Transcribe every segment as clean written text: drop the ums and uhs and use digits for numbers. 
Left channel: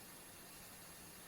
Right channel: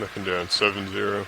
Looking down 70.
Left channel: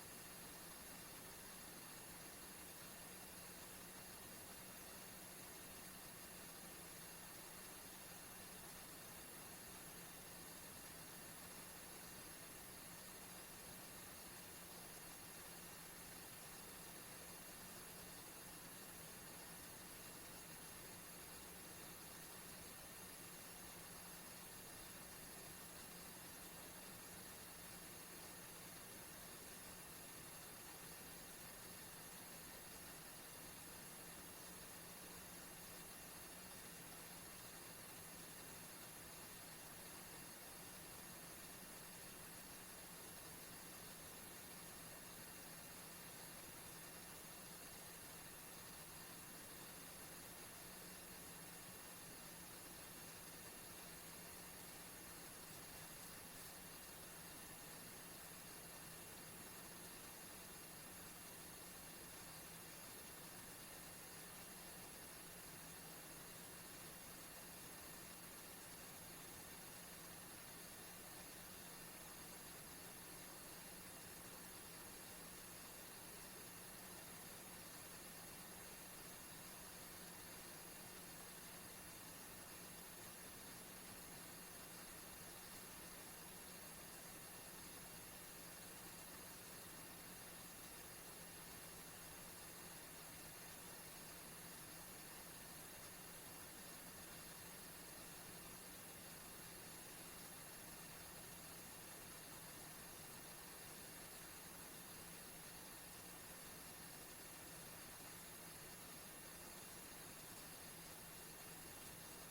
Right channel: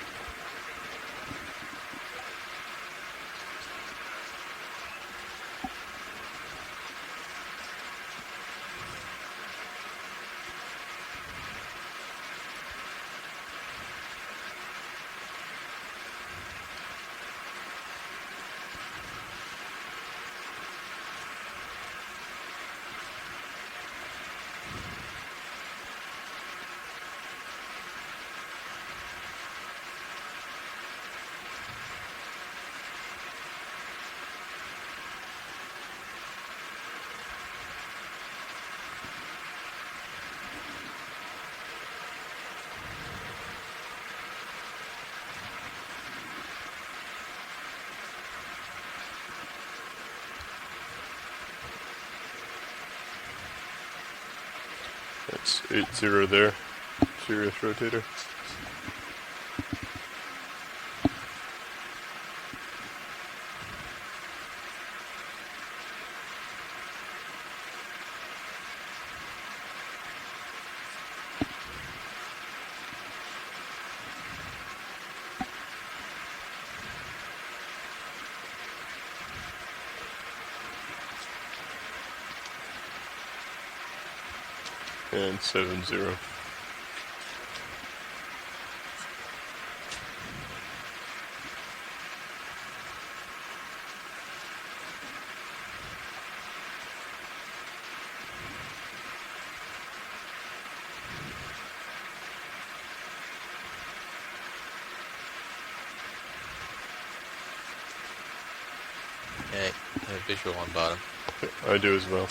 That's 80 there. Serious rotator. And 70. Okay, I have visual on bottom. I do as well.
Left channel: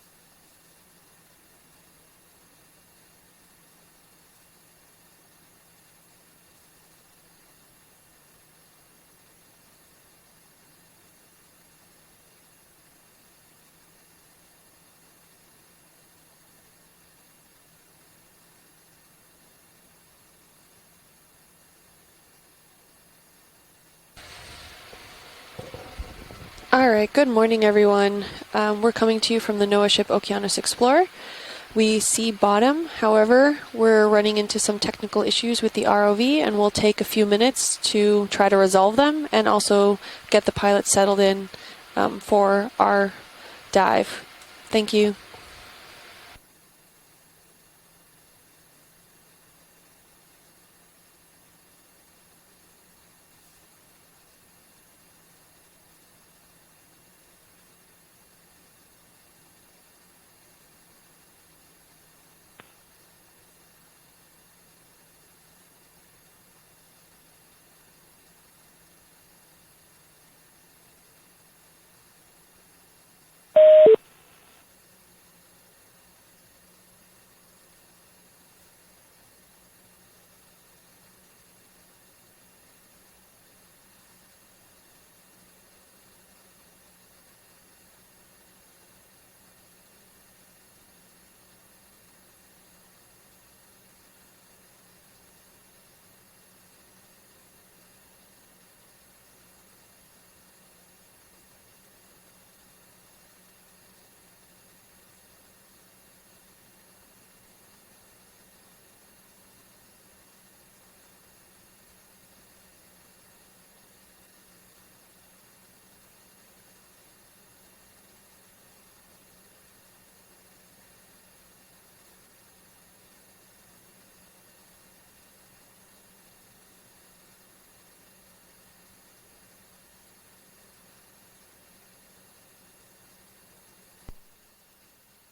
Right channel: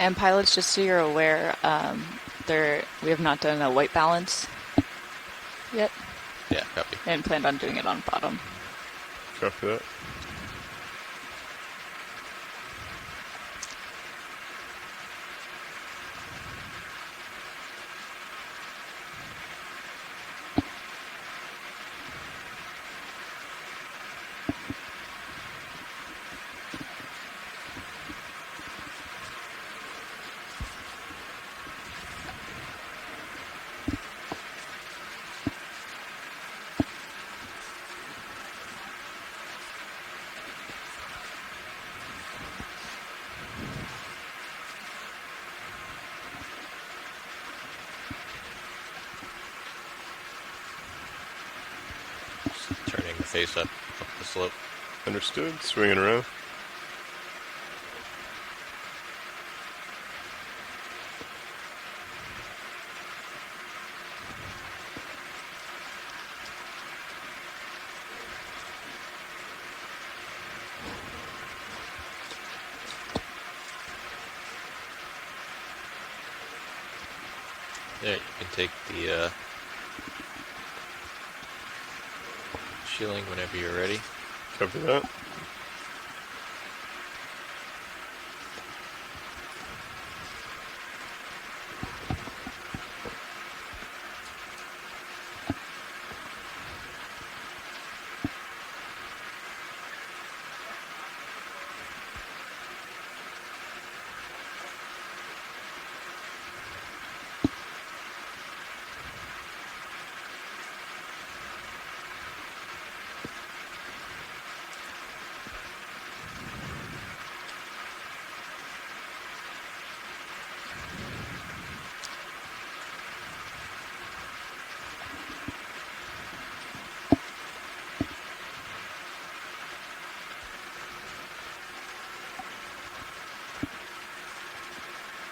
And pilots, just so you're aware, we have not done a white balance yet. Yeah, copy. And planned on doing it on bottom. Copy that. All right, good morning, everyone. We're coming to you from the NOAA ship Okeanos Explorer. We see bottom, however, we're running into some technical issues with the ROV, and we'll take a few minutes to try to resolve them and also get the pilot settled in for our dive. Thank you. Just turning the face up the slope. Understood. Swinging around. There, you can take the shielding whenever you're ready. Copy that.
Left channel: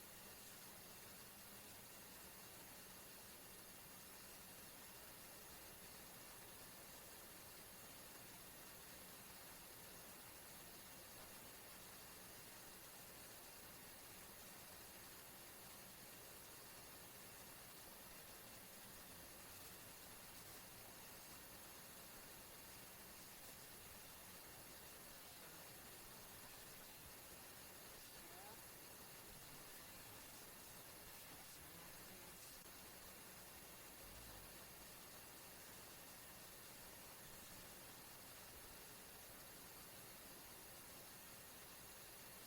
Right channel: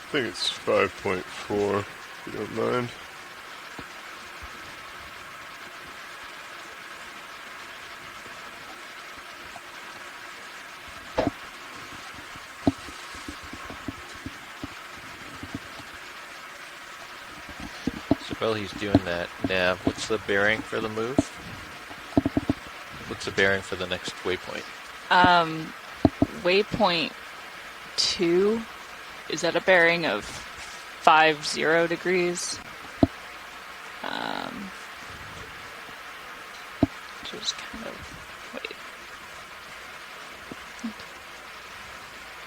I think it's 5.4, if you don't mind. So while he's doing that, Nav, what's the bearing for the move? What's the bearing for the next waypoint? Waypoint 2 is at a bearing of 50 degrees. Just kind of, wait.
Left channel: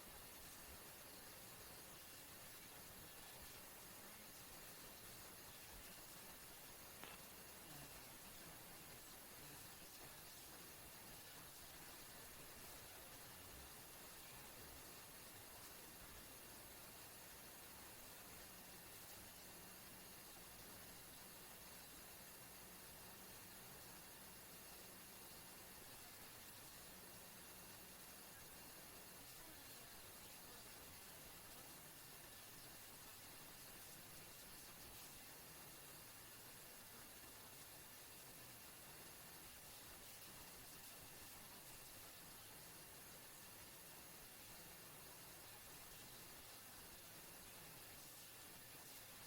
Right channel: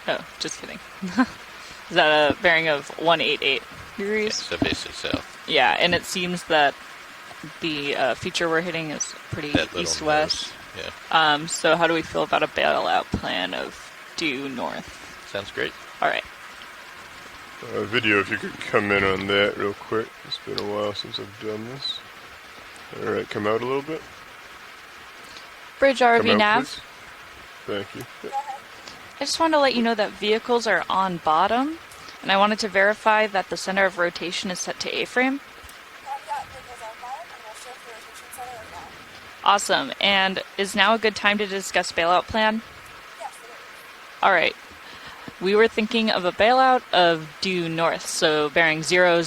Oh, just kidding. Is that a bearing of 188 Yeah, degrees? so basically south. Yeah, and it seems that the feature we're hitting is pretty That little east-west. nose. Yeah, So how do we feel about a bailout plan of due north? sounds great. All right. Video, if you could come in on that real quick. It's been a while since I've done this. Alright, come out a little bit. Bridge Come RV out, nav. please. Thank you. I just wanted to let you know that vehicles are on bottom, and I wanted to verify that the center of rotation is set to A-frame. Awesome. And is now a good time to discuss bailout plan? All right. We were thinking of a bailout of due north, so bearing 000.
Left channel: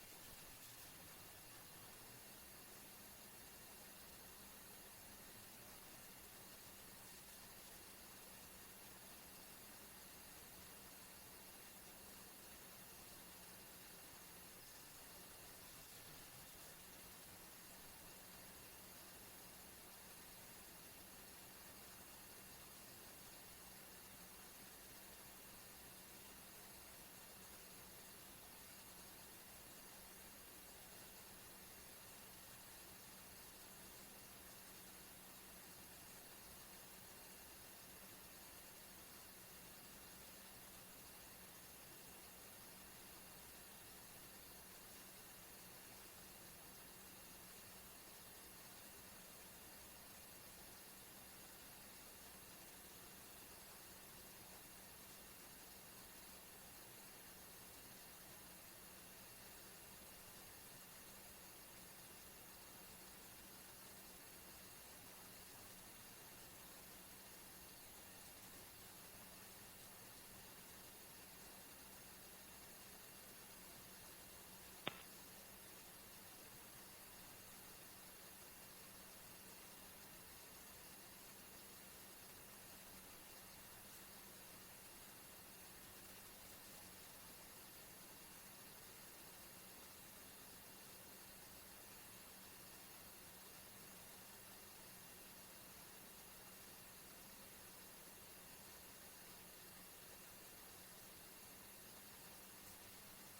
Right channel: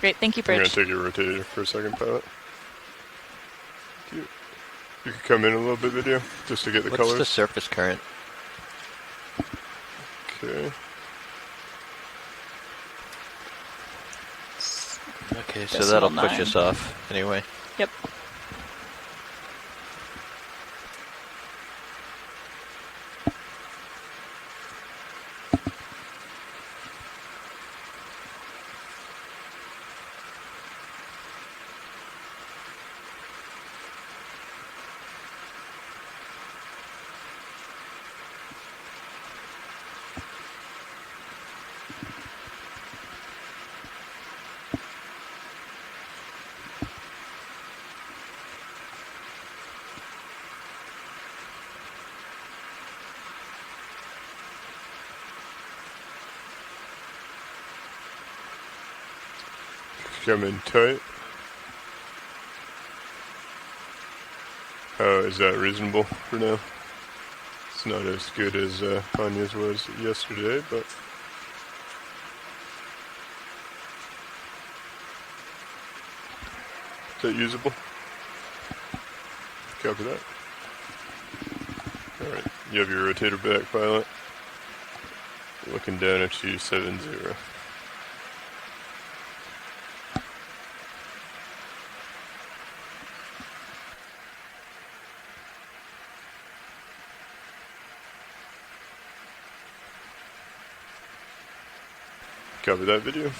Great, thank you, I'm gonna Bridge. take your rotator for a second, pilot. Thank you. You could come in a little bit, video, just to get the What's colors. the surface current? Okay. Okay, so Decimal that'll push 9. us off anyway. Yep. Come in tight. Oh, is that reasonable for now? It's not as good as Anya's was yesterday, but is that usable? Copy that. Alright, you have your rotator back, pilot. Looking down at you, 70. Copy that, video.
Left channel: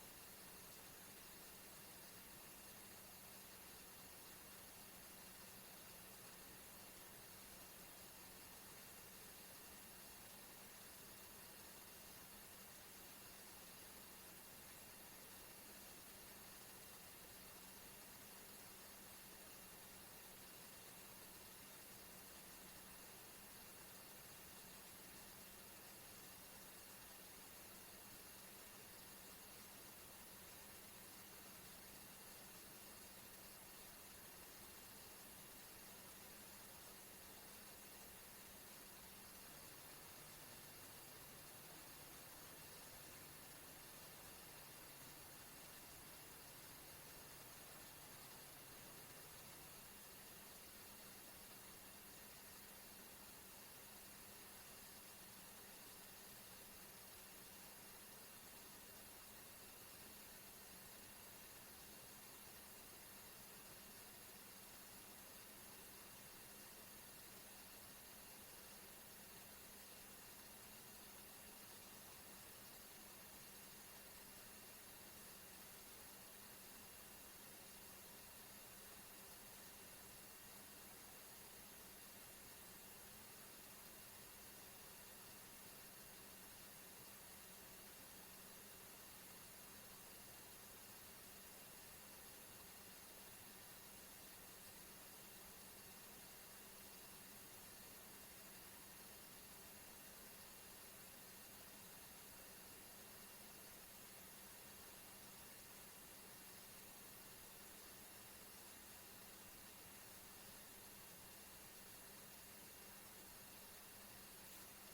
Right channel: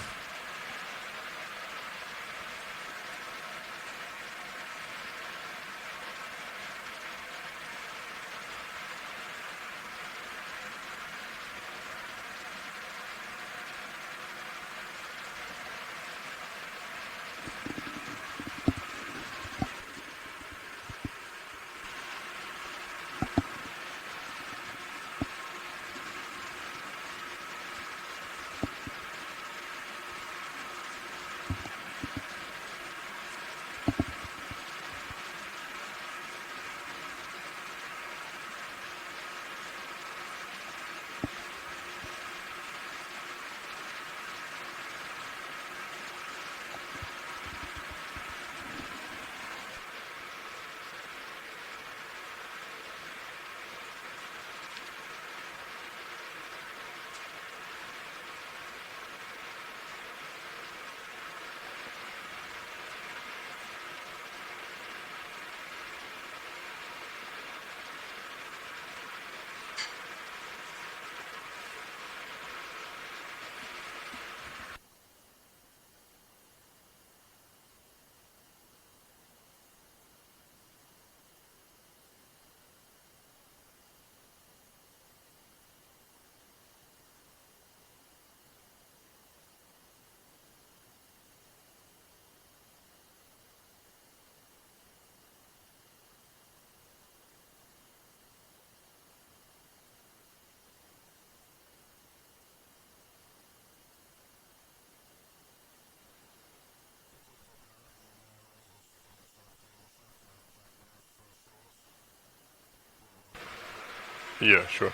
Yeah, sure.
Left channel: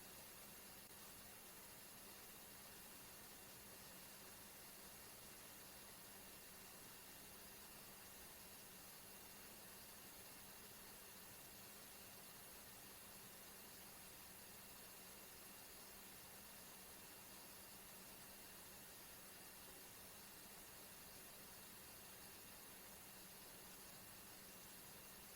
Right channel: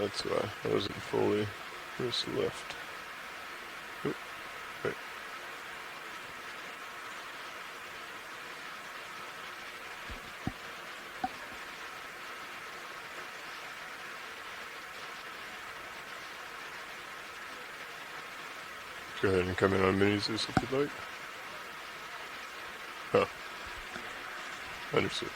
That's why I wasn't fully Where's the left? Oop, right. Go ahead and come in on minis if you'd like. Oh. Understood.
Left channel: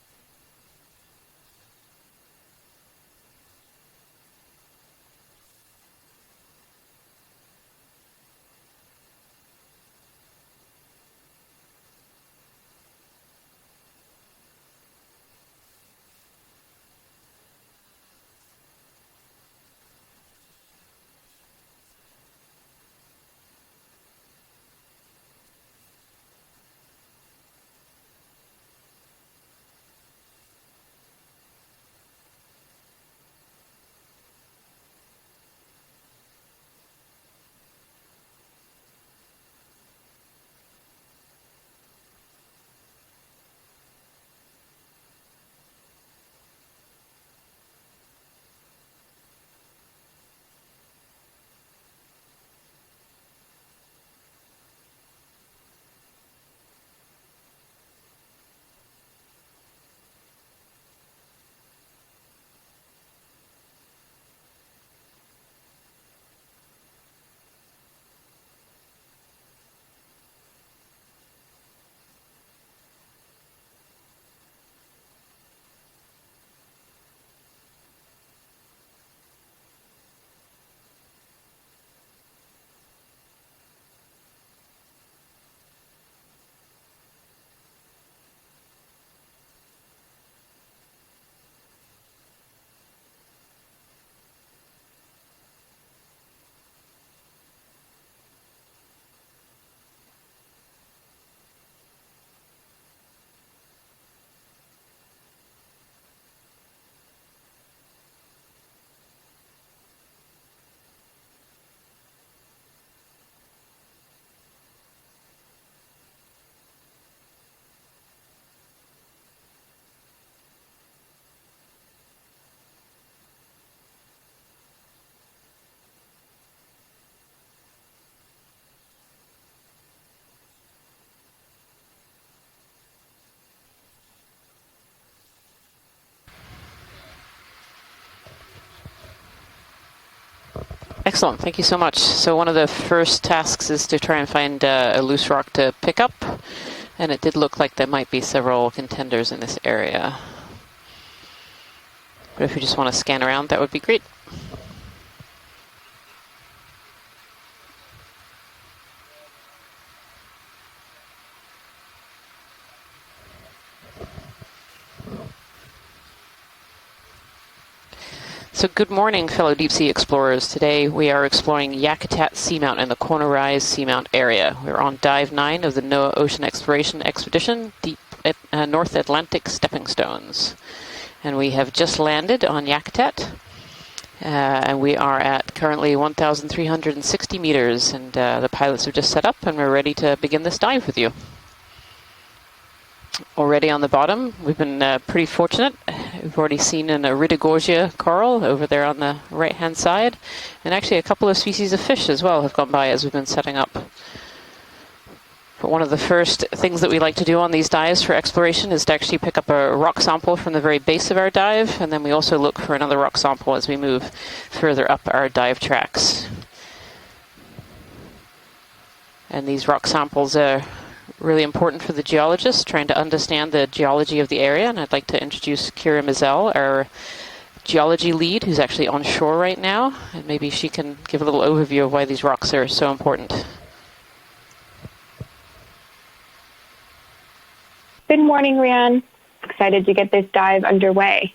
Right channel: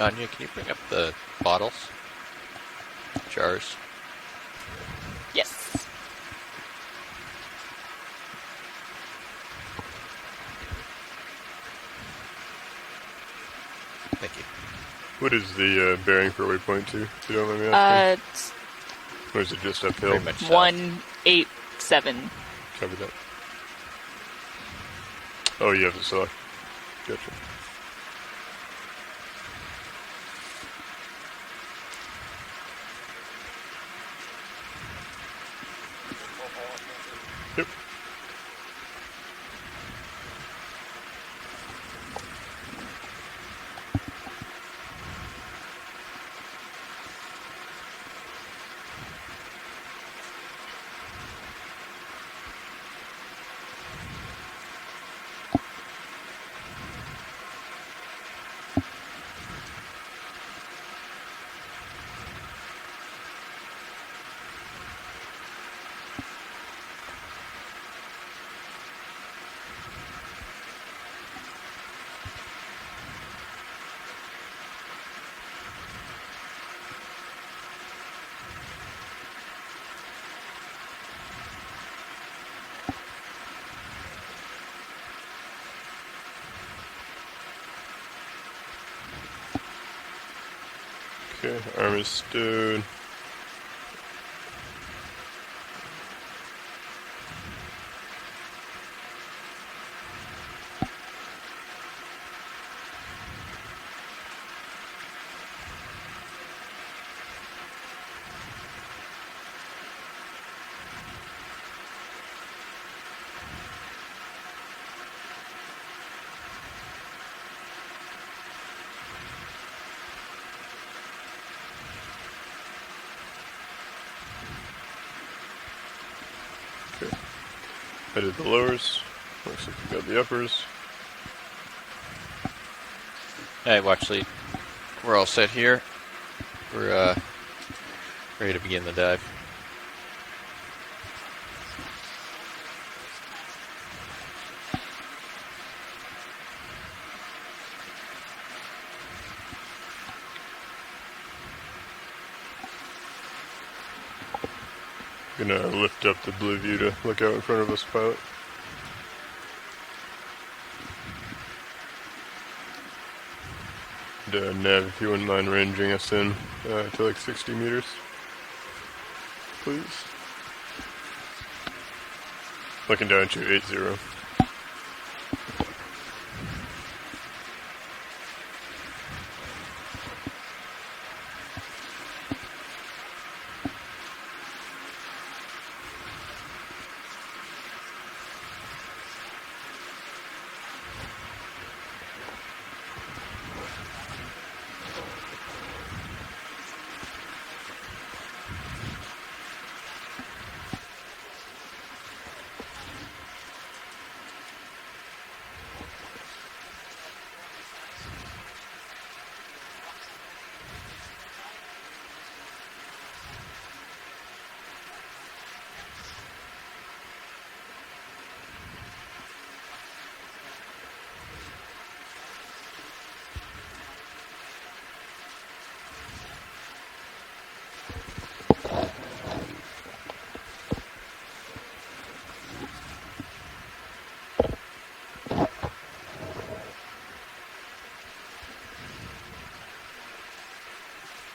Anya, can you bring up the bottles? Jars? Yes. Thank you. What is the bearing for waypoint 2, if you don't mind me asking? It's Or is it just uphill? Very much south. 187. Cover that. Oh, you have to select. Gotcha. Yep. Okay, arm is stowed. Okay. I did the lowers. Looks like we got the uppers. Alright, well, actually, we're all set here. We're ready to begin the dive. Excellent, thank you so much. So one of the first tasks is to try and find a loose rock to pick up, and it did look like there might be several contenders in this area. But if you just want to scan around, that would be great. Gonna lift up the blue view to look out in front of us, pilot. And, Nav, if you wouldn't mind ranging us in to like 60 meters. So good morning, fellow deep sea explorers. Today we are exploring Yakutat Seamount and the Okay, Corner actually, Rise you're Seamount area. We're on dive 9 of the NOAA Ocean Exploration Expedition, deep at North Atlantic Stepping Stones. And we have just landed on Yakutat. And we are at currently 1,360 meters, and the pilots have just set up, and we're ready to begin this dive with you. Already on the bottom, we've been pretty fortunate. We've already seen an Iridogorgia coral over there on the right-hand side, and actually a couple of species of fish as well have gone by as we've been setting up. But one of the first things that we like to do on these dives for exploration is to actually pick up a rock sample from the very base of our dive, and then we also look for another rock sample as we move further up our dive tracks. And these rock samples are really important for the geologists trying to understand the geology of the area, and I'd like to introduce Kira Mizell, our geology lead, who's actually on shore right now, and maybe she can give a little overview of why these rocks are so important. Good morning, Rian. Excited to get this dive underway.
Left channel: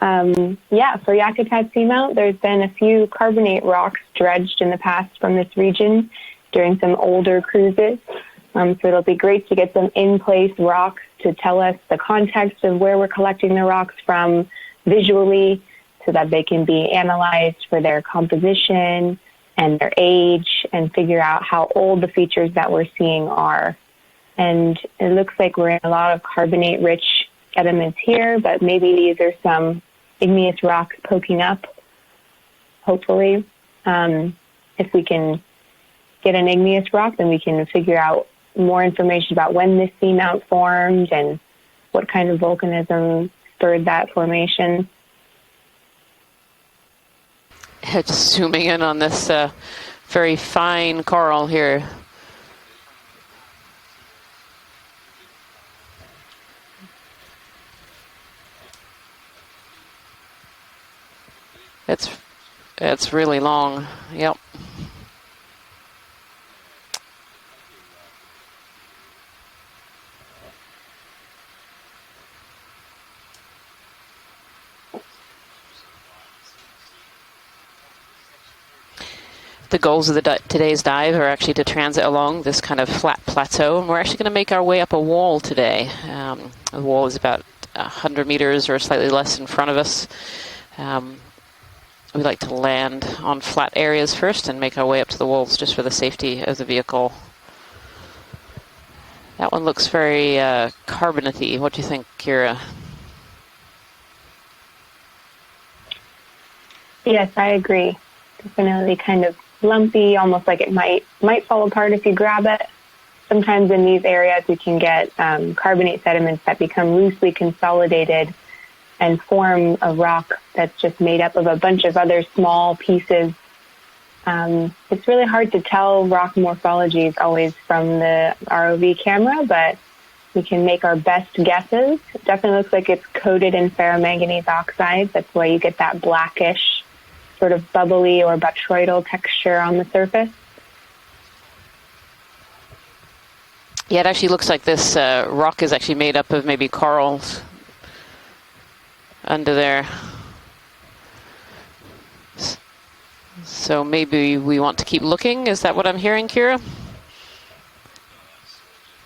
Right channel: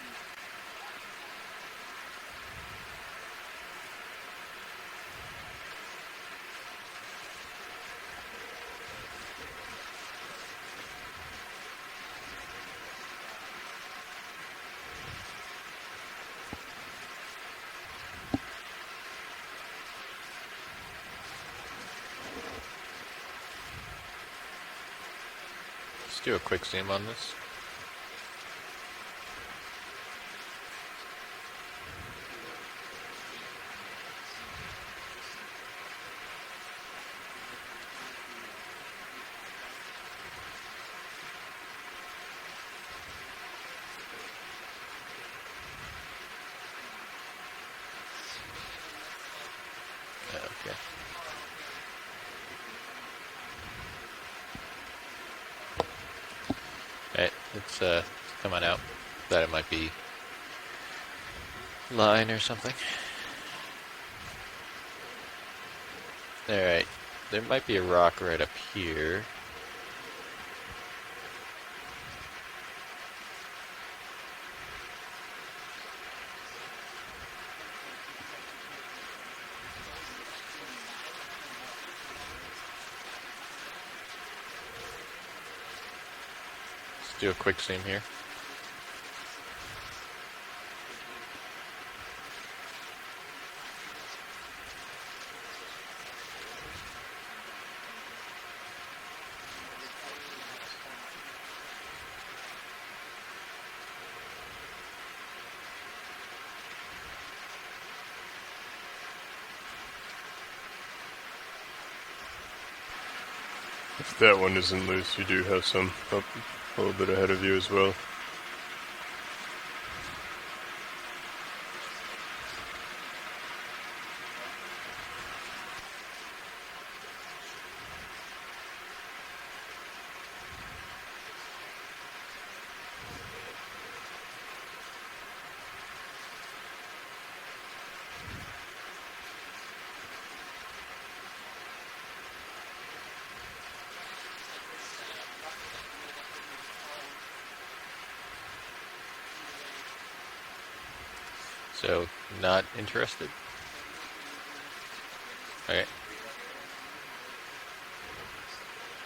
Yeah, for Yakutat Seamount, there's been a few carbonate rocks dredged in the past from this region during some older cruises. So it'll be great to get some in-place rocks to tell us the context of where we're collecting the rocks from visually so that they can be analyzed for their composition and their age and figure out how old the features that we're seeing are. And it looks like we're in a lot of carbonate-rich sediments here, but maybe these are some igneous rocks poking up, hopefully. If we can get an igneous rock, then we can figure out more information about when this seamount formed and what kind of volcanism spurred that formation. Just zooming in on this very fine coral here. Right, it's coming out. That it might be It's, line or something. it's really long. Yep. All right, there might be a rock right up here. The goals of the today's dive are actually to transit along this kind of flat plateau, and we're actually going to make our way up a wall today. The wall is about 100 meters or slightly less in front of us. We like to land on flat areas first and make our way up to the walls just for the safety of the vehicle. That one looks very carbonate-y. What do you think, Kira? Yes, I agree. Definitely kind of lumpy, almost like it might fall apart if you grab it. Sometimes in these areas you can get carbonate sediments that become loosely consolidated and form a rock that's just made up of a bunch of other small pieces. It's really hard to tell rock morphologies always from the ROV camera, but we can make our best guesses. It definitely looks like it's coated in ferromanganese oxides. That's why you get that blackish, sort of bubbly or botryoidal texture on the surface. Yeah, it actually looks like this rock is actually made up of maybe corals under there. So, not interested? So maybe we want to keep looking. Is that what I'm hearing, Kira?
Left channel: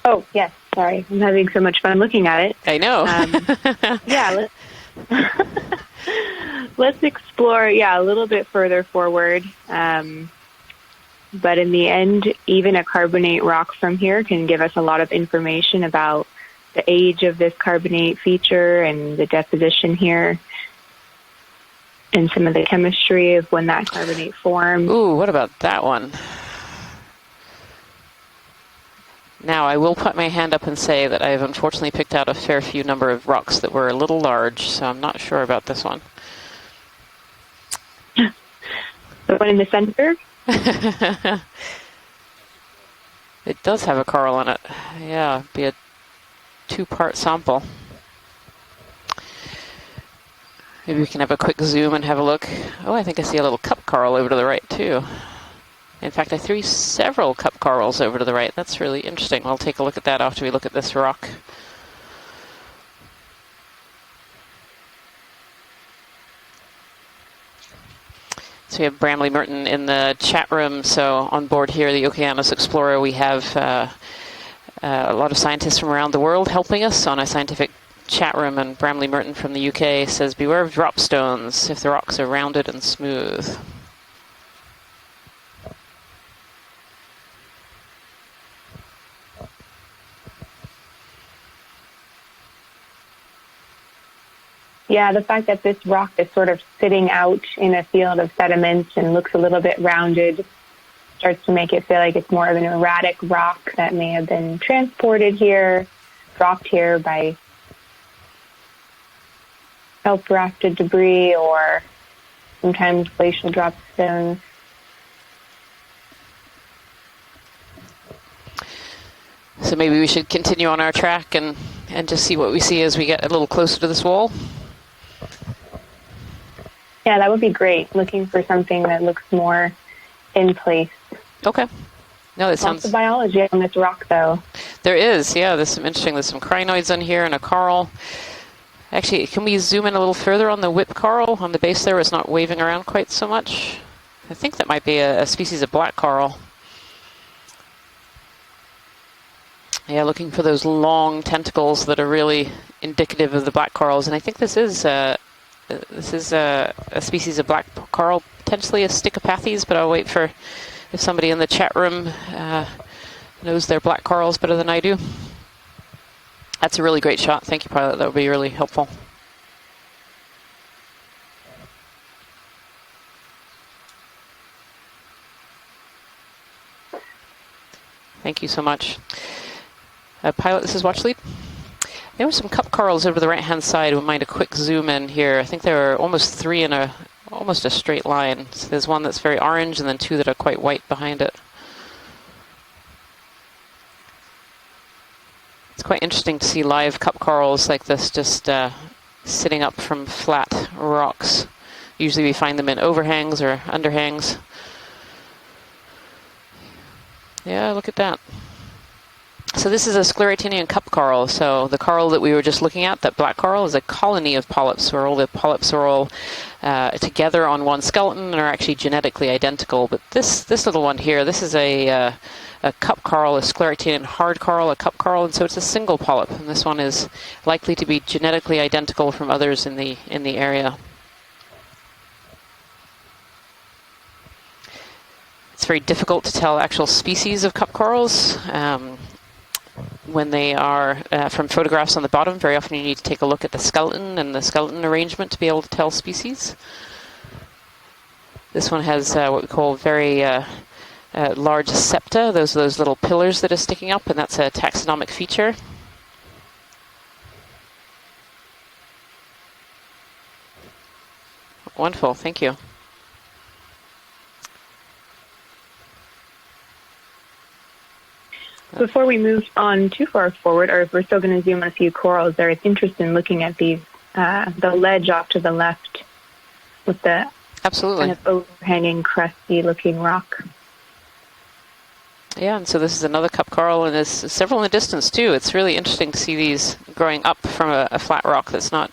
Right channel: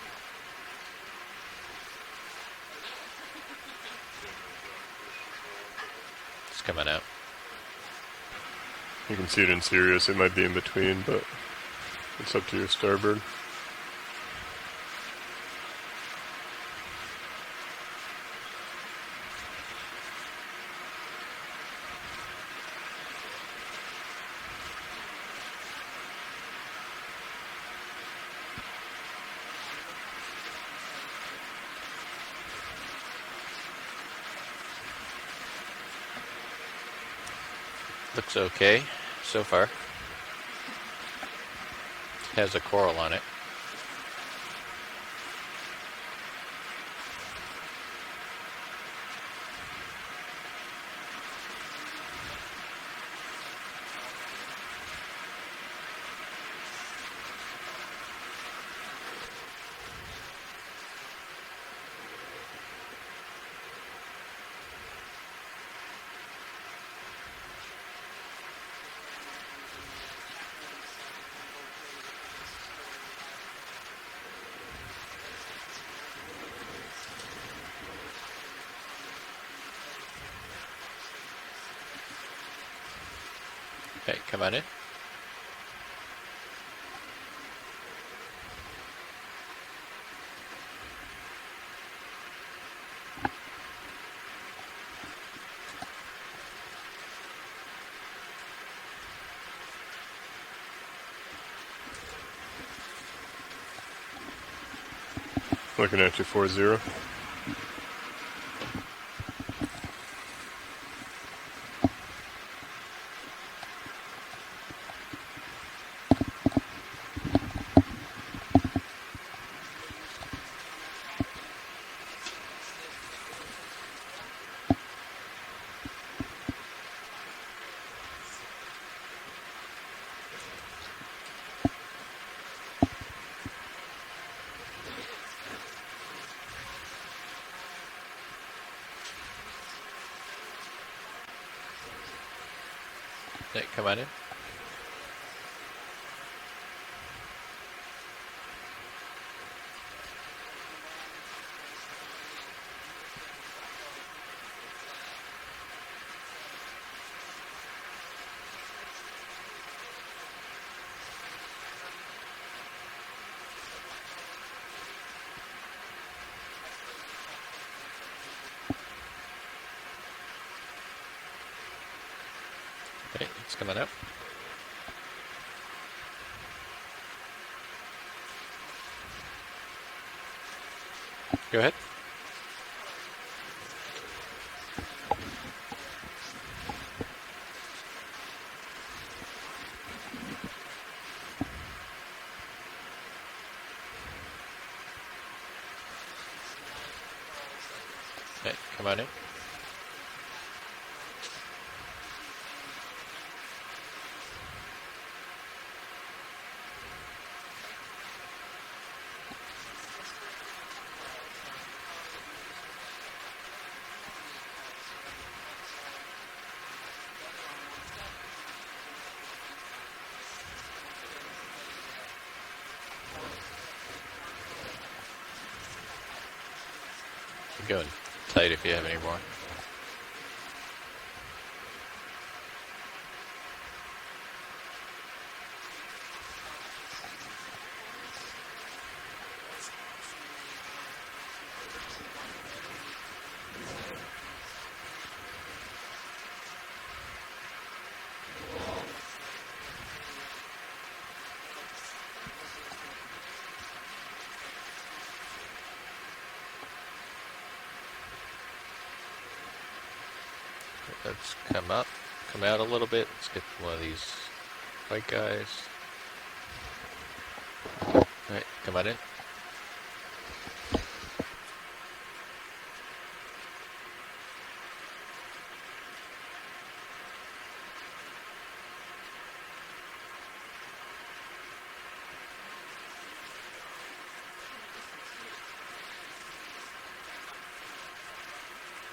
Oh, yes. Sorry. I'm having so much fun looking at it. I know. Yeah, let's explore, a little bit further forward. You can see it in series, it might be in between, but in the end, even a discover. carbonate rock from here can give us a lot of information about the age of this carbonate feature and the deposition here and some of the chemistry of when that carbonate formed. Ooh, what about that one? Now, I will put my hand up and say that I have unfortunately picked out a fair few number of rocks that were a little large, so I'm not sure about this one. It's okay. The one in the center? Has a coral on it. It does have a coral on it. Yeah, be a two-part sample. Maybe we can have a quick zoom and have a look. Oh, I think I see a little cup coral over to the right, too. In fact, I threw several cup corals over to the right. That's really interesting. We'll take a look at that after we look at this rock. So we have Bramley Merton in the chat room. So on board here, the Okeanos Explorer, we have a lot of scientists from around the world helping us on a scientific chat room. And Bramley Merton from the UK says, beware of drop stones if the rocks are rounded and smooth. Okay, come on in. Yeah, the fact that this rock is sort of sitting out in a field of sediments and looks a little bit rounded starts to make it feel like it's more of an erratic rock that may have been transported here, looking at you, rock here by self-rafted debris or sometimes glacial drop stones. So maybe we should continue on our track and just see what we see as we get a little closer to this wall. Yeah, that would be great. Looking for something that looks more in place. Okay. No, that sounds... Lots of biology on this rock, though. There is, yeah. There's some interesting, there's some crinoids in here and a coral. Actually, can we zoom in a little further on the whip coral on the base there where it's not waving around quite so much? Come on in. I think that might be a species of black coral. Yeah, looking for those long tentacles that are really indicative of the black corals, and I think this is a species of black coral, potentially a Stichopathes, but I'll wait for if somebody in the chat room knows their black corals better than I do. That's a really great shot. Thank you, pilot. That would be really helpful. Okay, it's coming up. Thank you so much. Pilot, this is Watch Lead. Go ahead. There were some cup corals over the right-hand side. We mind a quick zoom in here. I think there are almost three in almost a straight line. So there's one that's very orange and then two that are quite white behind it. It's quite interesting to see live cup corals like this just sitting up from flat rocks. Usually we find them in overhangs or underhangs. Yeah, look at that. So this is a scleractinian cup coral. So the coral that we were just looking at, that black coral, is a colony of polyps where all the polyps are all together on one skeleton and are actually genetically identical. But this little one here, this is a cup coral, a scleractinian hard coral, a cup coral, and so it's a single polyp. And this one is likely to be genetically identical from others in the area. It's very difficult to tell actual species of cup corals. When they are from photographs on the bottom, very often you need to take a look at the skeleton and the skeleton arrangement to be able to tell species. This one has what we call very large septa, those little pillars that are sticking up, and that's a taxonomic feature. Let's come up. Wonderful, thank you. Out a little bit. Let's get one of these white guys. Before we move on too far forward, or if we're still going to zoom on a few corals, there is interest in looking at these, the ledge off to the left with the absolutely kind of overhanging, crusty-looking rock. Yeah, and so this is another cup coral, and there's several in the distance too. It's really interesting to see these growing up from a flat rock that's not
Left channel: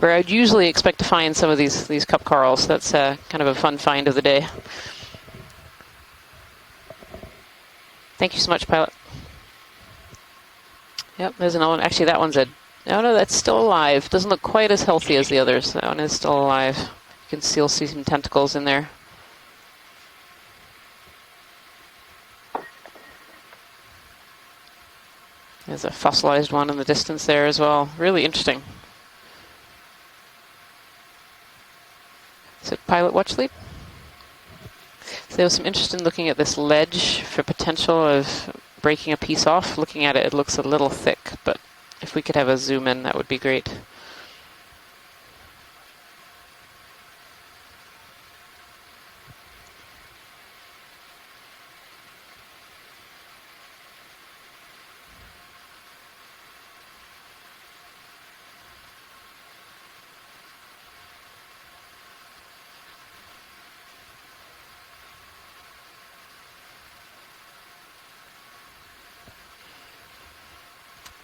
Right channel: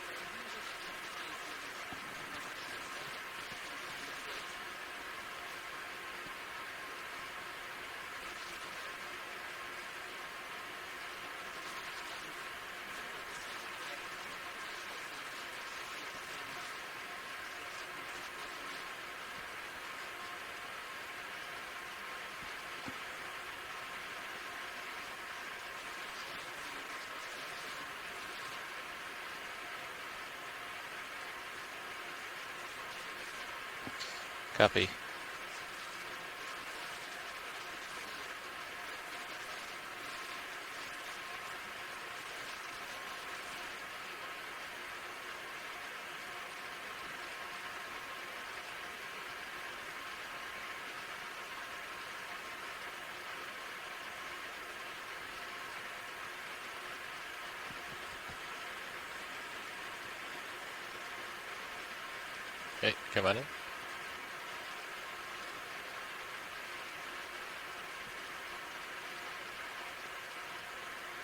where I'd usually expect to find some of these cup corals. That's kind of a fun find of the day. Thank you so much, pilot. Yep, there's another one. Actually, that one's no, that's still alive. Doesn't look quite as healthy as the others. That one is still alive. You can still see some tentacles in there. There's a fossilized one in the distance there as well. Really interesting. So, pilot watch lead. Copy. So there was some interest in looking at this ledge for potential of breaking a piece off. Looking at it, it looks a little thick, but if we could have a zoom in, that would be great. Okay, come on in.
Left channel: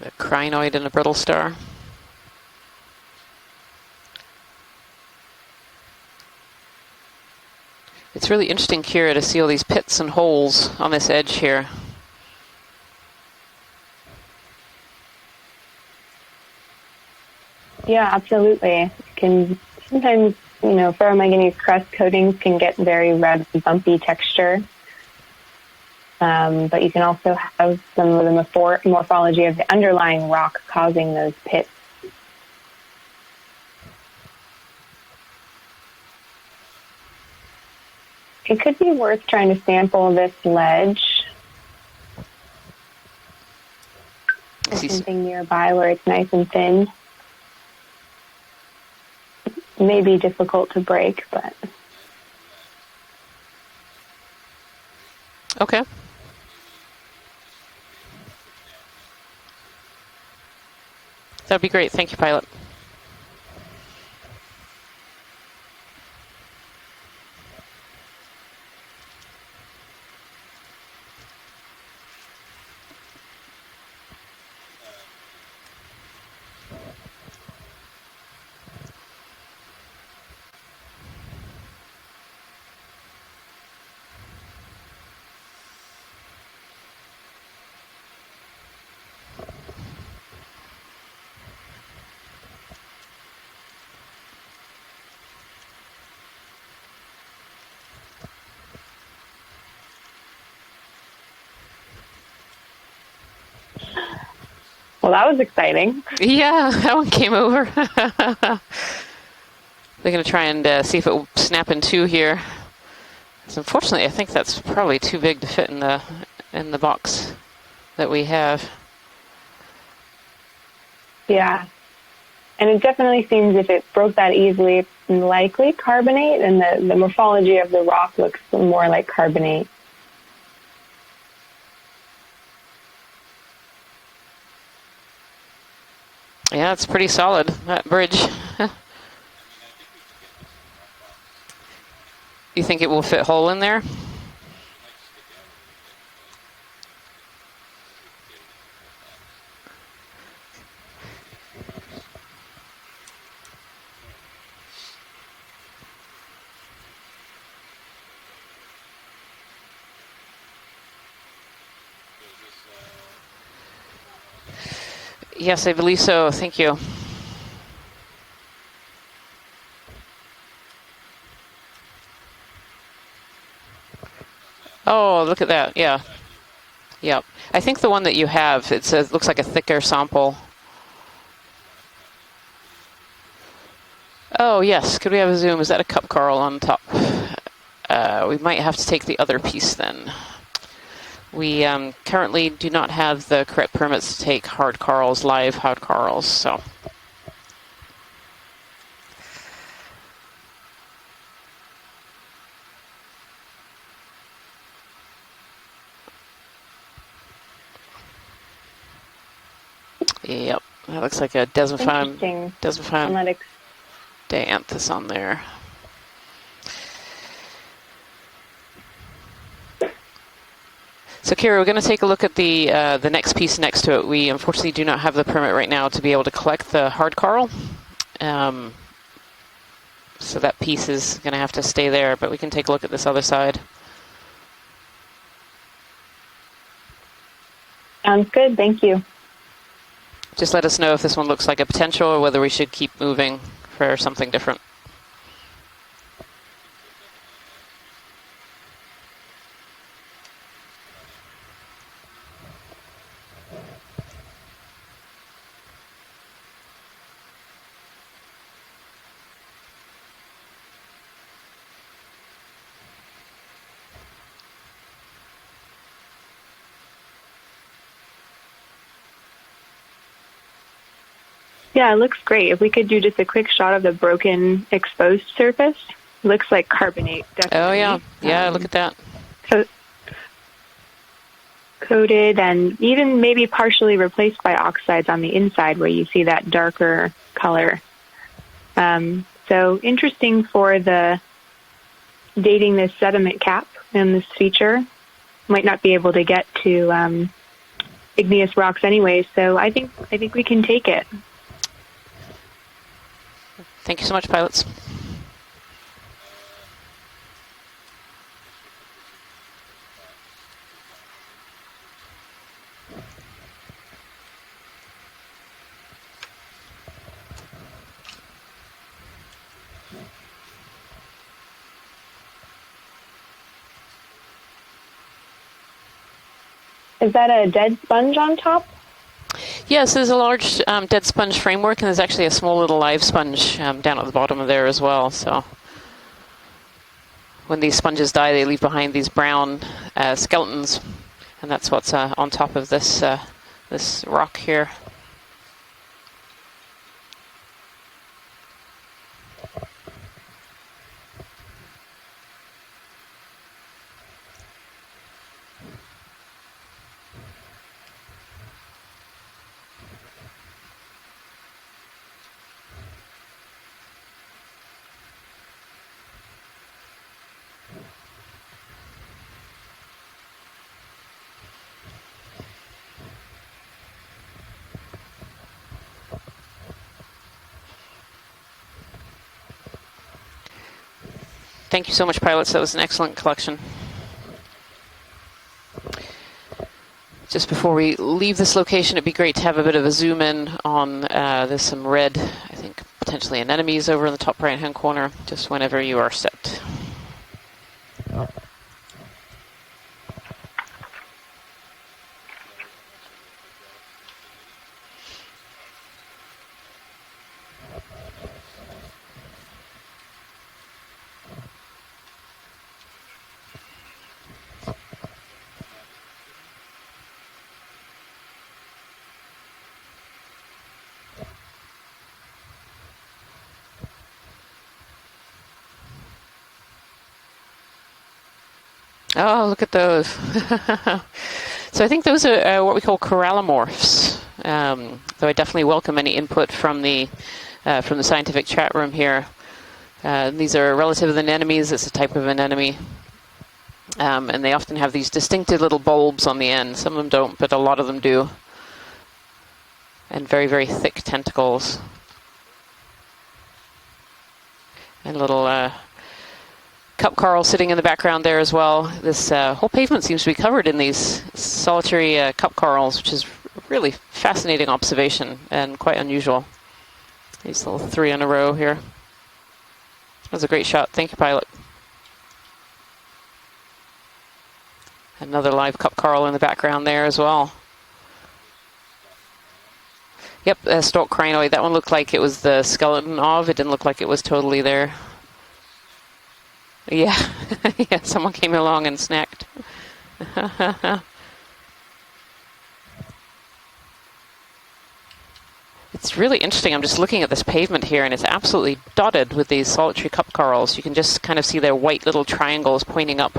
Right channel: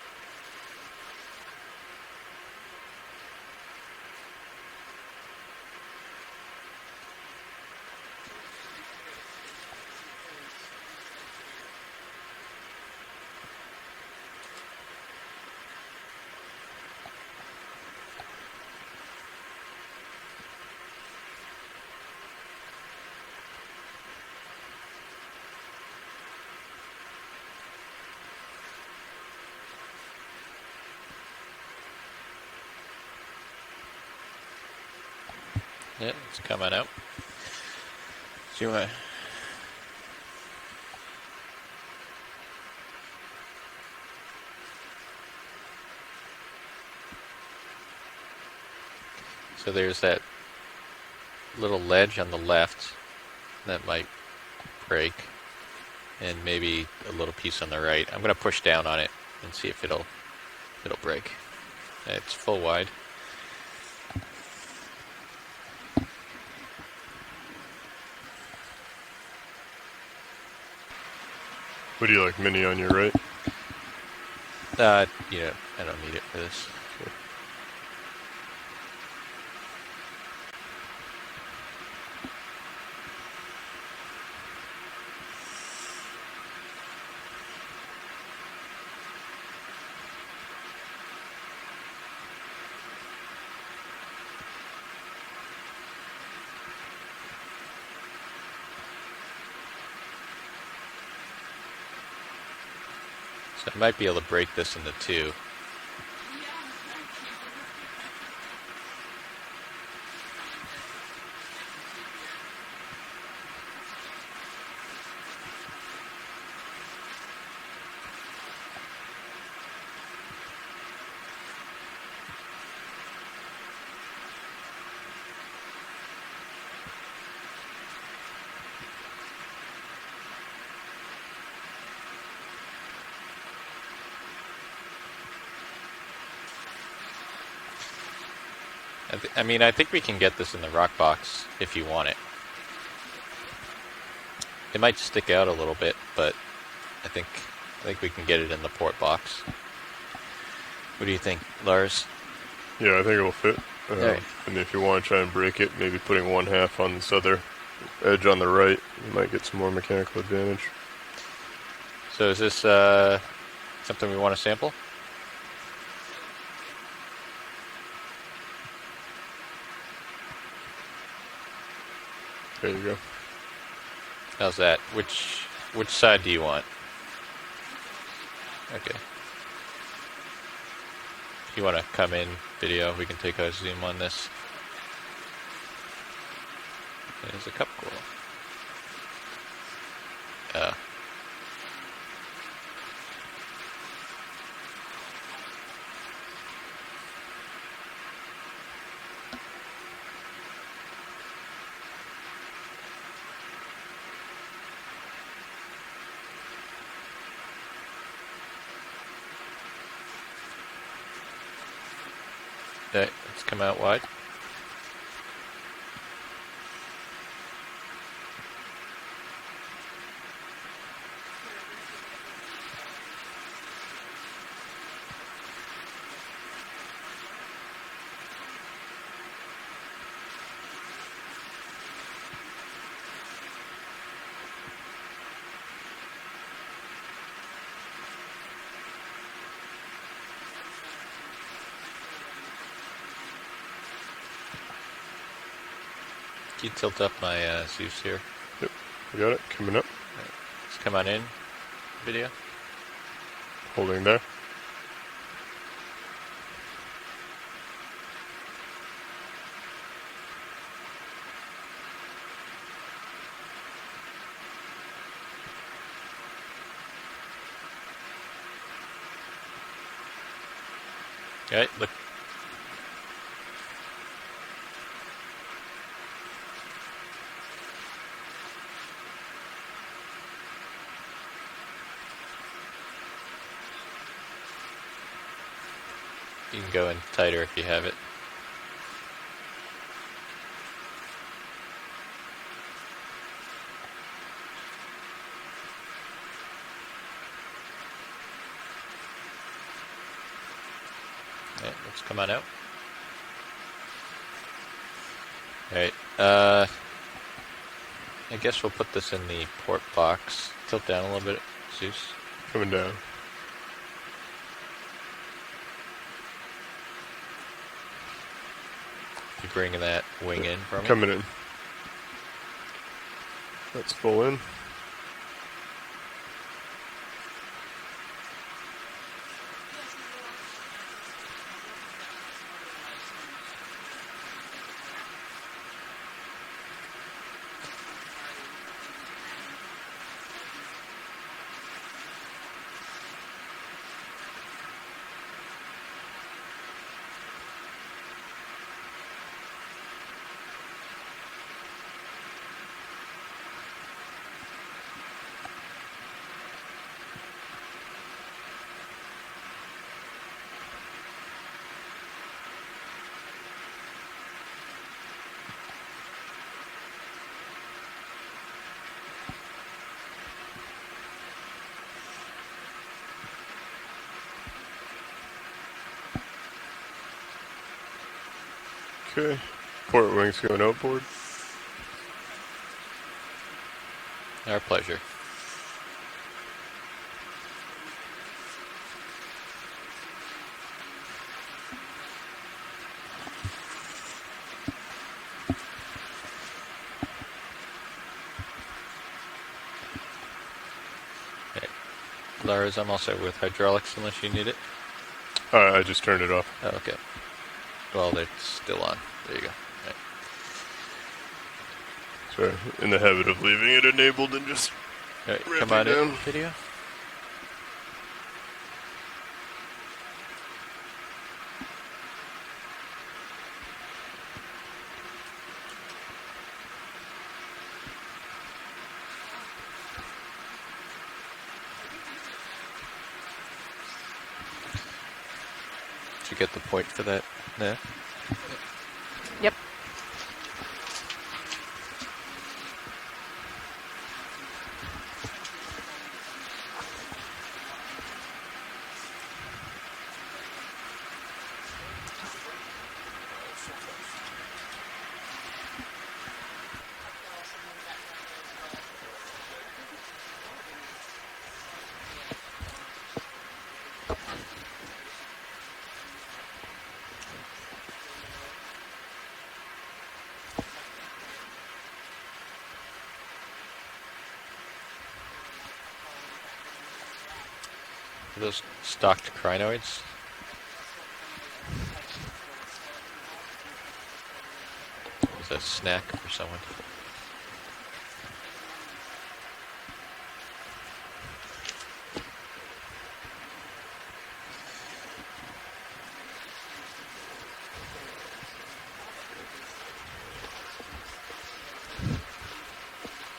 A crinoid and a brittle star. It's really interesting here to see all these pits and holes on this edge here. Yeah, absolutely. Can sometimes, ferromanganese crust coatings can get very red, bumpy texture. But you can also have some of the morphology of the underlying rock causing those pits. Yeah, it's coming out. It could be worth trying to sample this ledge. There's something nearby where it's nice and thin. So It may be difficult to break, but little ledge on the left that might break. Okay. And maybe a little piece on the right. I'm going to push down on it and see if it'll break. That'd be great. Thank you, pilot. Full wide. What do you like, mini on your right? I don't need it for this. So I might be able to break this into two. Well, that was exciting. Yeah, that one came over. They're going to try and see if it will snap in two here. So unfortunately, I think that's probably too big to fit in the box that we have. Yeah. And it definitely seems if it broke that easily, it's likely carbonate, and the morphology of the rock looks more like carbonate. Yeah, it's pretty solid, that bridge. I mean, I think we can get this in the rock box if you want it. You think it will fit whole in there? It might stick out a little bit, but I think we can get it in the port box. What do you think, Lars? Yeah, I think it will fit. Alright. And if you want to try and break it, maybe putting one half on this other edge on the right, you might get some more mechanical advantage. So is this something we want to sample? Yes, I believe so. Thank you. There you go. How's that? Oh, look at that. Yeah. Which side do you want? Yep. I think the one that you have, it looks like a thicker sample. If you want to come in video, we can take a zoom on this. Oh, yes. Could we have a zoom? Is that a cup coral on top? There's a couple. We might have to take the other piece then. Uh, We currently do not have the correct permits to take hard corals, live hard corals, so. Yep, that looks like a Interesting. desmophyme let's come out wide. dianthus on there. So Kira, we're going to take a look at the next piece next to it. We unfortunately do not have the permit right now to be able to collect the hard coral. So that piece is going to have to stay there, but we can take a look at this other side. Sounds good. Thank you. Just let us know if this one looks like a potential or whether we should keep moving for something different. Can you tilt up my Zeus here? Yep, we got it. Coming up. Let's come on in video. Holding there. Right. Yeah, it looks great. If we could do just a quick shot of the broken exposed surface, looks like carbonate, definitely. Oh yeah, yeah, look at that. Coated and even maybe partially replaced by oxides on the inside where you see that darker Go tighter if you color. have it. So interesting for the dating this sediment cap in this feature. Might not be able to get to igneous rocks anyway, so I think we can take it. Yeah, let's come on out. Thank you so much, pilots. All right. I guess we'll put this in the port box. Tilt down a little bit, Zeus. Coming down. You bringing that wing in for me? Coming in. That's full in. Is that a dead sponge on top? Yes, there's a large dead sponge framework, and there's actually a small little live sponge down at the bottom of there as well. So when these sponges die, they leave behind these brown skeletons, and that's what's on top of this this rock here. Okay. Port wings going outboard. Thank you so much, pilots. That was an excellent collection. Our pleasure. Just before we leave this location, it'd be great to have a bit of a zoom in on, there's some red, I think potentially anemones over in the top right hand corner, just whenever you are set. Lars, I'm also with hydraulics unless you need it. I just turned it off. Oh, okay. Well, they're still on. There you go. Sorry, in the habit of leaving it enabled and just Alright, come ramping on in, down. video. Oh, look at those. So I think those are what we call corallimorphs. Though I definitely welcome any input from the scientific chat room here. Yep. These are relative anemones. It's a type of anemone. And they often have these distinctive little bulbs on the end. Some of them don't, but a lot of them do. And very, very thick tentacles. And little cup coral sitting in the background there as well. This whole pavement seems to be covered in these solitary cup corals, which is really fascinating observation and quite unusual. These little 3 in a row here. That was a great shot. Thank you, pilot. Another live cup coral in the background there as well. Those stalked crinoids. Yep, stalk crinoid. That one looked like it was the skeleton of. It didn't look like it was totally there. It was a snack for someone. Yeah, yeah. Someone came along and snacked. It's really interesting. I'm just looking at this pavement here, and it's absolutely dotted with these solitary cup corals. You can just kind of see their white little triangles pointing up.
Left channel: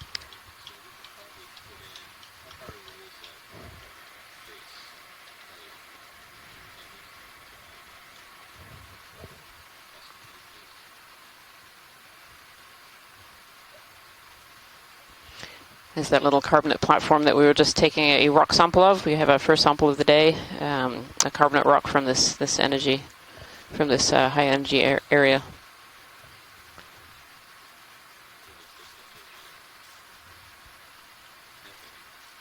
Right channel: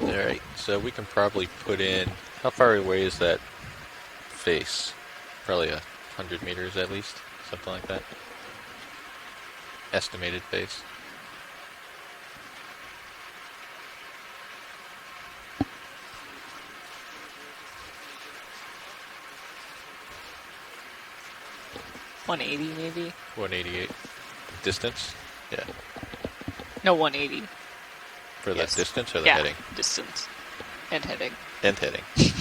All right, so we can probably put in, how far away is that face? Probably 100 meters at least, something like that. Estimated face. Is that little carbonate platform that we were just taking a rock sample of. We have our first sample of the day, a carbonate rock from this energy, 188. from this high energy area. Yeah. No, 180. For Yes. that distance or the Yeah, heading? distance and heading. And heading. Confusing.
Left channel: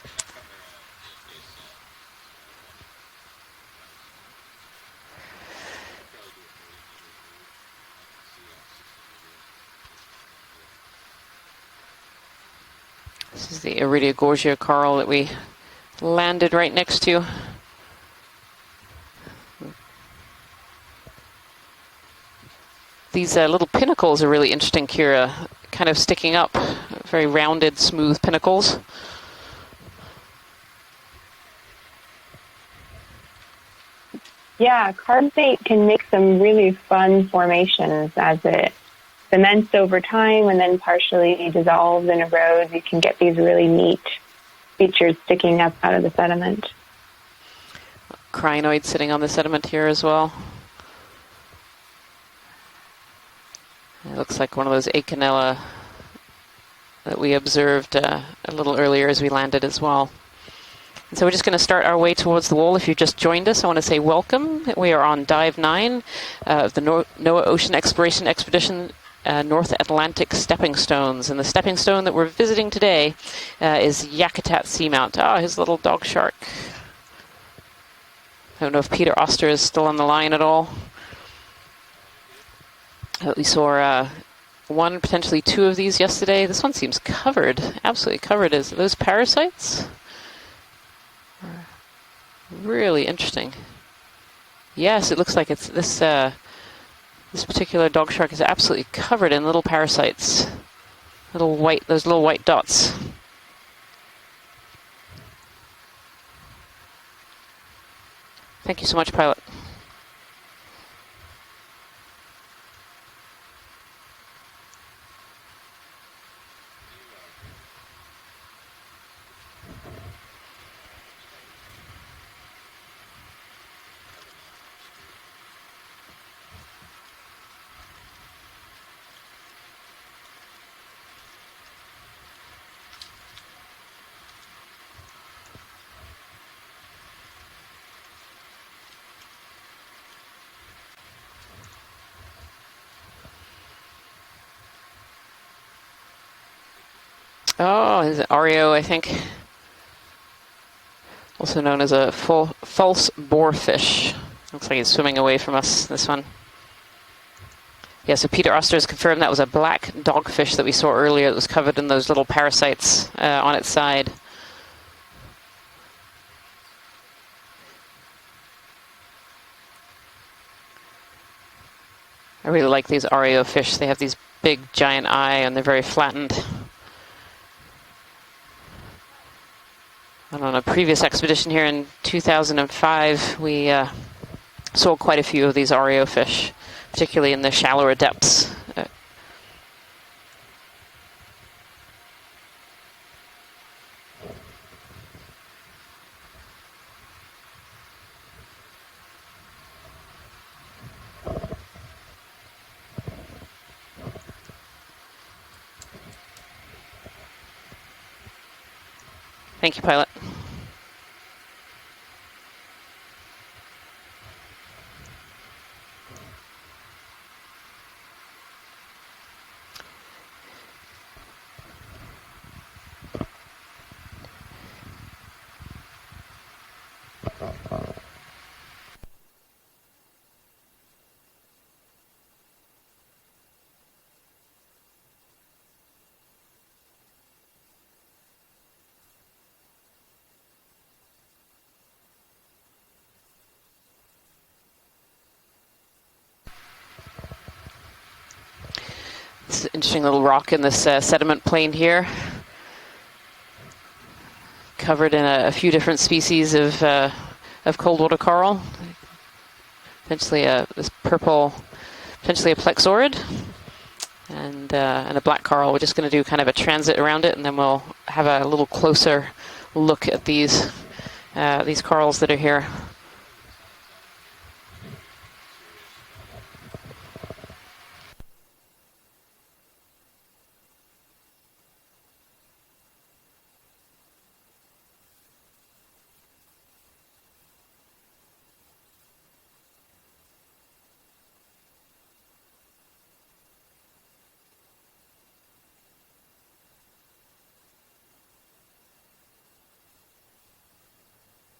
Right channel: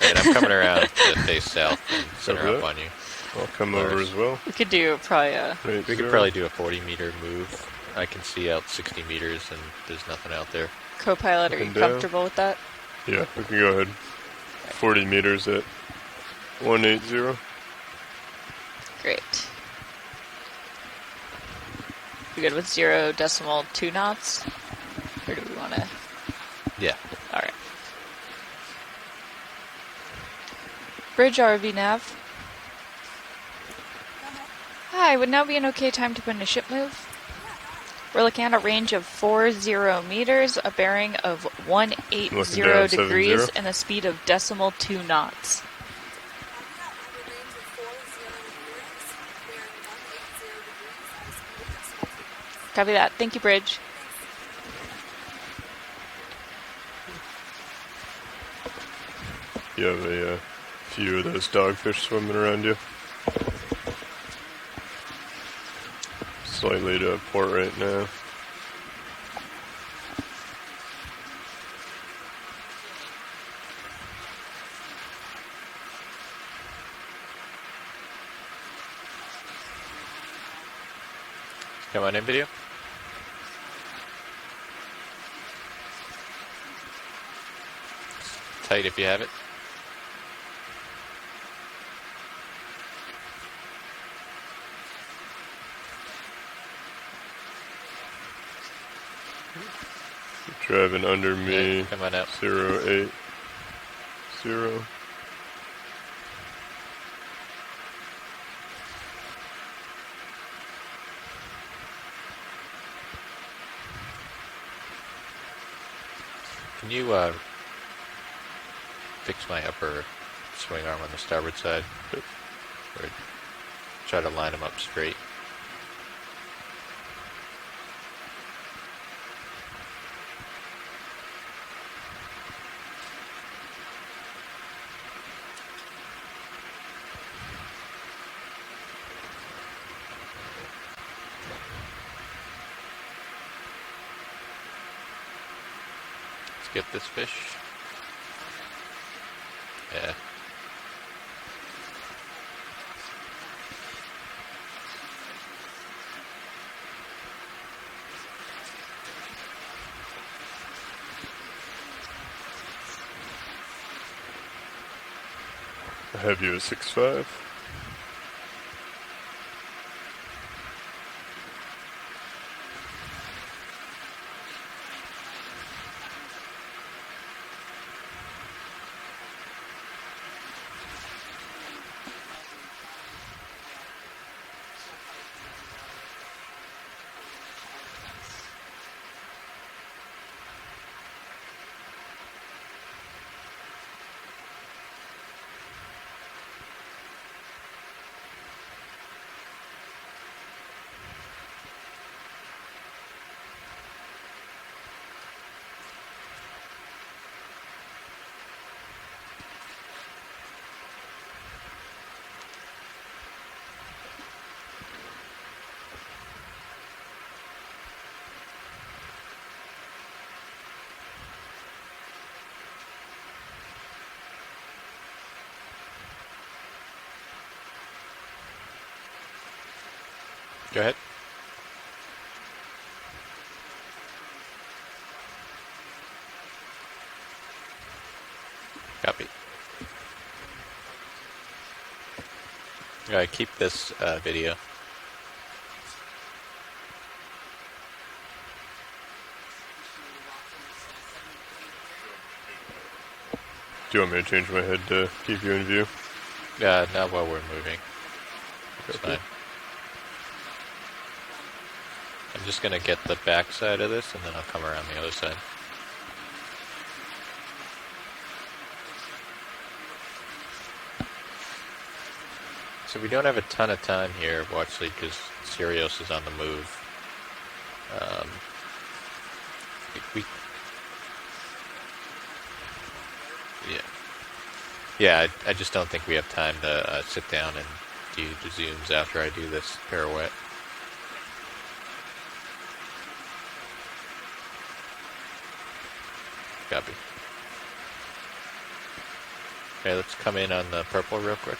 Right, I'm coming around to face south and center Over up there? on you. I'll come over as well. We could do probably a... Right We could there. probably do a 40-meter move. I can see out 60 meters and there's nothing out there. co-pilot. Are Up you and down. comfortable with that? Yeah, we This can is go the ahead. Iridiogorgia coral 40 that we meters at landed right next to. 180. Great. You good with 0 These decimal little 2 pinnacles are knots? really interesting, Kira. You wanna- Kind of sticking up. Yeah. Very rounded, smooth pinnacles. Bridge RV nav. Yeah, Hi, would now be carbonate an can okay make time to some put a really ship move? fun formations We're as looking at a it range of cements 40 over time meters, and a then bearing partially of dissolves in 180 erodes and get degrees, these really and a neat speed of decimal 2 features knots. sticking up out of the sediment. Crinoid sitting on the sediment here as well. Copy that. Thank you, Bridge. It looks like one of those Acanella that we observed a little earlier as we landed as well. So we're just going to start our way towards the wall. If you just joined us, I want to say welcome. We are on Dive 9 of the NOAA Ocean Exploration Expedition North Atlantic Stepping Stones. And the stepping stone that we're visiting today is Yakutat Seamount. Ah, his little dog shark. I don't know if Peter Oster is still on the line at all. Come on in, video. We saw one, potentially 2 of these yesterday. This one seems covered, absolutely covered. Is How those you'd be having- parasites? Really interesting. Yes, it looks like it's this. This particular dog shark is absolutely covered in little parasites. Driving under Little me. white, those little white dots. 080. Thank you so much, pilot. Can you fix my upper swing arm on the starboard side? Or try to line them up straight. Let's get this fish. Oh, is it Oreo, I think? Yeah. Also known as a false boarfish. Looks like he's swimming away from us, this one. Yeah, so Peter Oster has confirmed that was a black dogfish that we saw earlier that was covered in those little parasites on its side. I have you at 6.5. I really like these REO fish. They have these big giant eye and they're very flattened. And on a previous expedition here in 2005, we saw quite a few of these REO fish, particularly in the shallower depths. Thank you, pilot. Go ahead. Copy. Keep this video. It's an interesting little rock in this sediment plain here, Do you want me to change my head? covered in a few different species of While we're moving. cold water coral. That's fine. Potentially this purple, potentially a Just gonna plexaurid, get the back side of this, and then I'll come around. and a black coral. We're just going to do kind of a transit around it, and then we'll have a little closer look at these corals that are here. So we don't have a ton of time here, well, actually, because Sirius is on the move. Yeah, I just don't think we have time to sit down and do the zooms after I do this pirouette. Copy. Okay, let's come in on the purple real quick.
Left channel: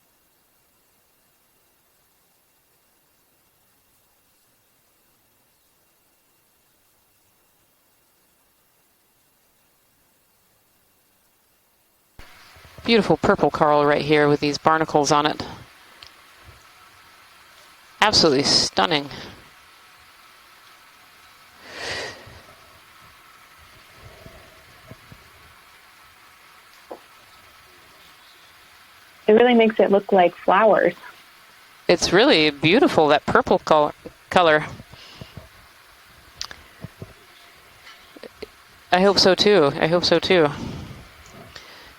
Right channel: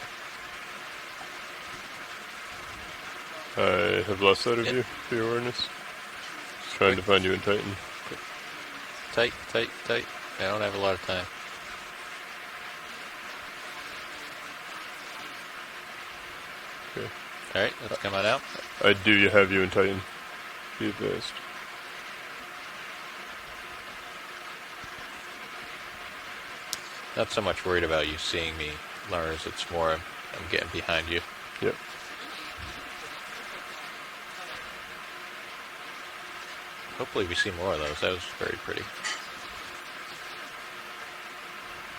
I have lost sight of you for your awareness. Just trying to find you in Titan. Tight, tight, tight. I don't have a lot of time. Beautiful purple coral right here with these barnacles on it. Okay. All right. Let's come on Absolutely out. stunning. I do have you in Titan. Be advised. Not so much worried about you seeing me, Lauren. It really It's makes it more look like getting flowers. behind you. It's really beautiful, that purple color. Hopefully we see more of those. That was very pretty. I hope so too. I hope so too.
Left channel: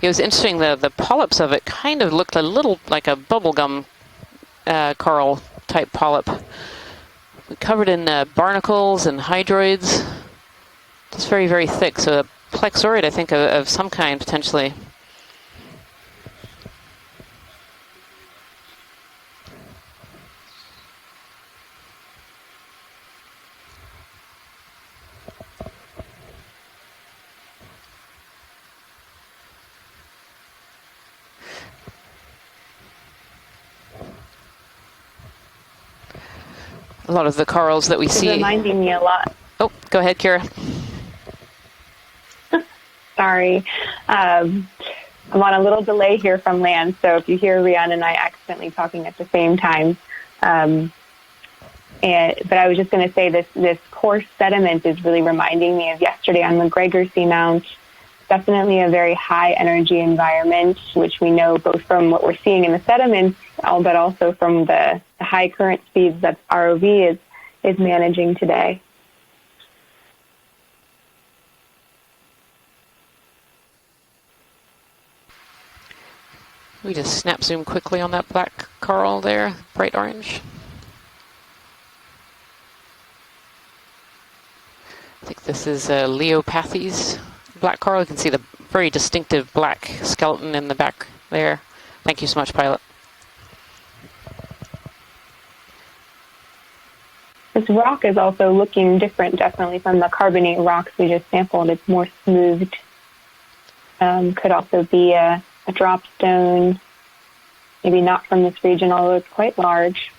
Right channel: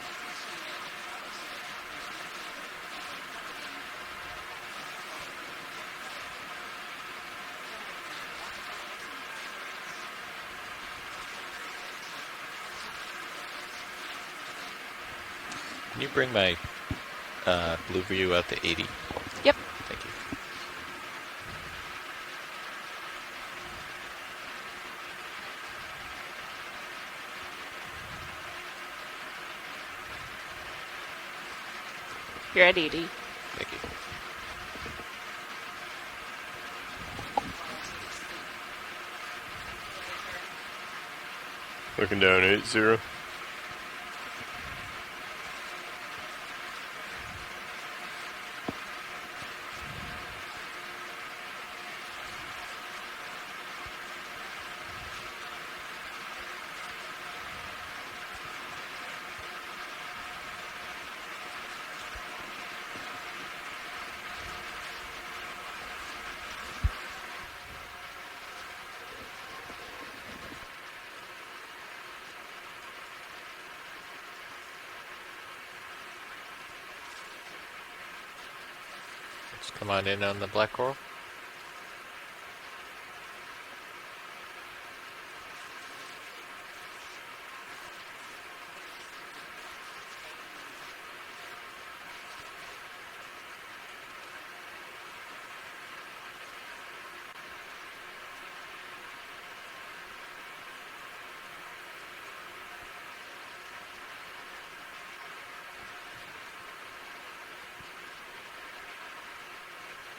It was interesting, the polyps of it kind of looked a little like a bubblegum coral type polyp. Covered in barnacles and hydroids. Just very, very thick. So a plexaurid, I think, of some kind potentially. Can you bring my blue view out to 80? Yep. Thank you. You're at 80. Thank you. A lot of the corals that we It's see. reminding me a lot. Oh, go ahead, Kira. Looking down 8-0. Sorry. I'm on a little delay here from land, so if you hear Rian and I accidentally talking at the same time. But I was just going to say this coarse sediment is really reminding me of yesterday on McGregor Seamount. Definitely a very high energy environment, which we know both from what we're seeing in the sediments, but also from the high current speeds that ROV is managing today. We just snap zoom quickly on that black coral there, bright Come on orange. in on the black coral. I think this is Leopathes black coral. You can see the very distinctive black skeleton in the back there. Thank you so much, pilot. This rock is also looking different, definitely, from the carbonate rocks we just sampled. It's more smoothed. Could also be a drop stone, maybe not from this region, although it's quite large.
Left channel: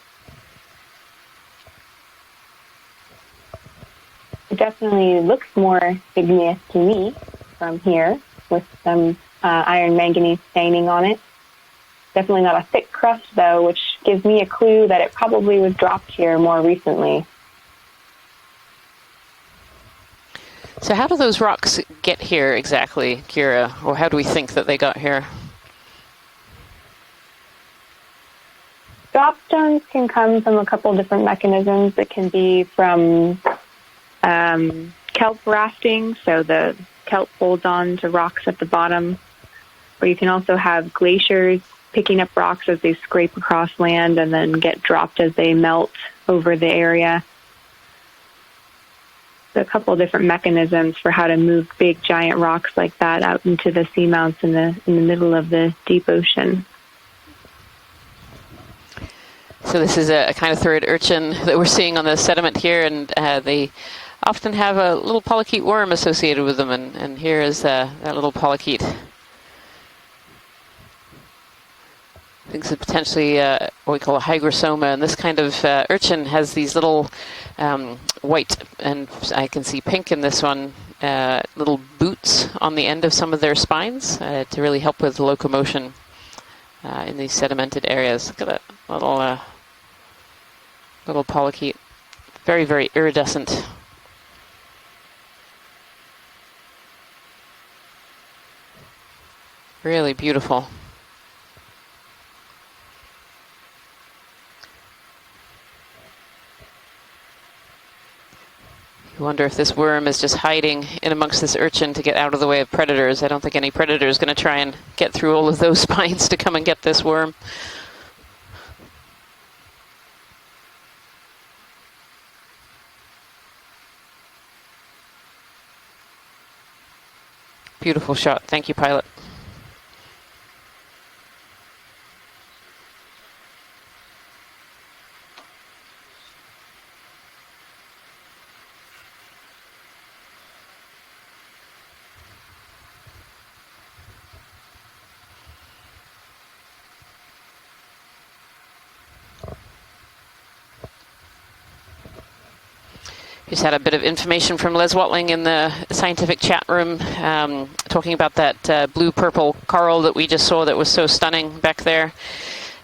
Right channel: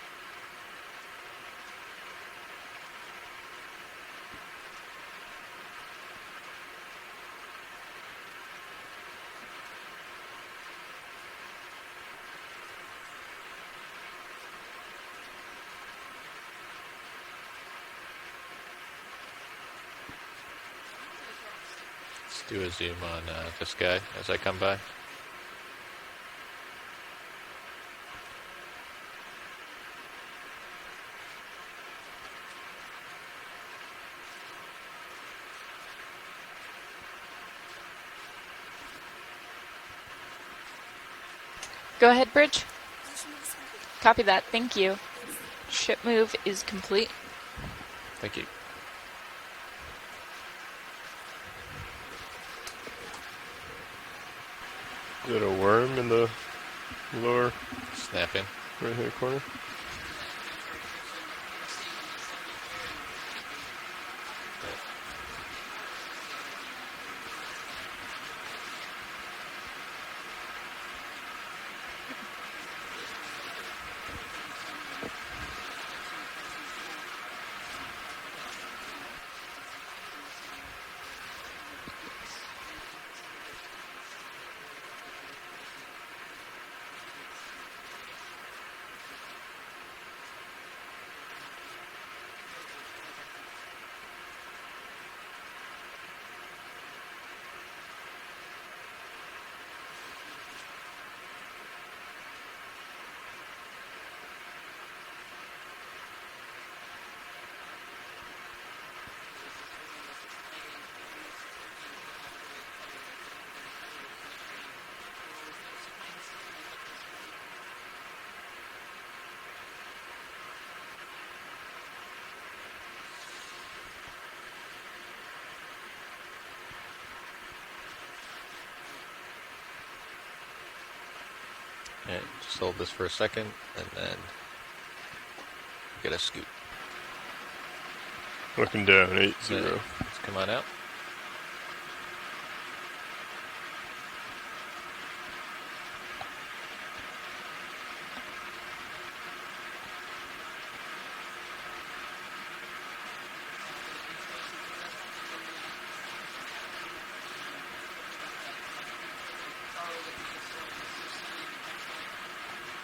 It definitely looks more igneous to me from here, with some iron manganese staining on it. Definitely not a thick crust, though, which gives me a clue that it probably was dropped here more recently. So how do those rocks get here exactly, Kira? Or how do we think that they got here? Dropstones can come from a couple different mechanisms. It can be from kelp rafting, so the kelp holds on to rocks at the bottom. Or you can also have glaciers picking up rocks as they scrape across land and then get dropped as they melt over the area. Thank you. A couple different mechanisms for how to move big giant rocks like that out into the seamounts in the middle of the deep ocean. Lower. Snap in. Right in the corner. So this is a kind of third urchin that we're seeing on the sediment here, and they often have a little polychaete worm associated with them, and here is that little polychaete. I think it's potentially what we call a hygrosoma, and this kind of urchin has these little white, and I can see pink in this one, little boots on the end of some of their spines to really help with locomotion in these sedimented areas. Look at that little polychaete. Very, very iridescent. Really beautiful. I wonder if this worm is just hiding in amongst this urchin to get out of the way of predators. I don't think any predator is going to try and get through all of those spines to come and get this worm. Beautiful shot. Thank you, pilot. Yeah, just hold this for a second and then get a scoop. Looking down, 8-0. Let's come on out. Just had a bit of information from Les Watling in the scientific chat room, talking about that blue-purple coral that we just saw that was so stunning back there.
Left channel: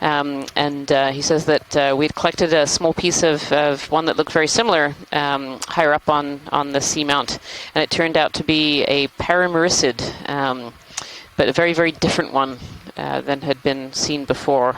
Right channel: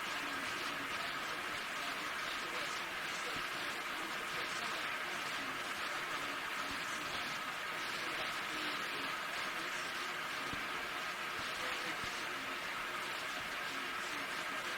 And he says that we'd collected a small piece of one that looked very similar higher up on the seamount, and it turned out to be a paramuricid, but a very, very different one than had been seen before.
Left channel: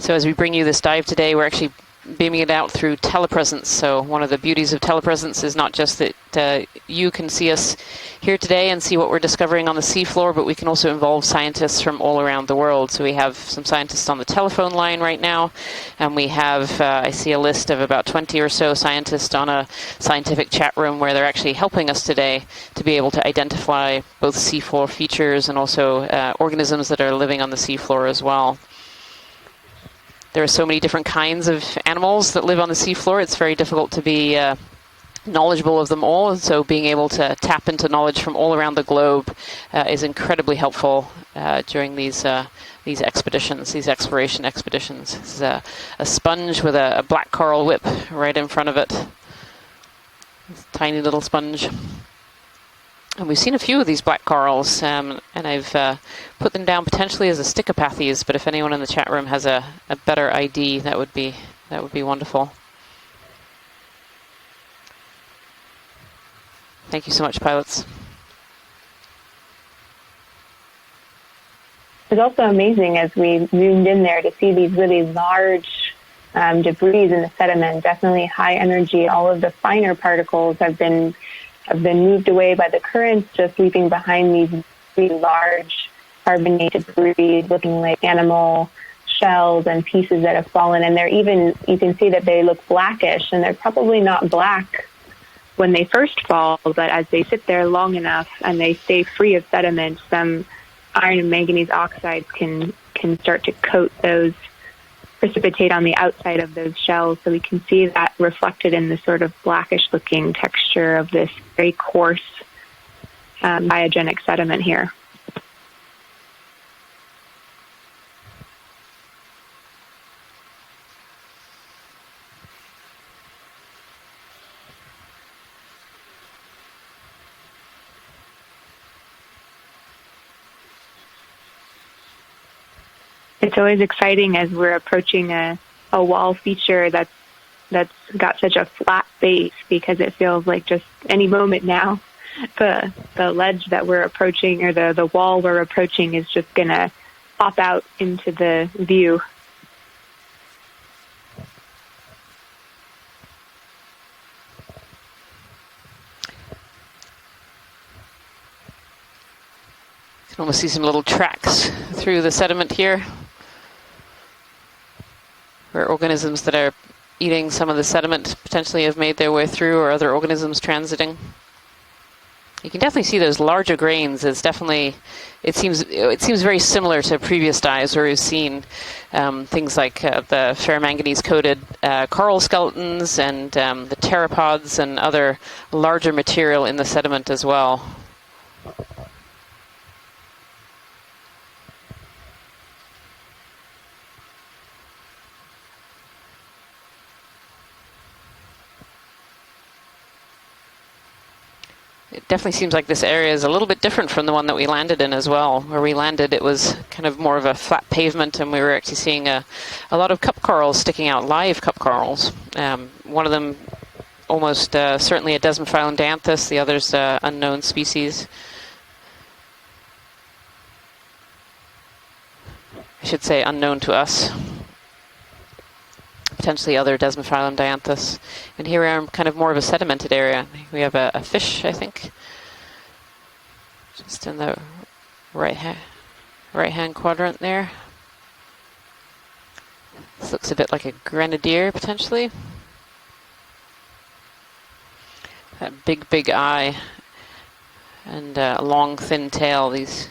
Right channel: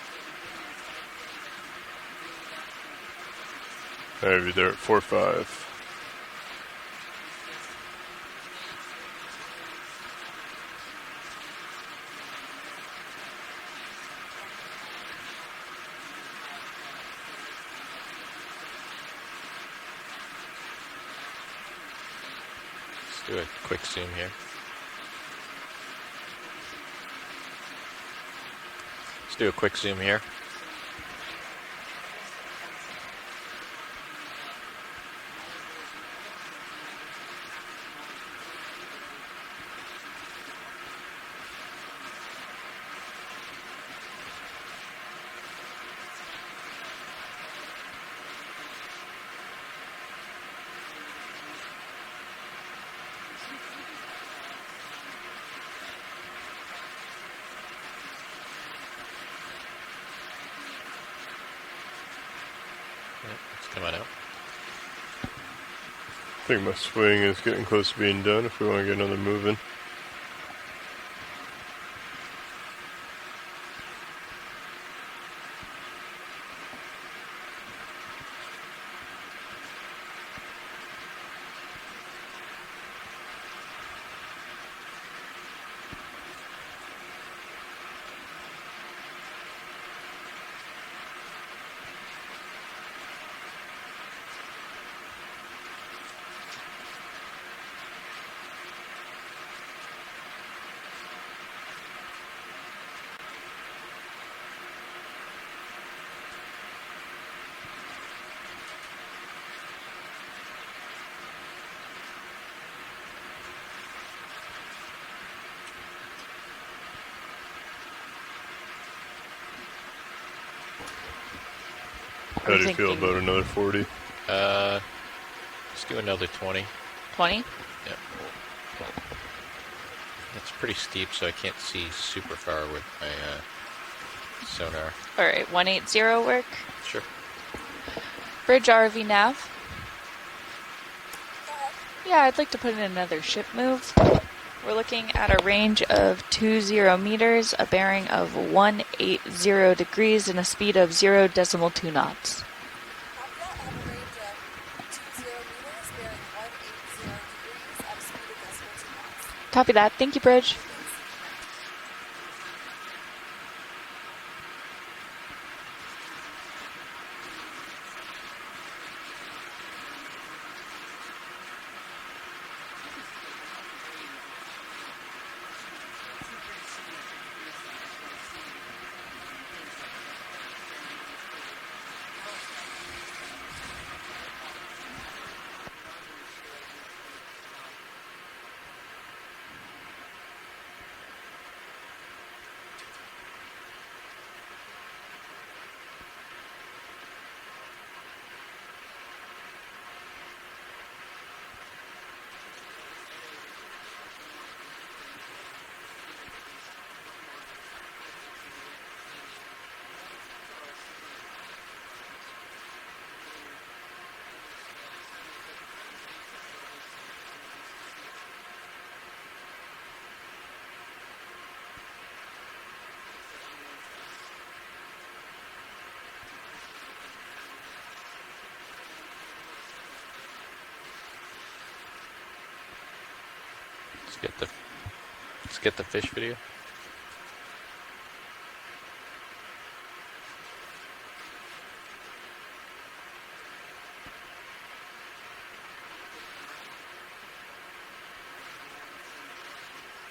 So as we bring you this dive today, we're actually beaming it out through telepresence. So one of the beauties of telepresence is not just that you can see us here today and see what we're discovering on the seafloor, but we can also involve scientists from all around the world. So we have some scientists on the telephone line right now, and we have, I see a list of about 20 or so scientists on a scientific chat room where they're actually helping us today to be able to identify both seafloor features and also organisms that are living on the seafloor as well. Let's do a quick zoom here. There are so many different kinds of animals that live on the seafloor. It's very difficult to be knowledgeable of them all, and so being able to tap into knowledge from all around the globe is incredibly helpful during these expeditions, these exploration expeditions. This is a sponge with a black coral whip right in front of it. Tiny little sponge. And we've seen a few of these black corals, and I've put them down potentially as a Stichopathes, but if anyone in the chat room has a better ID, that would be wonderful. Yeah, let's come on out. I think my swing so much, is getting pilots. close to being done if we want to get another move in. It's also amazing as we zoomed in there to see these really large debris in the sediment, definitely high energy. All of the finer particles have been moved away by the currents, just leaving behind these really large carbonated debris looking like animal shells and pieces that have fallen. And you can see that they look blackish, and they're probably not black when they first fall, but as they sit there long enough and they stay free of sediment, some iron and manganese oxides can start to coat those, precipitate on the outside of those shells. So we can see that reflected in the sort of blackish looking texture of this very coarse biogenic sediment here. How I'm do you feel thinking- about another 40? Let's do another 20. 20? Yep. It's pretty steep, so I can't see super far with my. It's always exciting as we're Sorry. approaching All right, a 180 wall work. feature that's got such Bridge a RV flat nav. base, because it feels like just any moment now Yeah, I'd like to put in the another ship ledge move. that we're approaching, or We're the looking wall at a we're range approaching of is just 20 gonna meters, pop a out bearing into of the view. 180 degrees, and a speed of 0.2 knots. Copy that. Thank you, Bridge. Almost see some little tracks through the sediment here, where organisms that are eating some of the sediment potentially have made their way through, or other organisms transiting. You can definitely see those larger grains. It's definitely, it seems very similar to previous dives where we've seen things like the ferromanganese coated coral skeletons and the pteropods and other larger material in the sediment as well. It definitely seems like this area is a little bit different from the one that we landed in as well. Where we landed, it was kind of more of a flat pavement, and we were actually seeing a lot of cup corals sticking out, live cup corals. One of them almost certainly a Desmophyllum dianthus, the other's unknown species. I should say unknown to us. Potentially other Desmophyllum dianthus. And here we are in kind of more of a sedimented area. We have a fish, I think. Just in the Let's get the fish video. right-hand quadrant there. This looks a bit like a grenadier, potentially. That big eye and a long, thin tail. These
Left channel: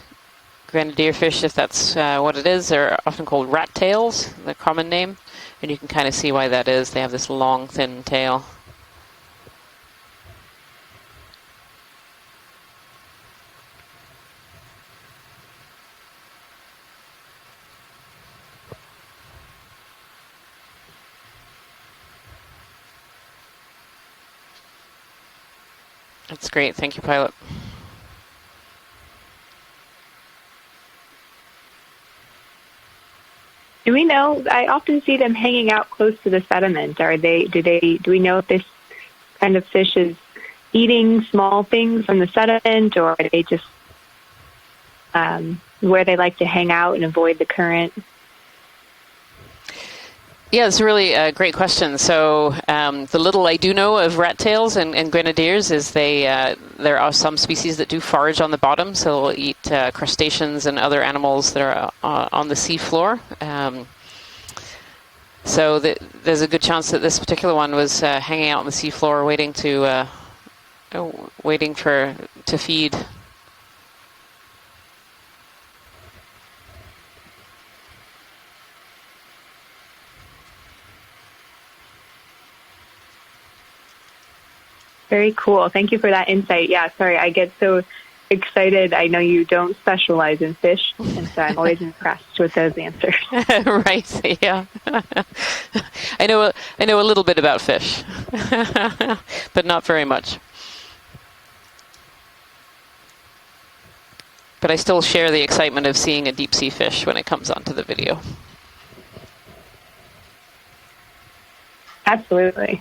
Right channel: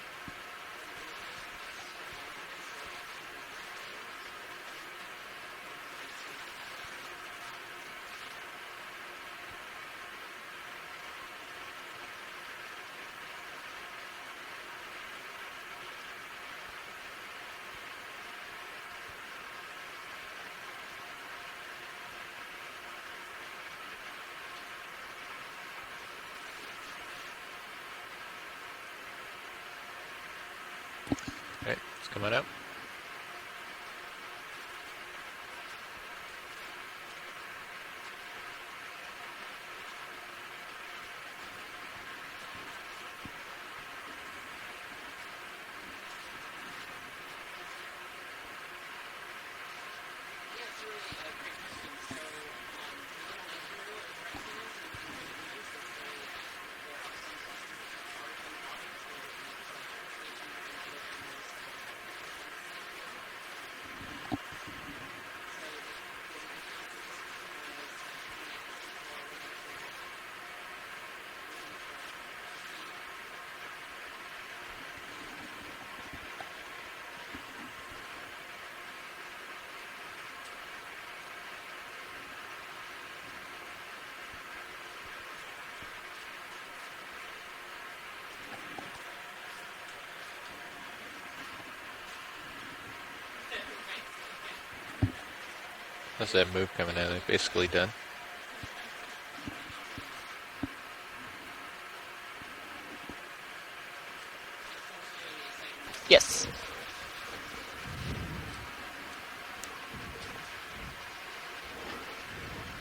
grenadier fish, if that's what it is, they're often called rat tails, the common name. And you can kind of see why that is. They have this long, thin tail. That's great. Thank you, pilot. Right, it's coming up. Do we know? I often see them hanging out close to the sediment. Do we know if this kind of fish is eating small things from the sediment, or are they just where they like to hang out and avoid the current? Yeah, it's a really great question. So the little I do know of rat tails and grenadiers is there are some species that do forage on the bottom, so they'll eat crustaceans and other animals that are on the seafloor. So there's a good chance that this particular one was hanging out on the seafloor, waiting to feed. Very cool. Thank you for that insight. Yeah, sorry, I get so excited. I know you don't specialize in fish, and so I'm always impressed with those answers. Right, yeah. I know a little bit about fish, but not very much. But I still share the excitement of seeing Yes. a deep sea fish when it comes onto the video. Absolutely.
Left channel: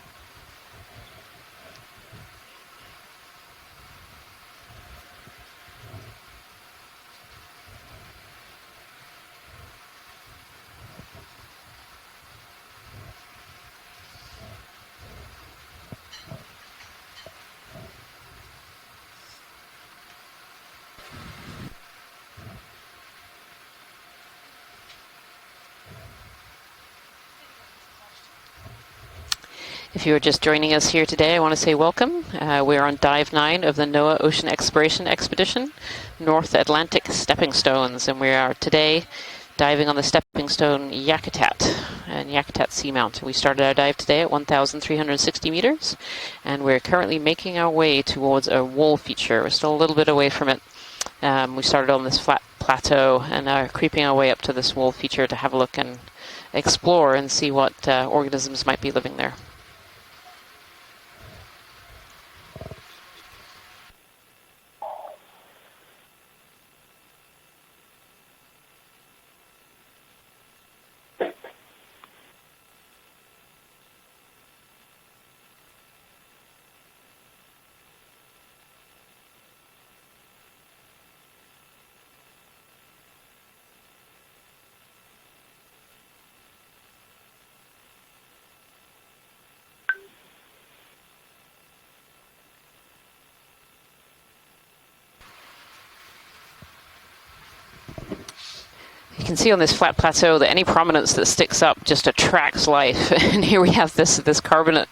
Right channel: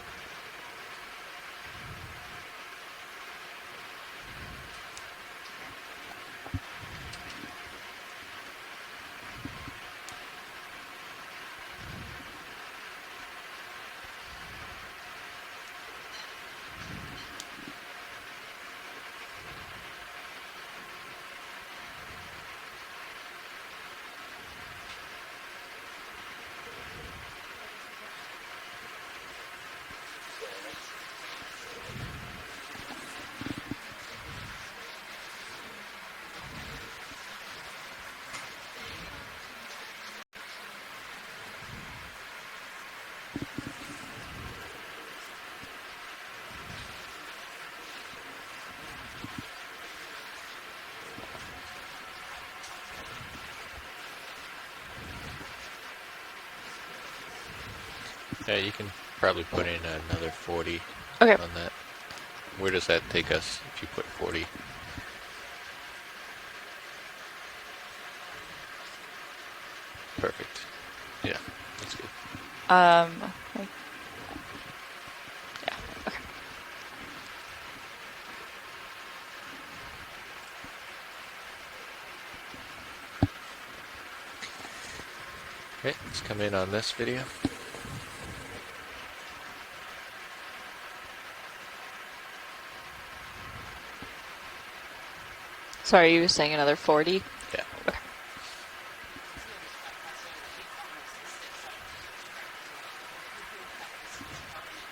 If you are just joining us here today, I want to say welcome. We're on Dive 9 of the NOAA Ocean Exploration Expedition, North Atlantic Stepping Stones, and we are today diving on the stepping stone Yakutat and Yakutat Seamount. We started our dive today at 1,360 meters, and we're currently making our way towards a wall feature. We're still a little bit away from it. We started on this flat plateau and are creeping our way up to this wall feature to have a look and explore and see what Yeah, organisms you might can be living there. probably put in another 40 Okay. on that. Where does that take us if you put 40? Perfect. Yeah, that's good. Like, yeah. Okay. Okay, let's come in on this video. Sorry, you were saying another 40? Yeah. You can see on this flat plateau that any prominence that sticks up just attracts life. And here we have this carbonate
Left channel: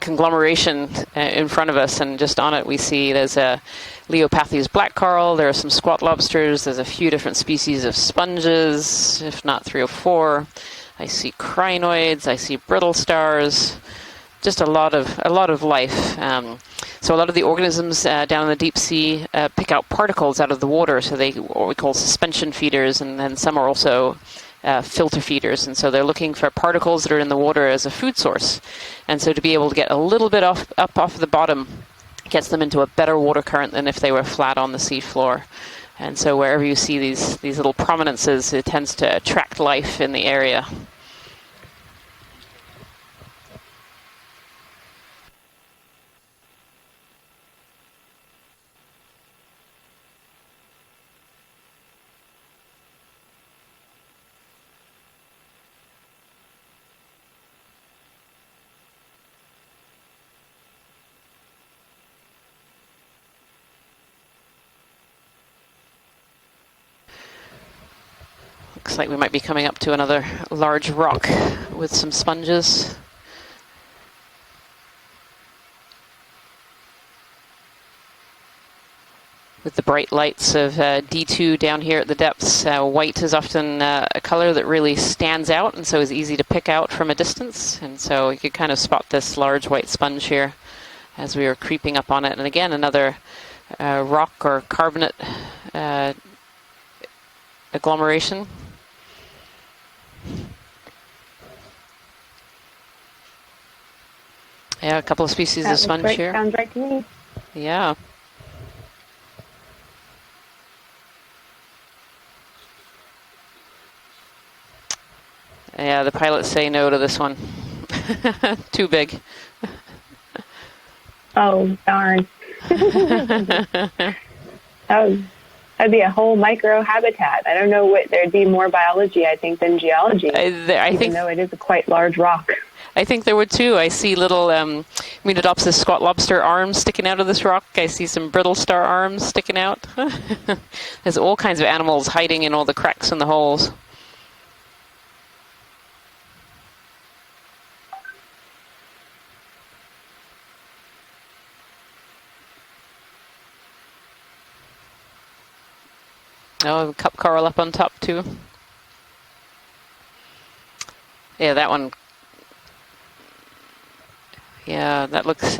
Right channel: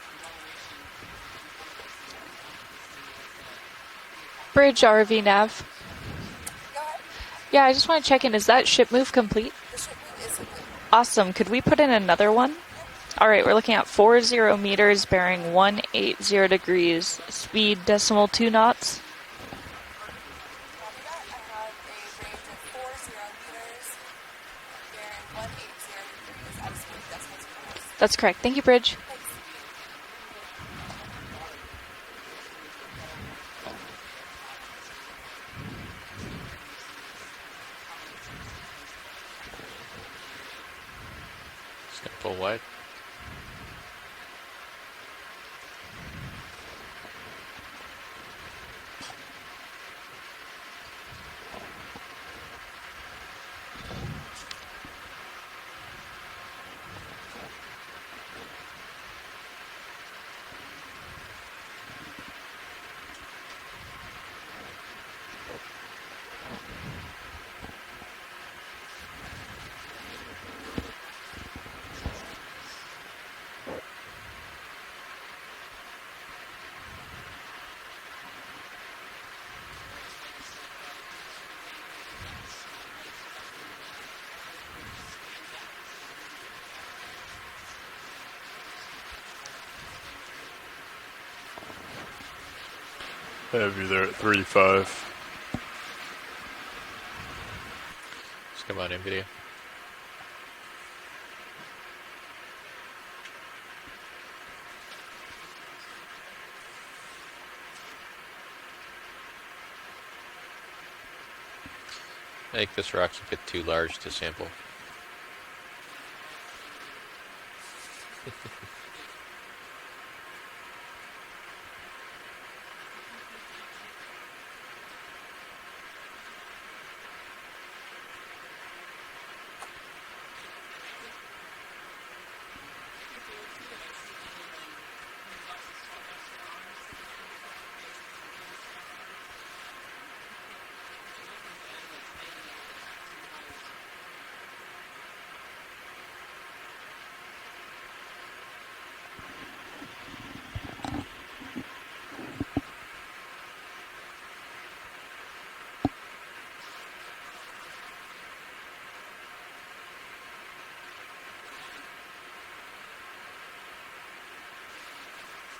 conglomeration in front of us, and just on it we see there's a Leopathes Bridge black RV coral, nav. there are some squat lobsters, there's a few different Yeah, I species just of wanna check in. Is that ship move sponges, complete? if not 3 or 4. Awesome. I see Could we put in crinoids, another I one? see brittle stars. All right, we're looking at 40 just meters, a bearing lot of life. 180 degrees. So a lot of the speed organisms decimal down in 2 the deep knots. sea pick out particles out of the water, so they what we call suspension feeders, and then some are also filter feeders, and so they're looking for particles that are in the water as a food That's correct. source. Thank you, Bridge. And so to be able to get a little bit up off the bottom gets them into a better water current than if they were flat on the seafloor. And so wherever you see these little prominences, it tends to attract life in the area. Just gonna pull wide. Looks like we might be coming up to another large rock with some sponges. With the bright lights of D2 down here at the depths, white is often a color that really stands out and so is easy to pick out from a distance. And so you could kind of spot this large white sponge here as we were creeping up on it. And again, another rock or 35. carbonate agglomeration. Let's come on in video. Yeah, a couple of species That of sponge looks right, here. sounds right to me. Yeah. I think this rock's a bit too large to sample. Yeah, the pilots say no to this one. Too big. Oh, darn. That'd be a whole micro habitat. I don't know what, there'd be more biology, I think, than geology, I even think though it is a quite large rock. I think there would too. I see little Menodopsis squat lobster arms sticking out of this rock. I see some brittle star arms sticking out. There's all kinds of animals hiding in all the cracks and the holes. Oh, cup coral up on top too. Yeah, that one. Yeah, that looks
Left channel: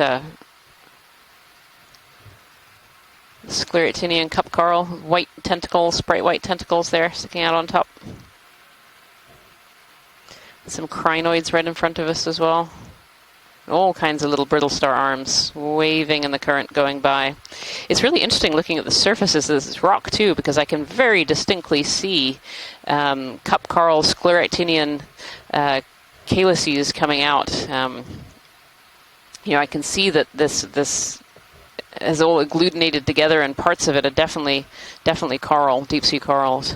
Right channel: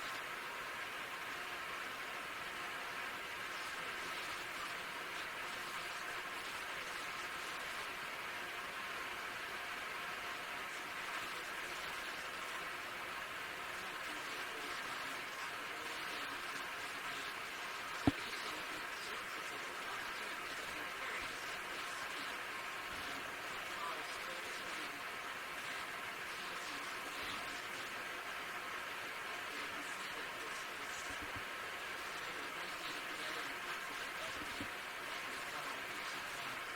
scleractinian cup coral, white tentacles, bright white tentacles there sticking out on top. Some crinoids right in front of us as well. All kinds of little brittle star arms waving in the current going by. It's really interesting looking at the surfaces of this rock too, because I can very distinctly see cup coral, scleractinian calyces coming out. You know, I can see that this is all agglutinated together, and parts of it are definitely coral, deep sea corals.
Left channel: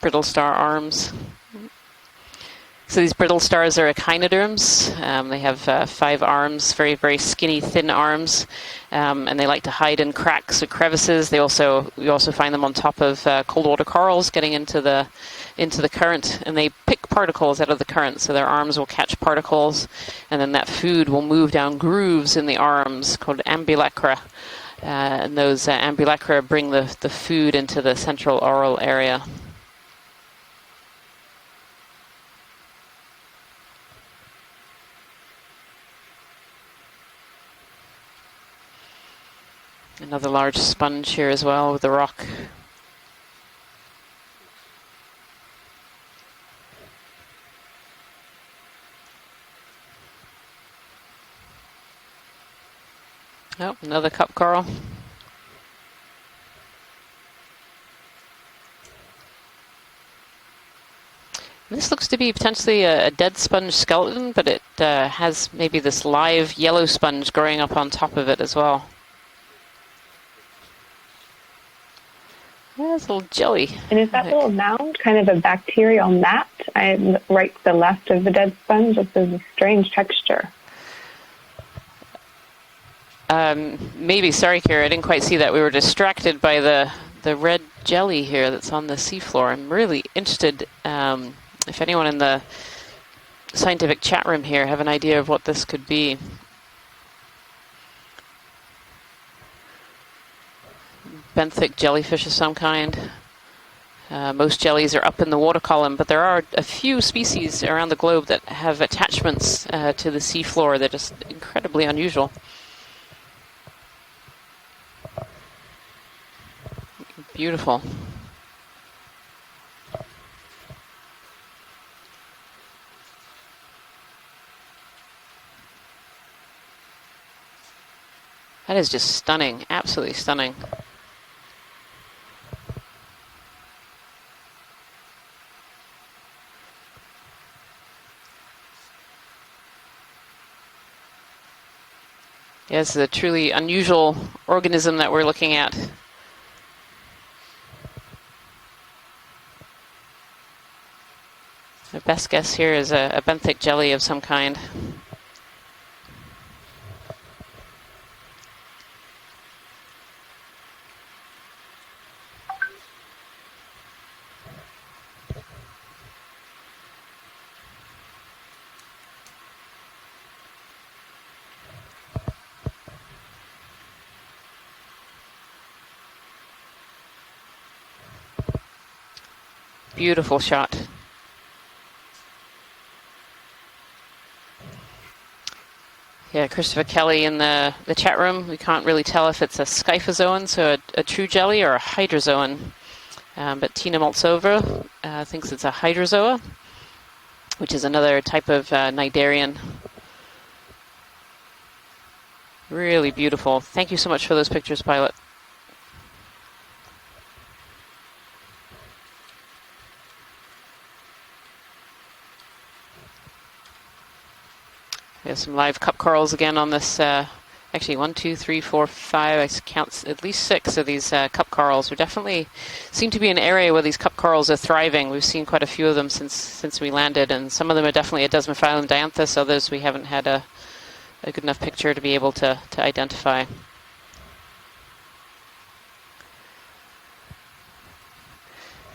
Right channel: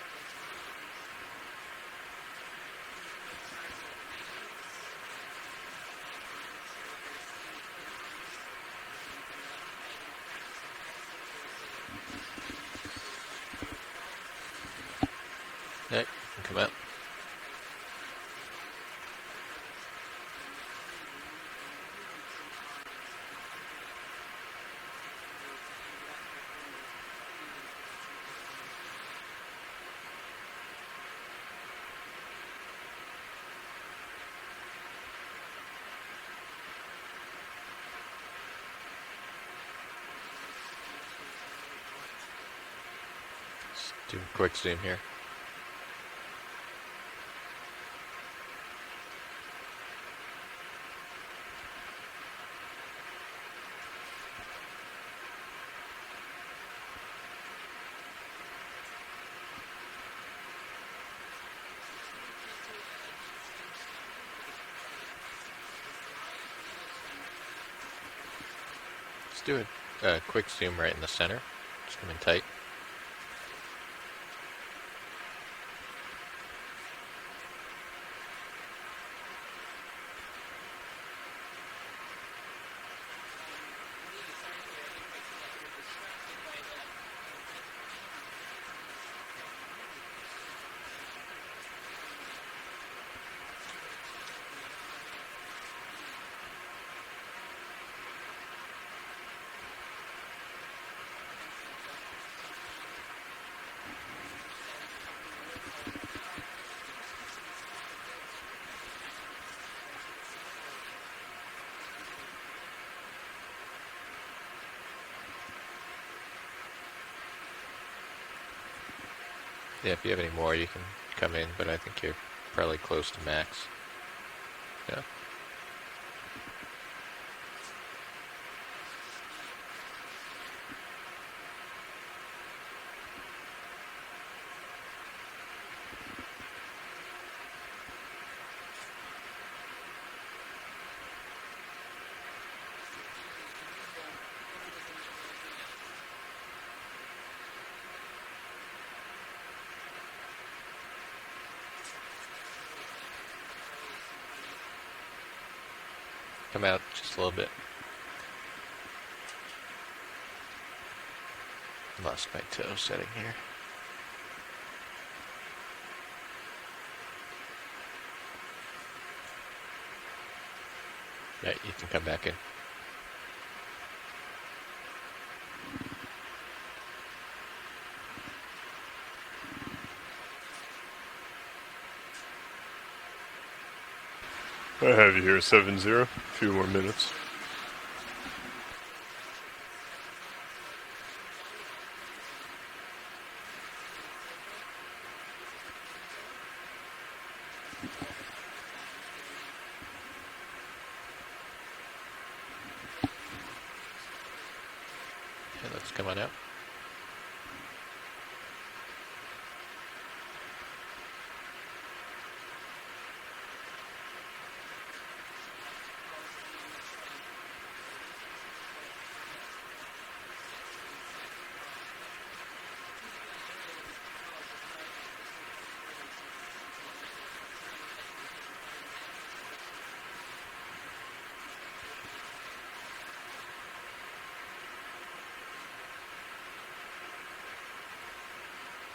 Brittle star arms. So these brittle stars are echinoderms. They have 5 arms, very, very skinny, thin arms, and they like to hide in cracks or crevices. You also find them on top of cold water corals, getting into the current, and they pick particles out of the current. So their arms will catch particles, and then that food will move down grooves in the arms called ambulacra. And those ambulacra bring the food into the central oral area. Another large sponge here as well with the rock. Let's do a quick zoom here. Oh, another cup coral. This looks to be potentially a dead sponge skeleton, but it has maybe this live yellow sponge growing up on top of it as well. Let's do a quick zoom right in the center. Zoom in tight. Yeah, it's a little jelly. And is that little mound kind of a bacterial mat? Right to the left of the dead sponge, this is a strange texture. Maybe, sorry, Kira, I didn't quite see that. We were distracted by the red jelly here that's on the seafloor. I'm really interested if anyone in the scientific chat room here have an idea of what this could be. Benthic jellyfish of some kind. Most jellies are up in the water column, but there are a few species around the globe that have attachments to the seafloor. They're just incredibly unusual. Beautiful. Yeah, if you have any more, you can come in, but I think you're probably close to max. Yeah. That is just stunning, absolutely stunning. Yeah, this is a truly unusual organism that we're looking at. The best guess here is a benthic jelly of some kind. Come out just a little bit. Lost my toe setting here. Yeah, you can come back in. Beautiful shot. I have you here, 7-0. Yeah, Christopher Kelly in the chat room. We can't really tell if it's a scyphozoan, so a true jelly, or a hydrozoan. But Tina Maltsova thinks it's a hydrozoa, which is another type of cnidarian. Really beautiful. Thank you so much for those pictures, Pilot. Yeah, let's come on out. We have some live cup corals again on this. Actually, 1, 2, 3, 4, 5. I count at least 6 of these cup corals. We definitely seem to be an area where these cup corals are thriving. We've seen quite a few of them since we landed, and some of them are definitely a Desmophyllum dianthus. Others we haven't had a good enough picture to be able to identify.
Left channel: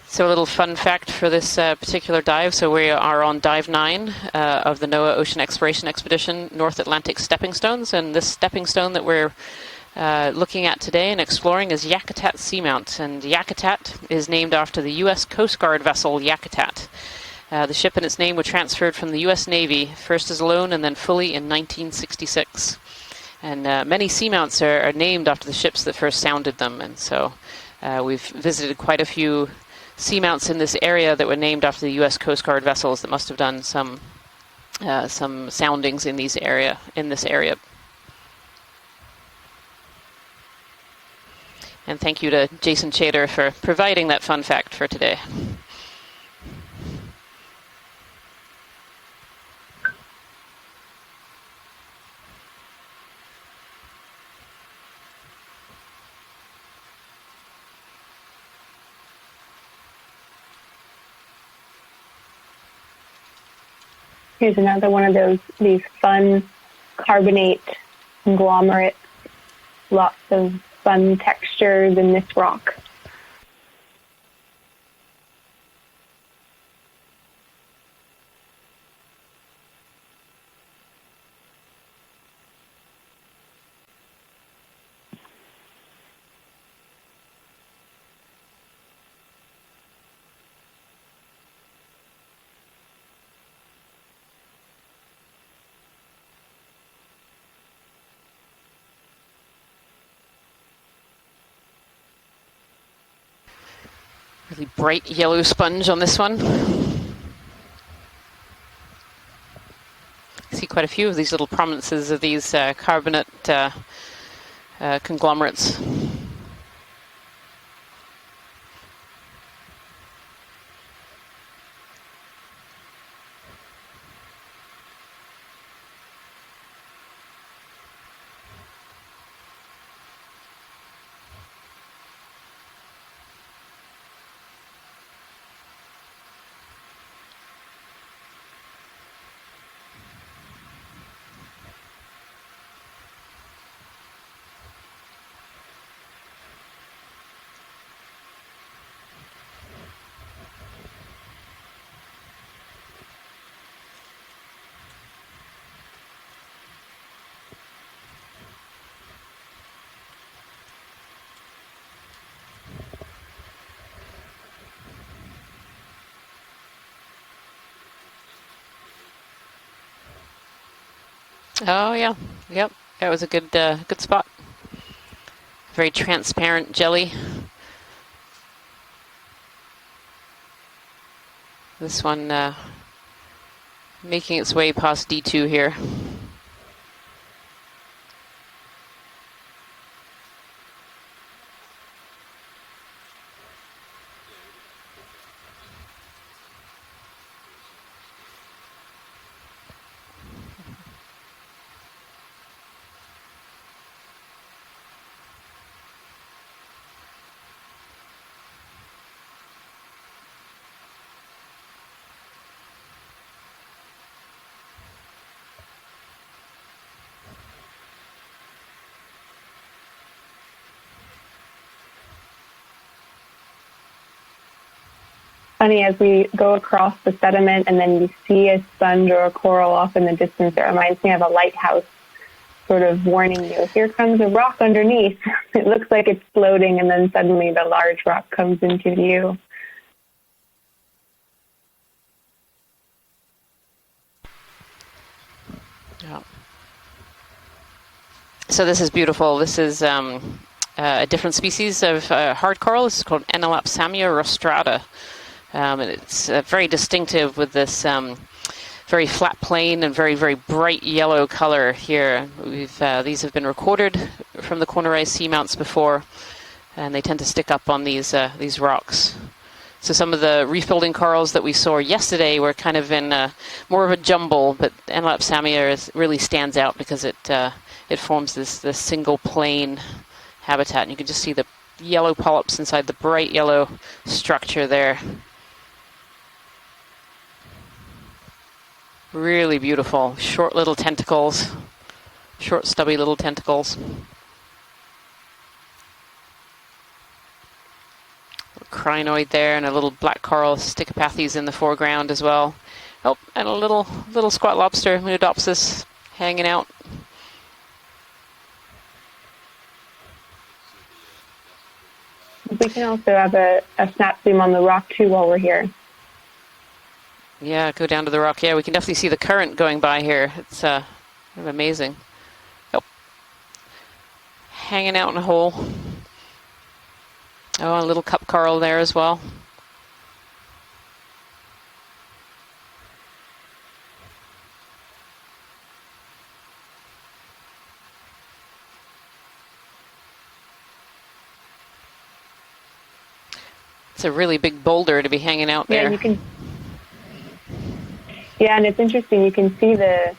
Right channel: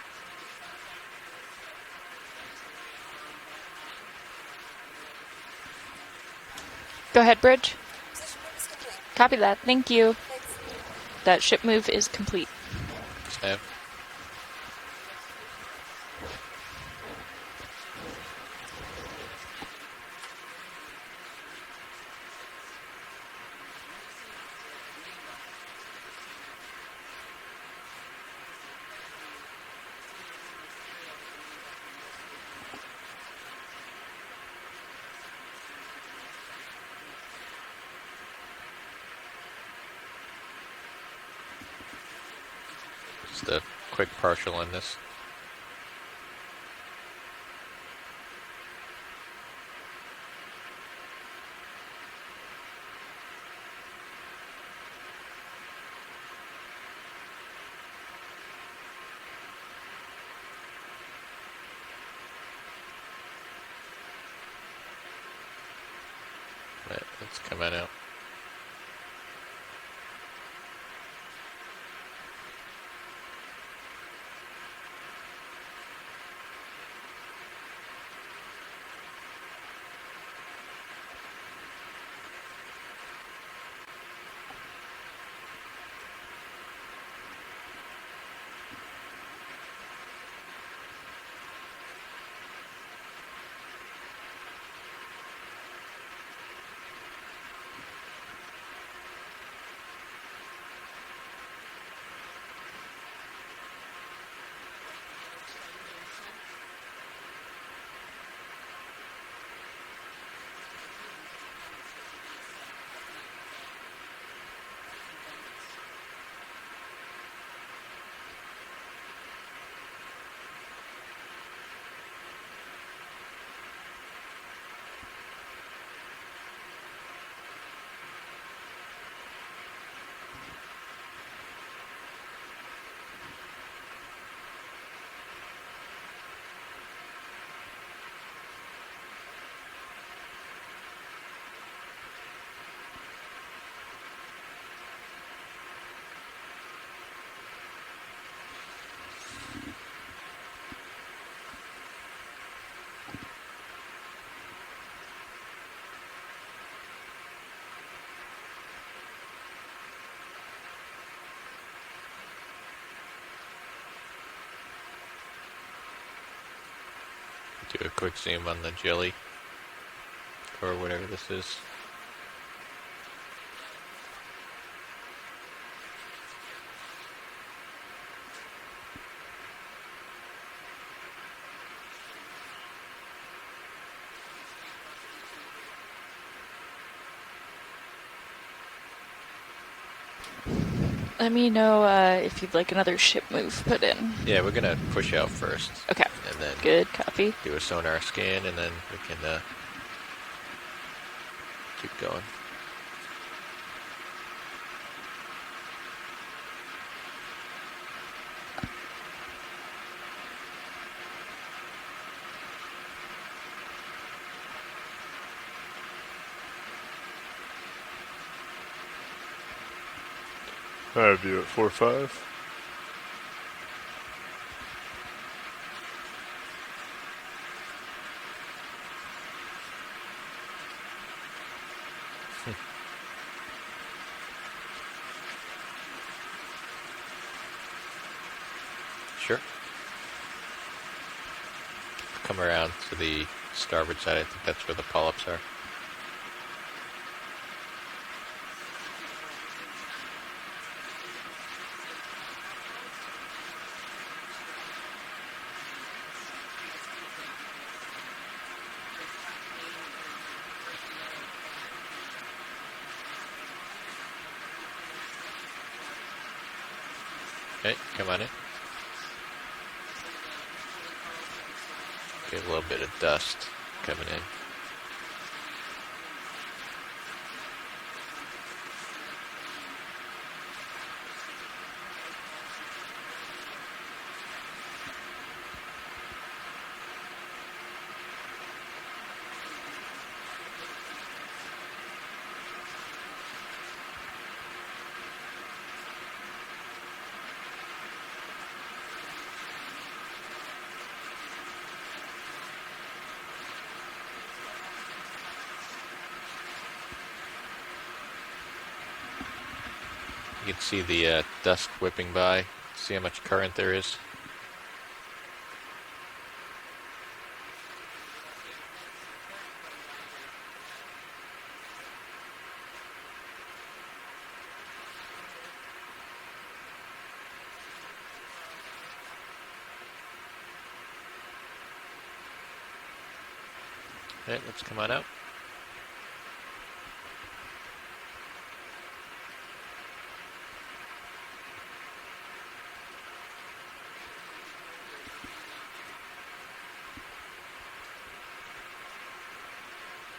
So a little fun fact for this particular dive. So we are on dive 9 of the NOAA Ocean Exploration Expedition, North Atlantic Go ahead, Stepping Bridge. Stones. And this stepping stone that we're Copy that. Thank you. looking at today and That exploring ship is move is Yakutat complete. Seamount. And Yakutat is named after the U.S. Coast Guard vessel Yakutat. The ship and its name were transferred from the U.S. Navy, first as a loan and then fully in 1966. And many seamounts are named after the ships that first sounded them. And so we've visited quite a few seamounts in this area that were named after the U.S. Coast Guard vessels that must have done some soundings in this area. And thank you to Jason Chater for Just a providing quick that fun partial on fact for this. today. Here's another one of these fun Yeah, carbonate let's come on out. conglomerates. Lots of fun textures in this rock. Really bright yellow sponge on this one. See quite a few of these little prominences of these carbonate conglomerates. Do a quick zoom on the jelly, or whatever this is. Oh yeah, yep. That was a good good spot. Very transparent jelly. This one making its way past D2 here. Let me know if you'd like another ship move put in. Yeah, we're gonna push out first. Okay. And then Good copy. do a sonar scan, and then we can keep going. I have you at 4-5. Funny, as we go across the sediment and then you see a sponge or a coral off in the distance, it reminds me of a lighthouse sort of warning you, here comes a rock underneath. It looks like it's floating, and then suddenly the large rock comes into view. Sure. Come around to the starboard side. I think that's where the polyps are. Yeah. So this is beautiful. This is a different species of hard coral. This is called Enelapsamia rostrata. And it's very distinctive with this very flat plane and very, very bright yellow color here. These have been recorded from the corner-rise seamounts before, and they tend to stick up on these rocks. So some of the reef building corals that we saw yesterday were kind of in more of a jumble, but Enelapsamia really stands out because it forms this single plane habitat, and you can just see the yellow polyps inside the bright yellow structure there. Really beautiful. Short little tentacles. Short stubby little tentacles. Crinoid there, and a little black coral Stichopathes in the foreground as well. Oh, and a little squat lobster, Munidopsis, hanging out. You can see the dust whipping by. We can also have a snap zoom on the rock too while we're here. Yeah, go down to the rock. Yeah, we can definitely see the current going by here. It's amazing. Oh, hanging out in a hole. Oh, a little cup coral there as well. Okay, let's come on out. It's a really big boulder to be hanging out there. Yeah, you can. Yeah, and it's interesting. You can see the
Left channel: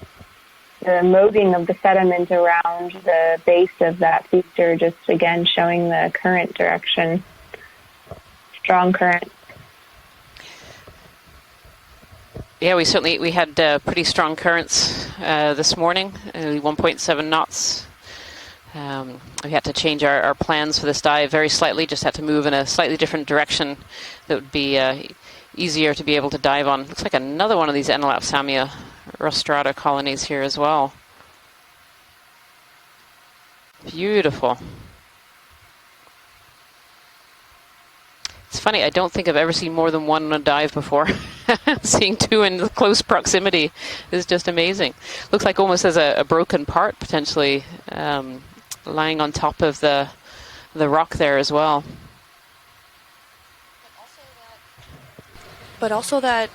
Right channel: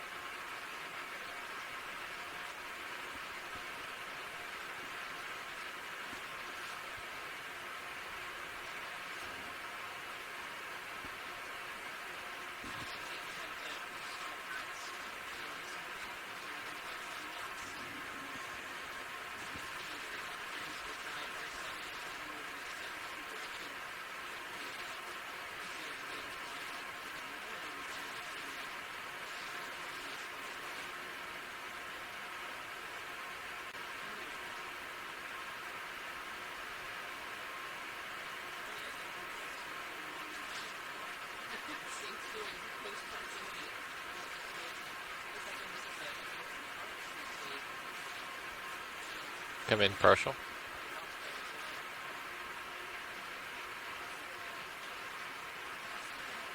molding of the sediment around the base of that feature, just again showing the current direction. Strong current. Yeah, we had pretty strong currents this morning, 1.7 knots. We had to change our plans for this dive very slightly, just had to move in a slightly different direction that would be easier to be able to dive on. Looks like another one of these Enelapsamia rostrata colonies here as well. Beautiful. It's funny, I don't think I've ever seen more than one on a dive before. Seeing two in close proximity is just amazing. Looks like almost as a broken part, potentially, lying on top of the rock there as well. but also that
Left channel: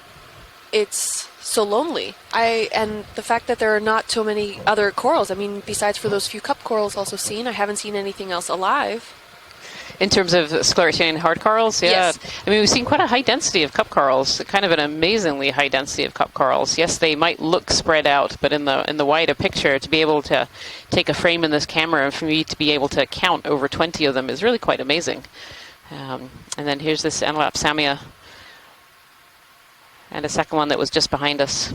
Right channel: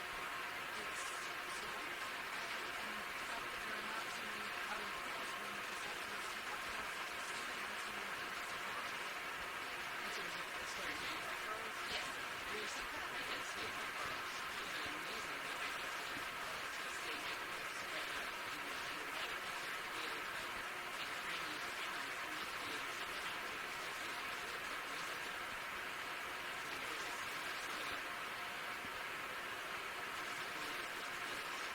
it's so lonely. And the fact that there are not so many other corals. I mean, besides for those few cup corals also seen, I haven't seen anything else alive. In terms of sclerotian hard corals, yeah. Yes. I mean, we've seen quite a high density of cup corals, kind of an amazingly high density of cup corals. Yes, they might look spread out, but in the wider picture, to be able to take a frame in this camera and for me to be able to count over 20 of them is really quite amazing. And then here's this Anelopsamia, and a second one that was just behind us.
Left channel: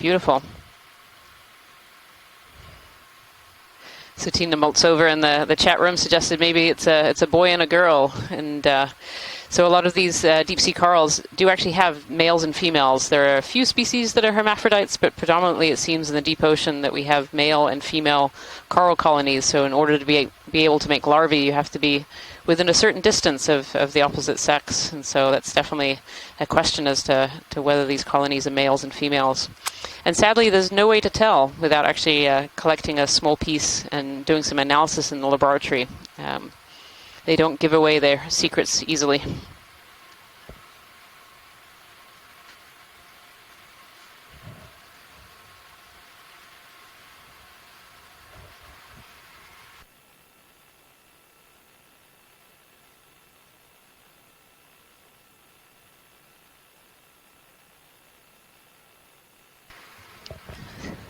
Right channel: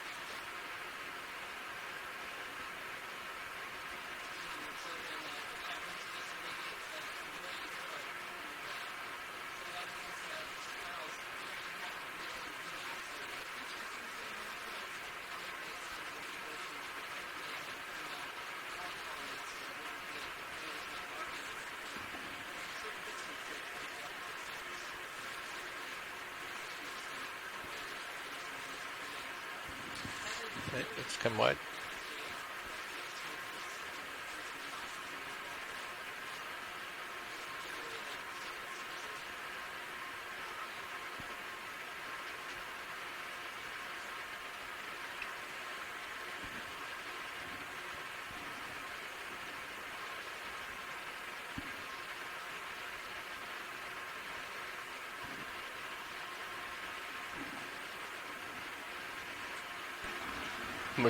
Beautiful. So Tina Maltz over in the chat room suggested maybe it's a boy and a girl, and so a lot of these deep sea corals do actually have males and females. There are a few species that are hermaphrodites, but predominantly it seems in the deep ocean that we have male and female coral colonies. So in order to be able to make larvae, you have to be within a certain distance of the opposite sex, and so that's definitely a question as to whether these colonies are males and females. And sadly, there's no way to tell without actually collecting a small piece and doing some analysis in the laboratory. They don't give away their secrets easily.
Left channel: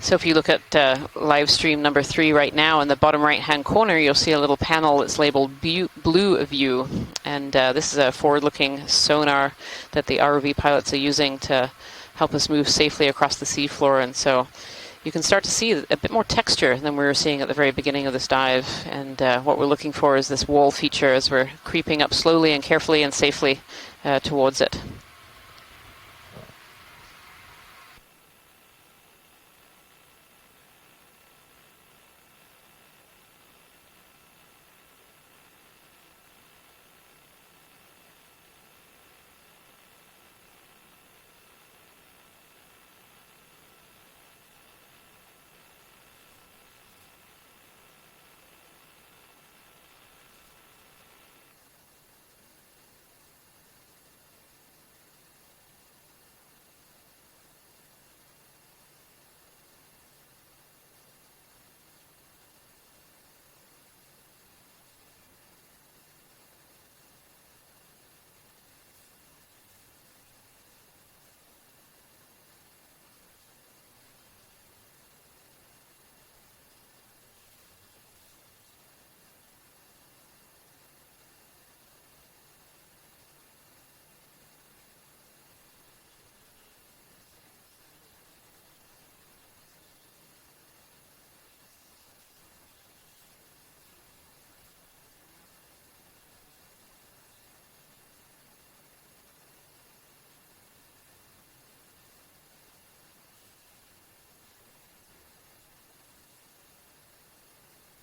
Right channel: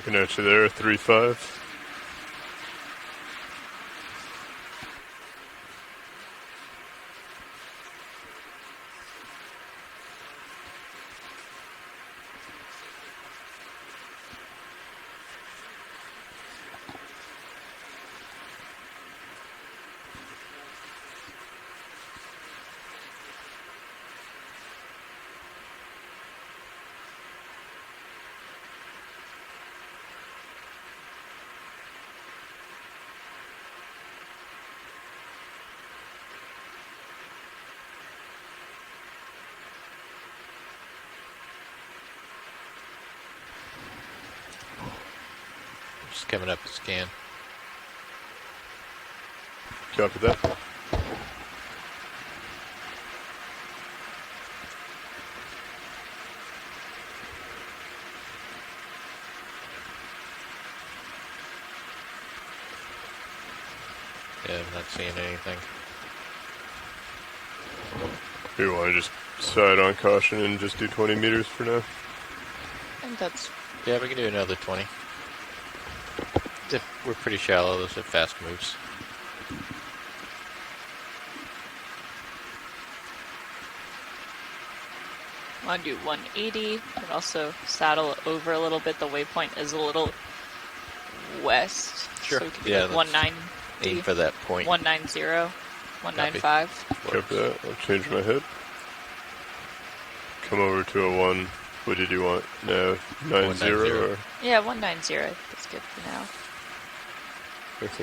So if you look at live stream number 3 right now, in the bottom right-hand corner, you'll see a little panel that's labeled Blue View. And this is a forward-looking sonar that the ROV pilots are using to help us move safely across the seafloor. And so you can start to see a bit more texture than we were seeing at the very beginning of this dive. And what we're looking for is this wall feature as we're creeping up slowly and carefully and safely towards it. Coming up to scan. Copy that. Yeah, I'm not seeing anything. You want to just side on caution and just do 20 meters for now? I think that's... Yeah, we can do another 20. We're pretty shallow, those are fast moves. I want to do 180, but also saddle over a little bit. The waypoint is a little west. Sure. So we could Yeah, do 190. Aim for that point. 190, 195. Copy that. I'll change my head. Come over to a 1. What did you want? No, 90 or? Yeah, 190. That's good for now.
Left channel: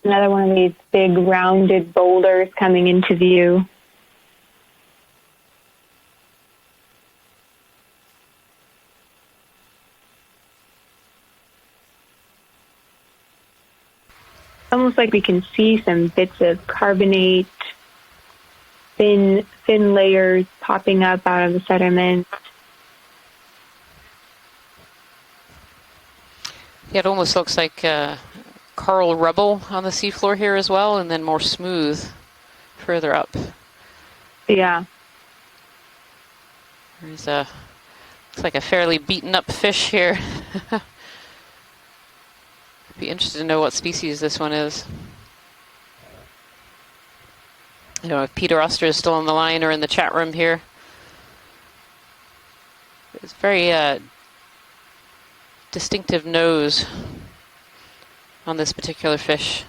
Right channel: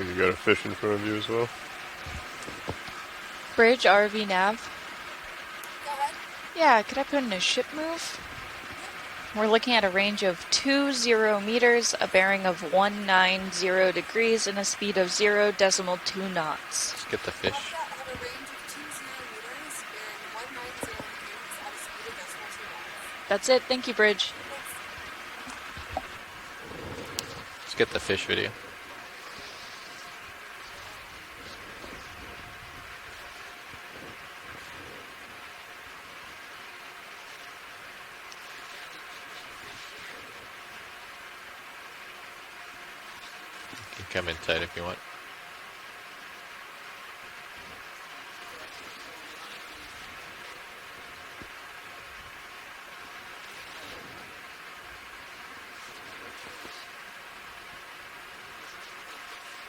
Another one of these big rounded boulders coming into view. Bridge, RV, nav. Go ahead. Yeah, could I put in a ship move? We're looking at a range of 20 meters, a bearing of 190 degrees, and a speed Almost like of we can see some bits of knots. carbonate, thin layers popping up out of the sediment. That's it. Thank you, Bridge. Yeah, it almost looks like Get the fish video. coral rubble on the seafloor here as well, and then more smooth further up. Yeah. It's like a fairly beaten up fish here. Be interested to know what species this one is. I don't know if Peter Oster is still on the line or in the chat room here. It's very distinctive nose on this particular fish,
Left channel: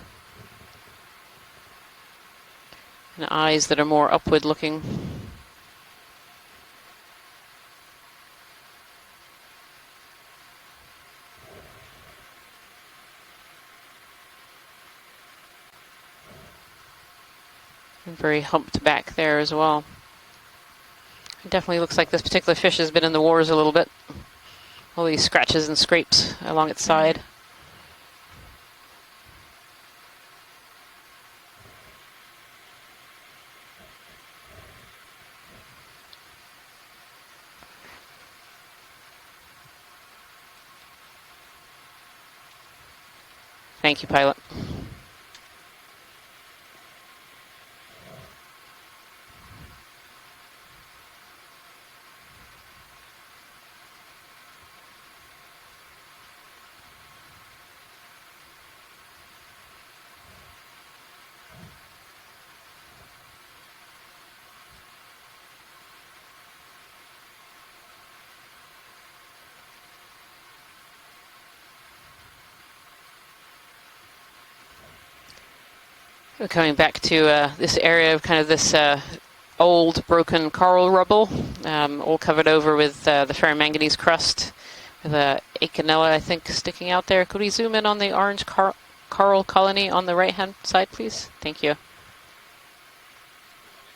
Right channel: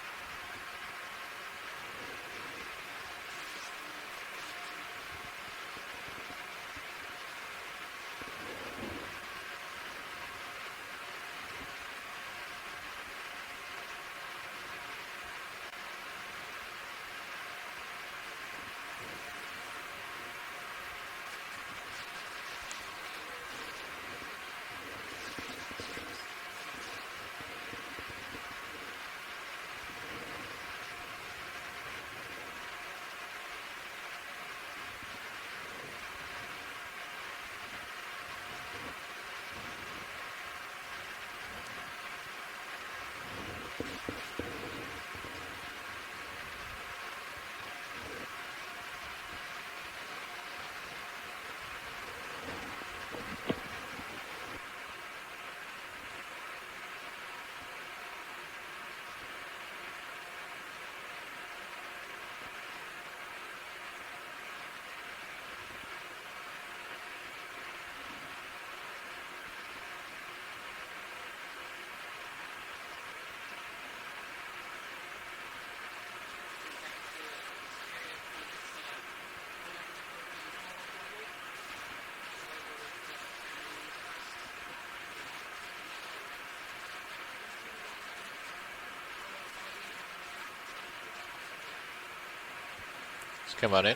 and eyes that are more upward looking. And very humped back there as well. It definitely looks like this particular fish has been in the wars a little bit. All these scratches and scrapes along its side. Thank you, pilot. We're coming back to this area of kind of this old broken coral rubble, all covered over with the ferromanganese crust, the Okeanos, I think, sticking out there. Could we zoom in on the orange coral colony on the right-hand side, please? Thank you. Just come on in.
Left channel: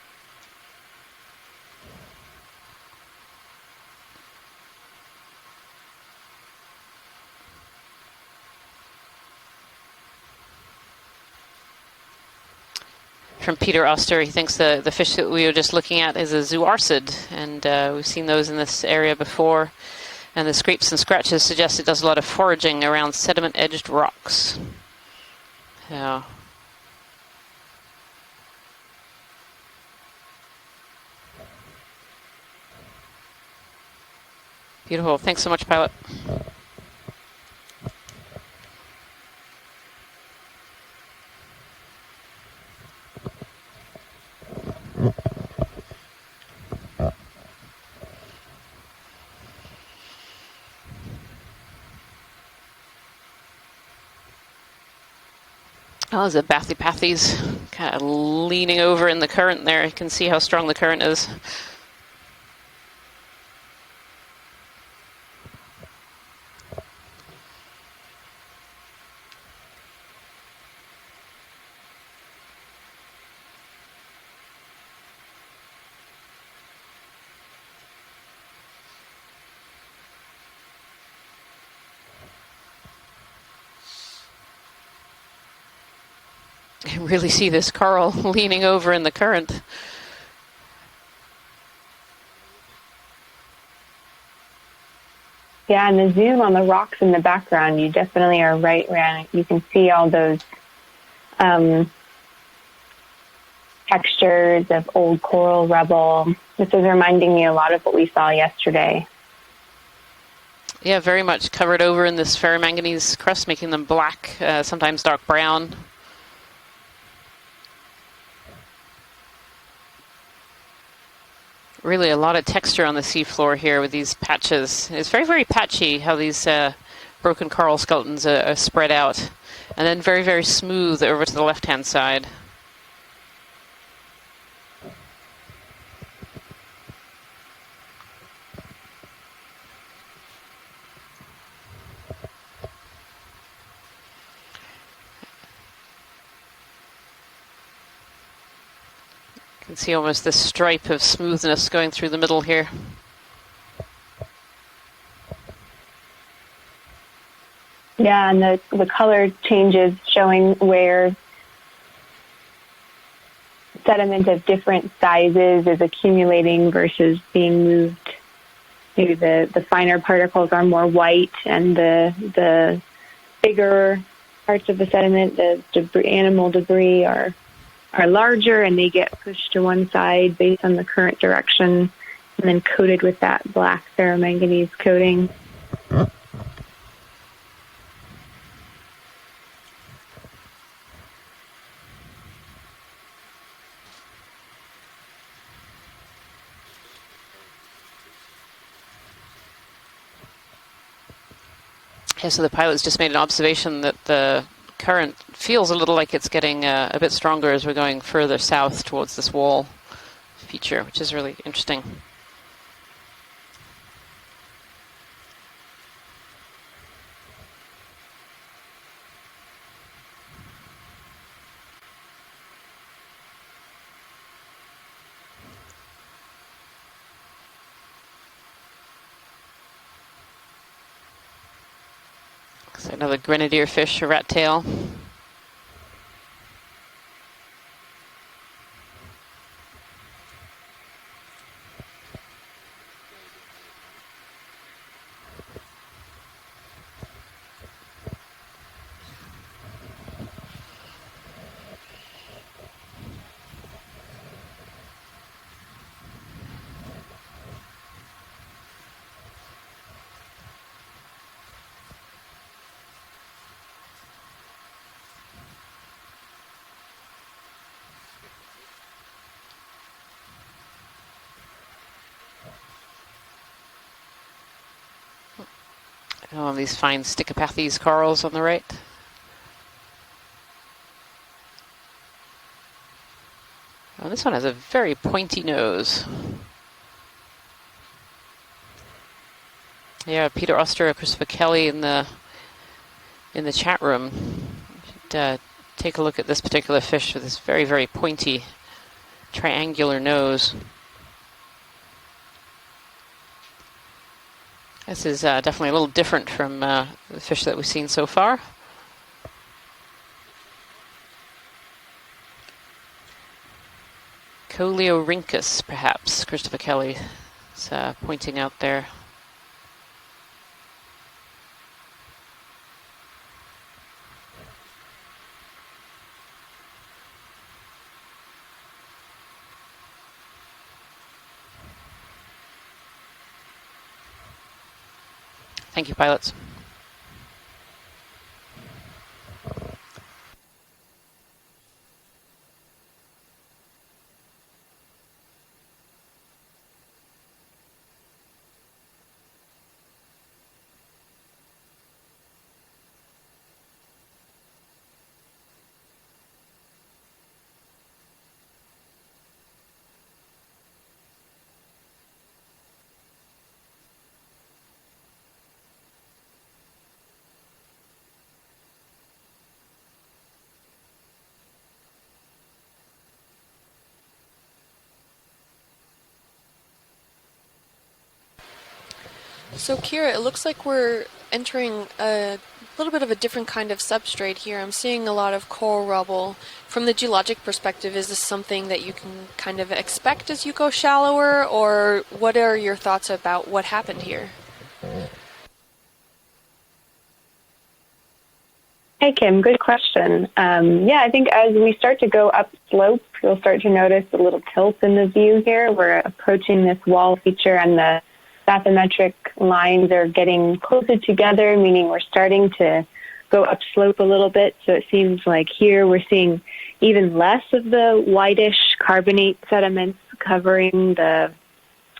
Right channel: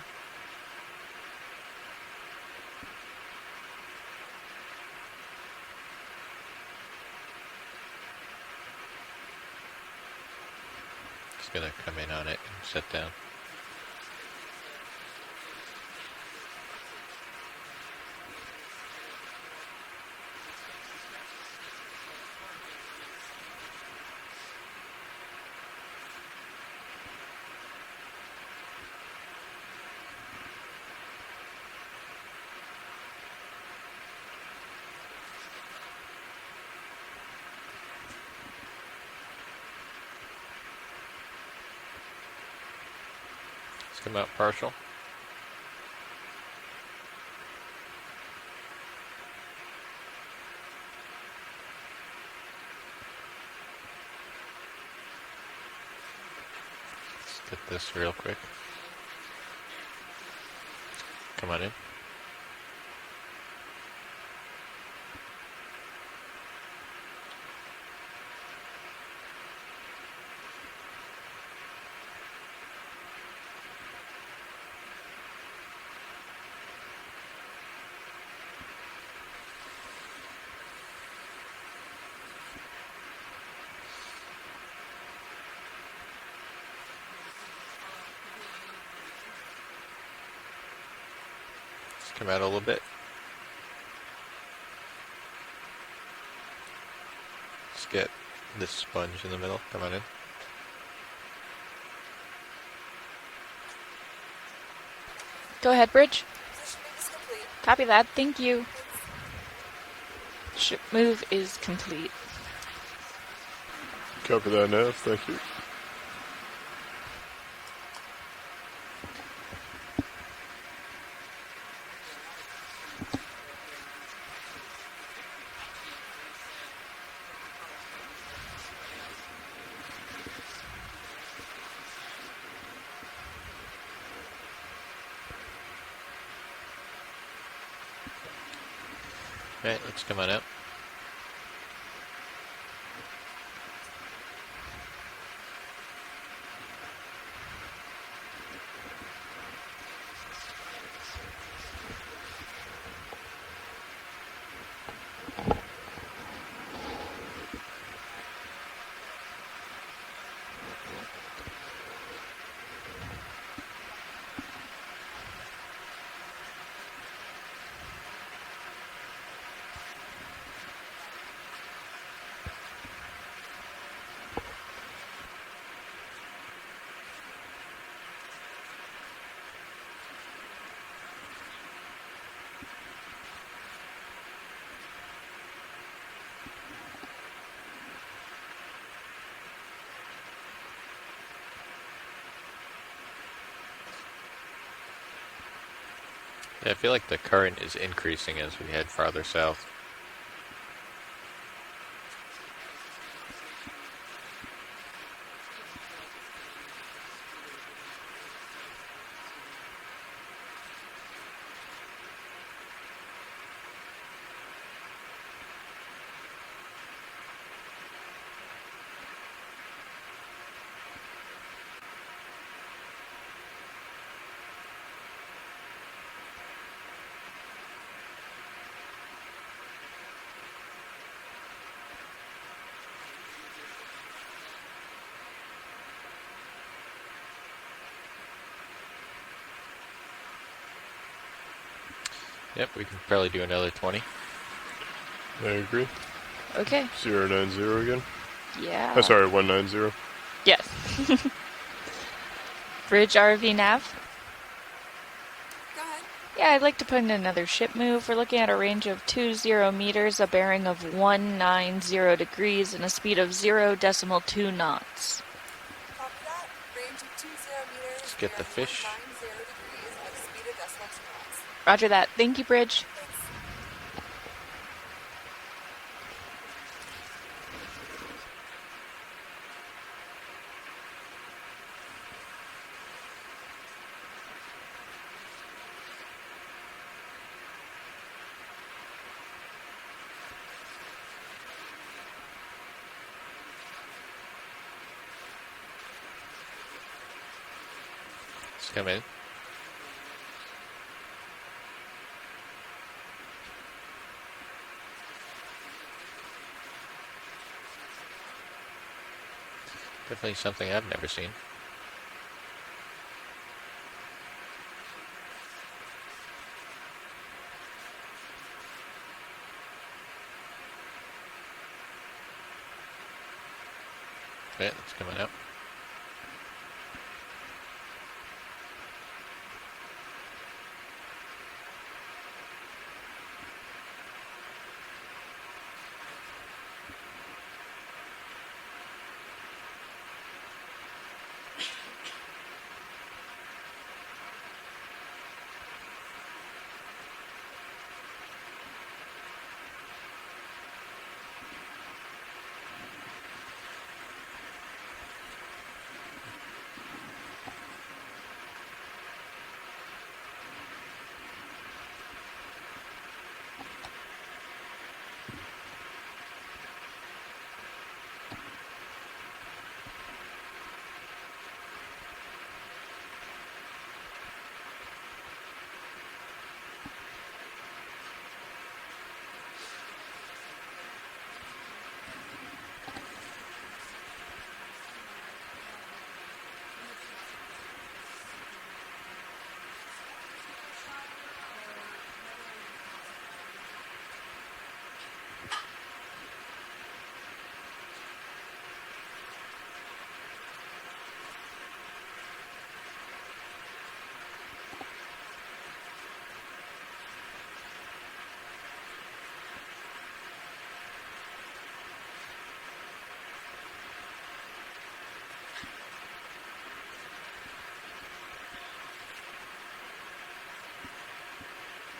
Just gonna come in on it and sit down. From Peter Oster, he thinks the fish that we were just looking at is a zooarcid, and we've seen those in this area before. And the scrapes and scratches suggest it does a lot of foraging around sediment-edged rocks. Yeah. Beautiful. Thanks so much, pilot. Let's come out partial. Oh, there's a Bathypathes kind of leaning over in the current there. You can see how strong the current is. Come on in. You really see this coral leaning over in the current. Just come out a little bit. Yeah, and the zoom on the rocks in the background, you definitely are right, Ryan. You can see all those textures of old coral Go ahead, rubble. Rich. This is reminding me a lot Copy of what that. we saw Thank you. yesterday. Yeah, very much covered over in this ferromanganese crust, making them black, Copy that, sometimes yeah. dark brown. Really a lot of texture on the seafloor here with these patches. It's very, very patchy how these broken coral skeletons are spread out. And then very, very smooth over to the left-hand side. Right, let's come on out. You can see almost this stripe of smoothness going through the middle here. Yeah, and the color changes showing where sediment of different sizes is accumulating versus being moved. Maybe the finer particles are more white, and the bigger parts of the sediment, the debris, animal debris, are larger, and they get pushed to one side based on the current direction, and then coated with that black ferromanganese coating. Yeah, I feel like the current is increasing as we head farther south. Yeah, so the pilot's just made an observation that the current feels a little like it's getting a bit stronger as we're going further south towards this wall feature, which is really interesting. So another grenadier fish, a rat tail. Yep, we can probably do another 20. I agree. Okay. 090 again. Yeah. Oh, sorry, 190. Yes. Bridge RV nav. Go ahead. Yeah, I'd like to put in another ship move. We're looking at a range of 20 meters, a bearing of 190 degrees, and a speed of 0.2 knots. Copy that. Range of 20 meters. Let's get the bearing fish. 190 degrees at a speed of decimal 2 knots. Roger that. Thank you, Bridge. Oh, these fine Stichopathes corals on the right. Oh, this one has a very pointy nose. Yeah, Peter Oster, Christopher Kelly in the chat room. You should, take a look at this particular fish with this very, very pointy Let's come in. triangular nose. This is definitely a little different from the fish that we've seen so far. Definitely something I've never seen. Coleorhynchus, perhaps, Christopher Kelly is pointing out there. Okay, it's coming out. Thank you, pilots. So Kira, it looks like we're entering a little bit of a different kind of substrate here. I'm seeing a lot of coral rubble. From the geologic perspective, is this something that you can kind of expect as you go shallower, or what are your thoughts about what happened here? Hey, Kim, good question. Yeah, I think as we start to go upslope, you'll start to notice a little tilt in the view here. We're approaching this wall feature, and the bathymetric lines are getting closer together, meaning we're starting to go upslope a little bit. So it seems like here we're seeing even less of the whitish carbonate sediments covering the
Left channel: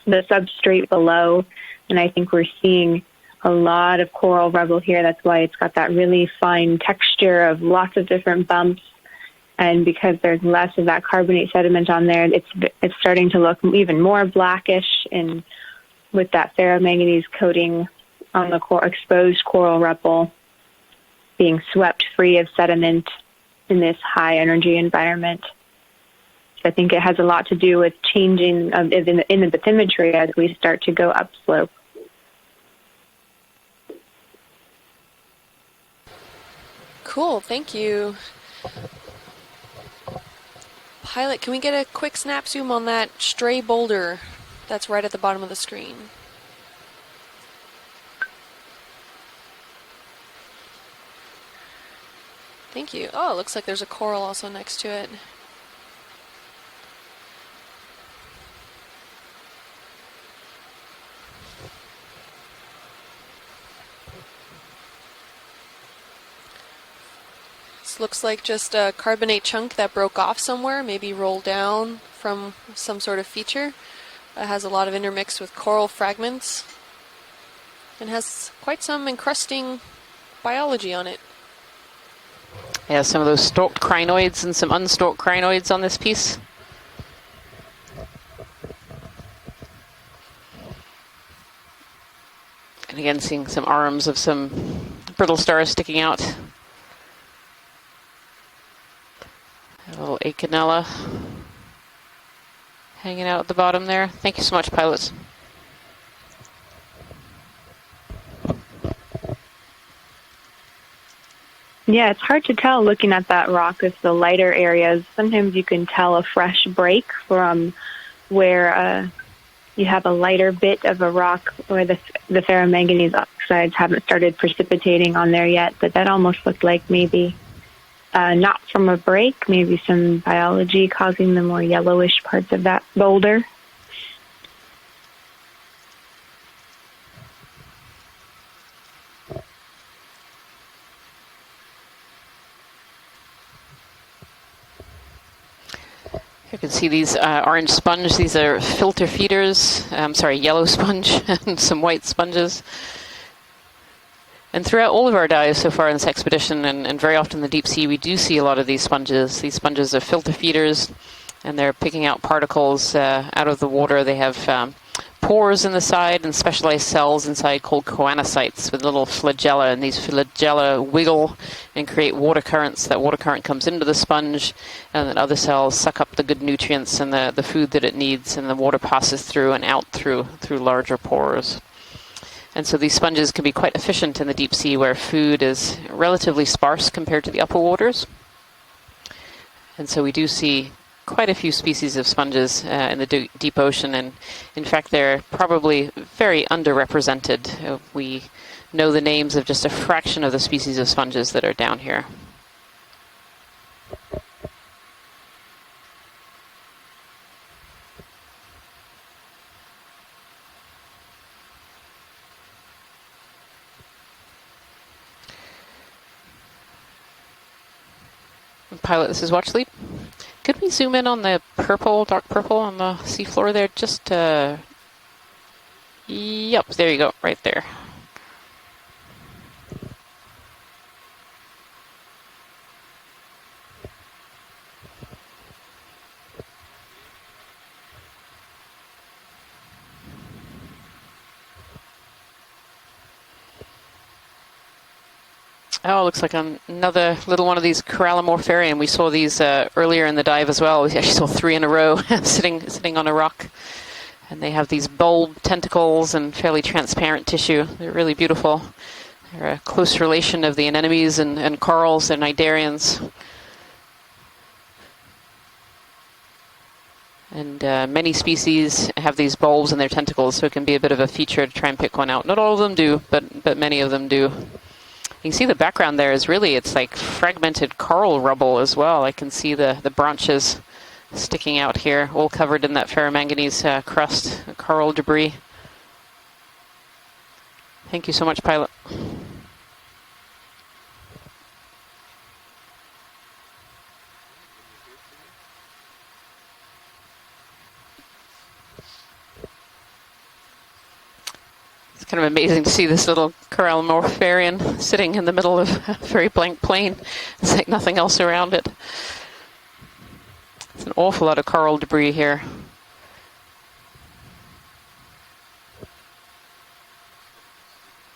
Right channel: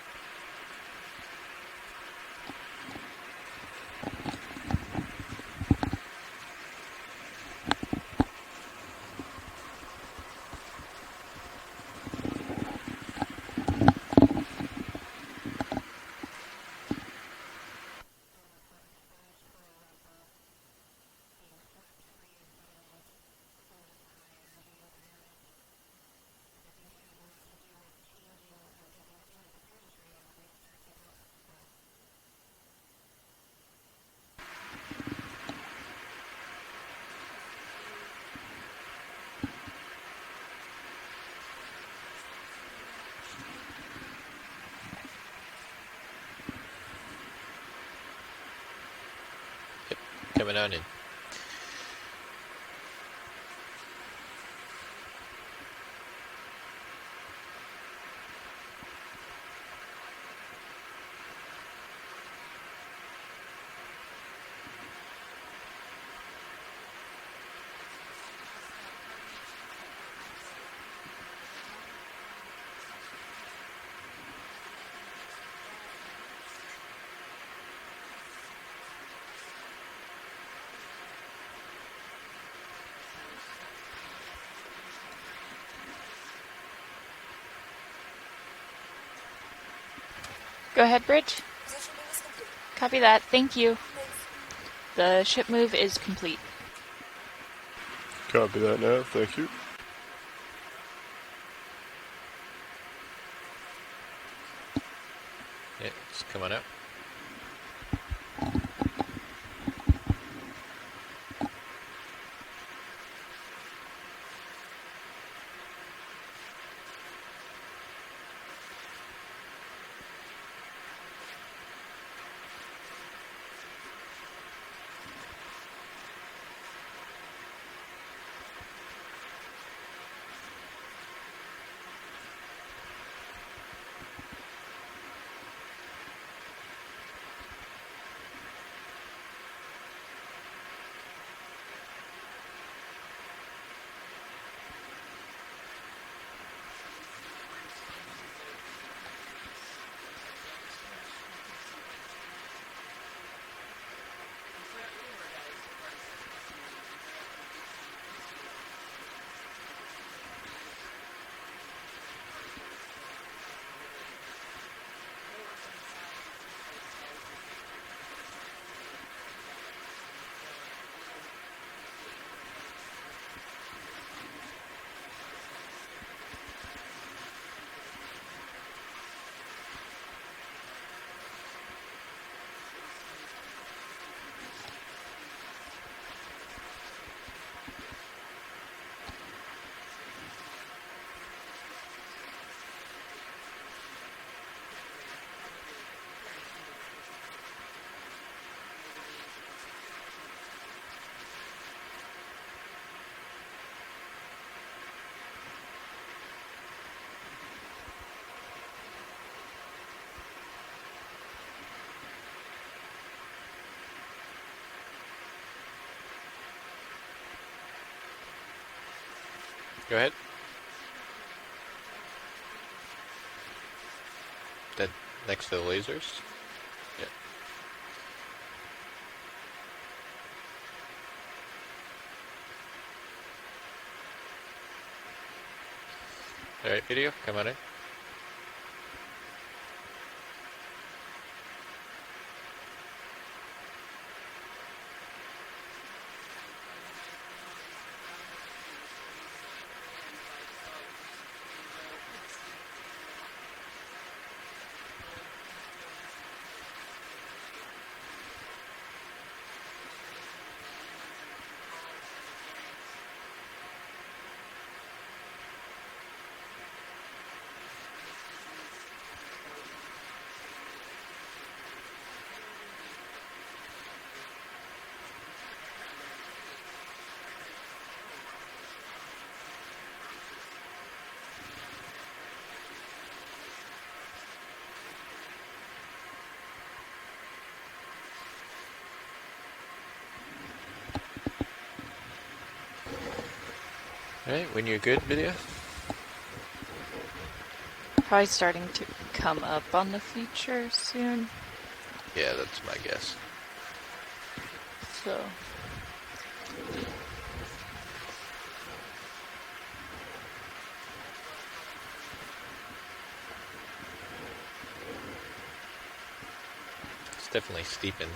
substrate below. And I think we're seeing a lot of coral rubble here. That's why it's got that really fine texture of lots of different bumps. And because there's less of that carbonate sediment on there, it's starting to look even more blackish, and with that ferromanganese coating on the exposed coral rubble being swept free of sediment in this high energy environment. So I think it has a lot to do with changing in the bathymetry as we start to go upslope. Cool, thank you. Pilot, can we get a quick snap zoom on that stray boulder that's right at the bottom of the screen? Yep, coming on in. Thank you. Oh, it looks like there's a coral also next to it. This looks like just a carbonate chunk that broke off somewhere, maybe rolled down from some sort of feature. It has a lot of intermix with coral fragments and has quite some encrusting biology on it. Yeah, some of those stalked crinoids and some unstalked crinoids on this piece. Go ahead, Bridge. Position move is complete. Copy And then that. seeing Thank some you. arms of some The brittle ship stars move is sticking out. complete. Copy that now, thank you. A little Acanella hanging out at the bottom there. Thank you so much, pilots. Yeah, it's coming out. Yeah, it's hard to tell looking at that rock with the lighter areas. Sometimes you can tell a fresh break from where you have a lighter bit of a rock where the ferromanganese oxides haven't started precipitating on there yet, but that almost looked like maybe not from a break, maybe some biology causing the more yellowish parts of that boulder. You can see these orange sponge. These are filter feeders. Yellow sponge and some white sponges. And throughout all of our dives so far in this expedition, and very often in the deep sea, we do see a lot of these sponges. These sponges are filter feeders, and they're picking out particles out of the water. They have pores in the side and specialized cells inside called choanocytes with little flagella, and these flagella wiggle and create water currents. That water current comes into the sponge, and then other cells suck up the good nutrients and the food that it needs, and the water passes through and out through larger pores. And so these sponges can be quite efficient in the deep sea where food is relatively sparse compared to the upper waters. And so we do see quite a few species of sponges in the deep ocean, and in fact they're probably very underrepresented. We know the names of just a fraction of the species of sponges that are down here. Pilot, this is Watch Lead. Go ahead. Could we zoom in on the purple, dark purple on the seafloor there? Just That next to the lasers? Yep, there you go, right there. All right, video, come on in. Oh, looks like another little one of these corallimorpharium. We saw these earlier in the dive as well. We actually saw 3 in a row sitting on a rock. And they have these bulb tentacles and fairly transparent tissue. They're really beautiful. They're a close relation of the anemones and corals and cnidarians. And many species have these bulbs in their tentacles, so it can be a bit of a feature to try and pick one out. Not all of them do, but many of them do. You can see the background there is really, it's like fragmented coral rubble as well. I can see the branches sticking out here, all covered in that ferromanganese crust, coral debris. Thank you so much, pilot. All right, when you're good, video. Probably starting to come up on the feature soon. It's kind of amazing to see this little corallimorpharium sitting in the middle of a very blank plain. There's like nothing else around it. It's an awful lot of coral debris here. It's definitely steepened.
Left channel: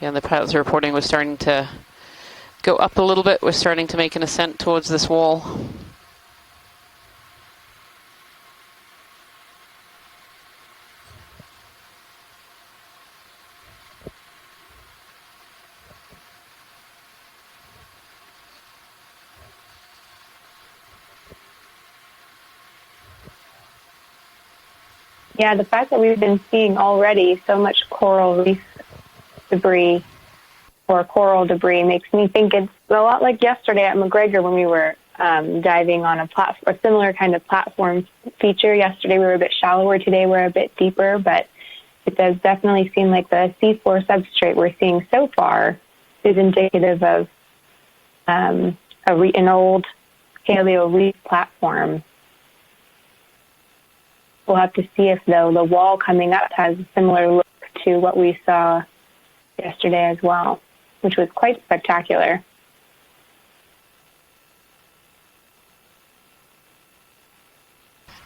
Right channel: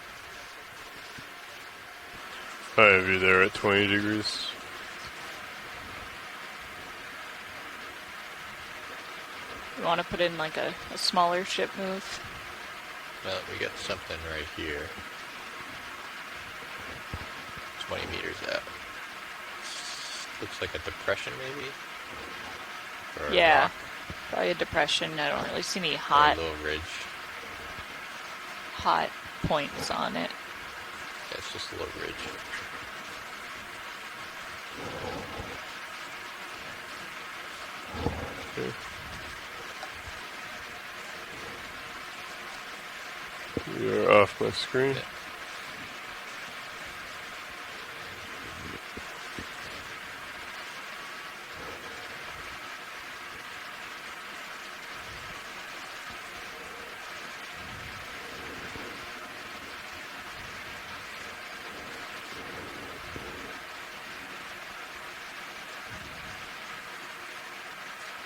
Yeah, and the pilots are reporting we're starting to go up a little bit. We're starting to make an ascent towards this wall. You want to put in like a smaller ship move? Well, we got something right here. 20 meters out. Looks like a depression, maybe? Or Yeah, rock. probably a depression. I don't Yeah, really the fact see that we've hot, been seeing already so much coral reef hot points debris on it. or coral debris makes me think it's a lot like yesterday at McGregor when we were diving on a similar kind of platform feature. Yesterday we were a bit shallower, today we're a bit deeper, but it does definitely seem like the seafloor substrate we're seeing so far is indicative of an old paleo reef platform. We'll have to see if, though, the wall coming up has a similar look to what we saw yesterday as well, which was quite spectacular.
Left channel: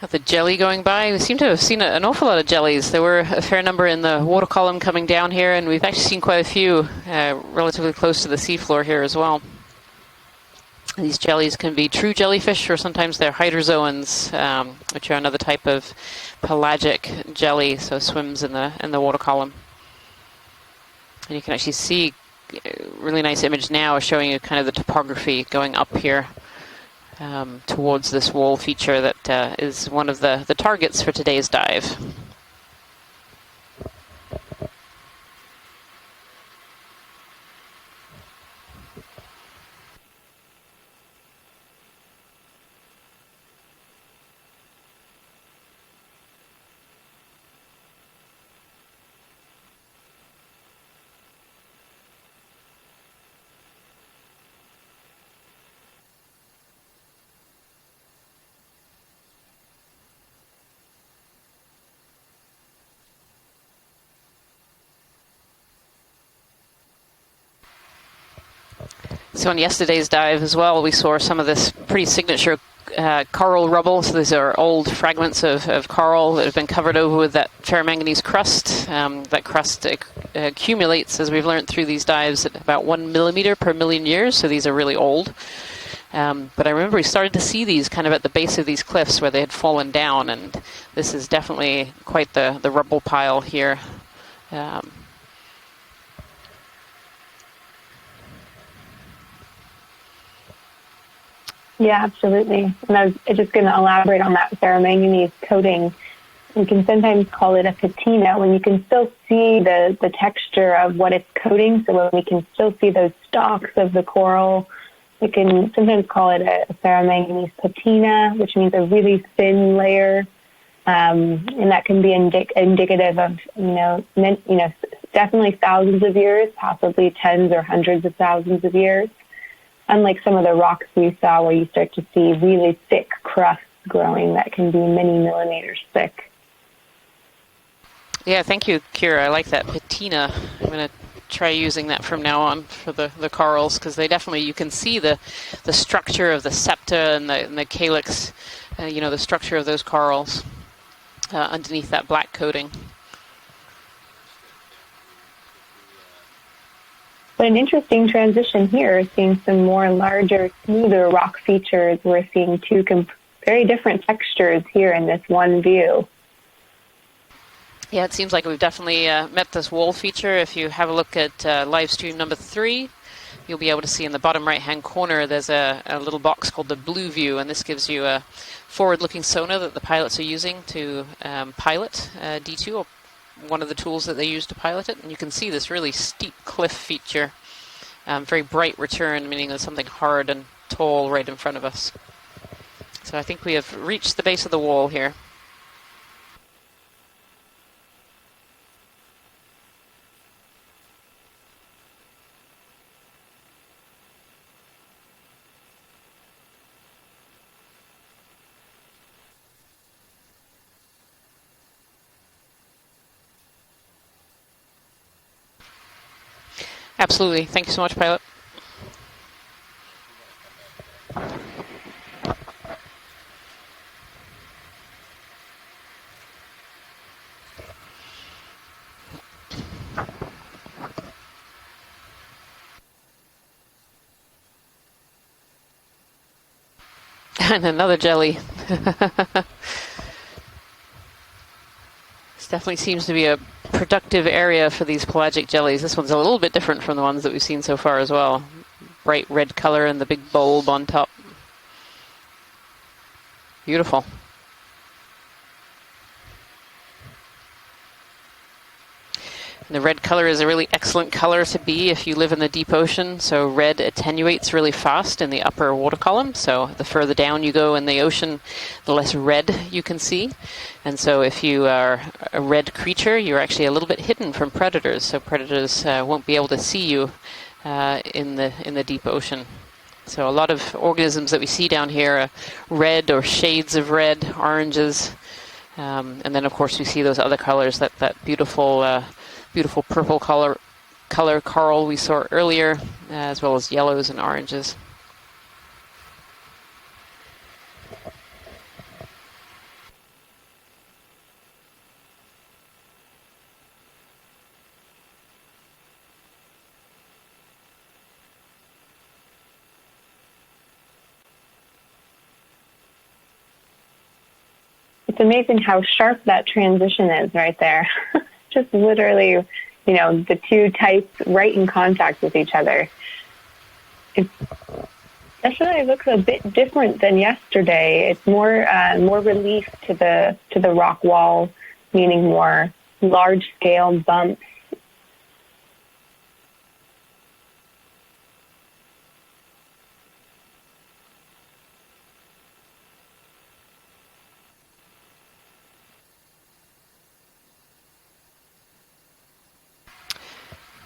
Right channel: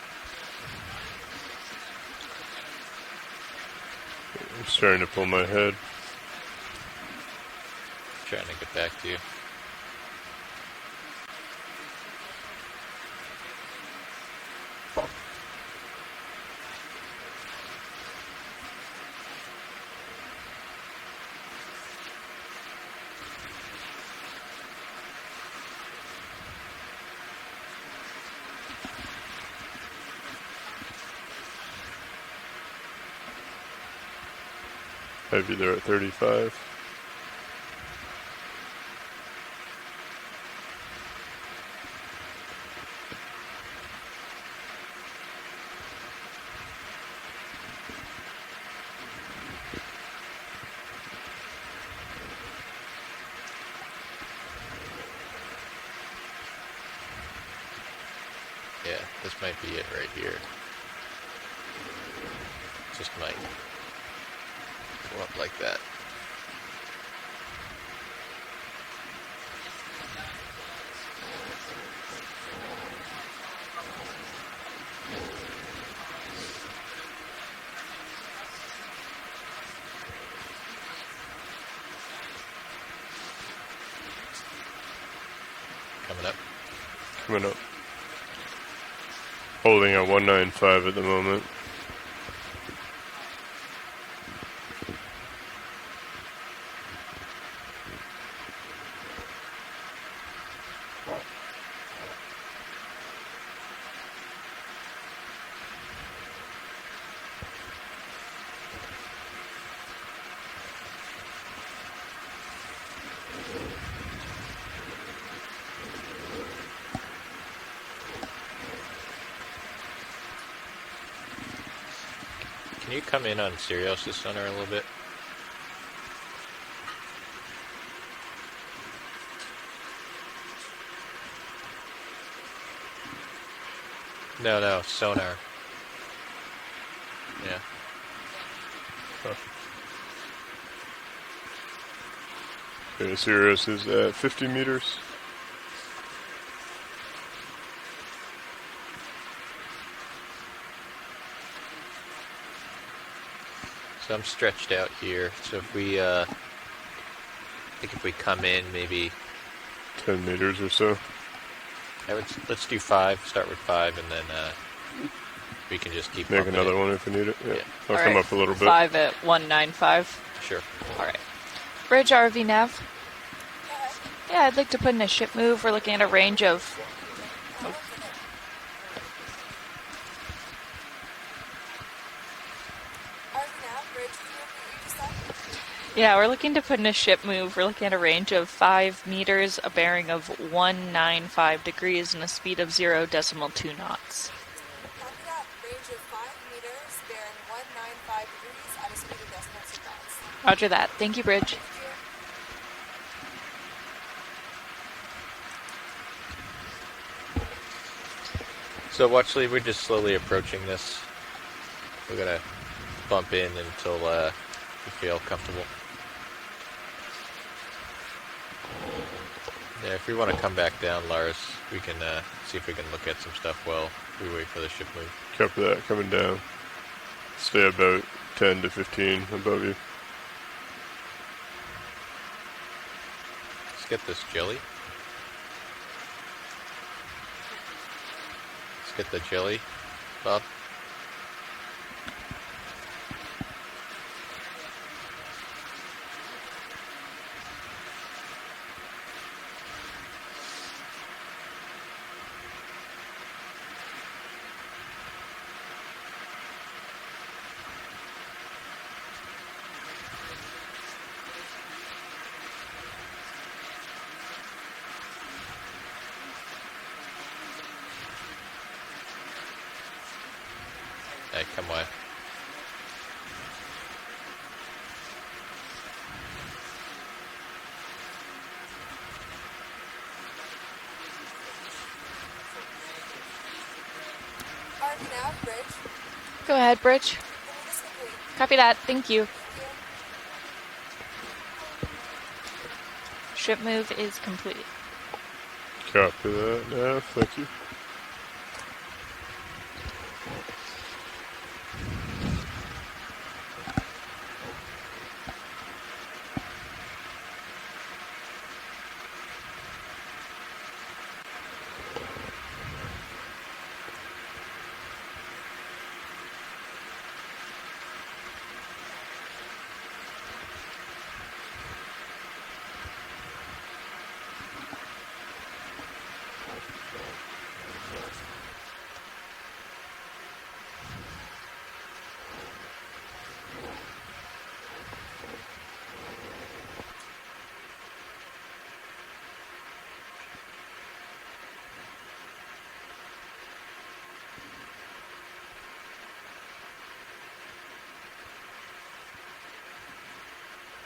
Got the jelly going by. We seem to have seen an awful lot of jellies. There were a fair number in the water column coming down here, and we've actually seen quite a few relatively close to the seafloor here as well. These jellies can be true jellyfish, or sometimes they're hydrozoans, which are another type of pelagic jelly, so swims in the water column. And you can actually see a really nice image now showing you kind of the topography going up here. towards this wall feature that is one of the targets for today's dive. Maybe they're at 35. Yeah, this might be it right here. Just might go up like that. So on yesterday's dive as well, we saw some of this pretty signature coral rubble. So these are old fragments of coral that have been covered over with that ferromanganese crust. That crust accumulates, as we've learned through these dives, at about 1 millimeter per million years. So these are really old. But I remember we started to see these kind of at the base of these cliffs where they had fallen Holding at down. 195 at the This is moment. definitely quite the rubble pile here. Yeah, absolutely. And I was just going to elaborate on that ferromanganese coating. We can sometimes call it a patina when you can still see the texture of what it's coating. So when we can still see those stalks of the coral, we can sometimes call it a ferromanganese patina, which means a really thin layer. And that can be indicative of, definitely thousands of years, possibly tens or hundreds of thousands of years. Unlike some of the rocks we saw where you start to see really thick crusts growing that can be many millimeters thick. Yeah, thank you, Kira. I like that patina. I'm going to try using that from now on for the corals, because they definitely, you can see the structure of the septa and the calyx, the structure of those corals underneath that black coating. So I'm stretched out here. So if we But an interesting transition here is seeing some more larger, smoother rock features. We're seeing two very different textures here in this one view. Make another one if we need it. Yeah, it seems like we've definitely met this wall feature. If you have a look at live stream number 3, you'll be able to see in the bottom right-hand corner there's a little box called the blue view, and this gives you a forward-looking sonar that the pilots are using to pilot D2, or one of the tools that they use to pilot it. And you can see this really steep we're looking to put in a ship feature. move. We're looking at a range Very of bright 5 return, meters, a bearing hard of and tall right in front 195 of us. degrees, and a speed of 0 So I think we have knots. reached the base of the wall here. Range of 5 meters, bearing 195 degrees at a speed of decimals of knots. Roger that. Thank you, Bridge. So Watchley, we're just slowly approaching this. We're gonna bump in until we feel comfortable. Absolutely. Thank you so much, pilot. Yeah, if we want to come back down, Lars, we can see if we can look at some stuff while we wait for the ship move. Copy that. Coming down. Stay about 10 to 15 above you. Let's get this jelly. And another jelly. Let's get the jelly, Bob. This definitely seems to be a productive area for these pelagic jellies. This one's a little bit different from the ones that we've seen so far as well. Bright red color and the big bulb on top. Beautiful. And the red color is a really excellent color to be if you live in the deep ocean. So red attenuates really fast in the upper water column. So the further down you go in the ocean, the less red you can see. And so if you are a red creature, you're actually a little bit hidden from predators. So predators won't be able to see you in the deep ocean. So a lot of organisms that we see down here are red or shades of red, oranges. And then of course you see those other colors, that beautiful beautiful purple color coral we saw earlier, as well as yellows and oranges. Copy that. Yeah, thank you. It's amazing how sharp that transition is right there. Just literally, the two types right in contact with each other. Definitely looks a bit different than yesterday. It's more relief to the rock wall, meaning more large scale bumps.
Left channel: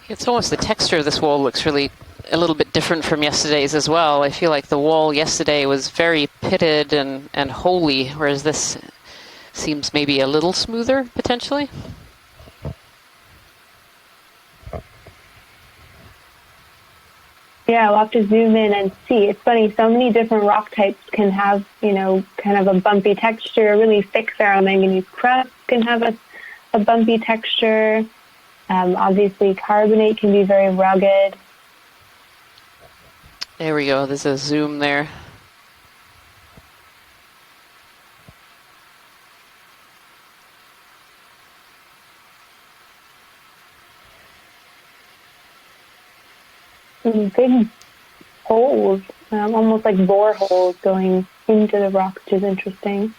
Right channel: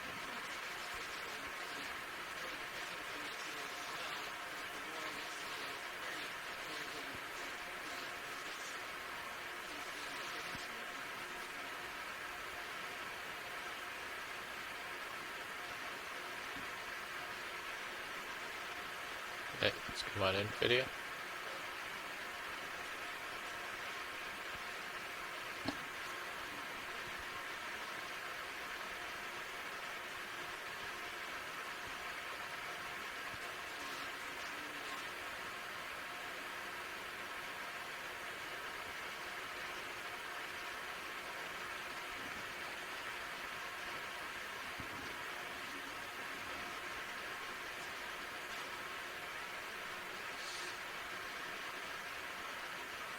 It's almost the texture of this wall looks really a little bit different from yesterday's as well. I feel like the wall yesterday was very pitted and holy, whereas this seems maybe a little smoother, potentially. Yeah, we'll have to zoom in and see. It's funny, so many different rock types can have, kind of a bumpy texture. Really thick ferromanganese crust can have a bumpy texture. Obviously, carbonate can be very rugged. There we go. There's a zoom there. Some big holes, almost like bore holes going into the rock, which is interesting.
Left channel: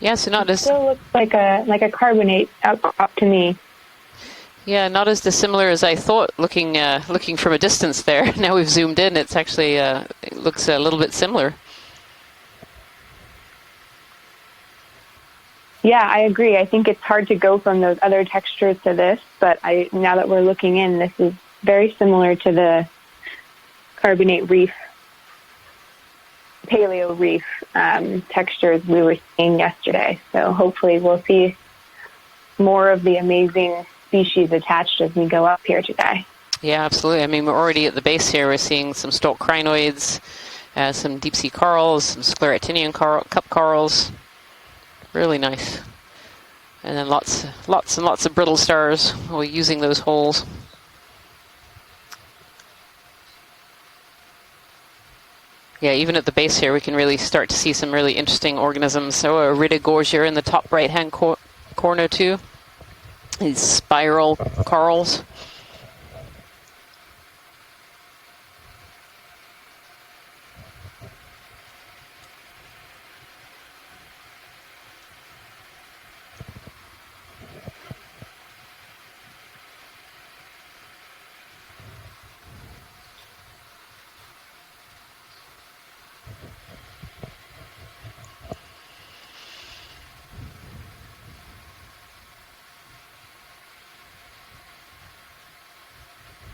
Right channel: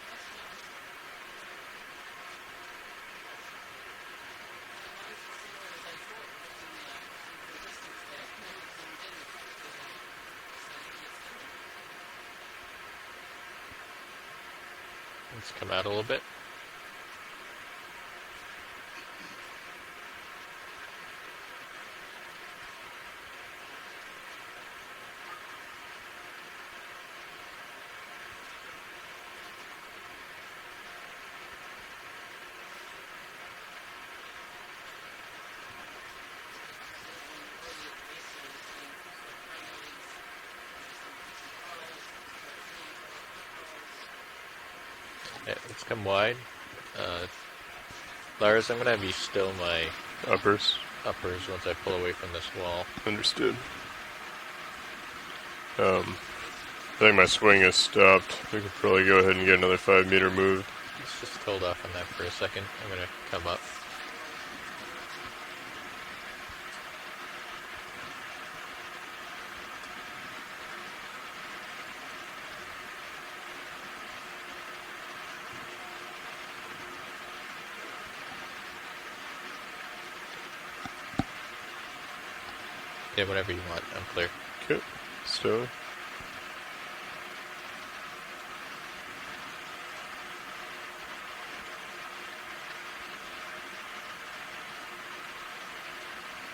Yeah, so not as Still looks like a carbonate up to me. yeah, not as dissimilar as I thought. Looking from a distance there. Now we've zoomed in. It's actually it looks a little bit similar. Yeah, I agree. I think it's hard to go from those other textures to this, but now that we're looking in, this is very similar to the carbonate reef, paleo reef textures we were seeing yesterday. So hopefully we'll see more of the amazing species attached as we go up here today. Yeah, absolutely. I mean, we're already at the base here. We're seeing some stalk crinoids, some deep sea corals, some scleractinian cup corals. Really nice. Come wide. And then lots and lots of brittle stars. We're using those holes. Uppers once I pull away from this wall. Understood. Yeah, even at the base here, we can really start to see some really interesting organisms. So a Ridogorgia in the top right-hand corner too. These spiral corals. Yeah, whatever you want. I'm clear. Okay, so.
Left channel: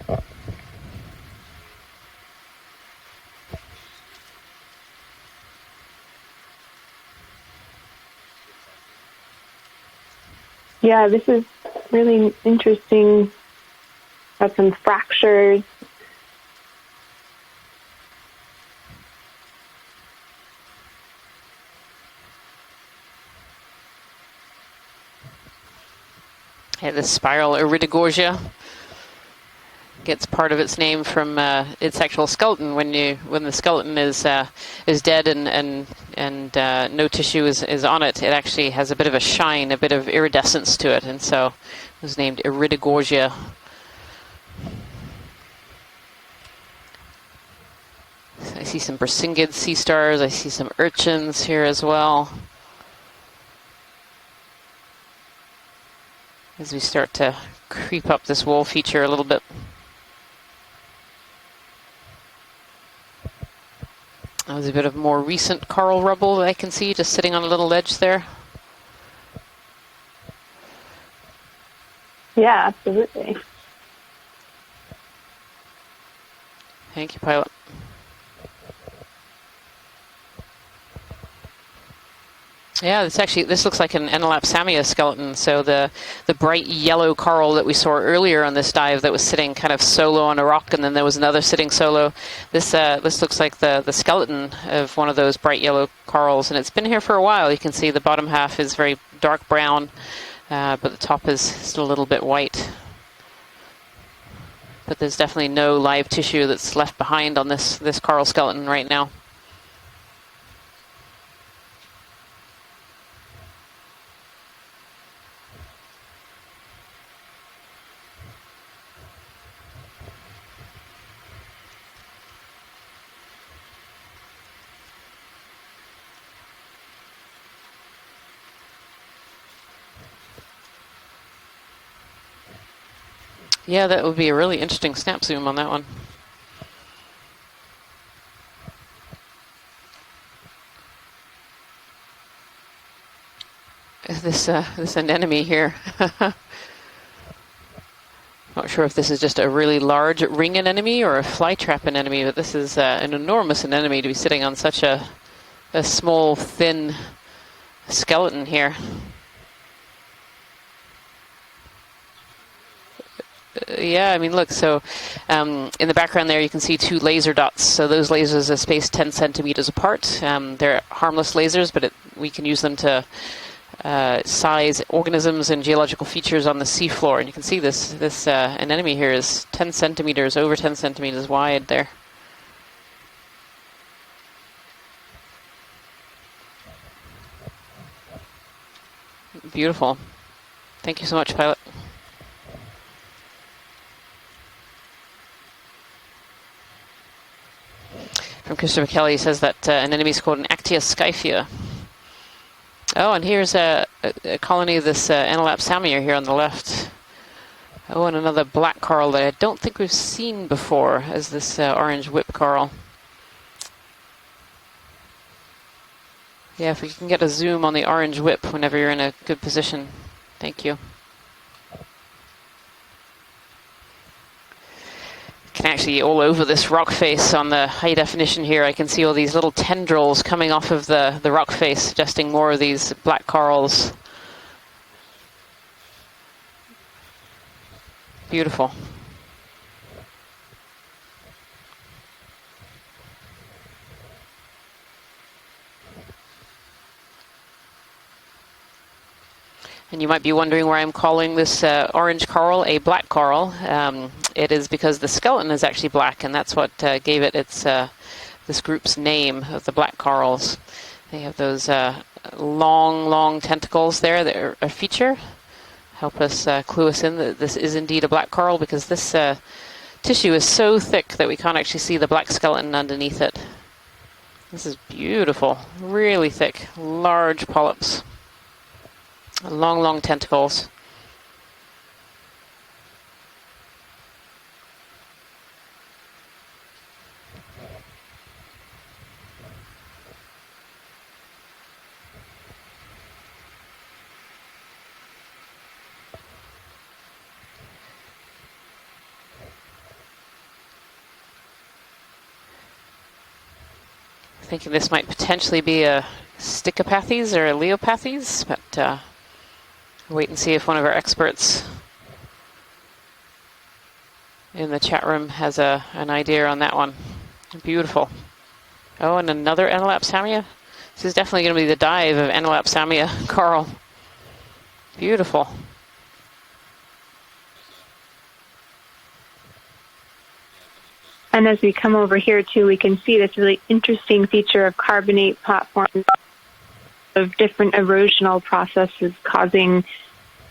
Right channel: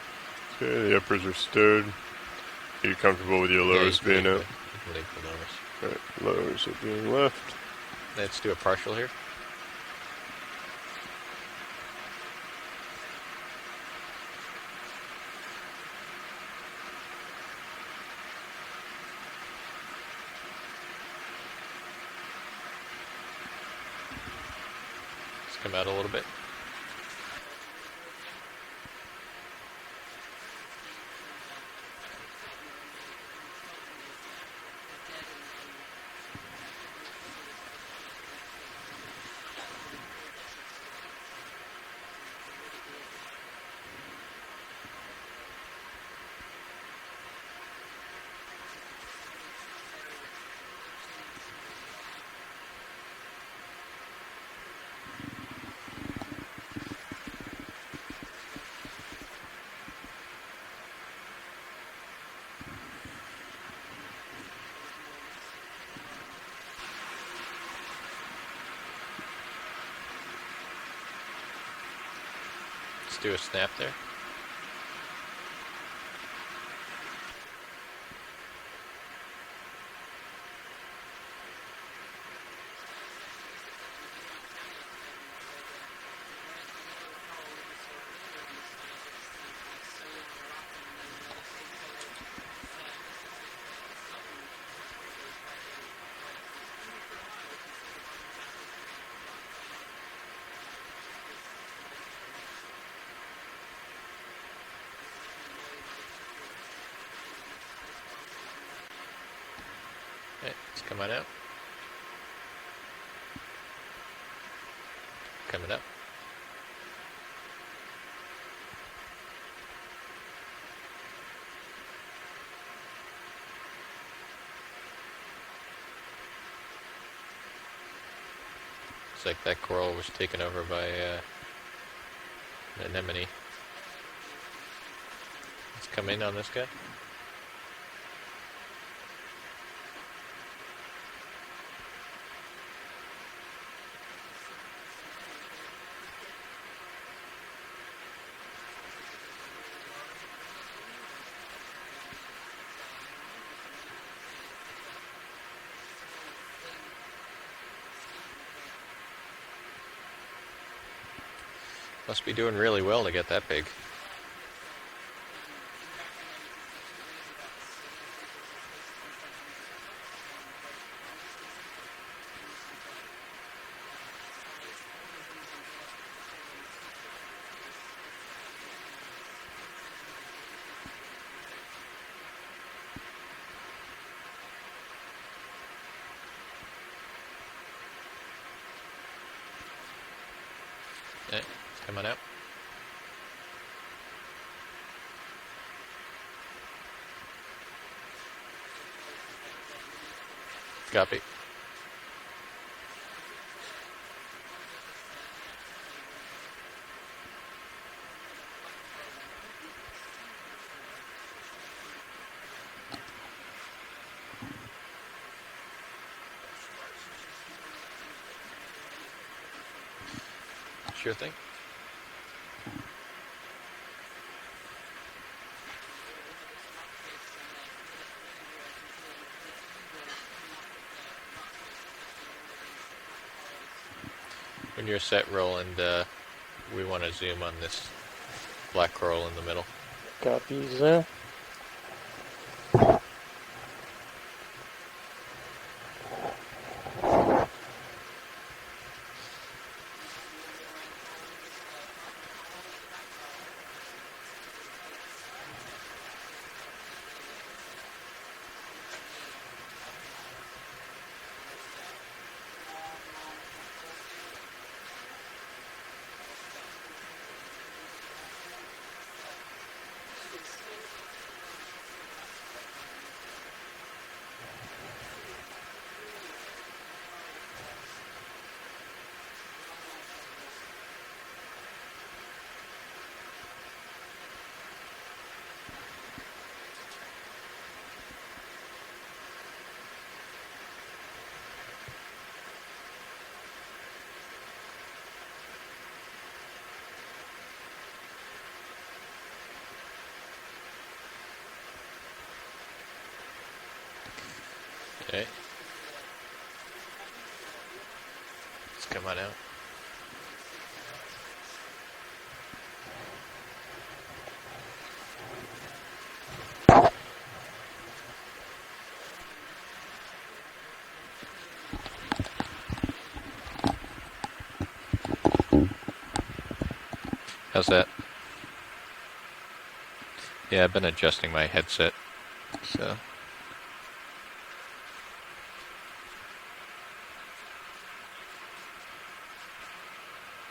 Okay, the uppers are stowed. Are you comfortable with your lowers being out? Leave the lowers. Right, lowers are being left. Let's do a partial here. Yeah, this is really interesting. Got some fractures. Let's come out a little bit. Yeah, this spiral Iridogorgia gets part of its name from its actual skeleton. When the skeleton is dead and no tissue is on it, it actually has a bit of a shine, a bit of iridescence to it, and so it was named Iridogorgia. I see some Brisingid sea stars. I see some urchins here as well. As we start to creep up this wall feature a little bit. There's a bit of more recent coral rubble that I can see just sitting on a little ledge there. Yeah, absolutely. Let's do a snap there. Thank you, pilot. Yeah, this looks like an Enolapsamia skeleton. So the bright yellow coral that we saw earlier on this dive that was sitting kind of solo on a rock, and then there was another sitting solo. This looks like the skeleton of one of those bright yellow corals, and it's been here for a while. You can see the bottom half is very dark brown, but the top is still a little bit white. But there's definitely no live tissue that's left behind on this coral skeleton right now. Okay, let's come on out. Coming up. Looks like that coral was taken over by an anemone. Yeah, that would be a really interesting snap zoom on that one. Come in on this guy. This anemone here. Not sure if this is just a really large ring anemone or a flytrap anemone, but this is an enormous anemone to be sitting on such a small, thin skeleton here. Must be doing really well to get that big. Yeah, I mean, look, so in the background there you can see 2 laser dots. So those lasers are spaced 10 centimeters apart. They're harmless lasers, but we can use them to size organisms and geological features on the seafloor. And you can see this anemone here is 10 centimeters, over 10 centimeters wide there. Beautiful. Thank you so much, pilot. Come on out. From Christopher Kelly, says that an enemy is called an Actia scyphia. Oh, and here's a colony of this Anelapsamia here on the left. Oh, and another black coral that I don't think we've seen before, as this orange whip coral. Yeah, if we can get a zoom on the orange whip whenever you're in a good position. Thank you. Sure thing. Can actually all over this rock face on the high definition here. I can see all these little tendrils coming off of the rock face, suggesting more of these black corals. When you're set, Roland, we want to zoom on this Beautiful. black coral in the middle. Copies there. And you might be wondering why I'm calling this orange coral a black coral. It is because the skeleton is actually black, and that's what gave it its this group's name of the black corals. They have those long tentacles there that are a feature. Help us clue us in that this is indeed a black coral, because this tissue is so thick that we can't actually see the black skeleton underneath it. This is beautiful, really thick, large polyps. Long tentacles. Thinking this might potentially be a Stichopathes or a Leopathes, but Come on out. wait and see if one of our experts in the chat room has an idea on that one. Beautiful. Oh, and another Anelapsamia. This is definitely going to be the dive of Anelapsamia coral. Beautiful. How's that? Yeah, I've been adjusting my And as headset. we come over here too, we can see this really interesting feature of carbonate platforms of different erosional processes causing,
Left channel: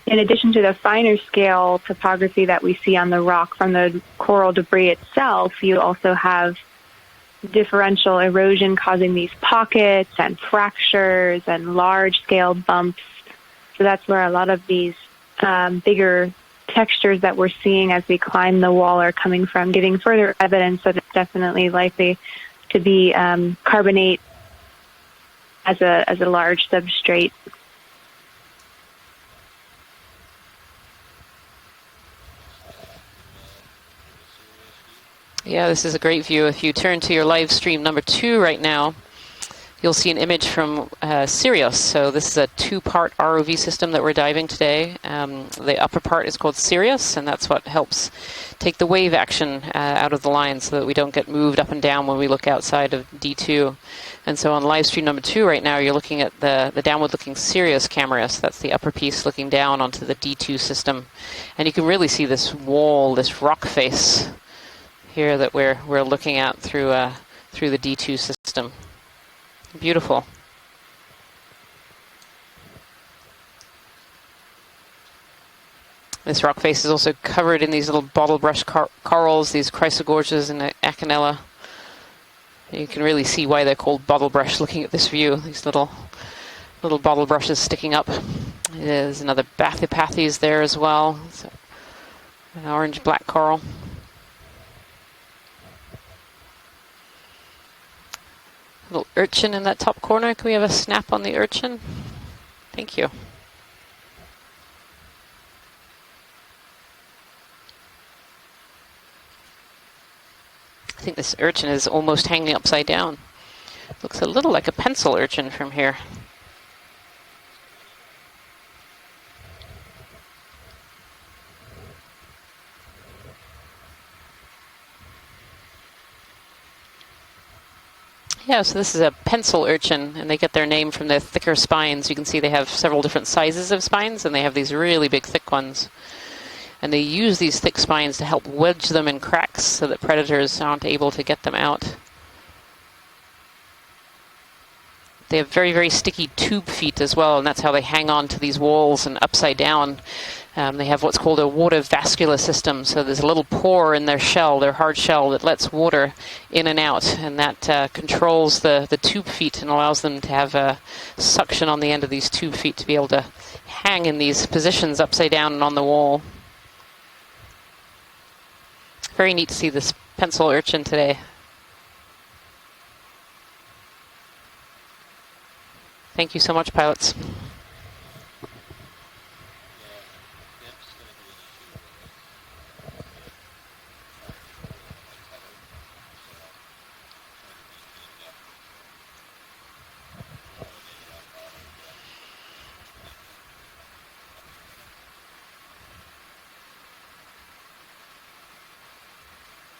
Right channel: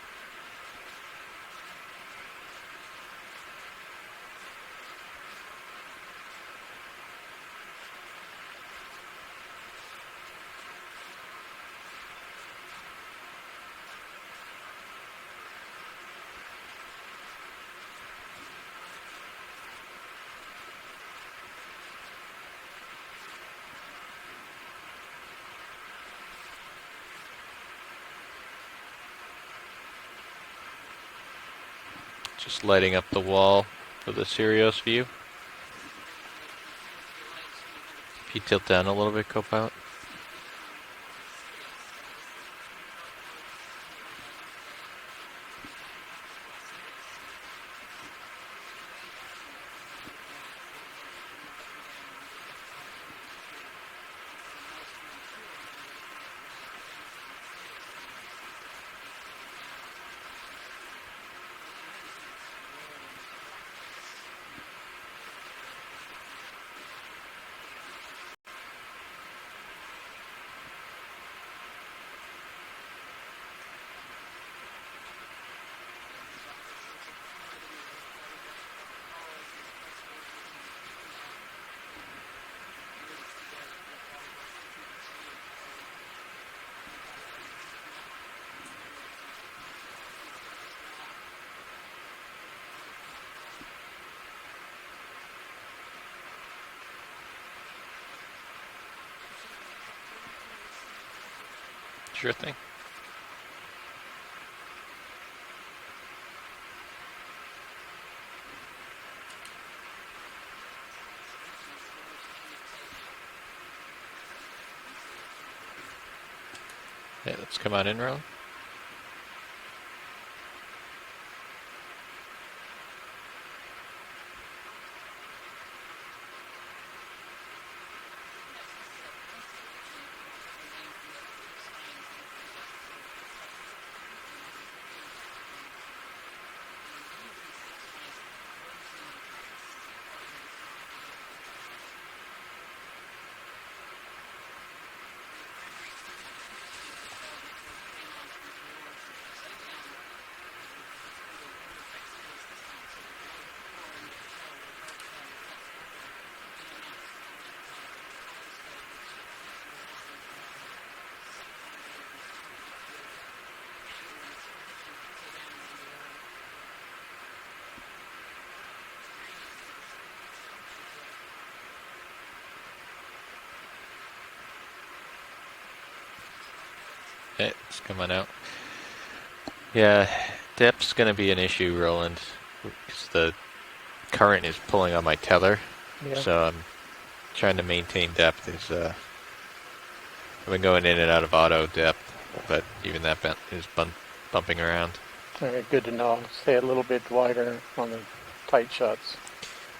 in addition to the finer scale topography that we see on the rock from the coral debris itself, you also have differential erosion causing these pockets and fractures and large scale bumps. So that's where a lot of these bigger textures that we're seeing as we climb the wall are coming from, giving further evidence that it's definitely likely to be carbonate as a large substrate. Just lighting up the wall for the Sirius view. Yeah, this is a great view. If you turn to your live stream number 2 right Tilt down now, a little bit, co-pilot. you'll see an image from Sirius. So this is a 2-part ROV system that we're diving today. The upper part is called Sirius, and that's what helps take the wave action out of the line so that we don't get moved up and down when we look outside of D2. And so on live stream number 2 right now, you're looking at the downward-looking Sirius camera. So that's the upper piece looking down onto the D2 system. And you can really see this wall, this rock face here that we're looking at through the D2 system. Beautiful. This rock face is also covered in these little bottle brush corals, these chrysogorges and Acanella. You can really see why they're called bottle brush looking at this view. These little Little bottle brushes sticking up. There's another Bathypathes there as well. So, an orange-black coral. Little urchin in that top corner. Can we have a snap on the urchin? Sure thing. Thank you. I think this urchin is almost hanging upside down. Looks a little like a pencil urchin from here. Yeah, let's come on in, Rowan. Yeah, so this is a pencil urchin, and they get their name from the thicker spines. You can see they have several different sizes of spines, and they have these really big, thick ones. And they use these thick spines to help wedge them in cracks so that predators aren't able to get them out. They have very, very sticky tube feet as well, and that's how they hang on to these walls and upside down. They have what's called a water vascular system, so there's a little pore in their shell, their hard shell, that lets water in and out, and that controls the tube feet and allows them to have a suction on the end of these tube feet to be able to hang in these positions upside down and on the wall. Very neat to see this pencil urchin today. Thank you so much, pilots. Okay, let's come on out. Yeah, depth's going to be an issue, Roland, because the current is pulling on my tether. Yeah. So I'm trying to maintain depth. I've been going in and out of auto depth, but even that is bumping around. Okay, good to know. Stay a little bit wider on the tight shots.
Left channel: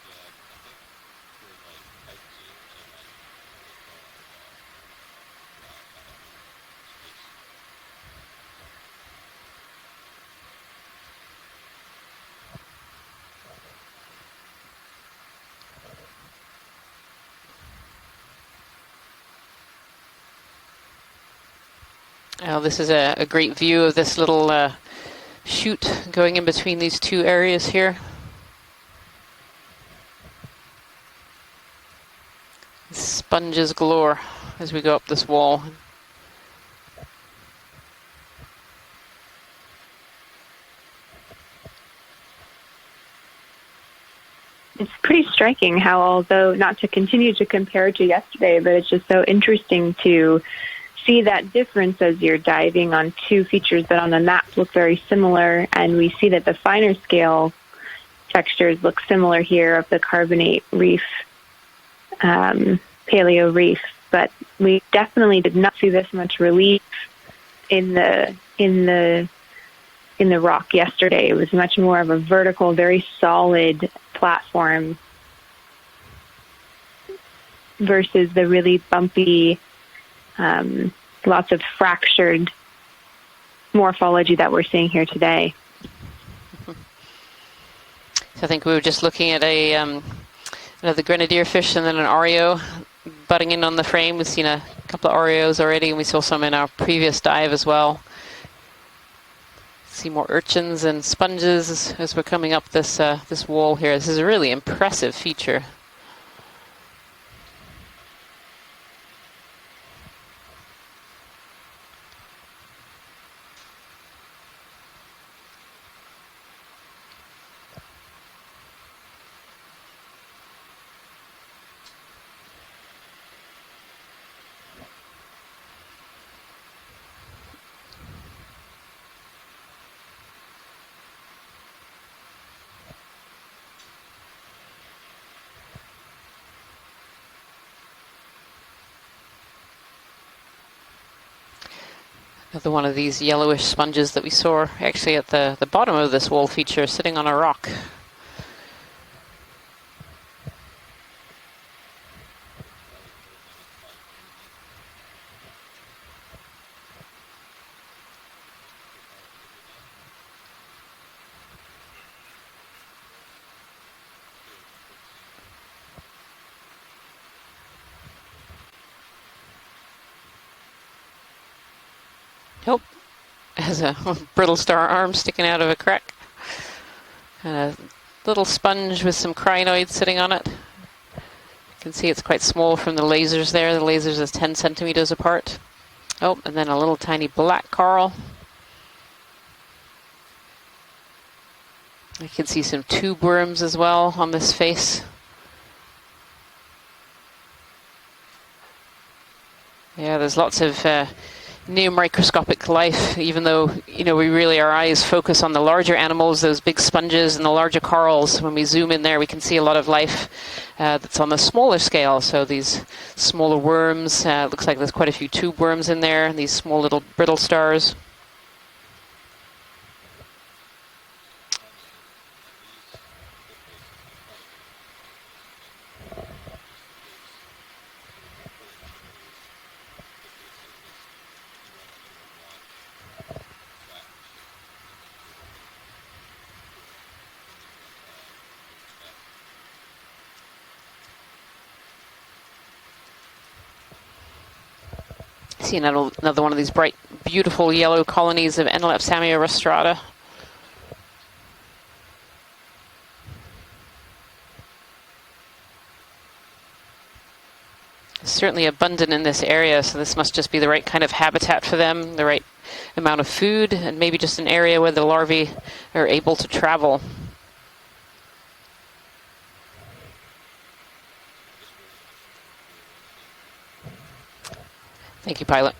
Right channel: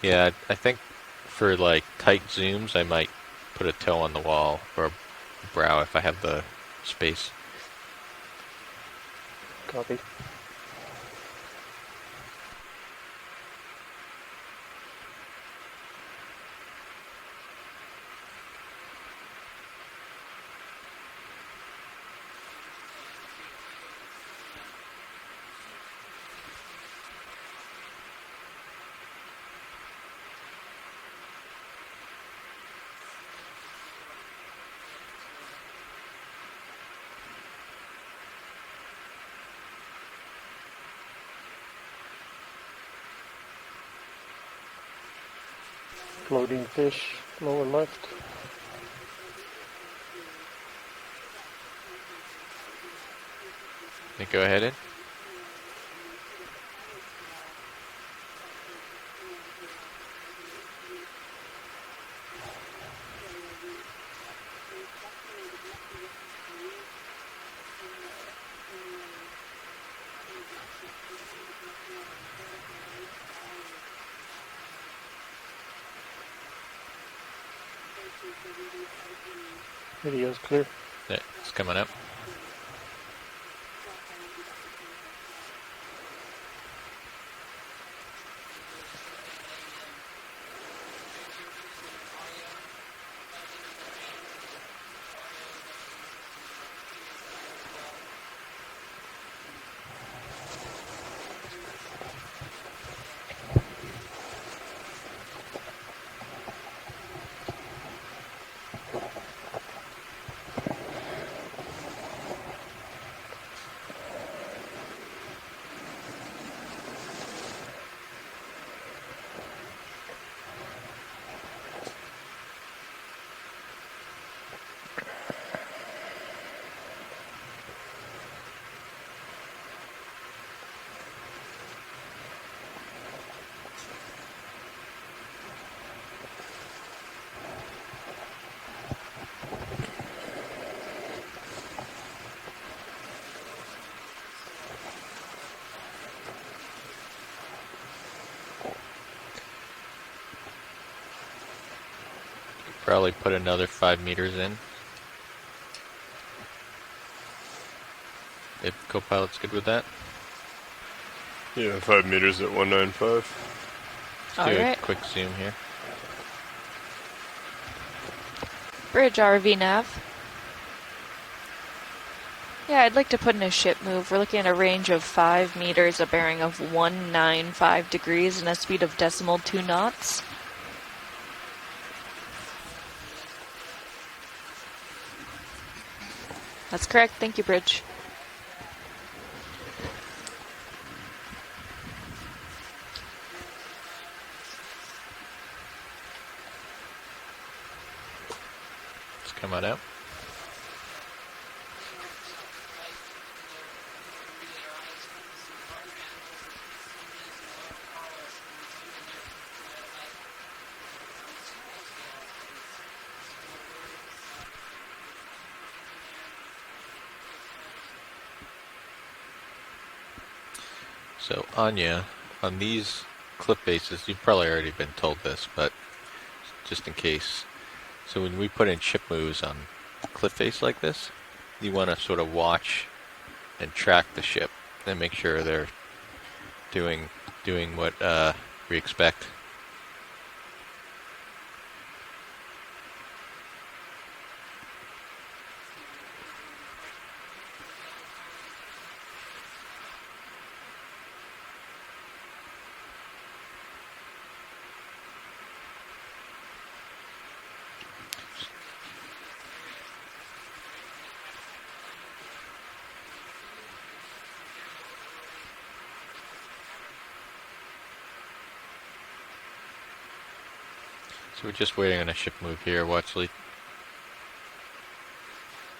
Yeah, I think for like tight zooms, I might put a toe on the wall or a brow if I have the space. Copy. Now this is a great view of this little chute going in between these two areas here. Sponges galore as we go up this wall. It's pretty striking how, although not to continue to compare to yesterday, but it's just so interesting to see that difference as you're diving on two features that on the map look very similar, and we see that the finer scale textures look similar here of the carbonate reef, paleo reef, but we definitely did not see this much relief in the rock yesterday. It was much more of a vertical, very solid platform versus the really bumpy, lots of fractured morphology that we're seeing here today. So I think we were just looking at the grenadier fish and then an Oreo butting in on the frame. We've seen a couple of Oreos already, and we saw some in our previous dive as well. See more urchins and sponges as we're coming up this this wall here. This is a really impressive feature. Another one of these yellowish sponges that we saw actually at the bottom of this wall feature, sitting on a rock. Probably put another 5 meters in. If co-pilot's good with that. Yeah, 5 meters at 195. Let's do a quick zoom here. Bridge RV nav. Oh. Yeah, I'd like to put in a ship There's a move. We're looking brittle at a range star of arm 5 sticking out of a meters, crack. a bearing of 195 degrees. Little and a speed of sponge with some 2 crinoids knots. sitting on it. You can see it's quite small from the lasers there. The lasers is 10 centimeters apart. Oh, and then a That's little correct. tiny Thank you, black Bridge. coral. You can see some tube worms as well on this face. It's coming out. Yeah, there's lots of near microscopic life, even though, you know, we really, our eyes focus on the larger animals, those big sponges and the larger corals. When we zoom in there, we can see a lot of life that's on the smaller scale. So these smaller worms, looks like there's quite a few tube worms in there, and these small little brittle stars. So Anya, on these cliff faces, you've probably already been told this, but just in case. So when we put in ship moves on a cliff face like this, you want to sort of watch and track the ship and make sure they're doing what we expect. See another one of these bright, beautiful yellow colonies of Enelepsamia rostrata. Certainly abundant in this area, so this must just be the right kind of habitat for them, the right amount of food, and maybe just an area where the larvae are able to travel. So we're just waiting on a ship move here, Watchley. Thank you, pilot.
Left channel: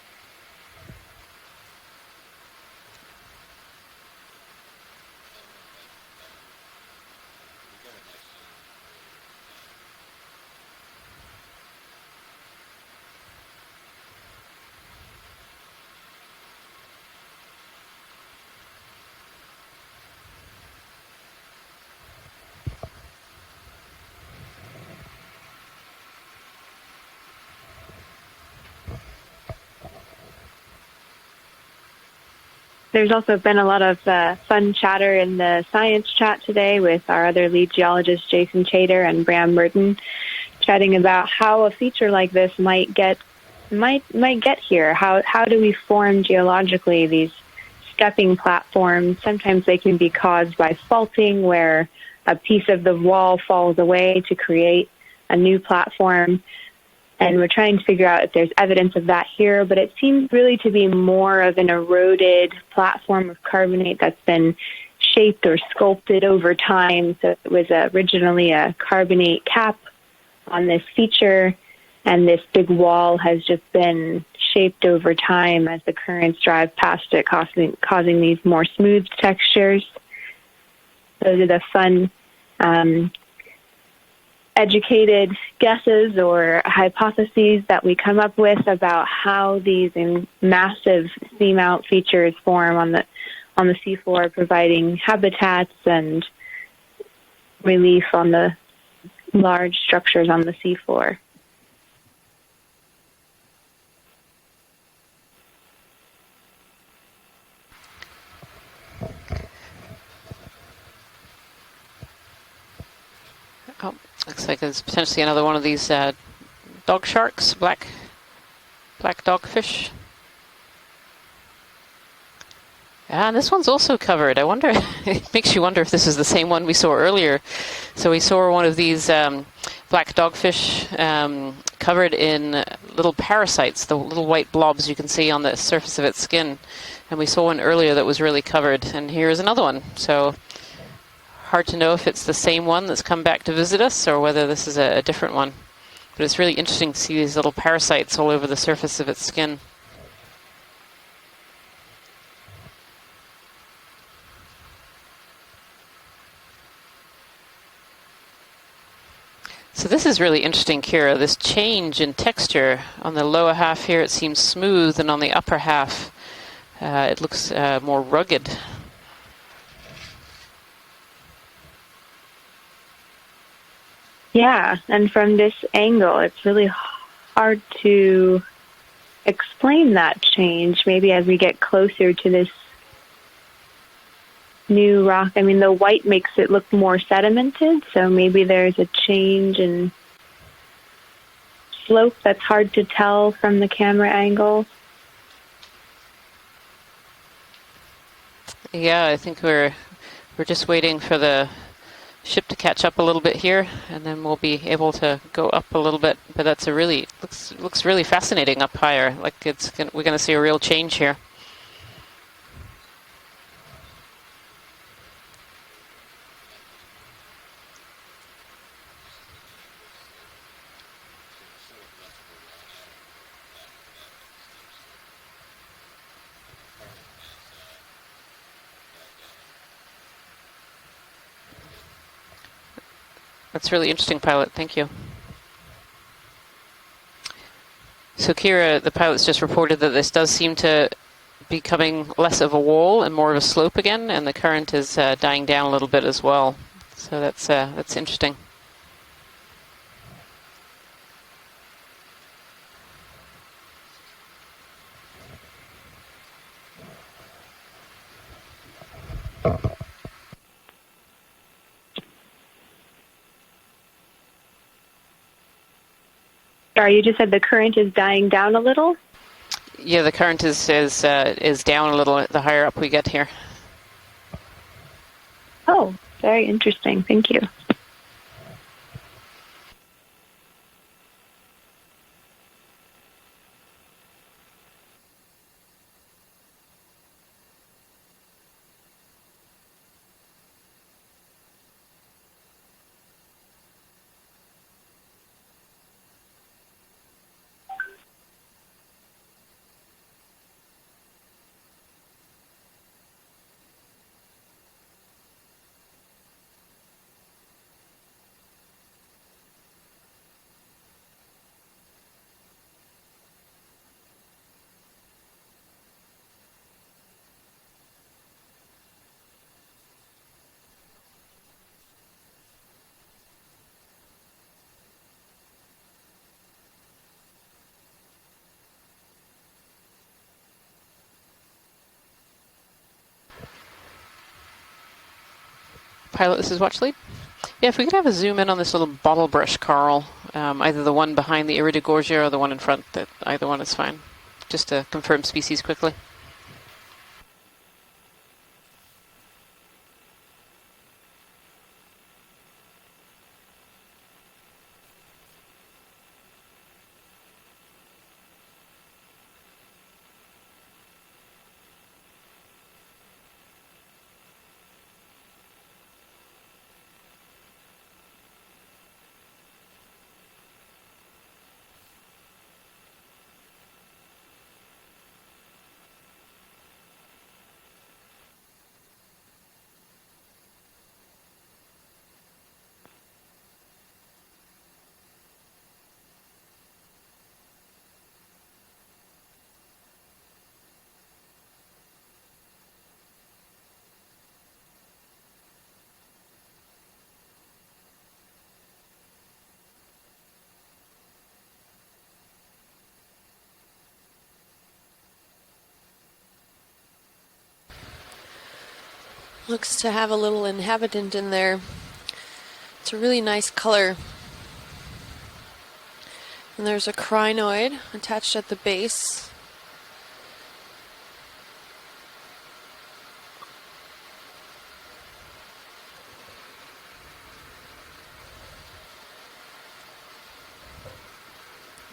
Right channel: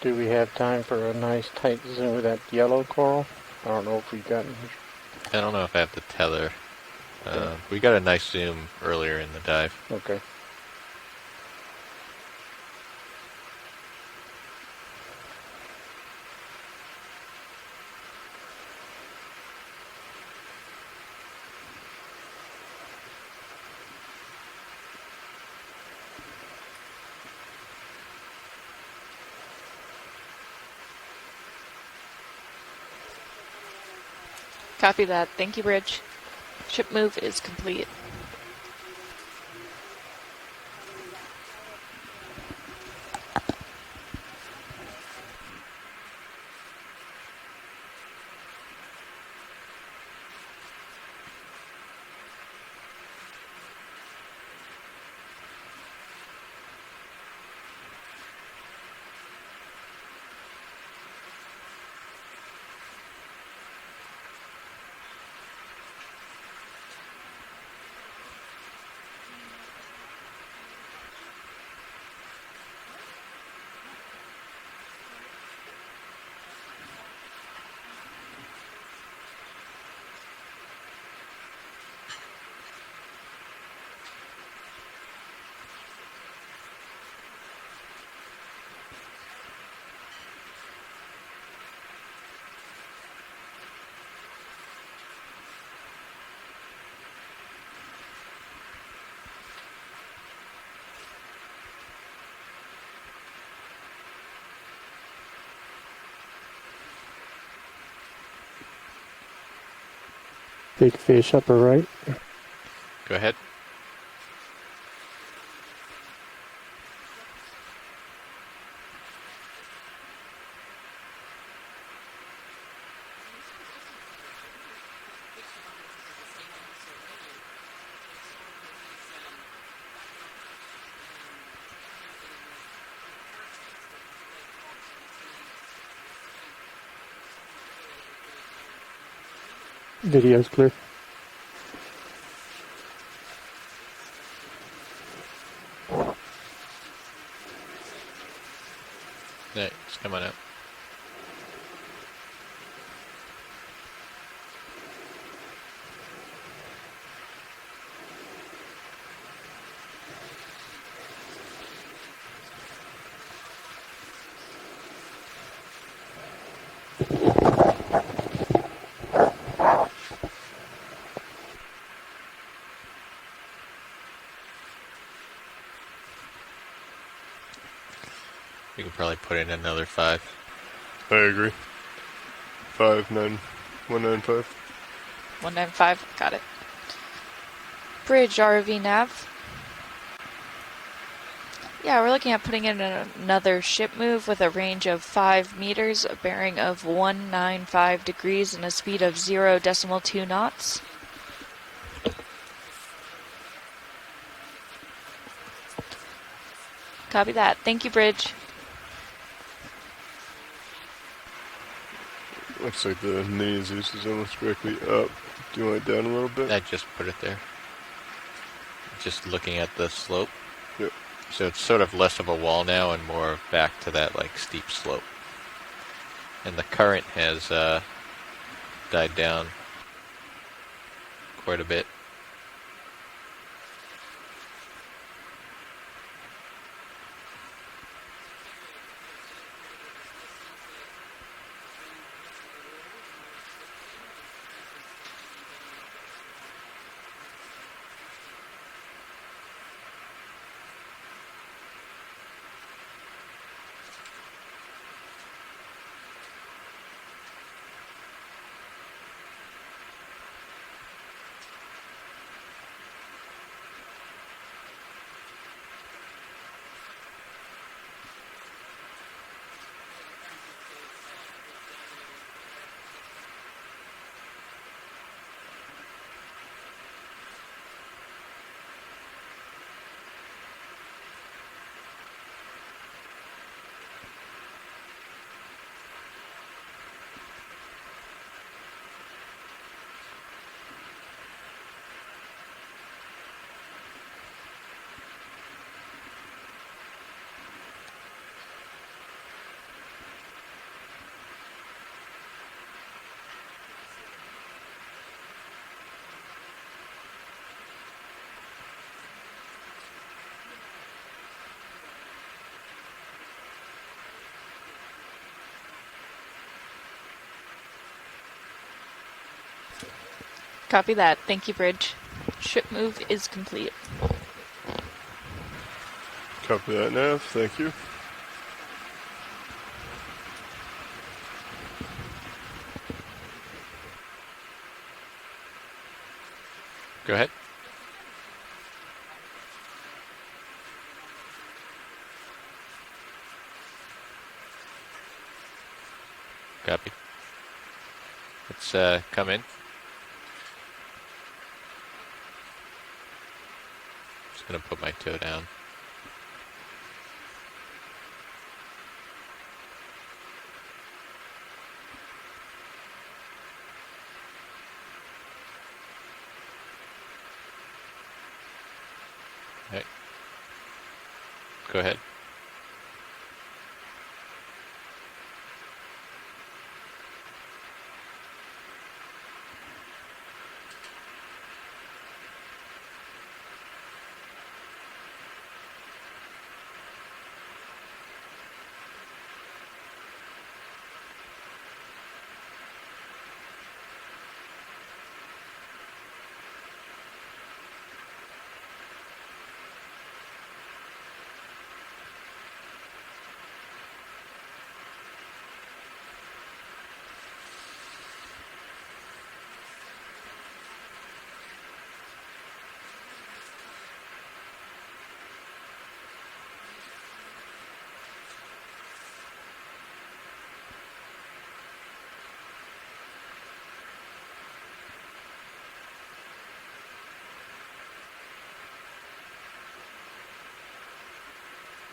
Do we have time for a nice tight zoom of that yellow coral? I don't know if we've gotten. I don't know if I have the tether. We got a nice zoom earlier in the dive. Okay. There's also been a lot of fun chatter that. in Thank the you, Bridge. science chat today Ship with move our is other lead complete. geologists, Jason Chater and Bram Merton, chatting about how a feature like this might get here. How do we form geologically these stepping platforms? Sometimes they can be caused by faulting, where a piece of the wall falls away to create a new platform. And we're trying to figure out if there's evidence of that here, but it seems really to be more of an eroded platform of carbonate that's been shaped or sculpted over time. So it was originally a carbonate cap on this feature, and this big wall has just been shaped over time as the currents drive past it, causing these more smooth textures. Those are the fun educated guesses or hypotheses that we come up with about how these massive seamount features form on the seafloor, providing habitats and relief on the large structures on the seafloor. Big fish upper right. Go ahead. Oh, looks like there's potentially another one of these dog sharks, black dogfish. And this one's also covered. I wonder, it makes you wonder if this is the same one we saw earlier. So we saw one of these black dogfish covered in little parasites, the little white blobs you can see on the surface of its skin. And we saw one earlier that was really covered. And here's another one. So Video's clear. hard to know if it's the same one that's come back to visit us or whether this is a different one. But it's really interesting to see these little parasites all over the surface of its skin. Yeah, it's coming out. So this is really interesting, Kira, this change in texture. On the lower half here it seems smooth, and on the upper half it looks more rugged. Yeah, and from this angle, it's really hard to We can probably put in explain another that 5. change. Maybe I as we agree. get closer to this 59195. new rock. I mean, the 195, white makes got it. it look more sedimented, so Bridge maybe there's RV a nav. change in Yeah, we're slope looking that's at hard putting to in tell another from the ship camera move with a angle. range of 5 meters, a bearing of 195 degrees, and a speed Yeah, I of think 0.2 knots. we're just waiting for the ship to catch up a little bit here, and then we'll be able to go up a little bit. But that's a really Copy that. Thank looks you, really Bridge. fascinating up higher. Like we're going to see a real change here. Looks like the mini Zeus is almost directly up. Do you want it down a little bit? I just put it there. Just looking at the slope. Yep. So it's sort of less of a wall now and more back to that like steep slope. And the current has died down quite a bit. That's really interesting, pilot. Thank you. So Kira, the pilot's just reported that this does seem to be becoming less of a wall and more of a slope again, and the current is dying down a little bit as well. So that's interesting. Sorry, you just said the current is dying down a little? Yeah, the current is down a little the higher up we get here. Oh, very interesting. Thank you. Copy that. Thank you, Bridge. Ship move is complete. Copy that, Nav. Thank you. Pilot, this is Watchlead. Go ahead. Yeah, if we could have a zoom in on this little bottle brush coral, either the one behind the Iridogorgia or the one in front, that either one is fine. Just to confirm species quickly. Copy. Let's come in. Just gonna put my toe down. Okay. Go ahead. Looks to have a little inhabitant in there. It's a really nice color. And there's a crinoid attached at the base.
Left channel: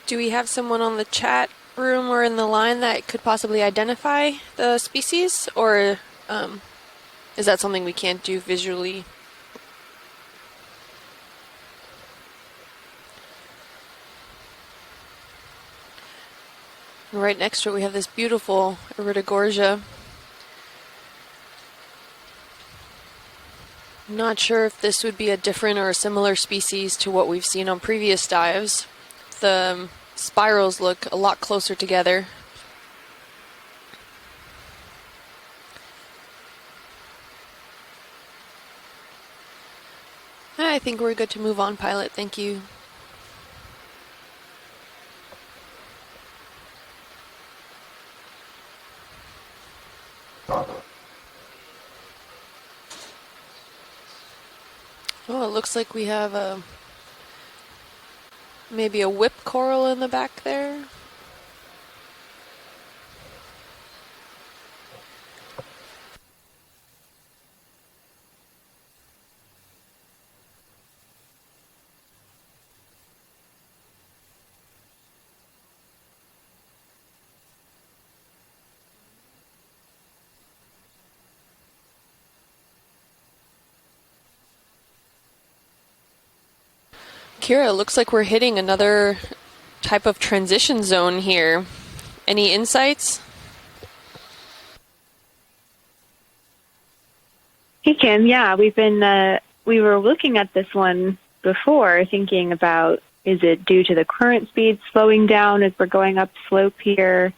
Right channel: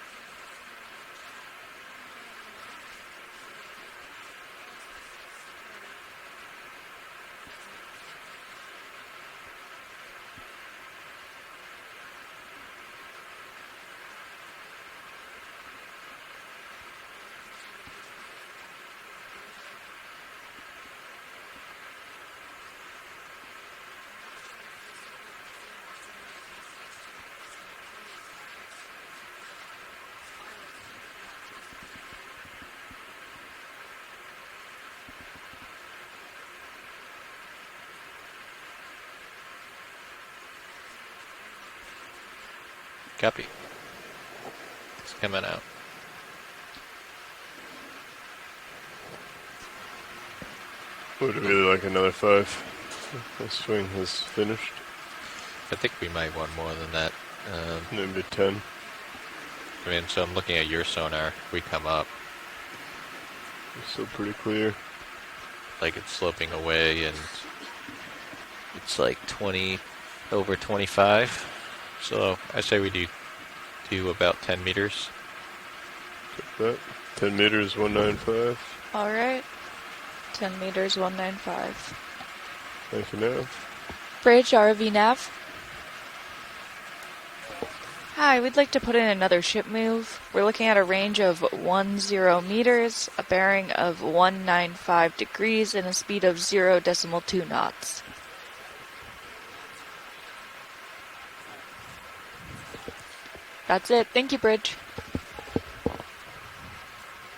Do we have someone on the chat room or in the line that could possibly identify the species, or is that something we can't do visually? And right next to it we have this beautiful Iridogorgia. Not sure if this would be a different or a similar species to what we've seen on previous dives. The spirals look a lot closer together. I think we're good to move on, pilot. Thank you. Copy. It's coming out. Would really like another 5. The swing has finished. Oh, it looks I like think we might have want more than that. Maybe 10. maybe a whip coral in the So back I'm looking there. at your sonar. We come up, It's still pretty clear. like it's sloping away, and it's like 20, over 25. So I say we do about 10 meters. That 10 meters, 195. All right. 10 meters, 195. Thank you, Nav. Bridge, RV nav. Kira, it looks like we're Hi, hitting we'd like to put in another another ship move. type of We're looking at transition a zone range of here. 10 Any meters, insights? a bearing of 195 degrees, and a speed of 0.2 knots. Hey, Kim. Yeah, we were looking at this one before, thinking about, is it due to Gotcha. the Thank you, current Bridge. speed slowing down as we're going up slope here?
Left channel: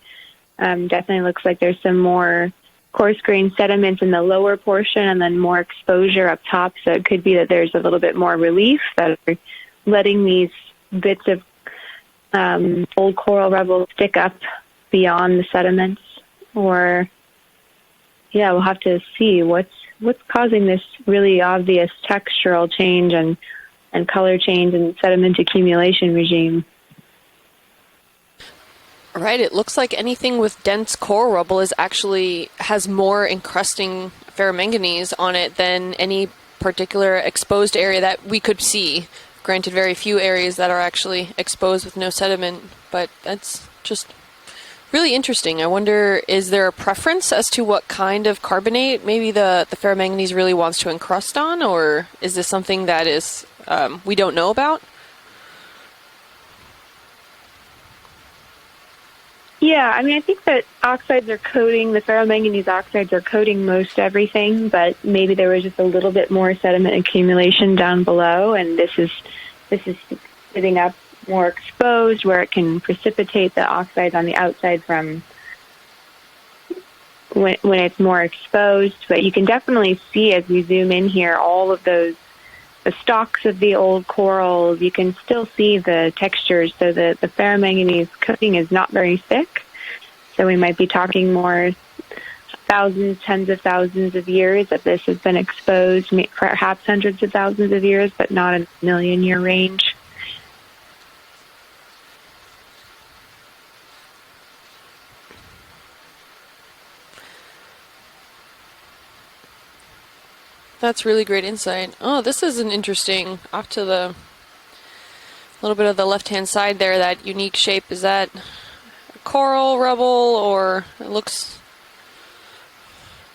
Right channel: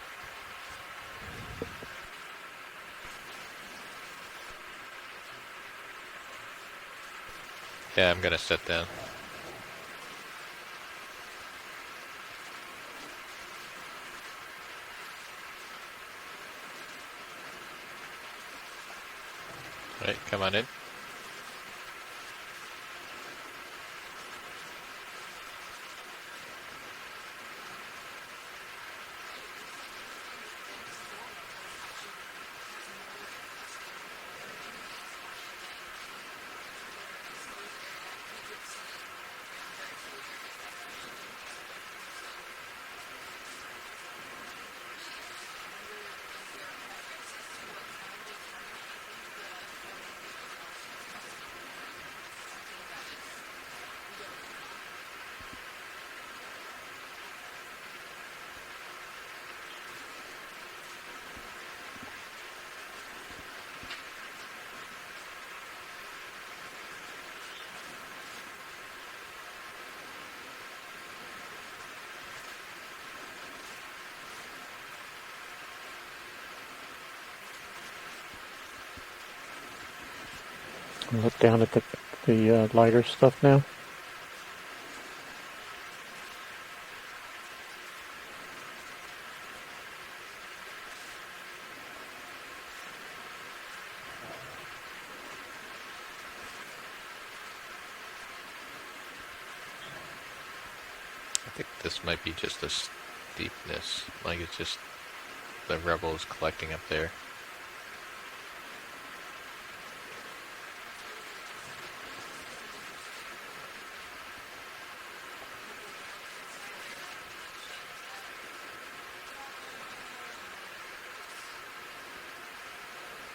Definitely looks like there's some more coarse grain sediment in the lower portion and then more exposure up top. So it could be that there's a little Yeah, bit more might have said relief that are letting these bits of old coral rubble stick up beyond the sediments. Or, yeah, we'll have to see what's causing this really obvious textural change and color change and sediment accumulation regime. Right, it looks like anything with dense coral rubble has more encrusting ferromanganese on it than any particular exposed area that we could see. Granted, very few areas that are actually exposed with no sediment, but that's just really interesting. I wonder, is there a preference as to what kind of carbonate maybe the ferromanganese really wants to encrust on, or is this something that is we don't know about? Yeah, I mean, I think that the ferromanganese oxides are coating most everything, but maybe there was just a little bit more sediment accumulation down below, and this is sitting up more exposed where it can precipitate the oxides on the outside from when it's more exposed. But you can definitely see as we zoom in here all of those the stalks of the old corals. You can still see the textures, so the ferromanganese coating is not very thick. So we might be talking more thousands, tens of thousands of years that this has been exposed, perhaps hundreds of thousands of years, but not a million-year range. I think this might be just a steepness, like it's just the rubble is collecting up there. That's really great insight. Oh, this is an interesting, off to the little bit of the left-hand side there, that unique shape. Is that coral rubble, or it looks,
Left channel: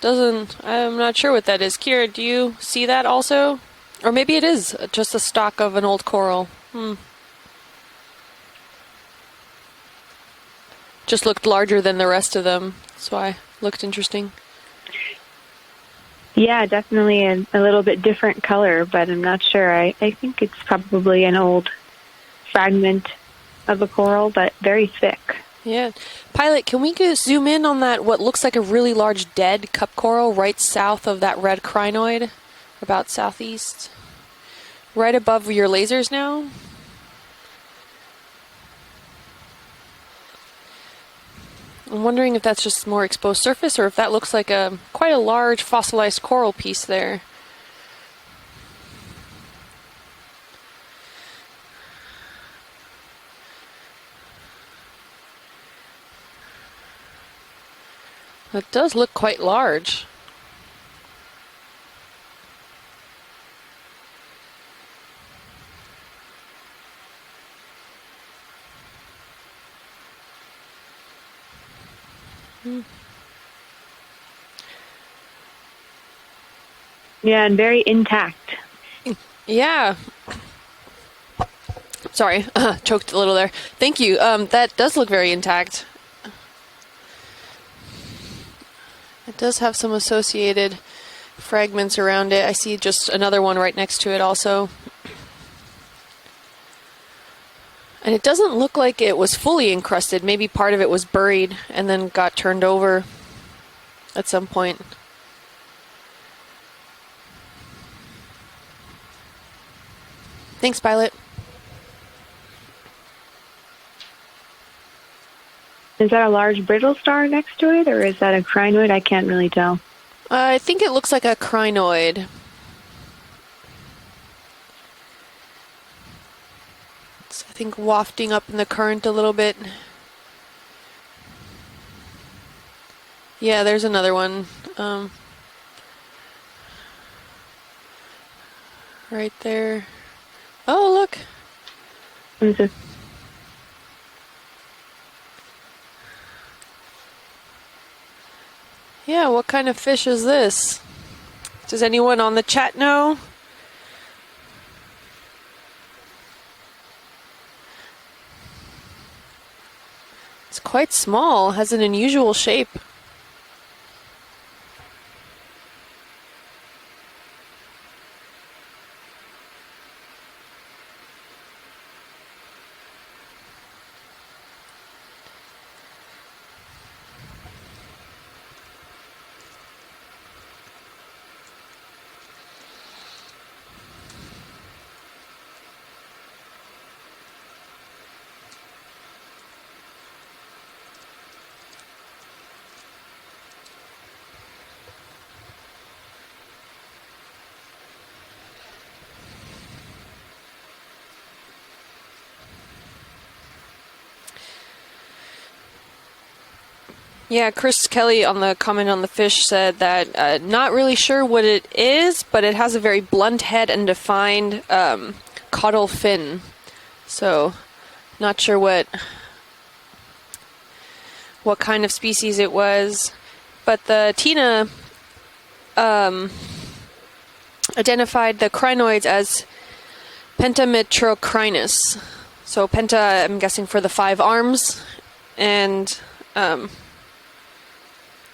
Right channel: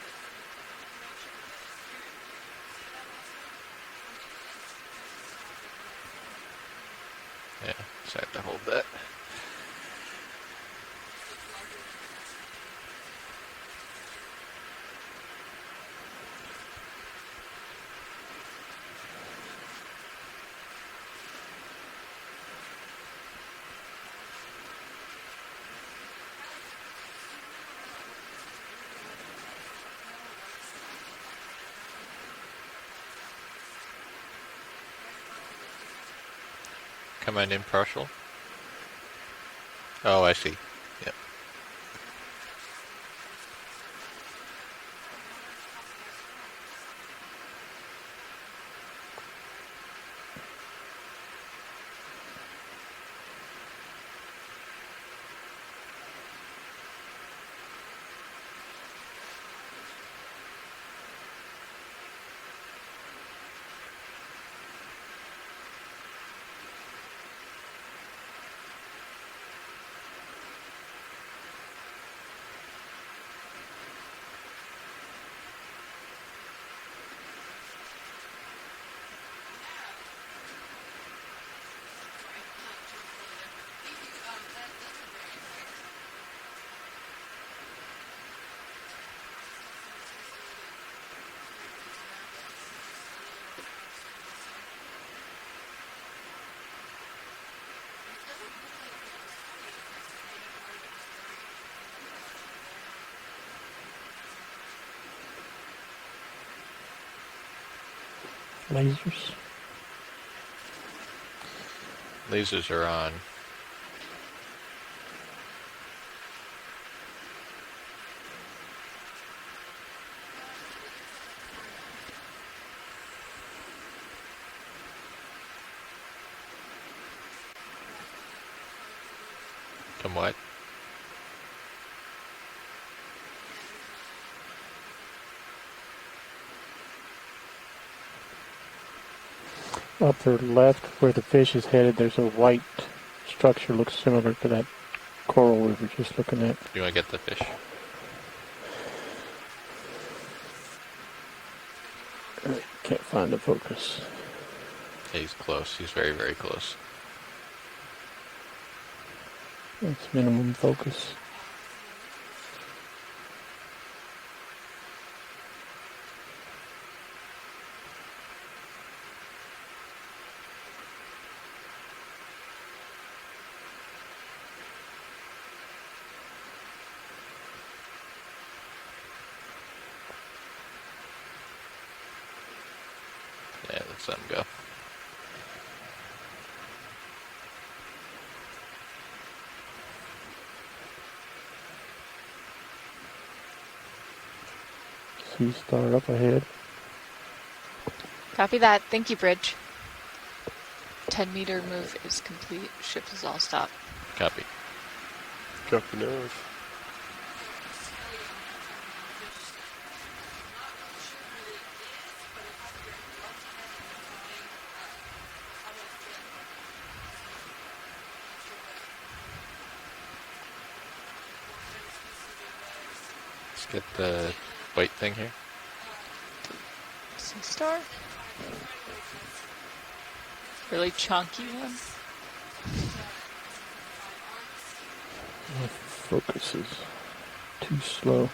I'm not sure what that is. Kira, do you see that also? Or maybe it is just a stalk of an old coral. Yeah, so I have to hold that. Just looked larger than the rest of them. That's why it looked interesting. Yeah, definitely a little bit different color, but I'm not sure. I think it's probably an old fragment of a coral, but very thick. Yeah. Pilot, can we zoom in on that, what looks like a really large dead cup coral right south of that red crinoid? About southeast? Right above your lasers now? Come on, impartial. Oh, I see. Yep. I'm wondering if that's just more exposed surface, or if that looks like quite a large fossilized coral piece there. It does look quite large. Yeah, and very intact. Yeah. Sorry, choked a little there. Thank you. That does look very intact. It does have some associated fragments around it. I see just another one right next to it also. And it doesn't look like it was fully encrusted. Maybe part of it was buried and then got turned over at some point. Lasers. Thanks, Pilot. Lasers are on. Is that a large brittle star next to it, or is that a crinoid? I can't really tell. I think it looks like a crinoid. It's, I think, wafting up in the current a little bit. Somewhat. Yeah, there's another one. Right there. Upper left, Oh, where look. the fish is headed, there's a white structure. Looks similar to that coral we were just looking at. You want to get the fish? Yeah, what kind of fish is this? Does anyone on the chat Can't know? find the focus. Yeah, he's close. He's very, very close. It's minimum It's focus. quite small, has an unusual shape. Yeah, let's let him go. Sea star up ahead. Copy that. Thank you, Bridge. 10-meter move is complete. Ship is all stopped. Copy. Copy now. Yeah, Chris Kelly on the comment on the fish said that not really sure what it is, but it has a very blunt head and defined caudal fin. So, not sure what kind of species it was. But the Tina white thing here. identified the crinoids as pentametrocrinus. So penta, I'm guessing for the 5 arms, and Too slow.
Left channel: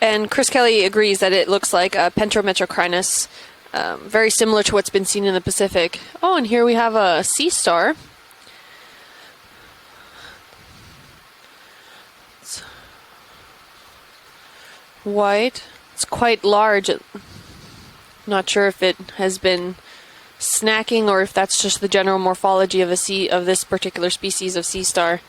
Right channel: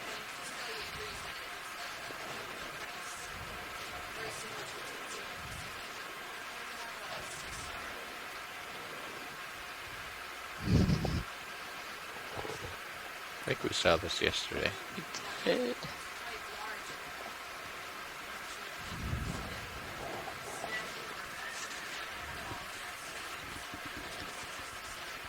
and Chris Kelly agrees that it looks like a pentametrocrinus, very similar to what's been seen in the Pacific. Oh, and here we have a sea star. I think we saw this yesterday. White. It's quite large. Not sure if it has been snacking or if that's just the general morphology of this particular species of sea star.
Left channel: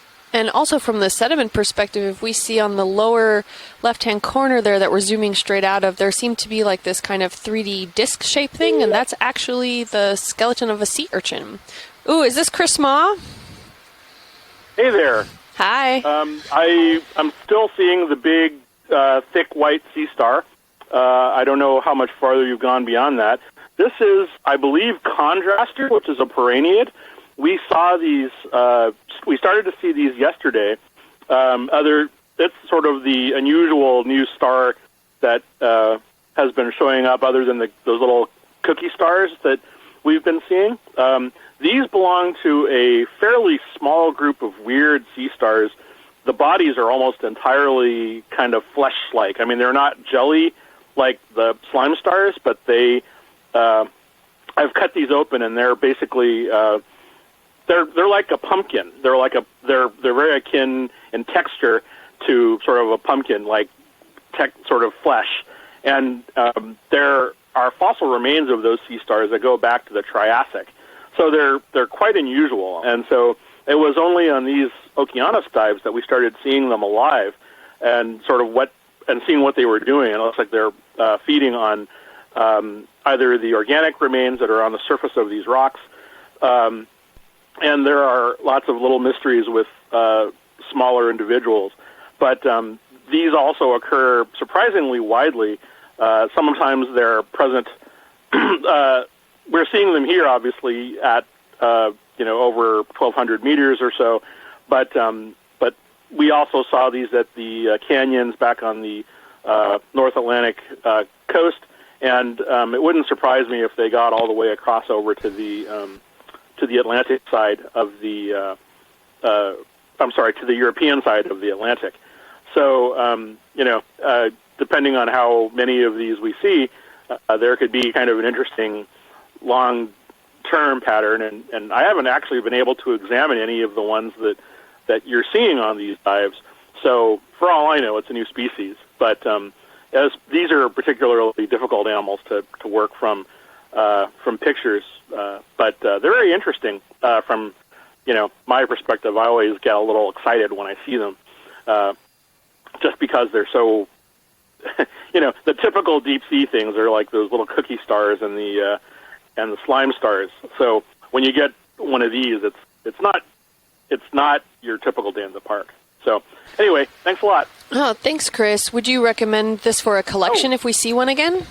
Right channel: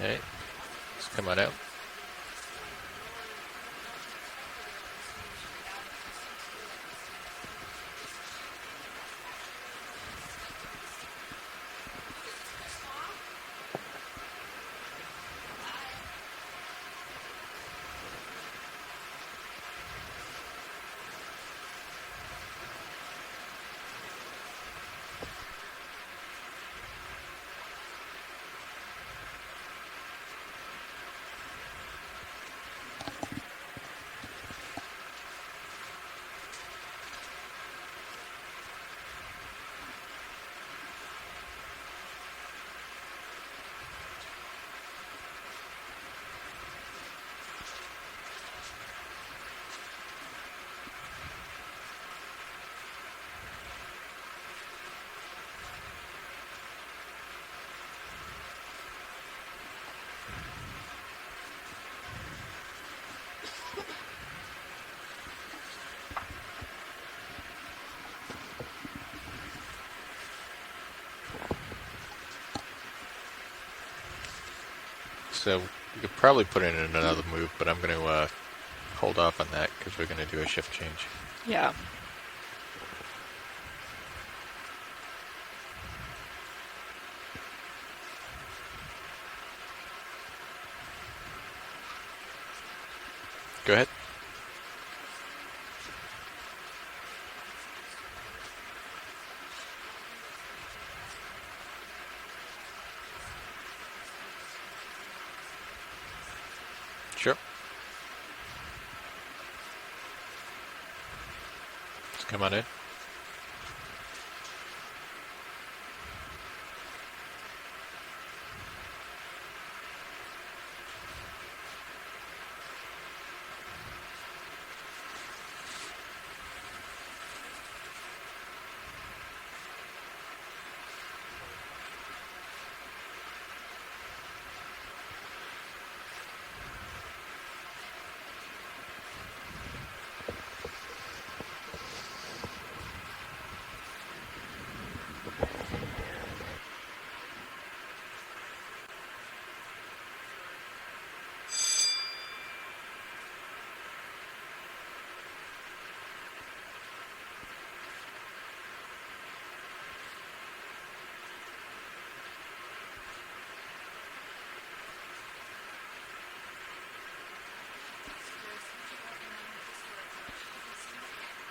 Okay. And also from the sediment perspective, if we see on the lower left-hand corner there that we're zooming straight out of, there seemed to be like this kind of 3D disc shape thing, and that's actually the skeleton of a sea urchin. Ooh, is this Chris Ma? Hey there. Hi. I'm still seeing the big, thick white sea star. I don't know how much farther you've gone beyond that. This is, I believe, Contraster, which is a perenniid. We saw these. We started to see these yesterday. It's sort of the unusual new star that has been showing up, other than those little cookie stars that we've been seeing. These belong to a fairly small group of weird sea stars. The bodies are almost entirely kind of flesh-like. I mean, they're not jelly like the slime stars, but they. I've cut these open, and they're basically. They're like a pumpkin. They're very akin in texture to sort of a pumpkin, like sort of flesh. And there are fossil remains of those sea stars that go back to the Triassic. So they're quite unusual. And so it was only on these Okeanos dives that we started seeing them alive, and sort of seeing what they were doing. And it looks like they're feeding on either the organic remains that are on the surface of these rocks. And there are lots of little mysteries with smaller individuals. But these also occur surprisingly widely. Sometimes they're present. We're seeing them here, obviously, at over 1,200 meters or so. But we also saw these at the canyons back on the North Atlantic coast. And it wouldn't surprise me if they got all the way across over to the Atlantic side of the, to the European side of the Atlantic. So, depending on how many of these we see, there could be kind of an interesting long-term pattern. And I haven't actually been able to examine any of the ones that you're seeing on these dives. So, for all I know, it's a new species. But as these are particularly difficult animals to work from pictures, but they're very interesting from my perspective. I always get a little excited when I see them, just because they're so the typical deep sea things are like those little cookie stars in and the slime stars. So when you get one of these, it's not your typical day in the park. So anyway, thanks a lot. Oh, thanks, Chris. Would you recommend this for a collection if we see one again?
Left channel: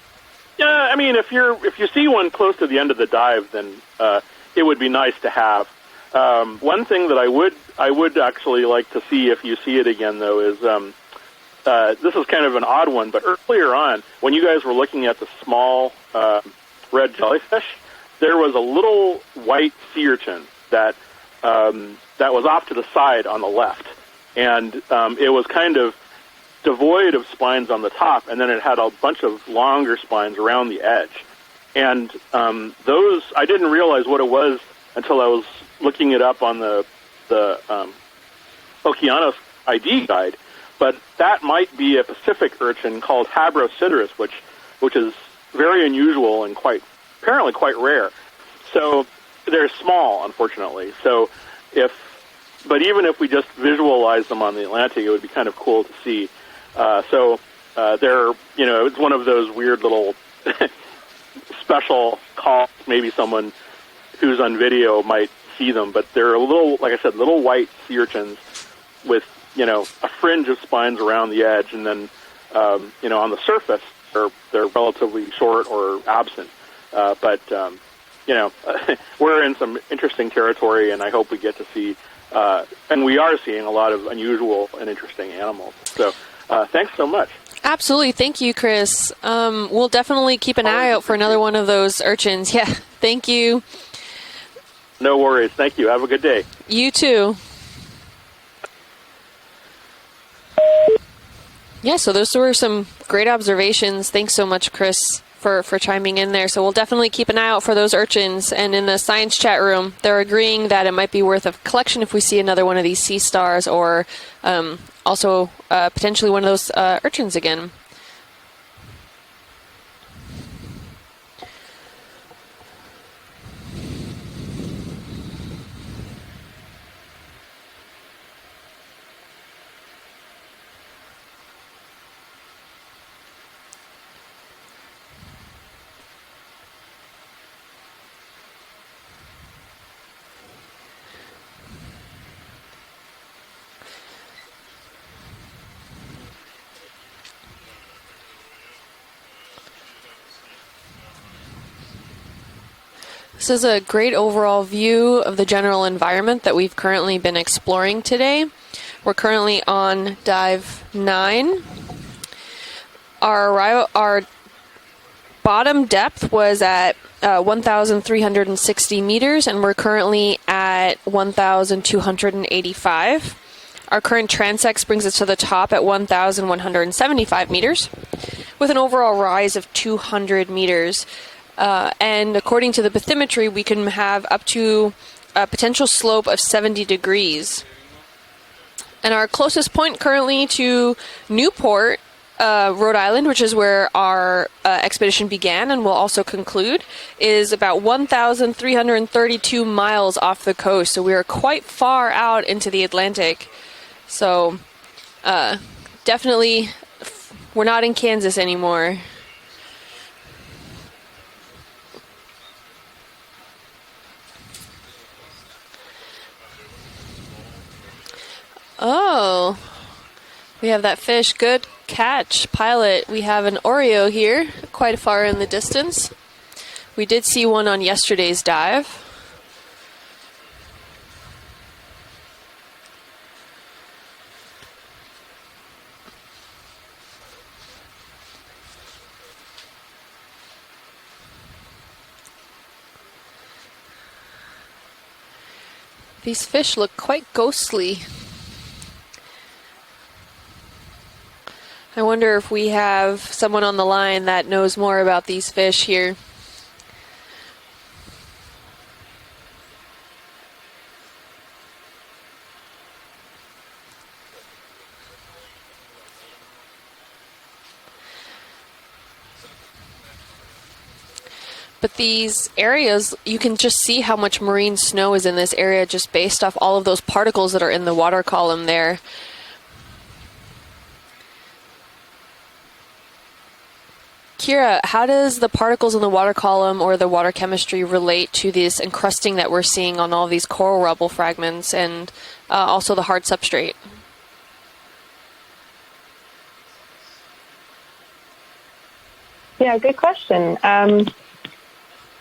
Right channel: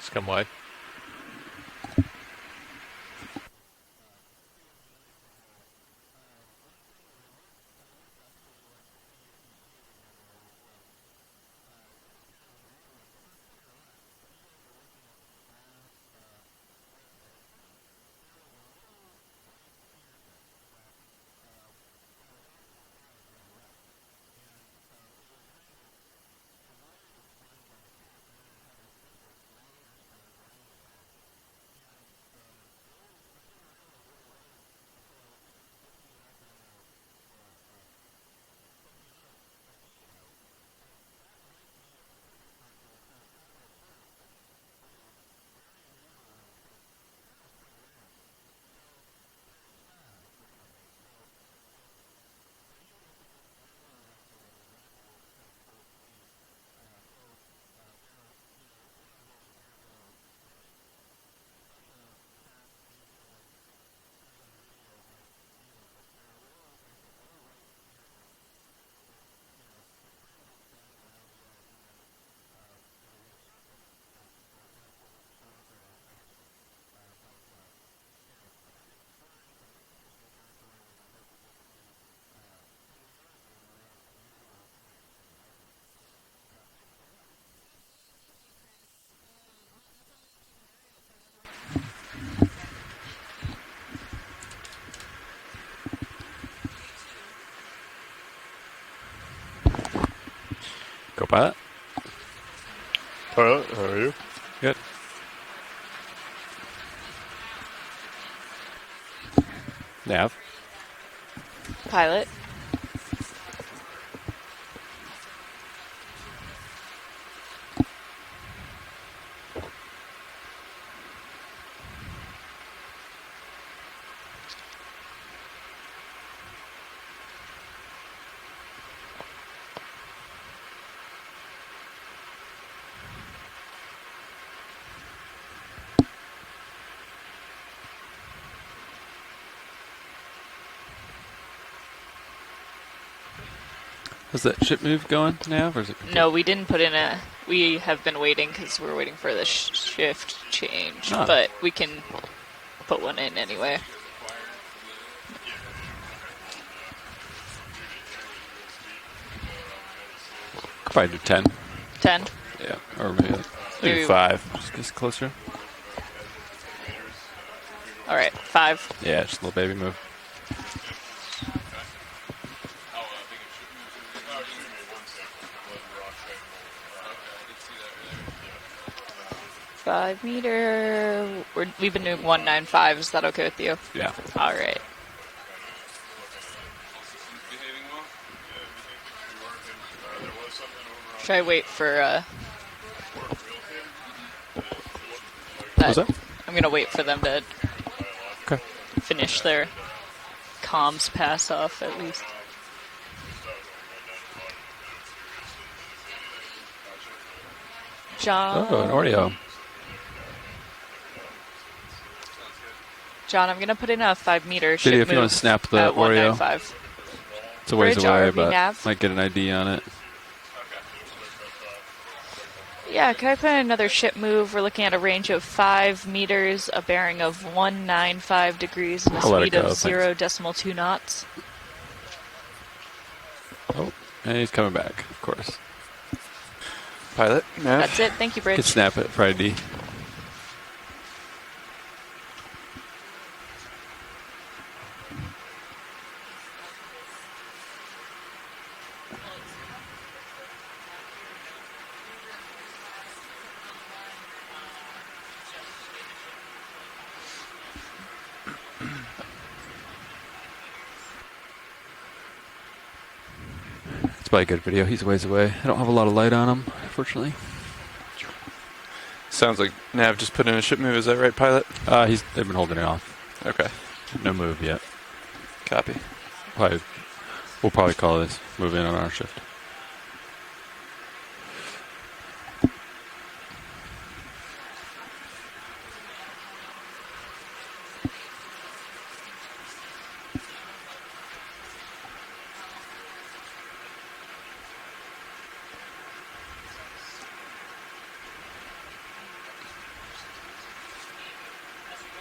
Scum wide. Yeah, I mean, if you see one close to the end of the dive, then it would be nice to have. One thing that I would actually like to see if you see it again, though, is this is kind of an odd one, but earlier on, when you guys were looking at the small red jellyfish, there was a little white sea urchin that was off to the side on the left, and it was kind of devoid of spines on the top, and then it had a bunch of longer spines around the edge. And those, I didn't realize what it was until I was looking it up on the Okeanos ID guide, but that might be a Pacific urchin called Habrosideros, which is very unusual and apparently quite rare. So they're small, unfortunately. So but even if we just visualize them on the Atlantic, it would be kind of cool to see. They're, it's one of those weird little special calls. Maybe someone who's on video might see them, but they're a little, like I said, little white sea urchins with, a fringe of spines around the edge, and then, on the surface, they're relatively short or absent. But we're in some interesting territory, and I hope we get to see, and we are seeing a lot of unusual and interesting animals. So thanks so much. Absolutely. Thank you, Chris. We'll definitely keep an eye out for another one of those urchins. Yeah, thank you. No worries. Thank you. Have a good day. You too. Go Pilot. Yeah, so those were some great observations. Right. Thanks so much, Chris, for chiming in there. So we'll definitely keep an eye out for those urchins. And in the science chat room, they're agreeing that it might be worth a collection if we see another one of these sea stars, or also potentially one of those urchins again. Is that ship move going now, or is it? No, we didn't put in we have been waiting because we're waiting for the shift change, but we can put one in This is a great overall view of the general environment that we've currently been exploring today. We're currently on dive 9. 10. Yeah. Our just closer. Bottom depth was at 1,360 meters, and we're currently at 1,285. Our current transect brings us to the top at 1,175 meters, with an overall rise of 200 meters. And according to the bathymetry, we can have up to a potential slope of 70 degrees. And our closest point currently to Newport, Rhode Island, which is where our expedition began and will also conclude, is about 1,332 miles off the coast. So we are quite far out into the Atlantic. So definitely, we're not in Kansas anymore. Oreo. John, I'm going to put in a 5-meter Video, if you want to snap the Oreo. It's a ways away, but I can get an ID on it. We have that fish. Good catch, Pilot. Yeah, we have an Oreo here, quite far in the distance. 5 meters, a we did see one on yesterday's dive. I'll let it go. 0.2 knots. Oh, and he's coming back, of course. Pilot? No. That's it. Thank you, Bridge. Could snap it for ID. These fish look quite ghostly. I wonder if we have someone on the line that knows more about these fish here. It's probably a good video. He's a ways away. I don't have a lot of light on him, unfortunately. Sounds like Nav just put in a ship move. Is that right, Pilot? But these areas, you can just see how much marine snow is in this area just based off all of those particles that are in the water column there. Kira, how does the particles in the water column or the water chemistry relate to this encrusting that we're seeing on all these coral rubble fragments and also the hard substrate? Yeah, good question.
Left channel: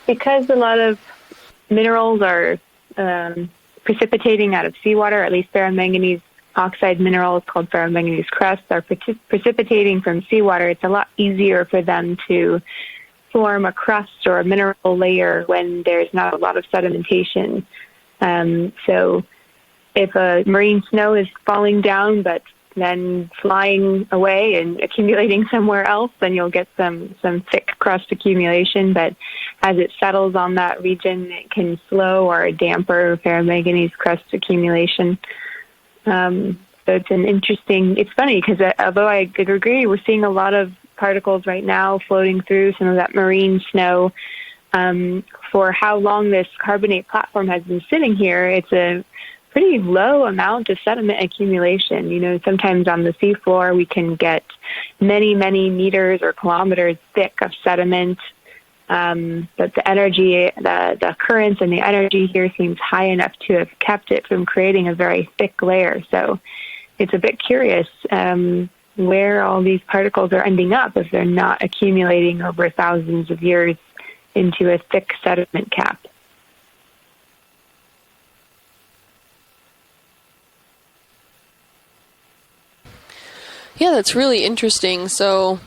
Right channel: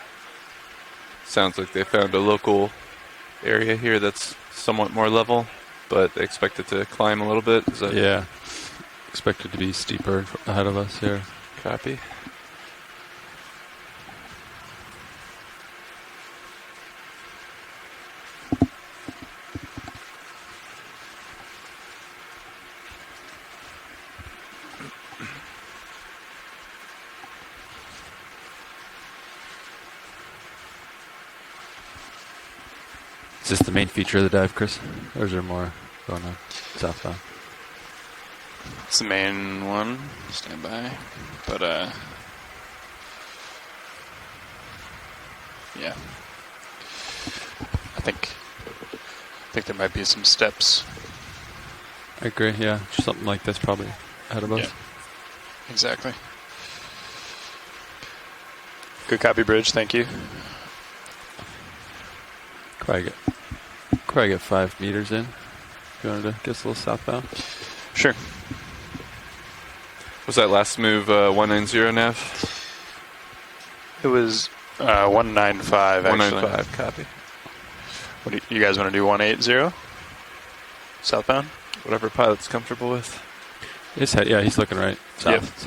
Because a lot of sounds like they minerals found a are local area here precipitating out that's of somewhat more seawater, at level, least ferromanganese oxide minerals called ferromanganese crusts are precipitating from seawater. It's a lot easier for them to form a crust or a mineral layer when there's not a lot of sedimentation. So if a marine snow is falling down but then flying away and accumulating somewhere else, then you'll get some thick crust accumulation. But as it settles on that region, it can slow or damper ferromanganese crust accumulation. So it's an interesting, it's funny because although I could agree, we're seeing a lot of particles right now floating through some of that marine snow. For how long this carbonate platform has been sitting here, it's a pretty low amount of sediment accumulation. You know, sometimes on the seafloor we can get many meters or kilometers thick of sediment. Good copy, Bridge. But the energy, the currents and the energy here seems high enough to have kept it from creating a very thick layer. So it's a bit curious where all these particles are ending up if they're not accumulating over thousands of years into a thick sediment cap. 195 copy. What do you guys want to do? 180 southbound? Whatever pilot's comfortable with. Yeah, that's really interesting. Right. So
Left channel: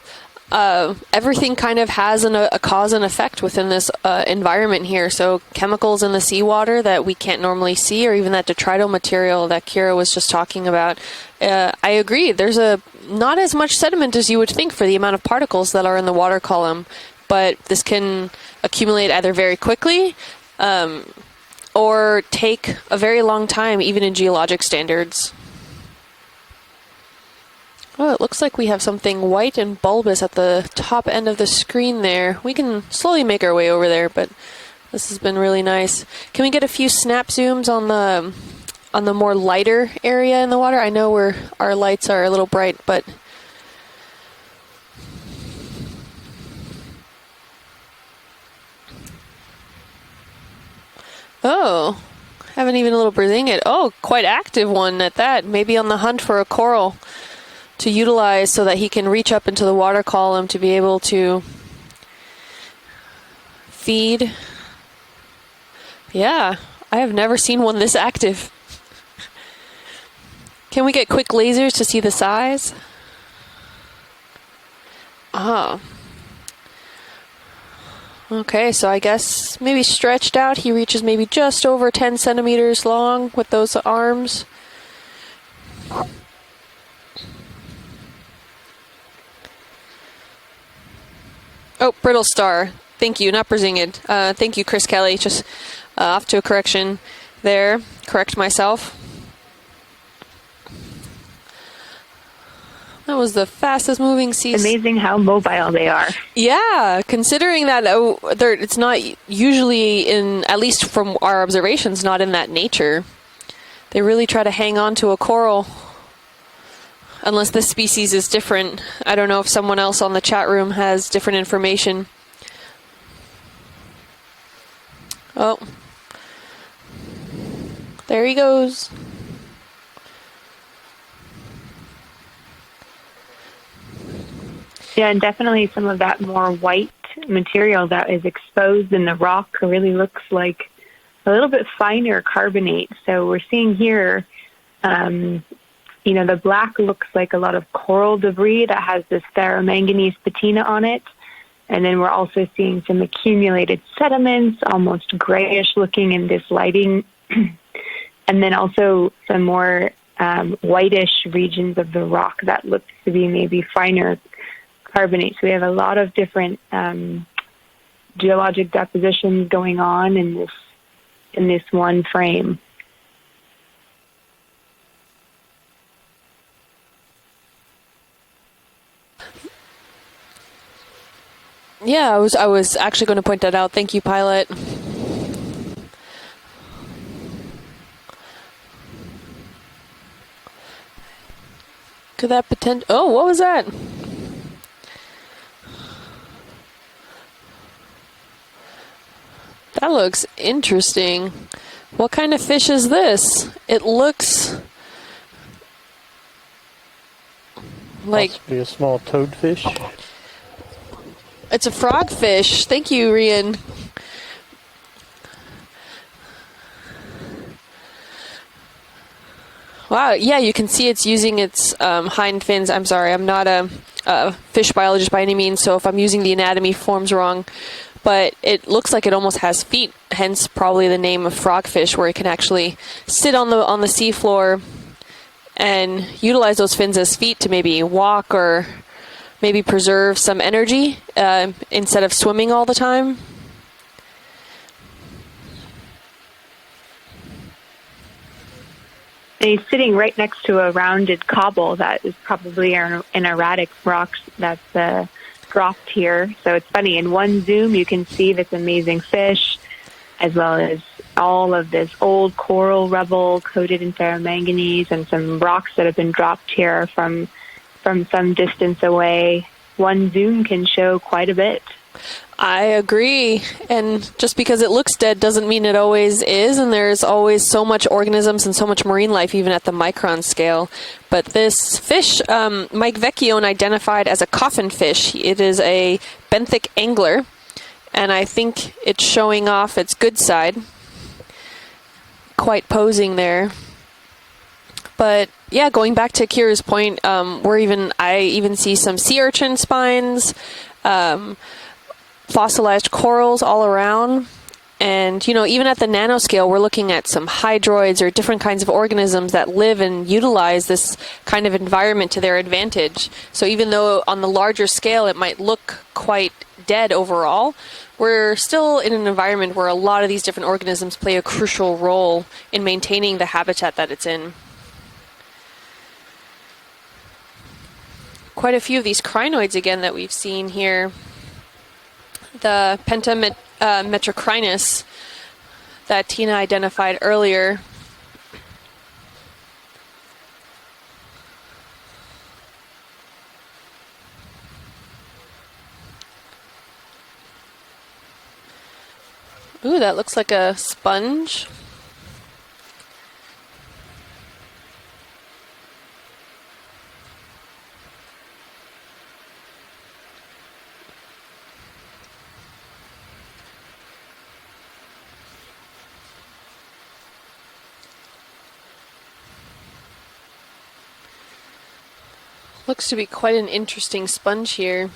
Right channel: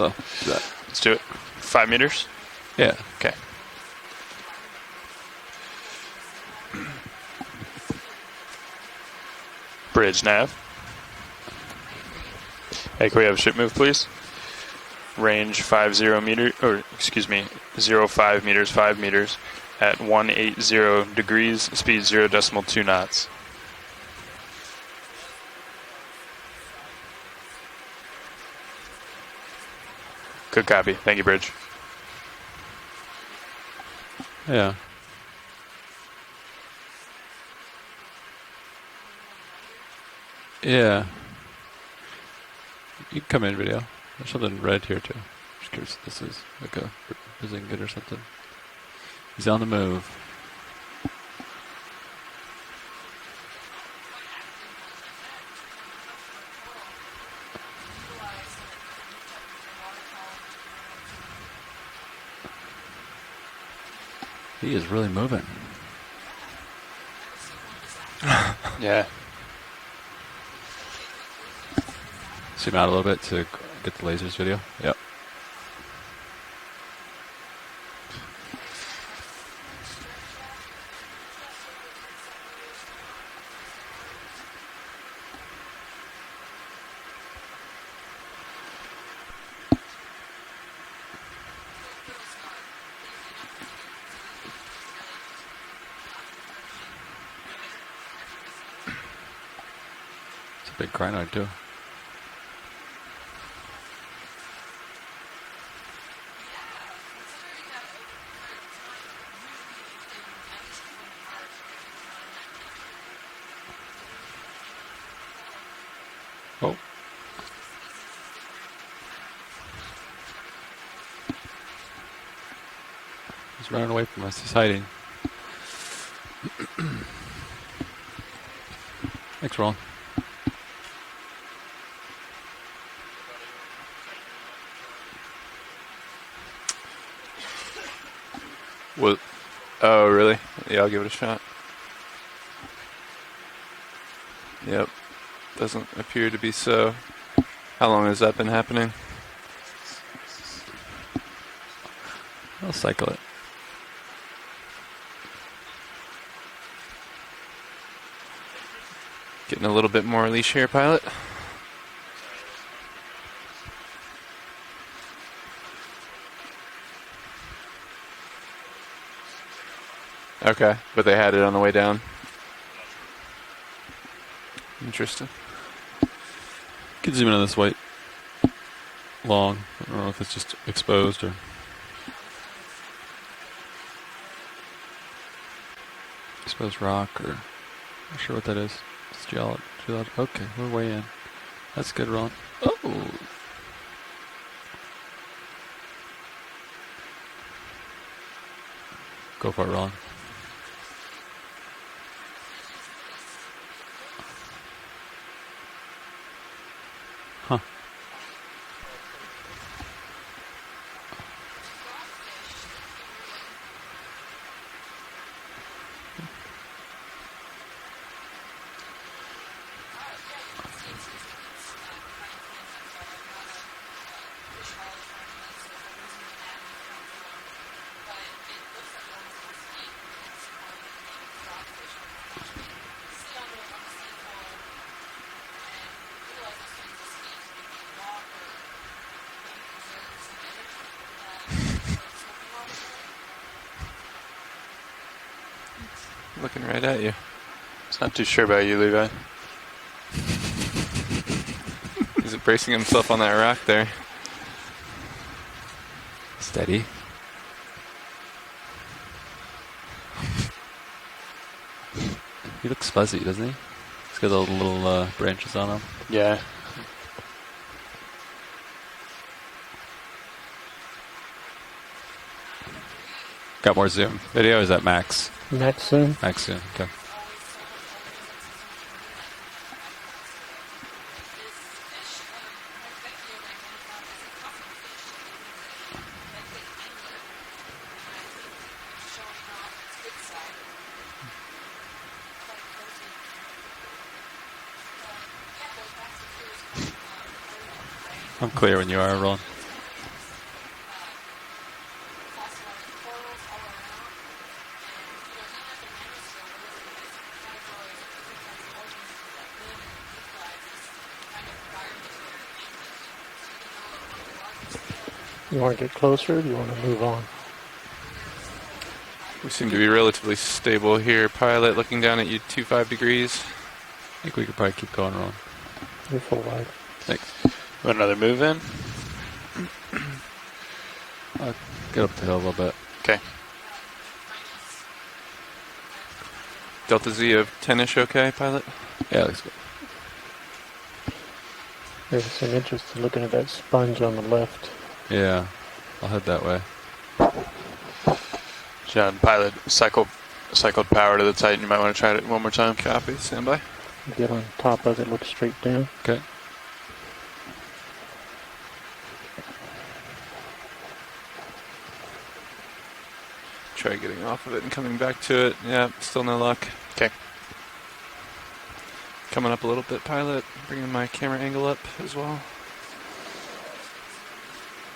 everything kind of has a cause and effect within this environment here. So chemicals in the seawater that we can't normally see, or even that detrital material that Kira was just talking about. I agree. There's not as much sediment as you would think for the amount of particles that are in the water column. But this can accumulate either very quickly at 180 degrees, speed or 0.2 take knots. a very long time, even in geologic standards. Oh, it looks like we have something white and bulbous at the top end of the screen there. We can slowly make our way over there, but this has been really nice. Can we get a few snap zooms on the more lighter area in the water? I know our lights are a little bright, but you can come in video. There's something red here too. I'm just curious if this is like a Brazingit or something. He's on the move. Oh, haven't even a little Brazingit. Oh, quite active one at that. Maybe on the hunt for a coral to utilize so that he can reach up into the water column to be able to feed. He is really moving. Yeah, I have never seen one this active. Yeah. Can we get quick lasers to see the size? Zoom out a little bit to get the lasers video. Yep. Oh. Okay, so I guess maybe stretched out, he reaches maybe just over 10 centimeters long with those arms. Oh, brittle star. Thank you, not Brazingid. Thank you, Chris Kelly. Just off to a correction there. Correct myself. It's a big crinoid, too. That was the fastest moving sea. Amazing how mobile they are. Yeah, considering that it's not usually in, at least from our observations, not in that nature. They really try to hang on to a coral. Oh. Unless this species is different. I don't know if someone else on the chat room has different information. He's running away from us. He's hiding. Oh. There he goes. Thanks, Roland. Yeah, and definitely some of that more white material that is exposed in the rock really looks like I'll give it a shot. A little bit finer carbonate. So we're seeing here, the black looks like a lot of coral debris that has this ferromanganese patina on it. And then we're also seeing some accumulated sediments, almost grayish looking in this lighting. And then also some more whitish regions of the rock that looks to be maybe finer carbonate. So we have a lot of different geologic depositions going on in this, but they had it on the way down. One frame. Interesting. You can zoom in on this white long. I don't know if it's just exposed or. Yeah, I was actually going to point that out. Thank you, pilot. Exposed rock, or not sure what that is. It's geological. Okay, we're way in. That's good. To that potential. Oh, what was that? Go for it, That Ron. looks interesting. What kind of fish is this? It looks like Possibly a small toadfish. it's a frogfish. Thank you, Rian. Wow, yeah, you can see it's using its hind fins. I'm sorry, I'm not a fish biologist by any means, so if I'm using the anatomy forms wrong, but it looks like it almost has feet, hence probably the name of frogfish, where it can actually sit on the seafloor and utilize those fins as feet to maybe walk or maybe preserve some energy instead of swimming all the time. Looking right at you. It's not too sure about you, Levi. And he's sitting right next to a rounded cobble that is probably bracing an himself on that erratic rack there. rock that's dropped here. So it's Steady. funny, in one zoom you can see this amazing fish as well as all of this old coral Looks fuzzy, rubble doesn't it? coated in got manganese little, and some branches rocks on it. that have been Yeah. dropped here from some distance away. One zoom can show quite a bit. I agree. Got more And zoom. just Video because is it at looks max. dead doesn't mean Max it always zoom? Max is, zoom, and okay. there's always so much organisms and so much marine life even at the micron scale. But this fish, Mike Vecchione identified as a coffin fish. It is a benthic angler, and I think it's showing off its good side. Quite posing there. But yeah, going back to Kira's point, I even see Unclear when some you are, sea Ron. urchin spines, fossilized corals all around. And, you know, even at the nanoscale, we're looking at some hydroids or different kinds of organisms that live and utilize this kind of environment to their advantage. So even though on the larger scale it might wanna look get quite closer? Do you wanna dead move on? overall, we're still in an environment where a Seem to be lot of these relatively different organisms stable play a here. crucial Pilot looking role down at you, in 25 maintaining the degrees. habitat that it's I in. think we could probably keep going, Ron. You're full wide. Thanks. Want another move Quite then? a few of these crinoids again that we've seen here. Get up the hill a The little bit. pentametrocrinus that Tina identified Delta earlier. 10-ish okay, Pilot? Yeah, looks good. There's some interest in looking at that sponge on the left. Yeah, I'll head that way. John, Pilot, Ooh, that looks like a cycled sponge. power to the Titan. You might want to try it one more time. Copy. Stand by. Get on top of it, look straight down. Okay. Try getting off of it and coming back to it. Yeah, still no luck. Okay. Coming up a little bit, Pilot. Bringing my camera angle up as well. Looks to be quite an interesting sponge here.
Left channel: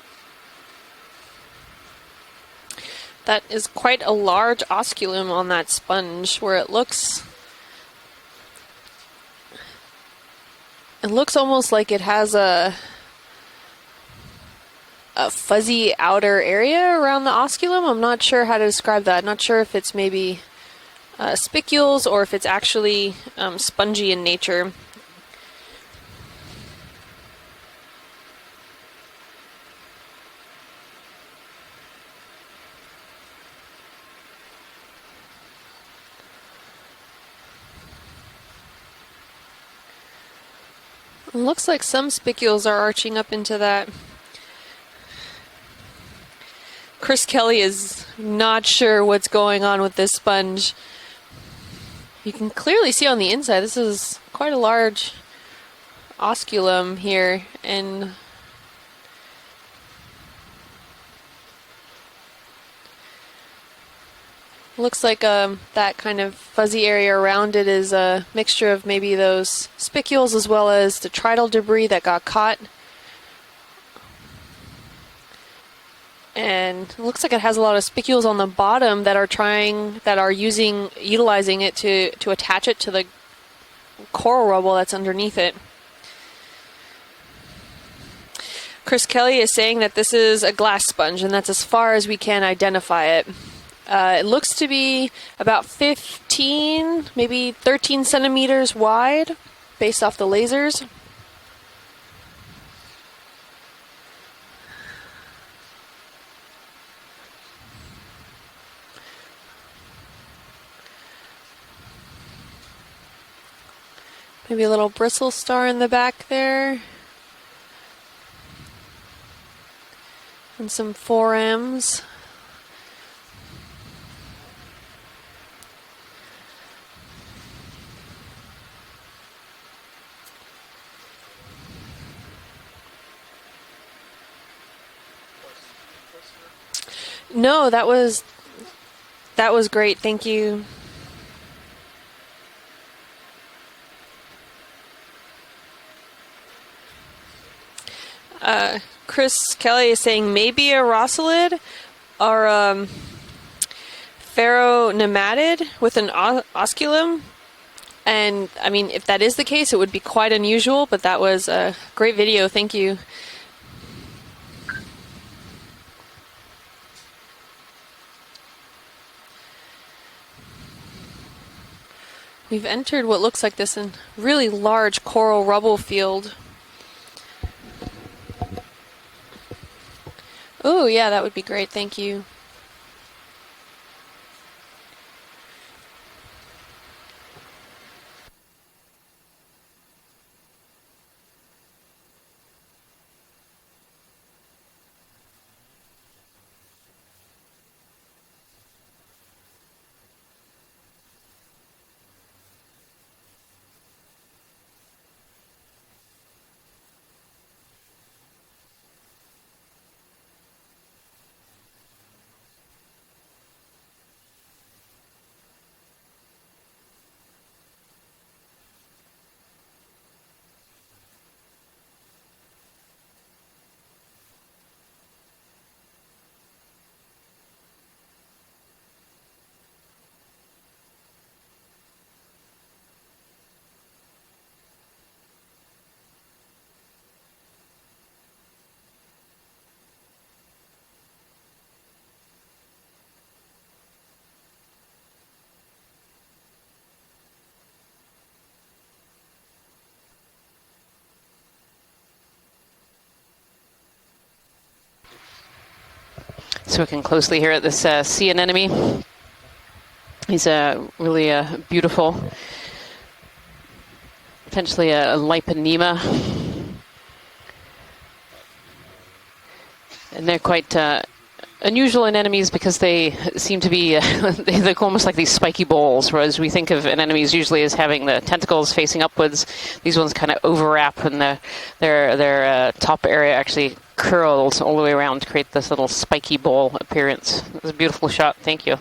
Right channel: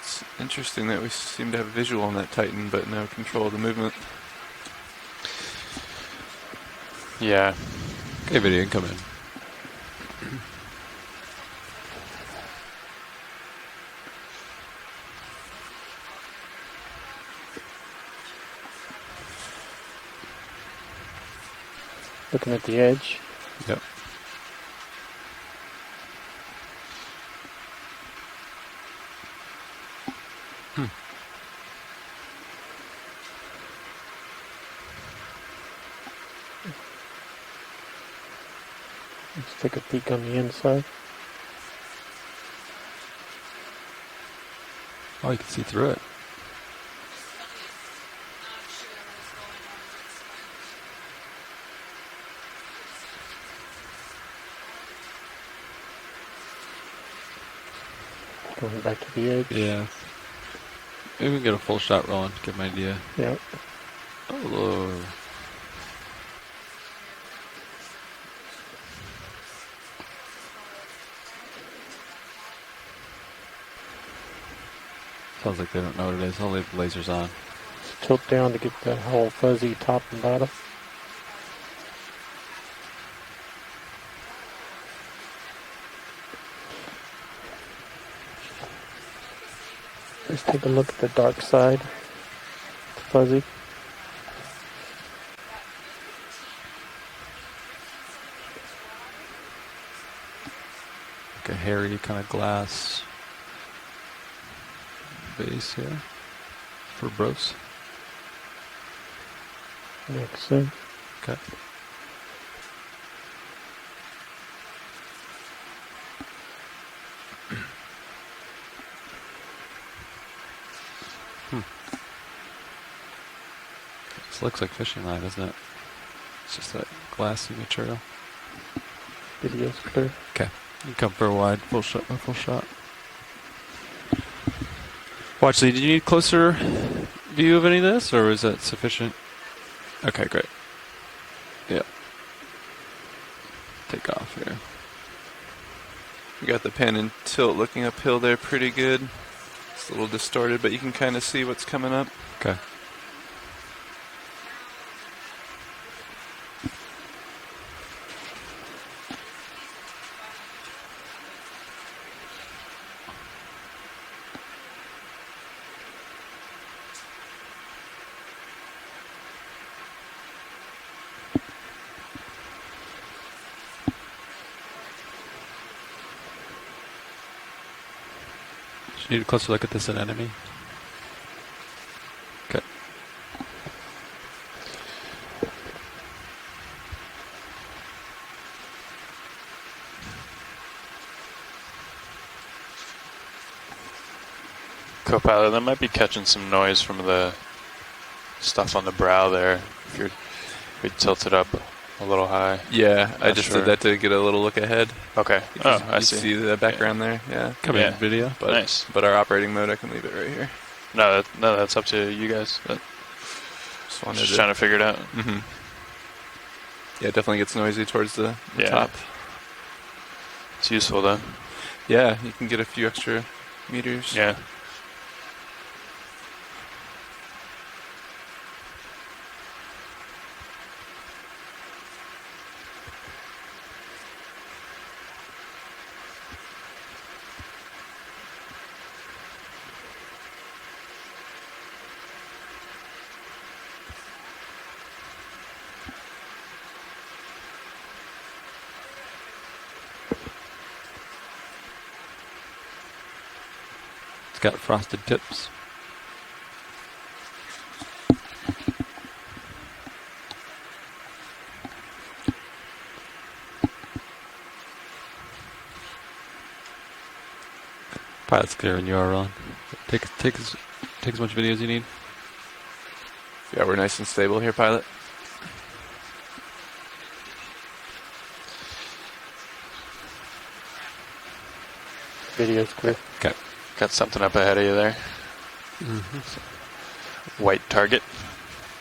It's interesting that we seem to have visual on that Titan, but no control That of the is movement. quite a large osculum on that sponge, where it looks Okay, video incoming. it looks almost like it has a fuzzy outer area around the osculum. I'm not sure how to describe that. Not sure if it's maybe spicules or if it's Looking at the actually spongy in nature. Let's take a peek on the inside. It looks like some spicules are arching up into that. Oh, you can see through it. Chris Kelly is not sure what's going on with this sponge. You can clearly see on the inside, this is quite a large osculum here, and Going back to the edge. Yeah. Maybe we can get a full shot rolling to get an idea. Yeah. Oh, looks like that kind of fuzzy area around it is a mixture of maybe those spicules as well as detrital debris that got caught. sounds like they don't know what it is. And Lasers it looks on. like it has a lot of spicules Flip on the down to get bottom the that are whole fuzzy top that to are bottom. utilizing it to attach it to the coral rubble that's underneath it. Chris Kelly is saying that this is a Take a glass look at the sponge, and that's as backside. far as we can identify it. Fuzzy. It looks to be about 15, maybe 13 centimeters wide, based off the lasers. Like a hairy kind of glass base here for bros. Makes sense. Okay. Maybe a little bristle star in the back there. And some 4Ms. This looks like fishing line, doesn't it? It's just that glassy material. Video's clear. Okay. You come for a wide full shot. Watchley, did you need closer view No, of any that of this, was- or was that sufficient? That was great, thank Okay, you. Yeah. Take off here. You got the pan and tilt looking uphill there pretty good. Chris Kelly is It's a little saying distorted, maybe but a you can kinda see rosselid what's coming up. or Okay. ferronematid with an osculum. And, I mean, if that is the case, it would be quite unusual, but that was a great video. Thank you. We've entered what looks like this really large coral rubble field. Do you need a closer look at this anemone? Oh, yeah, that would be great. Thank you. Okay. Co-pilot, that might be catching some noise from the stuff on the brow there. If we tilt it up a little high. Yeah, I Not just sure. did that to get a little look ahead. Okay. Because Oh, I you see. the background there. Yeah. Come in video. But, Nice. But our operating mode, I can leave it right here. No, that's up to you guys. But Just wanted just trying to figure it out. Mm-hmm. Yeah, it definitely gets noisy towards the Yeah. top. It's useful though. Yeah, you can get a few extra meters. Yeah. It's got frosted tips. So looking closely here at this sea anemone. He's really beautiful, potentially a Liponema. Pilot's clear and you are on. And they're quite take as much video as you need. unusual anemones because they seem to we're be, nice and stable here, they look pilot. almost like these spiky balls, whereas we think of anemones usually as having the tentacles facing upwards. These ones kind of overwrap and their top area actually Got something up ahead curls of all you the way there. around to create this little spiky ball appearance. White It was a target. beautiful shot, thank you.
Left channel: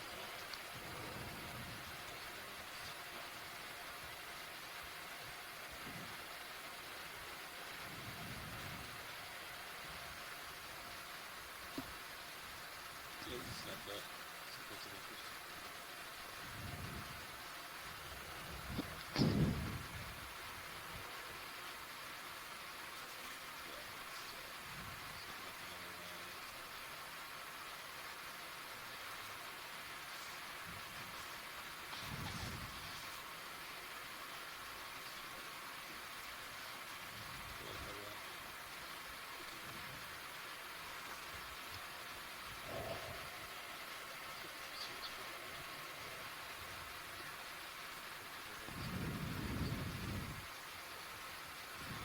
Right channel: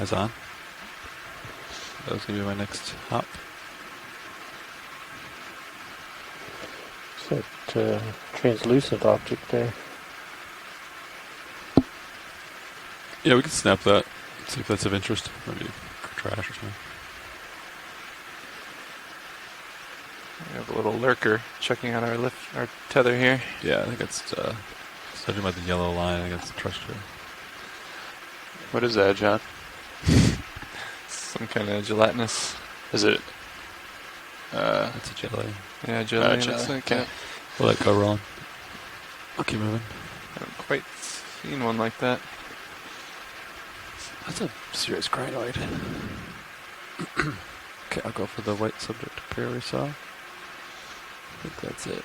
Eyes on. That was going to be my next hop. It's that translucent object there. Yeah, we can snap that. See if that's of interest. Maybe trash or something. We have a little lurker checking out our tether here. Yeah, I think it's judging by the yellow line, I think it's terrestrial. What is that, John? Some kind of gelatinous. Is it? It's a jelly. Yeah, jelly. jelly, Looks like okay. it. We'll let go roll. I'll keep moving. I haven't quite seen one like that. That's a serious crinoid. Okay, I'll go for the white subject up here we saw. I think that's it.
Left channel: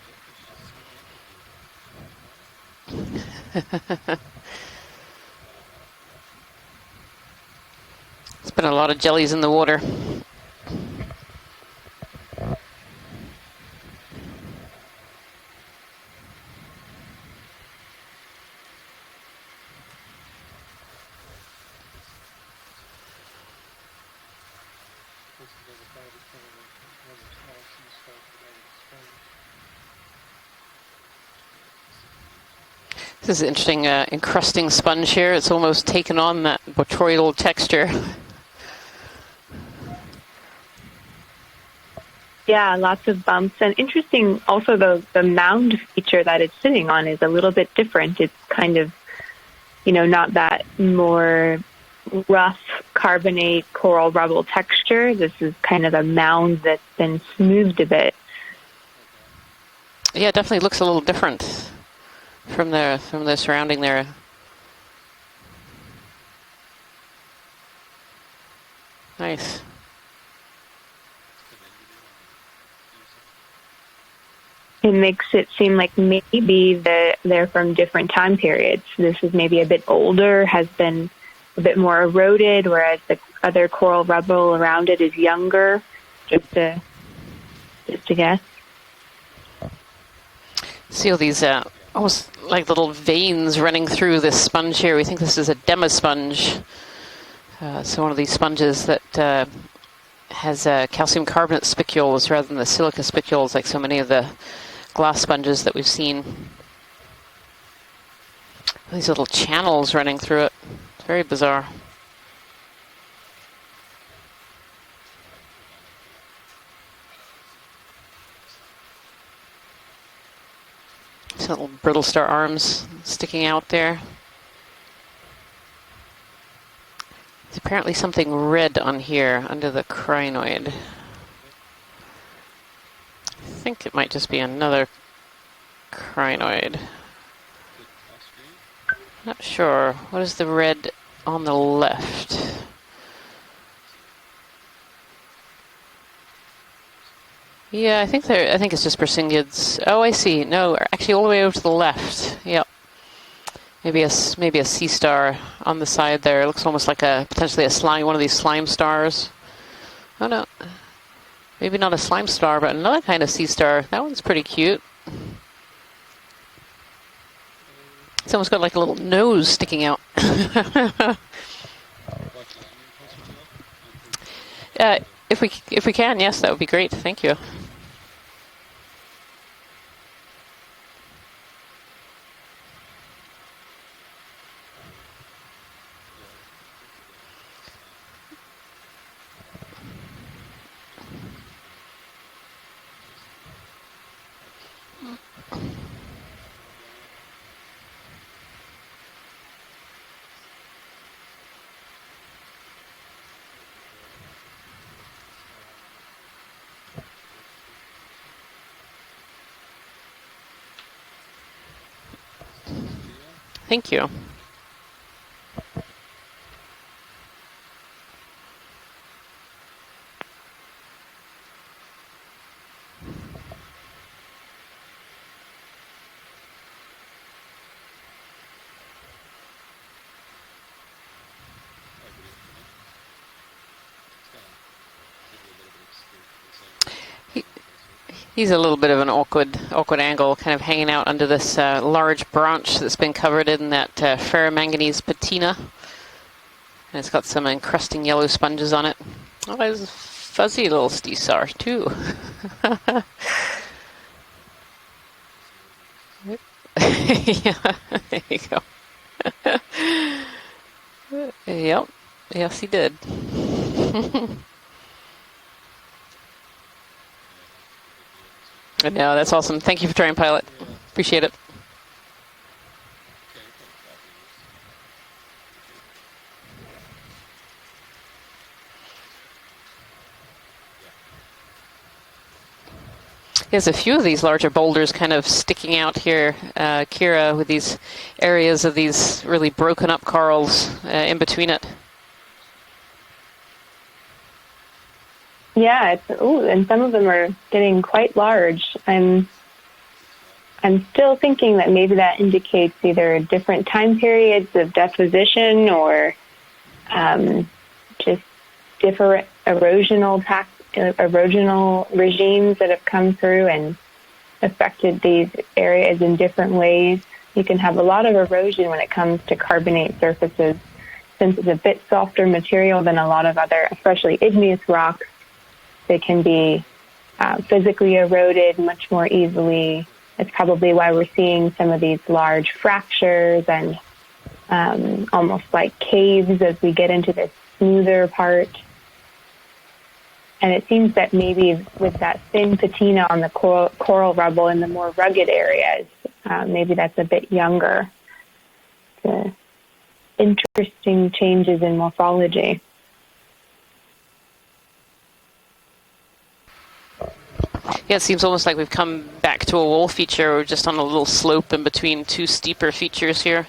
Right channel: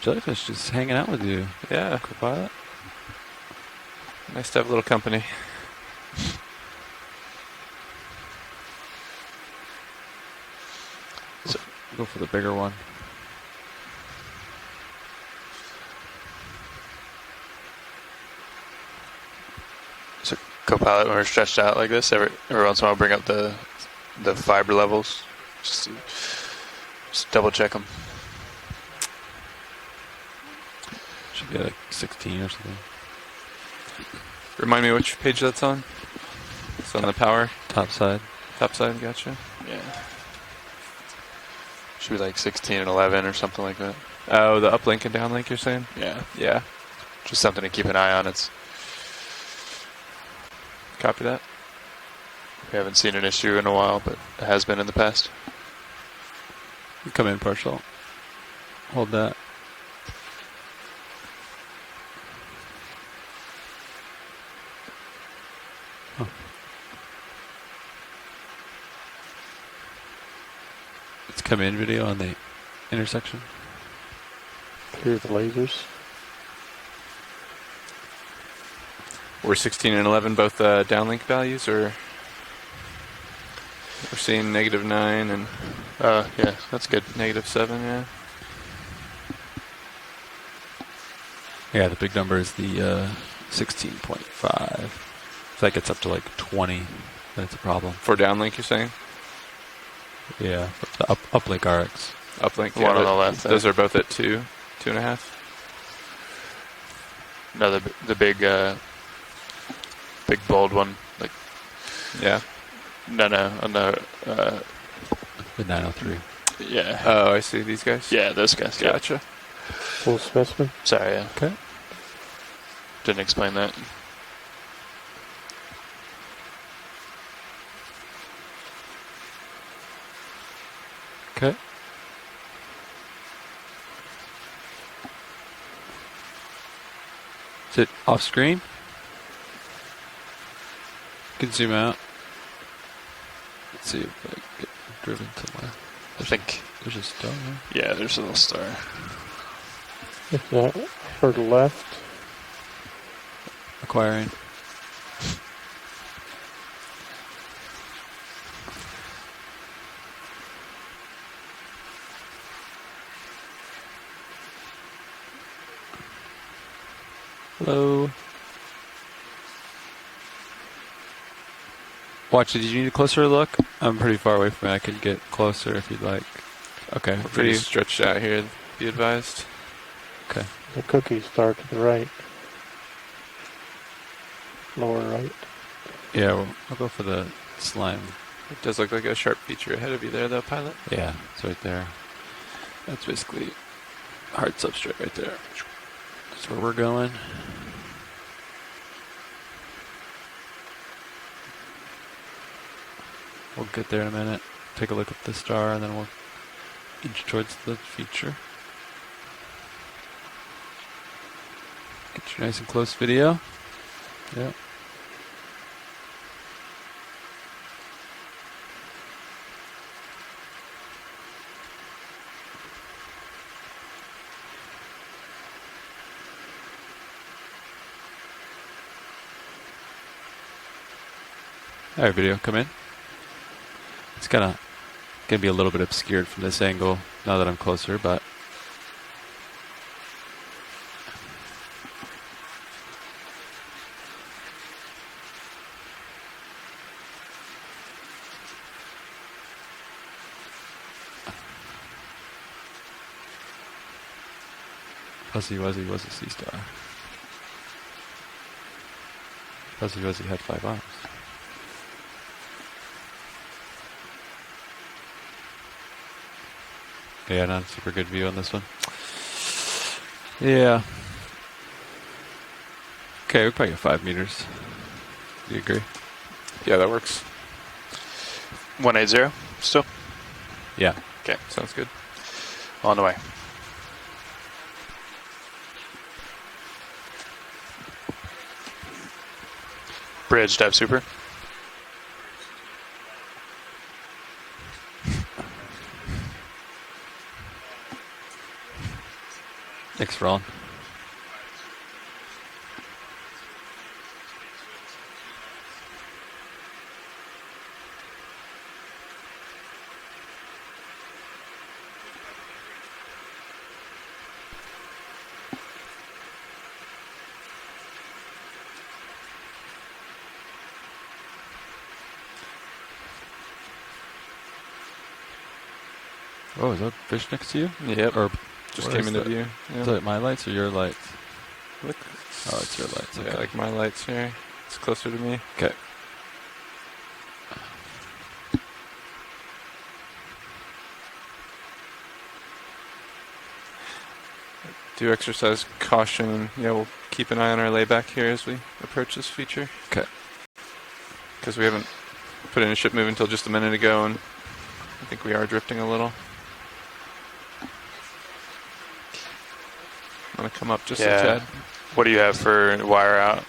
Jellyfish just hanging out with you. Yeah. Co-pilot. Nice to have a little company. There's been a lot of jellies in the water. Go for the bigger one. So co-pilot, when we're stretched out like this, every once in a while bring up the fiber levels. Just double check them. Should be like 16 or something. This is an interesting encrusting Remind me sponge which here. page It's that's almost on? taken on that on botryoidal power, texture. Top side. Top side, gotcha. Yeah. Should be like 16, Yeah, lots 11 of or bumps. something And like that. interesting, Oh, the also uplink and the downlink, you're mound saying? feature Yeah. that Yeah. it's sitting on is a Just little something bit to keep an eye different. on. It's kind of, not that more rough Haven't seen an issue carbonate in a while, coral but rubble it has been in the texture. past. This is kind of a mound that's been Come in, smoothed partial. a bit. Hold that. Yeah, it definitely looks a little different from the surrounding there. Nice. It's come in video on the intersection. It makes it seem like maybe they're from different time periods. This is maybe We're a bit 16 and 11 older, both has been downlink values, a bit or more eroded, whereas the other coral we're seeing rubble around it -9. is younger. Yeah, that's good. -7, yeah. Just to guess. See all these Yeah, the big almost number is like the, little veins running through this sponge here. We think this is a I think dema it's up to, like, sponge. 20, but it's a problem. So one of these sponges that has calcium carbonate spicules rather than the silica spicules like so many of the glass sponges that we've seen. No, the big... these little channels running through big it. bold one. Very bizarre. Yeah. No, on the... the 903. Yeah. Oh, I see these guys. Yeah, those guys. Gotcha. Full specimen. Sorry, yeah. These little brittle star arms Didn't sticking explain out that. there. There's apparently something red on here under the crinoid. Okay. I think it might just be another crinoid. Is it off screen? Not sure. What is the red on the zoom out. left? Let's see if I get driven somewhere. I think... There's a stone Yeah, there. I there's think a little I think it's just Persyngids. Oh, I see. No, actually all the way over to the left. Yep. Maybe a sea star on the side there. It looks almost like potentially a slime, one of these slime stars. Oh no, maybe not a slime star, but another kind of sea star. That one's pretty cute. Hello. It's almost got like a little nose sticking out. Watch, did you need a closer look? I'm pretty far away from it. I can get closer. If we you'd can, like. yes, that would be great. Okay. Thank you. Pretty stretched out here, be advised. Okay. The cookie star to the right. Lower right. Yeah, I'll go for the slime. It does look like a sharp feature ahead of you there, though, pilot. Yeah, it's right there. That's basically hard substrate right there. That's where we're going. We'll get there in a minute. Take a look at the star, and then we'll inch towards the feature. Get your nice and close video. Thank you. Yeah. All right, video, come in. It's gonna be a little bit obscured from this angle now that I'm closer, but He's a little bit of an awkward angle, kind of hanging out under this large branch that's been covered in that ferromanganese patina. And it's got some encrusting yellow sponges on it. Oh, there's a fuzzy little star too. Fuzzy Wuzzy was a sea star. Yeah, there you go. Fuzzy Wuzzy had 5 arms. Yep. Yes, he did. Yeah, not a super good view on this one. No, that's awesome. Thank you for trying, pilot. Yeah. Appreciate it. Okay, we probably got 5 meters. Do you agree? Yeah, that works. 180 still? Yeah. Okay, Sounds good. on the way. There's a few of these larger boulders kind of sticking out here, Kira, with these areas of these really broken up corals in between it. Yeah, and some of them are getting quite large. Thanks, Ron. I'm still thinking that maybe that indicates either different time periods of deposition or just different erosional regimes that have come through and affected these areas in different ways. You can have a lot of erosion when it comes to carbonate surfaces, since it's a bit softer material than a lot of other, especially igneous rocks. They can be physically eroded much more easily. That's probably why we're seeing some of these large fractures and almost like caves as we get into this smoother part. And it seems that maybe with that thin patina on the coral rubble in the more rugged areas, maybe that's a bit keep an eye on our younger. lay back here as we approach this feature. Okay. Interesting changes in morphology. Put in a ship move until just a minute ago, and I think we are drifting a little. Yeah, it seems almost like we've come back to a wall feature. We're just on a little slope in between two steeper features here.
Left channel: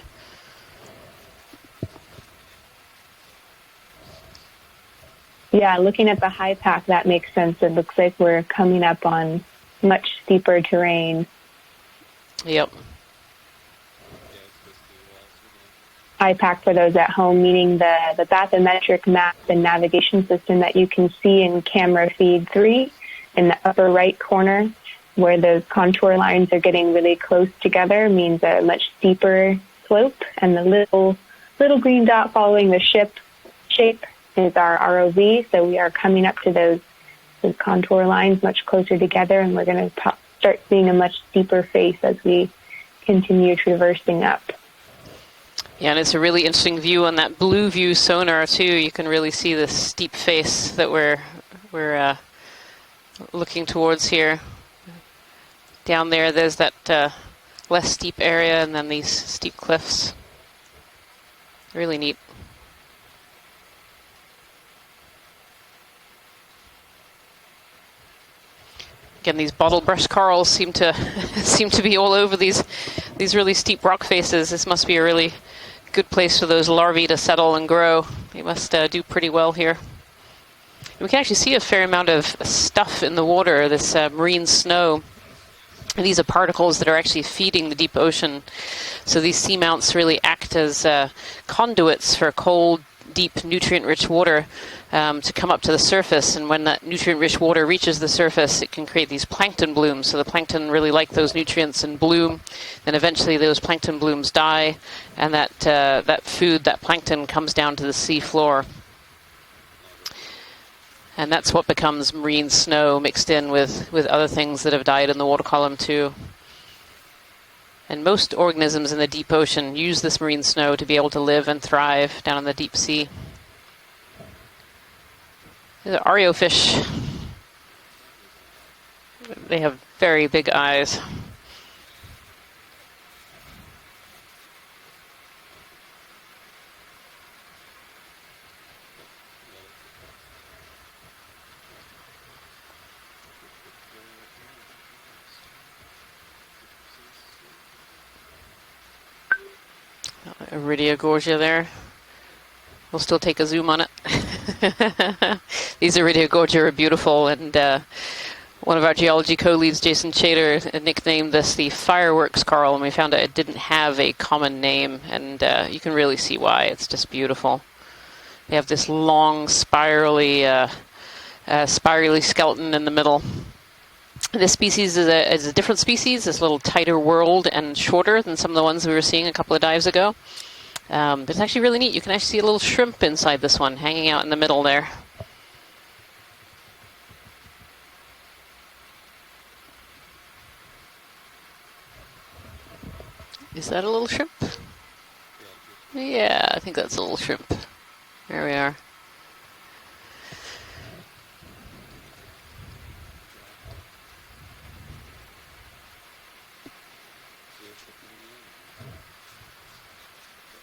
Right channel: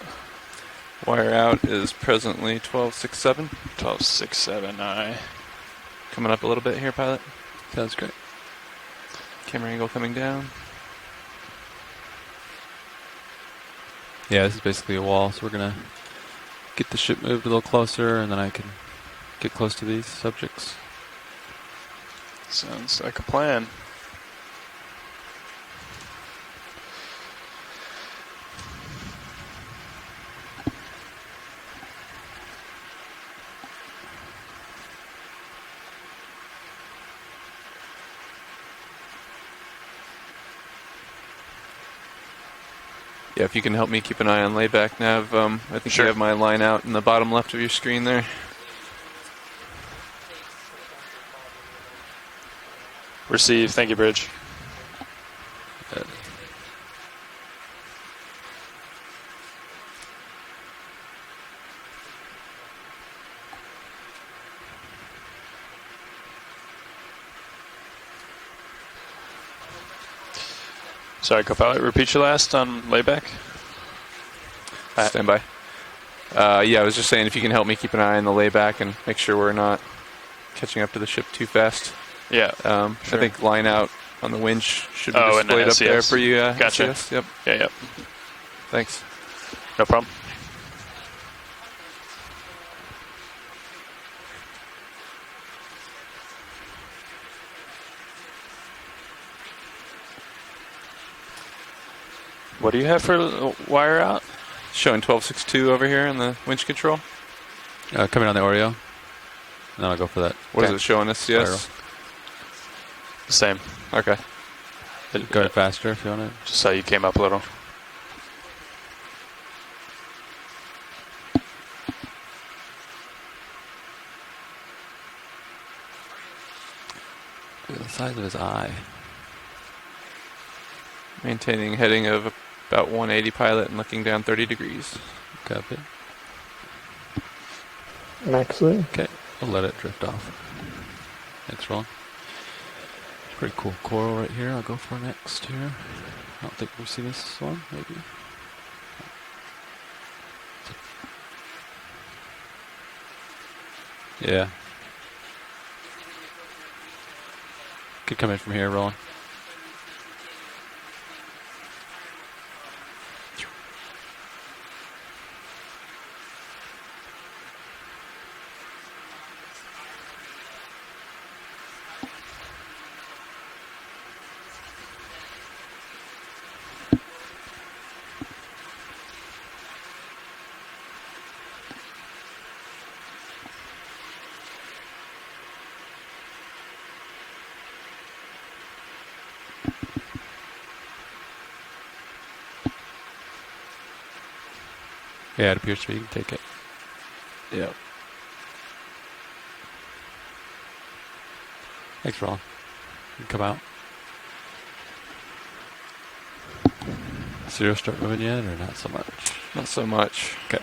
Wire out is presently 1267. 1267, aye. Yeah, looking at the Coming up a high little bit pack, here, that Pat. makes sense. It looks Sounds good. like we're coming up on Camera angle much coming down. steeper terrain. Yep. Yeah, this is basically a wall, so we're gonna High pack for Get those the at ship home, moved a little meaning closer, the and then I can bathymetric map get and close to these navigation system subjects. that you can see in camera feed 3 Sounds like a in plan. the upper right corner, where those contour lines are getting really close together, means a much steeper slope, and the little green dot following the ship shape is our ROV. So we are coming up to those contour lines much closer together, and we're going to start seeing a much steeper face as we continue Yeah, if you can help me keep traversing an eye up. on layback nav, I Yeah, think there's I a have my really line interesting out in the view on bottom that left of blue your view screen there. sonar too. You can really see the steep face that we're looking Received. Thank you, towards Bridge. here. Down there, there's that less steep area, and then these steep cliffs. Really neat. Again, these bottle brush corals seem to Sorry, seem to be repeat all your over last these on layback? these really steep rock faces. This must be a really Standby. good place for those Yeah, I was larvae just to saying, if you settle can help and me keep grow. an eye on the Must layback and do make pretty sure well we're here. not catching up to the We can ship actually too see a fair fast. amount of Yeah, stuff I in the think water. line This out on the marine winch snow. should be displayed up there These for are you. particles that are Gotcha. actually Yep. feeding the deep ocean. Thanks. So these seamounts problem. really act as conduits for cold, deep, nutrient-rich water to come up to the surface. And when that nutrient-rich water reaches the surface, it can create these plankton blooms. So the plankton really like those nutrients and bloom. What do you And have for eventually the those plankton wire out? blooms die. Showing And that, 1262 over here in that the food, winch that control? plankton comes down to the coming on the seafloor. Oreo. No, I'll go for that. What is it showing us? And Yes. that's what becomes marine snow mixed in Same. with Okay. other things that have died in the Didn't water go column faster too. on it. Just saw you came up a little. And most organisms in the deep ocean use this marine snow to be able to live and thrive down in the deep sea. The Oreo fish, Look at the size of his eye. they have very big eyes. Maintaining heading of about 180 pilot and looking down 30 degrees. Copy. Maxley. Okay, I'll let it drift off. Thanks, Ron. Pretty cool coral right here. I'll go for next here. I don't think we've seen this one, maybe. Iridiogorgia there. We'll still take a zoom on it. Yeah. These Iridiogorgia are beautiful, and Could come in from here. one of Ron. our geology co-leads, Jason Chater, nicknamed this the fireworks coral, and we found out it didn't have a common name, and you can really see why. It's just beautiful. They have this long, spirally skeleton in the middle. This species is a different species. It's a little tighter whorled and shorter than some of the ones we were seeing a couple of dives ago. But it's actually really neat. You can actually see a little shrimp inside this one, hanging out in the middle there. Is that a little shrimp? Yeah, it appears to be. Yeah, I think that's a little shrimp. Yeah. There we are. Thanks, Ron. You can come out. Zero start moving yet, or not so much? Not so much. Okay.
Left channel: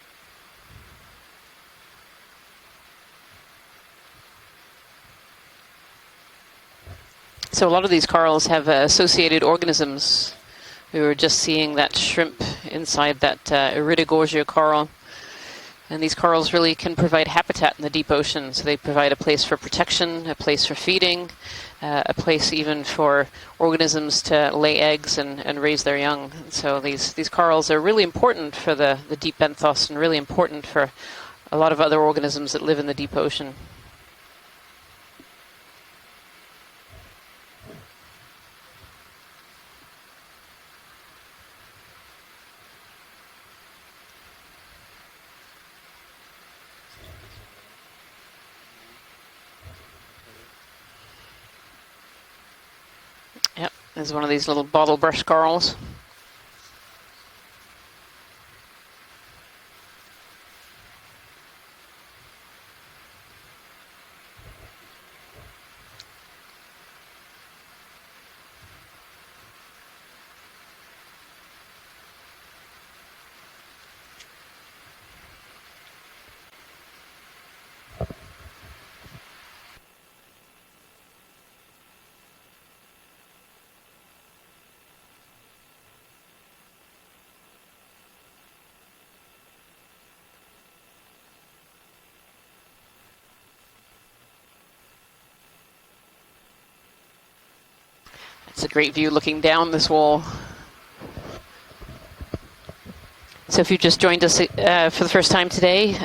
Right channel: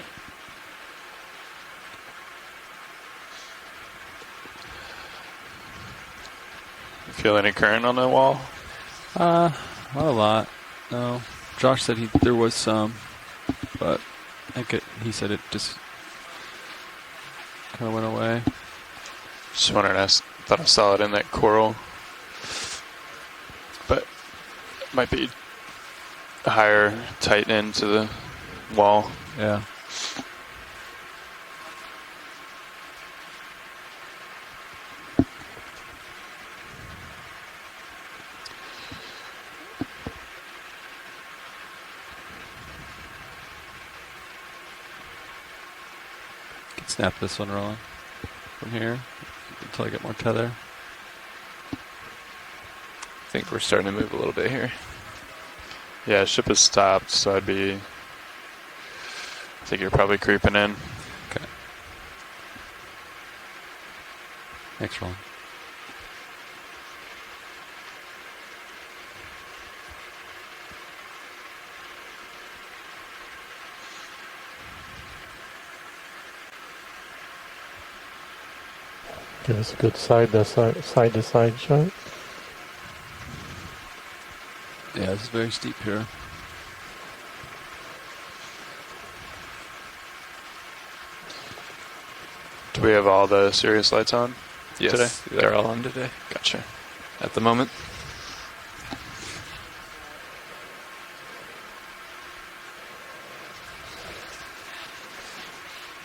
Feel any So a lot current of on these that wall? corals have associated organisms. Not a lot. We were just seeing Josh that said shrimp there was some, inside that Iridiogorgia coral. He said it just. And these corals really can provide habitat in the That deep went away. ocean. So they provide a place for Just wondering, protection, I a place saw for it in feeding, that coral. a place even for organisms to lay eggs be and raise their young. So higher these tight corals are end to really the important for wall. the deep Yeah. benthos and really important for a lot of other organisms that live in the deep ocean. Can snap this one, Ron, from here until I get more tether. I think we're Yep, starting to move this is a one of little these bit little here. bottle brush corals. Yeah, ship has stopped, so I'd be... I think you're probably creeping in. Okay. Thanks, Ron. Give us a good side to side shot. Yeah, this is very steep here. Do we have all the Sirius lights on? Yes, today? they're all on today. Gotcha. At the moment. It's a great view looking down this wall. So if you've just joined us for the first time today,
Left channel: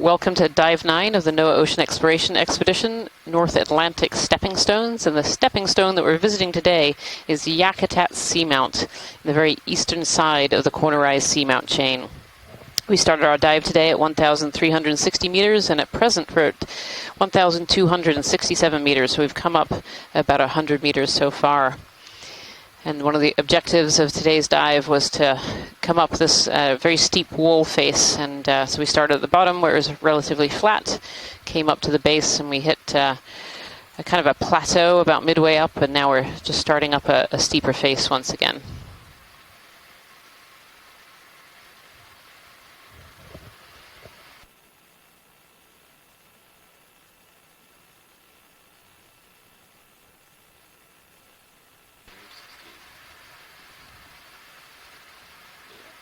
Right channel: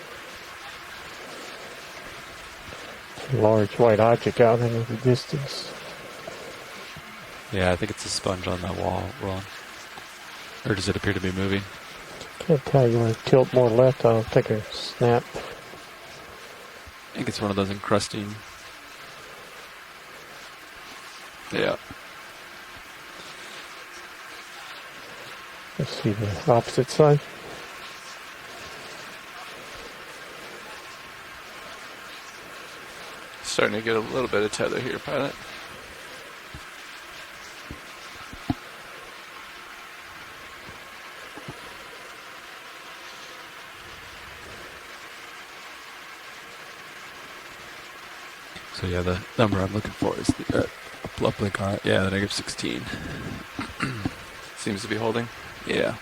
welcome to Dive 9 of the NOAA Ocean Exploration Expedition, North Atlantic Stepping Stones. And the stepping stone that we're visiting today is the Yakutat Seamount, the very eastern side of the cornerized Seamount chain. We started our dive today at 1,360 meters, and at present we're at 1,267 meters. So we've come up about 100 meters so far. Yeah. And one of the objectives of today's dive was to come up this very steep wall face. And so we started at the bottom where it was relatively flat, came up to the base, and we hit Starting to get a kind of a plateau about midway up, and now we're just starting up a steeper face once again. So yeah, the number I'm looking for is the uplink on it. Yeah, the negative 16. Seems to be holding. Yeah.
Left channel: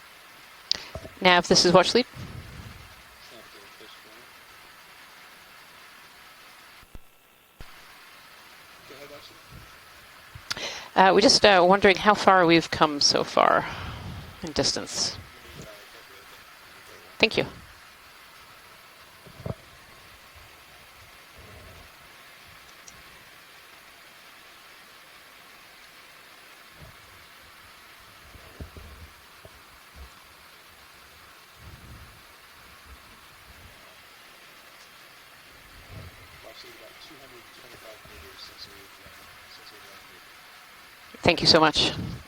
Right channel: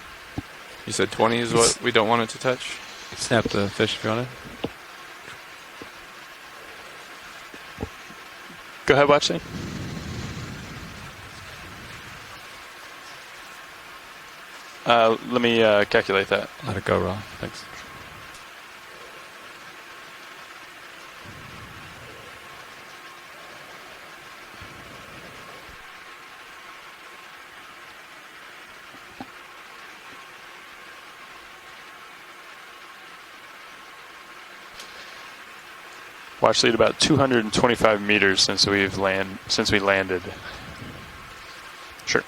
You said 20 is what we don't want it to touch? Snap the fish if you want it. Go ahead, Watchley. We're just wondering how far we've come so far in distance. Let me calculate that. Let it go, Ron. Thank you. Thanks. Watch lead about 225 meters since we landed. Thank you so much. Sure.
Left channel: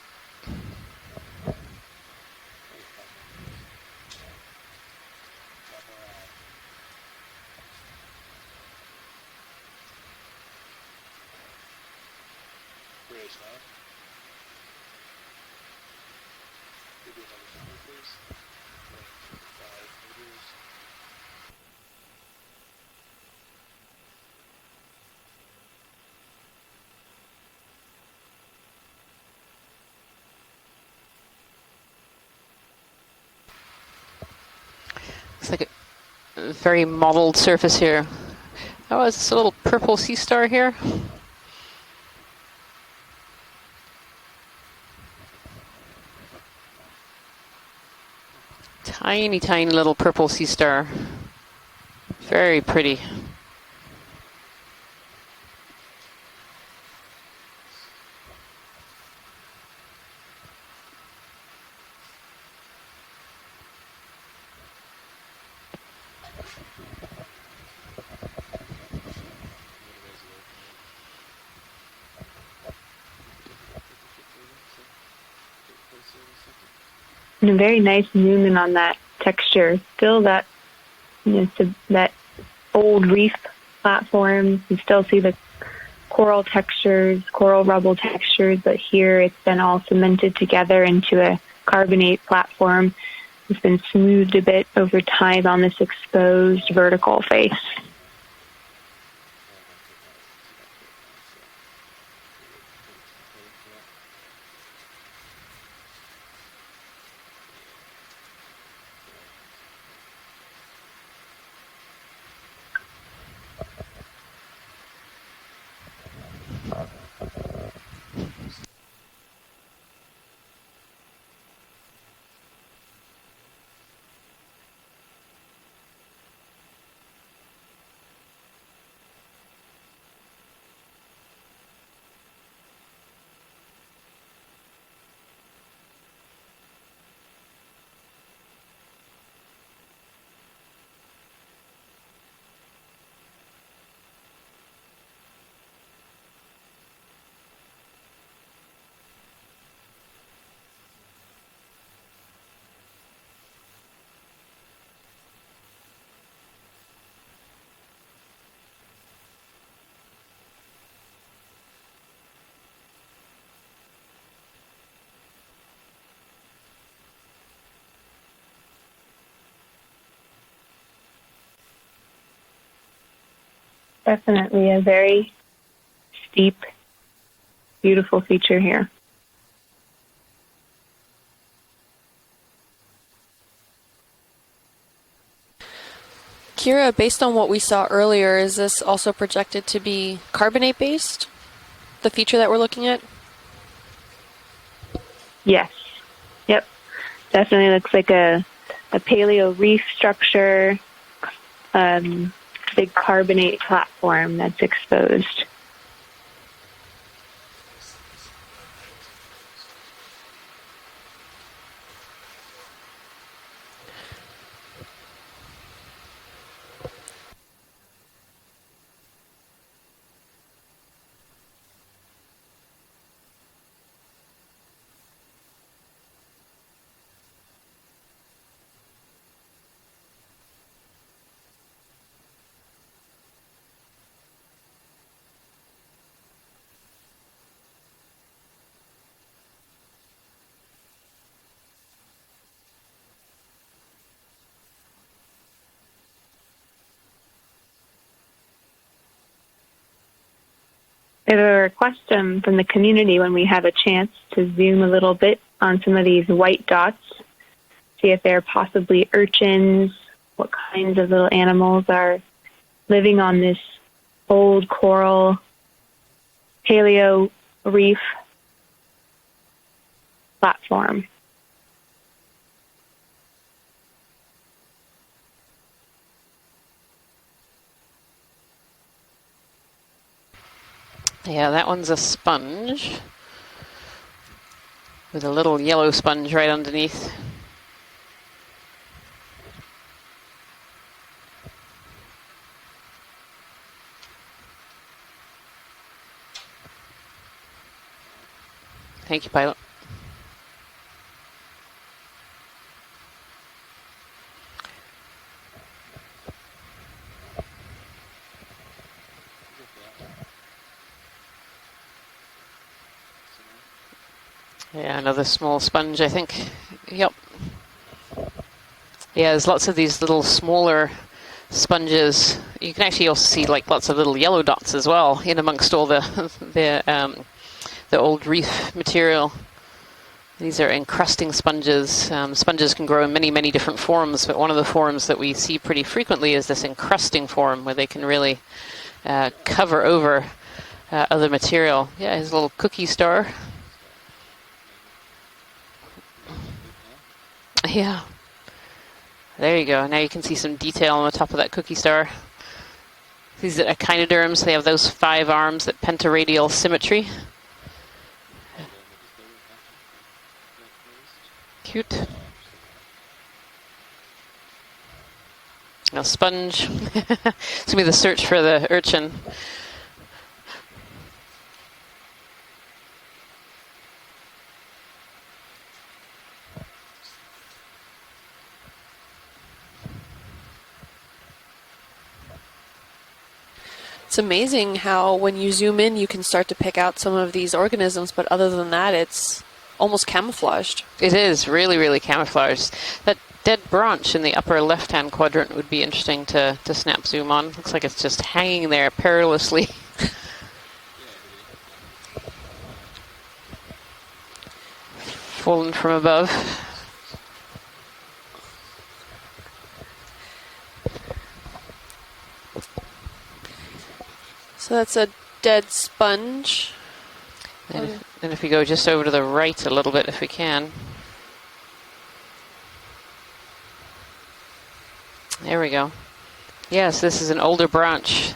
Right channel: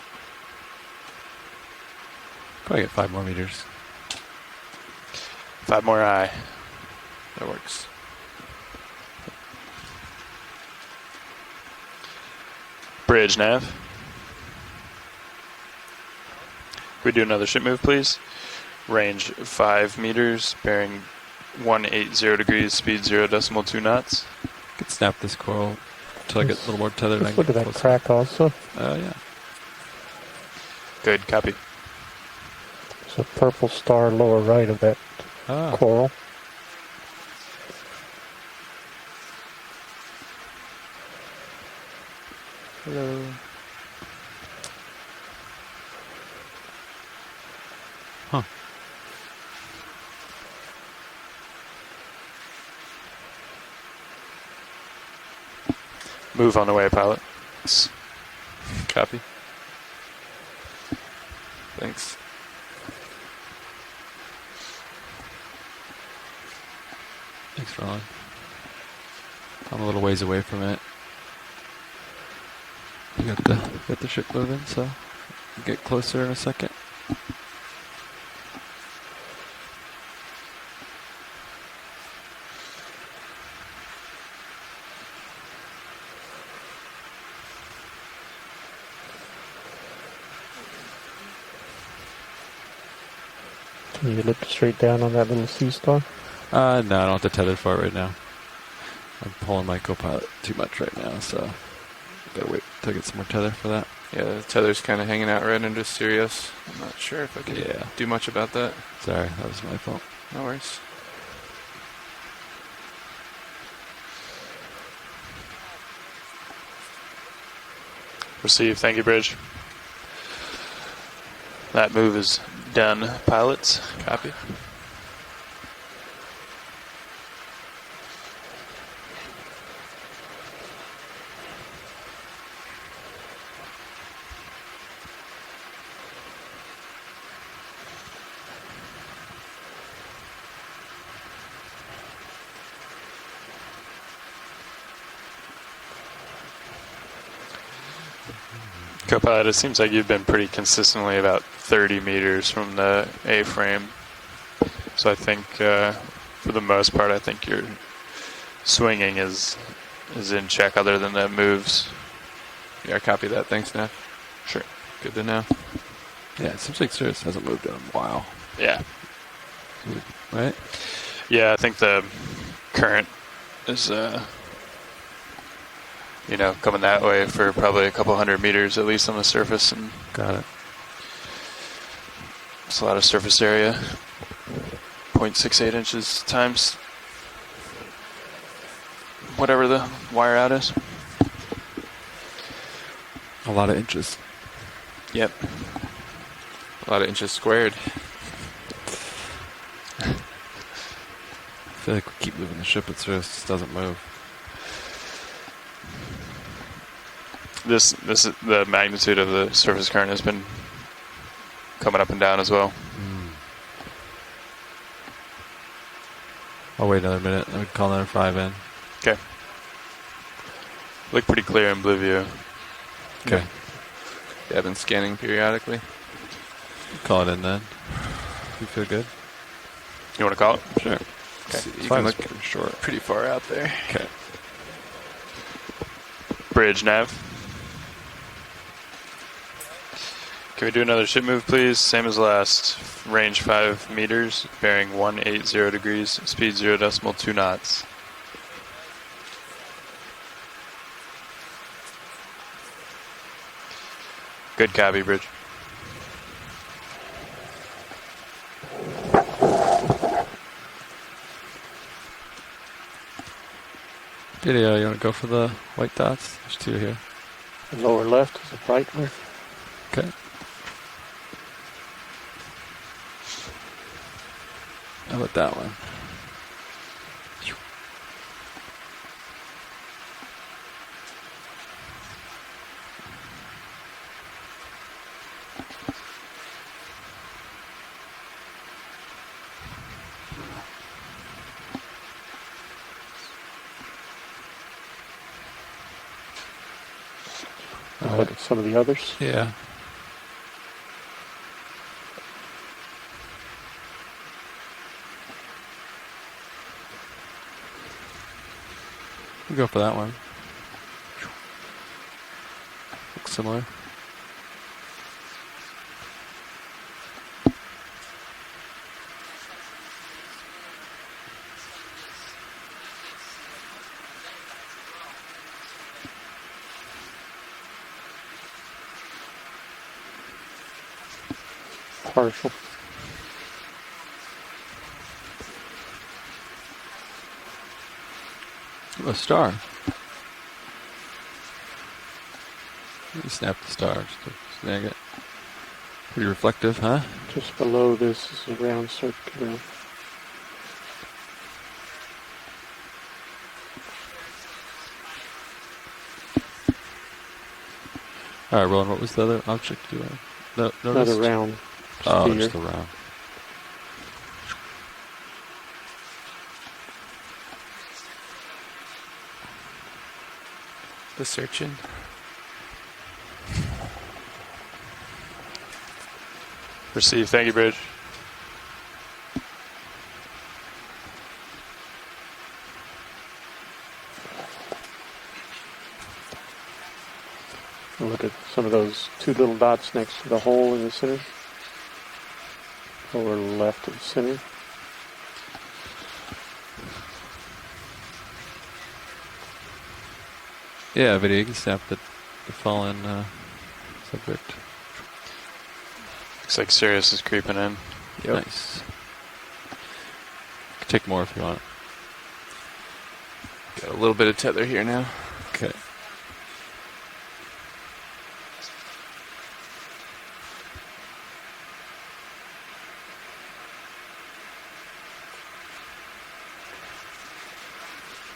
Go get 5 more meters. 5 more aye. That works. Bridge nav. Can we do another ship move, please? Range 5 meters, bearing 180 degrees, speed 0.2 knots. Could snap this coral until I get a little more tethered. Let's look at that crack also. Yeah. Good, copy. There's a purple star lower right of that coral. Very mottled surface here. Oh, it's a little purple sea star here. Hello. Huh. Tiny, tiny little purple sea star. Very pretty. Move on the way, pilot. Copy. Thanks. Thanks, Ron. I'm a little ways away from it. You got the ship moving, so we'll get closer in a second. And a very nice movement on that texture. Still that, that old reef platform. You still see the coral textures, coral rubble textures, but here it's been all cemented together into a carbonate platform. It's been smoothed a bit over time on this exposed vertical no, face. For it right now. I'm pulling my co-pilot too much right now, so gotta wait till I get some more tether for that. Yeah, the tether's kind of hanging out right into Sirius. I'm not sure if I can do much about that. Sorry, that was my fault. No worries. Receive. Thank you, Bridge. That move is done, pilots. Copy. Co-pilot, it seems like you've been pretty consistently about 30 meters from the A-frame. So I think, for the most part, I think your swinging is in check other than the moves. Yeah, copy that. Thanks, Neff. Sure. Good to know. Yeah, it seems like Sirius hasn't moved in a while. Yeah. Right? Yeah, I think the current is, Definitely a very coming that way for probably a couple hundred meters at least on the surface. And got it. it's a lot of surface area. 0.68 inches times. Kira, based on what we saw earlier, is this also projected Whatever to the be wire added. carbonate based? The feature that we're looking at? A lot of inches. Yep. Yes. Yep. A lot of inches Definitely squared. looks like a paleo reef structure, I can keep moving the ship big as fast as it carbonate doesn't platform that's exposed. This is the magnitude of the surface current has been coming up and down as well. I'll wait another minute. I would call another 5 in. Okay. Look pretty clear in blue view. Okay. Yeah, I've been scanning periodically. Call it in then. You feel good? You want to call it? Sure. Okay. You Five can is look pretty short. pretty far out there. Okay. Bridge nav. Can we do another ship move, please? Same as last. Range 5 meters, bearing 180 degrees, speed 0.2 knots. We have a request from the community when we have a chance to Good zoom a copy, little Bridge. bit on some of these white dots, see if they're possibly urchins, what kinds of little animals are living on this old Yeah, you wanna go coral for the white dots? There's two here. paleo reef Lower left is a brightness. Okay. platform. How about that one? Yeah, that one's a sponge with a little yellow sponge right underneath. Look at some of the others. Thank you, Yeah. pilot. We'll go for that one. Looks similar. Yeah, another small sponge, I think. Yep. Yeah, there's lots of these little smaller sponges. You can actually also see like lots of little yellow dots as well in amongst all the old reef material. These are encrusting sponges. Sponges can grow in many, many different forms, but one of the forms that we see pretty frequently is this encrusting form where they can really cover over other material. Yeah, his little cookie star. Snap the star just to snag it. Pretty reflective, huh? Just below Yeah. this is a round circle. There you go. Now you can see some detail on the top of that cookie star. These are echinoderms. They have those 5 arms, that pentaradial symmetry. All right, Roland, what was the other object you Another noticed? round. Cute. Oh, sphere. just the round. A sponge. It's going to be the search for the urchin. The searching. Receive. Thank you, Bridge. It's amazing how when you zoom in, you can start to pick out some of these organisms, but other than that, it's two little dots almost next to the hole camouflaged. in the It center. is really, really camouflaged. That Lower dead left branch in the center. upper left-hand quadrant would be interesting to snap zoom on. Looks like it's just hanging there perilously. Yeah, video. You can snap the fallen subject. Fallen from above. Looks like Sirius is creeping in. Yep. Nice. Can take more if you want. Got a little bit of tether So here that's now. a dead Okay. sponge. And if we go just over to the right a little bit, if we can. There we go. Yes, this is an older branch.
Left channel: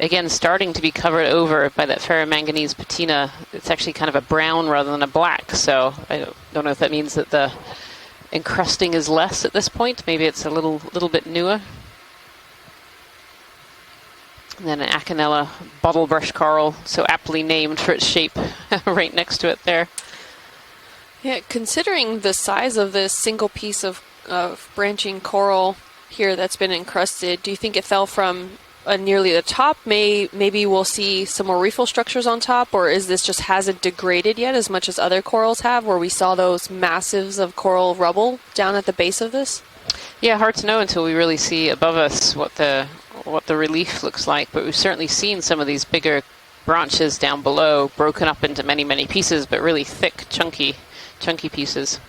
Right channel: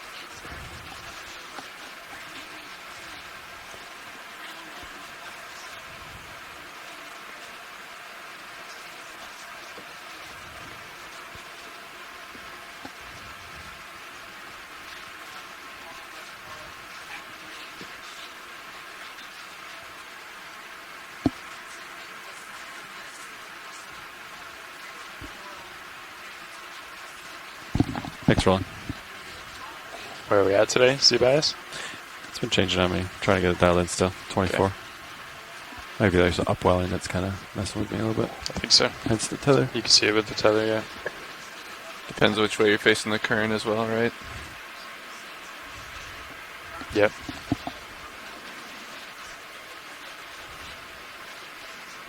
Again, starting to be covered over by that ferromanganese patina. It's actually kind of a brown rather than a black, so I don't know if that means that the encrusting is less at this point. Maybe it's a little bit newer. And then an Acanella bottlebrush coral, so aptly named for its shape, right next to it there. Yeah, considering the size of this single piece of branching coral here that's been encrusted, do you think it fell from Thanks, Ron. nearly the top? Where are we Maybe at we'll today? see Sea bass? some more reefal structures on Some top, change or on is me. this Try just and get hasn't dialed in still. degraded yet as 24. much as other corals have, where we Maybe saw there's those upwelling massives up of coral there. rubble down so. at the base of That's the this? tether. You can see it with Yeah, the hard to tether, know yeah. until we really see above us Depends what which way you're facing the what current the as well, relief right? looks like. But we've certainly seen some of these bigger branches down below broken up into many, many pieces, but really thick, chunky pieces.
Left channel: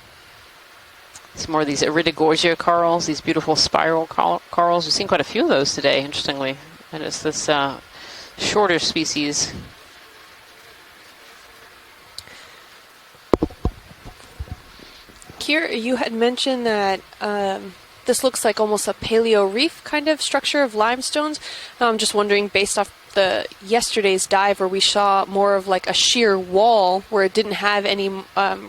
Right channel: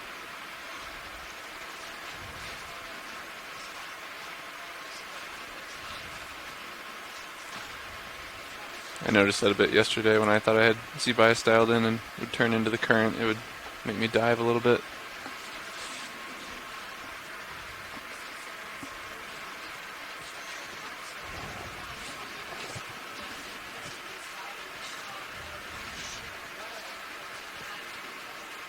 It's more of these iridogorgia corals, these beautiful spiral corals. We've seen quite a few of those today, interestingly. And it's this shorter species. I noticed that a bit yesterday when I thought I had sea bias dialed in and would turn into the current. It would make me dive a little bit. Kier, you had mentioned that this looks like almost a paleo reef kind of structure of limestones. I'm just wondering, based off the yesterday's dive where we saw more of like a sheer wall where it didn't have any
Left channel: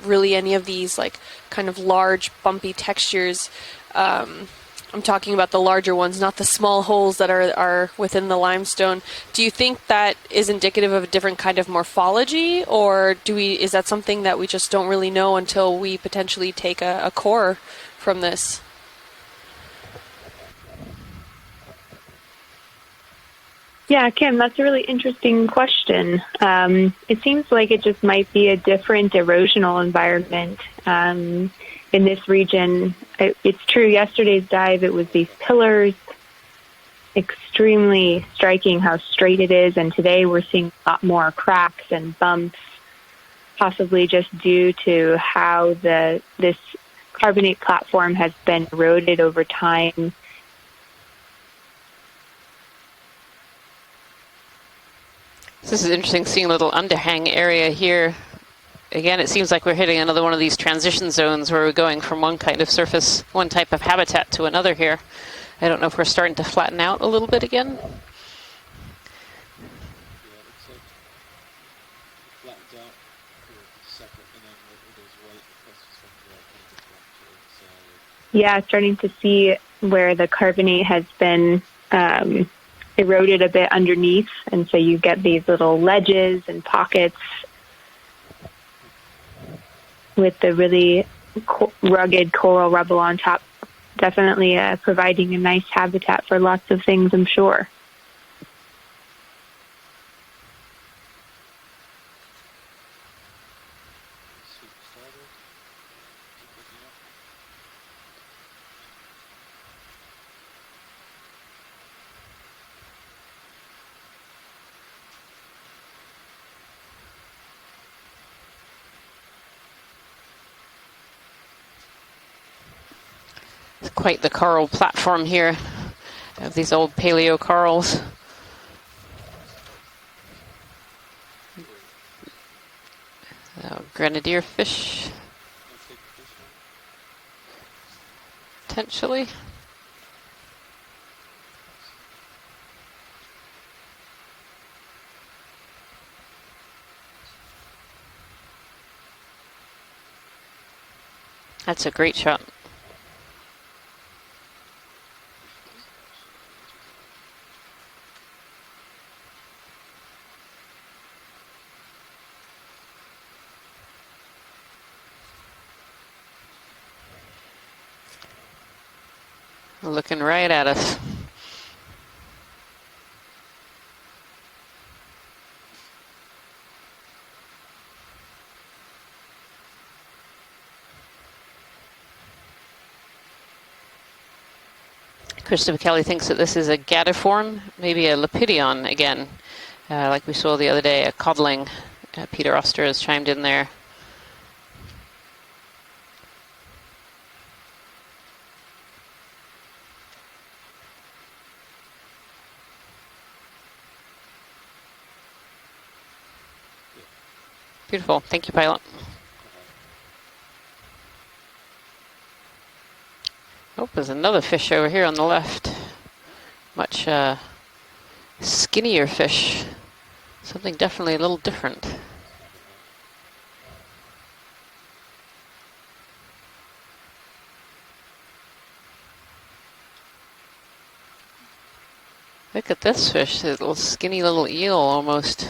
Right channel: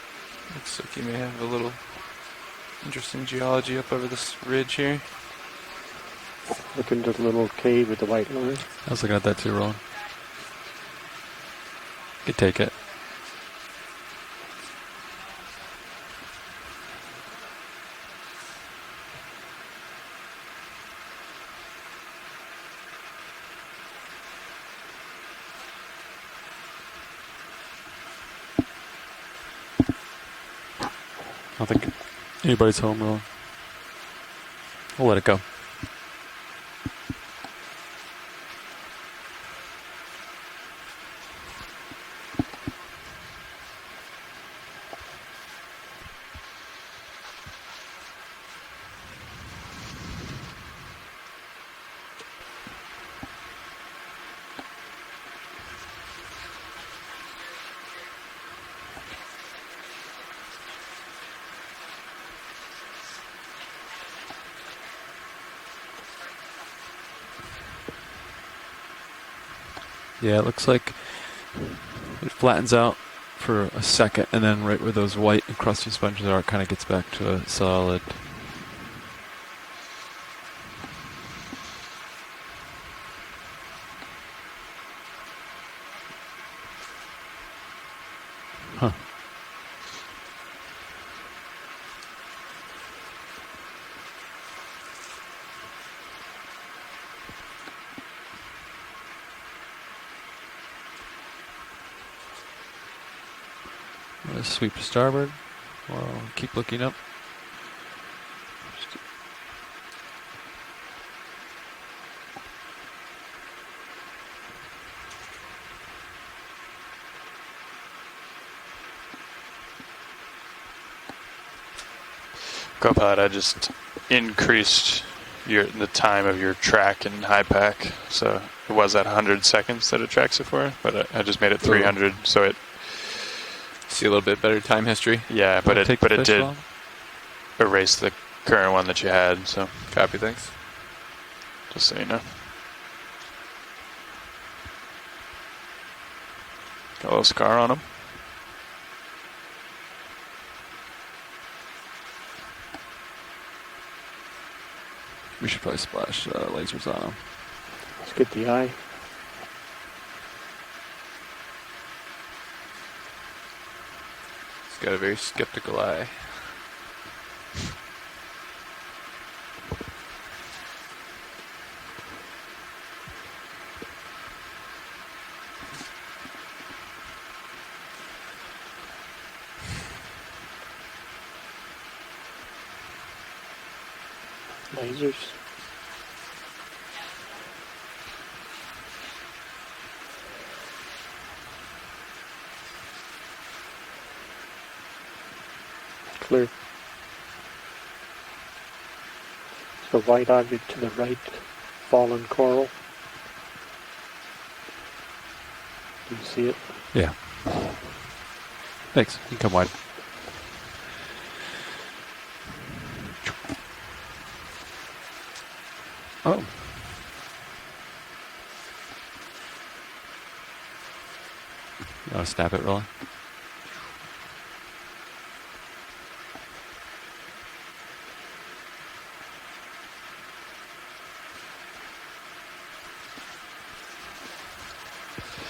really any of these like kind of large bumpy textures. Geology up on this ridge here. I'm talking about the larger ones, not the small holes that are within the limestone. Do you think that is indicative of a different kind of morphology, or is that something that we just don't really know until we potentially take a core from this? Yeah, Kim, that's a really interesting question. It seems like it just might be a different erosional environment in this region. It's true, yesterday's dive, it was these pillars, extremely striking how straight it is, and today we're seeing a lot more cracks and bumps, possibly just due to how this carbonate platform has been eroded over time. This is interesting, seeing a little underhang area here. Again, it seems like we're hitting another one of these transition zones where we're going from one kind of surface, one type of habitat to another here. I don't know if we're starting to flatten out a little bit again. Yeah, it looks like it flattens out for a second, and then right where those white and crusty sponges are, it kind of gets back to a solid. Yeah, starting to see where the carbonate has been eroded a bit underneath, and so you get these little ledges and pockets with the really rugged coral rubble on top. Definitely providing a nice habitat for lots of things, I'm sure. Let's sweep to starboard. Well, keep looking up. Copilot, I just quite the coral platform here. The time of your these track. These old paleo corals. So it was at 100 seconds that it tracks it for, but I just made it 300, so it. See a little bit better time history. Yeah, but it did erase the current one that you had. So copy, thanks. Just so you know. Got a little scar on him. That's a great shot. We should probably splash lasers on them. Let's get the eye. He's got a very skeptical eye. Looking right at us. Lasers. Christopher Kelly thinks that this is a gadiform, maybe a lepidion again, like we saw the other day, a codling. Peter Oster has chimed in there. Clear. The white object to the right, fallen coral. Do you see it? Yeah. Beautiful. Thank you, pilot. Thanks. You can come wide. Oh, there's another fish over here on the left. Oh. Much skinnier fish. Something definitely a little different. You want to snap it, Roland? Look at this fish, a little skinny little eel almost.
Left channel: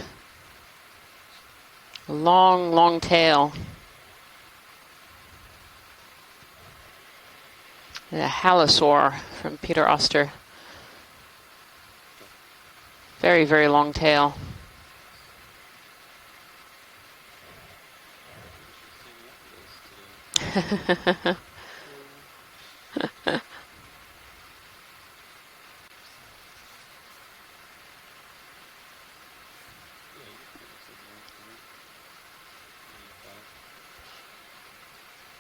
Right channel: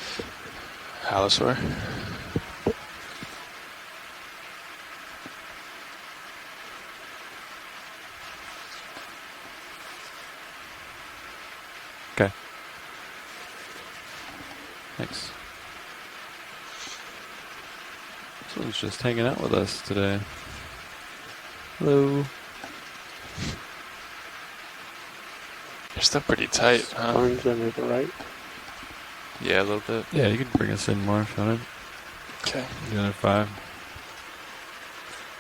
Halosaur. Long, long tail. A halosaur from Peter Oster. Okay. Very, very long tail. Thanks. This one's just hanging out with us today. Hello. They're still pretty tight, huh? Orange under the right. Yeah, a little bit. Yeah, you can bring us in more if you wanted. Okay. Another 5.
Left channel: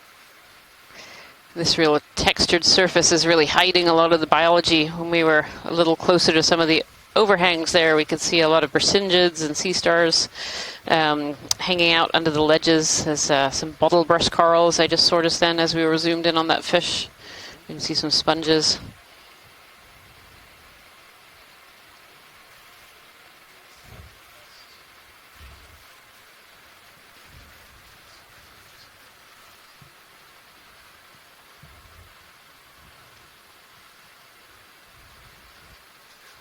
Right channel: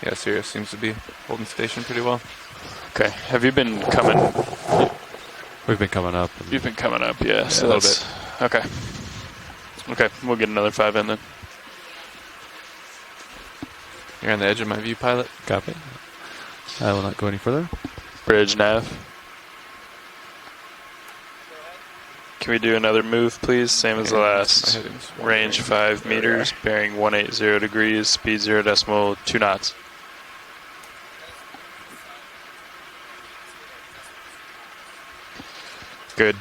Yeah, Sirius seems to be holding This station real pretty well. textured surface Okay. is really Have you been hiding a lot of the coming- biology. When we were a We've been little coming closer up. to some You've of been the coming up, yeah, overhangs so there, that's- we could see a lot of Brisingids and sea Okay, stars we'll get another 5 in then. hanging out under the ledges. There's some bottle brush You're on the edge of corals my I view just pilot. noticed then as we were zoomed in on that fish. I will not go any further. You can see some Bridge sponges. nav. Can we do another move, please? Same as the My last. heading's Range 5 meters, bearing 180 degrees, speed 0.2 knots. Good.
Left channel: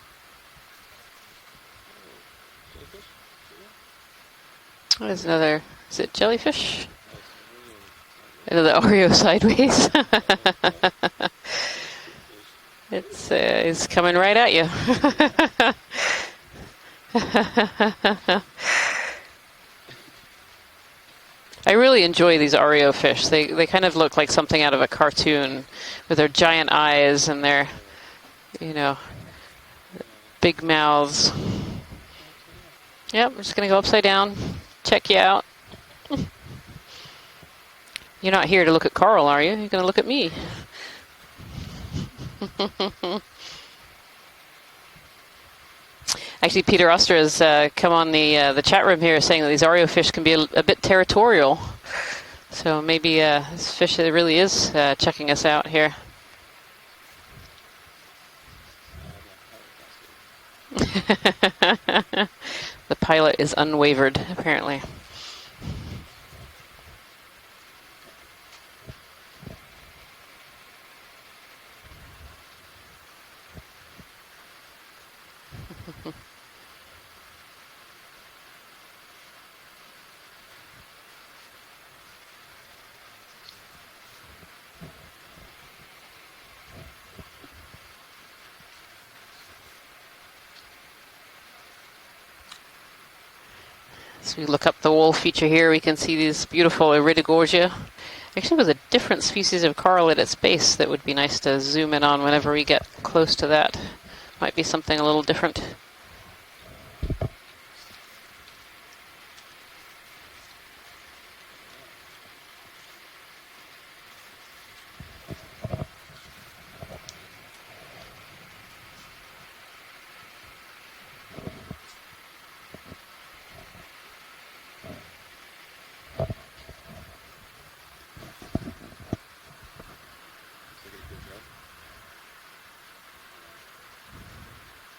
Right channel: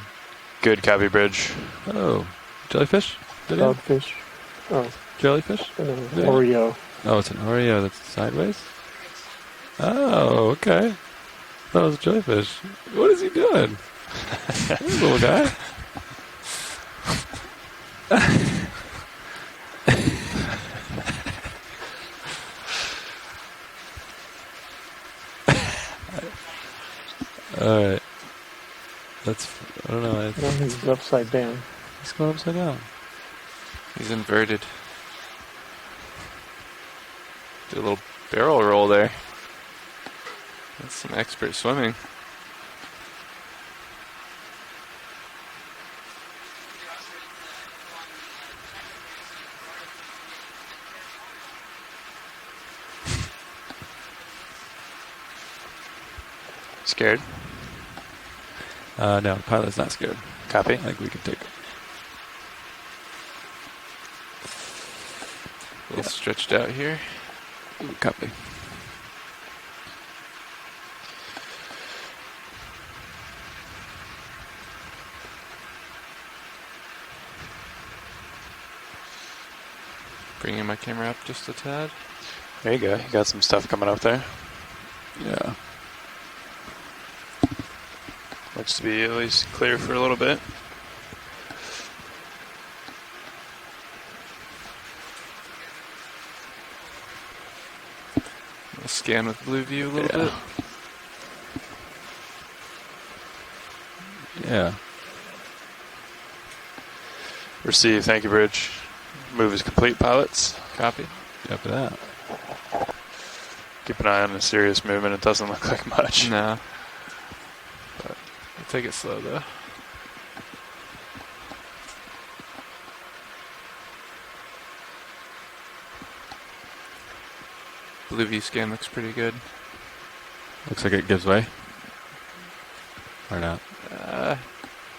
Good copy, bridge. Oh, jellyfish? Video? Dogfish. Oh, There's another, Jellyfish? is it Oreo. jellyfish? Oh, it's an Oreo that's sideways? Is it the Oreo sideways? Oh, okay. That was a jellyfish. What is he doing? He's coming right at you. Little guy. I really enjoy these Oreo fish. They kind of look like something out of a cartoon with their giant eyes and their, All right. you know, That's, I don't know. big It's mouths. upside down. It's going upside down. Yep, we're just going to go upside He's down, inverted. check you out. Do a little You're not barrel here to look roll at there. Carl, are you? You're going to look at me. That's some expert swimming. Actually, Peter Oster has come on the chat room here saying that these Oreo fish can be a bit territorial. So maybe this fish really is checking us out here. Scared? No, the pilot's not scared. Copy. The pilot is unwavered, apparently. A little stretched out here. Copy. Bringing my camera up just a tad. There you go. You got some stuff coming up there. Yeah. Looks to be at least clear for a little bit. As we look up the wall feature here, we can see these beautiful Iridogorgia. Actually, there's a Let's different scan the species of view coral at later. its base that would be nice to zoom in on whenever we get close to that. Might be Yeah. something a little different. Receive. Thank you, bridge. Move is complete, pilots. Copy. After that. Keep an eye on the serious movement. It doesn't look like much. No. But we'll take it slow though. Blue V scan looks pretty good. Looks like it gives way. Or not.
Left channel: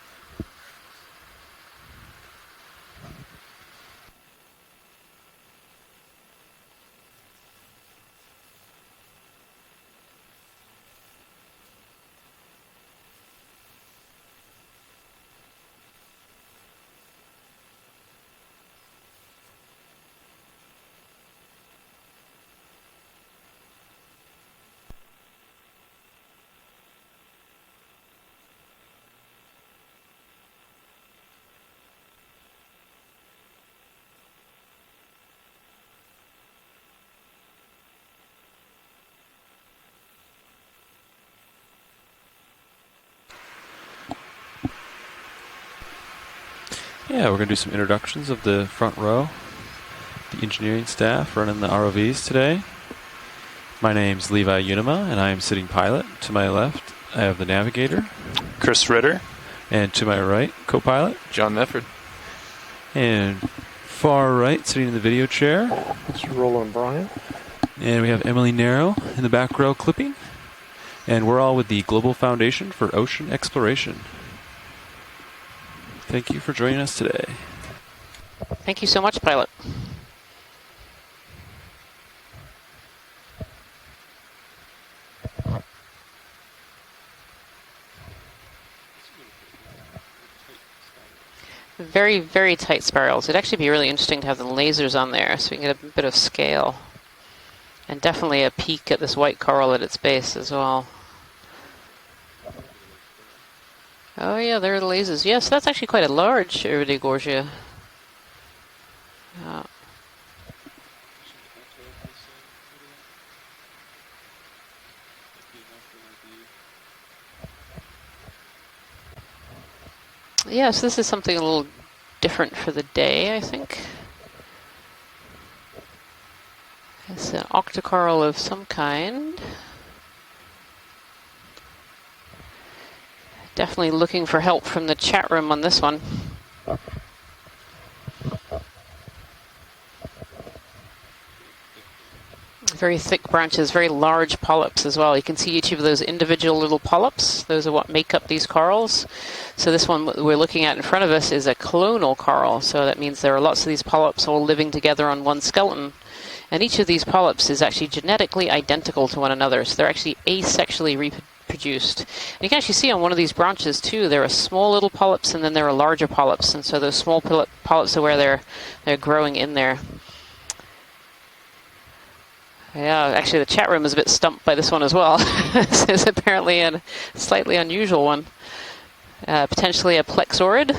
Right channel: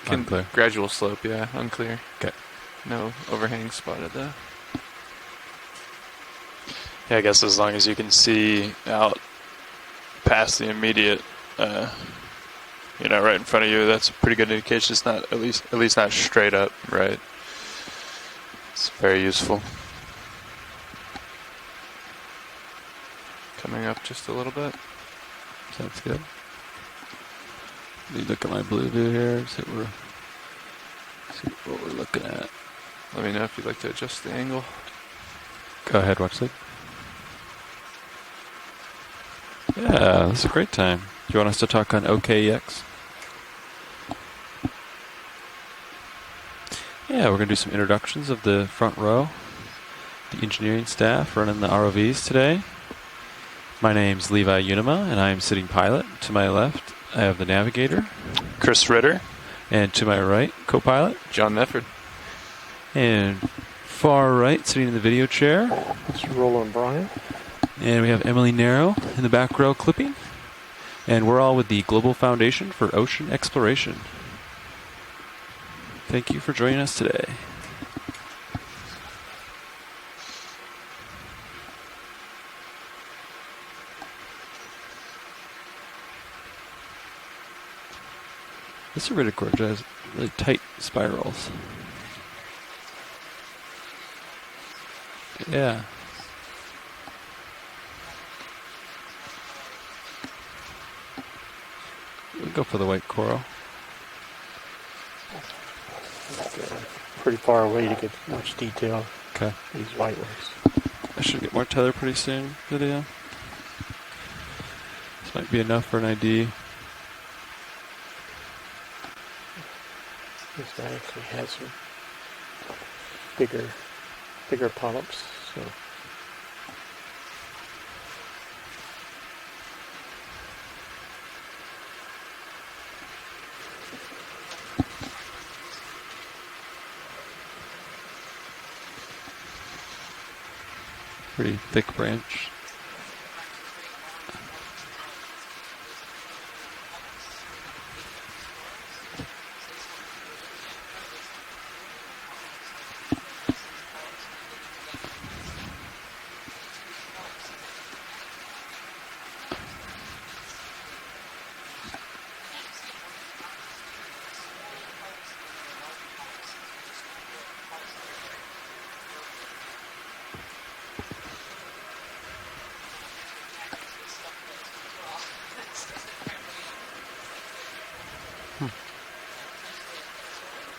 Unclear. Gradual slope, yeah, unclear. Okay. No overhang spotted though. Yeah, I guess as long as you can see out past the immediate, you know, right in front of you, that's a pretty good indication. It's not at least not straight up. Right. It's very useful. Coming up just a little bit. Sounds good. Let me look at my blue view here. See what we're looking at. Let me know if you'd like to adjust the angle. Go ahead, watch it. Yeah, this is a great time. Do you want us to talk on OKEX? Yeah, we're going to do some introductions of the front row. The engineering staff running the ROVs today. My name's Levi Unima, and I am sitting pilot. To my left, I have the navigator. Chris Ritter. And to my right, co-pilot. John Nefford. And far right, sitting in the video chair. It's Roland Bryant. And we have Emily Narrow in the back row clipping. And we're all with the Global Foundation for Ocean Exploration. Thank you for joining us today. Thank you so much, pilot. This Iridogorgia has really tight spirals. Very, very tight spirals. It'd actually be really interesting to have the lasers on there so you get a bit of scale. And definitely a peek at this white coral at its base as well. We'll go for the white coral. Oh yeah, there are the lasers. Yes, that's actually quite a large Pretty Iridogorgia. far away to get much detail. Okay. These white ones. I should get more tether pretty soon. Video. This might be enough for an ID. Yes, this is something a little different for the day, I think. Bigger polyps. So. It's an octocoral of some kind. Definitely looking for help from the chat room on this one. Pretty thick branch. Very thick branches, very large polyps as well. You can see each of those individual little polyps. Those are what make up these corals. So this one we're looking at in front of us is a clonal coral. So that means there are lots of these polyps all living together on one skeleton. And each of these polyps is actually genetically identical to one another. So they're actually asexually reproduced. And you can actually see on one of these branches too, there are small little polyps and then there are larger polyps. And so those small polyps are where they're growing in there. Yeah, actually the chat room is a bit stumped by this one as well. This is apparently a slightly unusual one. Potentially a plexaurid.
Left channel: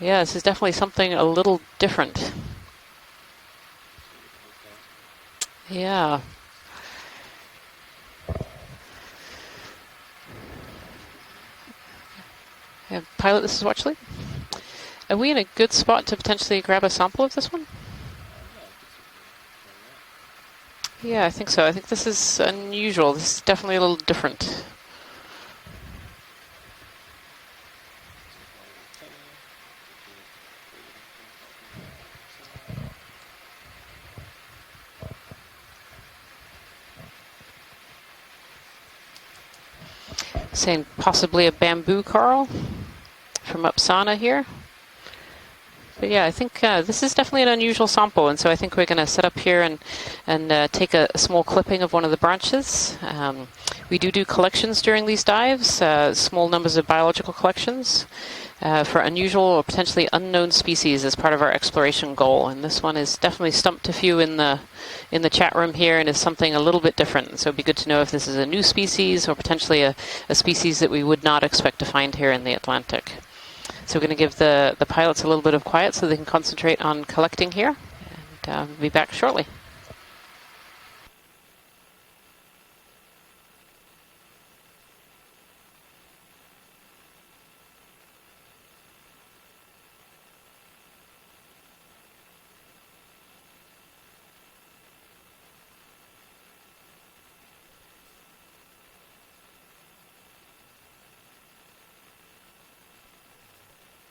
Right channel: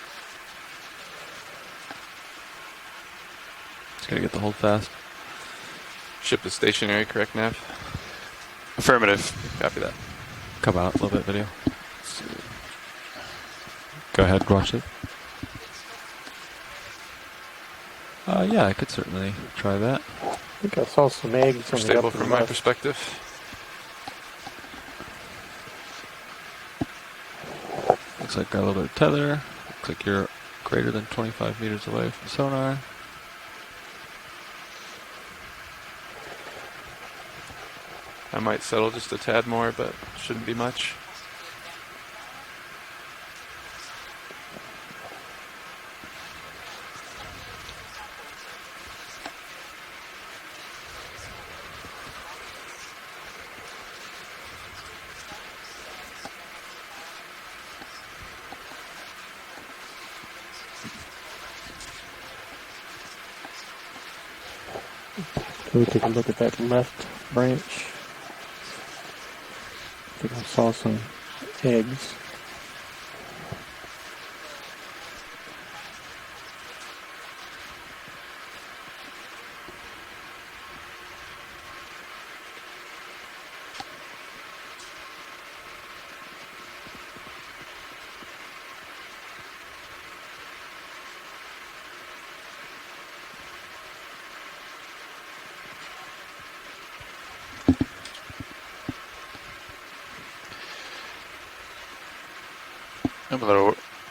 Yeah, this is definitely something a little different. Just gotta get the hold fast. Yeah. Ship is stationary, correct, Nav? Affirmative. Copy that. Come out a little bit video. Yeah, pilot, this is Watchley. Go ahead, watch it. Are we in a good spot to potentially grab a sample of this one? Yeah, I could certainly try that. I think I saw Yeah, I some think eggs so. on This the other is from my perspective. unusual. This is definitely a little different. Looks like got a little bit of tether. Looks like you're greater than 25 meters away from sonar. I might settle just a tad more, but shouldn't be Saying much. possibly a bamboo coral from Upsana here. But yeah, I think this is definitely an unusual sample, and so I think we're going to set up here and take a small clipping of one of the branches. We do collections during these dives, small numbers of biological collections for unusual or potentially unknown species as part of our exploration goal. And this one is definitely stumped a few in the chat room here, and is something a little bit different. So it'd be good to know if this is a new species or potentially a species that we would not expect to find here in the Atlantic. So we're going to give the pilots a little bit of quiet so they can concentrate on collecting here. And, we'll be back shortly.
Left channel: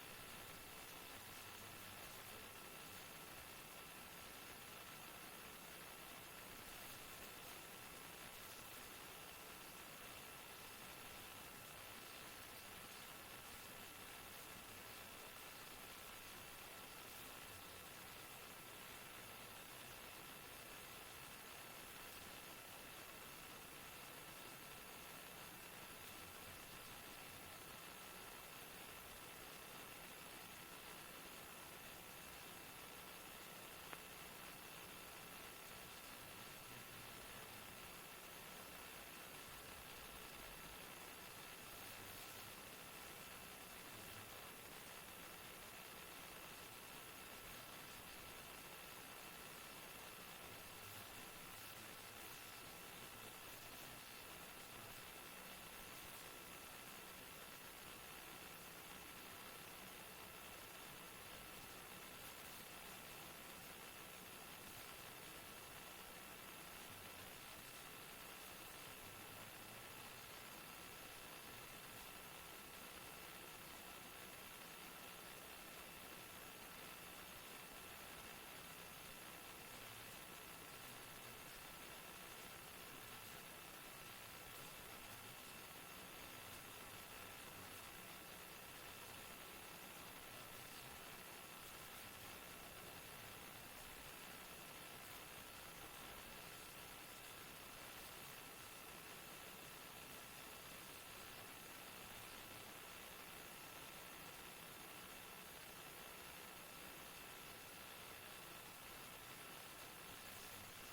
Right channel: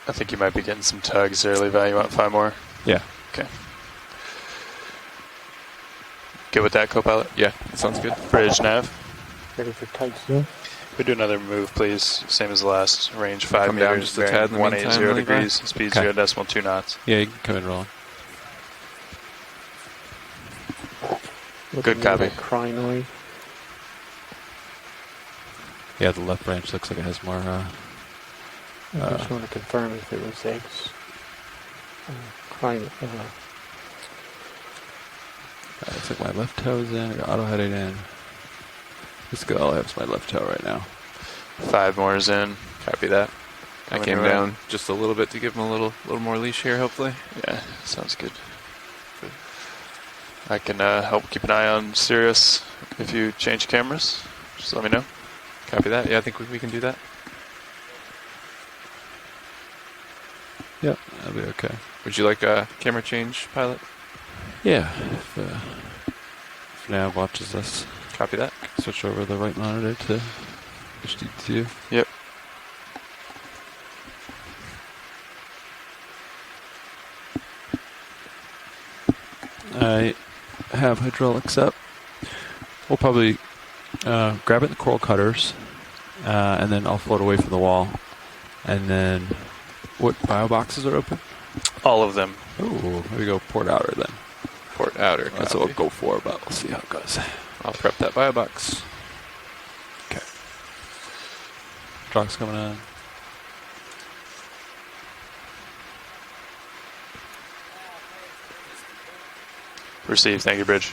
I think you might be getting some tugs there, Levi. You want 5 more? Yeah. Okay. Good with that, co-pilot? Yeah, sounds good. Bridge nav. Ready for tight zoom. We do another move, please. Same as the last. Range 5 Come down meters. just a tad in the 180 meantime, degrees. Speed Okay. 0.2 knots. Yeah, you can come in rolling. Good copy. Crinoid. Yeah, the left branch looks like it has more. I just want to confirm if it was eggs. Looks like my left toe's in. I got auto headed in. This good. All I have is my left toe right now. 5 more is in. Copy that. I Coming came your way. down just a little bit to give him a little more leash here, hopefully. Yeah, sounds good. I can help keep an eye on Sirius if you change cameras. Just let me know. Copy that. Yeah, I think we can do that. Yep, that'll be okay. Would you like a camera change, pilot? Yeah, if Nav watches us. Copy that. Switch over the right monitor to HD2. Yep. I have hydraulics up. We'll probably grab it in the coral cutters, and then I'll float away from the wall. And then, what bio boxes are open? All of them. Ooh, here we go. Port outer then. Port outer. That's what we'll go for, but we'll see how it goes. I'll prep that bio box. Okay. Truck's coming on. Received. Thank you, Bridge.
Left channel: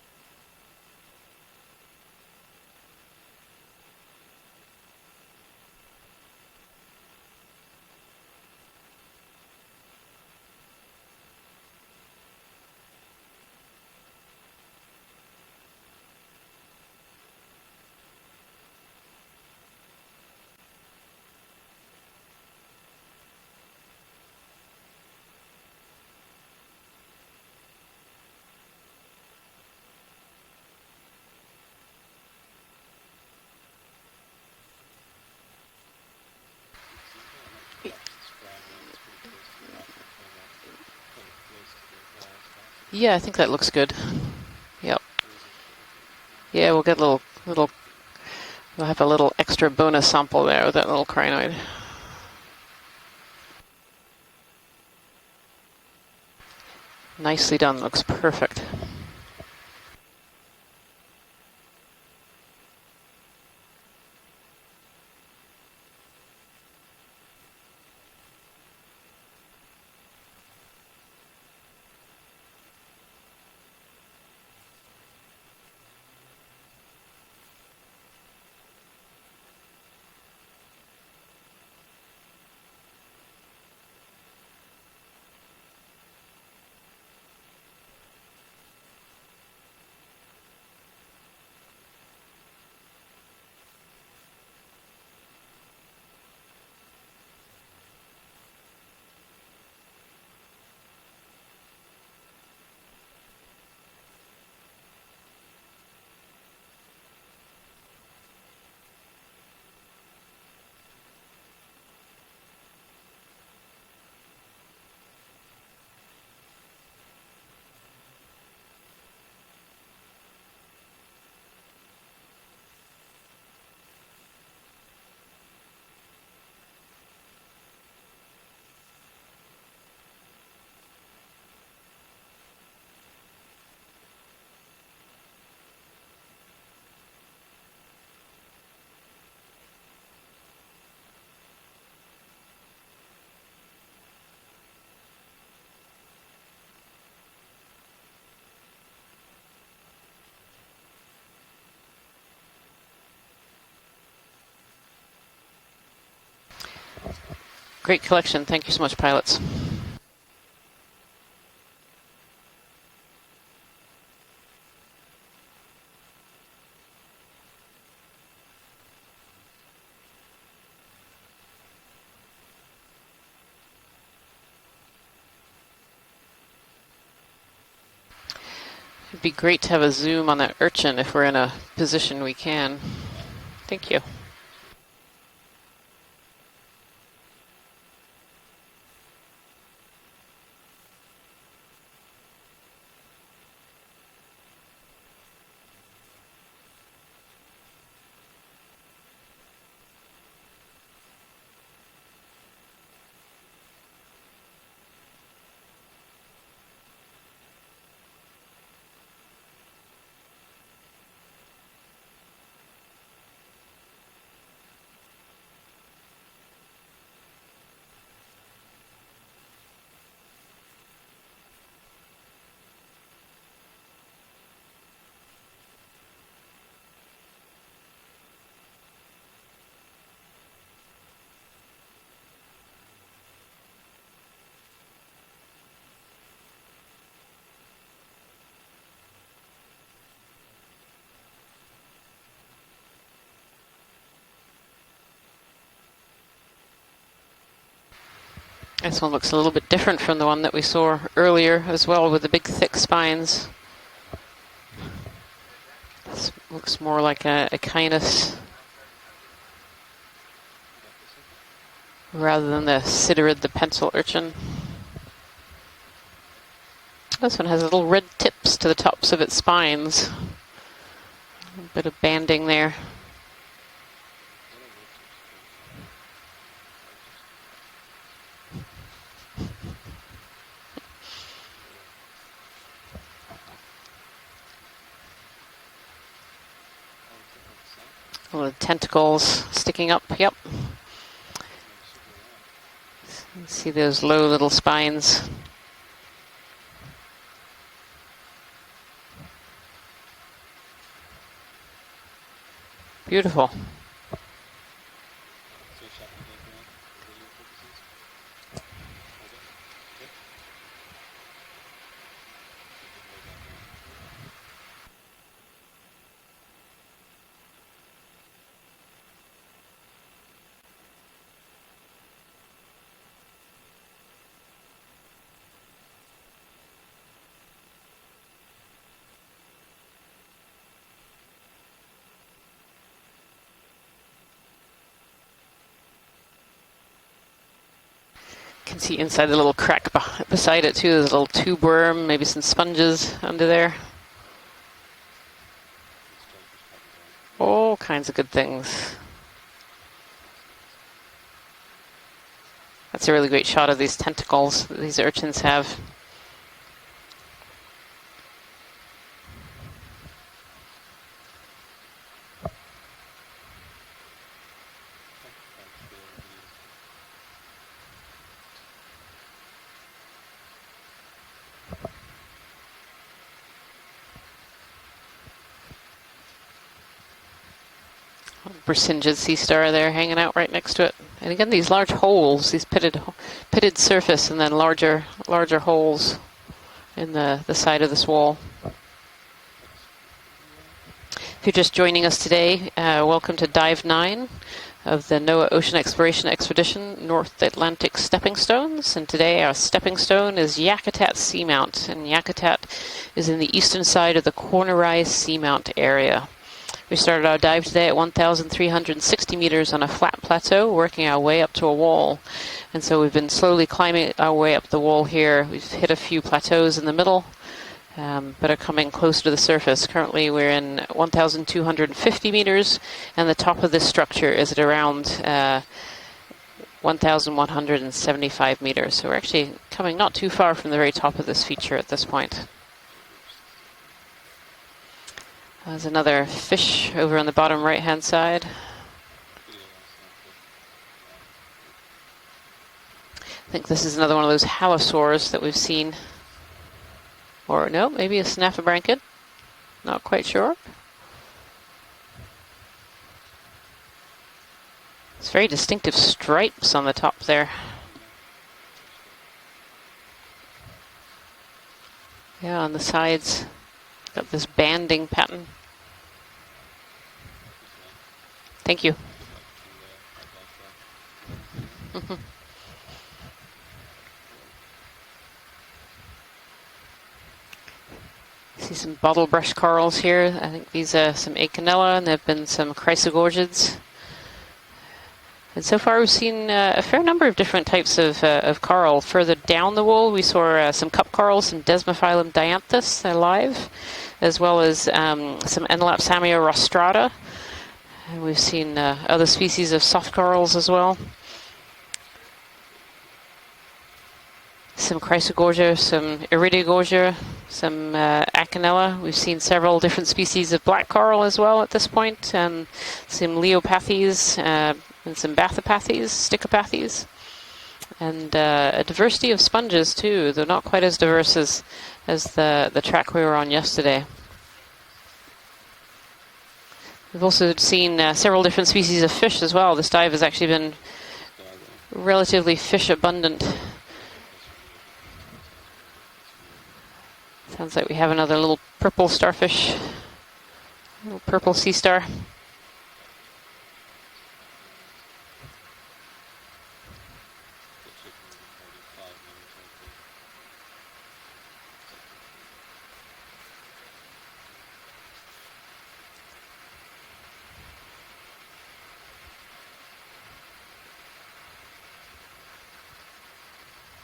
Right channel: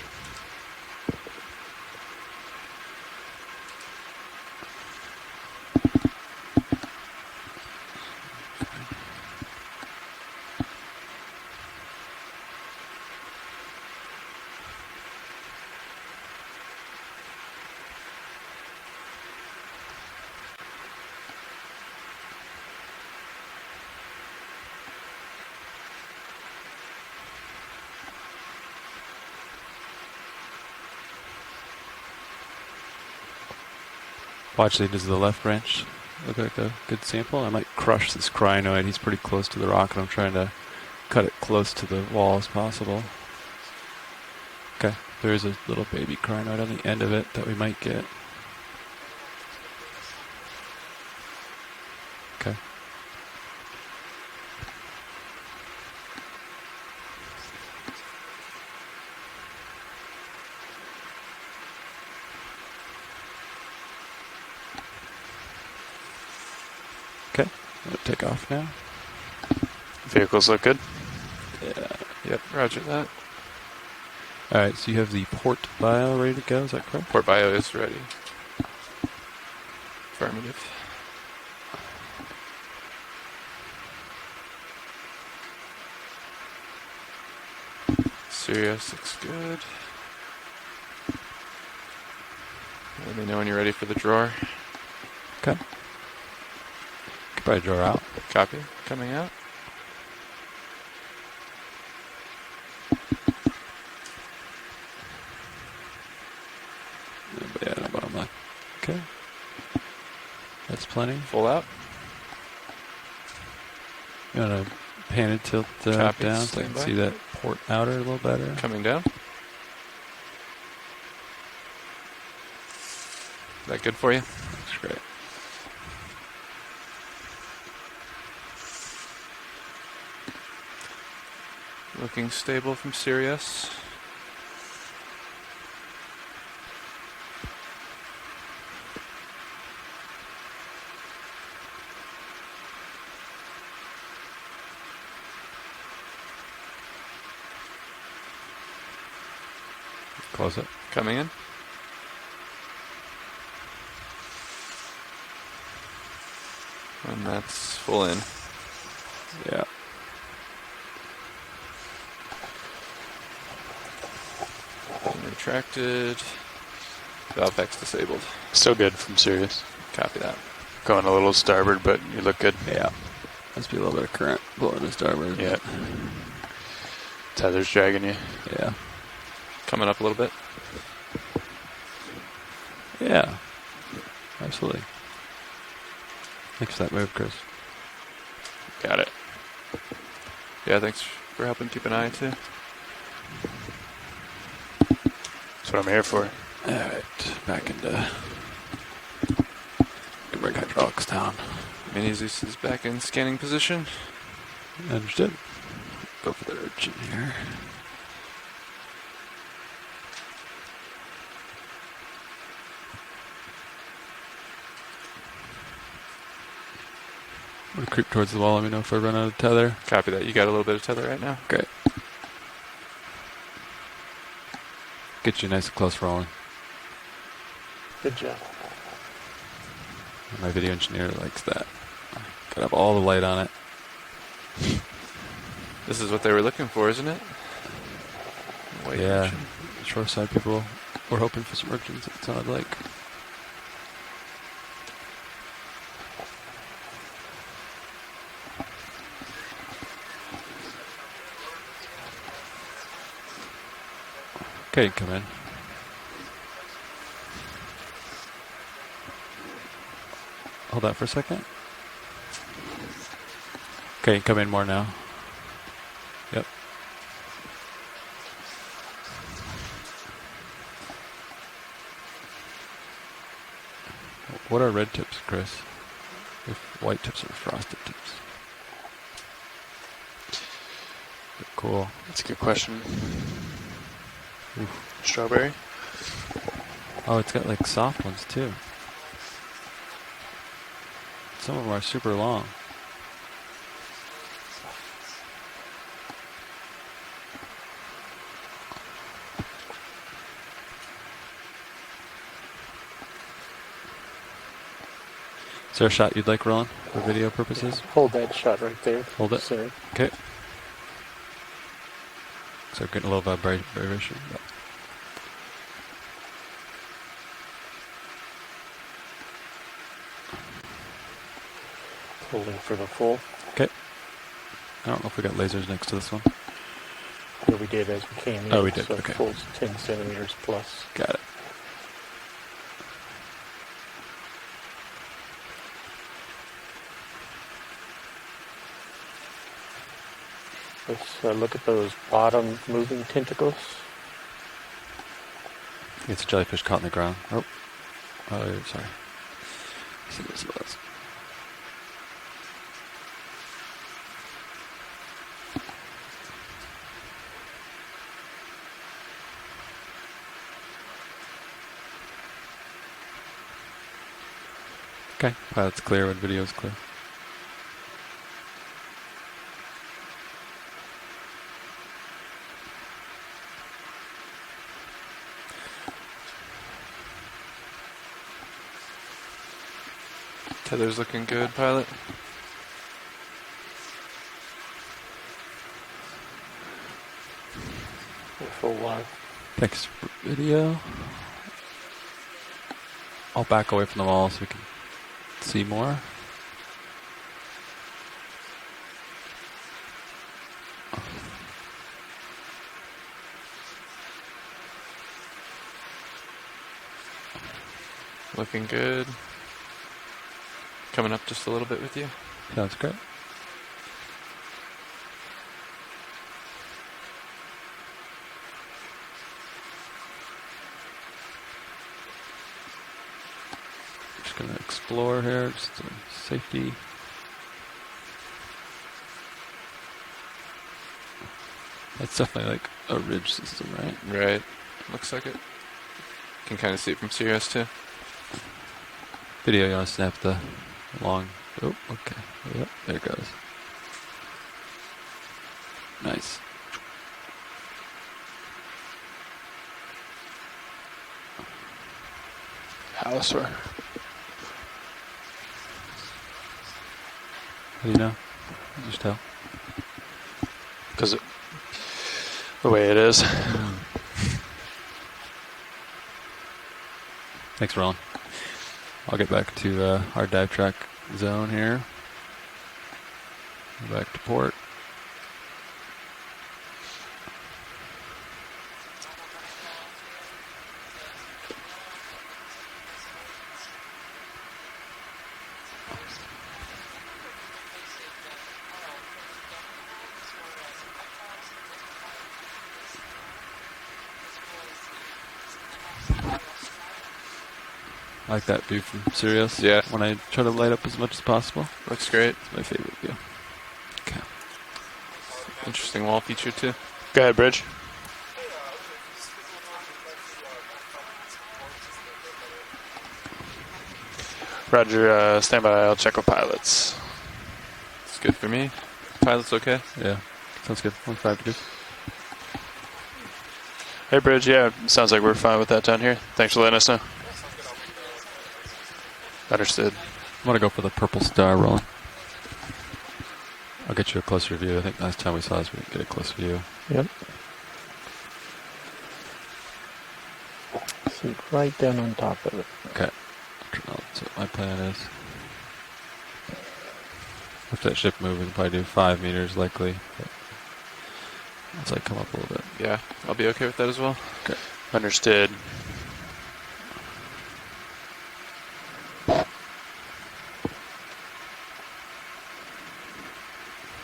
Watch lead to the left branch. Look like a good sample. I might crush this crinoid. He's pretty close to the rock, and I'm trying to cut it close to the wall as possible. Yeah, I think that looks good. Okay. Yep. There's a little baby crinoid Yeah, at we'll the get end a of little, it that we little might get. We'll have a little extra bonus sample there with that little crinoid. Okay. Nicely done. Looks perfect. Okay. I'm gonna take off now. Vehicles look good. Yeah. Yep, roger that. All right. So you have the port bio ready to go. Is that correct? Port bio is ready. Affirmative. Sirius looks good. Let me know when you're ready for the drawer. Okay. Could probably draw out. Copy. Coming out. Yeah, no bottom line. Okay. That's plenty. Full out. You want to pan and tilt Copy. down so I Stand can by. see that port outer a little better. Coming down. Is that good for you? That's great. Looking stable from Sirius. Close it. Coming in. And that's Great full in. collection. Thank you so much, pilots. Yeah. Retracted. Valve X disabled. Still good from Sirius. Copy that. Going a little starboard, but you look good. Yeah. Must be a little bit of current blowing the starboard. Yeah. Tether's dragging you. Yeah. It'd be great to have Coming a up a little zoom bit. on that urchin if we're in a position we can. Yeah. Thank you. Absolutely. Thanks for that move, Chris. Got it. Yeah, thanks for helping keep an eye too. That's what I'm here for. All right. Back into bring hydraulics down. Mini Zeus is back in scanning position. Understood. Go for the urchin here. I'm gonna creep towards the wall. Let me know if I run out of tether. Copy that. You got a little bit of tether right now. Great. Get you nice and close rolling. Good job. My video engineer likes that. Gotta have all the light on it. This is what they were looking for, isn't it? White Yeah. urchin. Shoreside people were hoping for some urchins, it sounded like. This one looks a little bit different from the one that we saw earlier as well, with the big thick spines. Okay, come in. This looks more like a Okeanos Hold that for a second. rather than the Siderid, the pencil urchin. Okay, come in more now. Yep. This one has little red tips to the tops of its spines. A bit of banding there. What are red tips, Chris? If white tips are frosted tips. Cool. That's a good question. Oof. Strawberry. Oh, it's got like soft ones too. Little tentacles sticking up. Yep. Some of them are super long. See those low little spines. Beautiful. Is there a shot you'd like, Roland, for video purposes? Hold that shot right there. Hold it. Sorry. Okay. So getting a little vibration. Yeah. Holding for the full. Okay. I don't know if we got lasers next to this one. Yeah, we did as we came in. Oh, we did, So okay. full's 10 centimeters plus. Got it. can see inside the little crack beside it too. There's a little tube worm, maybe some sponges under there. It's a jellyfish caught in the ground. All kinds of good things. That's a really great shot of these tentacles that these urchins have. Okay, pilot's clear when video's clear. Brisingid sea star there hanging out right next to it. Looking And good, again, these pilot. large holes, these pitted surface, and then larger holes in the side of this wall. Thanks for video. If you're just joining us today, welcome to Dive 9 of the NOAA Ocean more. Exploration Expedition, North Atlantic Stepping Stones. And today our stepping stone is Yakutat Seamount. And Yakutat is in the eastern side of the cornerized Seamount area. We started our dive today at 1,360 meters on a flat plateau, working our way up to a wall. And so we've been slowly climbing our way up the wall here. We've hit a few plateaus in the middle, but are coming close to the surface. Currently we're in 1,250 meters, and the top of this structure is at around 1,175 meters. So we're actually coming not too far from the very top of this feature at this point. Definitely like a ridge system, right? Right. Looks like it. There's another fish see over on the us bottom too. right-hand side. Video, you want to snap the long... Oh, okay. Yep, there it goes. I think this is another one of those halosaurs that we've seen. Nice. Or no, maybe a snaphobranchid. Not quite sure. Halosaur. It's very distinctive stripes on the top there. How do you know? You just tell. Because Yeah, the on way the it is. sides. Got this banding pattern. Thanks, Ron. Thank you. I'll get back to our dive track zone here. Back to port. See some bottle brush corals here. I think these are some Acanella, and there have been some chrysogorgids. And so far we've seen a fair number of different types of coral. Further down the wall we saw some cup corals, some Desmophyllum dianthus alive, as well as some Enelapsamia rostrata. And we've Like that seen view from other Serial. species Yeah. of soft Can I try to corals as light up well. as much as possible. Looks great. It's my favorite view. Some Chrysogorgia, some wall feature too. Iridogorgia, Go ahead, Bridge. some Acanella. We've seen several different species of black coral as well at this point, and some Leopathes, Roger, and some stand by, I'll Bathopathes, check with pilots. Stichopathes, good and for me. a diversity Pilots of sponges okay? too. Yeah. They're not Sounds quite good. as diverse 25 as the track we were on yesterday. Hey, Bridge, yeah, sounds like we're fine with that down here. Thanks for letting us know. We've also seen several different species of fish as well. This Understood. dive has actually I'm gonna been go for the purple star rolling. relatively fish abundant. I'll get you a closer view. I think last time we saw this, we could get a closer view. Yep. Sounds like we have another little purple starfish, little purple sea star. On top of it. Okay. That's what my plan is. If that ship moves, we can probably do 5 meters likely. Once I come up a little bit. Yeah, I'll be okay with that as well. Okay. Understood.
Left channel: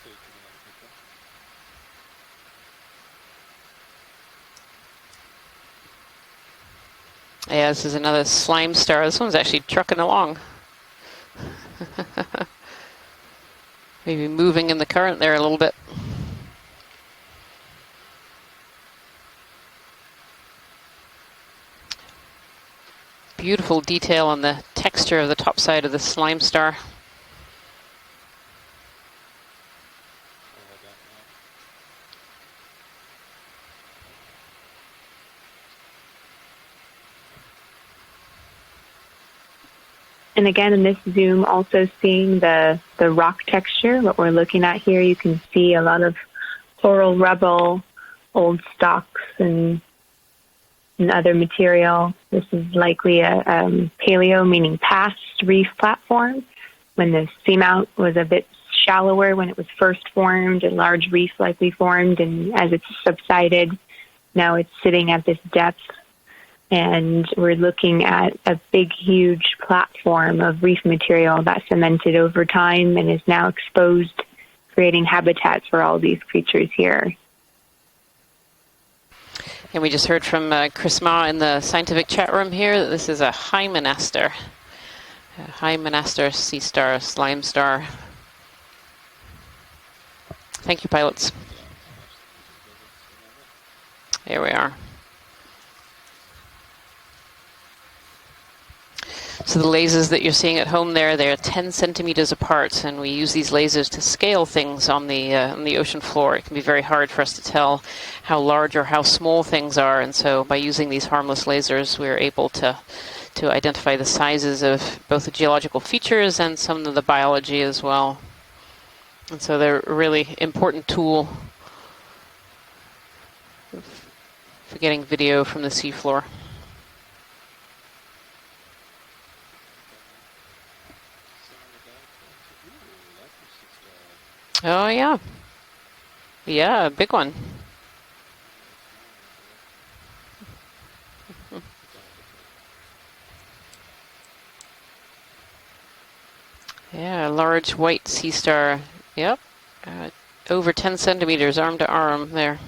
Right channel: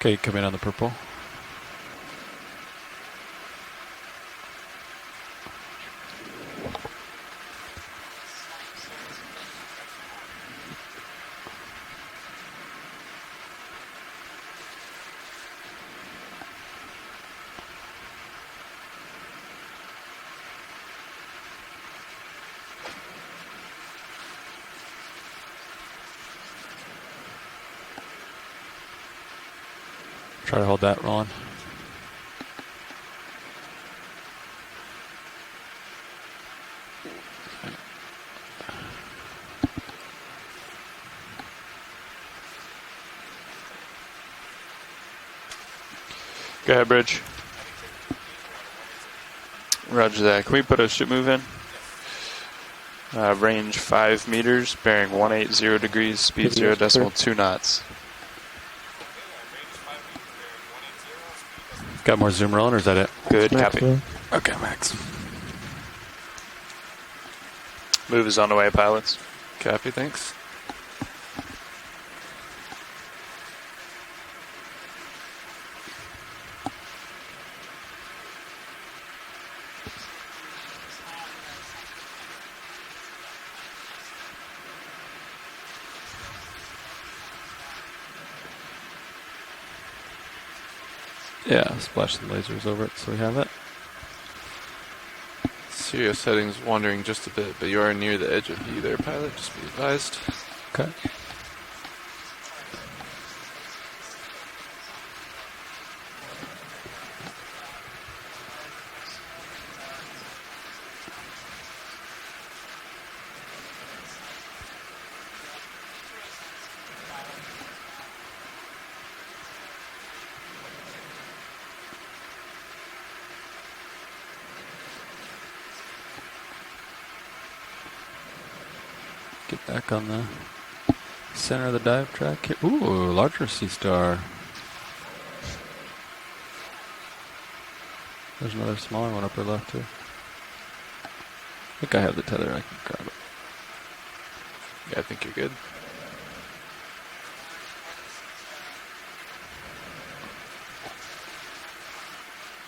Okay, come in on the purple. Yeah, this is another slime star. This one's actually trucking along. Maybe moving in the current there a little bit. Beautiful detail on the texture of the top side of the slime star. Try to hold that rolling. And again, in this zoom, also seeing the rock texture, what we're looking at here, you can see a lot of Go ahead, coral Bridge. rubble, old stalks, and Roger that. Can we put a ship other in? material. This is likely a Range 5 paleo, meters, meaning past bearing reef 180 degrees, platform. speed 0 When decimal the 2 knots. seamount was a bit shallower when it was first formed, and large reefs likely formed, Got more and zoom as on, or it is that it? subsided, Copy. now Okay, it's Max. sitting at this depth. And we're looking at is on the way, a big, pilots. huge Copy, platform of reef material that cemented over time and is now exposed creating habitats for all these creatures here. And we just heard from Chris Ma in the scientific chat room here that this is a Hymenaster. A Hymenaster sea star, slime star. Thank you, pilots. Yeah, splash some lasers over it so we have it. There we are. Serious settings wandering just a bit, but you are near the edge of view there, pilot. So the lasers that you're seeing at home there, they're 10 centimeters apart, and we use these lasers to scale things on the ocean floor. It can be very hard for us to tell how large or how small things are, and so by using these harmless lasers, we're able to identify the sizes of both the geological features and some of the biology as well. And so they're a really important tool for getting video from the seafloor. Get back on the center of the dive track here. Ooh, larger sea star. Oh, yeah. Yeah, a big one. There's another smaller one upper left too. I think I have the tether, I can grab it. Yeah, I think you're good. Yeah, a large white sea star. Yep. Over 10 centimeters, arm to arm there.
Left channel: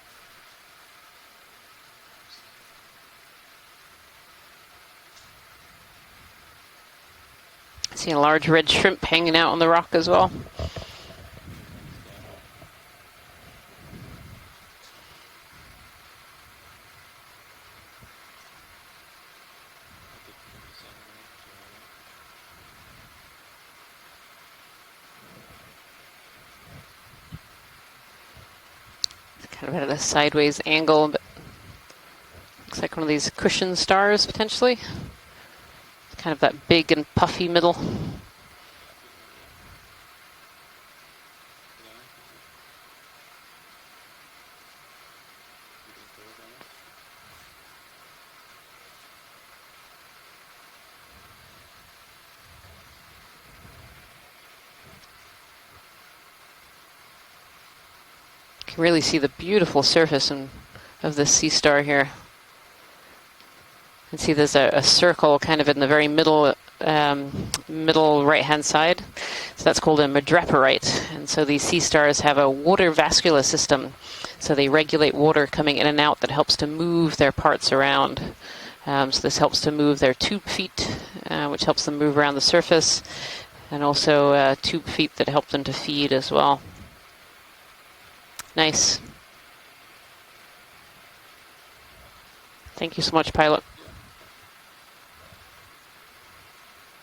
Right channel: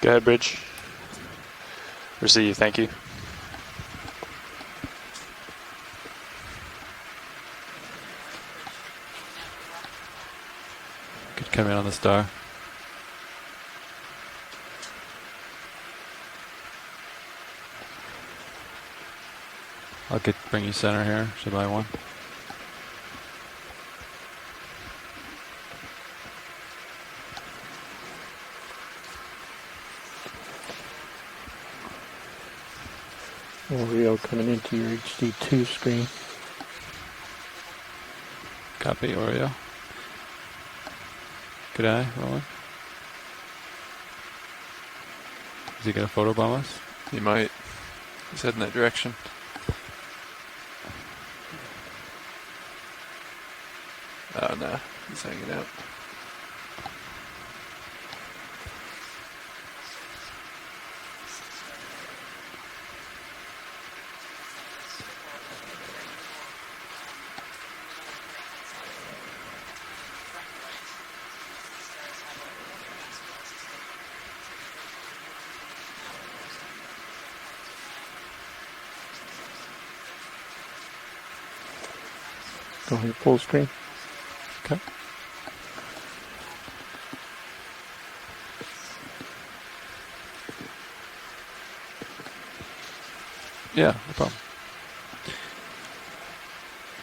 Go ahead, Bridge. Receive, thank you. See a large red shrimp hanging out on the rock as well. Could come in on the star. I'll bring you center here. Should I buy one? Kind of at a sideways angle, but looks like one of these cushion stars potentially. HD2 screen. Kind of that big and puffy middle. Copy, Oreo. Good eye, rolling. Is he gonna photobomb us? He might. He's heading that direction. Oh no, he's hanging out. You can really see the beautiful surface of this sea star here. You can see there's a circle kind of in the very middle right-hand side. So that's called a madreporite. And so these sea stars have a water vascular system. So they regulate water coming in and out that helps to move their parts around. So this helps to move their tube feet, which helps them move around the surface. Full screen. And also tube feet that help them to feed as well. Nice. Thank you so much, pilot. Yeah, no problem.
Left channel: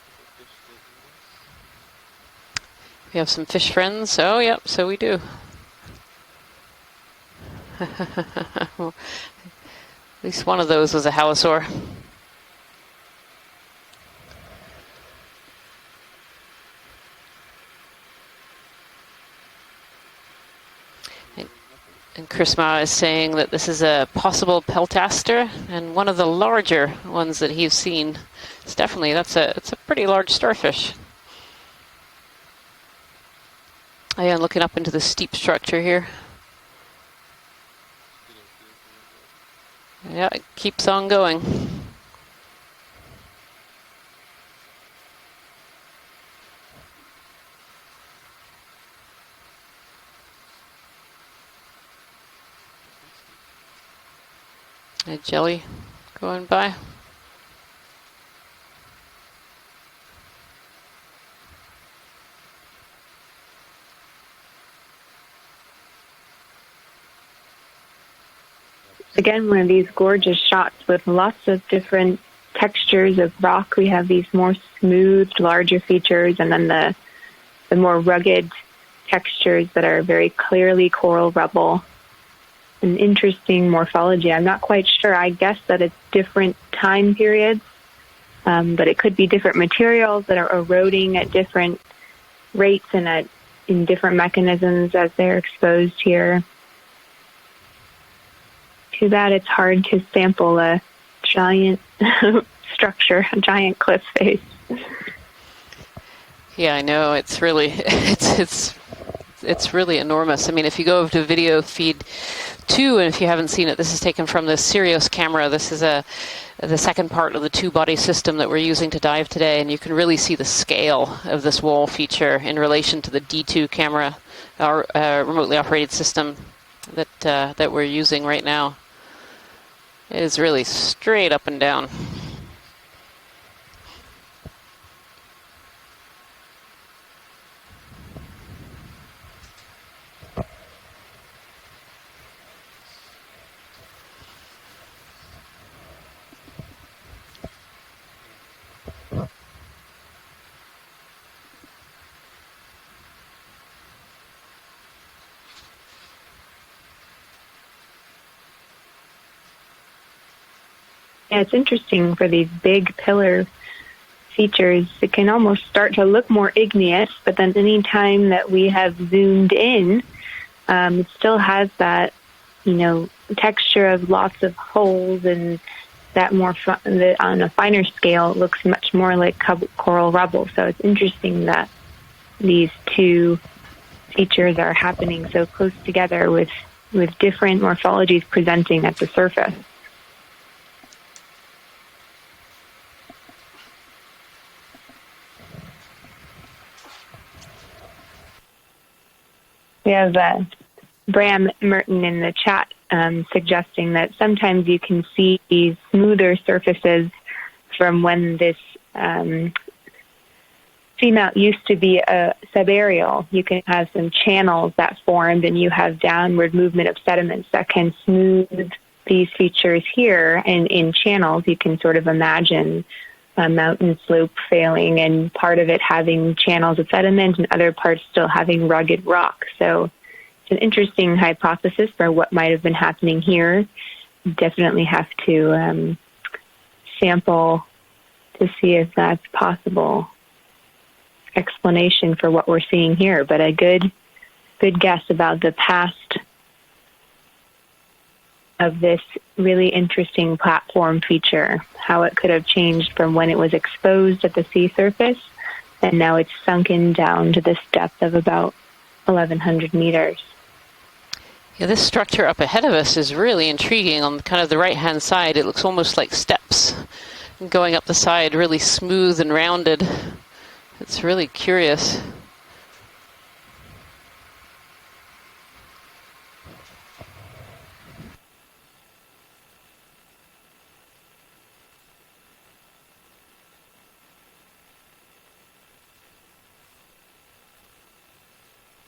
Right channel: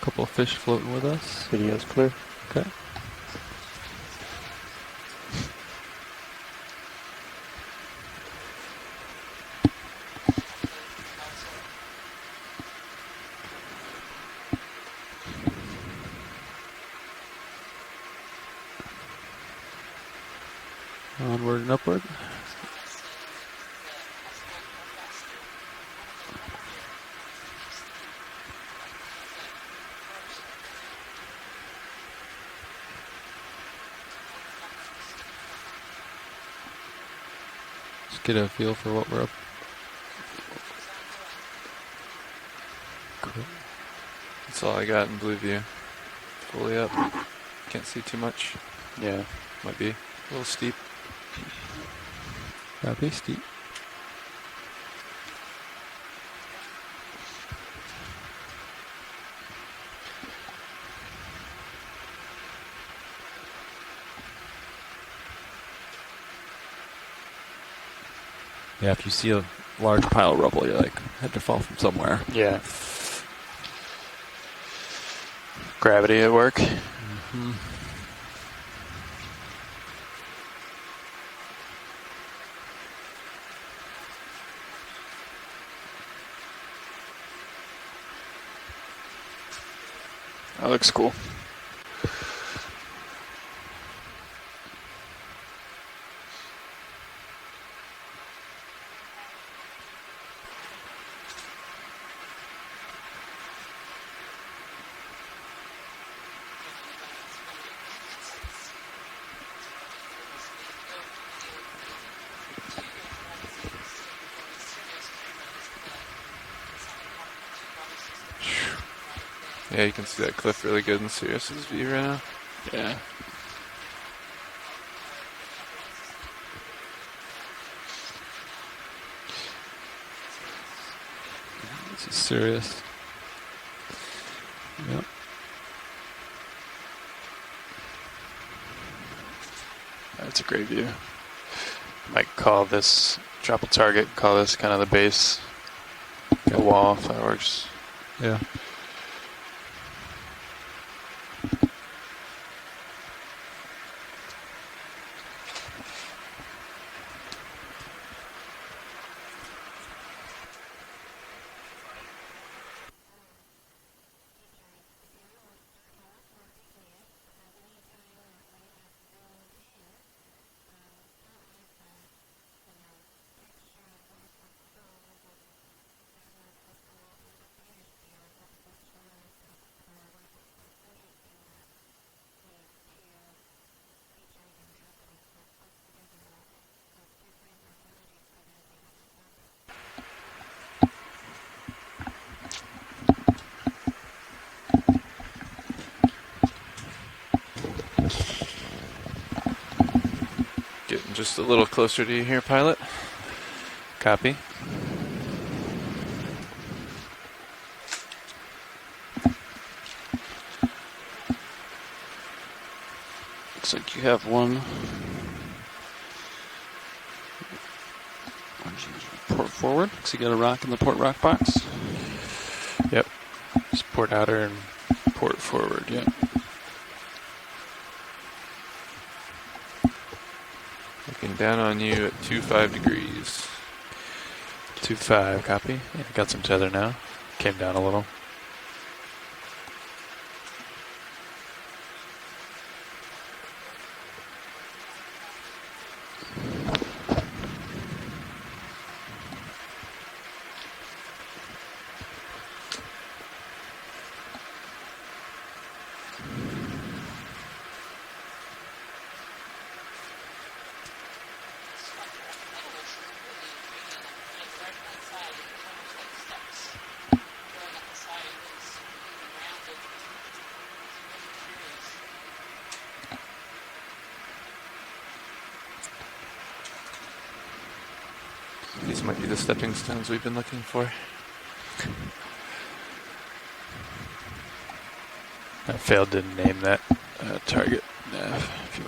A couple of fish floating with us. Video's clear. Okay. You have some fish friends? Oh, yep, so we do. At least one of those was a halosaur. Onward and upward. And Chris Ma is saying that this is a possible peltaster and one of the larger ones that he's seen. It's definitely, it's a pretty large starfish. I am looking up into the steep structure here. Just get a feel for what we're up. Yeah, it keeps on going. Cool. That's all I got in blue view. Fully up. Can't see too much. Yeah. Might be a little steep. That'd be steep. A jelly going by. Yeah, if you see Again, one of these large gorgeous pile of rubble, shots like, with lots of different Yeah. textures of rock. We have these more smooth, larger Gravity at features, work. and then the more rugged textures that are very clearly coral rubble. An interesting morphology. I'm not quite sure. I guess that it's different time periods, but it could be different materials that are eroding at different rates and in different mechanisms as they're exposed here. Too bad it's hard to sample a giant structure, a giant cliff face. Yeah, I know. It's really, it's it's really enormous. I mean, if you go over to video feed 2, and if you haven't seen it, this is taken from the Sirius camera. This is the second part of the 2-body system that we're using to dive today, and you can really see the scale of this wall feature in relation to the D2 camera, our remotely operated system that we're using right now. It is really straight up and down. Serious. Yep. That's a great view. Might call this, drop a target, call this kind of the base, a wall, if that works. Yeah. Yeah, it's interesting for these big pillar features. It can almost start to look more igneous, but then any time that we have zoomed in, it still has that, texture of lots of holes, and that on a finer scale, it looks much more like coral rubble. So it's interesting that these two features are happening so close together with different morphologies presenting at the surface. We have Bram Merton in the chat suggesting that sometimes you can see these smoother surfaces from when this seamount used to be a subaerial. You can have some channels that formed, and you have downward movement of sediments that can smooth these features here. And in channels, you can sort of imagine mountain slopes failing, and part of it having channels of sediment and other parts still having rugged rock. So it's an interesting hypothesis for what might have been happening here. Definitely have to got some tether now. Sample Came down a little to see if that's possible explanation for what we're seeing here. But a good guess about the past of this really interesting platform feature, how it could have changed from when it was exposed at the sea surface, and now it's sunken down to this depth of about 1,100 meters. Yeah, this structure up ahead of us is really intriguing. On kind of the right-hand side, it looks almost like steps going up the side, really smooth and rounded. It's really curious. These might be the stepping stones we've been looking for. I failed to name that target.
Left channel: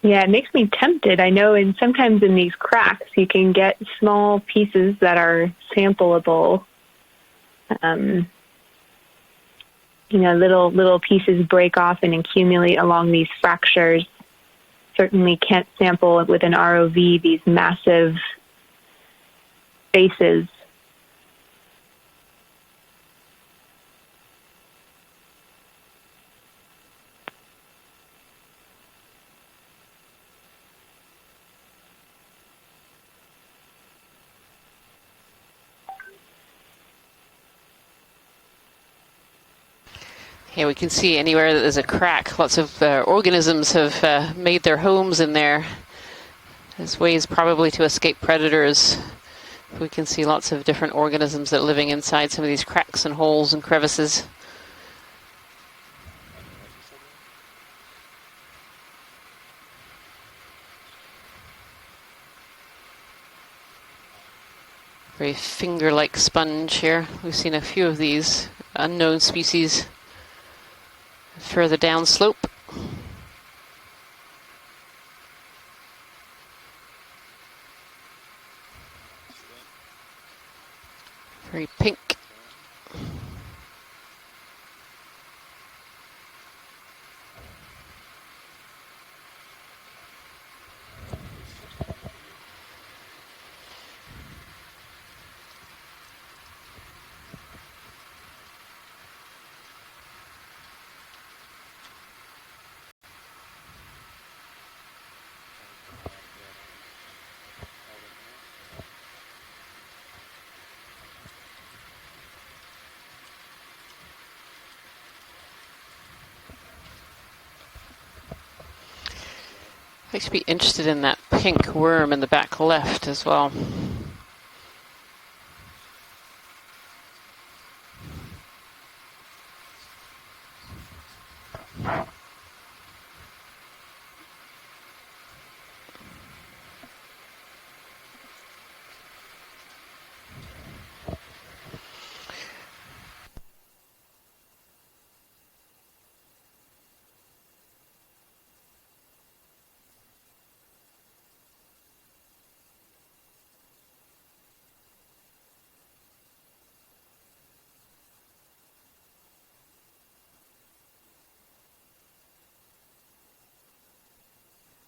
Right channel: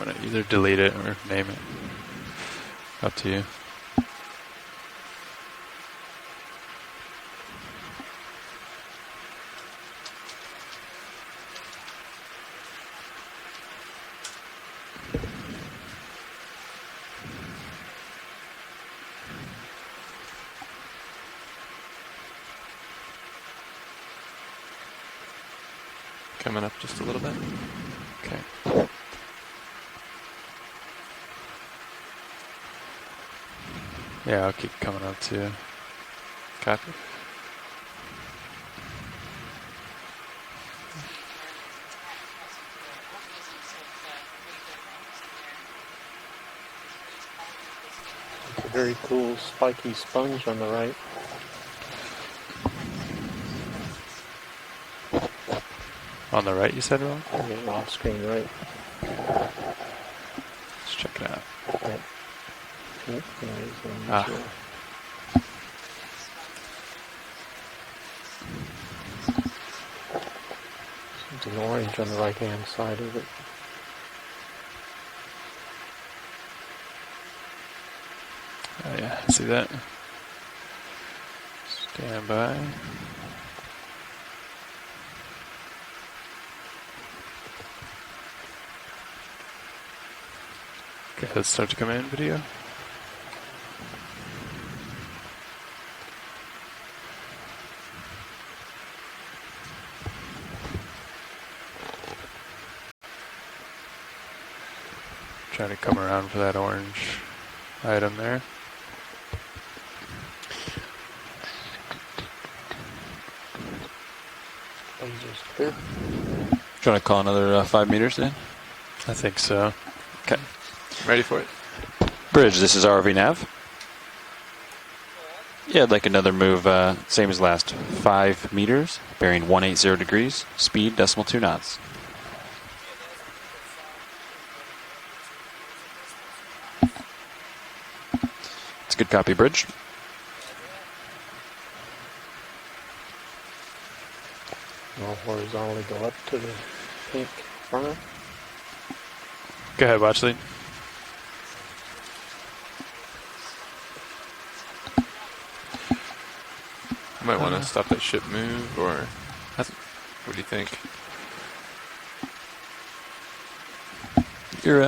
Yeah, it makes me tempted. I know, and sometimes in these cracks, you can get small pieces that are sampleable. Little pieces break off and accumulate along these fractures. Certainly can't sample with an ROV these massive spaces. Coming up just a little bit. Okay. Yeah, I'll keep coming up too. Copy. Yeah, we can see anywhere that there's a crack, lots of organisms have made their homes in there. There's ways probably to escape predators. Very cool, we can see lots of different organisms that are living inside some of these cracks and holes and crevices. On the right, you said, Rob? Yeah, off screen right. Let's check it out. Very finger-like sponge here. We've seen a few of these unknown species further downslope. Oh yeah, I see that. Very pink. Stand by. Okay, let's start to come in video. Try to come around for that orange item there. Do you want to call another 5 meters then? I think so. Actually interested in Ready that for it? pink worm in the back Bridge, this is left RV as nav. well. Yeah, I'd like another move, same as last. 5 meters, bearing 180 degrees, speed .2 knots. It's a good copy, Bridge. I'll horizontally go up to the pink front. Go ahead, watch lead. You might want to stop that ship move, or what do you think? You're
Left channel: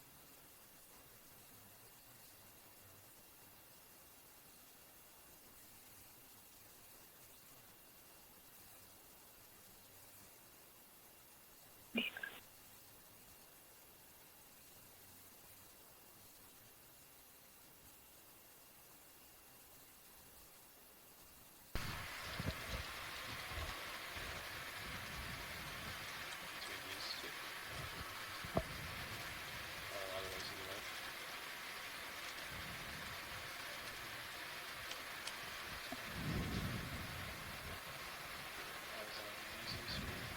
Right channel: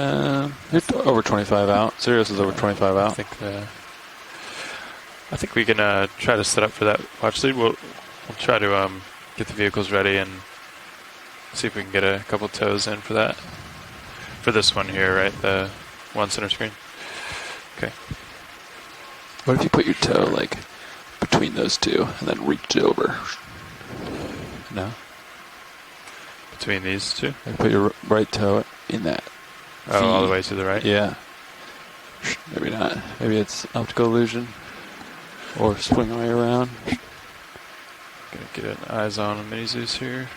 over 25 out. Sirius is over 25 out. I think we can try to set up for that watch lead. We'll try to get the vehicles ready and see if we can get a couple tows in for that. For this one here, right? The one center screen. Okay. What if you put your toe, like, between those two and then reached it over? No? Between these two? And put your right toe in that. Oh, all the way to the right? Yeah. Maybe not. Maybe it's optical illusion. Or swing all the way around. Gonna get an eyes on mini Zeus here.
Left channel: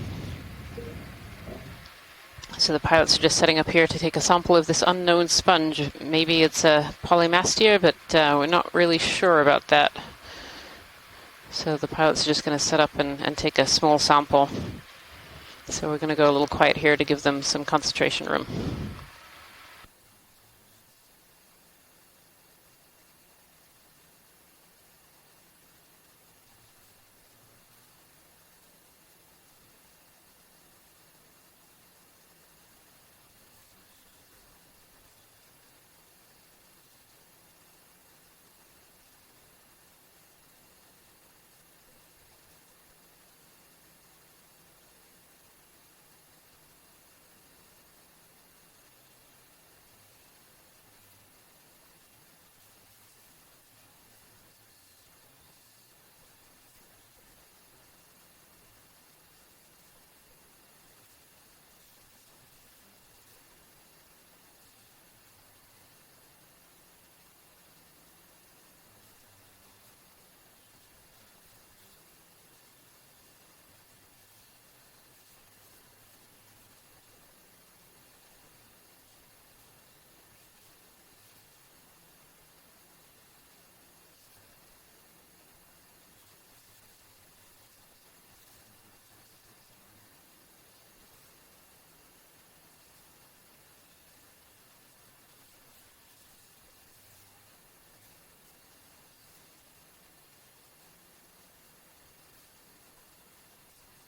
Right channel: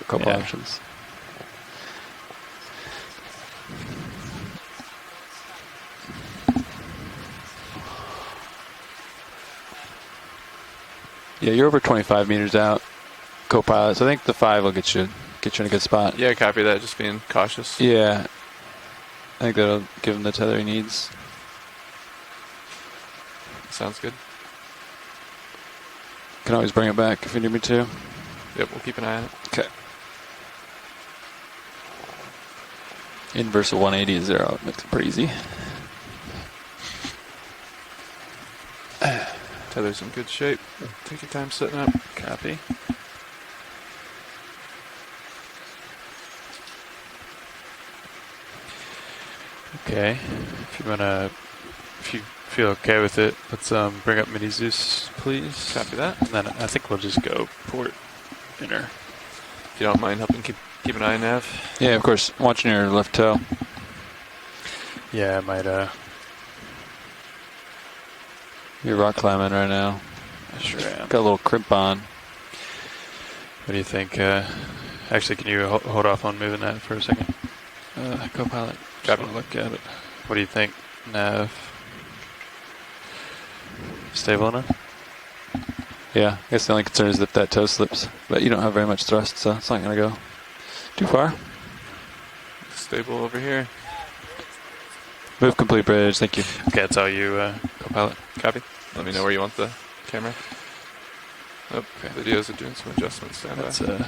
A couple options. So the pilots are just setting up here to take a sample of this unknown sponge. Maybe it's a polymastia, but we're not really sure about that. Yeah, you're So over the pilot's 25 just meters gonna out. set up and take a small Co-pilots. I think sample. the 5 will get you in a good So spot. we're going to go a little quiet here to give them some concentration room. I think that'll give him the tether he needs. Sounds good. Can always bring it back if you need me to. Yep, we'll keep an eye on it. Okay. Inverse of 180 is 0. It makes it pretty easy. Tether's in good shape. Take your time setting up. Copy. Okay. If you feel okay with it, let's bring up mini Zeus, please. Copy that. And then I think we'll just go port inner. If you don't mind helping keep an eye on nav. Yeah, of course. Watching your left toe. Yeah, I might You're rock climbing right now. I sure am. Got a little crimp on. What do you think? Actually, can you hold off on moving that for a second? Co-pilot. Just want to look at it. What do you think, nav? Stable enough? Yeah, I guess the only concern is that that toe slips. But you don't have very much thrust, so it's not going to go too far. Stable over here. Move complete, Bridge. Thank you. Okay, that's all you, co-pilot. Copy. Let me know where you want the camera. Oh, okay. Videos are doing some adjustments. Stand That's by.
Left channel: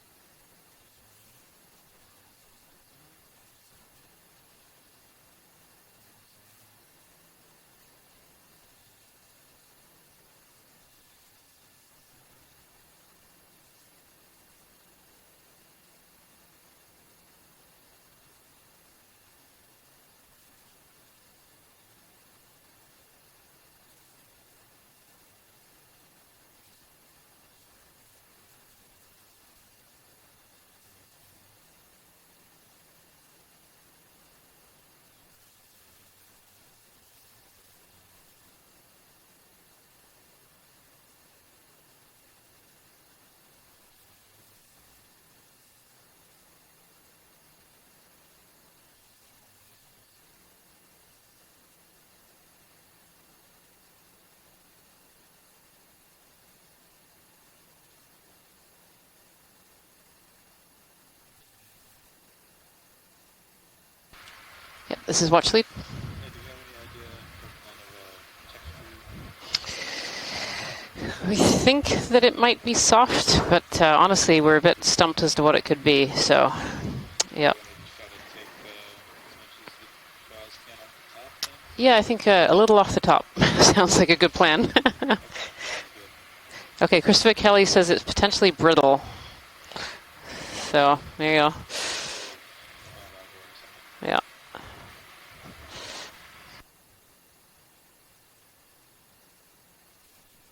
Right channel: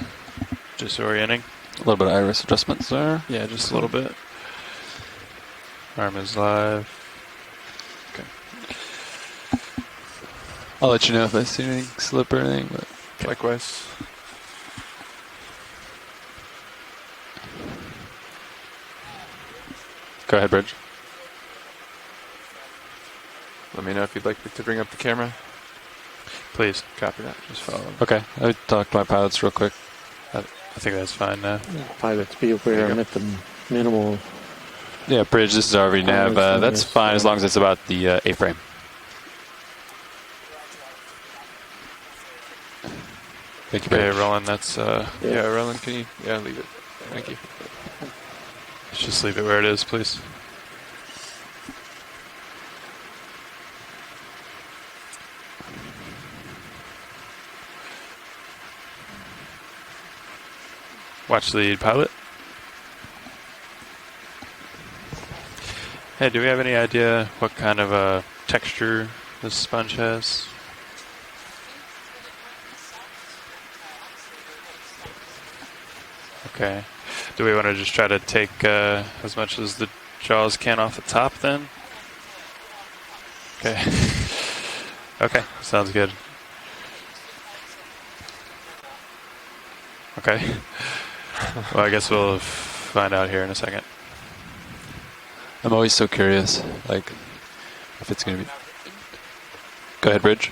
just orienting. A little bit of iris adjustments there. Yeah, just a little bit. Arm is live. Okay. I'll let you know if I see anything slip or anything. But Likewise. go ahead, Bridge. Let me know if you'd like me to bring up the camera. Please. Copy that. Just follow. Okay, I'll talk to my pilots real quick. I think that's fine now. Pilots be aware I'm at the minimal. Yeah, Bridge, this is RV nav. That's fine as long as it's about the A-frame. Thank you, Okay, Bridge. Roland, that's, Yeah, Roland, can you? Yeah, leave it. Thank you. let's just leave it where it is, please. Watch lead pilot. Yep, this is watch lead. Hey, do we have any idea what kind of texture this sponge has? We think that it might be soft, but honestly, we're a bit stumped as to what it could be. So, Okay. Do we want to just try to take as much as the jaws can off the top then? yeah, I think a little off the top sounds like a good plan. Okay, sounds good. Okay, Christopher Kelly says it's potentially brittle. Okay. So there you go. Well, I guess we'll find out here in a second. Yeah. I'm always so curious, like, if it's going to be... Go ahead, Bridge.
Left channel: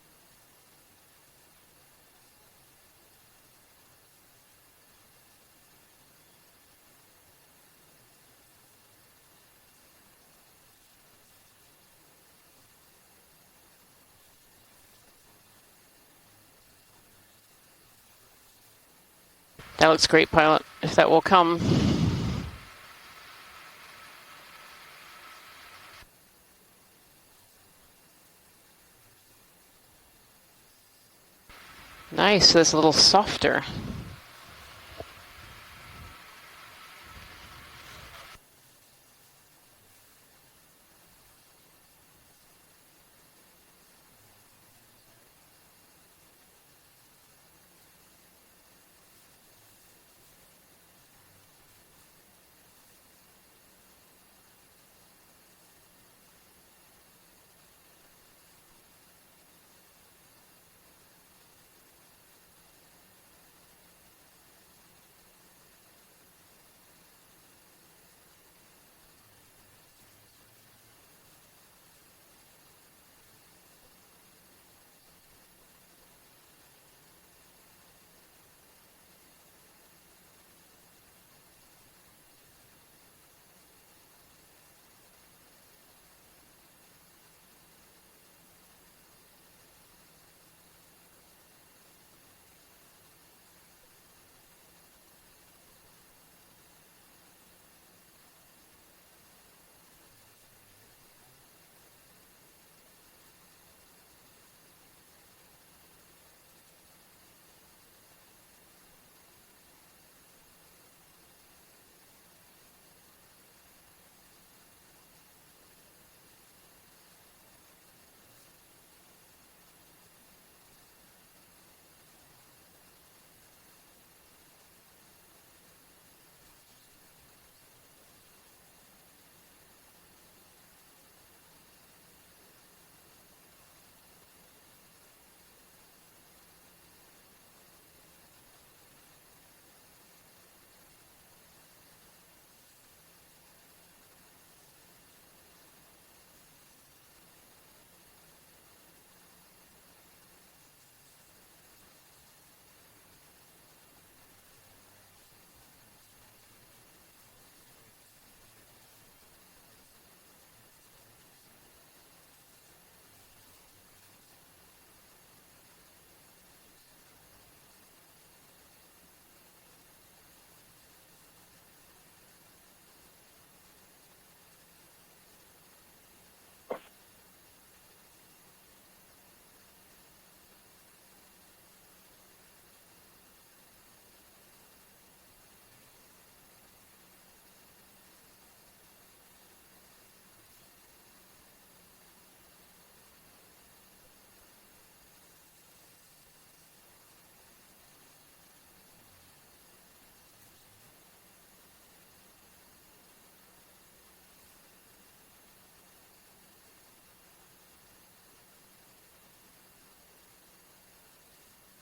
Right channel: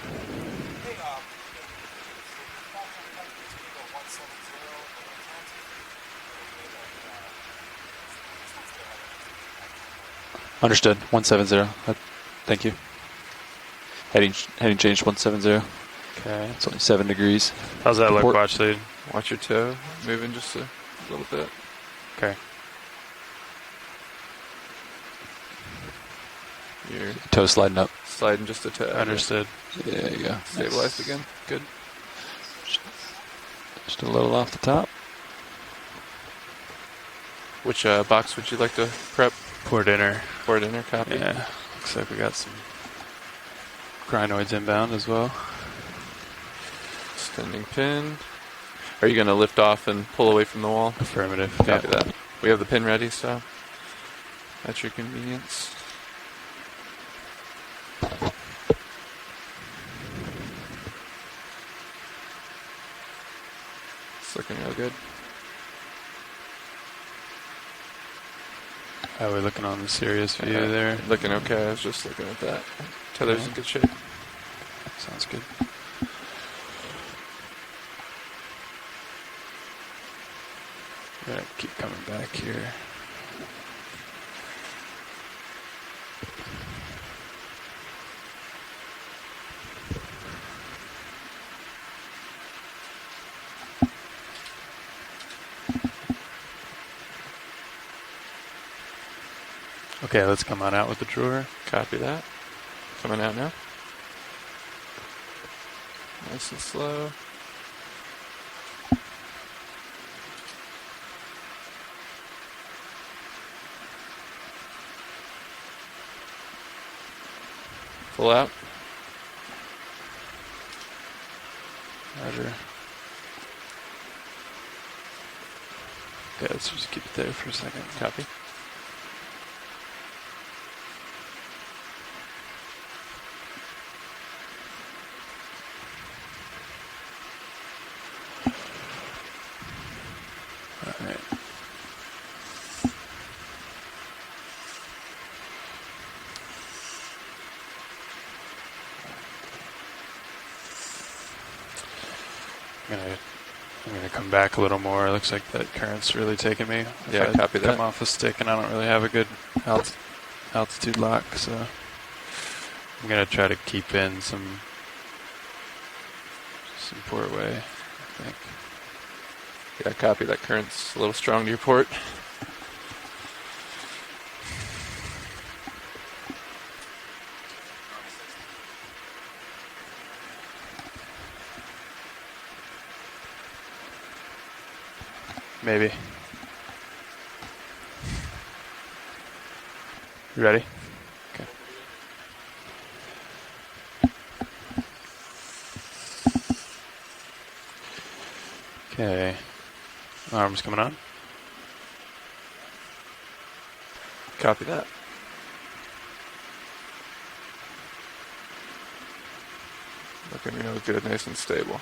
Understood. 170. Thank you. Heading change 170. Okay. It's only 7 degrees. How's that look, Port. watch lead? Watch your toe. That looks great, Moving pilot. If that will come. Okay. You're Toe sliding up. sliding just a tad. Understood. Yeah, there you go. Stabilized again. Good. Nice. That's a little softer. Just a little off the top. Which box would you like to prep? Port inner. Port inner, copy. Yeah. Looks like we got some crinoids inbound as well. Extending pin. Are you going to lift off and pull away from the wall? Affirmative. Copy that. We have the pin ready, so at your convenience. It's looking real good. How are we looking on the serious view there? Looking okay. I was just looking at that. Tether's in good shape. Sounds good. Gotta keep coming back here. Okay, let's come on out with the drawer. Copy that. Coming out now. Nice and slow. Pull out. Roger. Okay, let's just keep it there for a second. Copy. Alright. I'm gonna come back a little more. It looks like that current's really taking me. Yeah, If I copy that. Come off a stick, and I don't really have a good altitude lock, so I'm gonna try to keep in some port way, I think. Yeah, copy. That current's a little strong to your port. Maybe. You ready? Okay. Okay. Arms coming on. Copy that. Looking real good, nice and stable.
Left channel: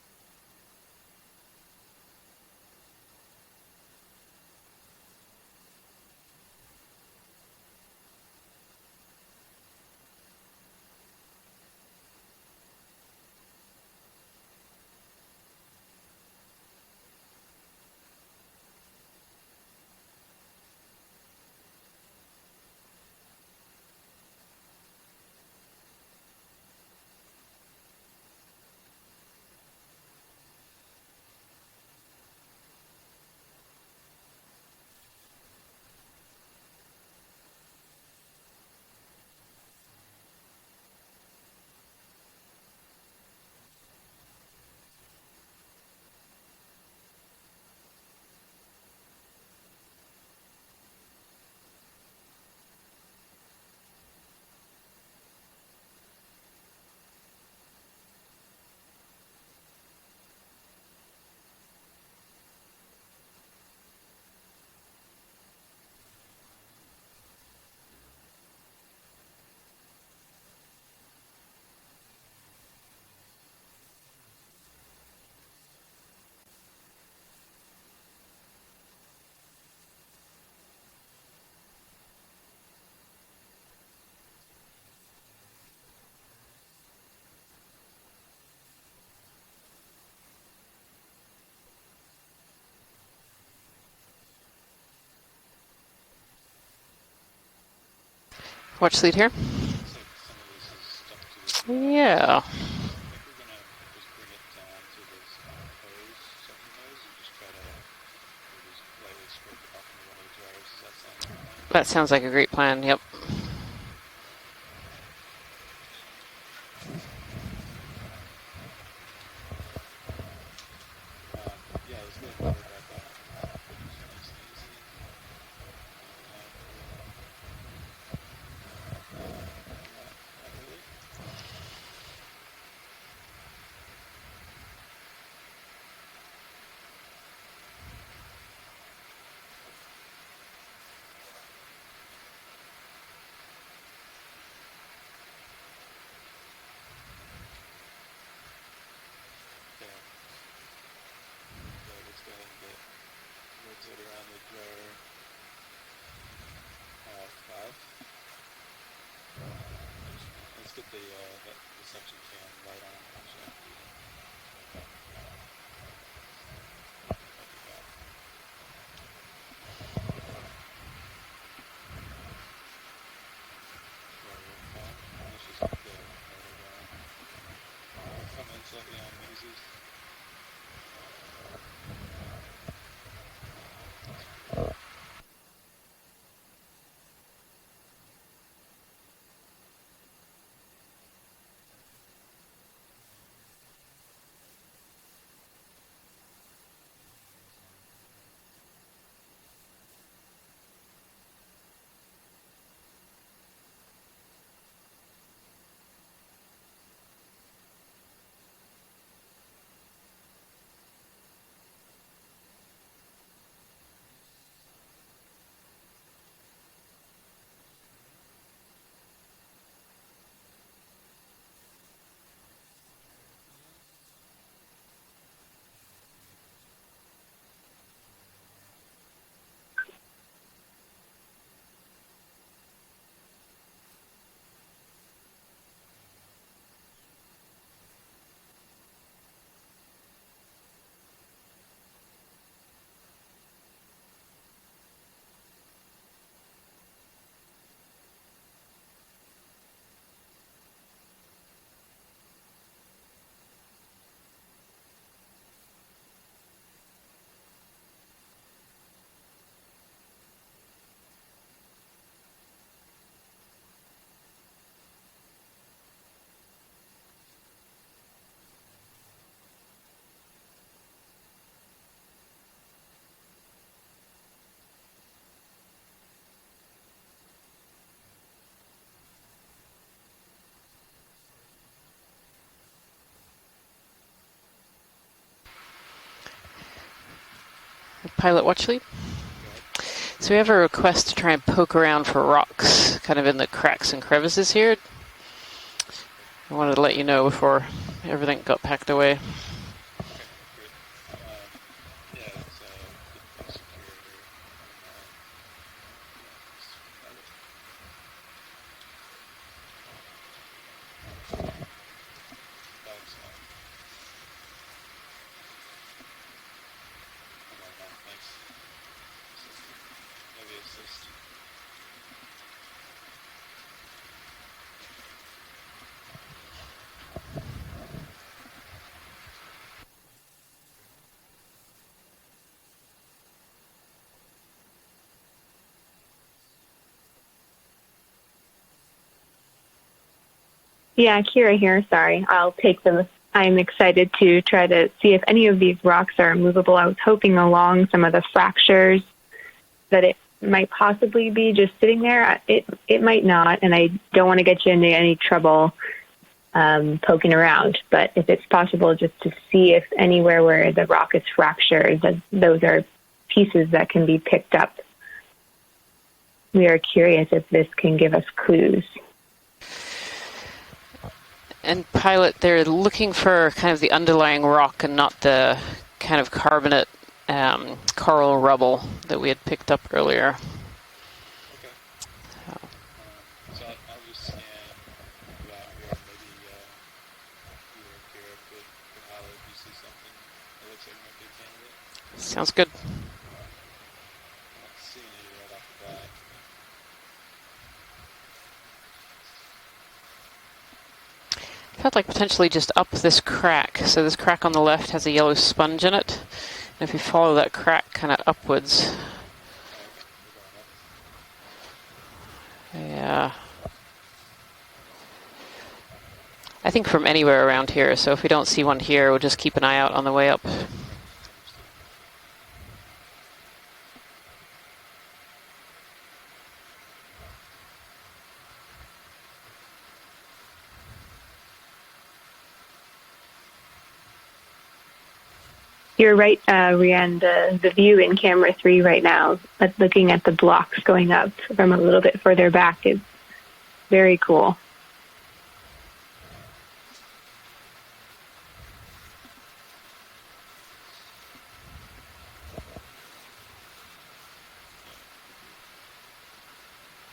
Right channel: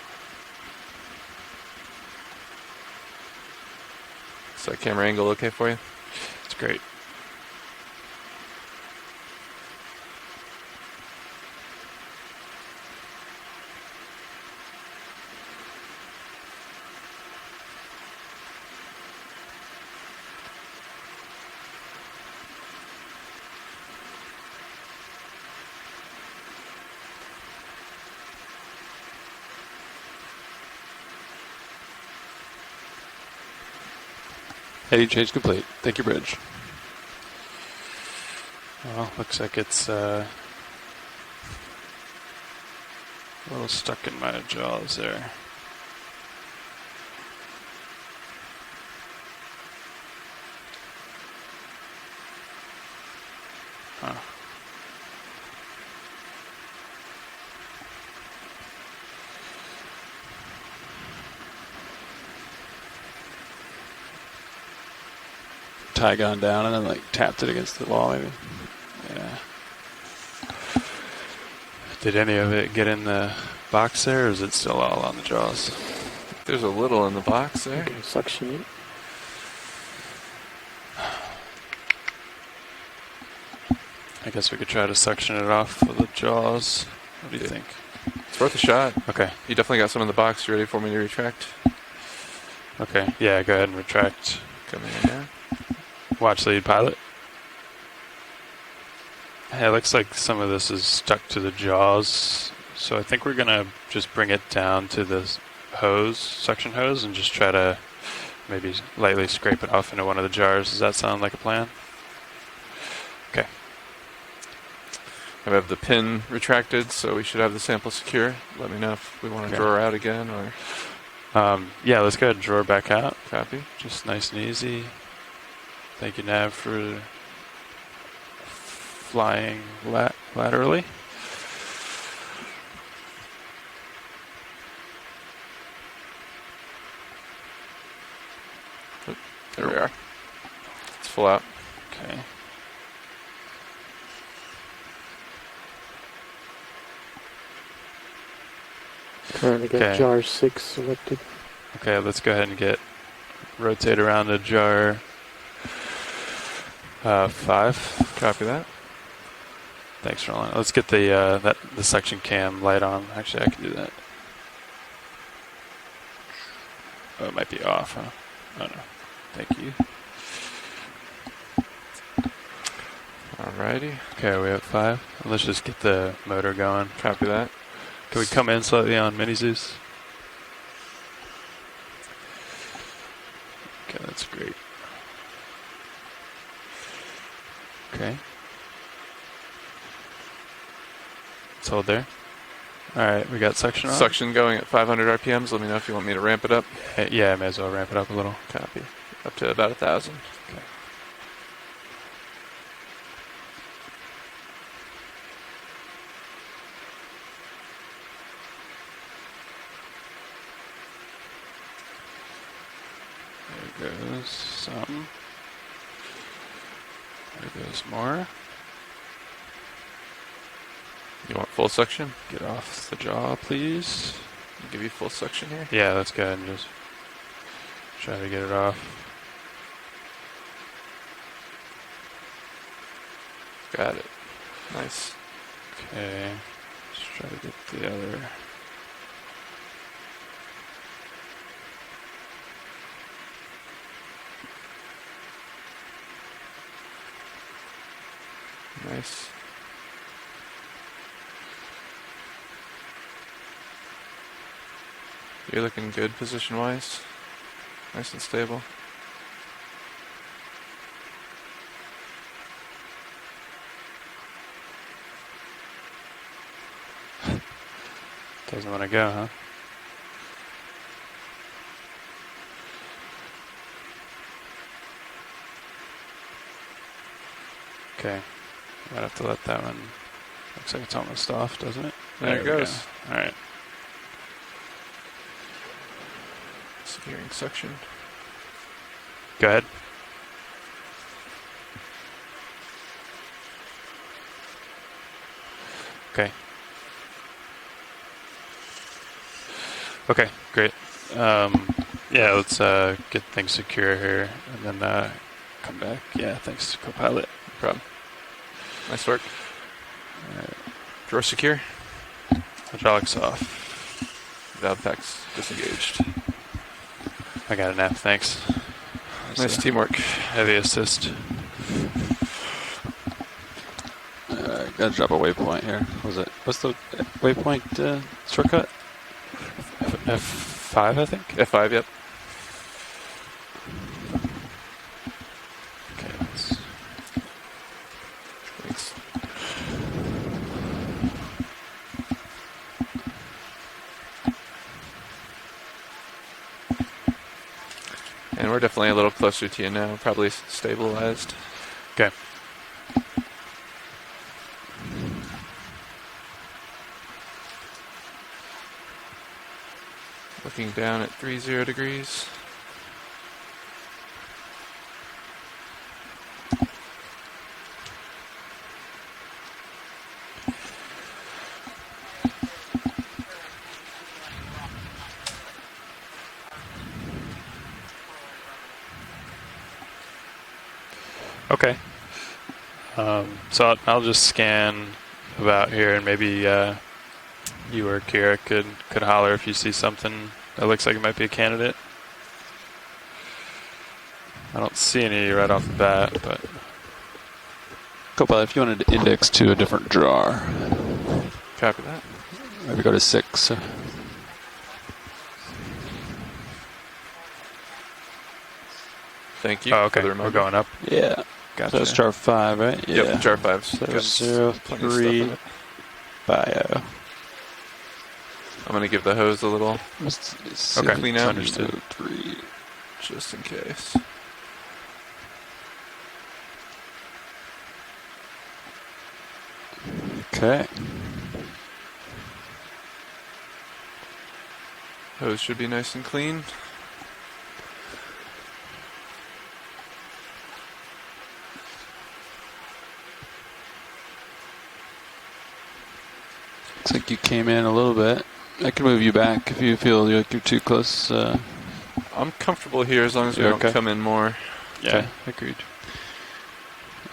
Is that camera angle okay for you? It's great. Heading change complete. Thank you, Bridge. Well, looks like it's a little stuck in my jaws there. Huh. Tie gone down and then like tapped it against the wall maybe. Yeah. Did any of it get in the box there or is it still all on the jaws? There's a little in the box there. Suction it. I guess we could try to suction it off with the jaws. What do you think? It's worth a shot. Okay. You definitely got some in the box. You ready for me to retract? Okay. Yeah, go ahead and retract. Coming in now. Watch lead pilot. Watch lead here. Yeah, it looks like some of this is stuck to the jaws. Yeah. So I think we're gonna just bring it down to this hose, suction hose, and just try to maybe lightly scrape it off into one of the jars. Does that sound like a plan? That sounds like a great plan, yep. Okay. I have the pin retracted, so we should have the sample secure. Let me know if we want to draw her out again, or... Yeah, let's go ahead and draw her back out. Copy. Just nice and easy. Thank you, Nav, for flying laterally. There we are. It's full out. Okay. Currently got Okay. jar 6 selected. Okay, let's go ahead and rotate around to jar 5. Copy that. Thanks, Roland. Let's get the section cam light on. Actually, I can do that. Oh, it might be off, huh? Oh no. Thank you. Alrighty. Okay, we have 5. Let's just get the motor going. Copy that. Can we come in slightly on Mini Zeus? Okay, that's great. Okay. Let's hold there. Alright, we got suction on. Suction going at 500 RPMs. Let me know if you want me to ramp it up. Yeah, I may as well ramp it up a little. Copy. Up to about 1,000. Okay. There goes some. There goes more. You want full suction? Get off the jaw, please. I'll give you full suction here. Yeah, let's go ahead and just try to get it off. Got it. Nice. Okay. Let's try to get the other. Nice. You're looking good position-wise. Nice and stable. Doesn't want to go, huh? Okay. Might have to let that one. Looks like it's almost off, doesn't it? There it goes. Go. All right. Securing suction. Pilot watch lead. Go ahead. So we have a request to try and poke around for rocks, kind of in the cracks and crevices here. Okay. I wanted to let you know before everything got packed away. Okay, great. Yeah, let's get things secure here and then come back. Yeah, thanks, co-pilot. No problem. Nice work. Drawer secure. Hydraulics off. Valve packs disengaged. I got a nap, thanks. Nice teamwork. Heavy assist. Gotta drop a waypoint here. What's the waypoint shortcut? F5, I think? F5, yep. Okay, thanks. Yeah, Kira here. Sorry, I'll take them. I'm excited to try to see if any of these rocks are movable. I was hoping along some of the We're definitely a fractures little closer to you now. that Probably it might possibly stabilized. be just sitting there. It might not, and I don't want to get you into any trouble poking around. But if it's possible, just to see if anywhere where the rock is 30 fractured, degrees. those are pieces that can be picked up. We are curious if this can give us clues. And pilot, they're looking for kind of the underlying rock and not the kind of carbonate coral rubble that we had picked up earlier. Okay. So I'll just scan about here, and maybe you or Kira could holler if you see something that looks like it might be a candidate. Sounds good. I don't see any right off the bat, but Copilot, if you wanted to index to a different jar. I'd like potentially just Maybe up go to this 6. crack. So this crack on the left has a yellow sponge in it. And if you follow that crack kind of upwards. Thank you. Oh, okay. For the We're reminder. going up. Yeah. Gotcha. So it's chart 5, right? Yep, Yeah. chart 5. So Got 0, plenty of stuff 3, in it. 5. I think from anywhere around here. So if we don't see I'm one gonna here, get the we'll just hose a keep an eye little- out on the way up. Okay. Okay. Clean out. Understood. 3. Just in case. Okay. Hose should be nice and You're clean. right, Rianne. The view in camera 3 right now, looking at the blocks going up from a little bit further back, is very cool. Looks like you came in a little bit. I can move you back if you feel like you're too close. I'm comfortable here as long as we You're don't okay? come in more. Yeah, agreed.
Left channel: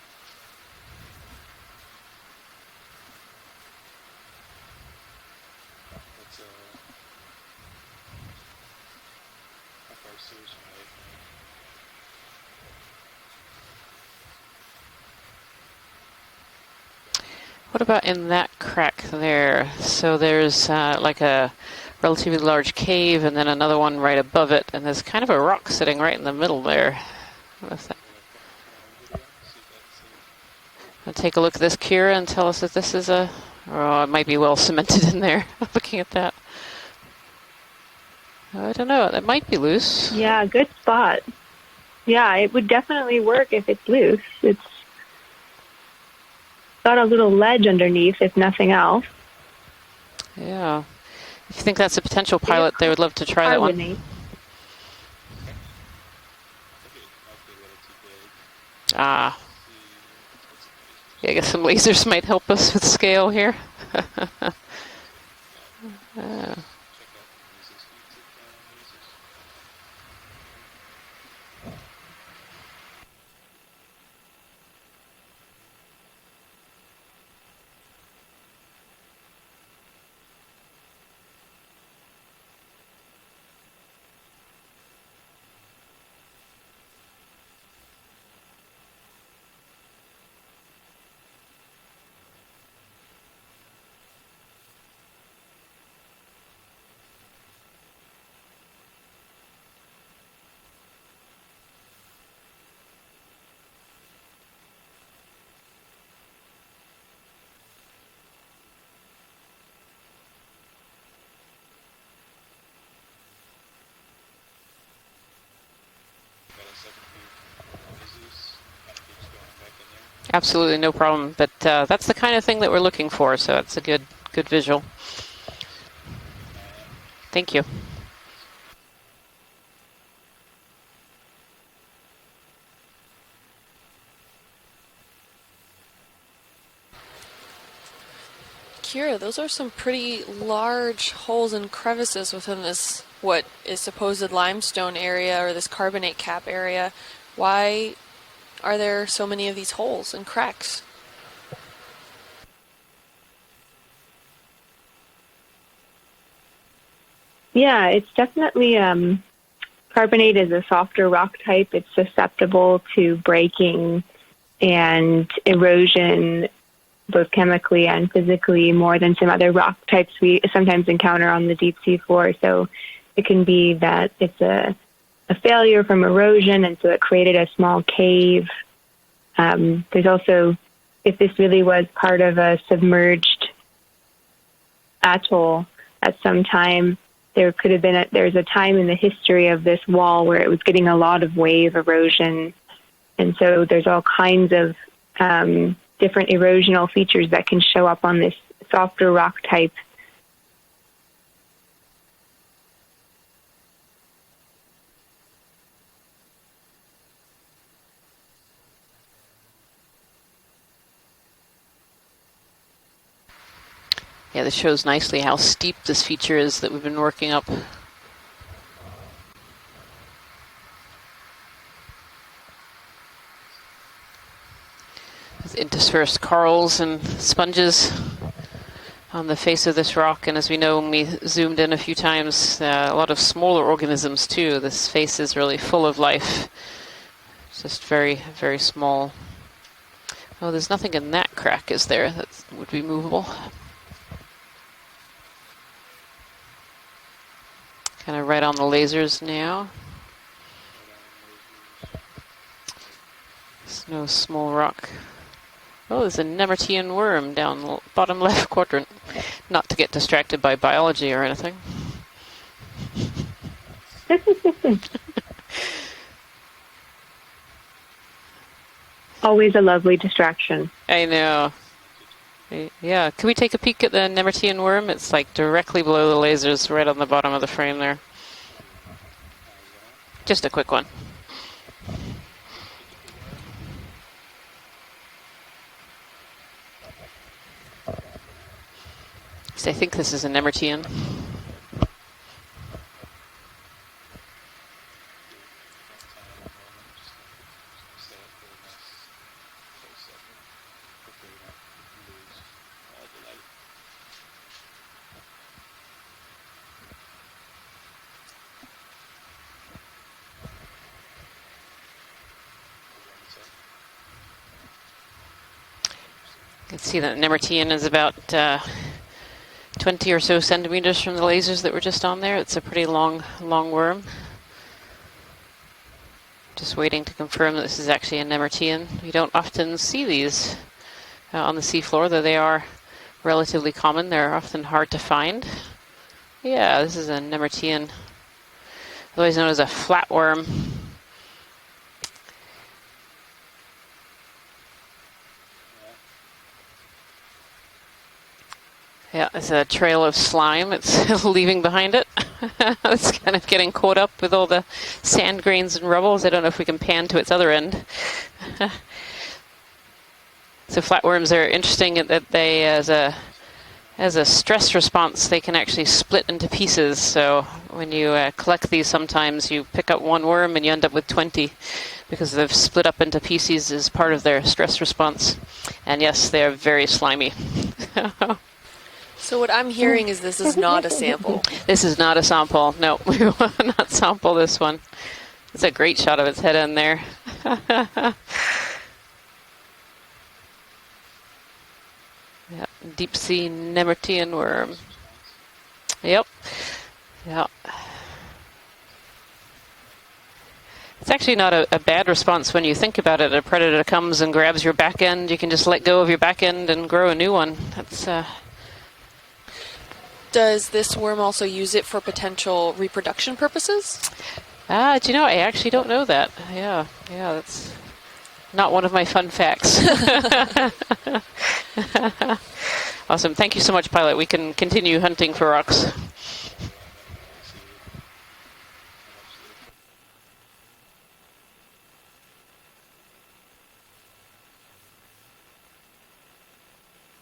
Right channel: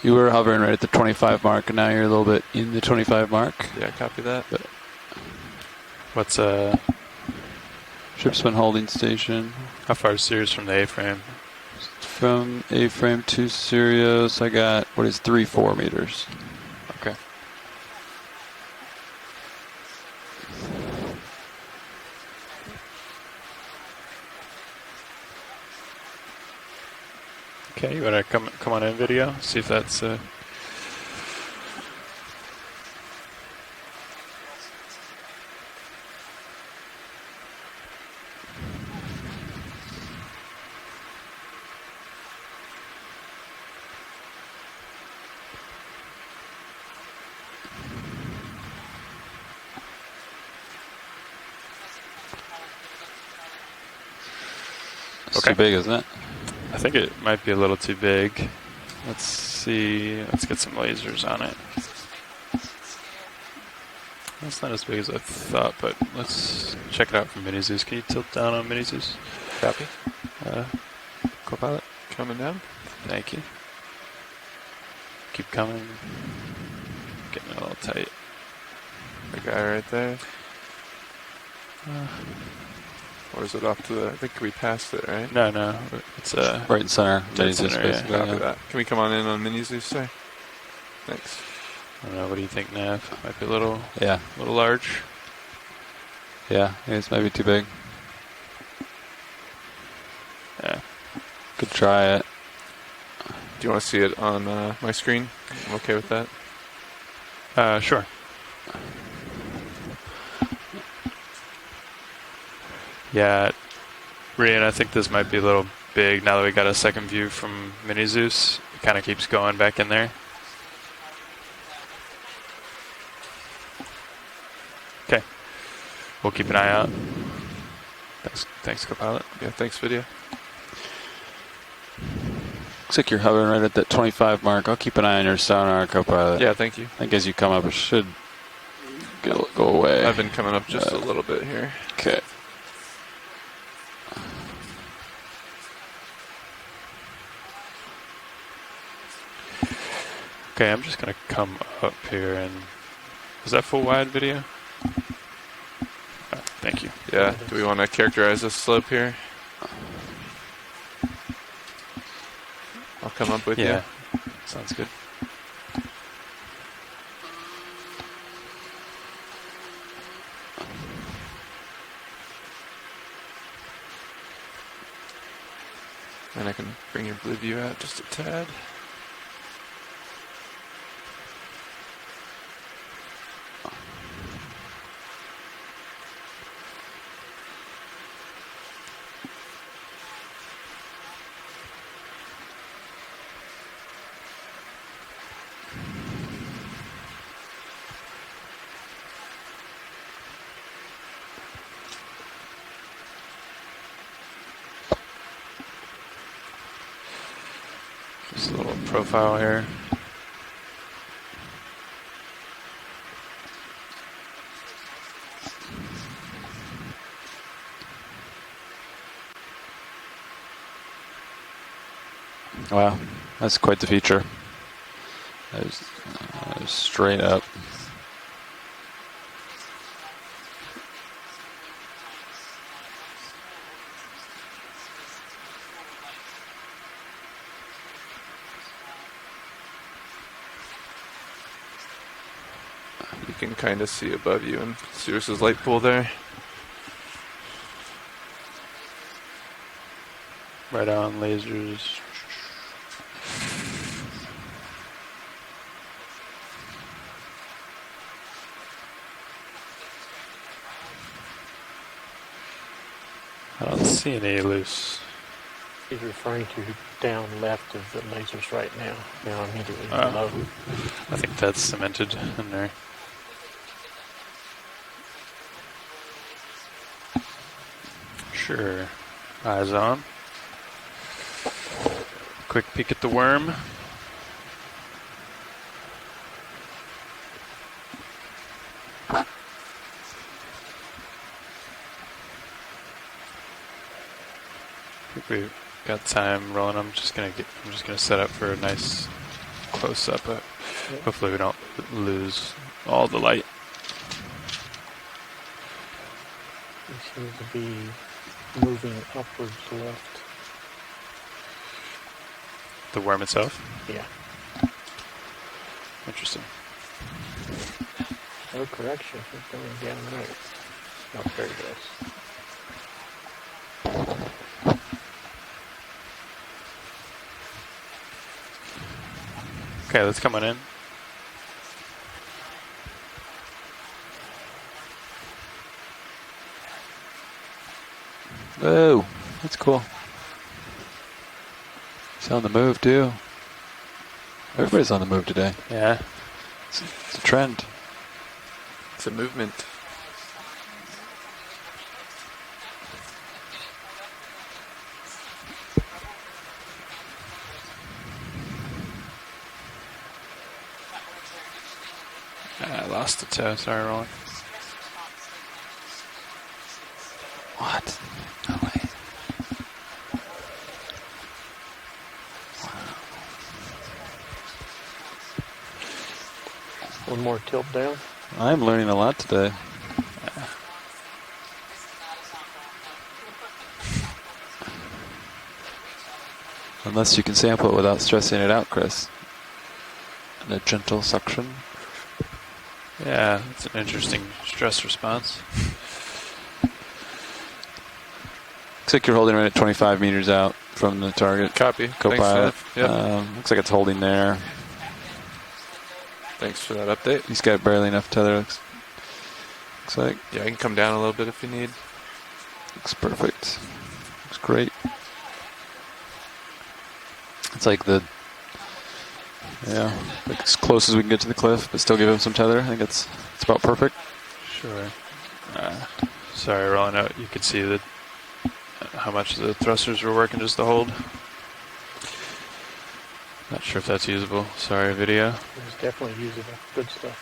You were hovering right at the 25 mark, and now you're a little bit in the 25 mark. Yeah, copy that. But What's Shipsman holding station. how far is Sirius from the A-frame? From A-frame to Sirius, I got, 3-4 meters. Okay. What about in that crack there? So there's like a relatively large cave and then another one right above it. And there's kind of a rock sitting right in the middle there. Okay, you want to come on in video? See if that's... Take a look at this, Kira, and tell us if this is a... Oh, it might be well cemented in there. Looking at that. I don't know. That might be loose. Yeah, good spot. Yeah, it would definitely work if it's loose. It's got a little ledge underneath, if nothing else. Yeah. If you think that's a potential pilot, they would love to try that one. Carbonate. It's Okay. too big, isn't it? I think it might be a little too big. Ah. Let's see. Let's get some lasers I on guess it. some lasers might help us with scale here. It's not as big as I thought, but let's check it out from Mini Zeus. Can you tilt down on Mini Zeus? Copy. Copilot? Coming down. Thank you. Keep coming. Getting a little tight. The guy right there. Or is it off to the... I think we passed it, right? No. It's Right in center. Dead Mini Zeus, center, yeah. basically, Copy yeah. that. Can we come on in on Mini Zeus, sir? Thanks. I don't know. What do you think, Nav? Might be a little Yeah. large. Yeah, it's maybe too big. Yeah. Could try it. Do you want to see it on my screen? I'm okay with that. Sure. Yeah, Rian, I think this might be a little big now that we got a second view from Mini Zeus. It kind of keeps going back in there. Absolutely, no problem. But that's the kind of thing that we're looking for, so it's a good visual. Okay. We'll keep an eye out. Thank you. Thanks, Copilot. Yeah, thanks, video. Looks like you're hovering right at that 25 mark. I'll keep an eye on your sonar, Copilot. Yeah, thank you. I think as you come up, it should Kira, those go are some away. pretty I've been coming up just a large little bit holes here. and crevices within this, what is supposed limestone area or this carbonate cap area. Why are there so many of these holes and cracks? Okay, I'm just going to come up here and... Is that full wide video? Thank you. Yeah. Do we want to it's characterize the definitely, slope here? Carbonate is a softer rock type. It's susceptible to Come up with breaking Sounds good. and erosion, both chemically and physically, more than some other rock types we sometimes encounter on the deep sea floor. So it can be that it's a failure from erosion, and so it created a small cave. There's also, if this really was part of a submerged atoll at some time, there could have been there's a time in the history of this wall where it was getting a lot of wave erosion, and so there's all kinds of different erosional features that can show up on this softer rock type. Just a little profile here. Yeah, this shows nicely how steep this feature is that we've been working up. Wow, that's quite the feature. Interspersed corals and Straight up. sponges on the face of this rock, and as we know when we zoomed in a few times, a lot of smaller organisms too. This face is really full of life. It's just very, very small. Oh, there's nothing in that crack, is there? That would be movable. You can kind of see above you in Sirius's light pool there. Kind of right on the lasers now. Right on lasers. There's no small rock. Oh, there's a Nemertean worm down the bottom left quadrant. Not to get distracted by biology or anything. I don't see any loose. He's referring to down left of the lasers right now. Always a lovely distraction. I know. I think that's cemented in there. Yeah, can we take a peek at the Nemertean worm? It's like directly below the lasers, right on the bottom of the frame there. Sure. Eyes on. Just a quick one. Quick peek at the worm. So I think this is a Nemertean. I think we've got time rolling. I'm just gonna set up for a nice close up, but hopefully we don't lose all the light. It seems to be moving upwards left. The worm itself? Yeah. Interesting. You can see that Nemertean is about 20 or so centimeters from the lasers that were just on there. It's a pretty long worm. Just waiting to confirm that this is actually a Nemertean. You don't often see these coming in. On the seafloor, though they are relatively common. They're often hard to find. Yeah, this is a Nemertean. Whoa. Otherwise known as a flatworm. He's on the move, too. Everybody's on the move today. Yeah. It's a trend. It's a Yeah, movement. it's a trail of slime it's leaving behind it. It's kind of getting caught up with all the sand grains and rubbles. I don't know if we can pan to its other end. So flatworms are interesting in that they, as a stress response, they can actually split into pieces. So when you collect these, sometimes you pick up one worm and you end up with 20 because they've split up into pieces as part of their stress response. And yes, they're very slimy. I'm learning a lot today. So what I'm hearing is this is not a sample. This is not a sample. No, we will not sample this one. It's a great shot of its head in there. Unless you can sample it without stressing it out, Chris. And a gentle suction. Yep. Deep sea Nemertean worm. Stress response. Yep. Yep. Looks like you're holding right at 25 meters out from the It's actually not target. a bad response when you think about it. A predator comes and grabs your back end. You can just let go of your back end and grow a new one. He's got barely enough tether. Looks like. Does this worm also use it for potential reproduction purposes? Great. Do you know? I actually don't know that. Yeah. That's It's like the not one of my fun facts. as close as we can get to the cliff, but still give him some tether. And it's awesome. Thank you so much, Pilot. We can continue hunting for rocks. Sorry, rolling out. You could see that how much the thrusters were working just to hold. Not sure if that's usable. Sorry, video. It's definitely usable. Good stuff.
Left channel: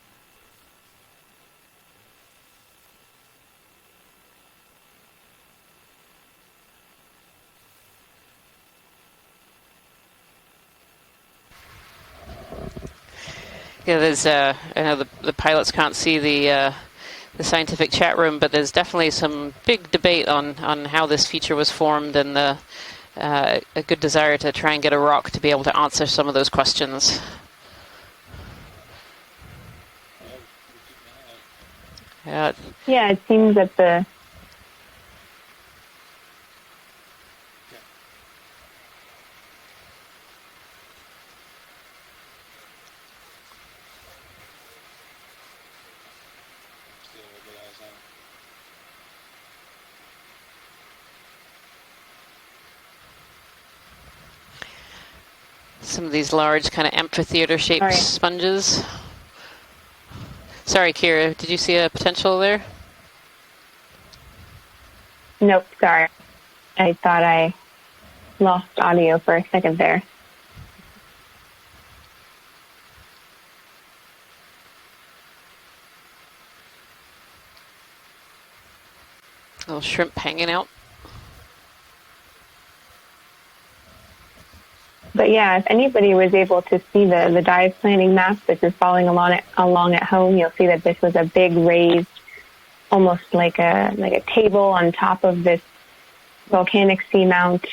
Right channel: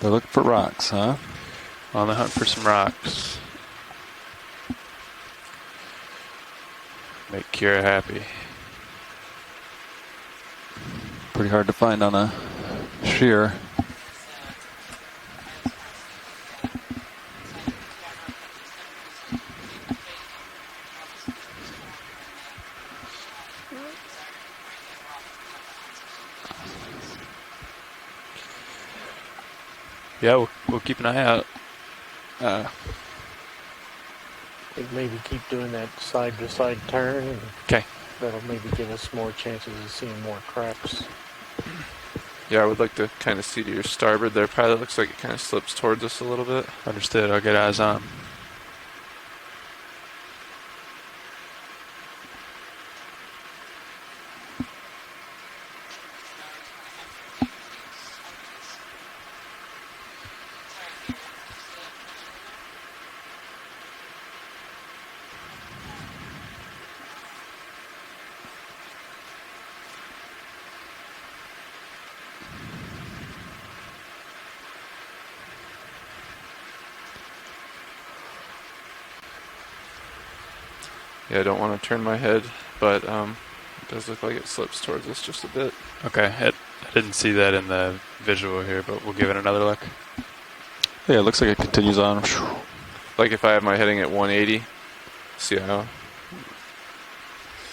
They're looking for rocks, huh? On the hunt for some rocks. Make Kira happy. Pretty hard to find on a shear. Yeah, there's. I know the pilots can't see the scientific chat room, but there's definitely some big debate on how this feature was formed and a good desire to try and get a rock to be able to answer some of those questions. Yeah, we'll keep an eye out. Yeah. Yeah, it seems that the Maybe keep doing that side-to-side turn. And okay. That'll maybe give us more chances of seeing more cracks. Yeah, I would like to kind of see to your starboard there, Pilot. Looks like it kind of slips towards us a little bit. Understood. I'll get eyes on. Some of these large kind of amphitheater-shaped sponges. Sorry, Kira, did you see a potential there? Nope, sorry. I thought I lost audio for a second there. Little shrimp hanging out. Yeah, I don't want to turn my head, but it does look like it slips towards us. But yeah, if anybody was able to see the dive planning map that is following along at home, you'll see that this was a big raised, almost like like if I had my heading at a 180, table on top of this volcanic seamount.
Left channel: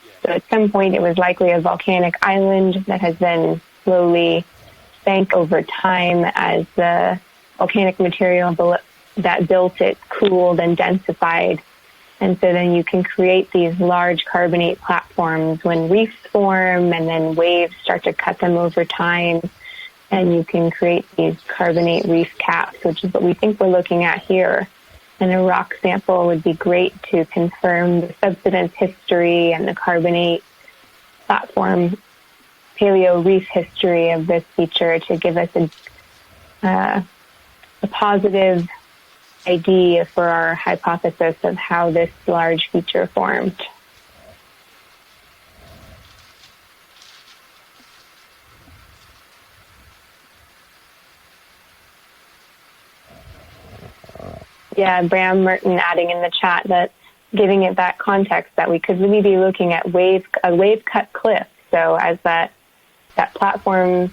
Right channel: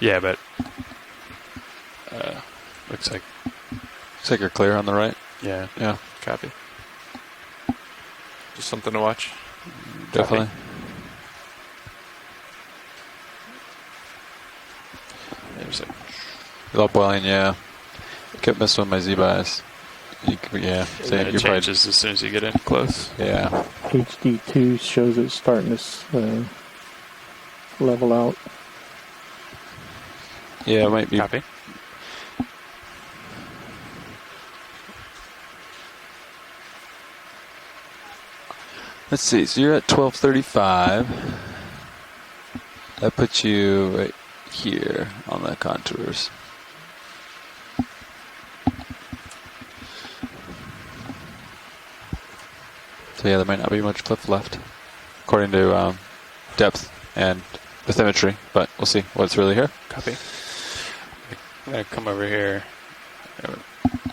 Yeah, So but at some point it was likely a volcanic island that has then slowly Looks like you're clear on the right. sank over Yeah. time as the volcanic material Something to watch. that built it Definitely. cooled and densified. And so then you can create these large carbonate platforms when reefs form and Upwelling, then yeah. waves start to cut them Couldn't have over swum my time. Z-Bass. And you can Yeah, create so these you're probably just as carbonate soon as you reef get in caps, close. which is what we Yeah. think we're looking at here. HD2 shows And it's a rock starting to sample would be great to confirm level the out. subsidence history and the carbonate Yeah, it might be. platform paleo reef history of this feature to give us a positive Let's see. So you're at idea for our 1235. hypothesis of how this large feature That formed. puts you right here on the contours. So yeah, there might not be much cliff left. Yeah, Bram According to, Merton adding in the chat depth that and giving it that bathymetry, context but that we we'll could see really what's be really looking here. at a wave cut cliff. So come as over that here. that platform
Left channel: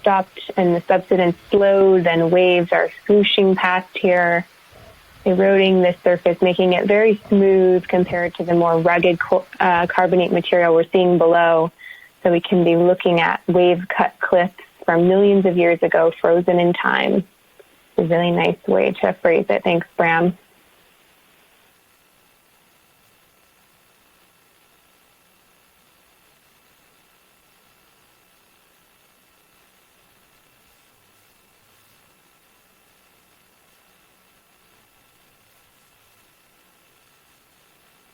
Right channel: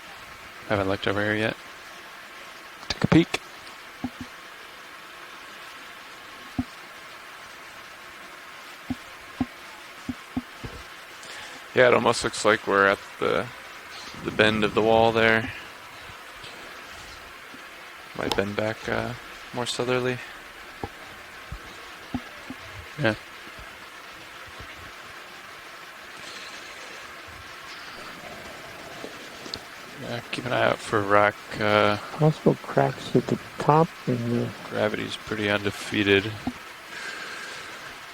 stopped and the Haven't looked over here subsidence yet. slowed, then waves are swooshing past here, eroding the surface, making it very smooth compared to the more rugged carbonate material we're seeing below. Yeah, it almost So we looks can like be we're looking at at wave-cut cliffs bend of the from wall millions there. of years ago, frozen in time. It's a really Might bend nice back, way to phrase it. more Thanks, southerly. Bram. Yeah. Yeah, keep an eye out for rock. Possible cracks at the top and Gravity's pretty undefeated.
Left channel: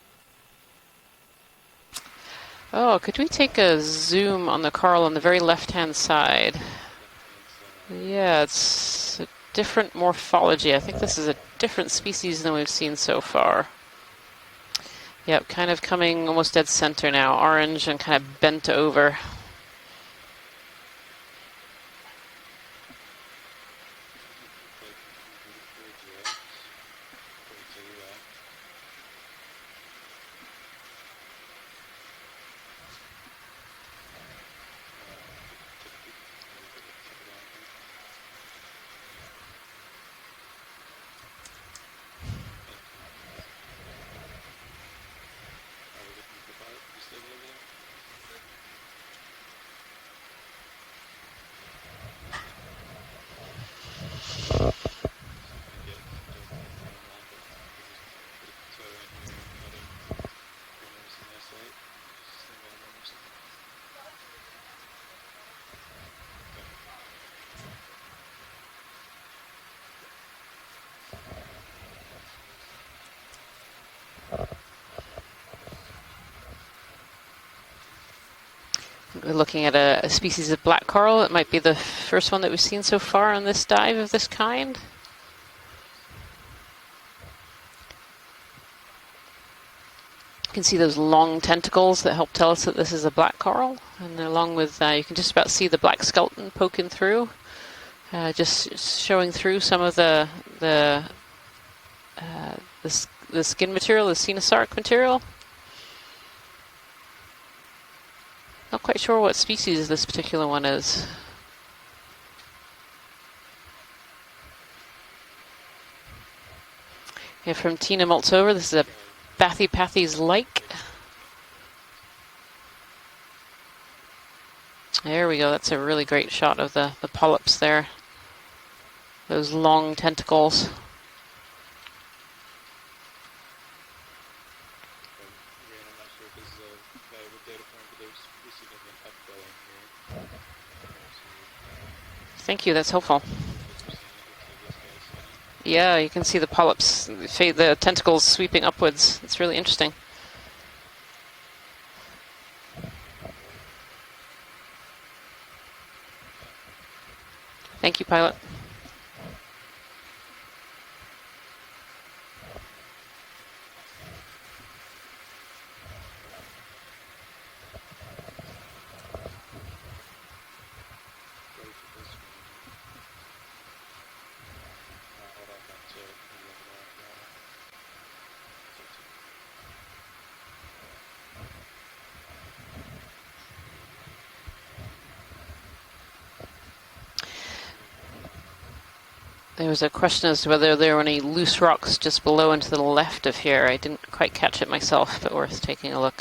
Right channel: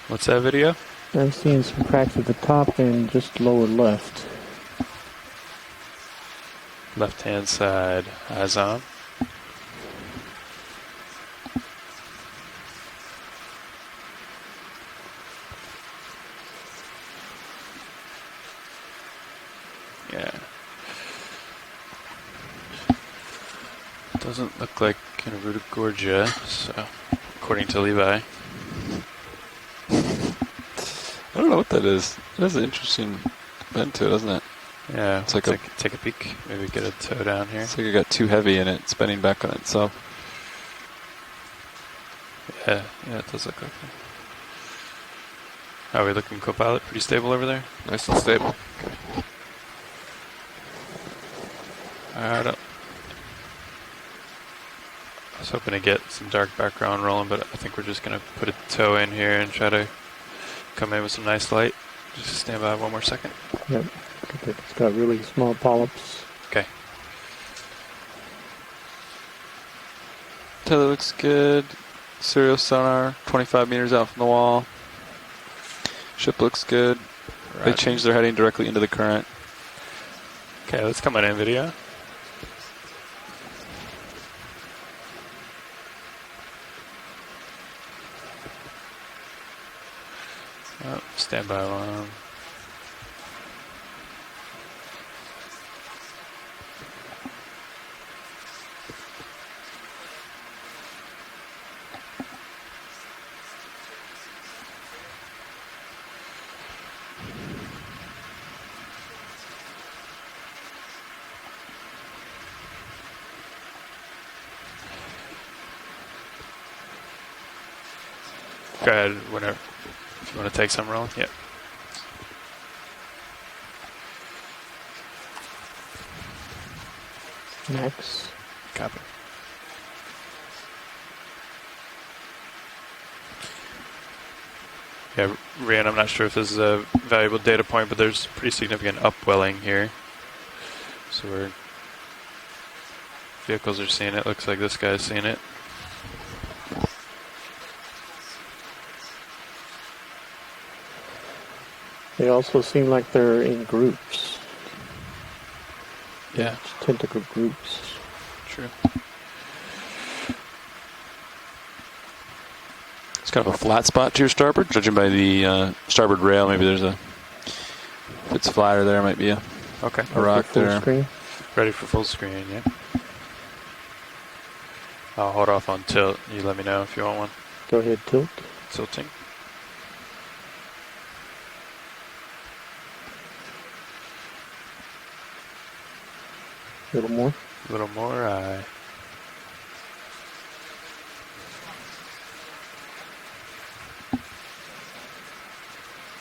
What's that video? I'm seeing some cracks at the top Oh, and could we just take lower a left. zoom on the coral on the very left-hand side? Left-hand side. Yeah, As on. it's a different morphology. I think this is a different species than we've seen so far. Yep, kind of coming almost dead center now, orange and kind of bent over. Yeah. Doesn't look like Gorgia, so according to Levi. I don't know what that is. It has an interesting bend to it, doesn't it? Yeah, It's like take a peek. Maybe get a toe down here. It's like it got too heavy and it's spinning back on itself. Yeah, it does look okay. How are we looking, co-pilot? Pretty stable over there? Nice and stable. Fired up. I was hoping to get some dark background rolling, but I think we're just going to put a toe in here and try to come in with some nice light. Just stand by 1 more second. Yep. It's got really small polyps. Okay. Tether looks good. Serial sonar, 25 meters out from the wall. Ship looks good. They changed their heading directly into the current. We're looking at a species of black let's coral. come on It in might be video. the first one that we've seen so far on this dive of this kind. You can see those long stand by tentacles one. that help tell us that this is a black coral. And along with, you can just about see the black skeleton poking through. Just showing through some of the skin material, the cenosarc material. Not quite sure what species this particular one is. Yeah, from Tina Maltsover, this is a Go ahead. Bathypathes light. Want to take some rolling? Yep. There we go. That's a really great shot of the polyps there. Nice. Copy. Those long tentacles. Yeah, Rian, I'm not sure if this is a valuable data point, but there's pretty significant upwelling here. So Thank you. That's helpful. vehicles are seeing it. Looks like this guy's seeing it. Yeah, you can see the polyps, the tentacles sweeping upwards. It's really interesting. They also seem like they're in groups. Yeah. Tentacle groups. Thank you, pilot. True. It's kind of a flat spot to your starboard, judging by the starboard rail. Maybe there's a, if it's flatter there, might be a rock full there. screen. Ready for full screen, yeah. I'll hold off on tilt. You let me know if you want one. Go ahead, tilt. Tilting. A little more. A little more. There was a question as to whether there were any loose rocks just below and to the left of here. I didn't quite catch it myself, but worth taking a look.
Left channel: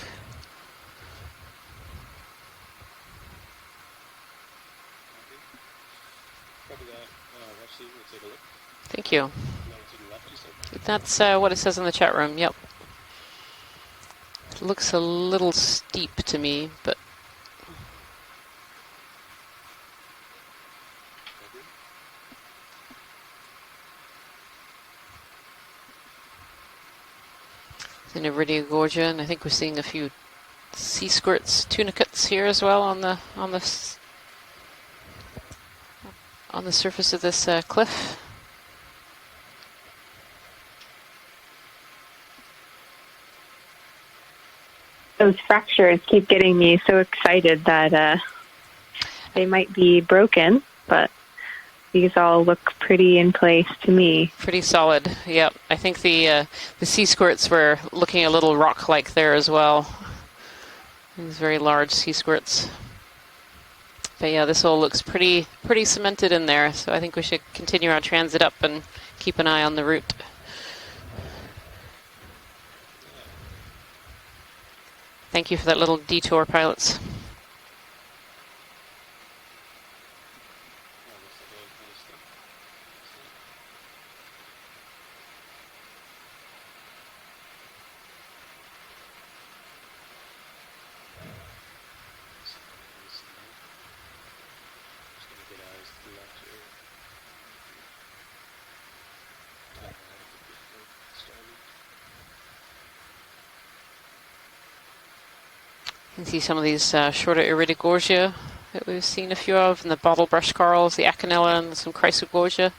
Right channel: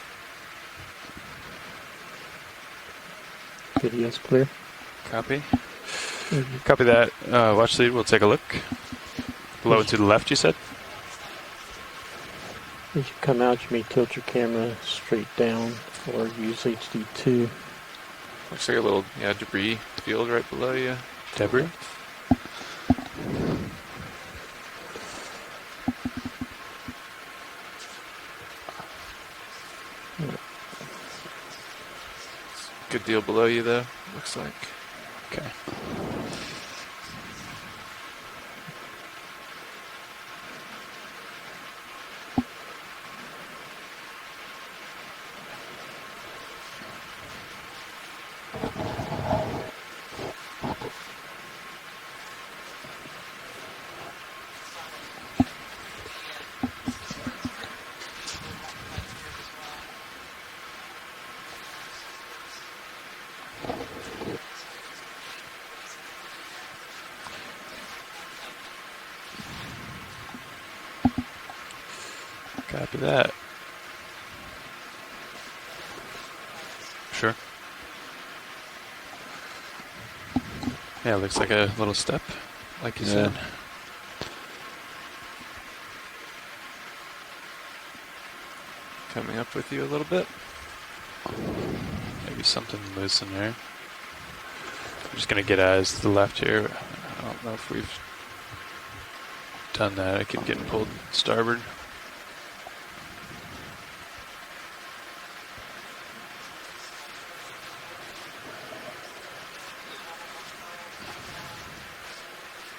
Video's clear. Copy. Copy that. Watch lead, we'll take a look. Thank you. Below and to the left, you said? That's what it says in the chat room. Yep. As you come out, you may tilt your camera. It looks a straight little down steep toward to me, but UH2. Looks like a little debris field right below you. Debris? in Iridogorgia, and I think we're seeing a few sea squirts, tunicates here as well on Good the deal below on you the there, looks like. Okay. On the surface of this cliff. Those fractures keep getting me so excited that they might be broken, but these all look pretty in place to me. Pretty solid, yep. I think the sea squirts were looking a little rock-like there as well. These very large sea squirts. But yeah, this all looks pretty cemented in there, so I think we should continue our transit up and keep an eye on the route. Copy that. Thank you for that little detour, pilots. Sure. Yeah, it looks like a little step, like you said. Coming up with you a little bit. Maybe something loose in there. I'm just going to get eyes to the left here. I don't know if we've done that. I keep getting pulled starboard. You can see some of these shorter Iridogorgia that we've seen a few of, and the bottle brush corals, the Acanella, and some Chrysogorgia.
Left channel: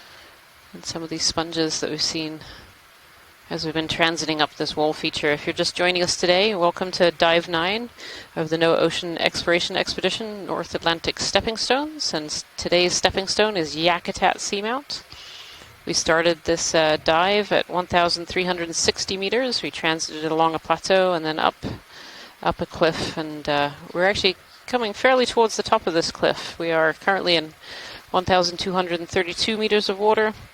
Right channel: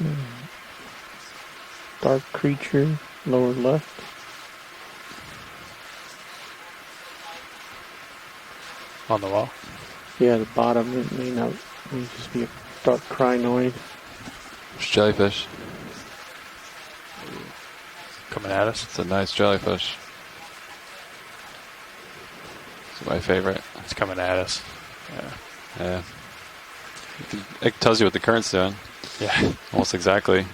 And some of these sponges that we've seen creature, lower as left. we've been transiting up this wall feature. If you're just joining us today, welcome to Dive 9 of the NOAA Ocean Exploration Expedition, Yeah, the North bottom, Atlantic you know, Stepping Stones. And needs to be today's about stepping stone is crinoid. Yakutat Seamount. Jellyfish. We started this dive at 1,360 nice meters. We jellyfish. transited along a plateau and then up a cliff. My and favorite. we're actually coming fairly towards the top of Yeah. this cliff. We are currently in It tells you what the current's doing. 1,232 meters Almost of water. exactly.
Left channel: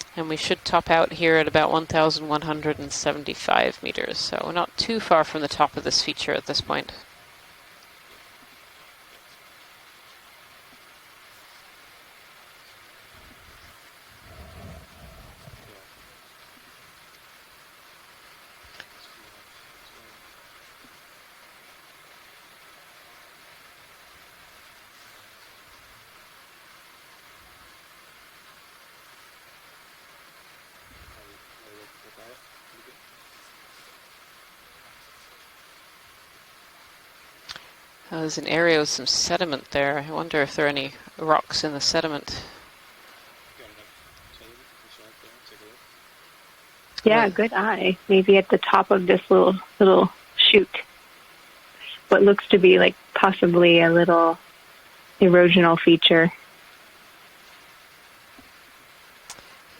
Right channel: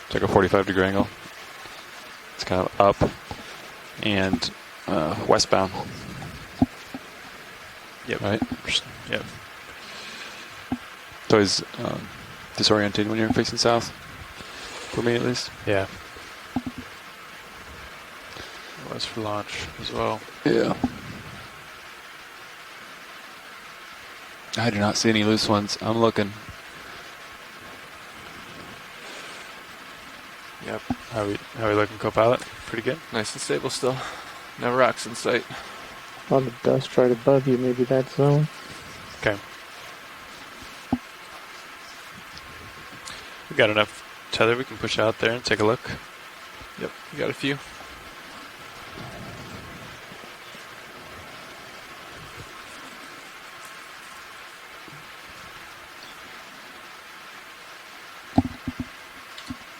It's like a And we 45 should degree top out angle. here at about 1,175 meters. and, So we're not too far from the westbound. top of this feature at this point. Yep. Right? Yep. It's always disorienting when you're facing south. For me, at least. Yeah. It was for launch as well. Yeah. I do not see any loose ones. I'm looking. Yep. How we looking, co-pilot? Pretty good. Nice and stable still. No rocks in sight. A lot of dust right above you, maybe that's There's zone. an area with some sediment there. I wonder if there are any rocks in the sediment. We got enough tether we can push out there and take a look. Yep. Yeah, Quite a good few. eye. Maybe at the top of this little chute. What looks to be like possibly a little erosional feature.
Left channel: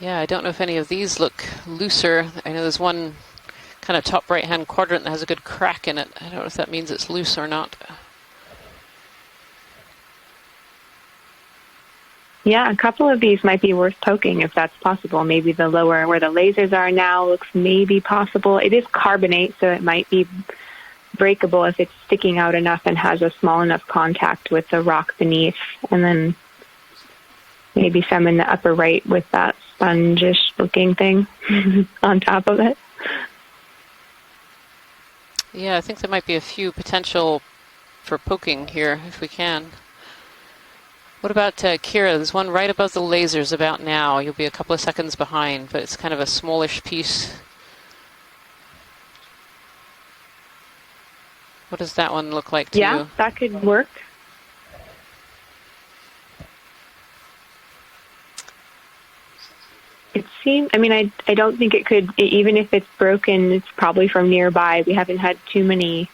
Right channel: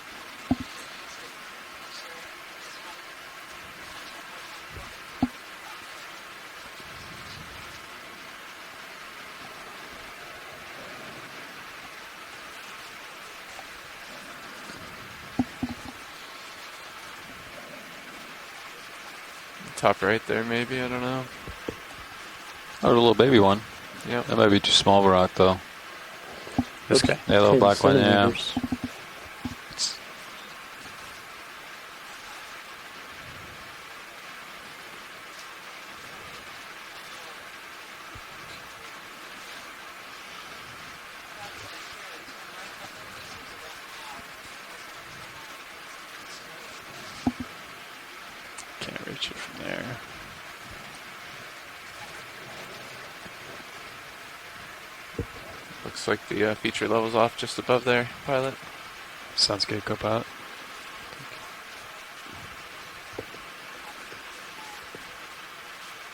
Yeah, I don't know if any of these look looser. I know there's one kind of top right-hand quadrant that has a good crack in it. I don't know if that means it's loose or not. Yeah, a couple of these might be worth poking if that's possible. Maybe the lower where the lasers are now looks maybe possible. It is carbonate, so it Top might right be there, maybe, I don't know. breakable if it's sticking out enough and Oh, has a maybe small one. enough contact that might be with too the small rock rock, beneath. though. And then This guy. Yeah, little black maybe one. some in Yeah. the upper right with that spongish looking thing on top of it. Yeah, I think there might be a few potential for poking here if we can. What about Kira? There's one right above the lasers about now. You'll be a couple of seconds behind, but it's kind of a smallish piece. Can't reach it from there. What does that one look like to Yeah, you? that could work. Looks like the feature level's off just above there, pilot. Sounds good, It co-pilot. seems, I mean, I don't think it could, even if it's broken, it's probably from nearby. We haven't had too many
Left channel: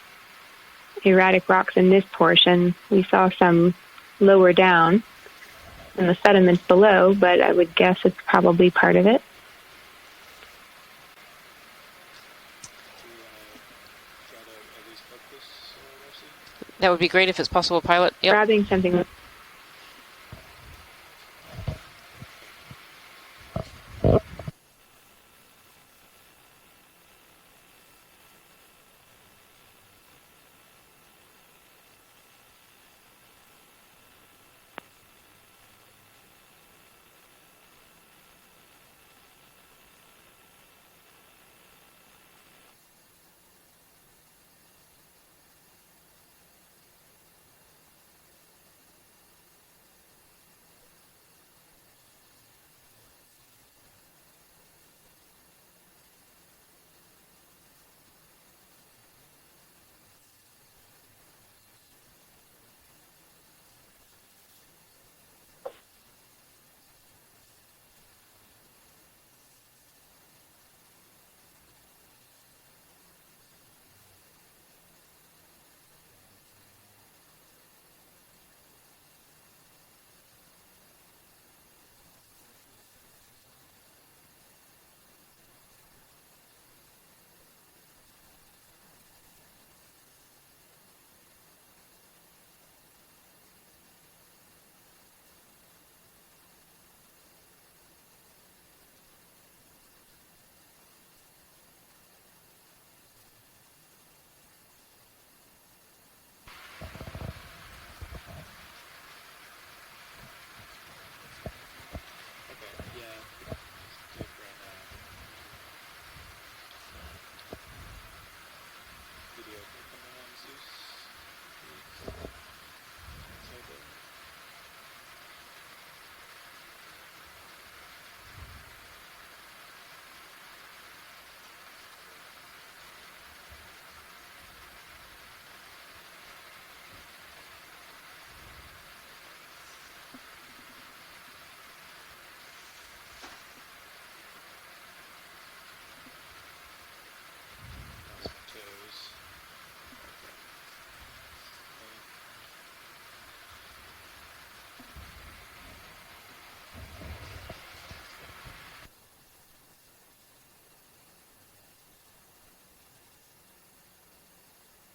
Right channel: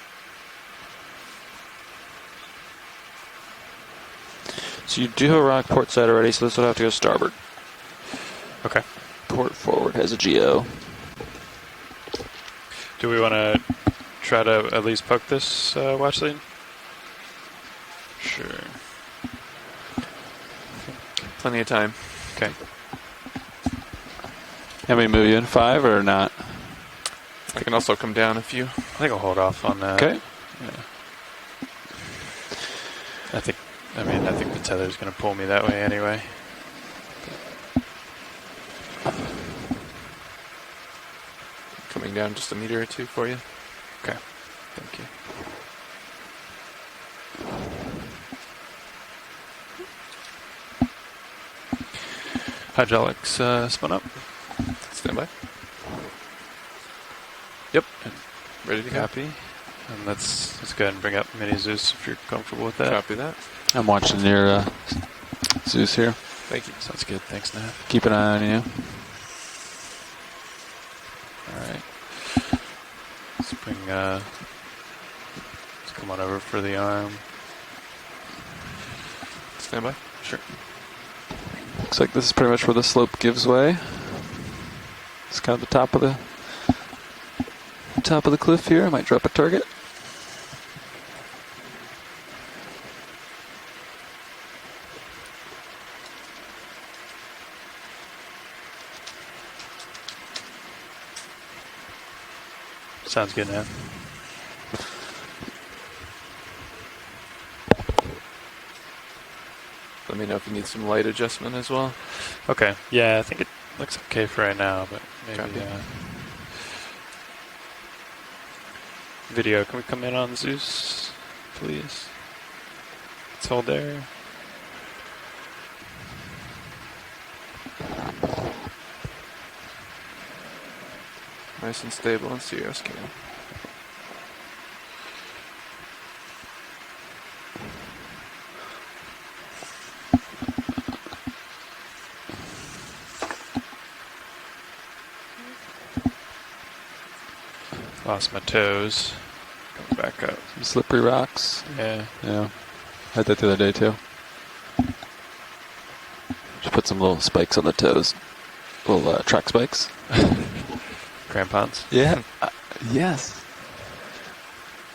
erratic rocks in this portion. We saw some lower down. So you do have a rock port side The already, so sediment that's what I have to do below, starboard. but I would guess it's probably Okay. part of it. Port forward has a GO. Do we want to try to at least poke this watch lead? That would be great if it's possible, pilot. Yep. Grabbing something. Plenty of time. Okay. Have we move you in 5 or not? I can also come down if you. I think I'll hold off on that. Okay. Yeah. I think the tether's going to pull me that way anyway. Coming down just a meter or two for you. Okay, thank you. Hydraulics spun up. Stand by. Yep. Ready to go. Copy. And let's go ahead and bring up Mini Zeus if you're comfortable with that. Copy that. I'm watching your Zeus here. Thank you. Sounds good. Thanks, Nav. Keep an eye on you. All right. Let's bring. Let's come on over for the arm. Stand by. Sure. Looks like this is pretty much where the slope gives way. It's kind of the top of the cliff here. I might drop a target. Sounds good, Nav. Let me know if you need some light adjustment as well. Okay. Yeah, I think it looks okay for right now, but maybe. Copy. Video, can we come in on Zeus, please? Let's hold there. Nice and stable and serial scan. Lost my toes. Going back up. Some slippery rocks. Yeah. Yeah. Had that the other day too. Just put some little spikes on the toes. Little track spikes. Crampons? Yeah. Yes.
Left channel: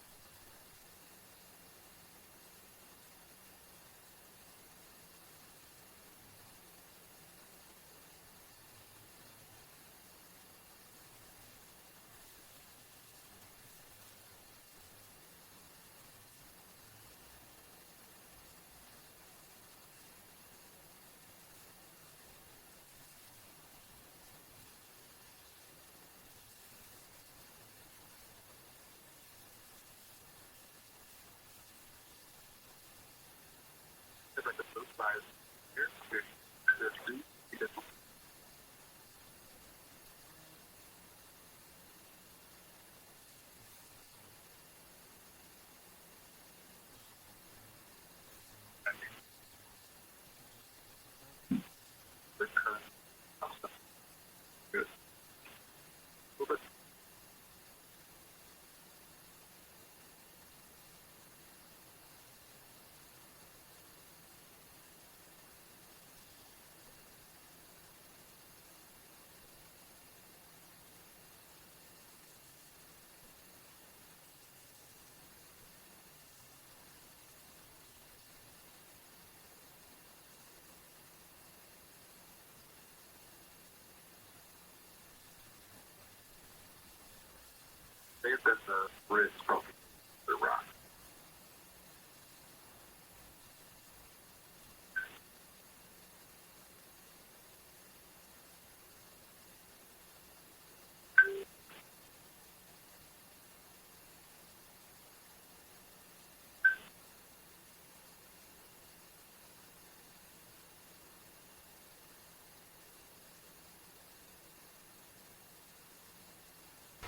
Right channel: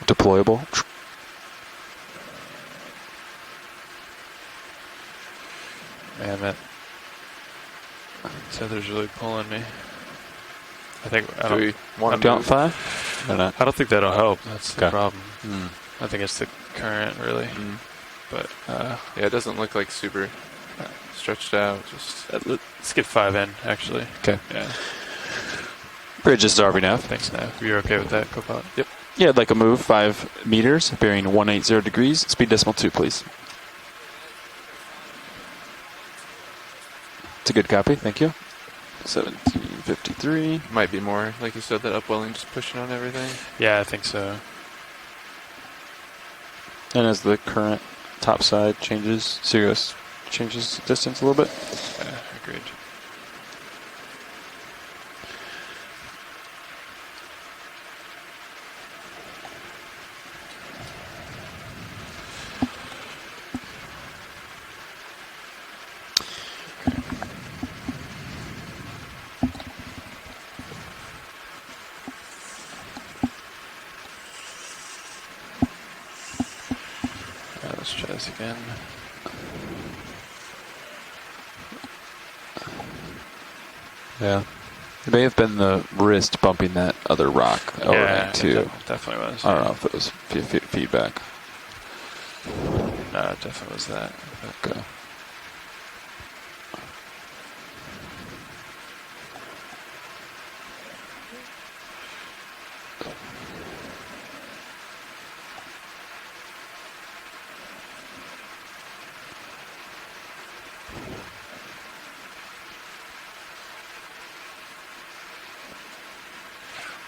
Deployable. Man, that tether's really pulling me. I think I Do we want to Down move? 5? Or not? I don't think that'll help. That's the Okay. problem. Mm. I think it's the current, really. Mm. But Yeah, it doesn't look like super stretched out. Just let's get 5 in, actually. Okay. Yeah. Bridge is Darby Nav. Thanks, Nav. You're okay with that, Copilot? Yep. Yeah, I'd like a move 5 meters, bearing 180 degrees. Speed decimal 2, please. It's a good copy. Thank you. 1753. might be more, like you said, that upwelling just pushing on everything. Yeah, I think so. And as the current top side changes, Sirius changes distance a little bit. Yeah, agreed. Let's try this again. Yeah. It may have been the wrist bumping that other rock over Yeah, too. definitely was. I don't know if it was feedback. No, it definitely was that. Okay.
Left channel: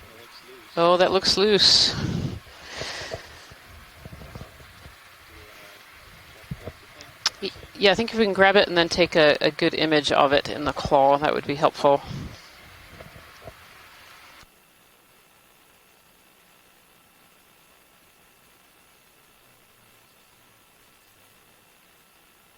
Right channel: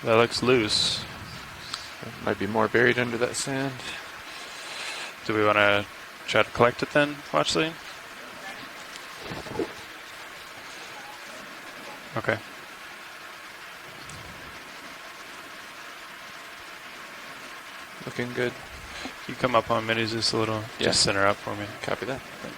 That looks loose. Oh, that looks loose. Might be more buried under that sand. Do we want to try to collect it then, Watchley? Yeah, I think if we can grab it and then take a good image of it in the claw, that would be helpful. Okay. Looking good. You come up on minis just a little. Yeah. Just center up for me. Copy that. Thanks.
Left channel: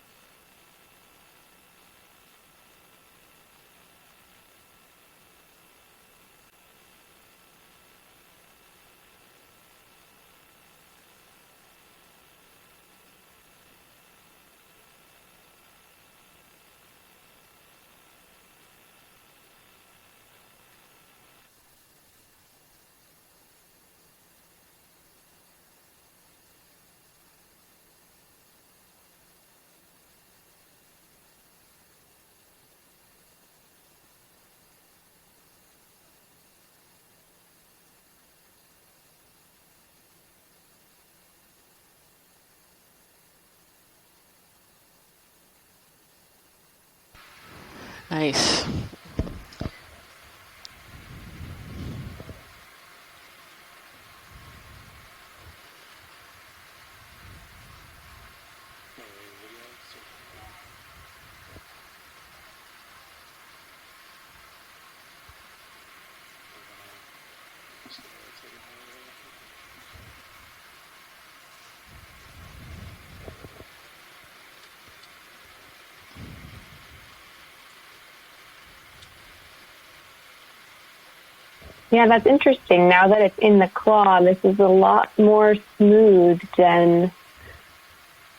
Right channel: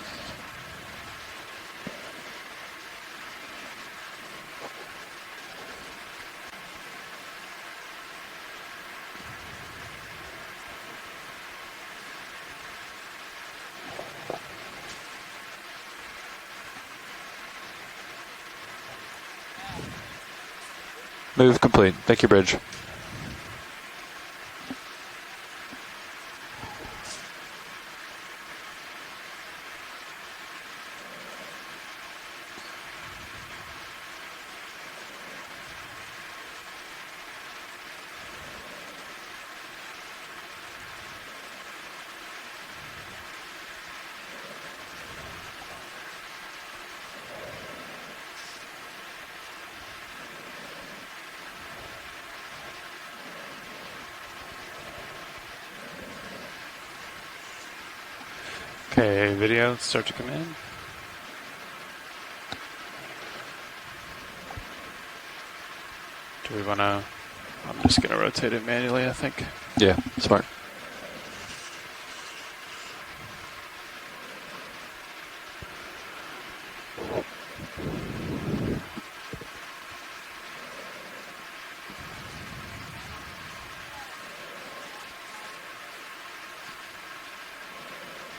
Move complete. Thank you, Bridge. Nice. Okay, video start to come in. Do we want to... I'm just going to rotate it manually, I think. Yeah, smart. Yeah, that's interesting. Now that it's in the claw, this is a lot more smooth than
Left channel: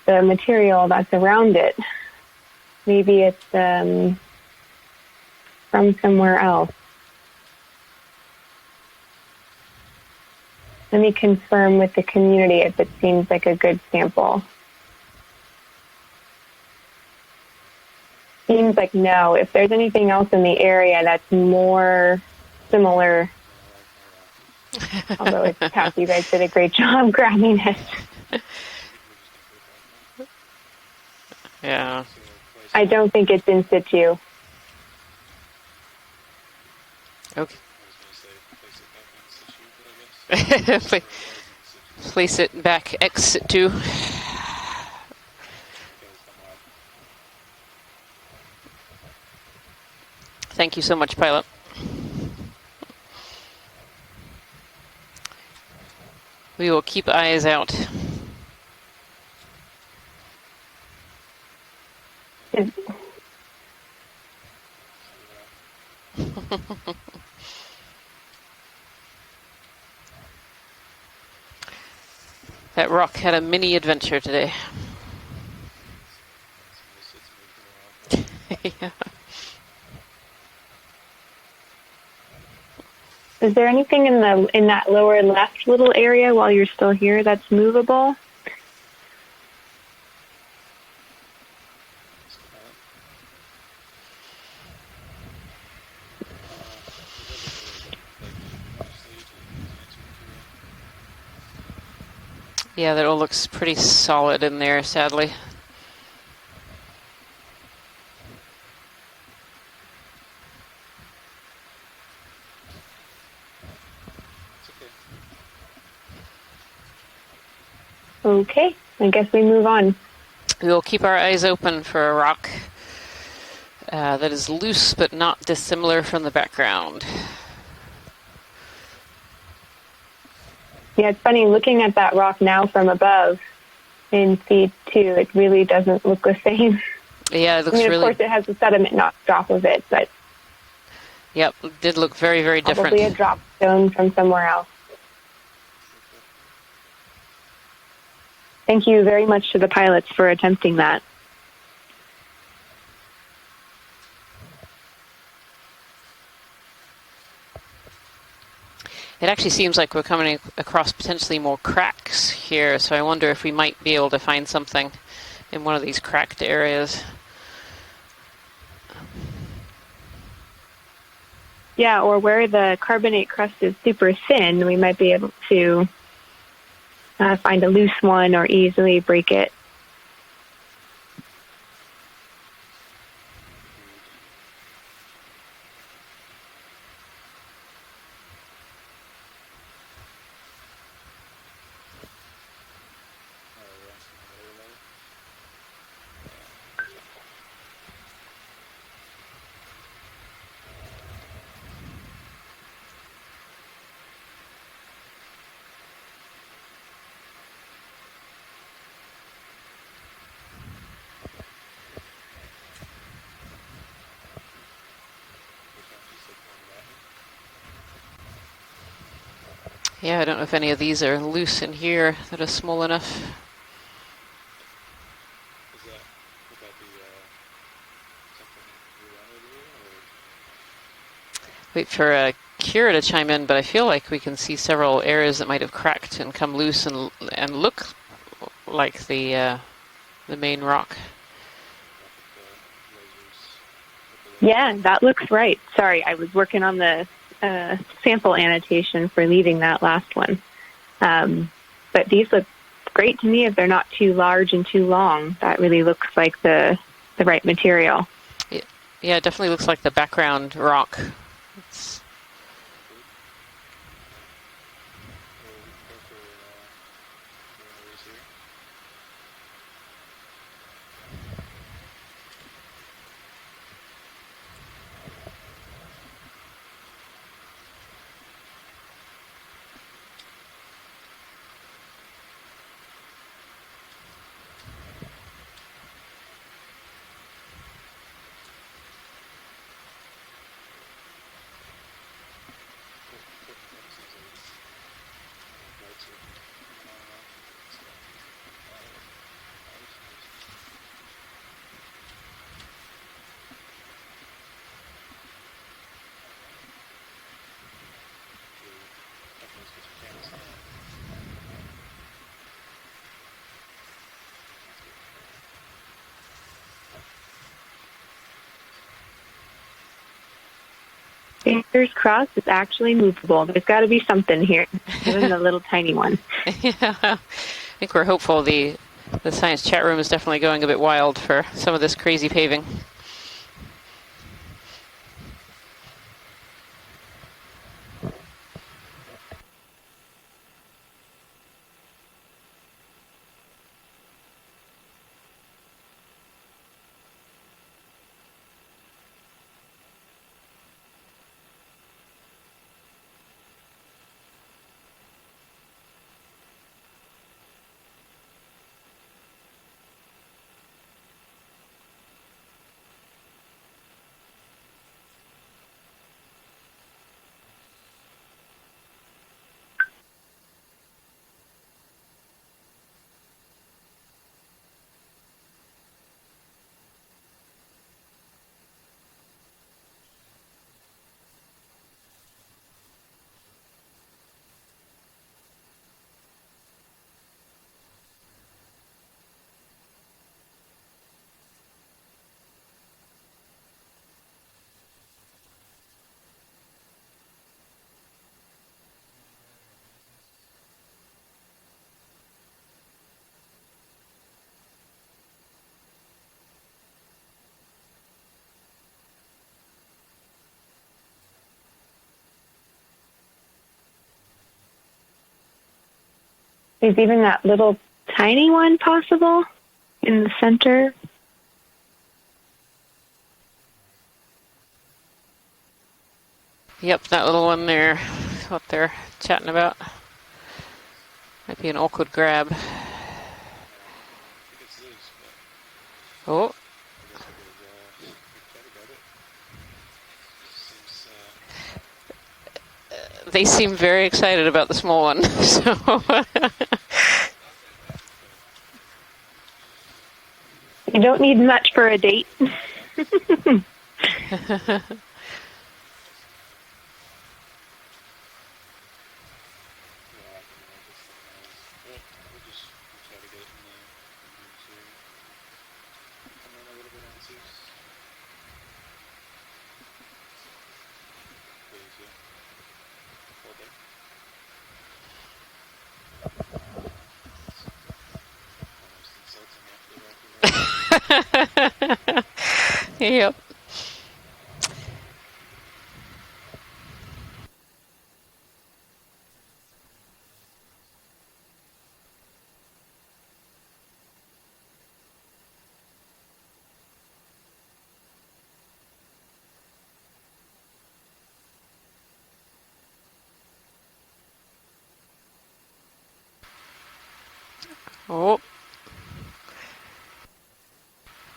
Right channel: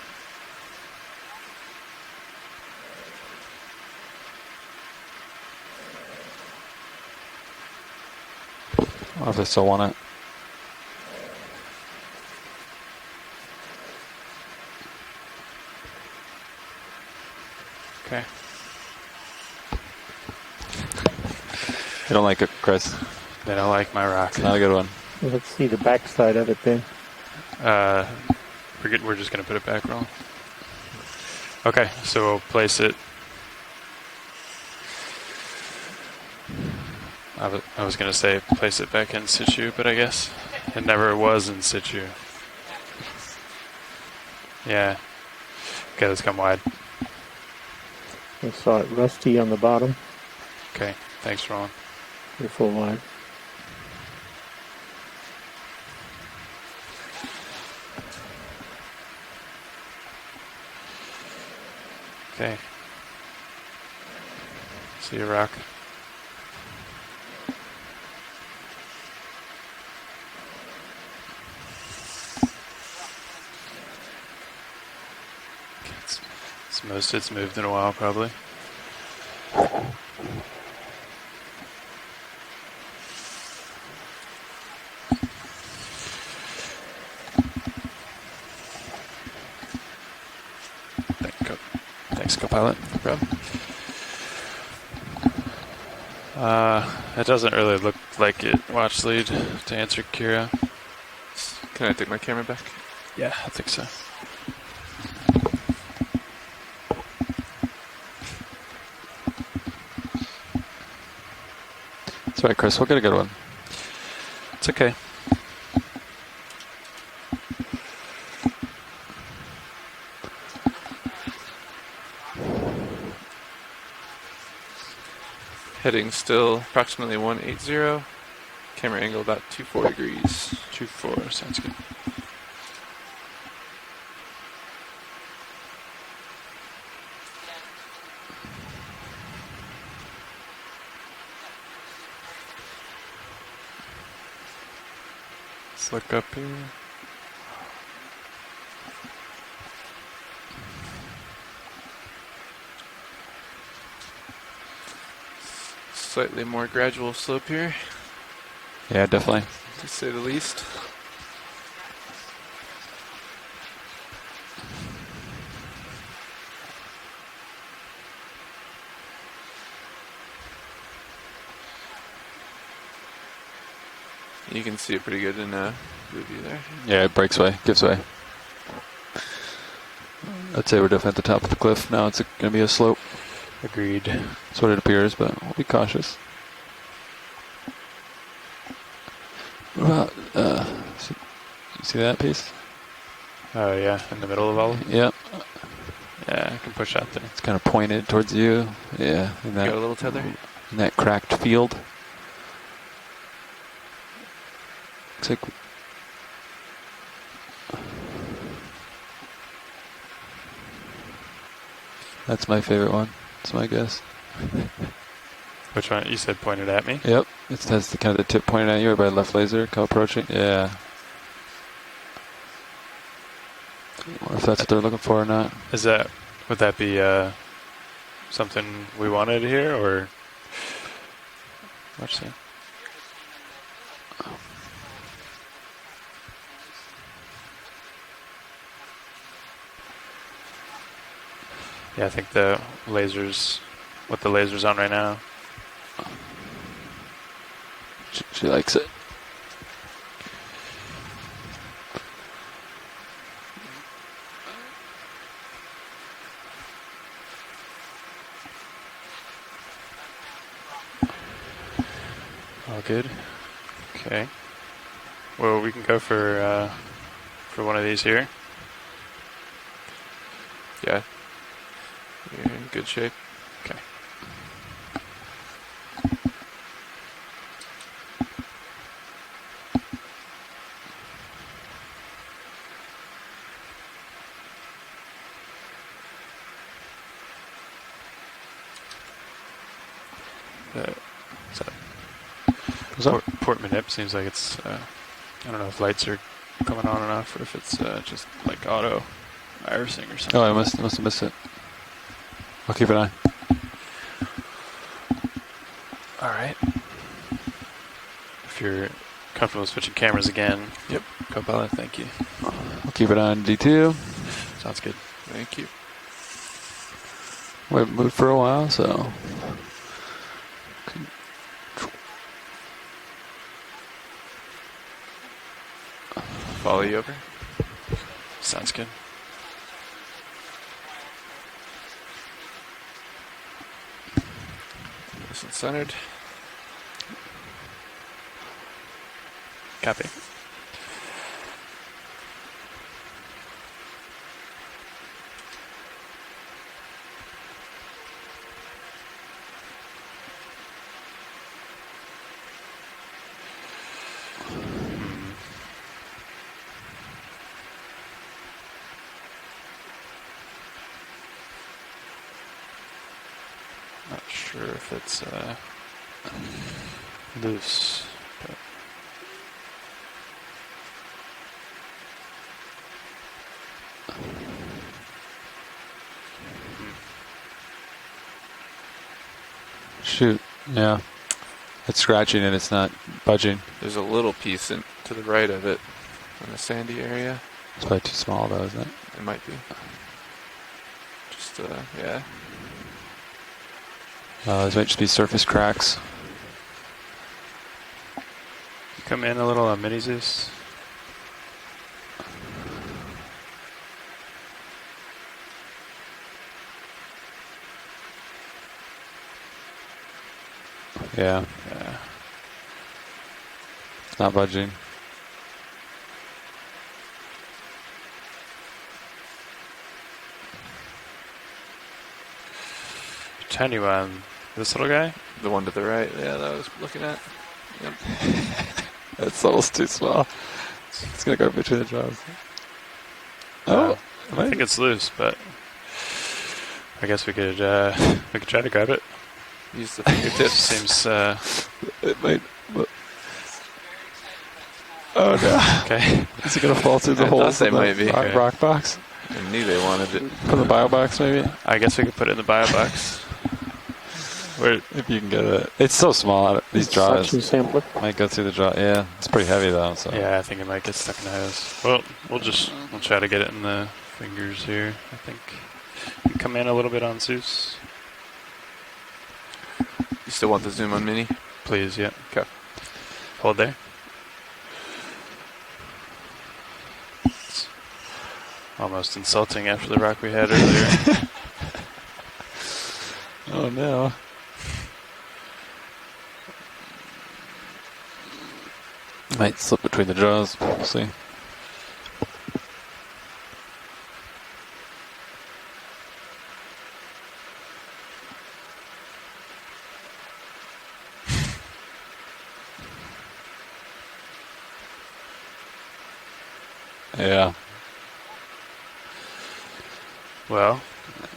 the material that's around it. Maybe it's from somewhere else. Or if they still want it. Let me confirm with the community if it seems like a good sample. Okay. Seems like no. If there's anything else in the area that's more You don't like it, Chris? similar, They don't like my rock. Not a good one. although it's See the tough, you guys backside did of a the great pin? job grabbing it. We're just going to put it back roll. Okay, Yeah. so we'll place I it. don't think it's in situ. I was going to say place it back in situ, but I guess it never was in situ. Place it back ex situ. Yeah. Okay, let's come wide. I saw it rusty on the bottom. Thank you Okay, so much, pilot. Thanks, Roland. You're full wide. We will keep eyes out. Okay. See you, rock. That rock had a mini adventure today. It's the most it's moved in a while, probably. Is there anything in that lower left little area while you're still here that's movable? Thanks, co-pilot. No problem. It doesn't really look like it. Watch lead to answer Kira. Can I take my camera back? Yeah, that all Yeah, looks I think pretty so. solid in there, sadly. That's right, Chris. We'll get a good one. It's okay. Okay, I guess we move on. We will keep our eyes open for a rock that is loose but not dissimilar Heading from the still background. approximately 180. Camera angle about 24 degrees. Yeah, it's funny, looking at that rock now from above in C2, it really doesn't look the same. Yeah, it looks Of really... course, it has the sediment knocked off of it, but Yep, it did look very, very different. probably a drop stone from somewhere else. Let's look up here. Thank you very much to the pilots for attempting that. Slightly more gradual slope here. Yeah, It definitely. actually seems like To we're say the coming least. across potentially more cracks here, so I wonder if we might be able to find something in one of these cracked areas. Yeah, or where the carbonate crust is super thin, You we can might see be pretty able good in, to review there. Yeah, it breaks away. find a Gives loose way. one or easily break it. I'd say we're definitely at the top of the cliff. Now it's going to be a slope. Agreed. That's what it appears, but we'll be cautious. What about, see that piece? Oh, yeah, in the middle of all of them? Yep. Yeah, I can push out there. It's kind of pointed towards you. Yeah. In that, Got a little tether. in that cracked field. Looks like... That's my favorite one. That's my guess. Which one? You said pointed at me? Yep. It has the kind of the tip pointed at you, or by left laser. Come approach Yeah, it. I don't know if any of these are loose in here that are small enough. Or if that's what they're looking for or not. Is that, would that be something we wanted here, or? Wait for Kira to chime in, but I feel like we can see several areas that might have cracked and come loose and look like the main rock. Yeah, I think the lasers, what the laser's Yeah, on right that now. looks right. Sorry, I was working on the sample She likes annotation for leaving that last one. But these look great to me if they're not too large and too long. That really looks like the right material. Yeah, it definitely looks like the background rock. All good. Okay. Well, we can go for one of these here. Yeah. You're in good shape. Okay. Port Manip seems like it's, I don't know if lights are coming on and off or if it's just like auto irising or something. Oh, I must have missed it. I'll keep an eye. All right. If you're comfortable switching cameras again. Yep. Copilot, thank you. I'll keep it on D2. Sounds good. Thank you. We haven't moved for a while, so. Fingers crossed, it's actually movable. There's got to be something here, even the little tiny one. I think we're hopeful. The science chat room is definitely going a bit wild for some of this crazy paving. Nice and centered. Copy. Not sure if it's loose. But Shoot, yeah. It's scratching and it's not budging. There's a little piece to the right of it in the sandy area. It's probably too small though, isn't it? It might be. Just, yeah. These might just be surface cracks. come in a little on Mini Zeus. Yeah. It's not budging. Is even that little tiny one possible in the center? Tiny one. This little guy? The one to the right. Yeah, that was. Yep, that little one there. What they're That's chatting almost about. too small. It's gonna go Might be between an the awkward jaws. grab. Oh, I think it's loose, but Oh, I guess we could try to grab it. Use the fingertips. Seems it might. they seem very excited about the small one. Okay. Is it gonna fall through the holes? they in the might be. rock box. I knew they wanted it. Put in the bio You box. don't need maybe? much I for a guess we can date. put it in the bio box. Wait, if you can get it. It's so small. These jaws Suction sampler. might go through the jaw. Yeah, it's pretty heavy though. So. Yeah, I think it might get stuck in the hose. Well, we'll try to get it in the fingers here. I think. Come in a little bit on Zeus, You still want the zoom on Mini? please. Yeah. Okay. Hold there. It's almost insulting after the rock we had earlier. Yep. Oh no. Might slip between the jaws. We'll see. Yeah. Oh, Well,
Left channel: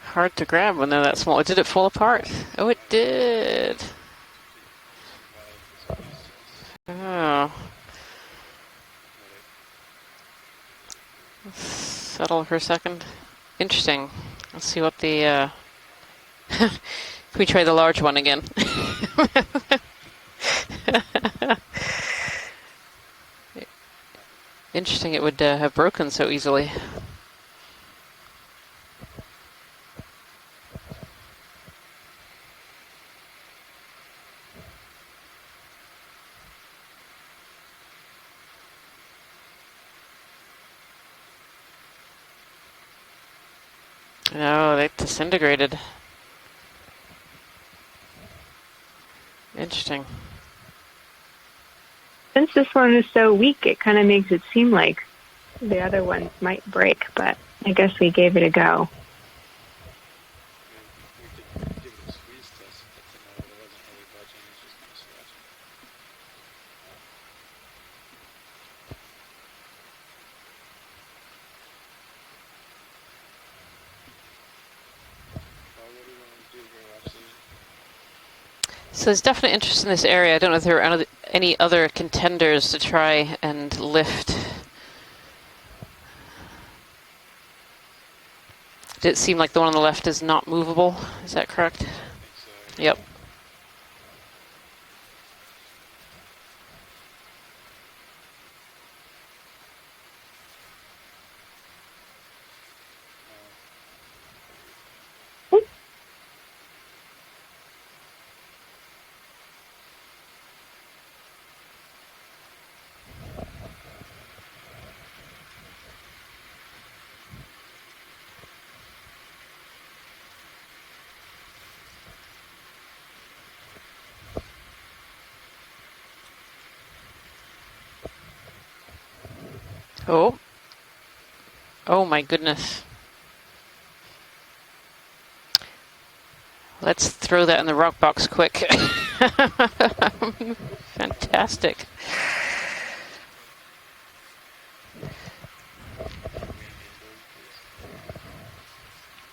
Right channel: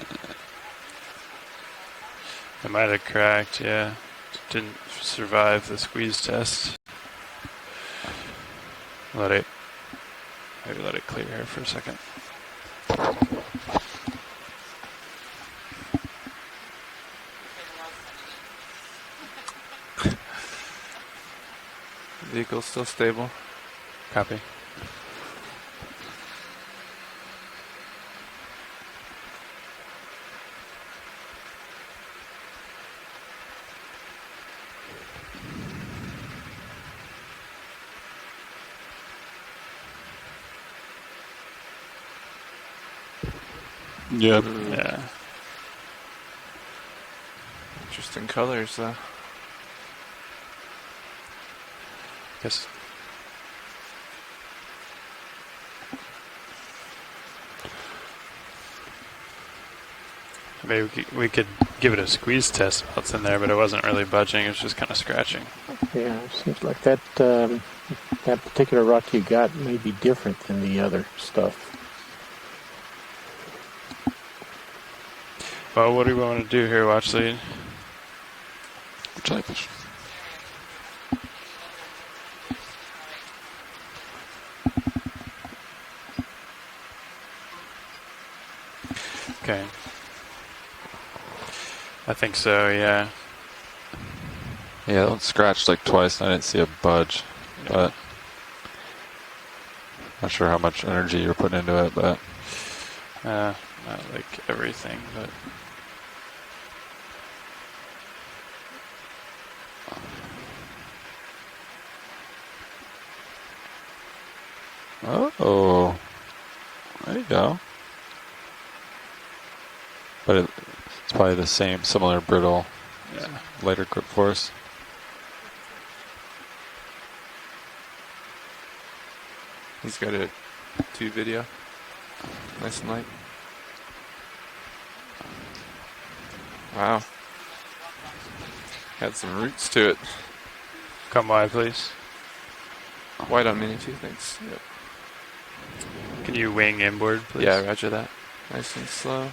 hard to grab when they're that small. Did it fall apart? Oh, it it might did. have cracked. Yeah. Didn't survive the squeeze test. Oh, Maybe let it clear here for a second. settle for a second. Interesting. Let's see what the. If we try the large one again. Vehicle's still stable. Copy. Interesting. It would have broken so easily. Yeah. No, they disintegrated. Interesting colors, though. Interesting. Since this one is so weak, it kind of makes it seem like the other ones might break, but I guess we gave it a go. Maybe we could give it a squeeze test what's in there, but it wasn't really budging. It was just kind of scratching. Yeah, it seems like that that particular rock you got may be different than the other stuff. Well, what do we want to do here, Watch Lead? So there's definite interest in this area. I don't know if there are any other contenders to try and lift. Did it seem like the one on the left is not movable? Is that correct? I think so, yeah. Yep. Yeah, that one scratched like twice and I didn't see a budge, but not sure how much energy you're putting into it, but Not like everything, but oh, there you go. But it's probably the same, similar brittle, lighter grip force. He's got a 2 video. Oh my goodness. Nice and light. Wow. Let's throw that in the rock box quick. Got some roots to it. Fantastic. White on mini too, thanks. Yep. can you wing inboard, please? Yeah, roger that. Nice and slow.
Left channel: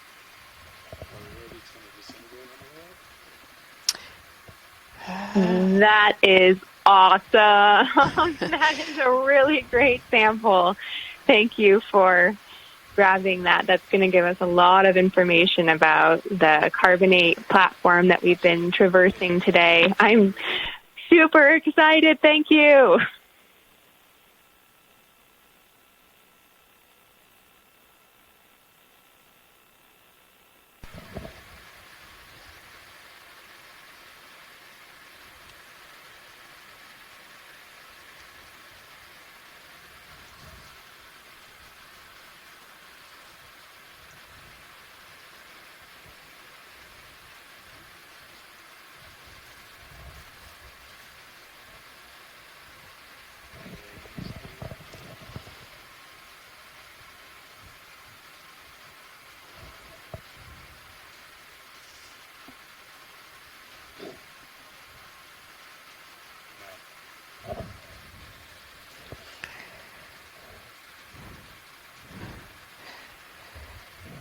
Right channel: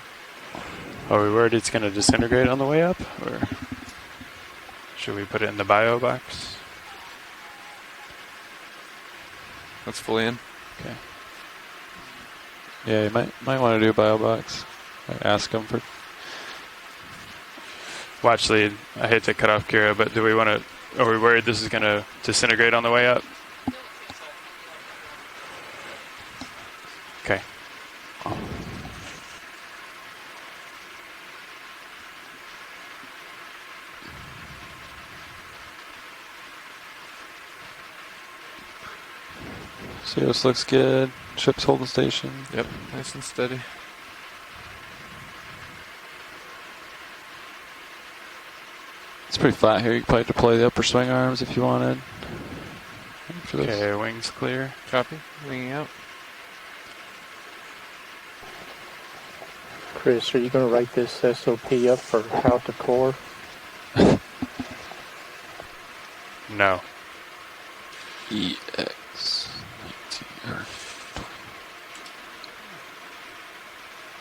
Are we worried it's going to disintegrate on the way up, or should we put it in the bio That box? is awesome. That is a really great sample. Okay. Thank you for grabbing that. That's going to give us a lot of information about the carbonate platform that we've been traversing today. Here, but do we want to? Are we super worried this is going to disintegrate on the way up? Okay. Cirrus looks good. Ship's holding station. Yep, nice and steady. It's pretty flat here. You could probably deploy the upper swing arms if you wanted. Okay, wings clear. Copy. Winging out. Chris, are you going to write this SOP up for how to core? No.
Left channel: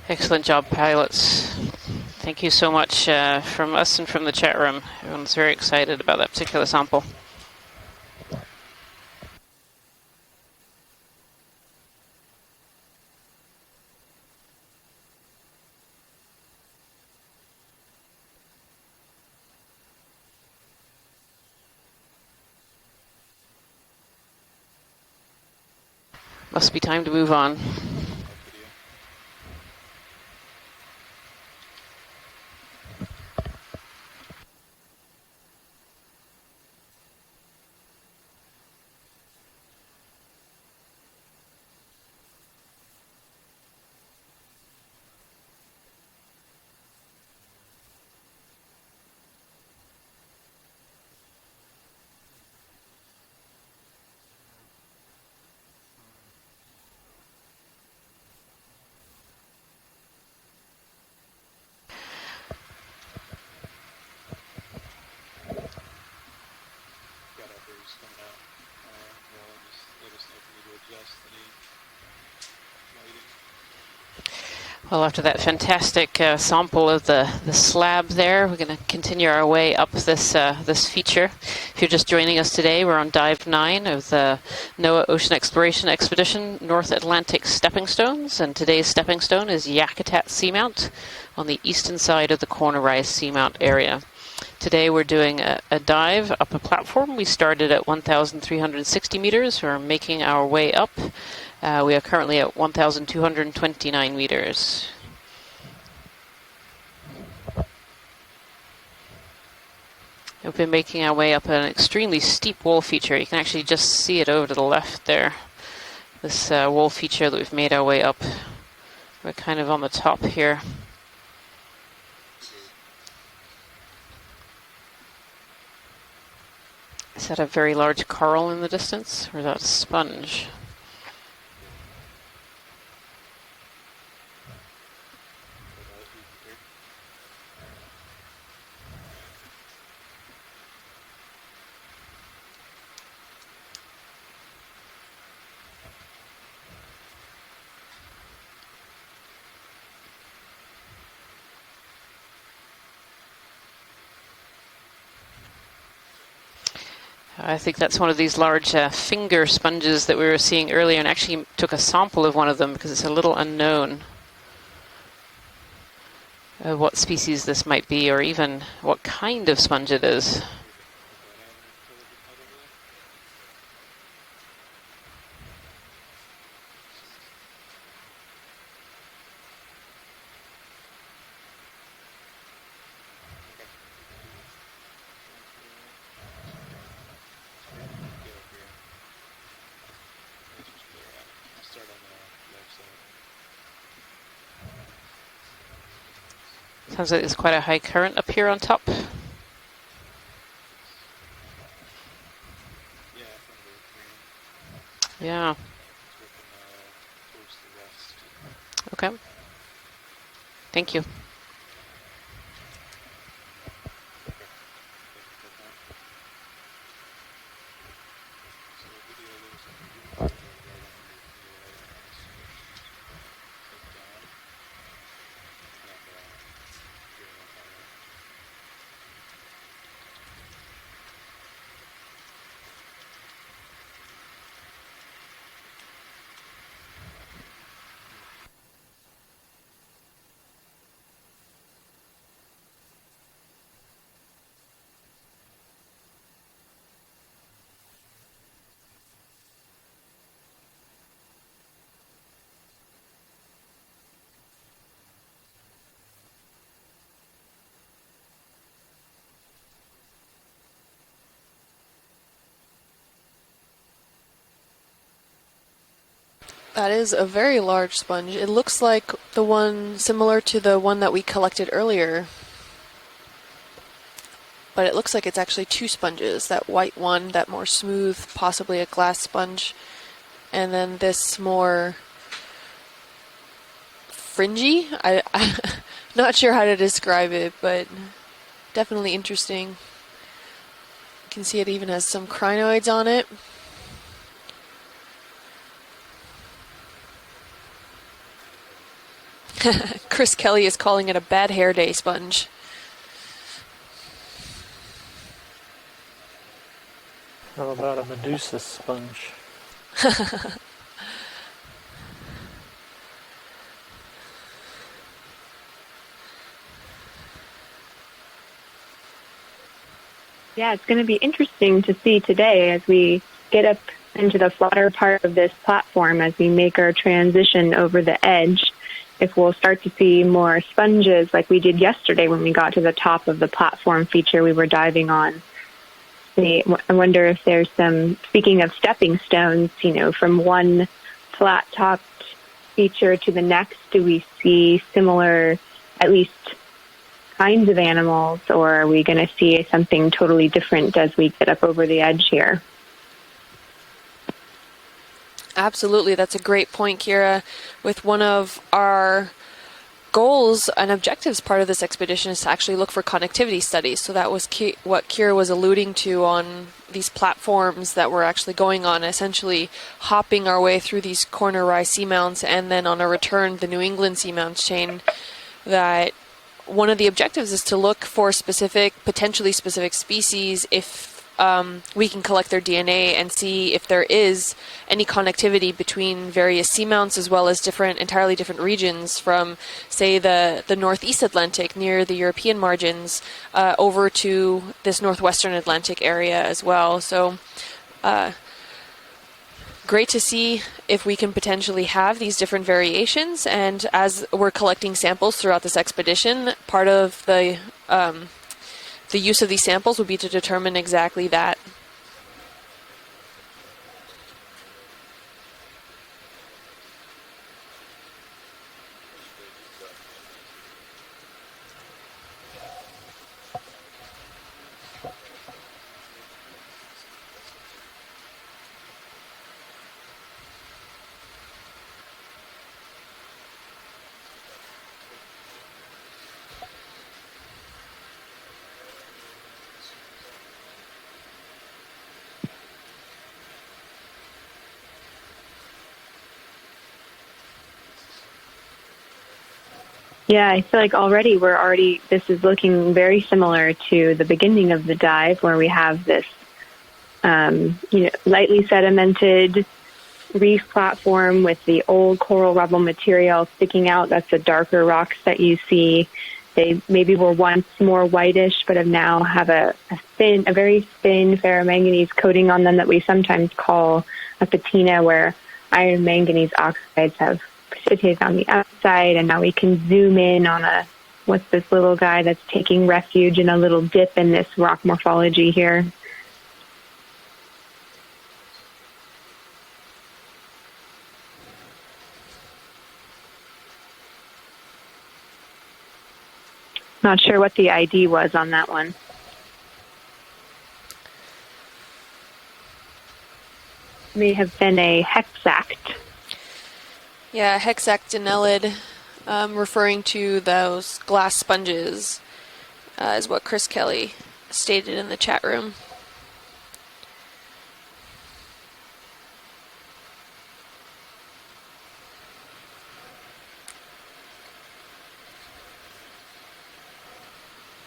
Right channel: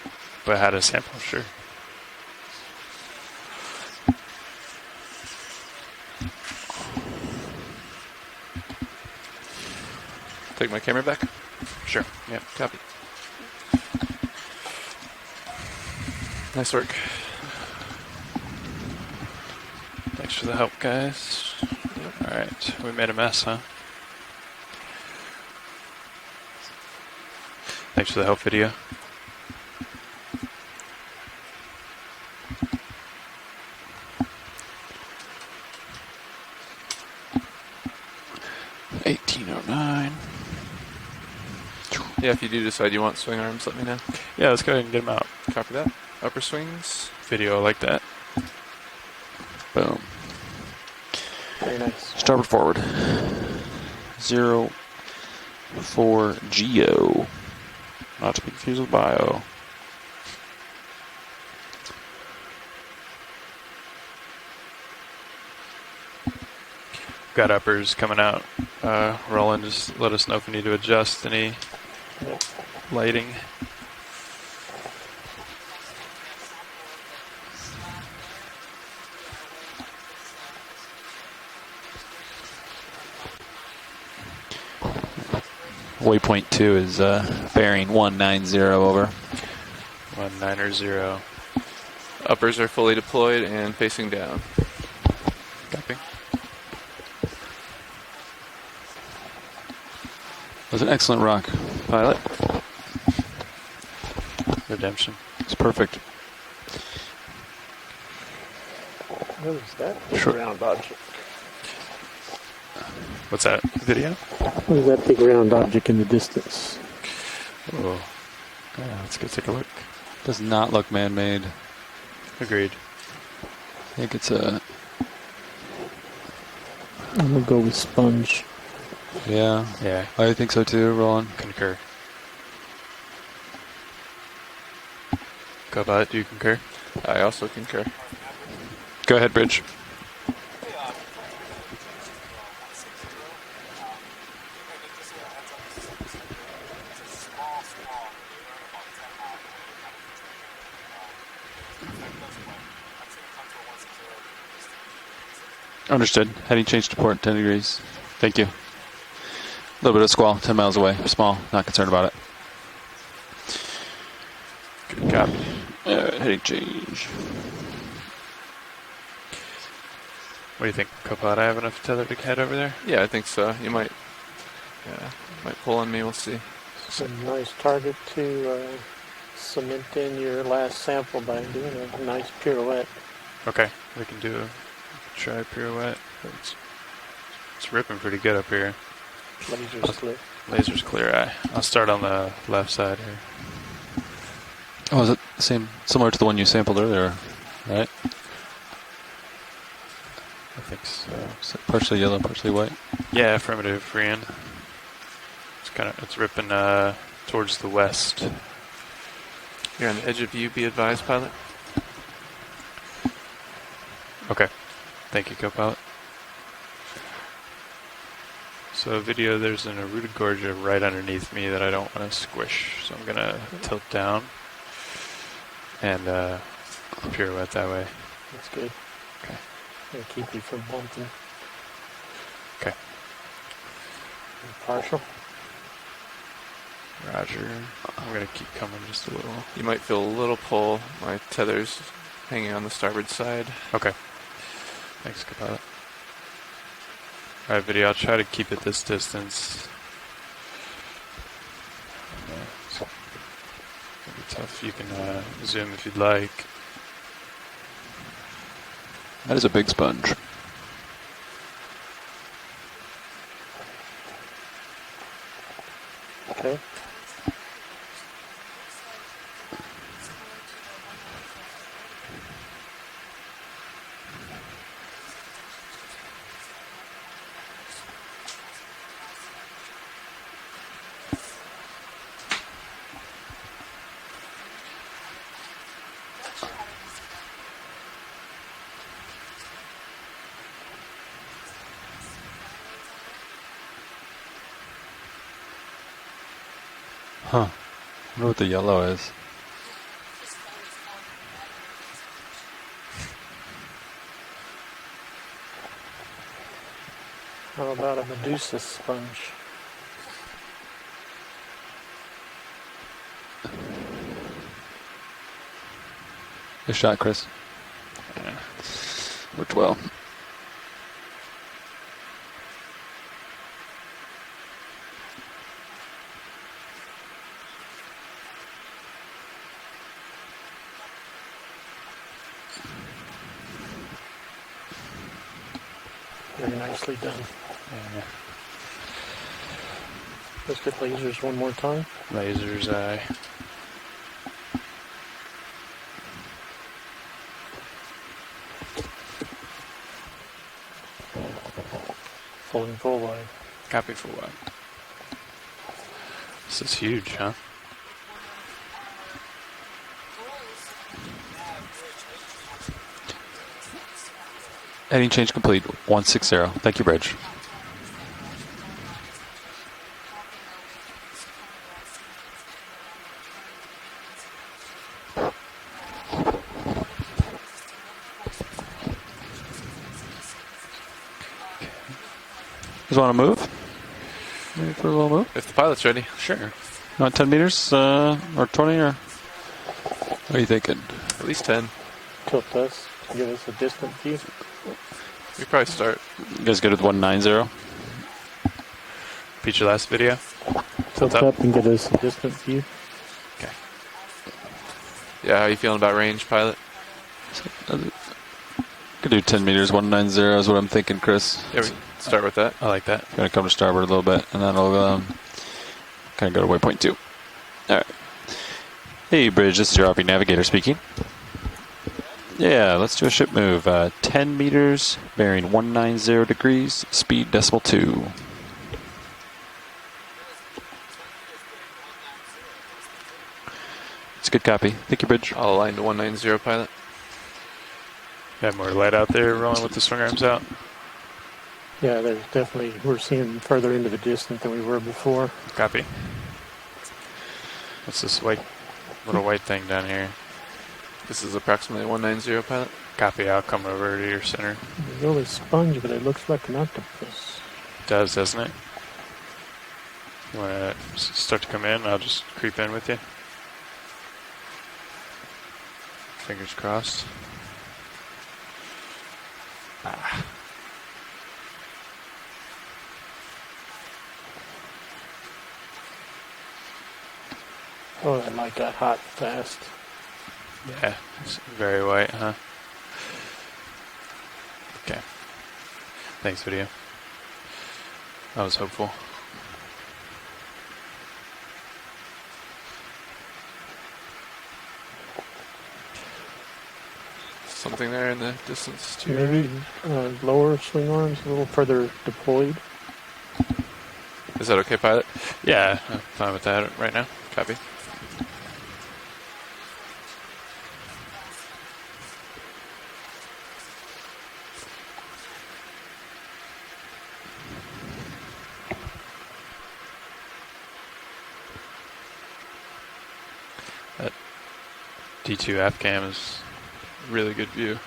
Excellent job, pilots. Thank you so much from us and from the chat room. Everyone's very excited about that particular sample. Take my camera back? Sure. Yep, copy. Nice work. Thanks for the help, guys. All right, we made a mess, huh? Must be time to move on. Thanks for the help video. Yeah, if you do decide you want swing arms, let me know. Yeah, let's go ahead and get them out. Copy that. Upper swings. Video like that. Boom. Very nice. Starboard forward. 04 Geo. Not to be confused with bio. Got uppers coming out. Roland, just let us know if we need to adjust any lighting. Well, after that fantastic sample of the slab there, we're going to continue our way up this this feature. If you're just joining us today, we're on Dive 9 of the NOAA Ocean Exploration Expedition, North Atlantic Stepping Stones, and today's stepping stone is Yakutat Seamount on the eastern side of the Corner Rise Seamount area. Today we're doing a dive up a platform. We started at 1,360 meters. We're making our way up. An excellent rock. We are currently at 1,229 meters. Redemption. It's perfect. What is that? Sure. We've been making our way up an extremely steep wall feature. You can actually just Video? see it over to the What is left that big there. round object in the distance? This wall feature that we've made our way up. Yeah, let's We're get kind of on the top Does here. not look man-made. Agreed. think it's a... Is that a very large coral in the distance? Yeah, No, sponge. I think so too, Roland. Concur. Cobot, do you concur? I also concur. Go ahead, Bridge. Understood. Heading change to port 10 degrees. I think that's one of these large finger sponges that we squall, were 10 seeing miles earlier, away. and Small, actually not took a concerned about it. sample of one of them because it's a little unknown Good copy. Heading change. what species this might be, or even what kind of sponge it is. What do you think, Cobot? I have enough tether to head over there? Yeah, I think so. You might, might pull on me. We'll see. It's a nice target to cement in your last sample by doing a nice pirouette. Okay, we can do a try pirouette. It's ripping pretty good up here. Laser's clear. Laser's clear eye. I'll start on the left side here. Oh, is it the same, similar to the one you sampled earlier? It's quite a high current up here on top. I think so. So partially yellow, partially white. Yeah, affirmative, Brian. Yeah. It's ripping towards the west. Okay. You're on the edge of view. Be Thank advised, you. pilot. Okay. Thank you, co-pilot. So video, there's an Arutagorgia right underneath me that I don't want to squish. So I'm going to tilt down and pirouette that way. That's good. Okay. It'll keep you from bumping. Okay. Partial. Roger. I'm going to keep coming just a little. You might feel a little pull. My tether's hanging on the starboard side. Okay. Thanks, co-pilot. Alright, video, I'll try to keep it this distance. It's gonna be tough. You can zoom if you'd like. That is a big sponge. Okay. That is a very large sponge. It looks like the one similar to the one that we collected earlier. But it looks like it's actually two sponges. That white one, that more smooth, possibly a glass sponge. And then this more fringy. I'm not sure how to describe it, but definitely interesting. You can see it even has some crinoids on it. Huh. I wonder what the yellow is. Chris Kelly is calling it a bad hair day sponge. How about a Medusa sponge? Good shot, Chris. Yeah. Worked well. Yeah, it's going to be interesting to see today as we get up into the flatter part of this platform, as we make our transition over the edge, if we'll start to see more sponges like we did yesterday when we got to the top of the platform feature we were diving on. I wonder if there's some, speaking of stepping stones, from one flat top feature to the next, do we see similar, at least kinds of animals, or are we going to see something totally different as we get up over the edge here? Copy for what? Absolutely, that's a great point, huge, Kira. huh? With one of our goals and objectives part of this expedition is to actually look for connectivity studies. So that was what Heading change Kira was complete, alluding to 160. on Thank you, Bridge. these platforms that we're actually going on, essentially hopping our way through these corner rise seamounts, and then on a return the New England seamounts chain. That one of the objectives is to look for potentially specific species if we can collect their DNA and see if there is any connectivity between various seamounts as well as entirely different regions from, say, the northeast Atlantic near the European margins over to this northwestern Atlantic area as well. So, great to see if we can potentially have these different variations, and as we're collecting samples throughout this expedition, part of the use of these samples will be to determine exactly that. Yeah, we start with that. I like that. Gonna come to starboard a little bit, and then I'll kind of go to waypoint 2. All right. Hey, Bridge, this is your RV navigator speaking. Yeah, let's do a ship move. 10 meters, bearing 190 degrees, speed decimal 2. It's a good copy. Thank you, Bridge. I'll align to 190, pilot. Have more light out there rolling with the swing arms out. Yeah, there's definitely, we're seeing further into the distance than we were before. Copy. What's this little white thing down here? Yeah, I feel like already this is looking very similar to the beginning of the dive where we have this lightly sedimented reef platform with the old coral rubble material sticking out. That's the darker rocks that you see. They maybe were once more whitish, but now have a very thin ferromanganese coating on them that we sometimes call a patina, where iron manganese oxides have precipitated on the outside, and now we can zoom in on what's this little guy that's taking refuge in a little dip in this rock morphology here. Thanks, video. That was hopeful. Not sure what the ID was on that one. Maybe lower swing arms, a little further deployed. May have been a hexact. Yeah, I'm fine with that right now. Yeah, hexactinellid, referring to those glass sponges, is what Chris Kelly stated in the chat room. That D2 cam is really good view. You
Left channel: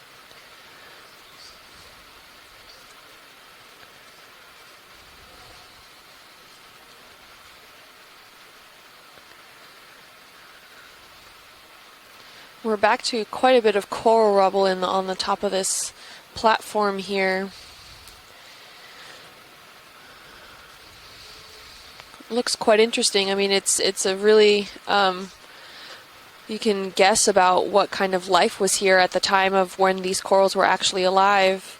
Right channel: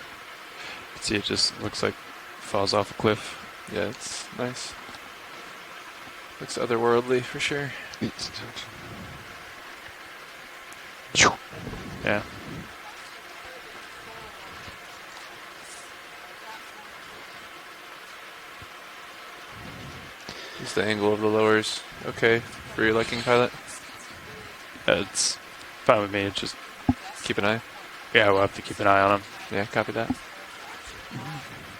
can see it just looks like falls off a cliff. Yeah, it's nice. Looks otherworldly for sure. Yeah. We're back to quite a bit of coral rubble on the top of this platform here. Is the angle of the lowers okay? Looks quite interesting. I mean, it's a really it's fine with me. It's just you can guess about what kind of life was here at the time of when these corals were actually alive.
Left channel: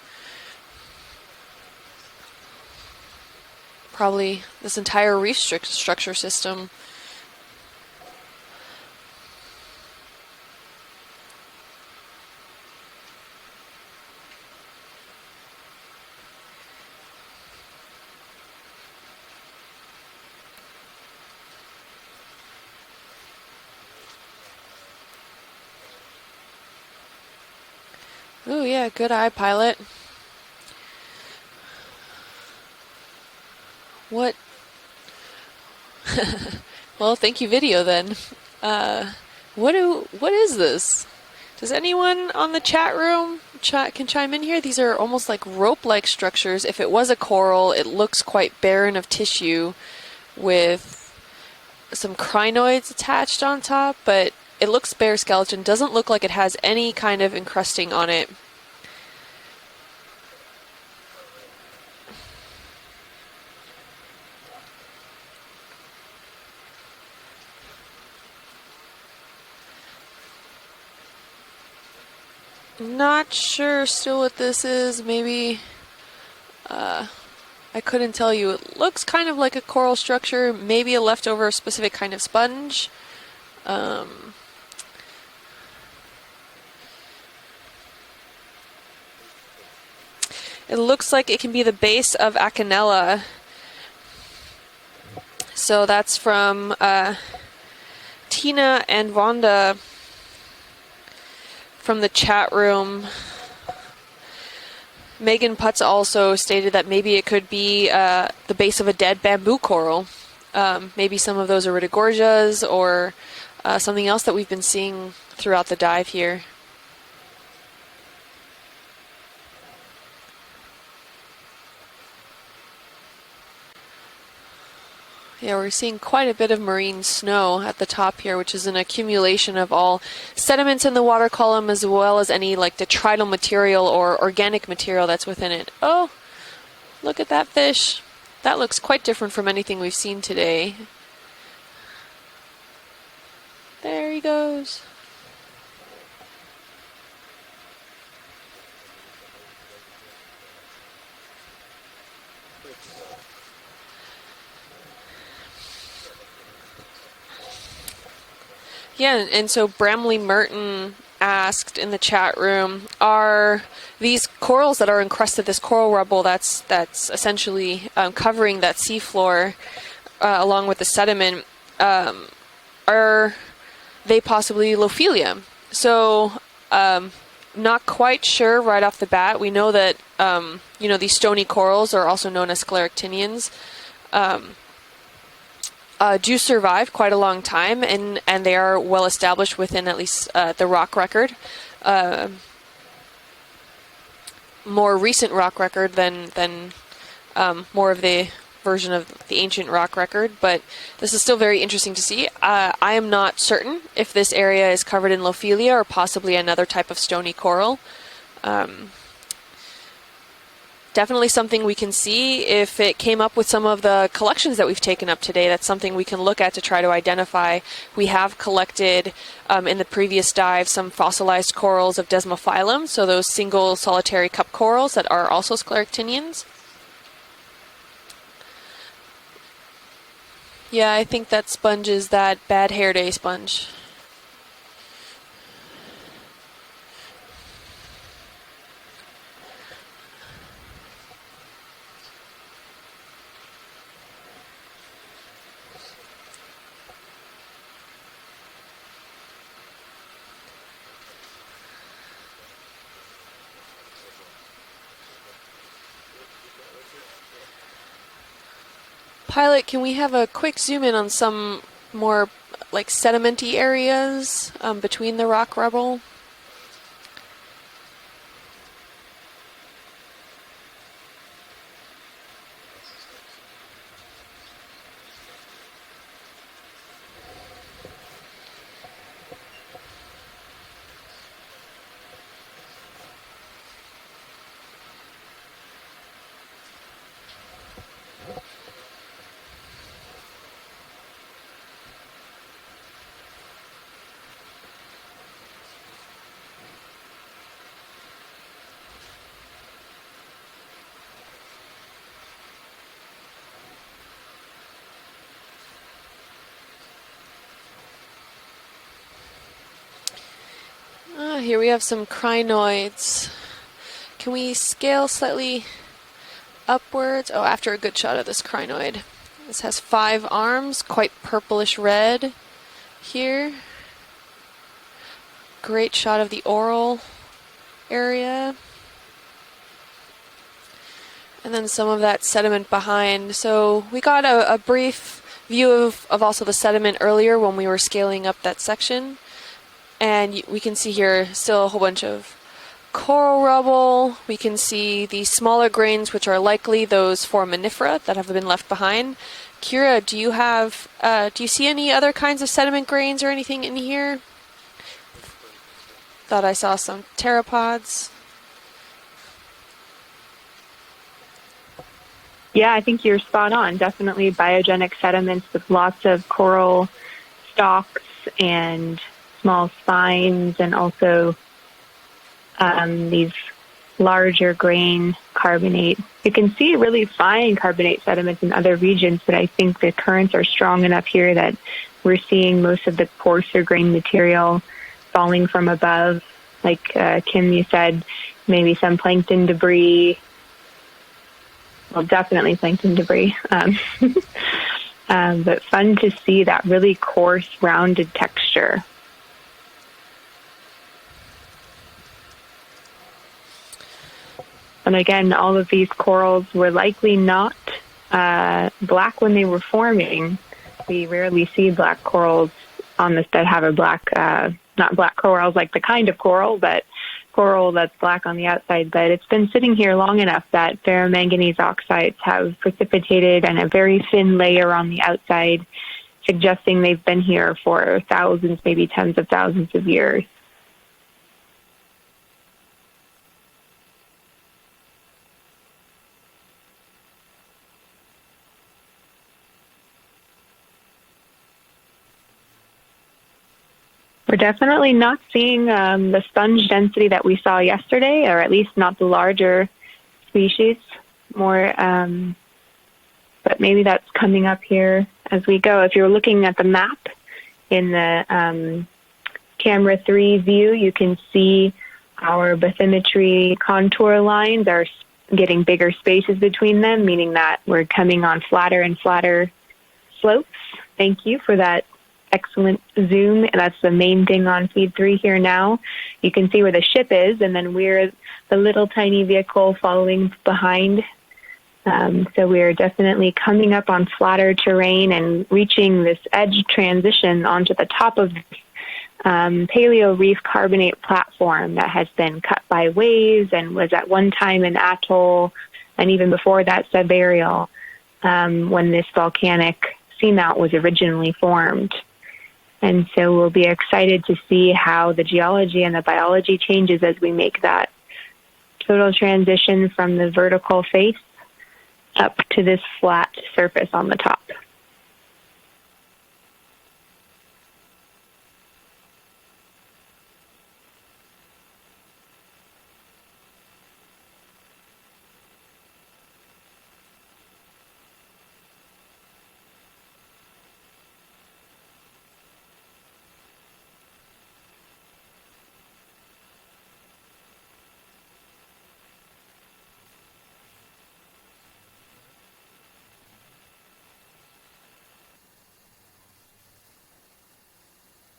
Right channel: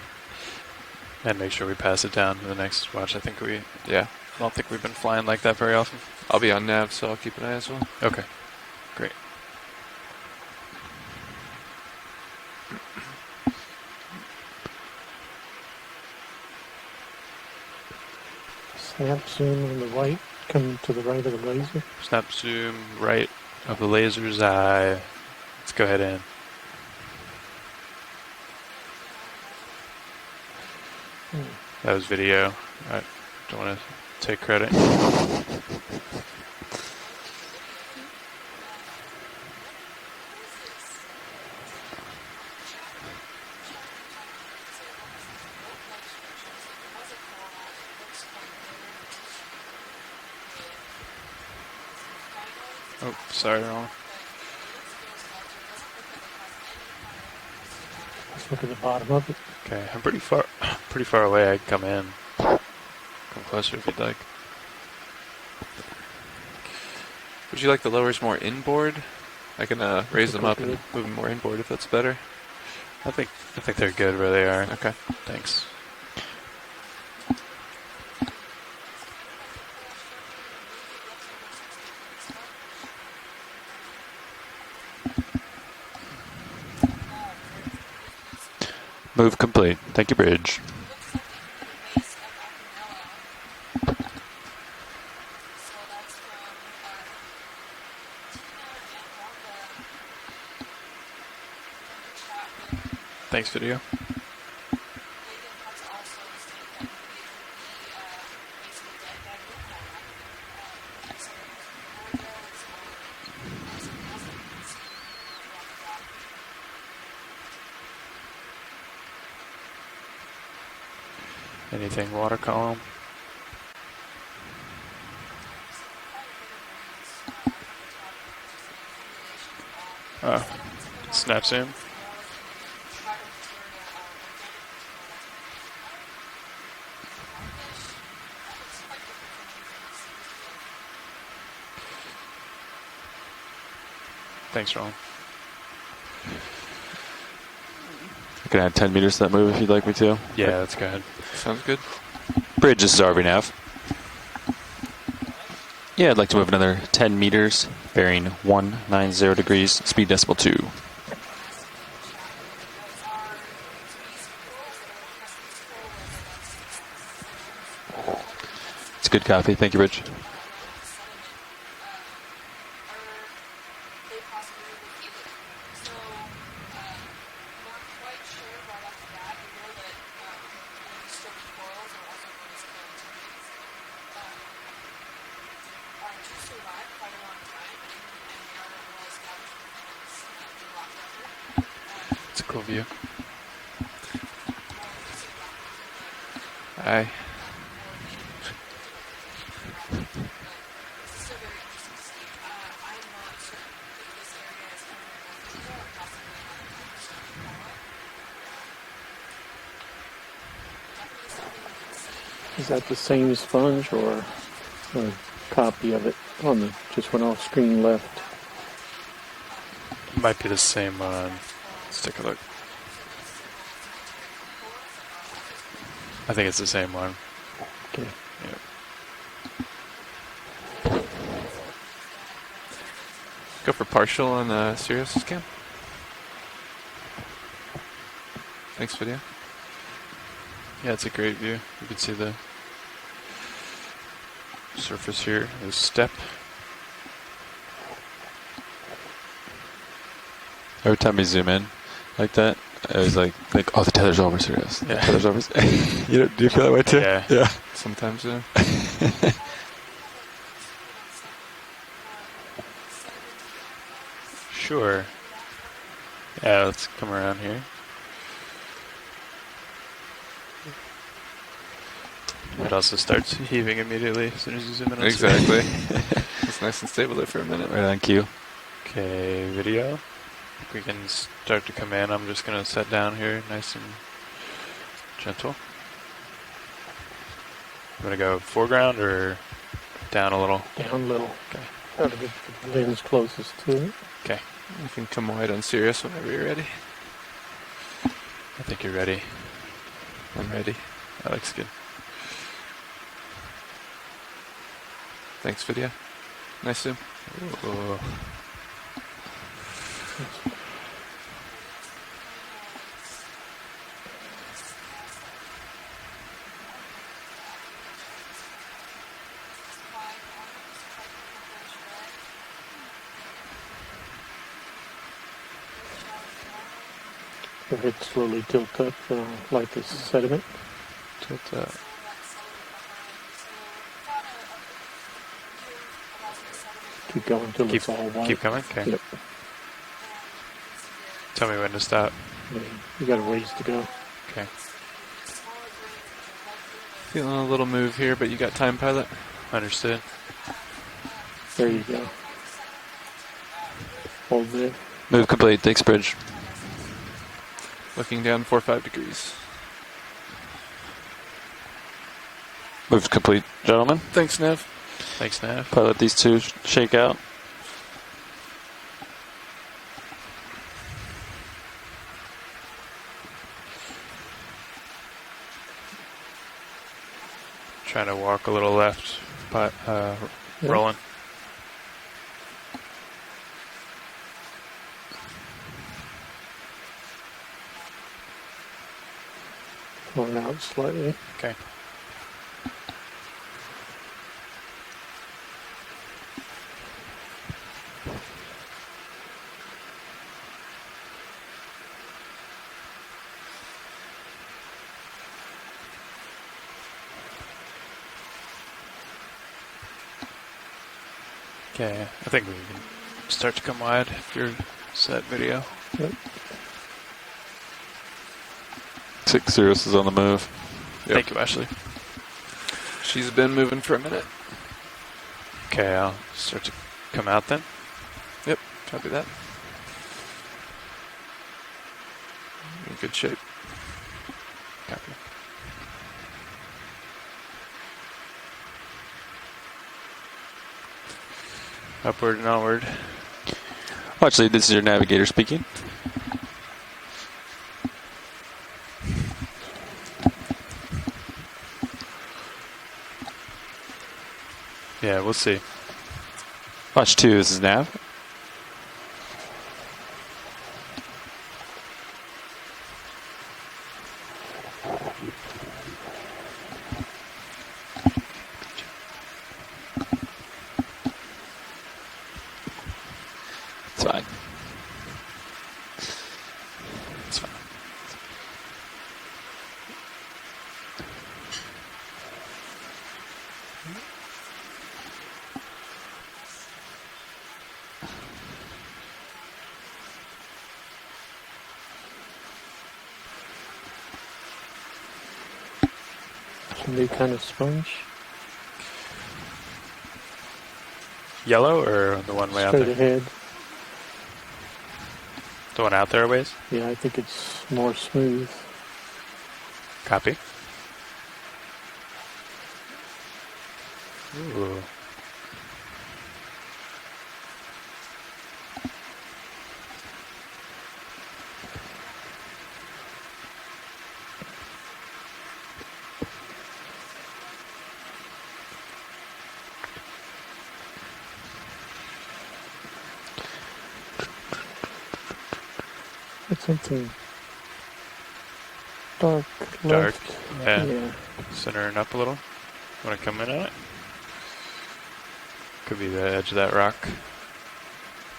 And make sure we pass it down to the next watch. I think we probably this entire reef structure system. I'll be on nav, so I'll keep an eye as well. Okay, great. Snap zoom on the right, come to the right of the laser. Snap zoom right of the laser's eye. Let's go ahead in. Oh yeah, good eye, pilot. That was video. I don't want to take credit. Well, thank you, video, then. What is this? Does anyone on the chat room can chime in here? These are almost like rope-like structures. If it was a coral, it looks quite barren of tissue with some crinoids attached on top, but it looks bare skeleton. Doesn't look like it has any kind of encrusting on it. Look at the bottom of it. Okay, I'm pretty far away. I can come in. Come closer if you'd like. Would you like the lowers more inboard? I can raise them up and move them more inboard if that's better. Not sure so what this is. Maybe I couldn't tell you. It looks kind of like a coral structure, maybe a leftover specific kind of sponge. Move complete. Thank you, Bridge. It looks like it can be the base of Acanella. So that's from Tina and Vonda from the chat room. Thanks, video. Megan Putz also stated that maybe it could be the base of a dead bamboo coral. Maybe some of those Iridogorgias or something else that we've been seeing throughout the dive here. Anything water column? Yeah, we're seeing quite a bit of marine snow at the top here, which is an accumulation of all sediments in the water column as well as any like detrital material or organic material that's within it. Oh, look at that fish. That looks quite different from anything we've seen today. There he goes. Thanks, Ron. I can add 10 meters to that move if you'd like me to. Yeah, let's go ahead. Sounds good. Bridge, this is RV-Nav. Yeah, I'd like to move another 10 meters, bearing 190 degrees, so speed decimal 2. Merton asked in the chat room, are these corals that are encrusted, this coral rubble that's essentially covering that seafloor, Copy. Thank you, Rich. Along with the sediment, are they possibly Lophelium? So, not quite sure right off the bat. We know that these stony corals are also known as scleractinians. Do survive quite a long time, and they are well established within at least the rock record. That's a cool view. More recent rock record than more of the version of the ancient rock record, but this is still very interesting to see. I am not certain if this area is covered in Lophelia or possibly another type of stony coral. Definitely something we can see if it came up with some of the collections that we've taken up today. That's something we can look at to try to identify. We have collected in the previous dive some fossilized corals of Desmophyllum, so those single solitary cup corals that are also scleractinians. I think it's the same one. Okay. Yeah, I think that sponge is that bad hair day sponge. Go for partial on the Sirius scan. Thanks, video. Yeah, it's a great view. You can see the surface here, the step. Every time we zoom in like that, I was like, oh, the tether's over, Sirius. Yeah. The tether's over. Do you feel that way too? Yeah. Sometimes, Pilot, can we have a quick zoom in on some more like sedimenty areas Sure. between the rock rubble? Yeah, let's come around here. It also starts heaving immediately as soon as you zoom in on exactly. It's nice and stable there for a minute. Right on cue. Okay, video. We can start to come in. I'm just going to set down here nice and gentle. I'm going to go foreground or down a little? Down a little. Okay. Try to get the lens closest to it. Okay. You can come wide on Sirius whenever you're ready. I think you're ready. I'm ready. That looks good. Thanks, video. Nice zoom. Here we have some crinoids. Can we scale slightly upwards? Oh, after a good shot of this crinoid. This has 5 arms, quite purplish red here. Great shot of the oral area. Slowly tilt up like this sediment. And then some of that sediment behind. So we got a brief view of also the sediment earlier when we were scaling up that section. And we can see here still a whole bunch of coral rubble. We can see the smaller grains, which are likely those foraminifera that have been left behind. Kira, do you see any other kinds of sediment grains or anything in here? Move complete. Thanks, Bridge. Thought I saw some pteropods. Looking down 4 or 5 degrees. Yeah, I think Move you're complete. spot on. Gentlemen. Definitely Thanks, biogenic sediments Nav. with lots These of two coral shake out. stalks and small spines, and also these larger grain carbonate. You can see really fine carbonate sediments in other regions, but I think the currents are strong enough here that we're seeing most of the coarser grain material falling from above. Like Kim, you said, maybe some plankton debris. Going out slightly. Okay. Well, definitely plankton debris. But fun to see that really coarse, rounded texture. And again, all of these corals were likely not black when they were forming. We rarely see black corals on this that have a black, not black corals like the kind of coral, but coral that's black on the outside. But it's been sitting here long enough that ferromanganese oxides have precipitated and a very thin layer on the outside, suggesting they've been here for thousands, maybe tens of thousands of years. In good shape. Copy. Upward and onward. We're definitely not seeing the sponge density that we saw yesterday, or at least not the larger species. More, but maybe that's coming up here as we go. If you're looking at the map Watch 2, this is now. in the camera 3 view, you can see our bathymetry contour lines are getting bigger spaces between them, meaning that we're coming on flatter and flatter slopes. Thank you for that excellent zoom. And that's the main thing on feed 3 here now. You can see where the ship is, and then we're the little tiny vehicle following behind. So we're definitely coming up on flatter terrain and reaching this edge transition onto the top of paleo reef carbonate platform that has been cut by waves and was at one time an atoll, and even before that subburial, when this volcanic seamount was originally formed. Yellow or the one way up? And so we'll be excited to see how the geology and the biology changes as we make that total transition from the vertical face up to this flat surface on the top. Ooh. It's something dark. Dark. Left. Yeah. Yeah. Centering up a little. Want to come in on it? Could be the edge of that rock,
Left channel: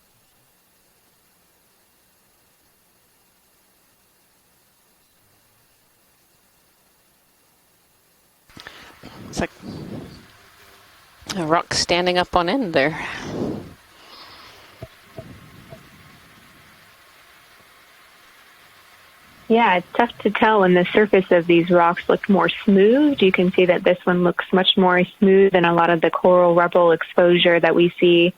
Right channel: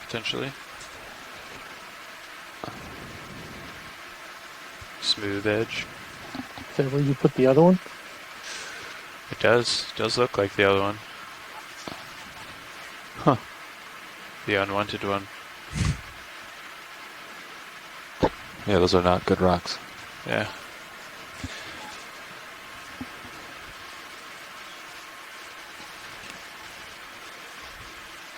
potentially. Smooth edge. Is that where you put the other one? It does look like the other one. A rock standing up on end there. Huh. The unwanted one. Yeah, those are not good rocks. Yeah, it's tough to tell when the surface of these rocks look more smooth. You can see that this one looks much more smooth than a lot of the coral rubble exposure that we see.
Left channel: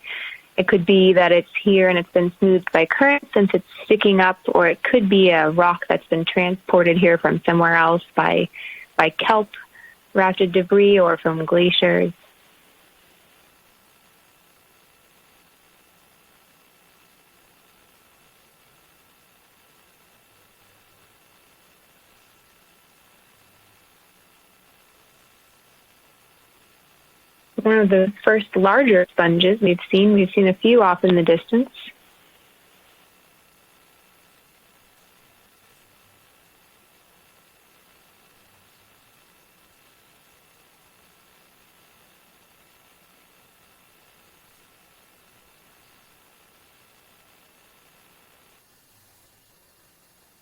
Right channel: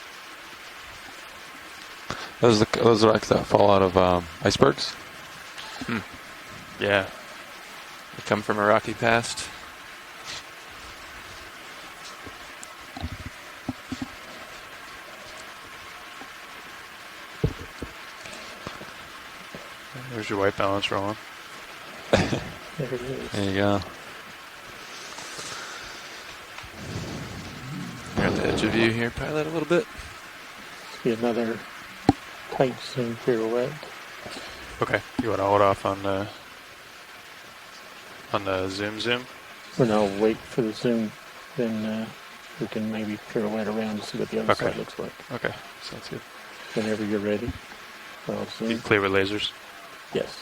It could be that it's here and it's been smoothed by currents and it's sticking up, or it could be a rock that's been transported here from somewhere else by kelp, rafted debris, or from glaciers. There's your white balance rolling. There you go. One of the first larger sponges we've seen. We've seen a few off in the distance. Tight zoom pirouette. Okay, you want to hold off on the zoom? Or no, wait for the zoom, then we can maybe pirouette around to see what the other side looks like. Okay, sounds good. Whenever you're ready. You clear with lasers? Yes.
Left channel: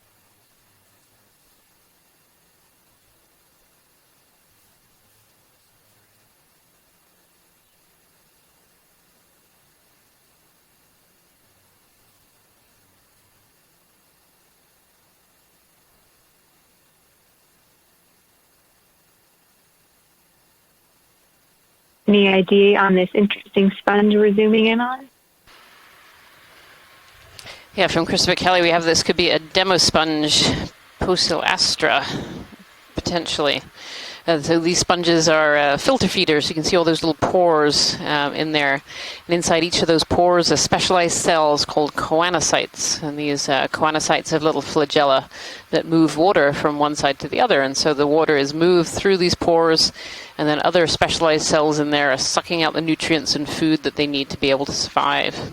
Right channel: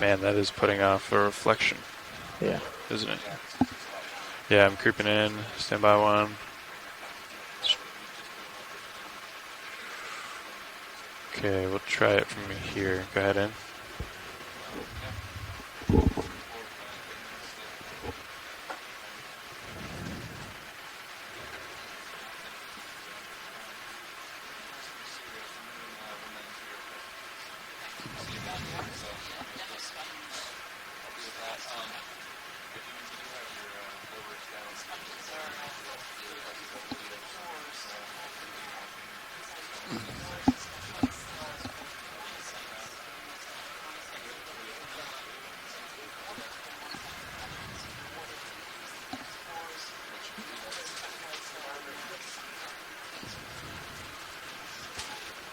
Man, that is putting off a reflection. Yeah. Isn't it? Yeah, I'm creeping in. Stand by one. Okay, we'll try it from here. Go ahead in. Any idea on this interesting sponge we're zooming in on? Yeah, from Christopher Kelly, we have this could be a demo sponge, Poecilastra, potentially. So these sponges are filter feeders. You can see all those little pores in there. And inside each of those pores are specialized cells called choanocytes. And these choanocytes have little flagella that move water from one side to the other. And so the water is moved through these pores, and then other specialized cells in there are sucking out the nutrients and food that they need to be able to survive.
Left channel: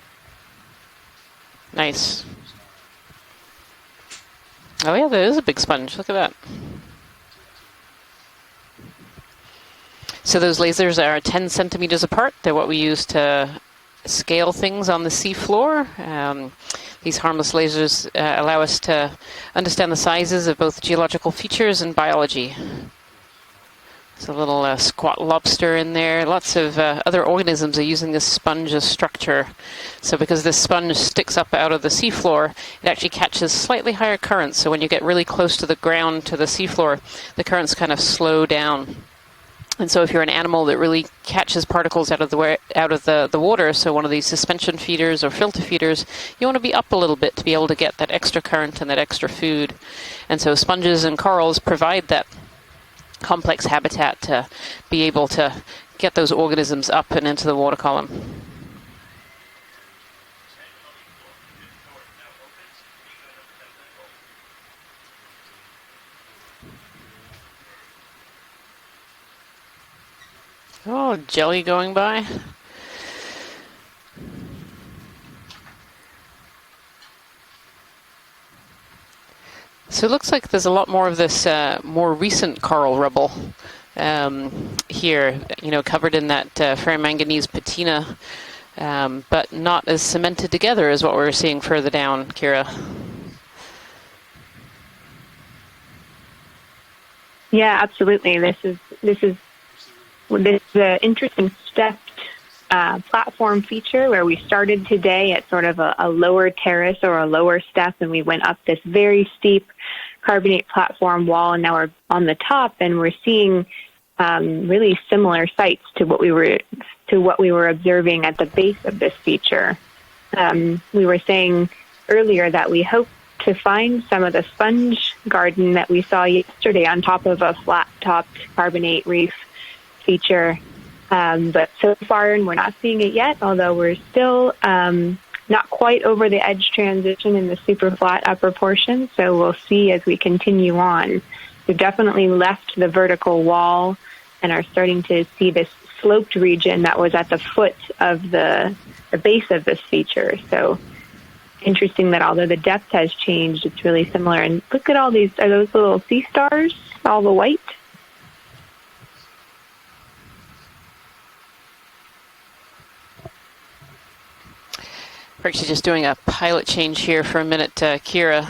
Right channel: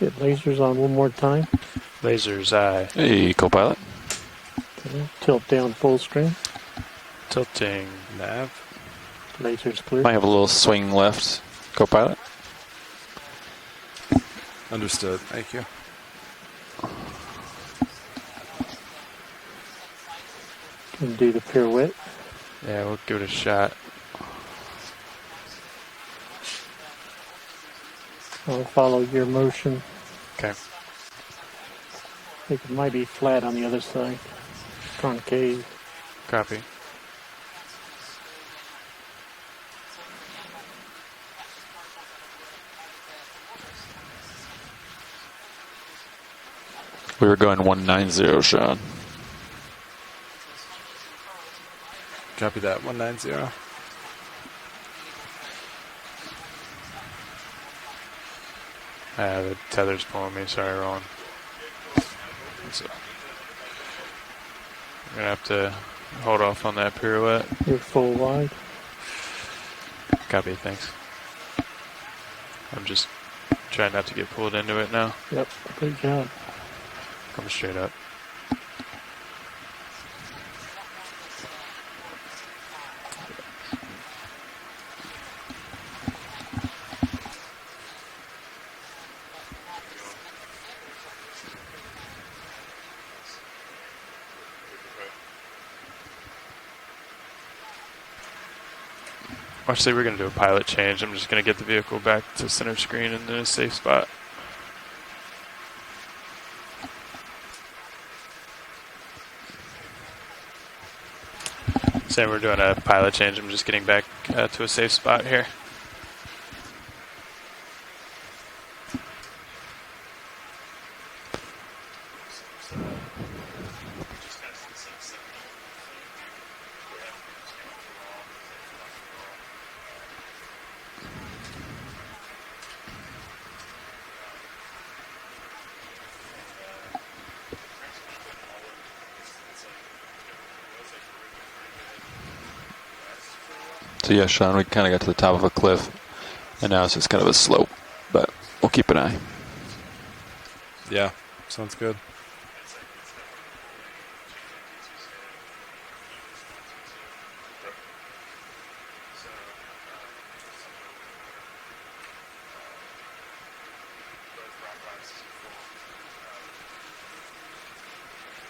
Get lasers on one more time. Nice. Lasers, aye. Hey, co-pilot. Oh yeah, there is a big sponge. Look at that. Tilting nav. Lasers clear. So those lasers are 10 centimeters apart. They're what we use to scale things on the seafloor. These harmless lasers allow us to understand the sizes of both geological features and biology. Yeah, we'll give it a shot. There's a little squat lobster in there. Lots of other organisms are using this sponge as structure. So because this sponge sticks up out of the seafloor, it actually catches slightly higher currents. So when you get really close to the ground, to the seafloor, the currents kind of slow down. And so if you're an animal that really catches particles out of the water, so one of these suspension feeders or filter feeders, you want to be up a little bit to be able to get that extra current and that extra food. And so sponges and corals provide that complex habitat to be able to get those organisms up and into the water column. The tether's pulling me. Sorry, Roland. So I'm going to have to hold off on that pirouette. You're full wide. Copy, thanks. Oh, jelly going by. I'm just trying not to get pulled into it now. Yep, good job. Come straight up. So it looks like there's a lot more of this more recent coral rubble here, you know, covered in that ferromanganese patina, but not as cemented together as what we're seeing further down, Kira. Yeah, absolutely. This is Actually, we're going to do a pilot change. I'm just going to get the vehicle back to center screen in a platform safe feature spot. where we started today at sort of a lower terrace or a lower step, and we went up this very steep carbonate platform wall, and now we're on the top, and we're seeing really similar sites to what we were observing at the base of this feature. We were saying earlier that we hope to find some of the sponge garden that we saw yesterday on top of a flat-topped carbonate reef feature, but so far we're not seeing it yet, although we're still not quite over the edge transition in the super flat upper portion, so we'll see as we continue on. We've definitely left the vertical wall So yeah, Sean, and we are kind starting of get to the to top see of a cliff. this sloped region that was at the foot of we'll keep an eye. the base of this feature. So Yeah. interesting that although the depth has changed, it's really similar. And look at all these, are those little sea stars, all the white? We're actually just doing a pilot change here for a minute, Kira.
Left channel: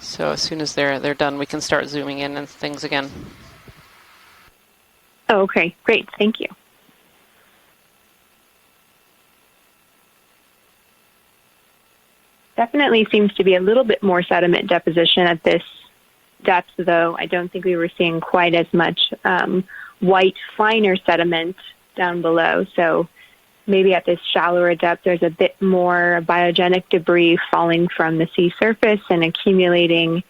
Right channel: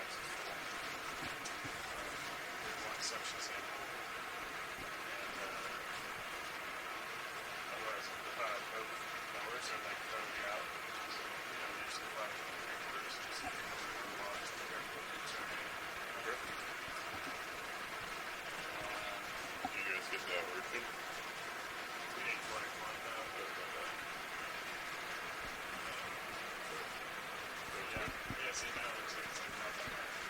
So as soon as they're done, we can start zooming in and things again. Oh, okay, great, thank you. Definitely seems to be a little bit more sediment deposition at this depth, though. I don't think we were seeing quite as much white, finer sediment down below. So maybe at this shallower depth, there's a bit more biogenic debris falling from the sea surface and accumulating.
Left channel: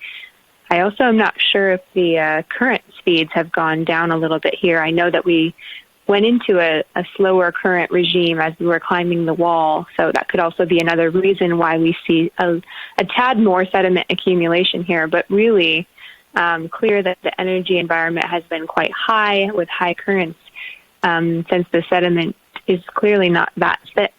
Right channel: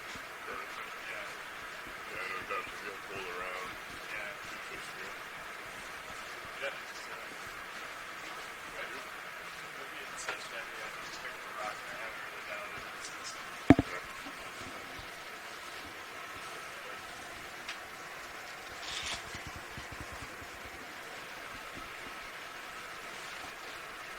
I also am not sure if the current speeds have gone down a little bit here. I know that we went into a slower current regime as we were climbing the wall, so that could also be another reason why we see a tad more sediment accumulation here, but really clear that the energy environment has been quite high with high currents since the sediment is clearly not that thick.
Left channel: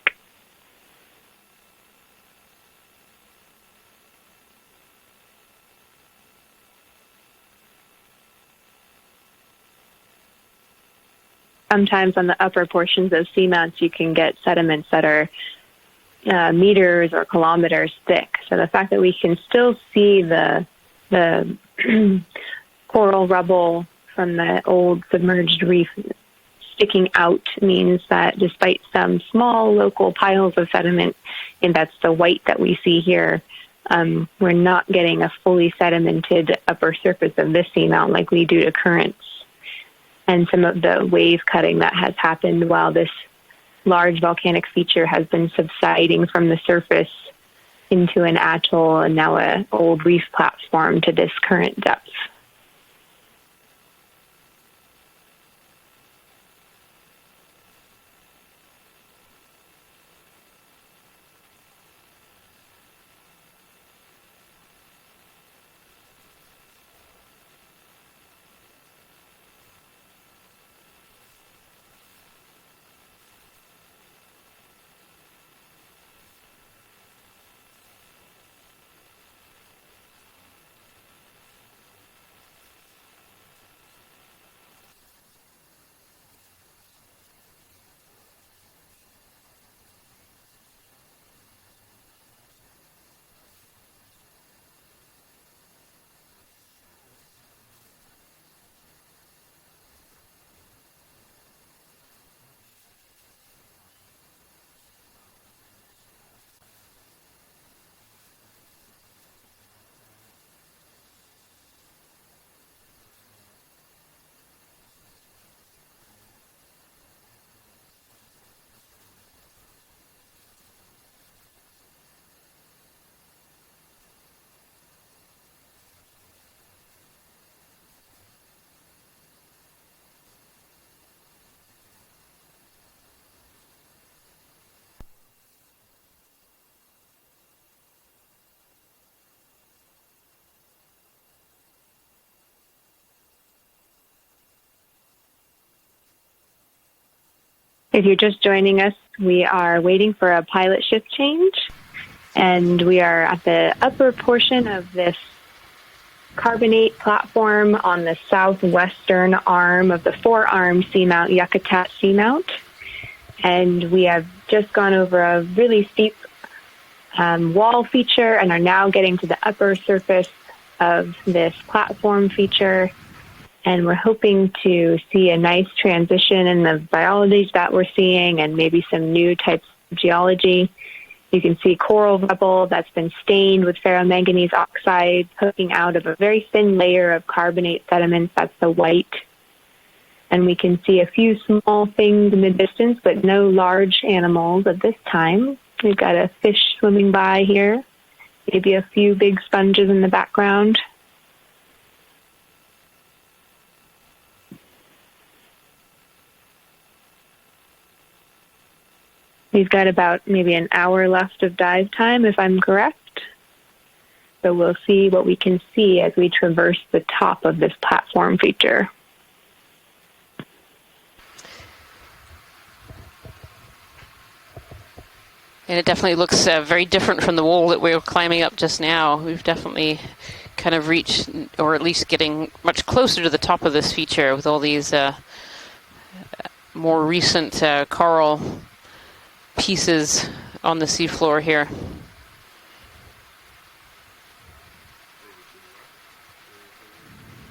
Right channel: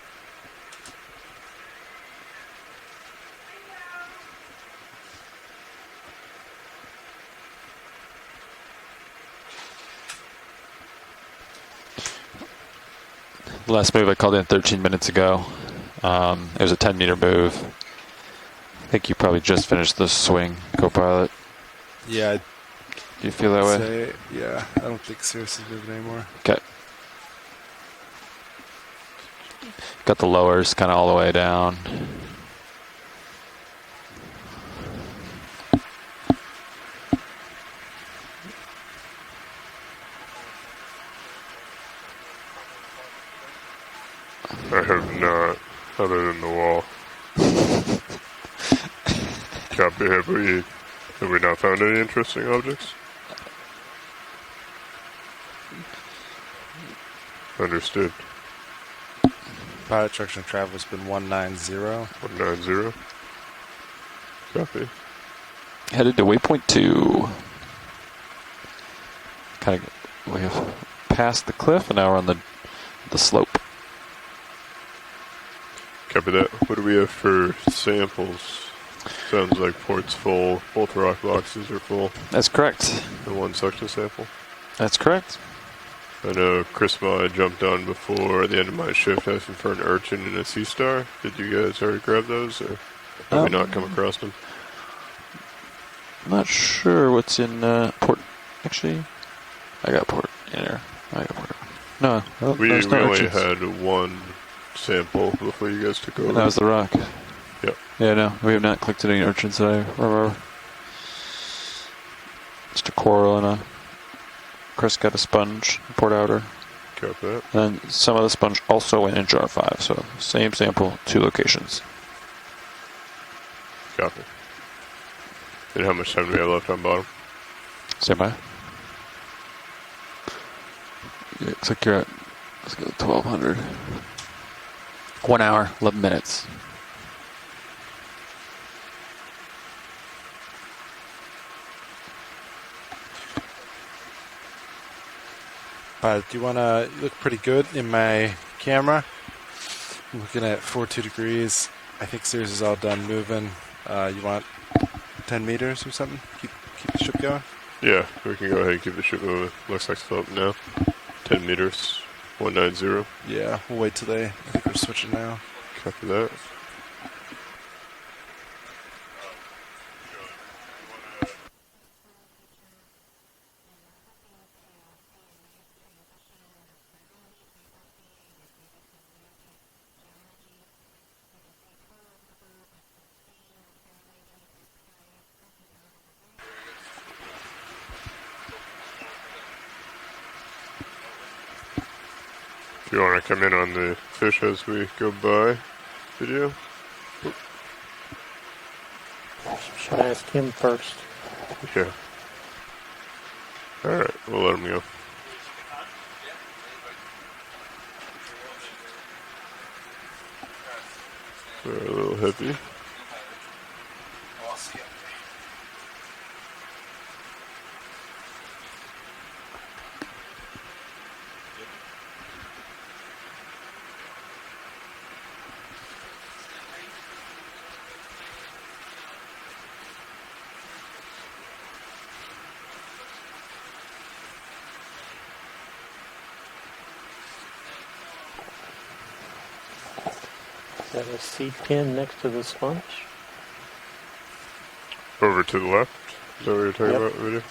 Sometimes on the upper portions of Seamount, you can get sediments that are meters or kilometers thick. So the fact that we can still see the coral rubble from the old submerged reef sticking out means that despite some small local piles of sediment, I think that's the white that we see here, we're not getting a fully sedimented upper surface of this seamount like we do to currents. And some of the wave cutting that has happened while this large volcanic feature has been subsiding from the surface into an atoll and now a old reef platform to this current Have we not found any depth. interesting objects? Understood. Pilot direction of travel has been 190. 190. Copy. Headed to waypoint 2. Kind of, we have passed the cliff and now we're on the slope. Copy that. What do we have for samples? Sounds like port's full. Both rock boxes are full. That's correct. And one suction sample. That's correct. I know Chris Ma jumped on before the end of my shift asking for an urchin and a sea star. Did you guys already grab those, or have we not come across them? I'm not sure what's in port. Actually, I got port in there. I got port. No, we there's no only urchins. had one sample before you guys took over. That was the rock. Yep. Yeah, no, we have not collected any urchins that I remember. Just a coral and a. Chris got a sponge, port outer. Got that. And some of the sponge also went in jar 5, so same sample, 2 locations. Copy. And how much time do we have left on bottom? Stand by. Yeah, looks like you're at, let's go 1200. 1 hour, 11 minutes. Do you want to look pretty good in my If you're just joining camera? us, we are waiting for a Looking at pilot 42 shift degrees. change. I think Suze is all And done we are at moving. the upper You want portion of this 10 meters or something? carbonate Keep going? platform on the we can go ahead and keep the ship southwestern moving. arm Let's of the just go up now. four-arm Seamount 10 Yakutat meters, Seamount. 190. Yeah. And wait we till have they just gone switch over now. a really Copy steep that. wall feature and are now getting to the upper surface of this platform feature. And we're hoping to see a nice transition in the biology that we're seeing and maybe some new types of geology. You can see coral rubble that's been stained with ferromanganese oxide poking out of a very thin layer of carbonate sediments. That's the white. And we can see a few small things in the distance, You wanna but no come in on large the fish animals as at we this go time. by? We've got a Yeah. fish swimming by here, maybe a few big sponges in the background. Yeah. Alright, we'll let him go. We've got about maybe an hour left of dive time, if I'm correct. So we'll see what we can see as we traverse the top of this platform feature. And it definitely looks very different from the wall that we were climbing up just now. We've definitely kind of reached, or at least getting much closer to the top of this feature with all these more recent coral pieces on the seafloor here. In next to the sponge. Over to the left? Is that what you're talking Yep. about, video?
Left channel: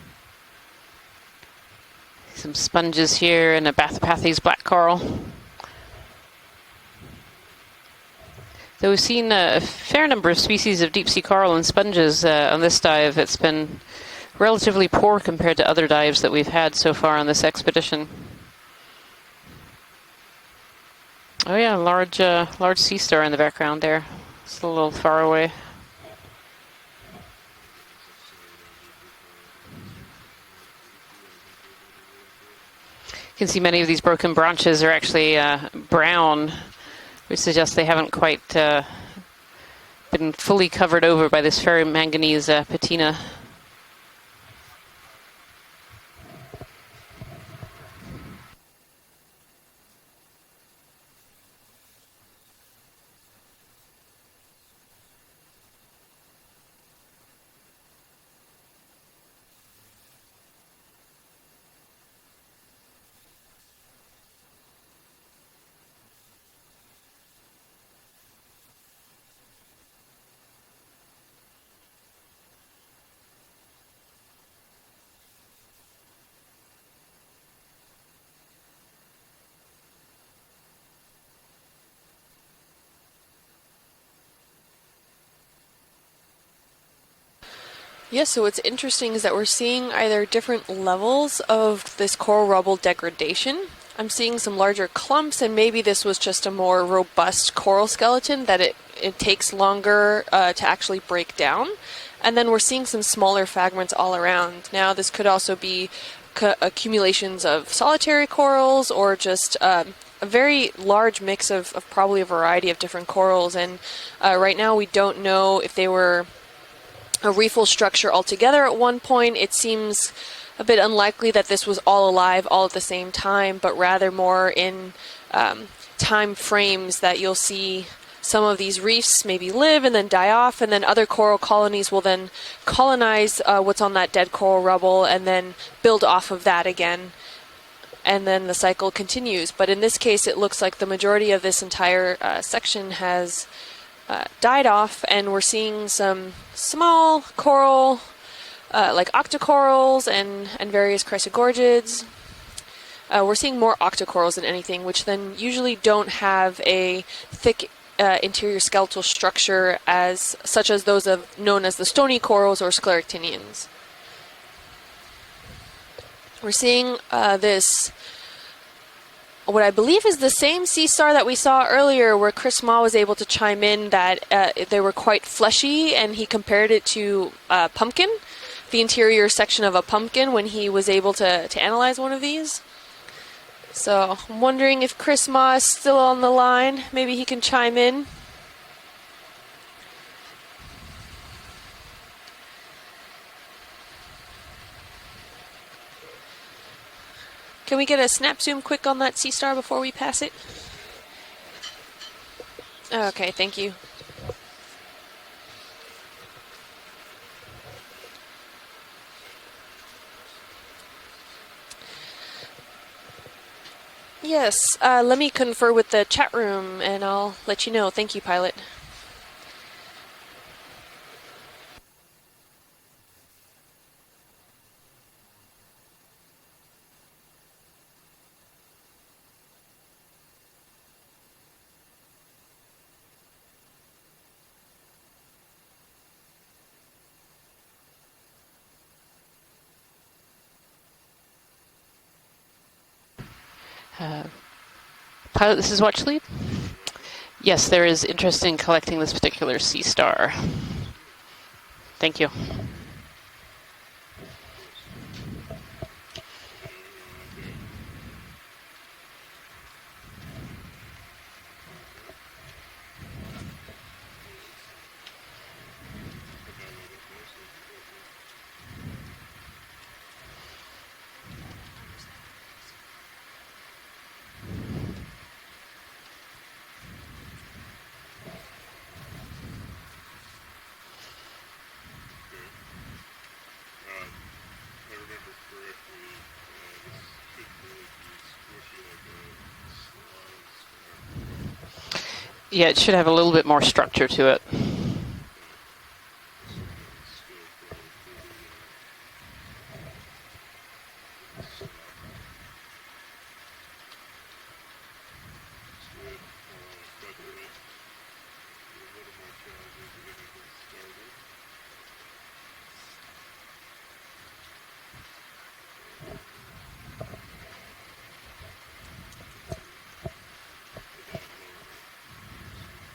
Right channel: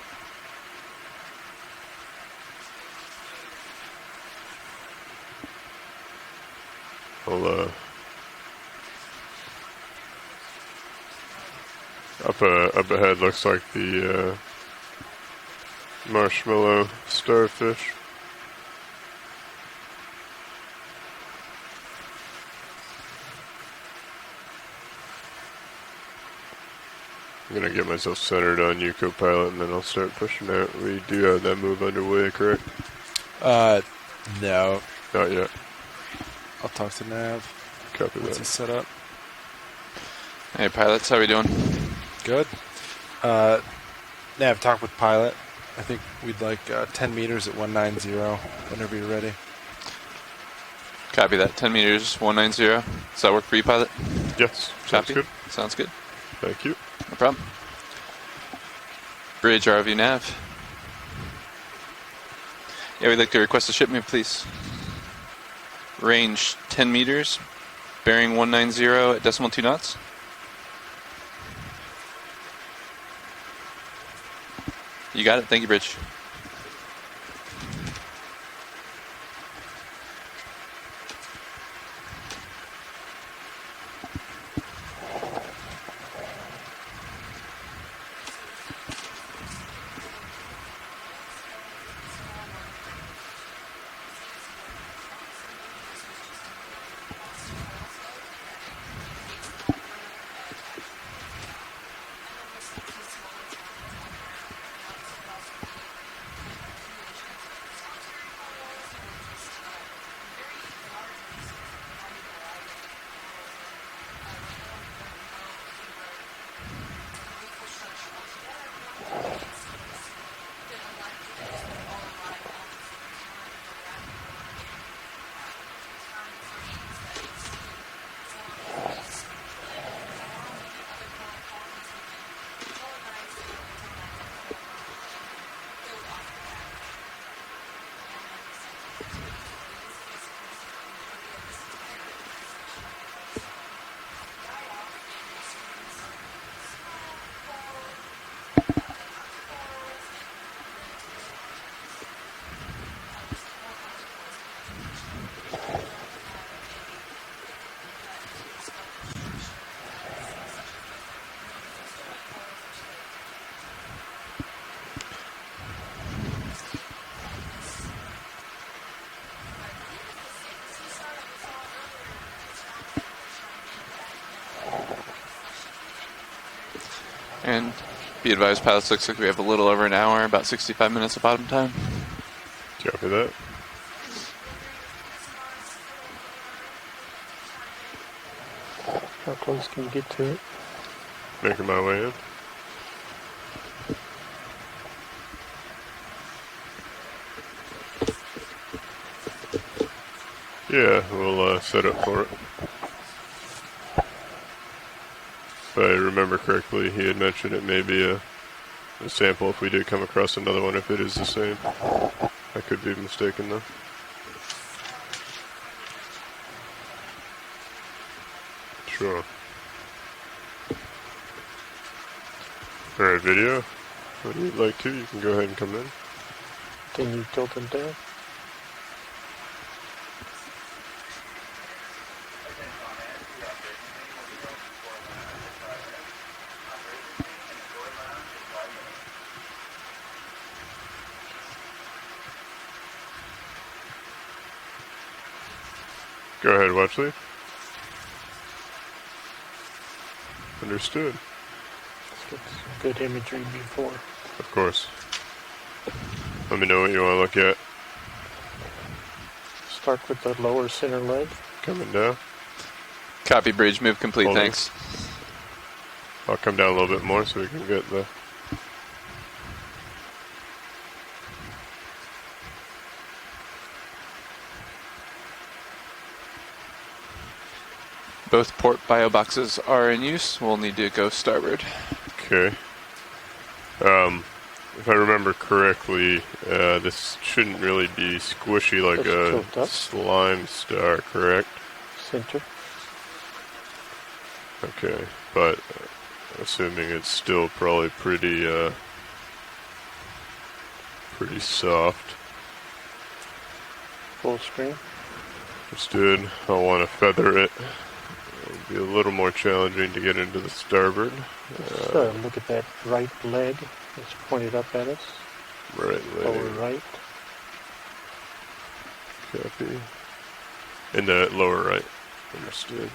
Some sponges here and a Bathypathes black coral. I'll, So we've seen a fair number of species of deep sea coral and sponges on this up dive. ahead It's looks been like the, relatively poor compared to other dives that we've had so far on this starfish. expedition. Oh yeah, large sea star in the background there. It's a little far away. I'm gonna get myself centered on you, co-pilot, and then I'll start pushing out. We do have that move underway, correct? You can see many of these broken branches are actually brown, I'll talk to Nav. which suggests they haven't quite been fully Hey, pilot, covered how we over by doing? this ferromanganese patina. Nav, talk with pilot. I think we'd like 10 meters at 190 whenever you're ready. Copy that. 10 meters, 190. Does that work for you, pilot? Yes. Copy. Sounds good. Sounds good. Thank you. No problem. Bridge ROV nav. Yeah, we'd like to request a ship move, please. Range 10 meters, bearing 190 at decimal 2 knots. You got it. Thank you, Bridge. Yes, so what's interesting is that we're seeing either different levels of this coral rubble degradation. I'm seeing some larger clumps, and maybe this was just a more robust coral skeleton that it takes longer to actually break down. And then we're seeing some smaller fragments all around. Now, this could also be accumulations of solitary corals or just a very large mix of probably a variety of different corals. And right now we don't know if they were a reefal structure altogether at one point. It seems a bit unlikely that this was all alive all at the same time, but rather more in time frames that you'll see some of these reefs maybe live and then die off, and then other coral colonies will then colonize what's on that dead coral rubble and then build off of that again. And then the cycle continues. But in this case, it looks like the majority of this entire section has died off, and we're seeing some small coral, like octocorals and various chrysogorgids. We're seeing more octocorals than anything, which then usually don't have a thick interior skeletal structure such as those known as the stony corals or scleractinians. We're seeing this, what I believe is the same sea star that we saw earlier, where Chris Ma was able to chime in that they were quite fleshy, and he compared it to pumpkin, Be advised, the pilots, interior looks like we have section a of little a over an hour, pumpkin, about when he 65 was able minutes to of bottom time. analyze one of these. Copy that. So I'm wondering if Chris Ma is still on the line. Maybe he can chime in. How close can you get to it? Making my way in. Can we get a snap zoom quick on that sea star before we pass it? Yeah, we'll set up for it. Okay, thank you. If I remember correctly, he had mentioned it may be a sample if we did come across another one, if it is the same. I could be mistaken, though. Yes, let me confer with the chat room, and I'll let you know. Thank you, pilot. Sure. Alright, video. If you'd like to, you can go ahead and come in. Can you tilt them down? Pilot, this is Watchlead. Go ahead, Watchley. Yes, there is interest in collecting this particular sea star. Understood. Thank you. Good imagery before. Of course. Let me know what you want to look at. Start with the lower center leg. Coming down. Copy, bridge. Move complete. Hold on. Thanks. I'll come down a little bit more so we can get the... Both port bio boxes are in use. We'll need to go starboard. Okay. If I remember correctly, this shouldn't really be squishy like a slime star, correct? Yeah, it should have a little bit more structure to it. Okay, but assuming it's still probably pretty soft. Full screen. Understood. I'll want to feather it. It'll be a little more challenging to get into the starboard. Look at that right leg. It's pointed up at us. Right leg. Lower right. Copy. In the lower right. Understood.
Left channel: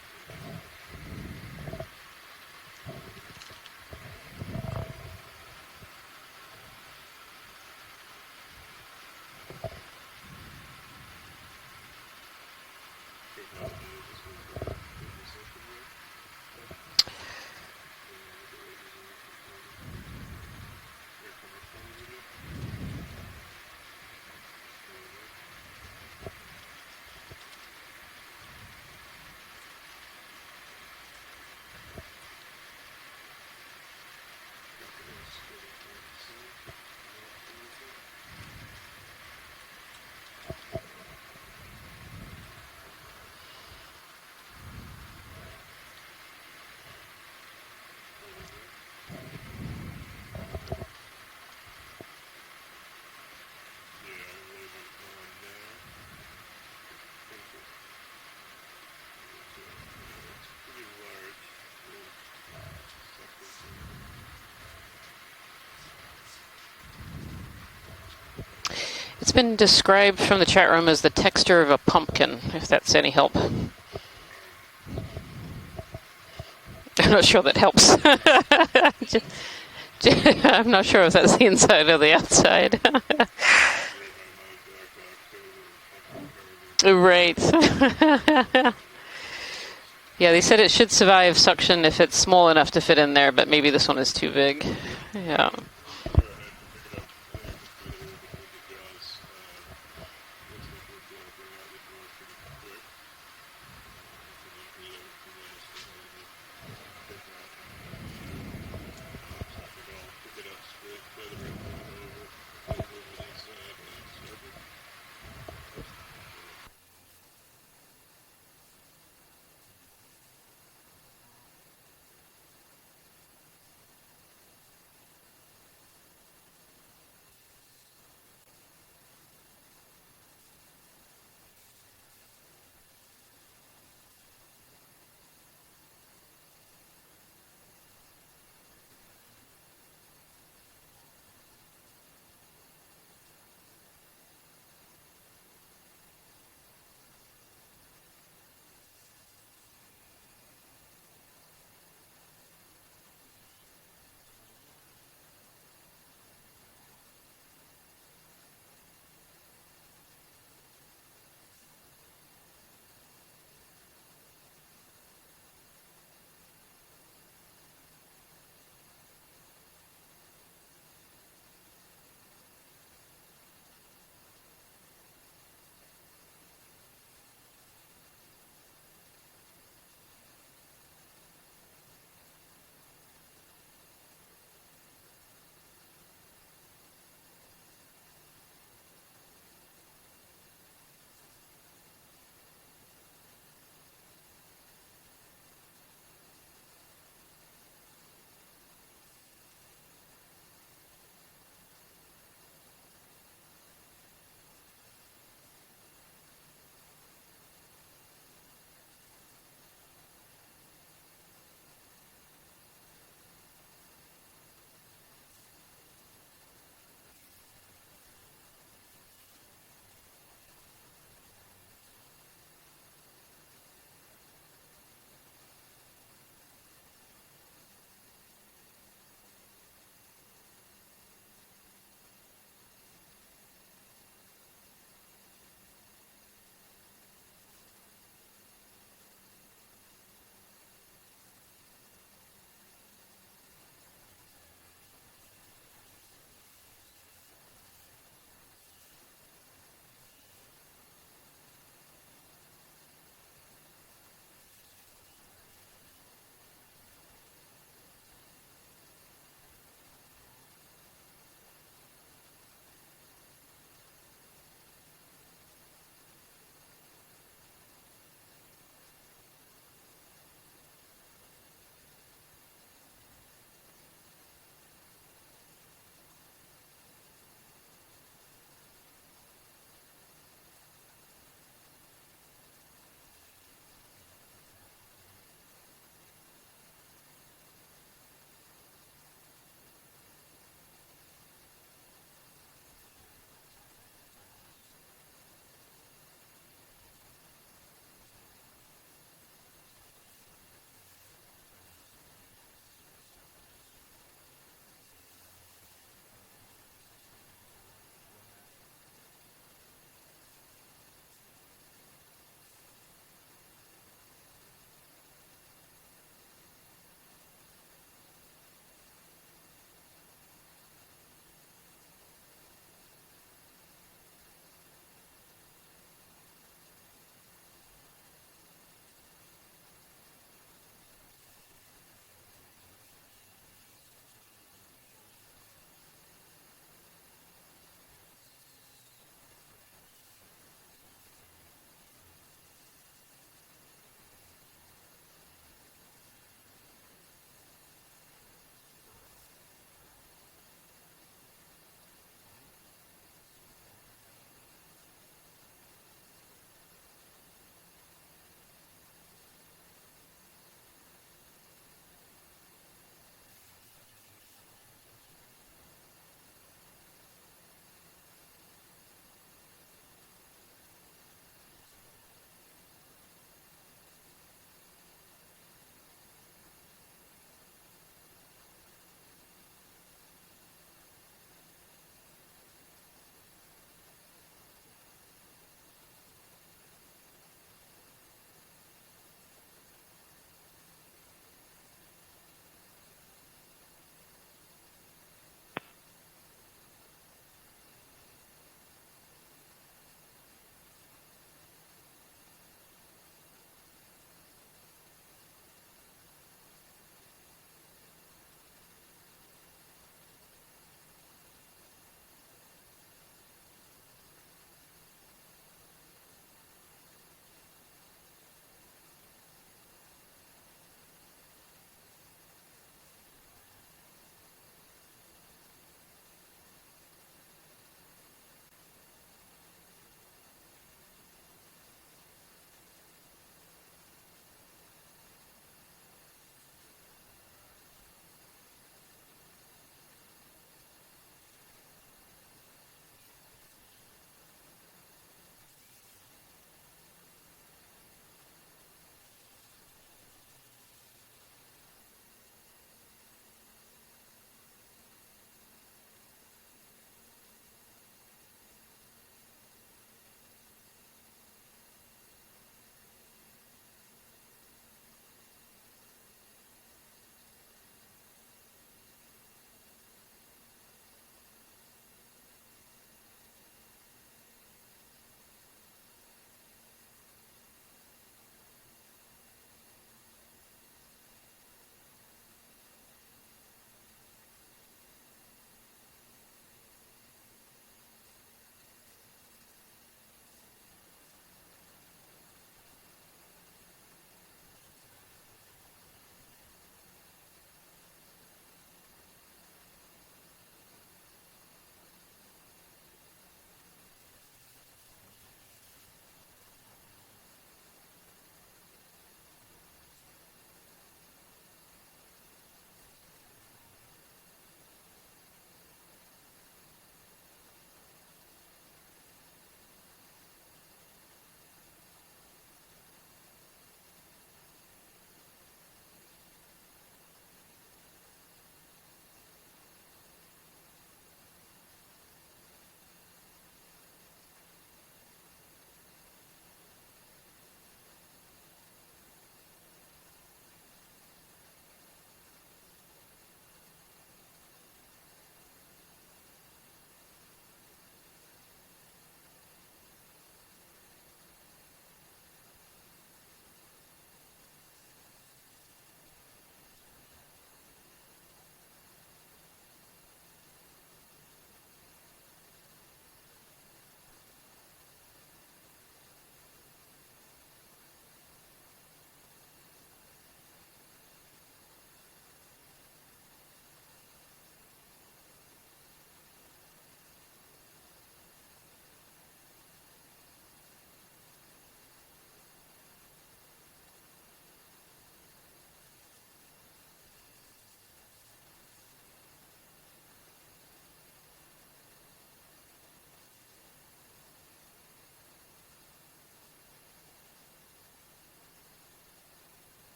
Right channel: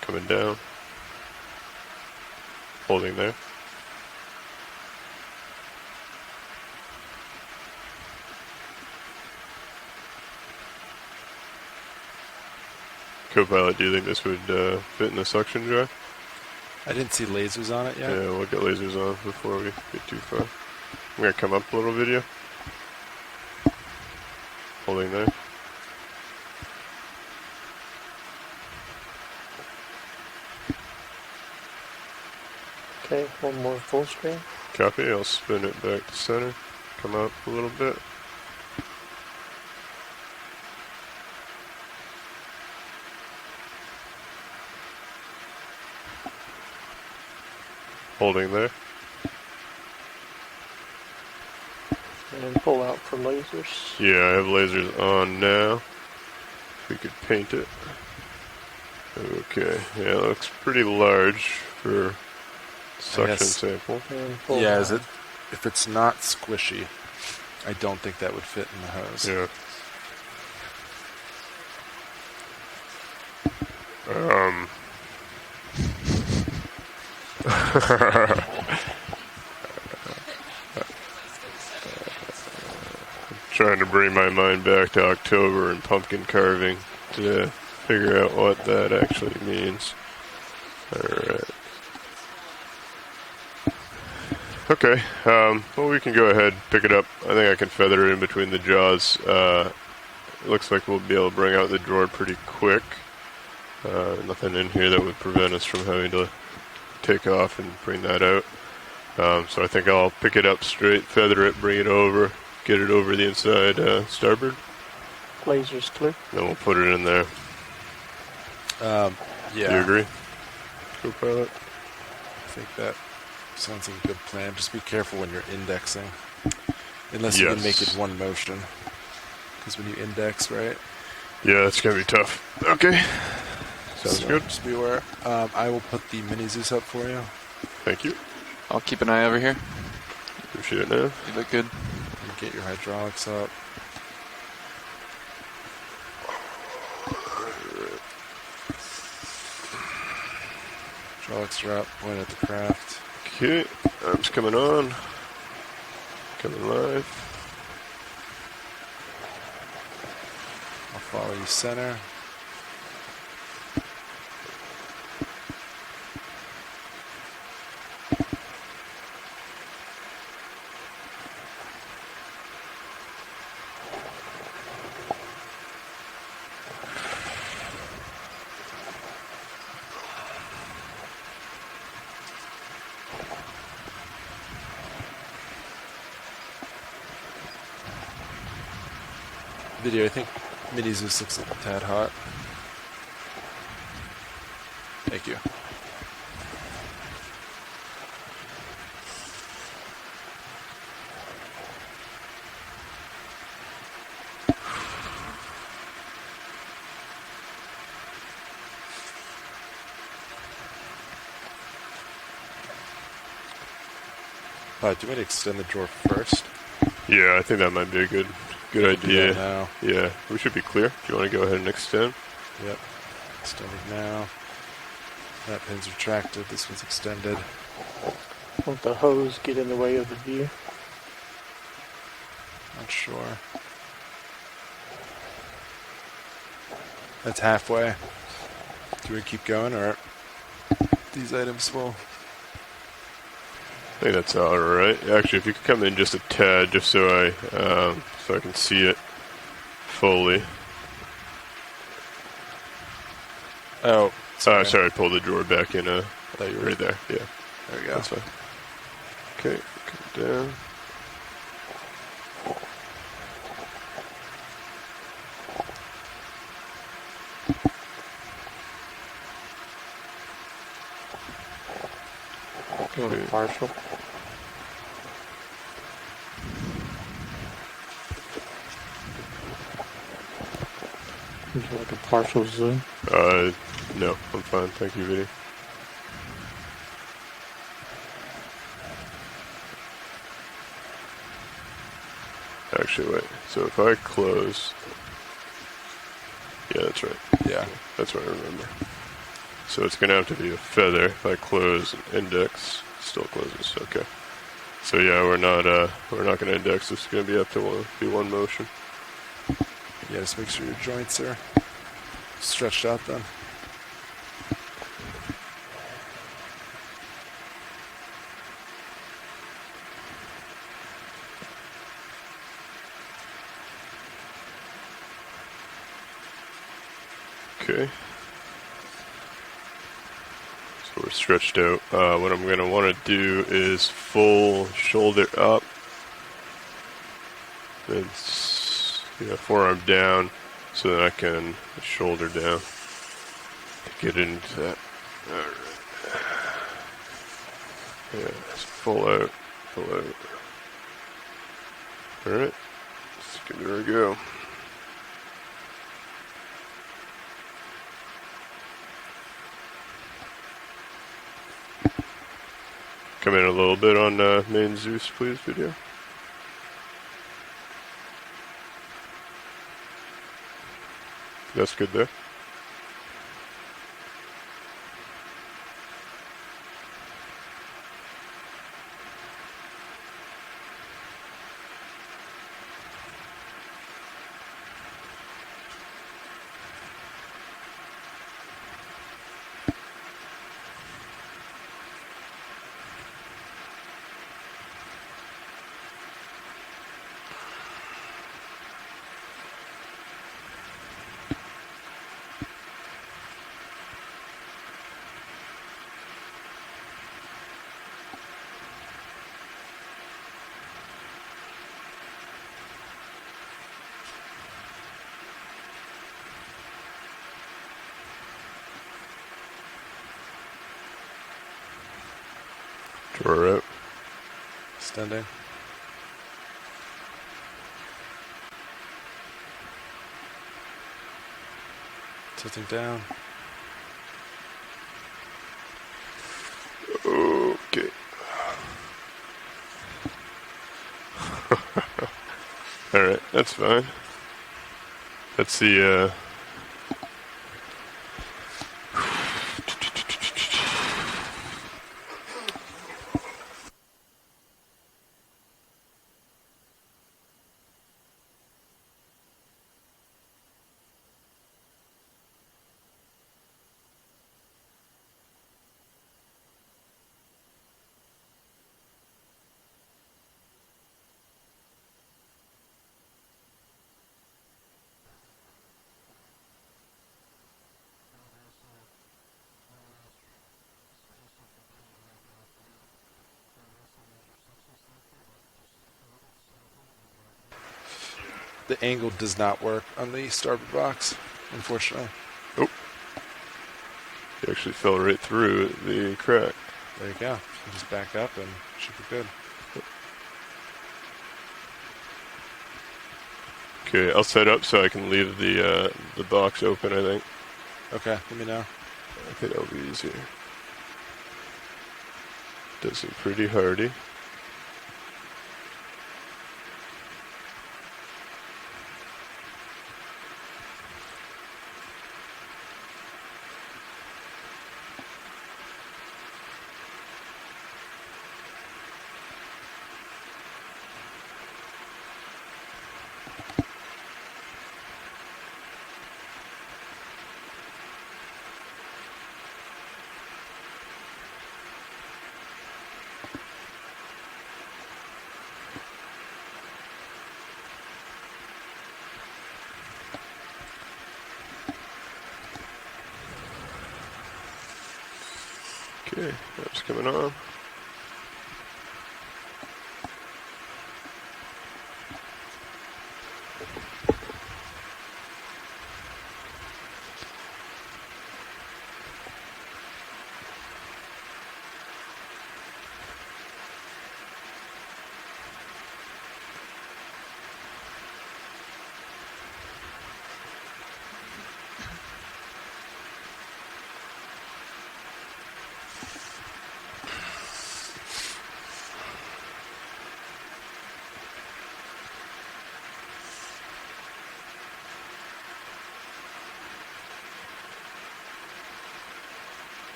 Coming down. Holding there. Co-pilot, do you think this would fit in the suction jar? I didn't see lasers on it yet. Yeah, we'll get lasers on before we get too far. I'm going to come up a little video. Holding there. Okay, one more full screen. Copy, I'll spin it back to center. Come up a little bit. Holding there. And pull out for lasers. Yeah, I have lasers on now. We could paint it. Okay, yeah, it looks pretty large for suction sample. Yeah, if it's not squishy, I don't think that would fit in the hose. It's been described from the chat room as the texture of a pumpkin, if that's any help. I'm not sure that helps. I'm not sure if that's the inside or the outside. Trying to bring my mind back to October and pumpkin carving. Right. To figure out what that actually means. Yeah, they said it should survive suction if it's small enough to fit in there, but maybe this one is too big. Okay. Well, we can go ahead, pick it up. I think I can feather it in between the jaws. It looks like we'll be able to bring out the drawer pretty quick. Nothing in here that would prevent us from having to take off and bring that out. So I think I'll pick it up straight, feather it, bring it over, get it over the inside starboard. Lasers clear. Then we'll put it in there. Yeah. Do you agree? Co-pilot? I think that sounds like a good plan. Just be careful when you're indexing. Unless you can make it one motion. Because when you index, right? Yeah, that's going to be tough. Okay. Sounds good. Just be aware. I will put the mini Zeus up for you. Thank you. I'll keep an eye over here. Appreciate it, man. You look good. And get your hydraulics up. Hydraulics are up. Point at the craft. Okay. Arms coming on. Coming live. I'll follow you center. Video, I think Mini Zeus looks a tad hot. Thank you. Do you want to extend the drawer first? Yeah, I think that might be a good idea. Now. Yeah, we should be clear. Do you want to go ahead and extend? Yep. Extending now. That pin's retracted. This one's extended. Won't the hose get in the way of the view? Not sure. That's halfway. Do we keep going, or these items will? I think that's all right. Actually, if you could come in just a tad, just so I can see it fully. Oh, sorry. Pull the drawer back in. I thought you were right there. Yeah, there we go. That's fine. Okay, come down. Going partial. Would you like a partial zoom? No, I'm fine. Thank you, Vinny. Actually, wait. So if I close... Yeah, that's right. Yeah. That's what I remember. So it's going to have to be a feather. If I close and index, it still closes. Okay. So yeah, we're not going to index. This is going to be up to one motion. Yeah, just make sure your joints are stretched out then. Okay. So we're stretched out. What I'm going to want to do is full shoulder up. And forearm down so that I can shoulder down to get into that. Alright. Yeah, it's full out. Alright. Let's give it a go. Come in a little bit on main Zeus, please, video. That's good there. Drawer out. Extending. Tilting down. Okay. Alright, that's fine. That's the The angle does not work on the starboard box, unfortunately. Oh. He actually fell right through the crack. There you go. You just back up and should be good. Okay, I'll set up so I can leave the box open, I think. Okay, let me know. I think that'll be easier. Does seem pretty hardy. Okay, that's coming on.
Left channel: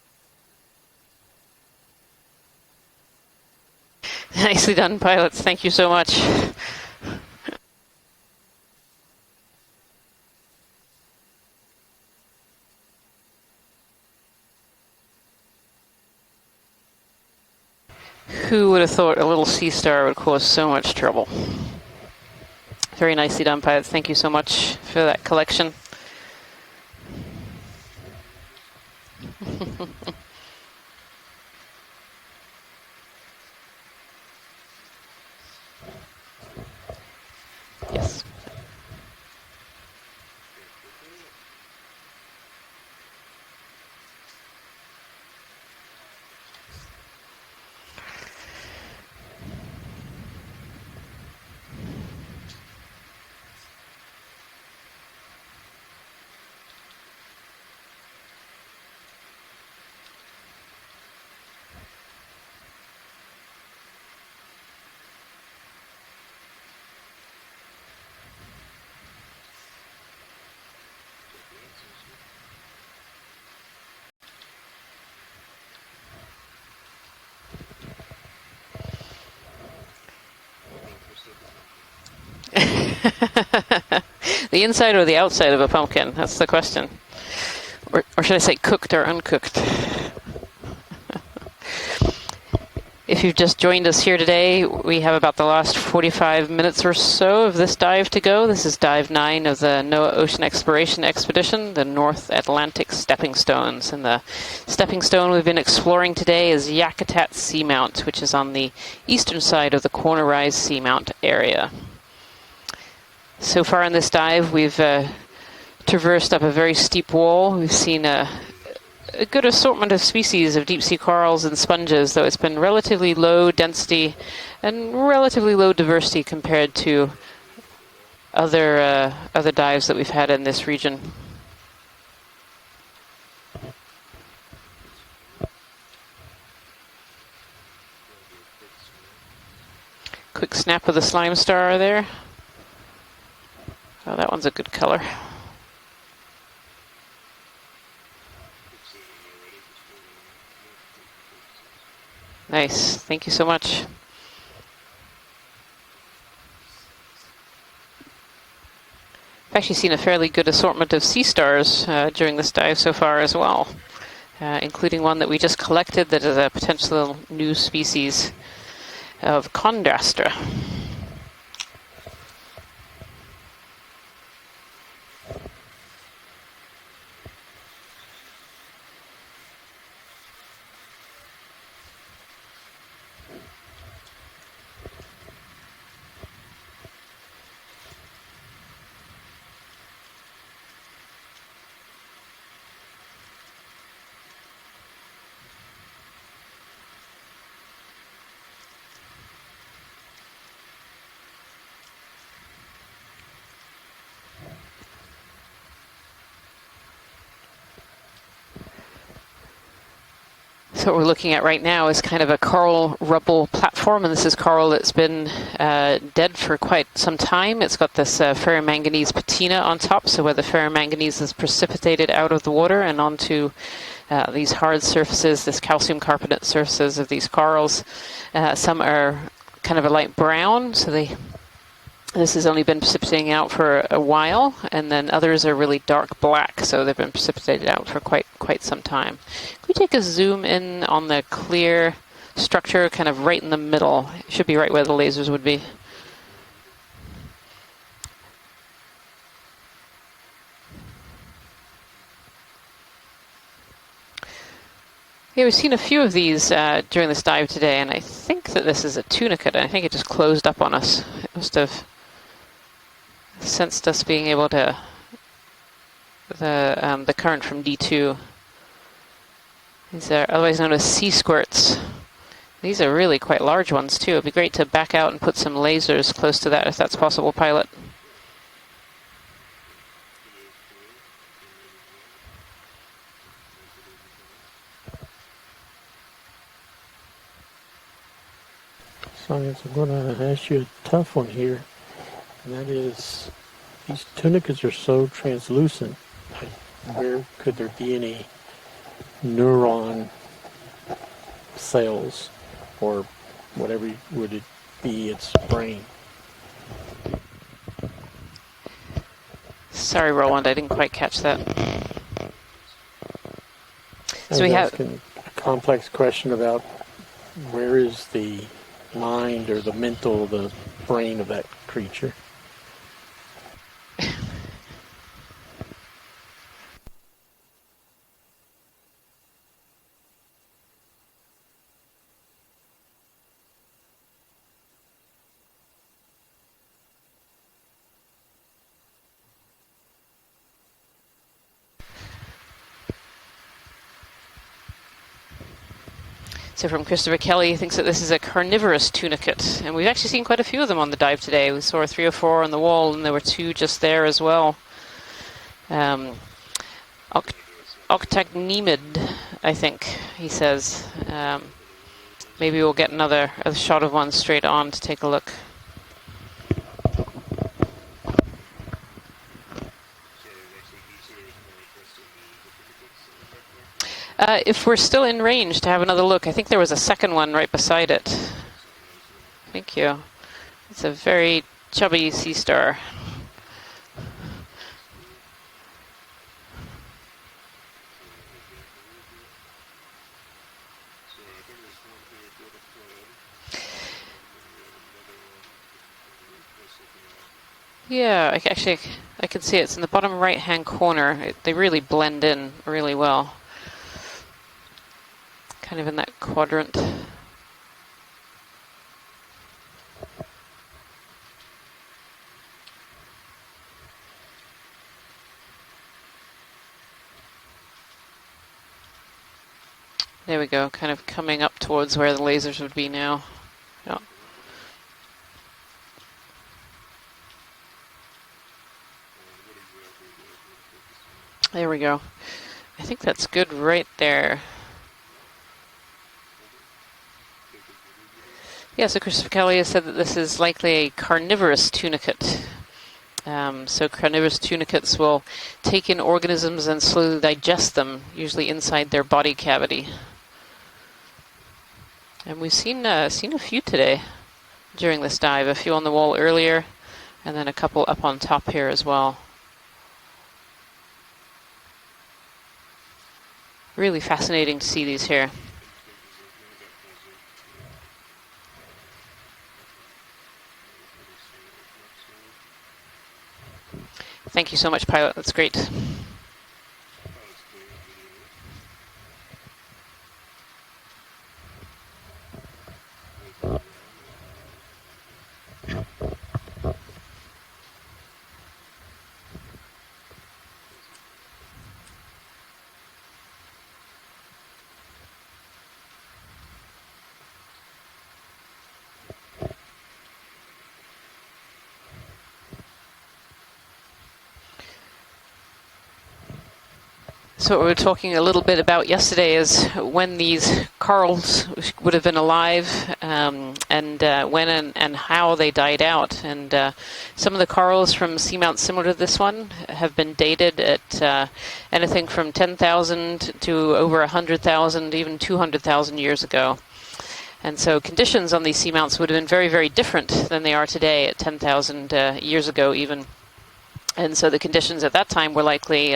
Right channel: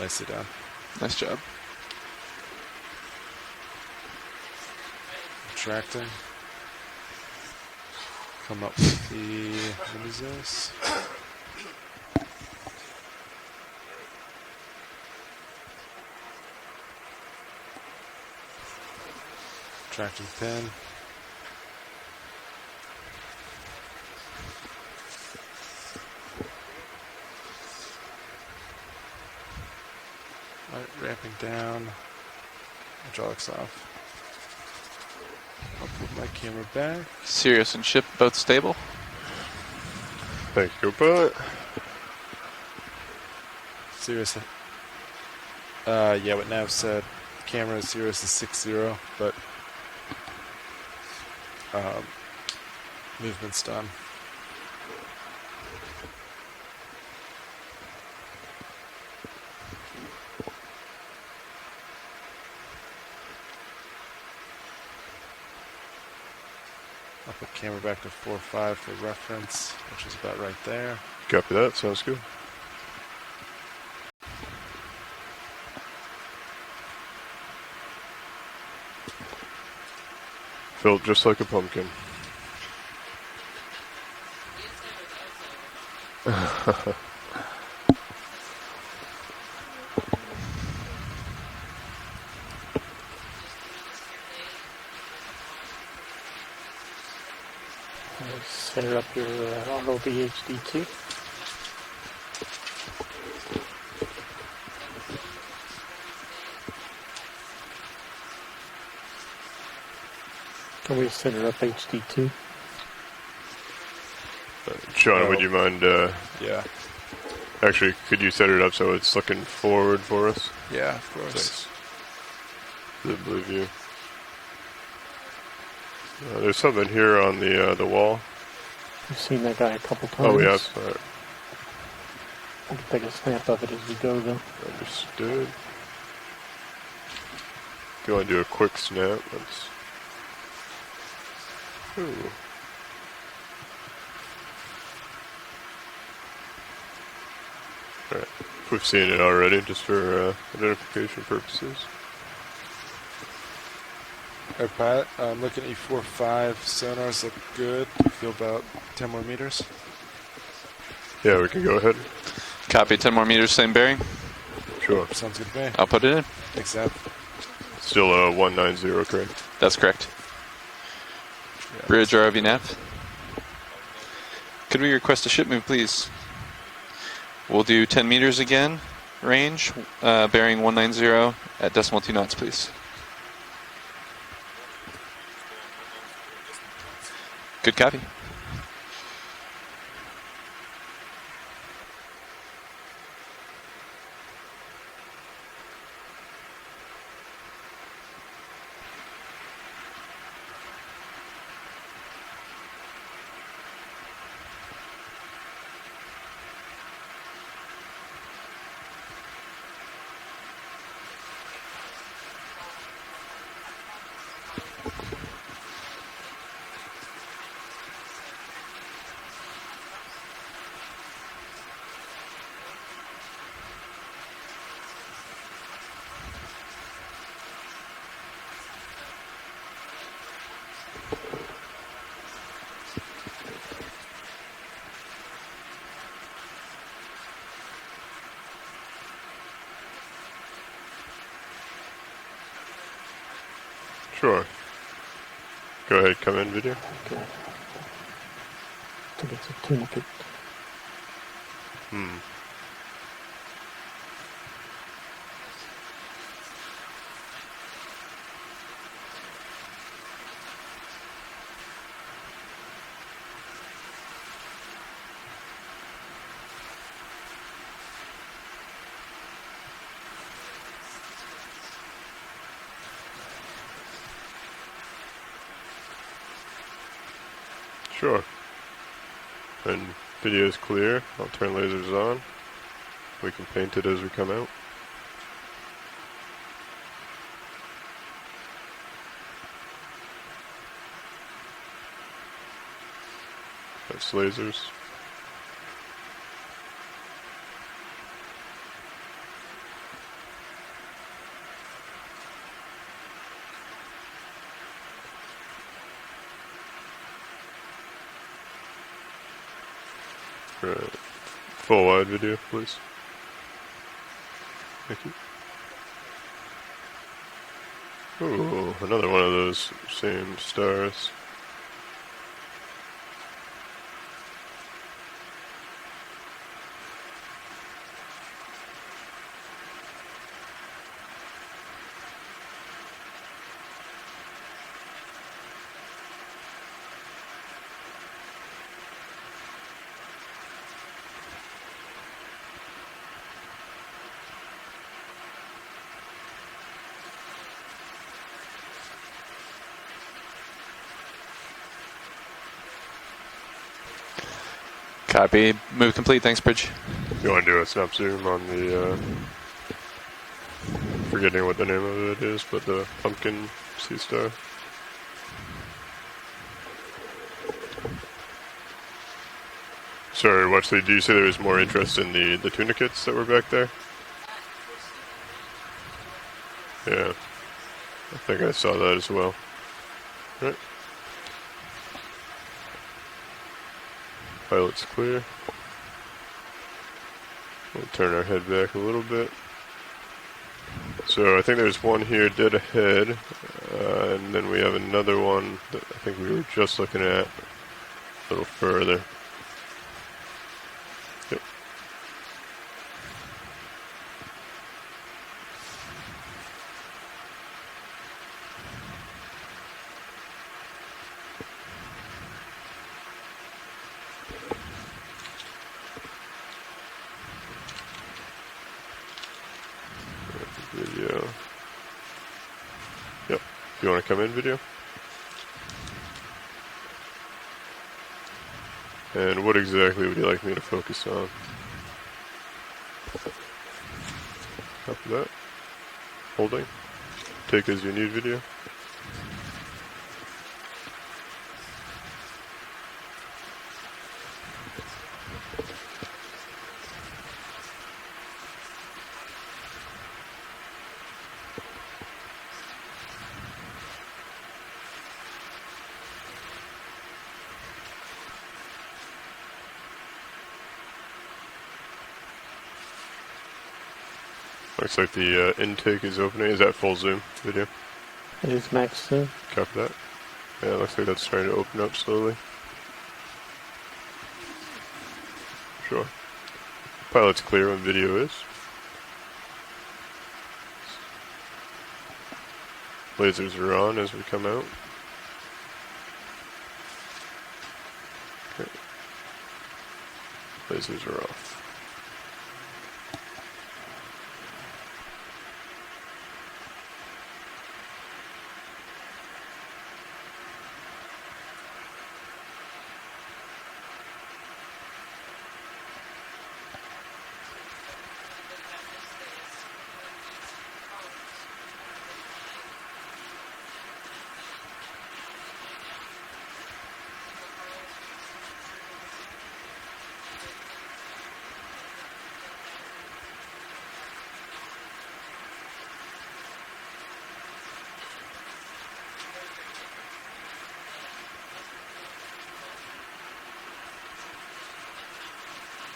Nicely done. Nice job. Nicely done, pilots. Thank you so much. Come up with the, what is this? Who would have thought a little sea star would cause so much trouble? Very nicely done, pilots. Thank you so much for that collection. Ramping down. Hydraulics off. I'll put my camera back. Sirius and shift both stable. Thank you, pilot. Sirius. Yeah, what Nav said. Camera Sirius is 6-0, but movement's done. I'll put camera back to 4.5 for reference, which is about right there. Copy that, sounds good. Built just like a pumpkin. The inside or the outside of a pumpkin? That's the question. Or should I say cooked or uncooked? If you've just joined us here today, we have about the last 45 minutes or so of this dive to go. This is dive 9 of the NOAA Ocean Exploration Expedition, the North Atlantic Stepping Stones. And the stepping stone we've been exploring today is Yakutat Seamount, which is on the eastern side of the Corner Rise Seamount area. So far in this dive, we've Sean, would you mind, traversed up a very steep wall. We've actually, seen could you set it up so it's a good assortment of species of deep-sea corals and sponges, though it's been relatively low density and relatively low diversity compared to here on the wall. other dives that we've had in this region. I can take a snap of it as we go, though. Understood. If you want to do a quick snap, let's... Quick snap of the slime star there. Ooh. Oh, that one's a good color. Alright, we've seen it already, just for identification purposes. Nice. Thank you so much. All right, Pilot, I'm looking at E45. Sonars look good. Feel about 10 more meters. I've actually seen a fairly good assortment of sea Yeah, we can stars during this dive Copy, so 10 far more as meters, well. same bearing. Including Sure. one that we just Sounds collected good. that is a potential new species Still 190, correct? of That's correct. Condrastra. Bridge ROV nav. Could we request a ship move, please? We'll do 10 meters again, range, bearing 190 at decimal 2 knots, please. Good copy. So what we're looking at right now is kind of a coral rubble platform, and this is coral that's been dead for quite some time. It's got this ferromanganese patina on top, so where the ferromanganese is precipitated out of the water and onto these hard surfaces, this calcium carbonate surfaces of these corals. Some are kind of a light brown, so this has only been precipitating out for a while, and then others are really dark black, so they've been precipitated out for quite some time. Can we take a zoom in on the clear structure, kind of right in the middle? Sure. Should be right where the lasers would be. Go ahead, come in video. Okay. I think it's a tunicate. Yeah, we've seen a few of these during this dive today, and I think that this is a tunicate. I think it just closed up on us. It must have sensed us being able to, the current from D2. These are otherwise known as sea squirts. These are really quite large ones too. It'd be great to back out and put some lasers close to that if that's possible, Pilot. Sure. And video is clear. I'll turn lasers on. We can paint it as we come out. Science, I'm going to ask you a tough one here. And that is, these Lasers. tunicates are so translucent. Where could there be any neuron cells or whatever would it be its brain? Sorry, Roland, I didn't quite catch that. Full wide video, please. So we have a complex question about where is the another one of mind or those the mental, the stars. brain of that creature? So from Christopher Kelly, he thinks that this is a carnivorous tunicate. And we've actually seen quite a few of them on the dive today. We saw 3 or 4 on the wall, and there were 2 just there as well. Copy. Move complete. Thanks, Bridge. You want to do a snap zoom on the, Octacnemid, I think, he says. forgetting what the name of it is. Maybe but we'll the get another pumpkin a shot of sea one star. straight on to take a look. Sorry, Wesley, do you say there was more interest in the tunicates that were back there? If we're still in range to have another look, I think there was a second one right beside it. I think I saw that as well. Thank you. Right. It's a very chubby sea star. Pilot's clear. We'll turn our head back a little bit. So I think there's one here dead ahead, and then we have another one that I think we were just looking at. Yeah, a little further. I can see it. It's in the bottom right-hand corner. They really blend in really well. Kind of in that quadrant. There we go, kind of coming up towards where the lasers would be now. Yep. Do you want to come in, video? And what exactly would you like me to focus on? There we go. I think that's good right there. After that, holding. Take as you need video. Yeah, so Christopher Kelly has said that this is likely a carnivorous tunicate. So carnivorous tunicates will take in organisms and slowly digest them, usually inside their body cavity. And we've seen a few today during this dive, a few on the wall earlier, and then a couple up on top here as well. Really fascinating to see Looks these like here. the intake is opening. Is that full zoom video? It is max zoom. Copy that. Yeah, it looks like that's starting to open up slowly. Thank you so much, Pilot. That's great. Sure. Pilot's clear when video is. Lasers are on as we come out. Okay. Lasers are off. So what we were talking a little bit about yesterday is when these corals would have been alive, and when and how they died out. And some of the corals from Seamount similar to this one have been dated at anything from 10,000 to over 100,000, even 200,000 years ago. And so conditions on these seamounts would have been very, very different than they are today at 10,000 years ago even. And so the conditions at that time were likely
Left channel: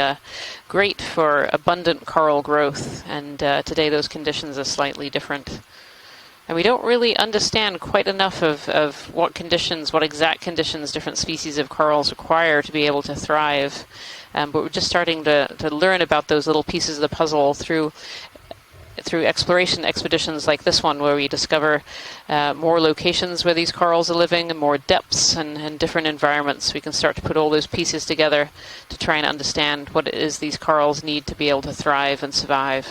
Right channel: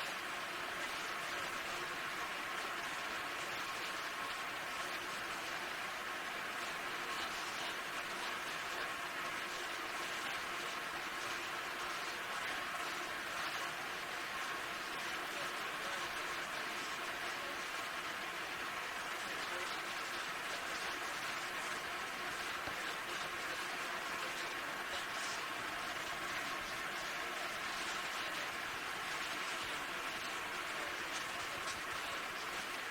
great for abundant coral growth, and today those conditions are slightly different. And we don't really understand quite enough of what exact conditions different species of corals require to be able to thrive. But we're just starting to learn about those little pieces of the puzzle through exploration expeditions like this one, where we discover more locations where these corals are living and more depths and different environments. We can start to put all those pieces together to try and understand what it is these corals need to be able to thrive and survive.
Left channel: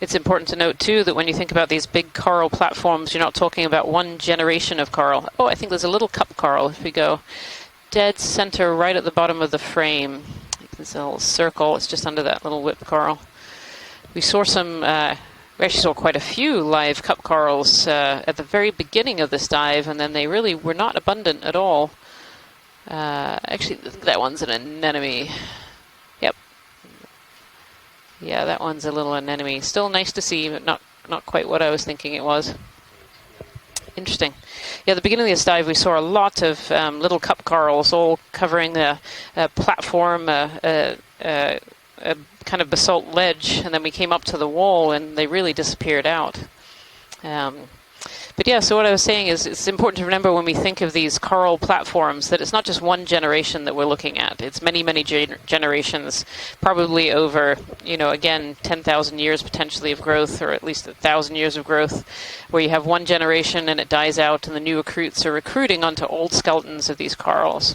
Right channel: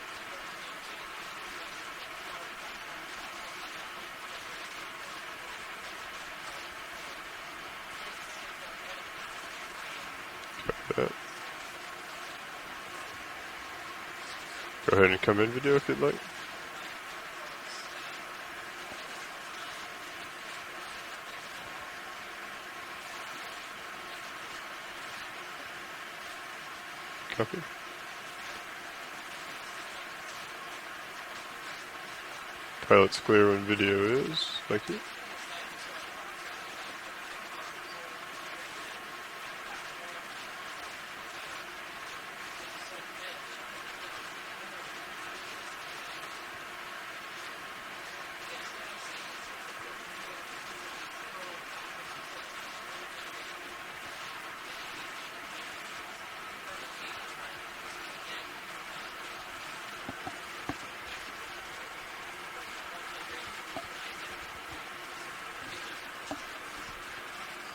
It's important to note, too, that when you think about these big coral platforms, you're not talking about one generation of coral. Oh, I think there's a little cup coral. If we go dead center right at the bottom of the frame, there's a little circle. It's just under that little whip coral. We saw some, we actually saw quite a few live cup corals at the very beginning of this dive, and then they really were not abundant at all. Actually, that one's an anemone. Yep. Copy. Yeah, that one's a little anemone. Still nice to see, but not quite what I was thinking it was. Pilot's clear when video Interesting. is. Yeah, at the beginning of this dive, we saw a lot of little cup corals all covering the platform, a kind of basalt ledge, and then we came up to the wall and they really disappeared out. But yeah, so what I was saying is it's important to remember when we think of these coral platforms that it's not just one generation that we're looking at. It's many, many generations, probably over, again, 10,000 years potentially of growth, or at least 1,000 years of growth, where you have one generation and it dies out and the new recruits are recruiting onto old skeletons of these corals.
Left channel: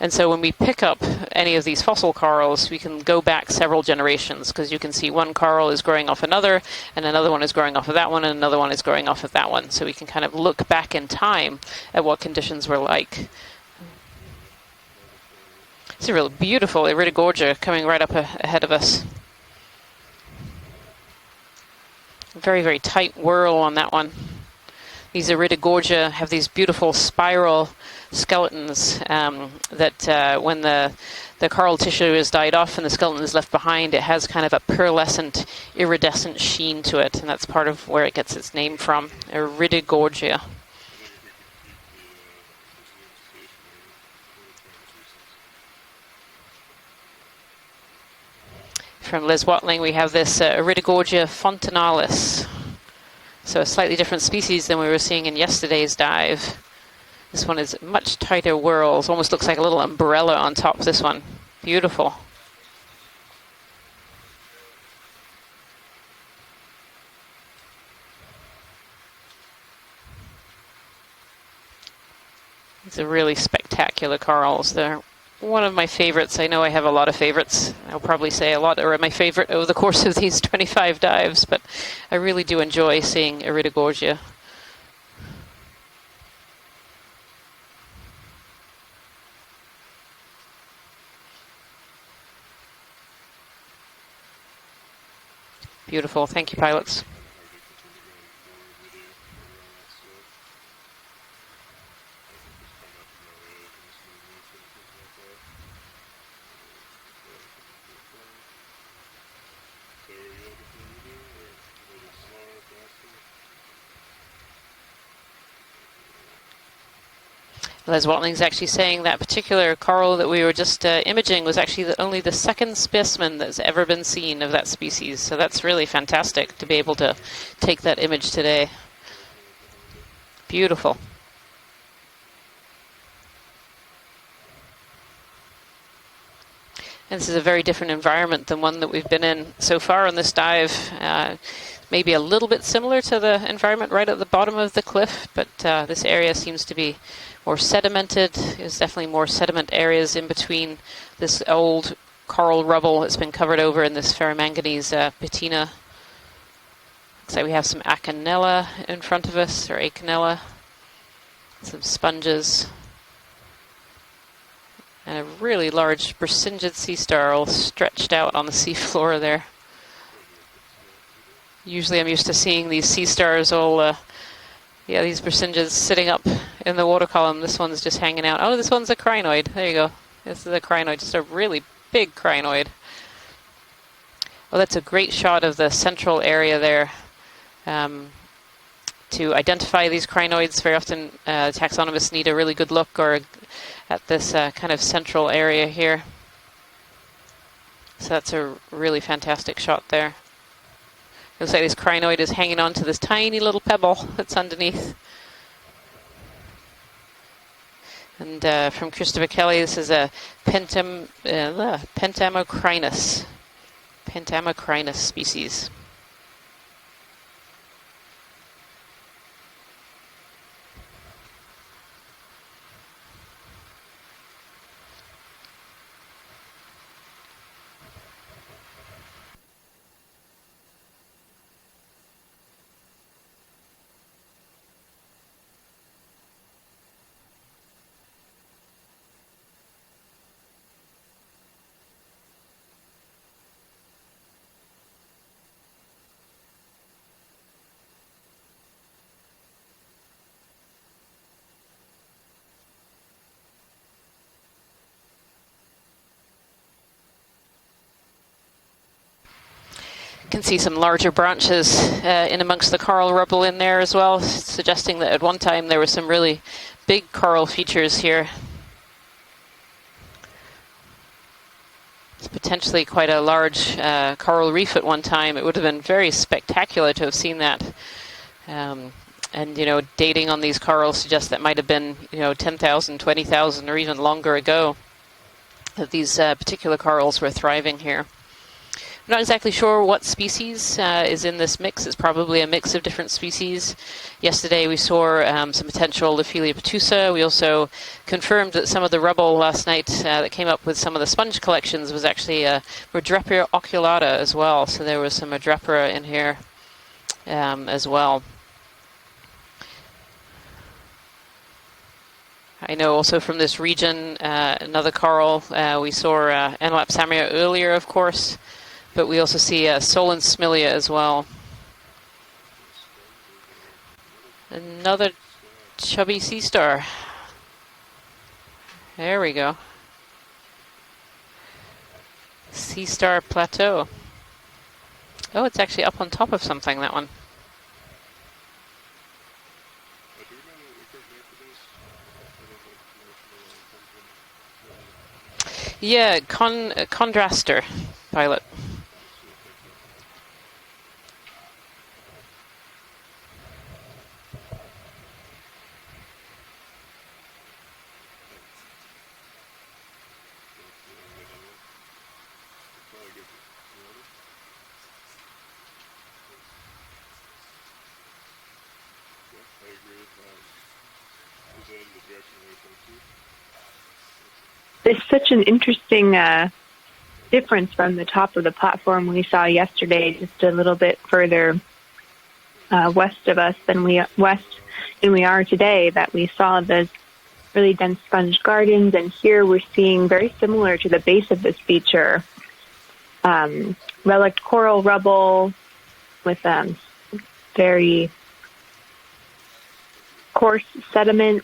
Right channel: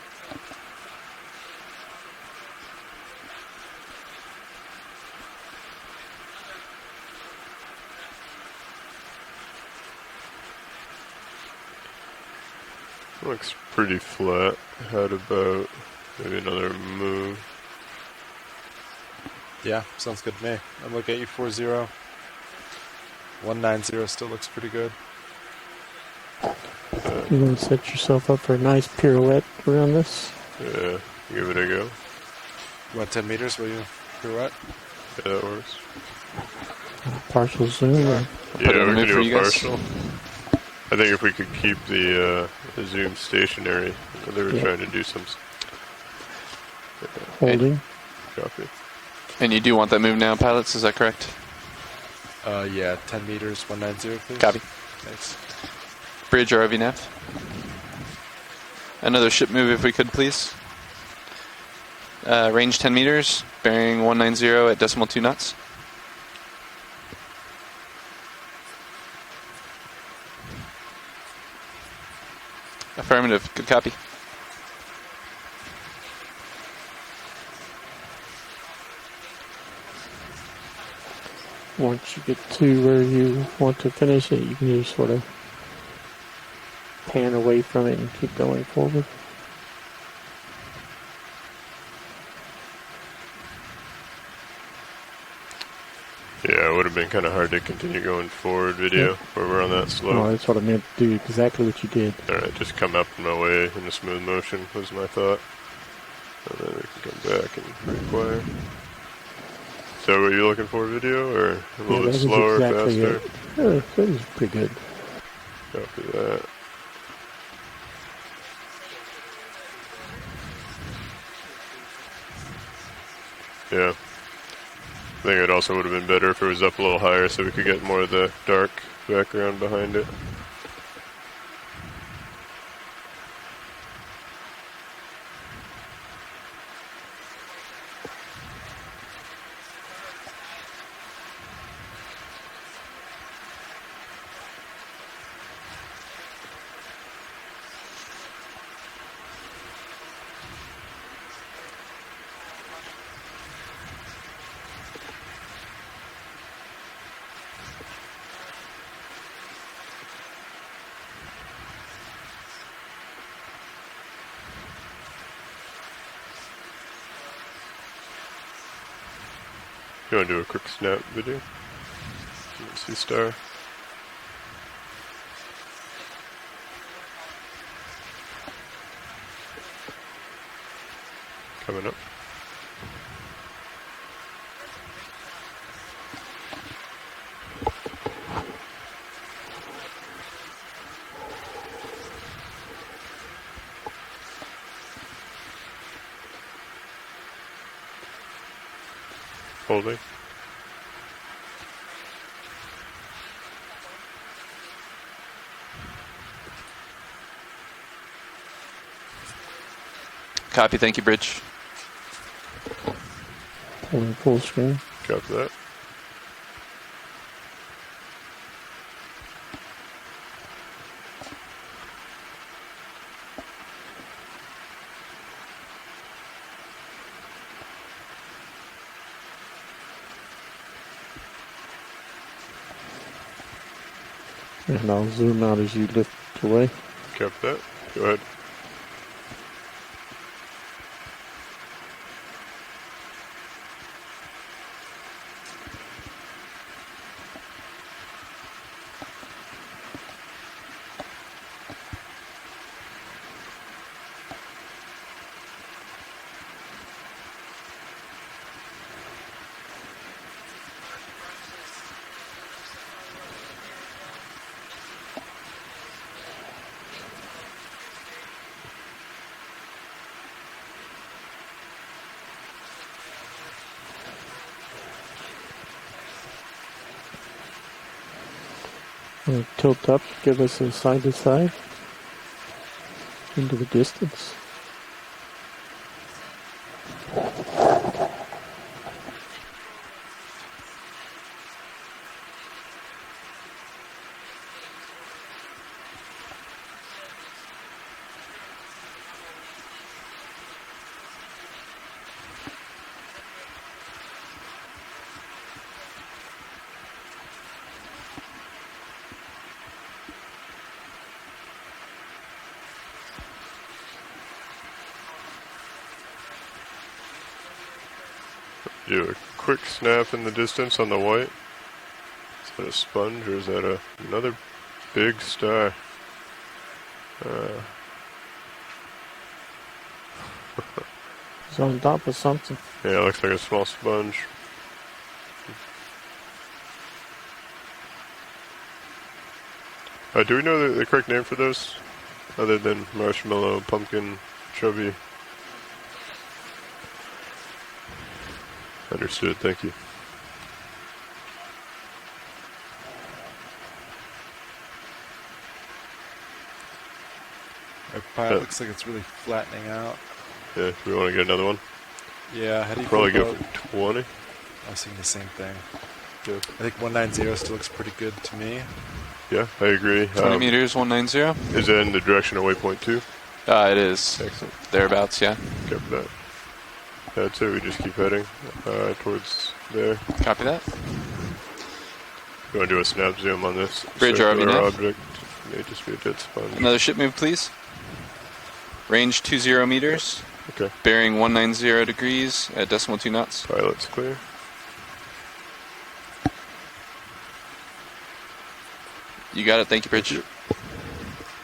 And so when we pick up any of these fossil corals, we can go back several generations, because you can see one coral is growing off another, and another one is growing off of that one, and another one is growing off of that one. So we can kind of look back in time at what conditions were like. Looks pretty flat. Had about... It's a really beautiful Iridogorgia coming right up ahead of us. Yeah, sounds good to me. I'm looking at U40. Very, very tight whirl on that one. Still looks pretty good. These Iridogorgia have these beautiful spiral skeletons that when the coral tissue is died off and the skeleton is left behind, it has kind of a pearlescent, iridescent sheen to it, and that's part of where it gets its name from, Iridogorgia. I think if we could keep the zoom stationary, they were trying to do some... Holding. Copy. From Liz Watling, we have this Iridogorgia fontinalis. Yeah, 10 meters. So a slightly different species than we were seeing in yesterday's dive. Bridge RV nav. This one is much tighter whirls. Almost looks like a little umbrella on top of this one. Beautiful. Range 10 meters, bearing 190 at decimal 2 knots. It's a really spectacular corals there. one of my favorites. I know I have a lot of favorites. I'll probably say a lot are my favorite over the course of these 25 dives, but I really do enjoy seeing Iridogorgia. You can just sort of pan away from it and keep going forward. Beautiful, thank you, Yeah, it would pilots. have been kind of hard to continue going forward video where we're on that slope. No, that's what I meant to do, exactly what you did. Alright, just come up my way in a smooth motion was my thought. And then we can come back and require. So what are you looking for, video, or a little bit slower, faster? That was pretty good. Copy that. Les Watling's actually saying that particular coral that we were just imaging was actually only the second specimen that's ever been seen of that species. So that's really fantastic to be able to take that image today. Dark background behind it. Beautiful. And this is a very different environment than one that we've been in so far on this dive. Maybe a little bit similar to the environment right at the bottom of the cliff, but this area seems to be more sedimented. There's definitely more sediment areas in between this old coral rubble that's been covered over in this ferromanganese patina. Looks like we have some Acanella in front of us, or Acanella. Some sponges. And a really large Brisingid sea star all stretched out on the seafloor there. You want to do a quick snap video? Usually I'm used to seeing these sea stars all, these Brisingids sitting up in the water column. This one's just hanging out. Oh, this one's a crinoid. There you go. This is a crinoid, just a really big crinoid. Well, that's a great shot of the central area there. To identify these crinoids, very often taxonomists need a really good look or at this kind of central area here. So that's a really fantastic shot there. Looks like this crinoid is hanging on to this tiny little pebble that's underneath. And from Christopher Kelly, this is a thank you, Bridge. Pentamocrinus. Pentamocrinus species. And I'll zoom out as you lift away. Kept that. Go ahead. Can see some larger branches in amongst the coral rubble in there as well, suggesting that at one time there were some really big coral features here. It's potentially quite a large coral reef at one time. It would have been very spectacular to have seen that. And, you know, dating on these corals suggests that might have been, you know, 10,000, 20,000 or even longer ago that these particular corals were thriving here. I'm not exactly sure what species is in this mix. It's probably a mix of different species. Yesterday we saw some potential Lophelia petusa. We also confirmed that some of the rubble last night that came up with some of the sponge collections was actually Rhodrepia oculata as well. So there was some Rhodrepia in here as well. I know also from this region, another coral, we saw Enlapsamia earlier, of course. But we also see Solon Smilia as well. Is that a sponge or is that another big star? Chubby sea star. There we go. It's on top of something. Sea star like plateau. A small sponge. Oh, it's actually up on top of something, that one. Do we know the correct name for those? Other than marshmallow, pumpkin, chubby? Yeah, Chondraster, pilot. Understood, thank you. Our pile looks like it's really flattening out. Yeah, we want to get another one? Yeah, how do you probably go for 20? I was thinking the same thing. Yeah. I think 190 still looks pretty good to me. Yeah, I agree. 20 meters, 190. Is that in the direction of waypoint 2? It is. Excellent. Thereabouts, It's such yeah. an interesting That's it, we difference just from keep the heading. top of the platform we Towards saw there. yesterday, just Copy a that. little bit further You want to do a snap west zoom of us on this? than we are Great Show job, our Nina. object. than we are today. Just a That good we spot. saw Another the ship move, please. really dense sponge gardens, Range and here 20 we're seeing meters. very similar to the Bearing base of this 190 feature. degrees at decimal 2 knots. Pilot's clear. Relic coral rubble with very You got it. Thank you, Bridge. coarse sediment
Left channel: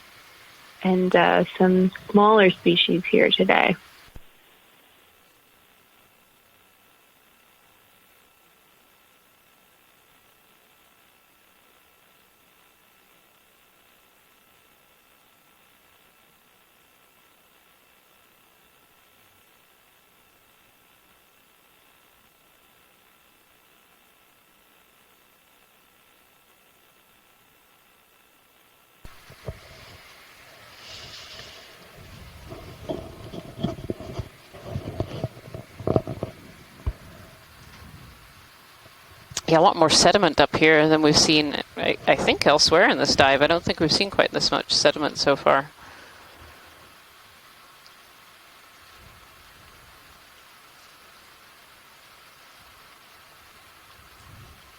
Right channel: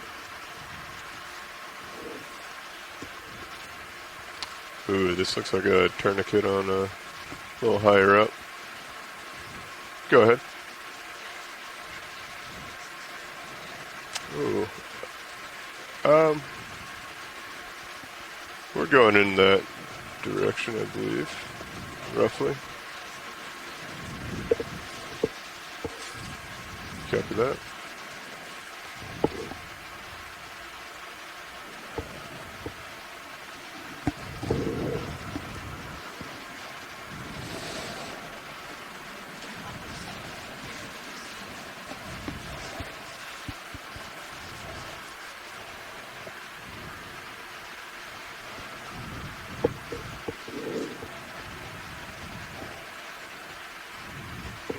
and some smaller species here today. Ooh, this looks like a tourniquet on a little higher up. Go ahead. Ooh. We're going in that direction, I believe, roughly. Copy that. Yeah, a lot more sediment up here than we've seen, I think, elsewhere in this dive. I don't think we've seen quite this much sediment so far.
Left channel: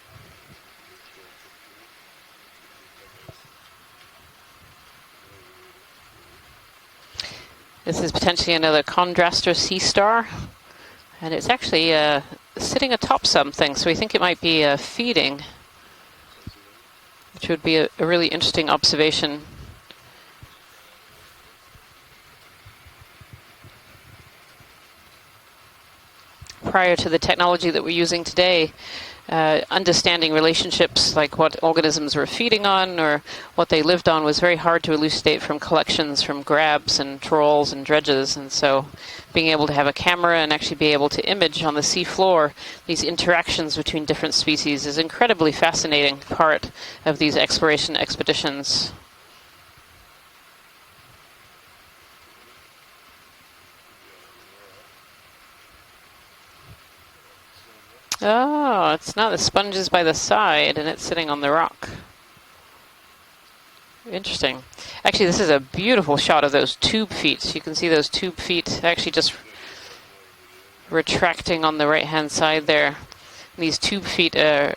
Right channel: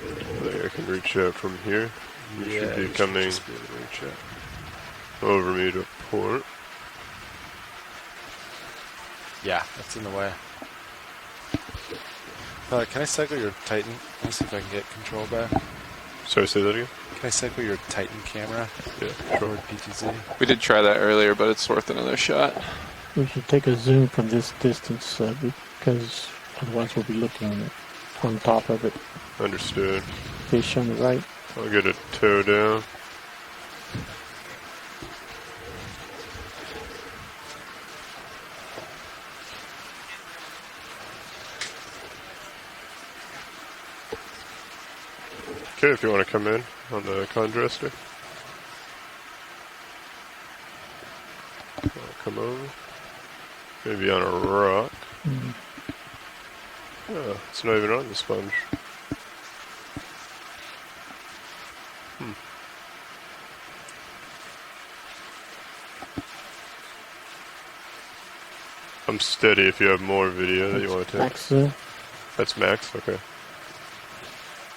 I think I can reach out from here. You should be you should coming just be able to reach out. over me to port. This is potentially another Contraster sea star. Right. And it's actually sitting can I atop segue something, to so we think it might be Titan? feeding. Sorry, say that again? Can I segue Should be to a Titan really camera? interesting observation. Forward PTZ. We did try that earlier, but it's worth another shot. We should take a zoom from this distance because Prior to the technology that we're using today, understanding relationships right. like what I'll get organisms it were towed feeding down. on or what they lived on was very hard to elucidate from collections, from grabs and trawls and dredges. And so being able to have a camera and actually be able to image on the sea floor these interactions between different species is incredibly fascinating wanna come part in on of the these Contraster. exploration expeditions. Come over. Maybe on a rock. Oh, it's not even on the sponge. Oh, it's not. The sponge is by the side and it's sitting on the rock. Interesting. Actually, this is a beautiful shot of those tube feet. You can see those tube feet actually I'm just steady if you have more video that you want to retracting on the right-hand side there. Okay. These tube feet are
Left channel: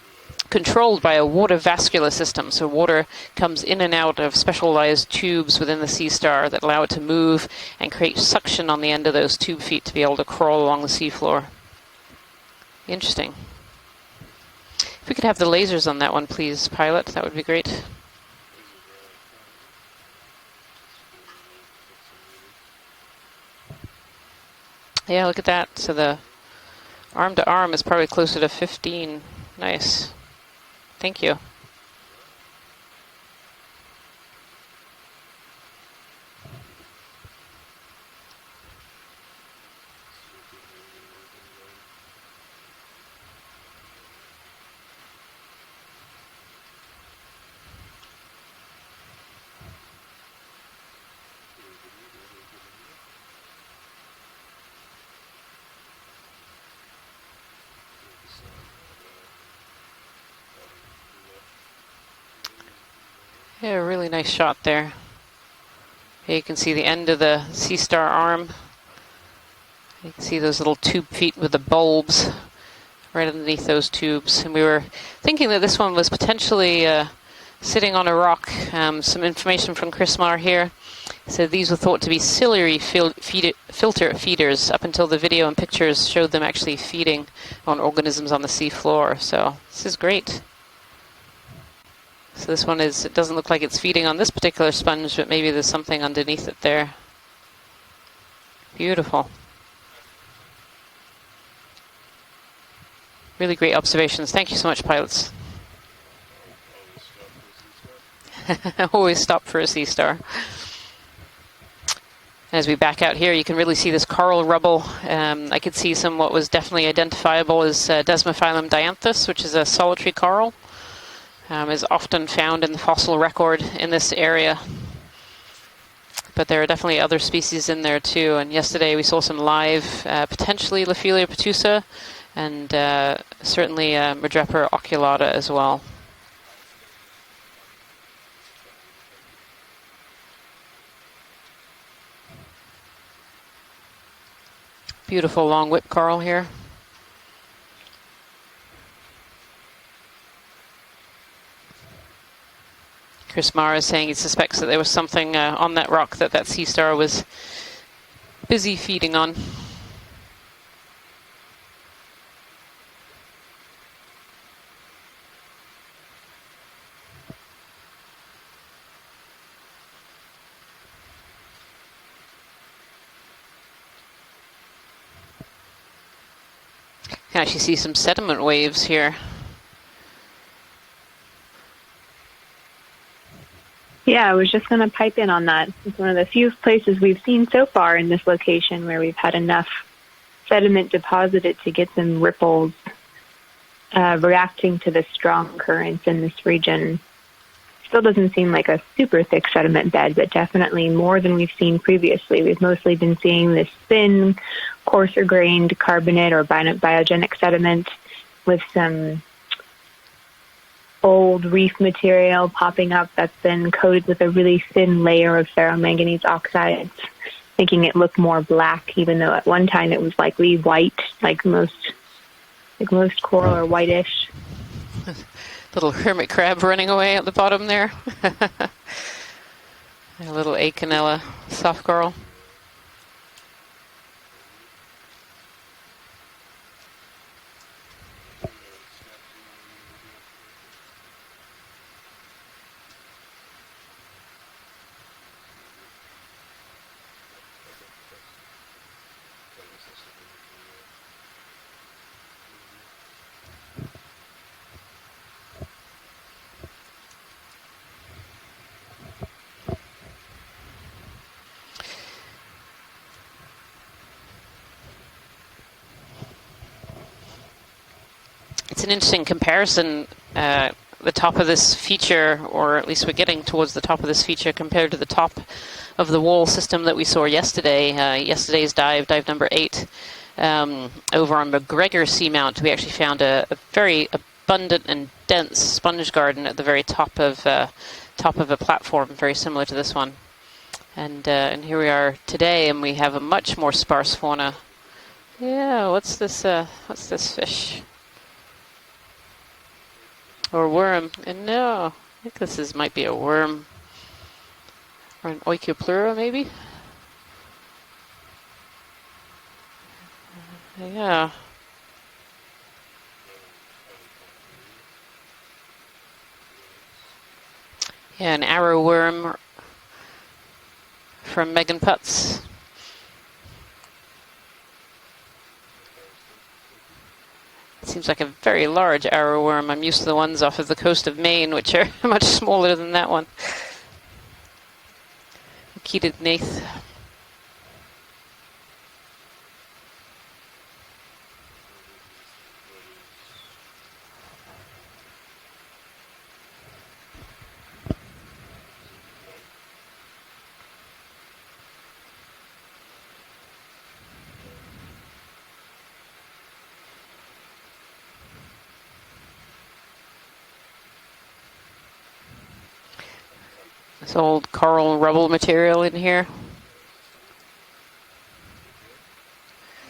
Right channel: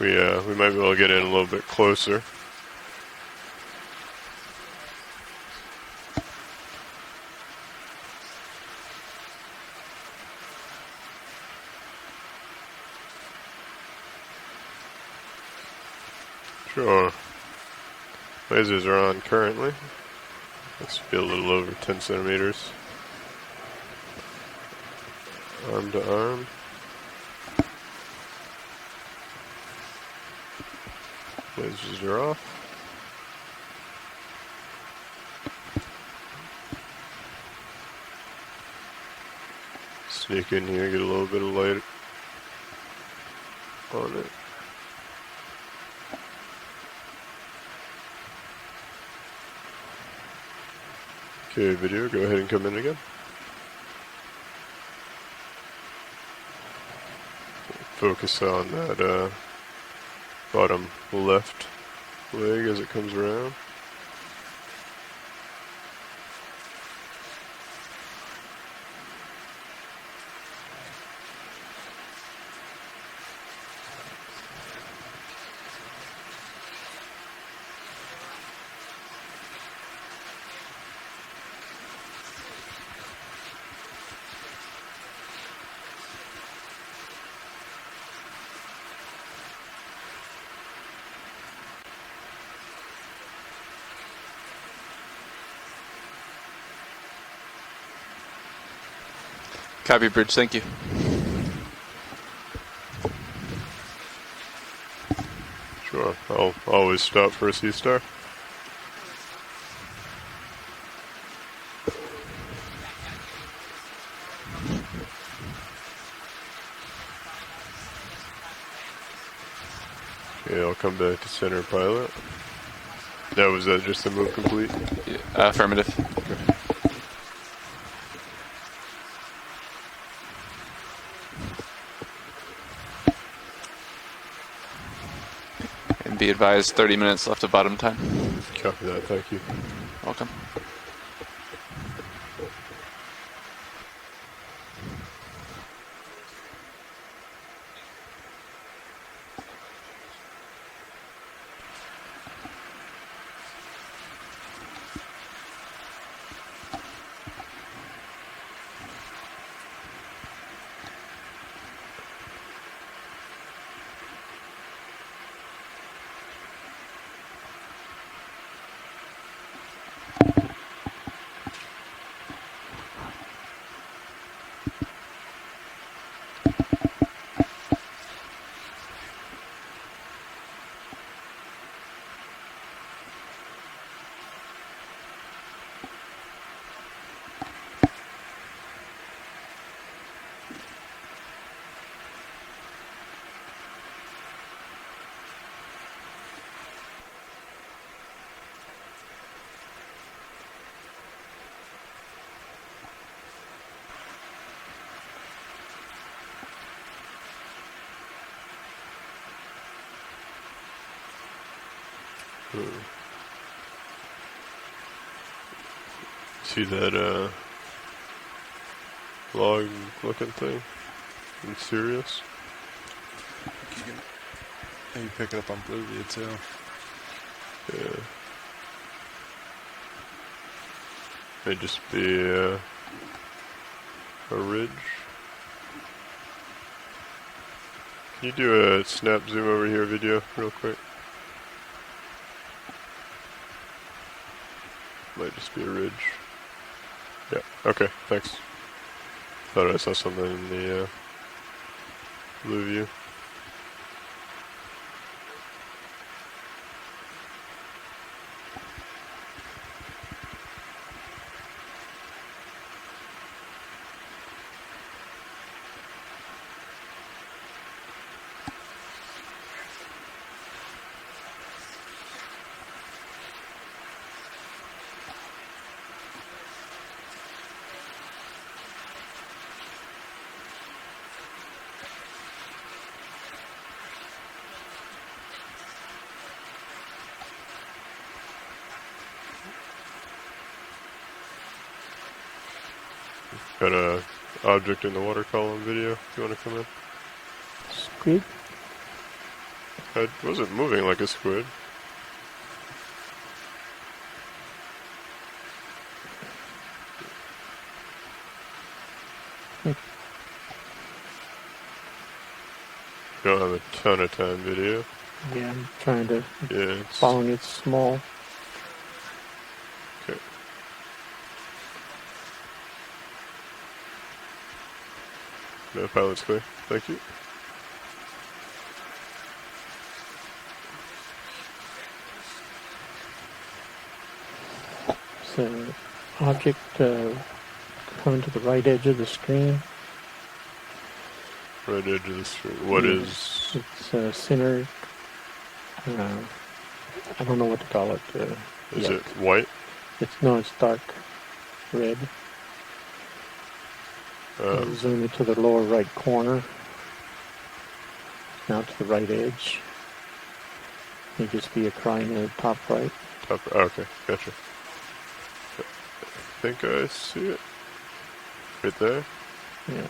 We might controlled well by get a in little water bit vascular closer. system. So water comes in and out of specialized tubes within the sea star that allow it to move and create suction on the end of those tube feet to be able to crawl along the seafloor. Interesting. If we could have the lasers on that one, please, pilot, that would be great. Lasers are on currently. Let's be a little over 10 centimeters. Yeah, look at that. Arm So to the arm. arm to arm is probably closer to 15. Nice. Thank you. Lasers are off. Sneak in here, get a little bit of light on it. Okay, video, go ahead and come in again. Focus on that bottom left leg as it comes around. Yeah, a really nice shot there. Here you can see the end of the sea star arm. You can see those little tube feet with the bulbs right underneath those tubes. And we were thinking that this one was potentially sitting on a rock. Some information from Chris Marr here. So these were thought to be ciliary filter feeders up until the video and pictures showed them actually feeding on organisms on the sea floor. So this is great. So this one is, it doesn't look like it's feeding on this particular sponge, but maybe there's something underneath it there. Beautiful. Copy, Bridge. Thank you. Really great observations. Thank you so much, pilots. Sure, I'll always stop for a sea star. Always stop for a sea star. As we back out here, you can really see this coral rubble. I could see some what was definitely identifiable as Desmophyllum dianthus, which is a solitary coral. Yeah, I'll come back to center. Is often found in the fossil record in this area. Affirmative. But there are definitely other species in there too. And yesterday we saw some live, potentially Lophelia petusa, and certainly Madrepa oculata as well. And be advised, 30 minutes left of bottom time. Copy that, thank you. Welcome. Beautiful long whip coral here. Chris Mara is saying he suspects that there was something on that rock that sea star was busy feeding on. You can actually see some sediment waves here. Yeah, I was just going to pipe in on that. It's one of the few places we've seen so far in this location where we've had enough sediment deposited to get some ripples reacting to the strong currents in this region. Still doesn't seem like a super thick sediment bed, but definitely more than we've seen previously. We've mostly been seeing this thin, coarser-grained carbonate or biogenic sediment with some old reef material popping up that's been coated with a really thin layer of ferromanganese oxide, making it look more black, even though at one time it was likely white, like most coral are whitish. Little hermit crab running away at the bottom there. A little Acanella soft coral. A ridge. Can you do a snap zoom over here video real quick? Might just be a ridge. Yeah, okay, thanks. Thought I saw something in the blue view. It's an interesting comparison, the top of this feature, or at least we're getting towards the top of this feature compared to the top of the wall system that we saw yesterday. Yesterday's dive number 8, over on McGregor Seamount, we actually found a very abundant and dense sponge garden at the very top of a platform, very similar to this one. And here we are today, and we have a much more sparse fauna. Object in the water column. Yeah, video. what's this fish? Squid? It wasn't Or moving worm. like a squid. No, I think this might be a worm. Or an oikopleura, maybe? Yeah. Don't have a ton of time video. Yeah, I'm trying to, it's following it small. Yeah, an arrow worm from Megan Putz. No, pilot's clear. Thank you. Seems like a very large arrow worm. I'm used to the ones off of the coast of Maine, which are much smaller than that one. So, Keated object coming to the right edge of the screen. Right edge of the screen. What is? It's center. I don't know what to call it. Is it white? It's dark red. Zoom into the lower right corner. Now to the right edge. You just be a crine in the top right. Okay. It's old coral rubble material in here. I think I see it. Right there. Yeah.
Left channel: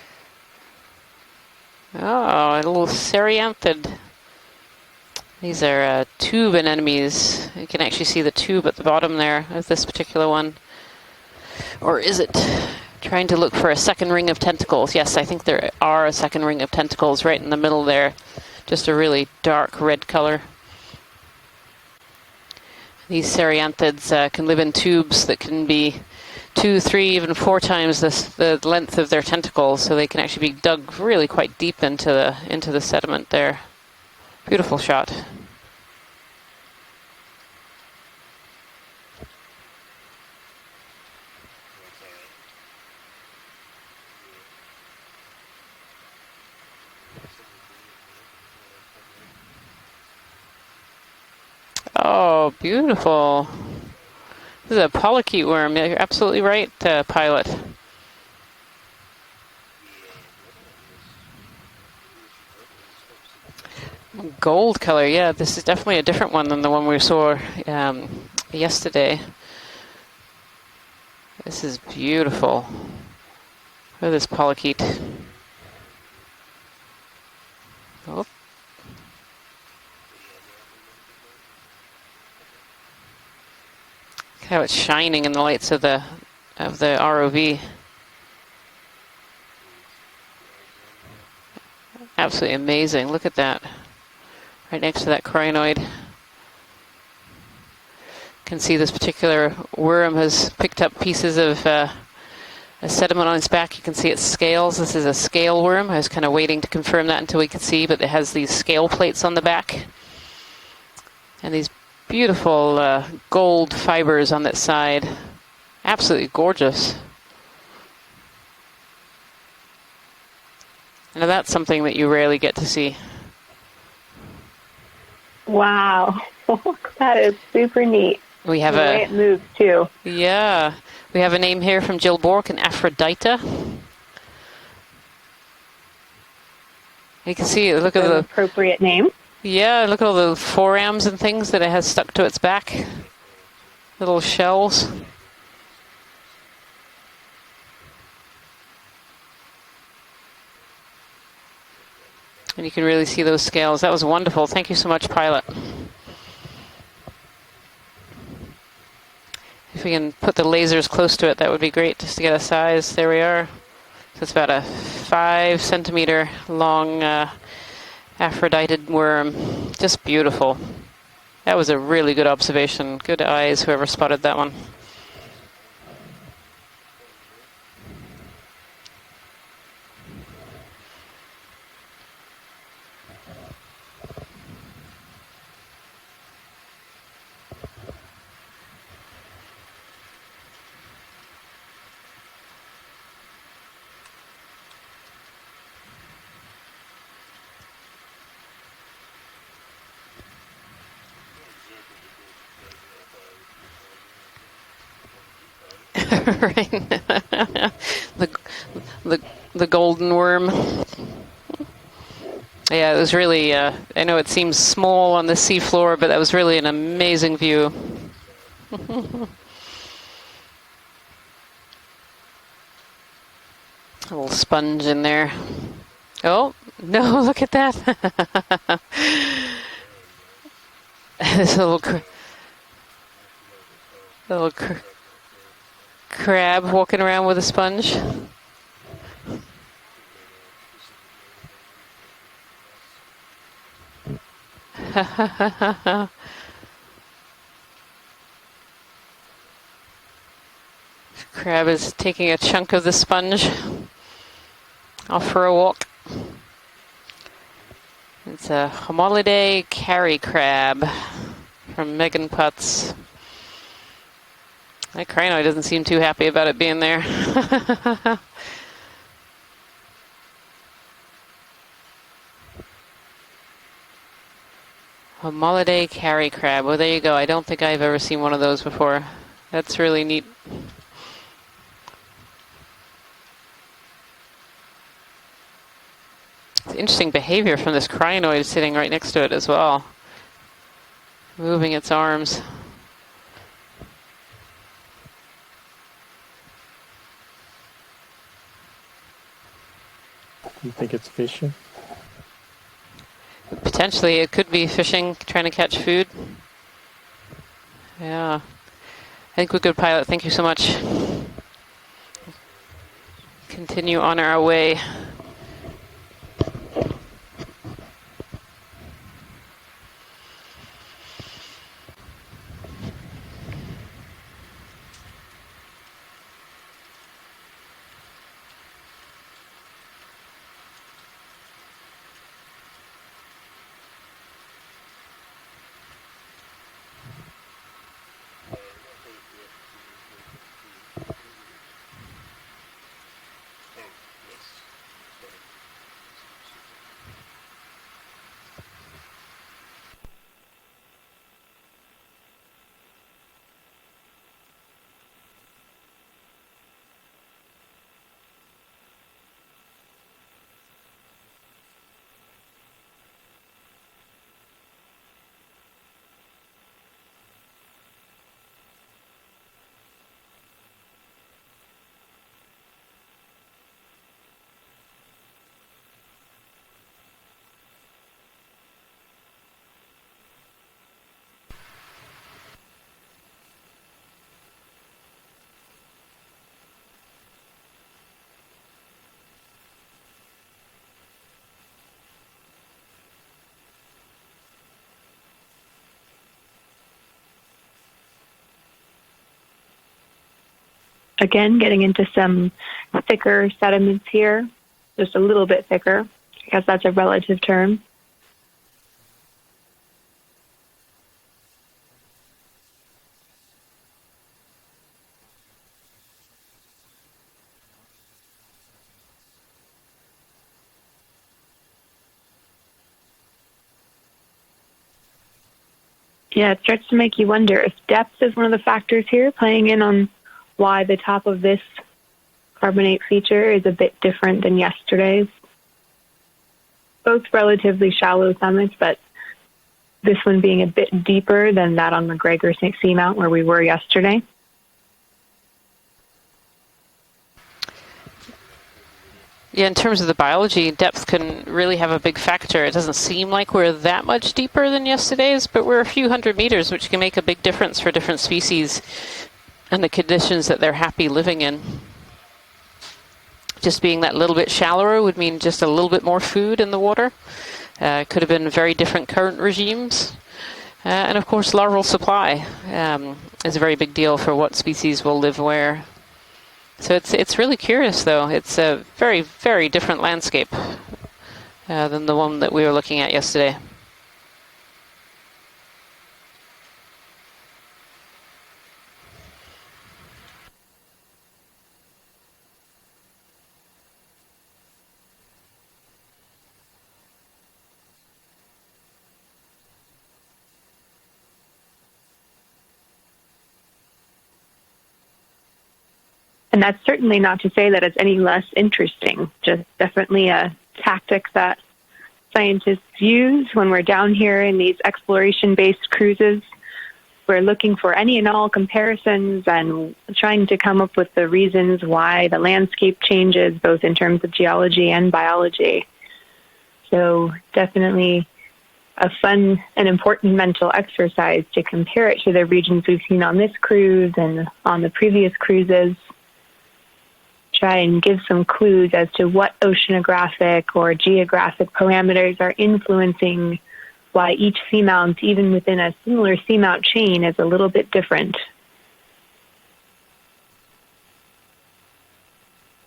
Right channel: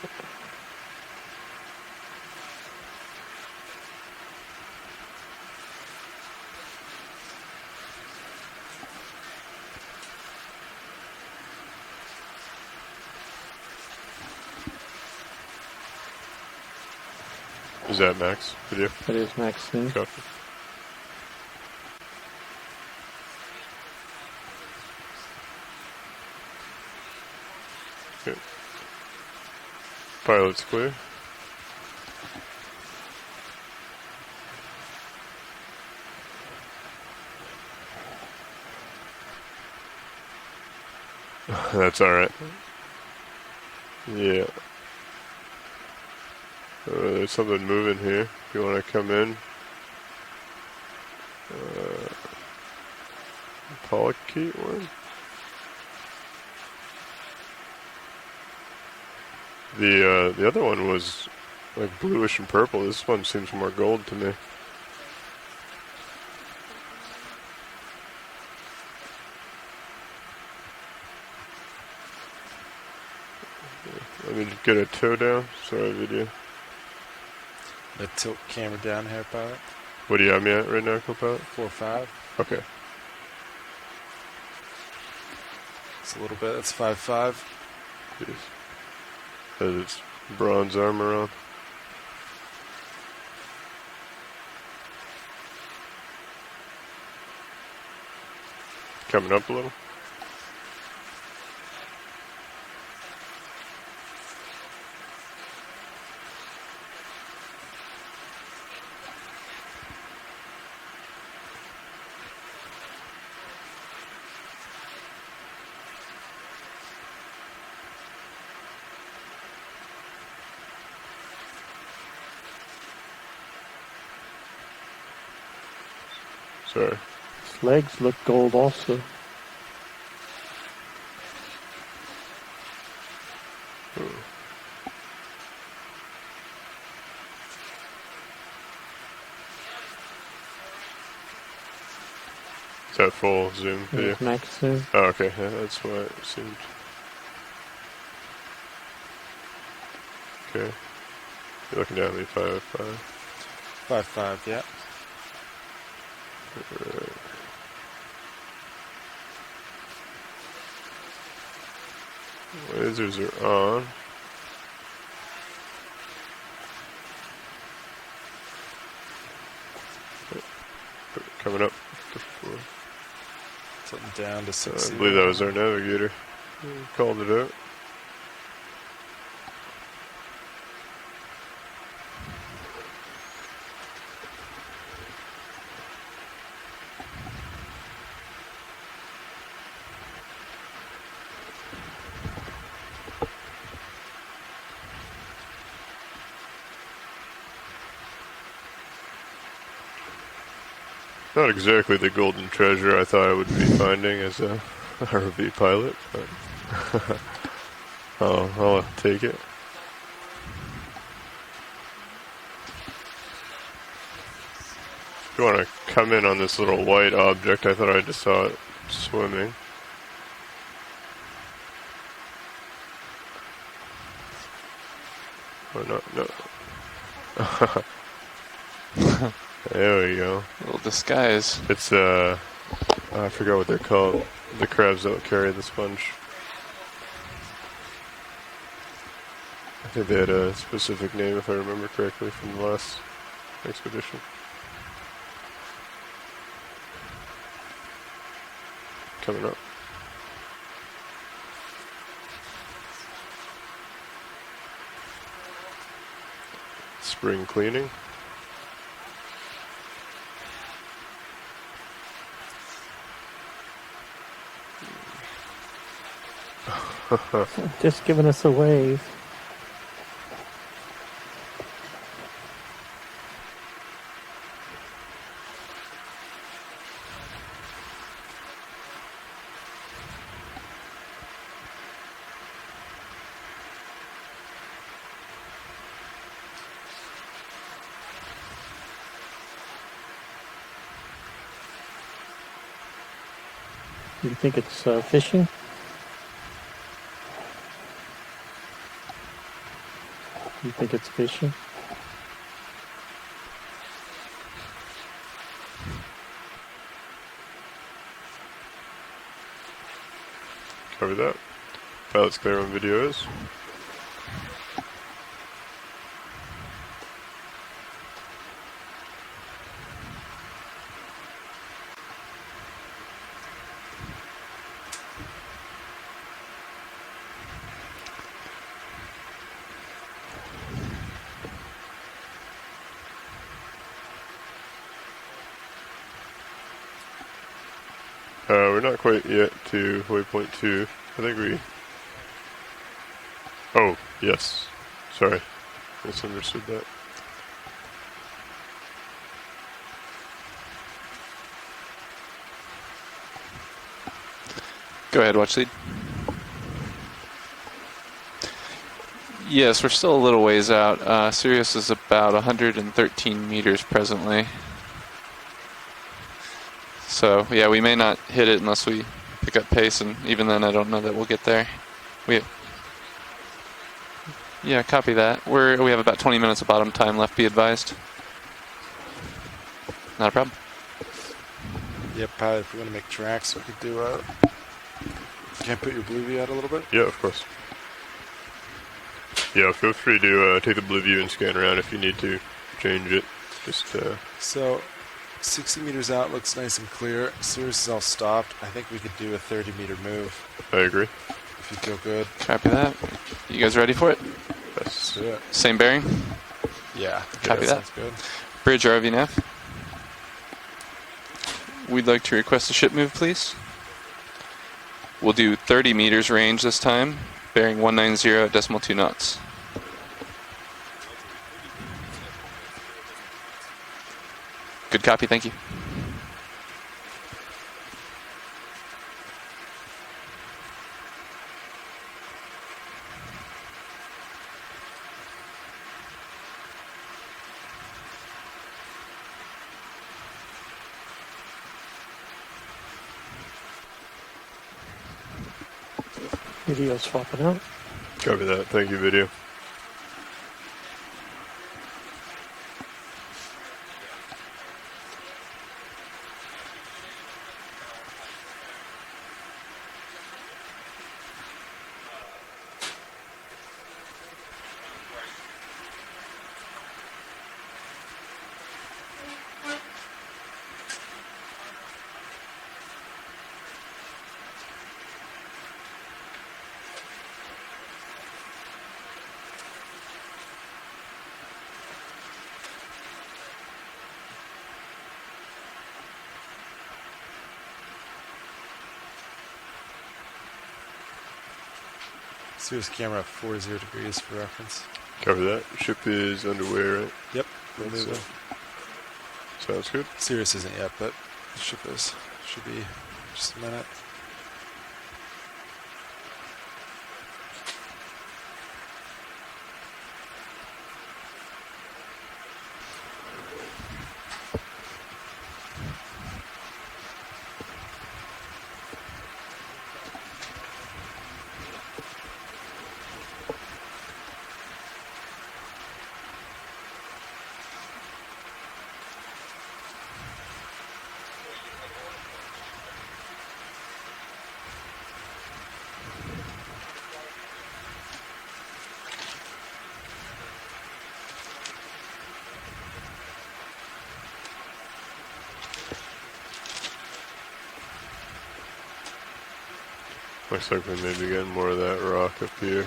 Oh, a little Serianthid. These are tube anemones. You can actually see the tube at the bottom there of this particular one. Or is it? Trying to look for a second ring of tentacles. Yes, I think there are a second ring of tentacles right in the middle there. Is that Max? Just a really dark red color. These Serianthids can live in tubes that can be 2, 3, even 4 times the length of their tentacles, so they can actually be dug really quite deep into the sediment there. Beautiful shot. That's all right. Yeah. There's something moving here. If you want to come in. Oh, beautiful. Polychaete worm. This is a polychaete worm. Yeah, you're absolutely right, Pilot. The other one was like bluish and purple. This one seems more gold to me. Gold color, yeah. This is definitely a different one than the one we saw yesterday. This is beautiful. Throw this polychaete. Get a toe down. Sorry, video. Tilt camera down here, pilot. What do you have me at right now, co-pilot? 4.5. Okay. How it's shining in the lights of the It's a little bit. of the ROV. Has its bronze armor on. Absolutely amazing. Look at that. Right next to that crinoid. Can see this particular worm has picked up pieces of a sediment on its back. You can see its scales. This is a scale worm. I was kind of waiting to confirm that until we could see, but it has these scale plates on the back. And these beautiful gold fibers on that side. Absolutely gorgeous. Now that's something that you rarely get to see. Wow. That is super neat. We have the way it moves too. Yeah. We have a name here from Jill Bork, an Aphrodite. You can see, look at the appropriate name. Yeah, look at all the forams and things that it has stuck to its back. Is that full zoom? Little shells. Oh, okay. Yeah, that's why it seemed. Okay. You're looking down at me, pilot. And you can really see those scales. That was wonderful. Thank you so much, pilot. If we can put the lasers close to it, that would be great, just to get a size. There we are. So it's about a 5 centimeter long Aphrodite worm. Just beautiful. That was a really good observation. Good eyes, whoever spotted that one. I believe that was our navigator. Called it out. Not exactly the golden treasure I thought I would be finding as a ROV pilot. I'll take it. The golden worm. Yeah, it was really, I know it seems small on the seafloor, but it was really an amazing view. I thought I just saw it swimming. A little sponge in there. Oh, no, look at that. There we go. A little disguise. It's, I forgot what they're called. The crabs that carry the sponge. Crab walking around with a sponge. I think they had a specific name, if I remember correctly, from the last expedition. Coming up. Crab is taking a chunk of the sponge. Off for a walk. Spring cleaning. It's a Homolidae carry crab from Megan Putz. That crinoid doesn't seem too happy about it being there. Just giving us a wave. Homolidae carry crab. Well, there you go. I don't think I've ever seen one of those before. That's really neat. Interesting behavior from this crinoid sitting right next to it as well. Moving its arms. You think it's fishing? You think it's fishing? Potentially, it could be fishing, trying to catch food. Yeah. I think we're good, pilot. Thank you so much. Cover that. Pilot's clear on video is. Continue on our way. We're not quite yet to waypoint 2. I think we... Oh, yes. Sorry. Misunderstood that. Go ahead, watch lead. Yes, we're still a little ways out. Sirius is about 113 meters presently. So, yeah, we may not hit it unless we pick up pace, and even then I don't know that we'll get there. Yeah, copy that. We have about 20 minutes of bottom time left, be advised. Not a problem. Yep, if we want to make tracks, we could do can I put your blue view out a little bit? Yeah, of course. Yeah, feel free to take the blue view and scan around if you need to change it. Just So, 60 meters out looks nice and clear. Sirius is all stopped. I think we could do a 30-meter move. I agree. Again, getting into some thicker sediments here. Just a little bit Same thicker. bearing? Because that's a relative term. That's good. Bridge ROV nav. We'd like to request a ship move, please. We'll do 30 meters range this time, bearing 190.2 knots. Good copy, thank you. Yeah, it starts to make you wonder if depth is one of the factors here, playing in on why the top of this carbonate feature is a bit different than yesterday's. Both relatively shallow summits, but this one being a bit deeper than that on McGregor Seamount where we were yesterday. Video's swapping out. Copy that. Thank you, video. Yeah, in terms of the biology, depth can really have a big factor. It doesn't seem like we're that much deeper than yesterday's, but we're a few hundred meters, which can make a big difference for different species and the conditions that they're happy living in. Just being that little bit shallower would mean just a little bit more food in the water. Could have been very different current regimes. And of course, larval supply is a very big deal for what species will live where. So it's really curious, though. It's a very, very different landscape than the one that we were looking at yesterday. Sirius camera 40 degrees for reference. Copy that. Ship is underway, right? Yep. We're That's moving. Sounds good. Sirius isn't yet, but the ship is. Should be just a minute. And that's certainly not to say that it's any less interesting, just definitely a tactic that scientists use when we're down here in these exploration-based cruises. We're looking for any and all comparisons and trying to come up with the reasons why the landscape changes, both in terms of geology and biology. So definitely a fun and important mental exercise to compare it to the regions we've seen on this cruise and on the previous cruises. Try and give some clues as to what oceanographic or geographic parameters are influencing why each seamount, even within a similar seamount chain, is a little bit different. Looks like we may be getting more of that rock up here.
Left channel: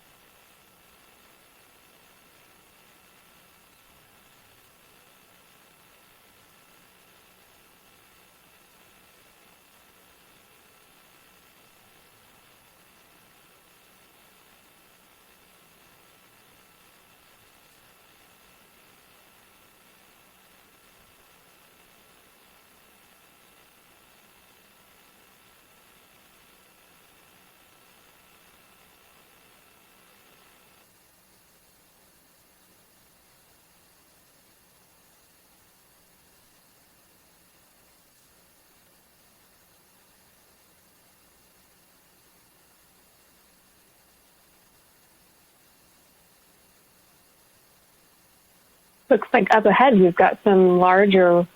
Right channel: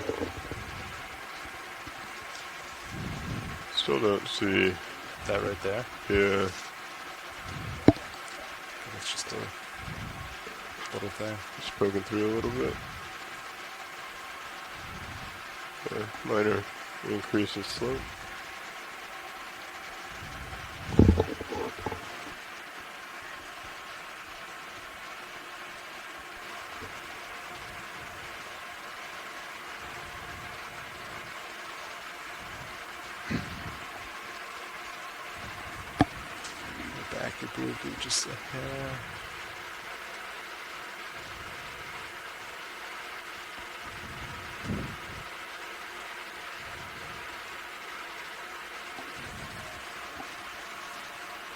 Still don't see that right there. Yeah. It's just a little thing. Just poking through a little bit. Minor increase in slope. Back your blue view just a hair. Looks like up ahead we've got some larger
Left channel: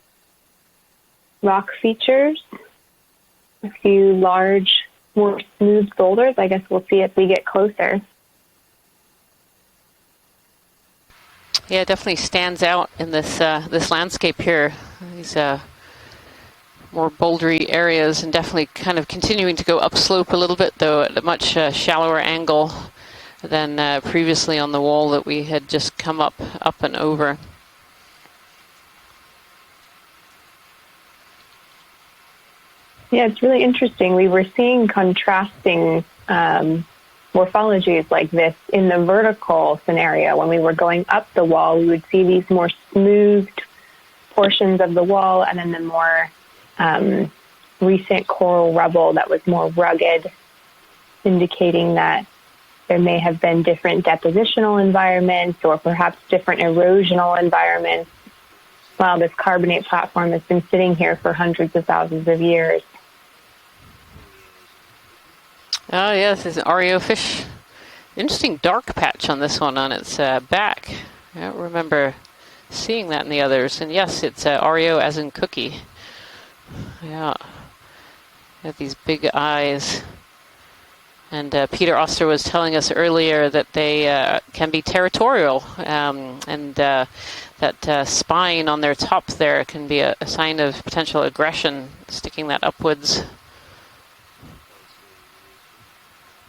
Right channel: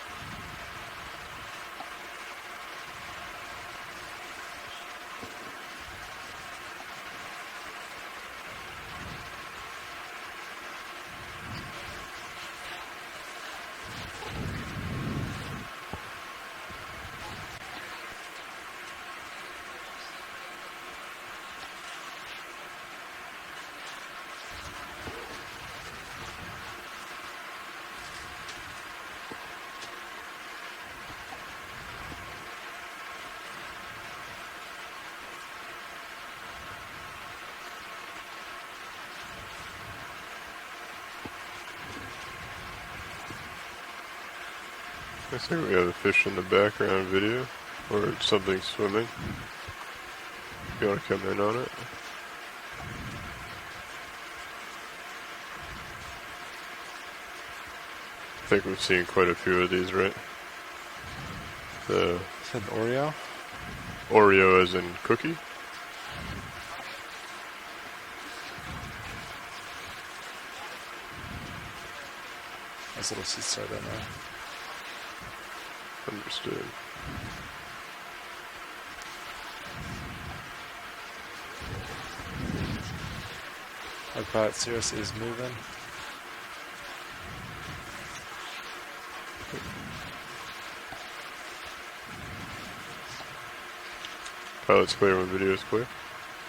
rock features, a few large, more smooth boulders. I guess we'll see as we get closer. Yeah, it definitely stands out in this this landscape here. These more bouldery areas, and definitely kind of continuing to go upslope a little bit, though at a much shallower angle than previously on the wall that we had just come up and over. Yeah, it's really interesting. We were seeing contrasting morphologies like this in the vertical scenario. When we were going up the wall, we would see these more smoothed portions of the wall, and then the more recent coral rubble that was more rugged, indicating that there may have been different depositional environments or perhaps different erosional environments. I think we've seen while quite this a few carbonate of these, platform has been sitting here for hundreds of thousands of years. Oreo as in cookie? Oh yes, it's an Oreo fish. Interesting dark patch on this one on its back. I don't remember seeing that in the others. And yes, it's Oreo as in cookie. Understood. Yeah. Got these big eyes. And Peter Oster was telling us earlier that they can be territorial. And that spine on their top there can be a sign of potential aggression, sticking that upwards. Pilot's clear when video is clear.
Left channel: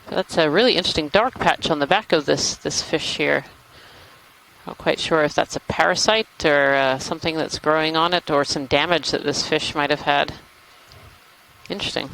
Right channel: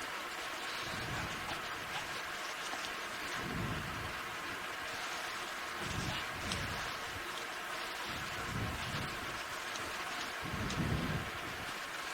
That's a really interesting dark patch on the back of this fish here. Not quite sure if that's a parasite or something that's growing on it, or some damage that this fish might have had. Interesting.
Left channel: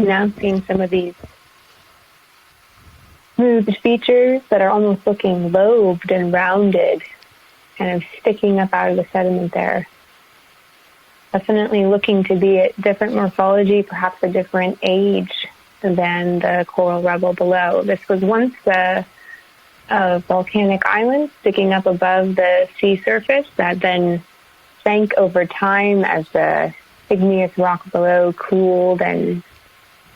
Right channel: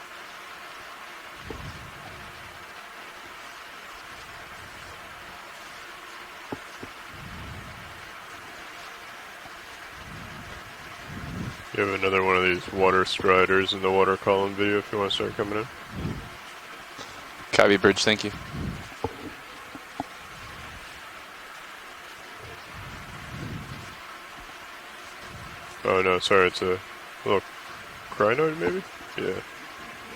Now seeing some of these smoothed features that are almost looking lobed and rounded, kind of sticking up out of the sediment there. Definitely looking to be a different morphology, perhaps a different age than the coral rubble below. This was once a volcanic island sticking up above the sea surface that then sank over time as the igneous rock below cooled and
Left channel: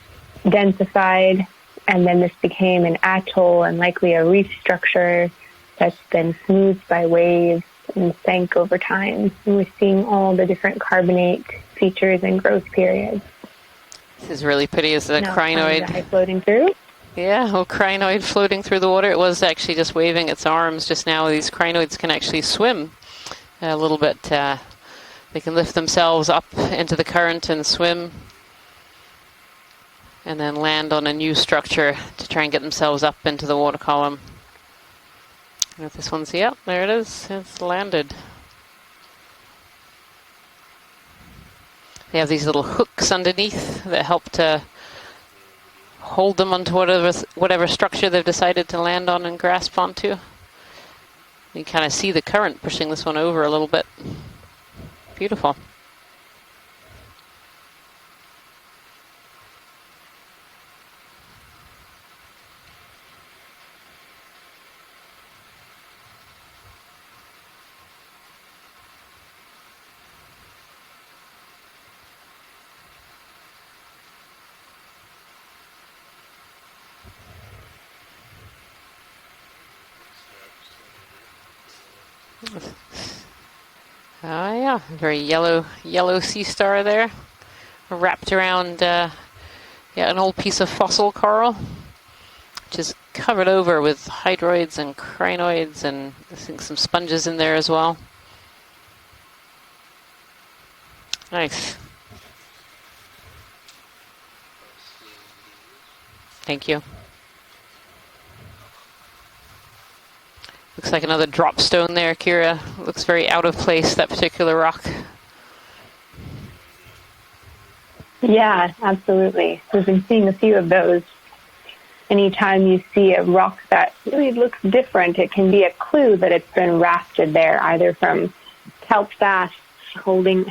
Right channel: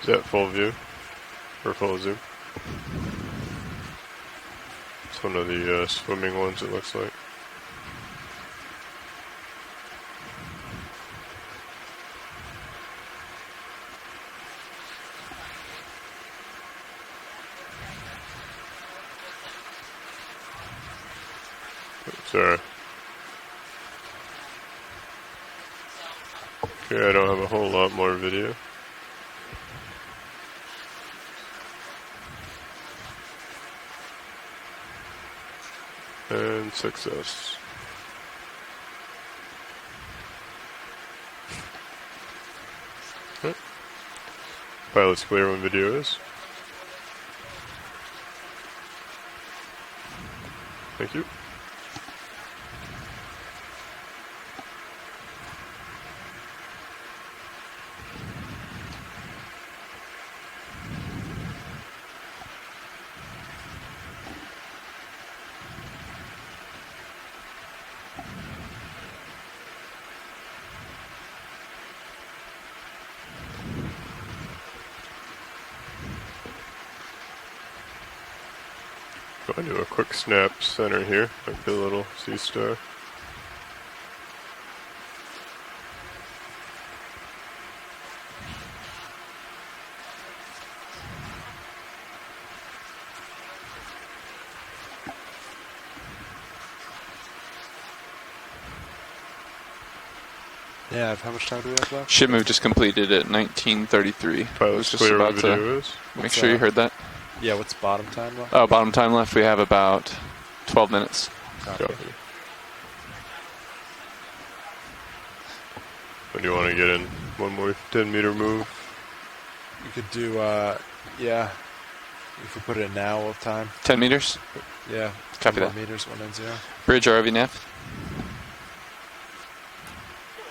densified, and then this became an atoll and likely a reef structure that's been smoothed by waves and sank over time. And we're seeing all the different carbonate features and growth periods. This is really pretty. Is the crinoid floating through? Yeah, a little crinoid floating through the water. It was actually just waving its arms just now. These crinoids can actually swim a little bit. They can lift themselves up into the current and swim. More video. And then land on a new structure to try and get themselves up into the water column. But this one's, yep, there it is. It's landed. They have these little hooks underneath that help to pilot's clear when video is. Hold them onto whatever structure they've decided to land on and grasp onto. Thank you. You can kind of see the current pushing this one over a little bit. Beautiful. Go and do a quick snap center here, like the little sea star. Oh yeah, very yellow sea star there, wrapped around an old piece of fossil coral, which is covered over with hydroids and crinoids, and I think some sponges in there as well. Yeah, how much time do you have left? Ship move just completed at 19:33. Pilot's just clear about video to is. make sure you heard that. Yeah, what's bottom time left? Oh, bottom time left, we have about 12 Looks like minutes. another drop stone there, Kira. Looks very out of place, that particular rock. When do you want to get in? One more 10-meter Yeah, absolutely. We've been seeing a few of those. Yeah. Anytime you see a rock that really looks different, it can be a clue that it's been rafted there, either from kelp fasts,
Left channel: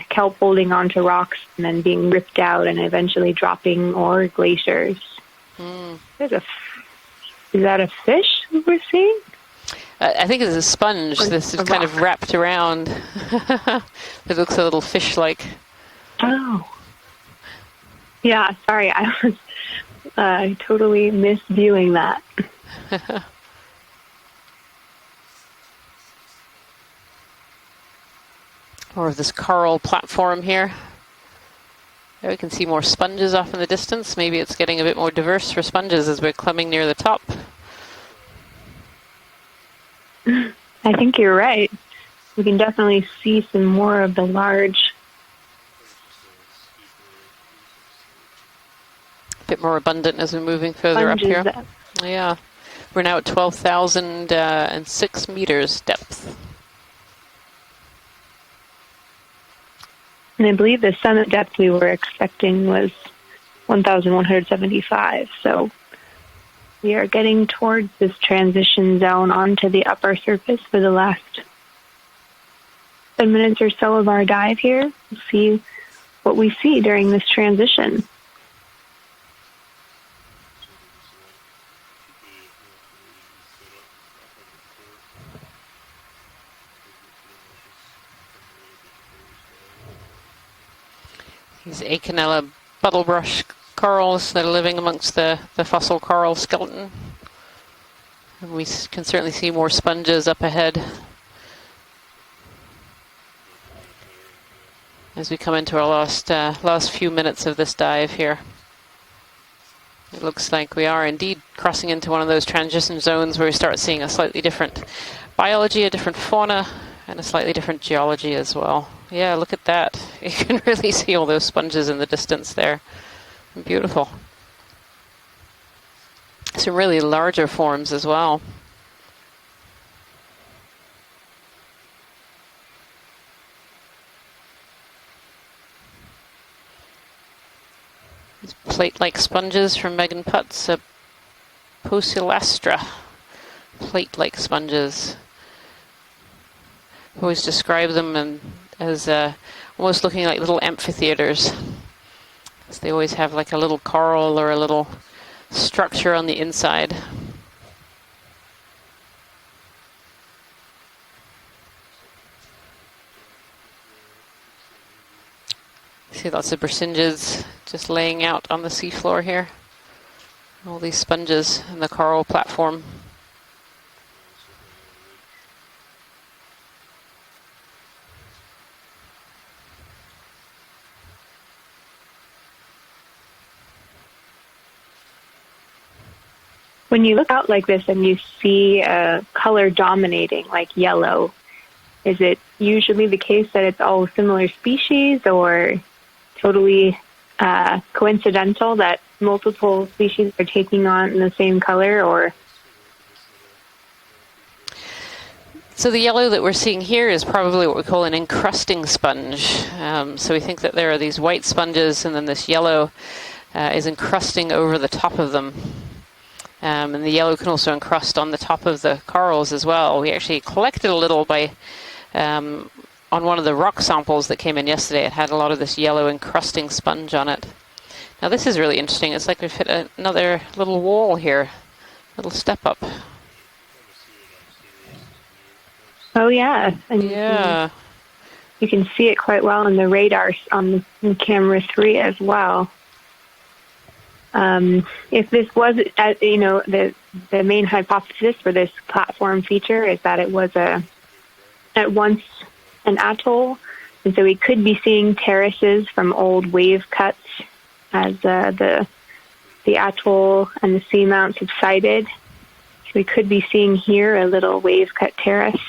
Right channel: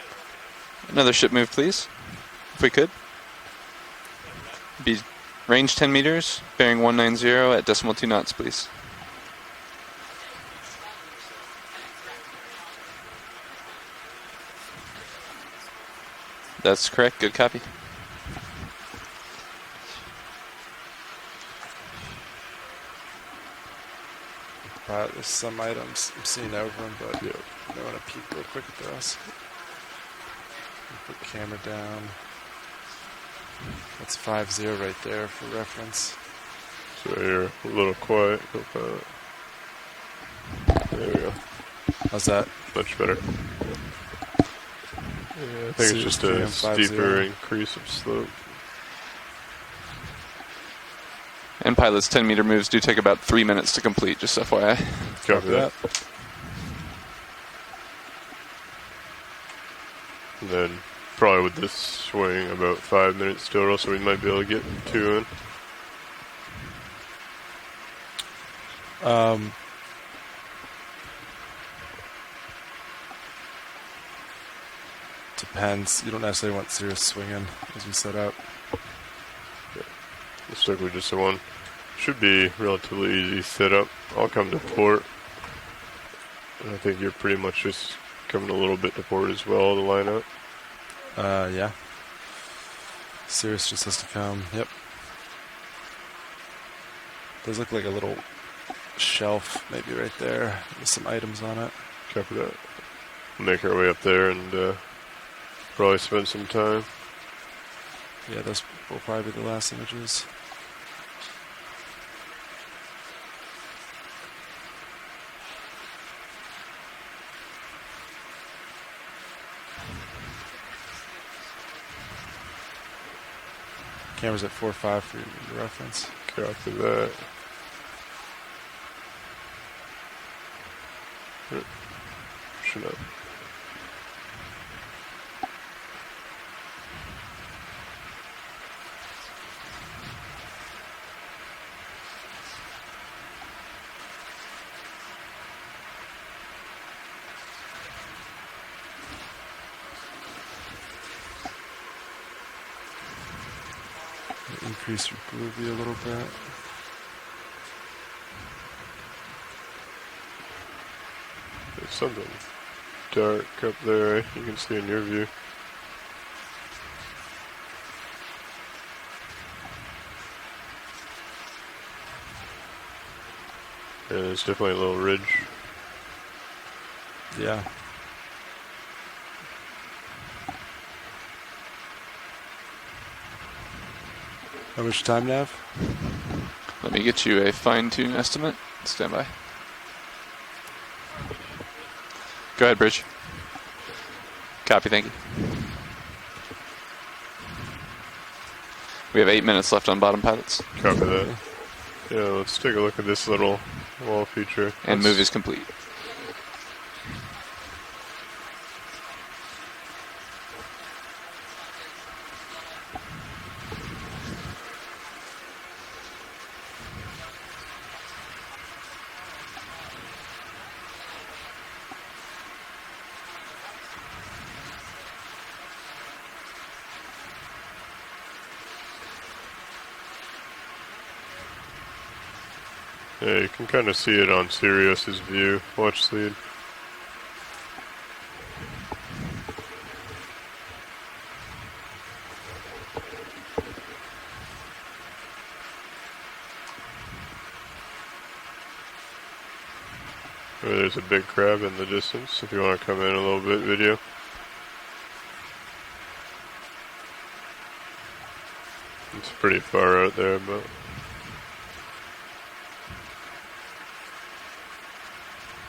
kelp holding onto Another rocks ship move, and then please. being ripped out and eventually dropping, or glaciers. Range 10 meters, bearing 190 at Is that decimal a 2 knots, fish please. we're seeing? I think it's a sponge. This is kind of wrapped around. It looks a little fish-like. Oh. That's correct. Good copy. Yeah, sorry. I was totally misviewing that. pilot. There's some items I'm seeing over them, but I want to peek real quick at those. More of this coral platform here. Put the camera down. There we can see more sponges off in the distance. Maybe it's getting a bit more diverse for sponges as we're climbing near the top. You're a little quiet. I think you're right. How's that? You can definitely see some more of the large. Yeah, I think it's just a steeper increase of slope. Bit more abundant as we're moving further up here. And Pilot's 10-meter moves do take We're now about at 3 minutes to complete, just FYI. 12,006 meters depth. And I believe the summit depth we were expecting was 1,175. So we are getting towards this transition zone onto the upper surface for the last 10 minutes or so of our dive here. We'll see what we see during this transition. Looks like we just one. Should be relatively easy setup. I'll come to port. And I think you're pretty much just coming a little bit to port as well to line up. Yeah. These Acanella buttlebrush corals that are living amongst the fossil coral skeleton. Does look like a little. And we can certainly see more sponges up ahead. Some items on it. Copy that. Make our way up there and. As we come into our last few minutes of this dive here. Yeah, those will probably be the last images. It looks like we are indeed crossing into one of those transition zones where we start seeing a slightly different biology, a different fauna, and a slightly different geology as well. Yeah, look at that. You can really see all those sponges in the distance there. Beautiful. Camera's at 4.5 for your reference. Some really larger forms as well. Should have. These plate-like sponges from Megan Putz, Poecilastra. Plate-like sponges. Always describe them as almost looking like little amphitheaters. So they always have like a little coral or a little structure on the inside. There's something dark up there you can see in your view. See lots of Bursingids just laying out on the seafloor here. All these sponges in the coral platform. Yeah, there's definitely a little ridge. Yeah. How much time, Nav? When you look out like this and you see a color dominating, like yellow, is it usually the case that it's all similar species or totally coincidental that we have 8 minutes left on bottom species are taking on the same color? Or let's take a look at this little wall feature. And move is complete. So the yellow that we're seeing here is probably what we call an encrusting sponge. So we think that there are these white sponges and then this yellow is encrusting over the top of them. And the yellow can also encrust on the top of the corals as well. We actually collected a little by on one of the rock samples that came in yesterday. It had a lot of this yellow encrusting sponge on it. Now this is really interesting. It's like we've hit another little wall here, little step up. Yeah, you can kind of see it on Sirius's view. Watch the. Oh yeah, and you can see it quite well on the radar on the camera 3 as well. If this was, the main hypothesis for this platform feature is that it was there's a big crab in the distance, if you want to come an in a little atoll, bit video. and so we could be seeing terraces from old wave cuts as the atoll and the seamount subsided. So we could be seeing here a little wave cut terrace.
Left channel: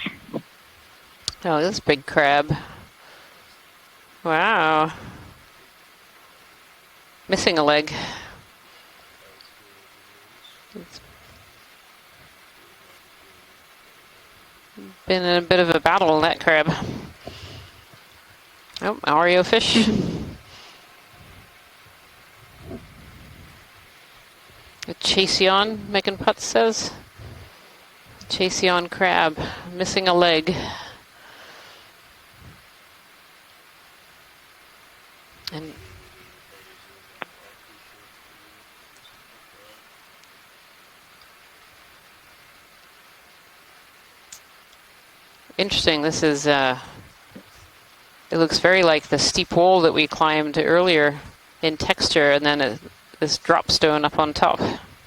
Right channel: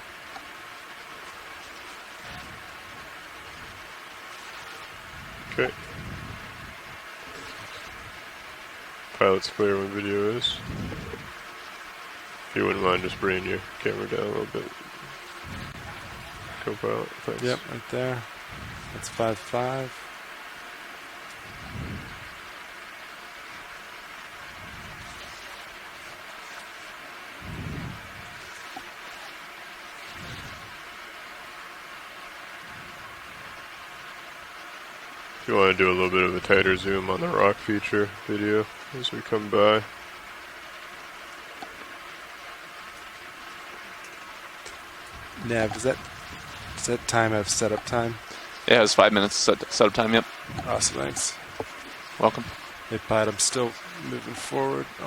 Oh, this big crab. Wow. Okay. Missing a leg. Pilot's clear when video is. If you wouldn't mind just bringing your camera down a little bit. Been in a bit of a battle, that crab. Yep, right there. Oh, Oreo fish. A Chaseon, Megan Putz says. Chaseon crab, missing a leg. If you want to do a little bit of a tighter zoom on the rock feature video as we come by. Interesting, this is... Is that time of setup time? It looks very like the steep wall that we climbed earlier in texture, and then this drop stone up on top.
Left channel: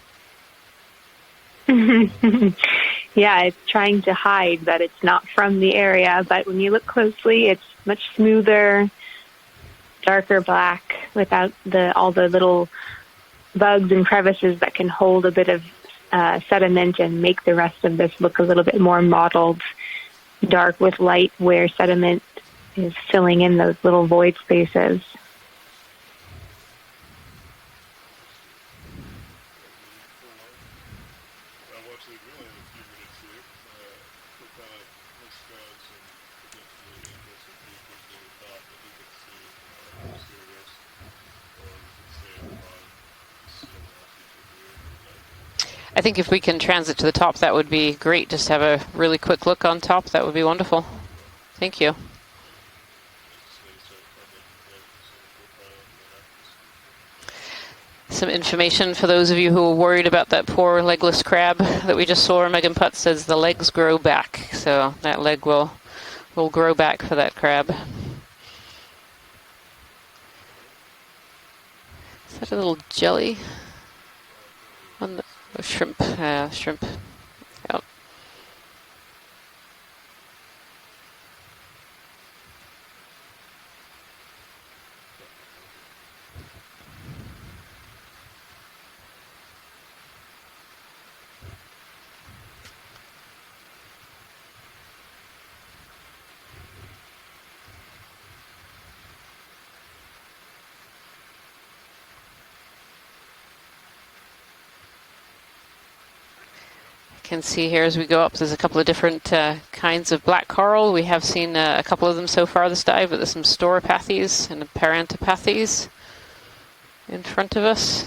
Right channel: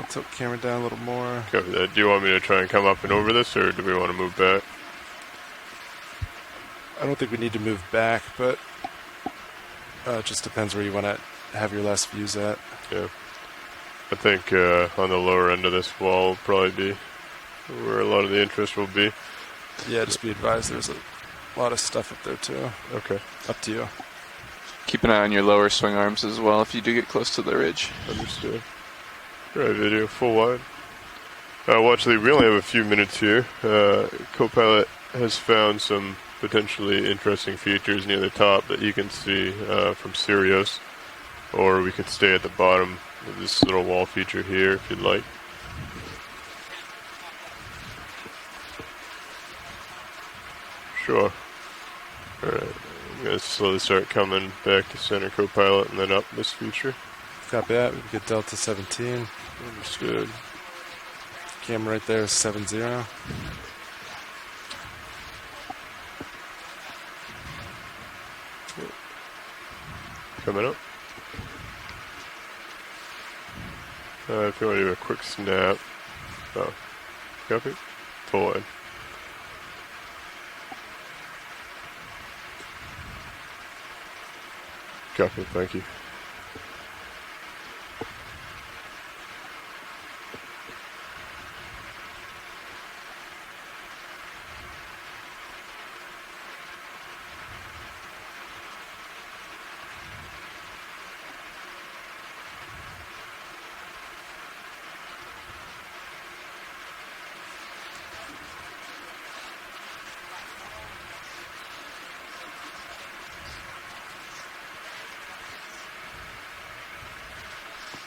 tilt the camera down a little more. Copy that. Do you want me to try and come up and over Yeah, this, or it's do we trying want to to move hide back? that it's not from the area, but when you look I don't think we closely, need it's to move much back, smoother, it darker just depends black, where you want to without have your last all the views at. little Yeah. bugs and I think crevices that can on the hold a lower bit end of this wall of would probably sediment be and make the rest of where a this lot of look the a little interest bit would more be. mottled, Yeah, just be advised. dark there's with light, a where lot of stuff sediment up there too. is Okay. filling in Up to those you. little void spaces. Keep an eye on your lower swing arms as well if you do get close to the ridge. Understood. Right, video, full wide. Watch, we only have a few minutes here. Copilot has found some potentially interesting features near the top that you can see from Sirius, or we could stay at the bottom of this little wall feature here if you'd like. I think if we can transit to the top, that would be great. Just have a really quick look on top. That would be wonderful. Sure. Thank you. All right. I'm going to slowly start coming back to center Copilot and then up this feature. Got that. Some information for those of you who are worried about that poor legless crab that we just saw. Megan Putt says the legs grow back, so that leg will grow back for that crab. Coming up. Is that a little jelly? If you want to do a quick snap. Shrimp. Shrimp. Copy. Oh. Full wide. Copy, thank you. Can see here as we go up, there's a couple of different kinds of black coral. We have seen a couple of them so far this dive, but there's some stauropathes and parantopathes in front of us.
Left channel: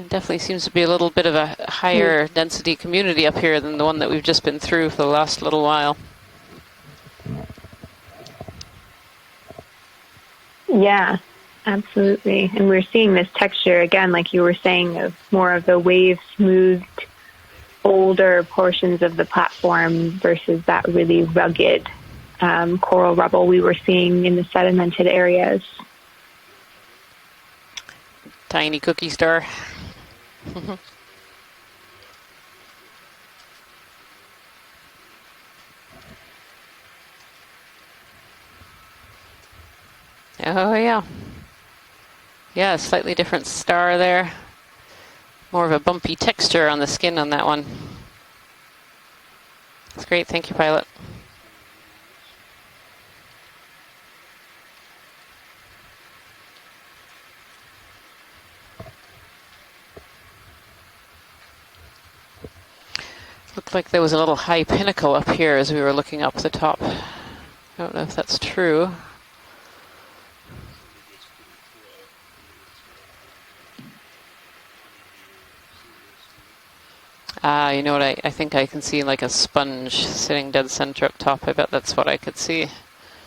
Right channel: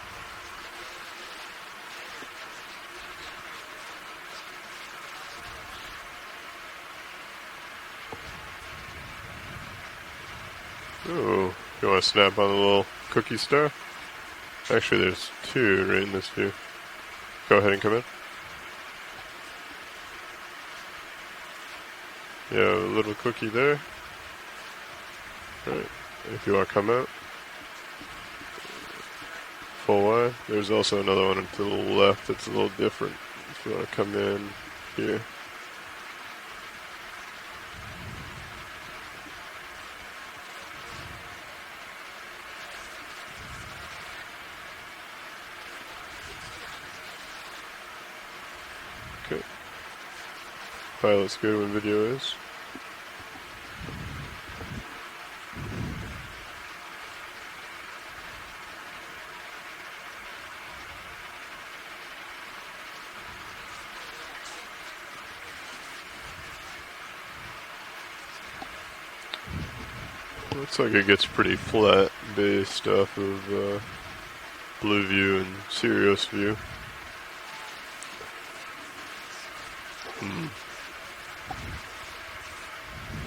It definitely seems to be a little bit of a higher density community up here than the one that we've just been through for the last little while. Yeah, Ooh, absolutely. And we're seeing this texture again, like you were saying, it's more of the wave-smoothed, older portions of the platform versus that really rugged coral rubble we were seeing in the sedimented areas. If you want to come out. Tiny cookie star. Full wide. There's also another one to the left that's a little different. If you want to come in here. Oh yeah. Yeah, a slightly different star there. More of a bumpy texture on the skin on that one. Good. That's great, thank you, Pilot. Pilot's good when video is. Looked like there was a little high pinnacle up here as we were looking up the top. I don't know if that's true. Looks like it gets pretty flat based off of blue view and Sirius view. You know what, I think I can see like a sponge sitting dead center up top. I bet that's what I could see.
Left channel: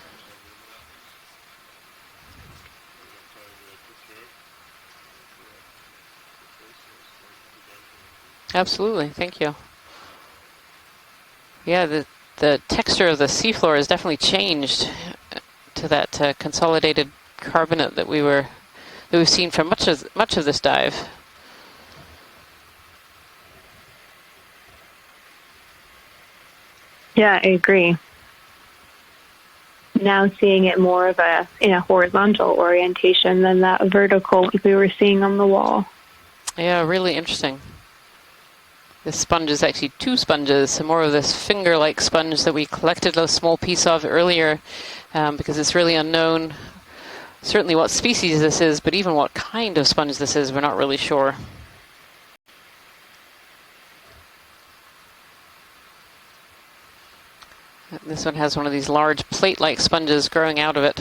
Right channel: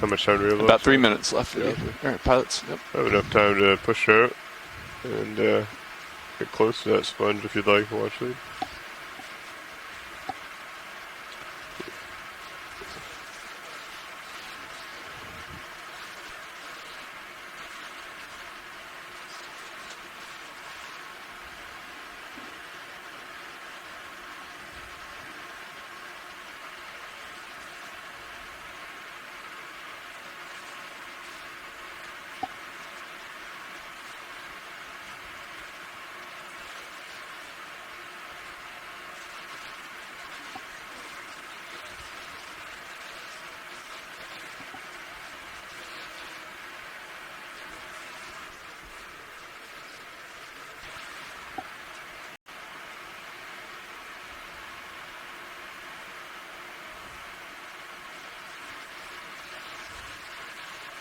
How much time do we have left? About 3 minutes left for you. All right, pilots. Yep. I have enough time to push out and get close to that sponge if you'd like to watch it. Absolutely, thank you. Yeah, the texture of the seafloor has definitely changed to that consolidated carbonate that we've seen for much of this dive. Yeah, I agree. Now seeing it more of in a horizontal orientation than that vertical like we were seeing on the wall. Yeah, really interesting. This sponge is actually two sponges, so more of this finger-like sponge that we collected a small piece of earlier, because it's really unknown certainly what species this is, but even what kind of sponge this is, we're not really sure. This one has one of these large plate-like sponges growing out of it.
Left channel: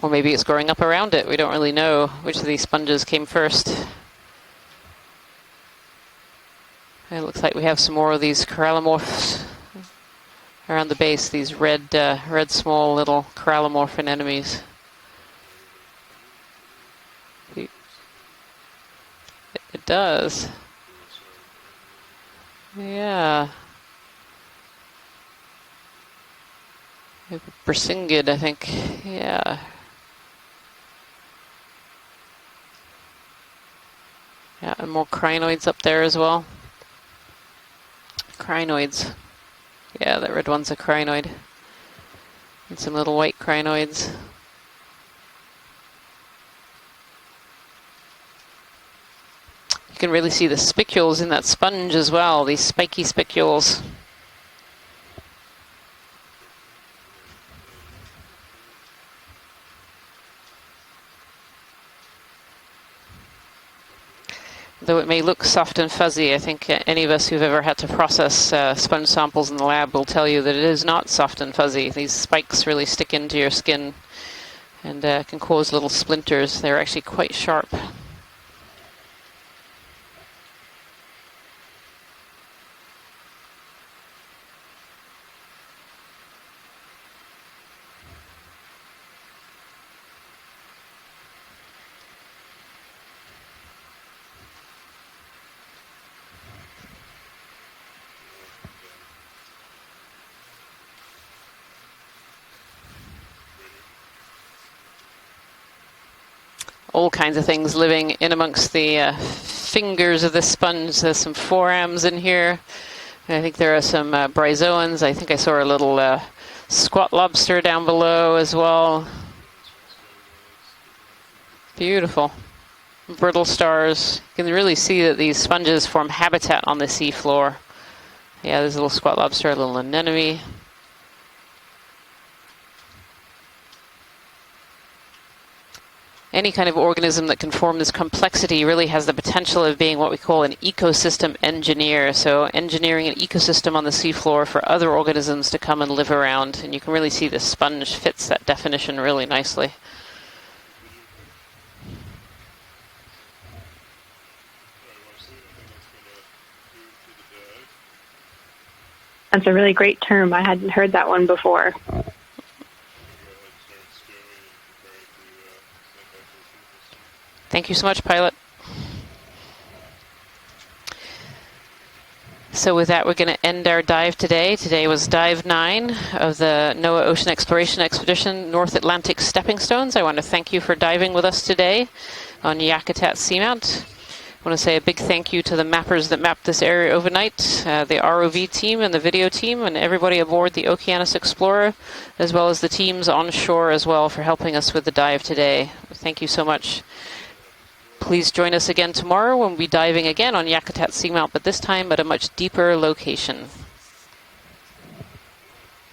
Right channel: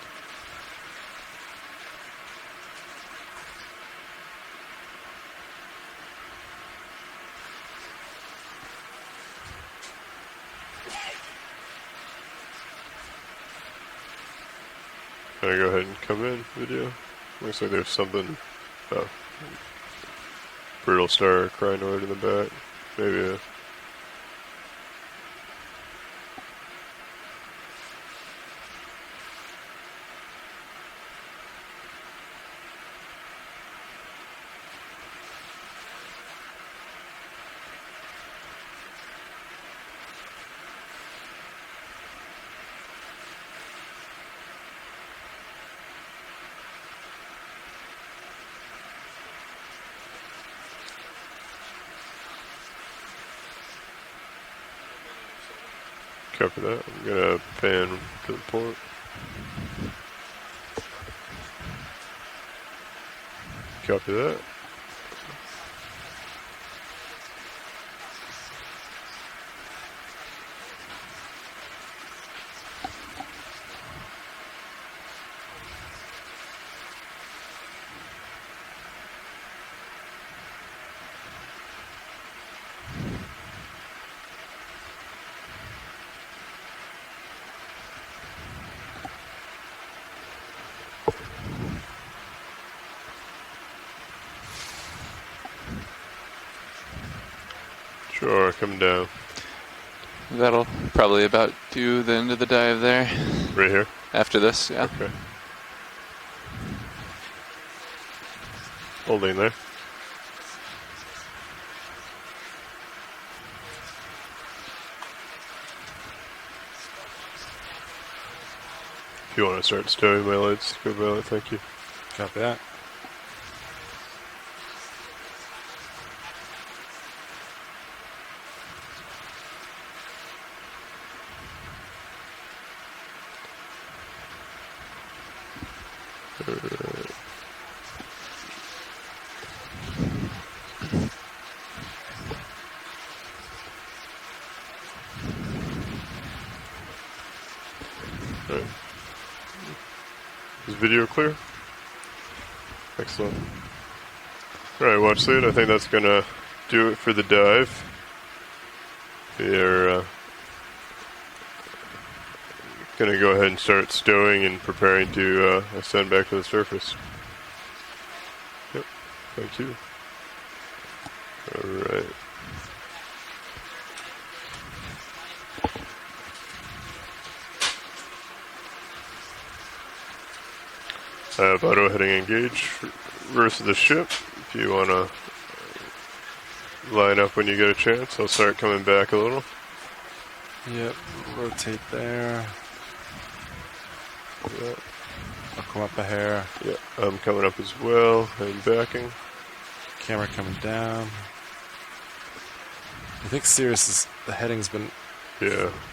Or maybe it's growing up around it. We don't really know which of these sponges came first. It looks like we have some more of these corallomorphs around the base, these red small little corallomorph anemones. Can I go ahead and come in video? Looks like there's something. Oh. It does. Brittle star crinoid in the back. Yeah. Bersingid, I think. Yeah. Yeah, and more crinoids up there as well. Crinoids. Yeah, that red one's a crinoid. And some little white crinoids. You can really see the spicules in that sponge as well, these spiky spicules. Copy that. I'm gonna pan to the port. Copy that. Though it may look soft and fuzzy, I think any of us who've ever had to process sponge samples in the lab will tell you that it is not soft and fuzzy. These spikes really stick into your skin and can cause little splinters. They're actually quite sharp. Sure, coming down. That'll probably about do the end of the dive there. Right here? After this, yeah. Okay. All kinds of things living in amongst the fingers of the sponge. There's some forams in here. And I think there are some bryozoans. I think I saw a little squat lobster down below as well. If you want to start stowing my lights, go about it, thank you. Beautiful. Brittle stars. You can really see that these sponges form habitat on the seafloor. Yeah, there's a little squat lobster, a little anemone. Any kind of organism that can form this complexity really has the potential of being what we call an ecosystem engineer. So engineering an ecosystem on the seafloor for other organisms to come and live around. And you can really see the sponge fits that definition really nicely. Is video clear? Excellent. All right, watch lead. I think that's going to do it for the dive. That's a really great term. I hadn't heard that one before. Going to go ahead and start stowing and preparing to ascend back to the surface. Thank you so much, pilot. Yep. Thank you. All right. So with that, we're going to end our dive today. Today was dive 9 of the NOAA Ocean Exploration Expedition North Atlantic Stepping Stones. I want to thank you for diving with us today on Yakutat Seamount. I want to say a big thank you to the mappers that mapped this area overnight, the ROV team and the video team, and everybody aboard the Okeanos Explorer, as well as the teams onshore as well for helping us with the dive today. Thank you so much. I'm coming up as well. Please join us again tomorrow when we'll be diving again on Yakutat Seamount, but this time at a much deeper location. I think Sirius, the heading's been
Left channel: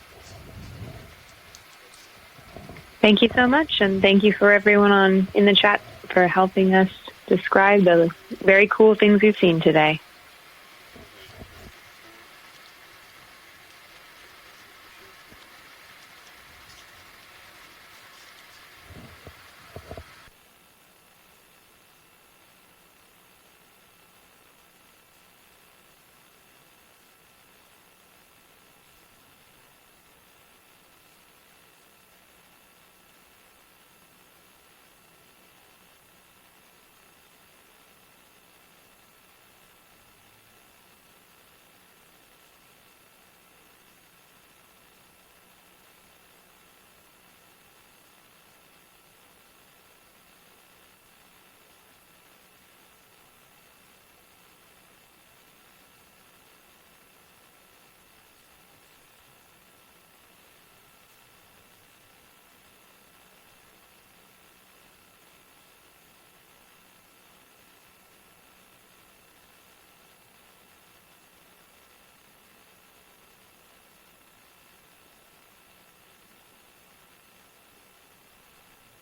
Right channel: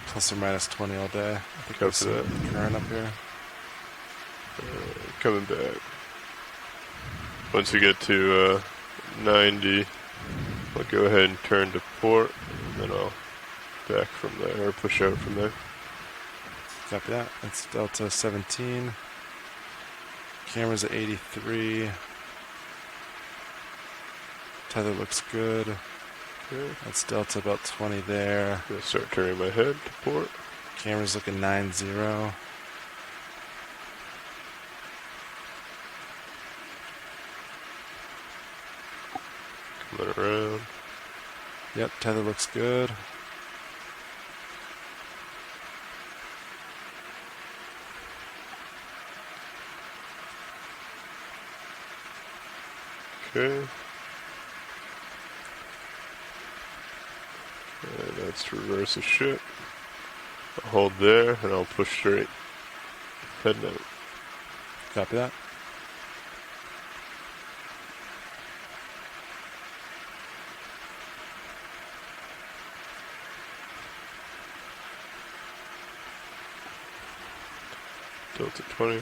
plus or minus 20 all day. I think that's current up here. Thank you so much, and thank you for everyone in the chat for helping us describe the very cool things we've seen today. I'll go ahead and turn to port, and then I'll back from there, or push out from there. Copy that. That's Delta 17. Camera's at 83. Tether looks good. Okay. That's Delta about 20 there. I'm going to start turning my head to port. Camera's looking 90. Coming around. Yep, tether looks good. Okay. And that's to reverse the ship. I'll hold there, and I'll push straight. Head note. Copy that. Delta 20.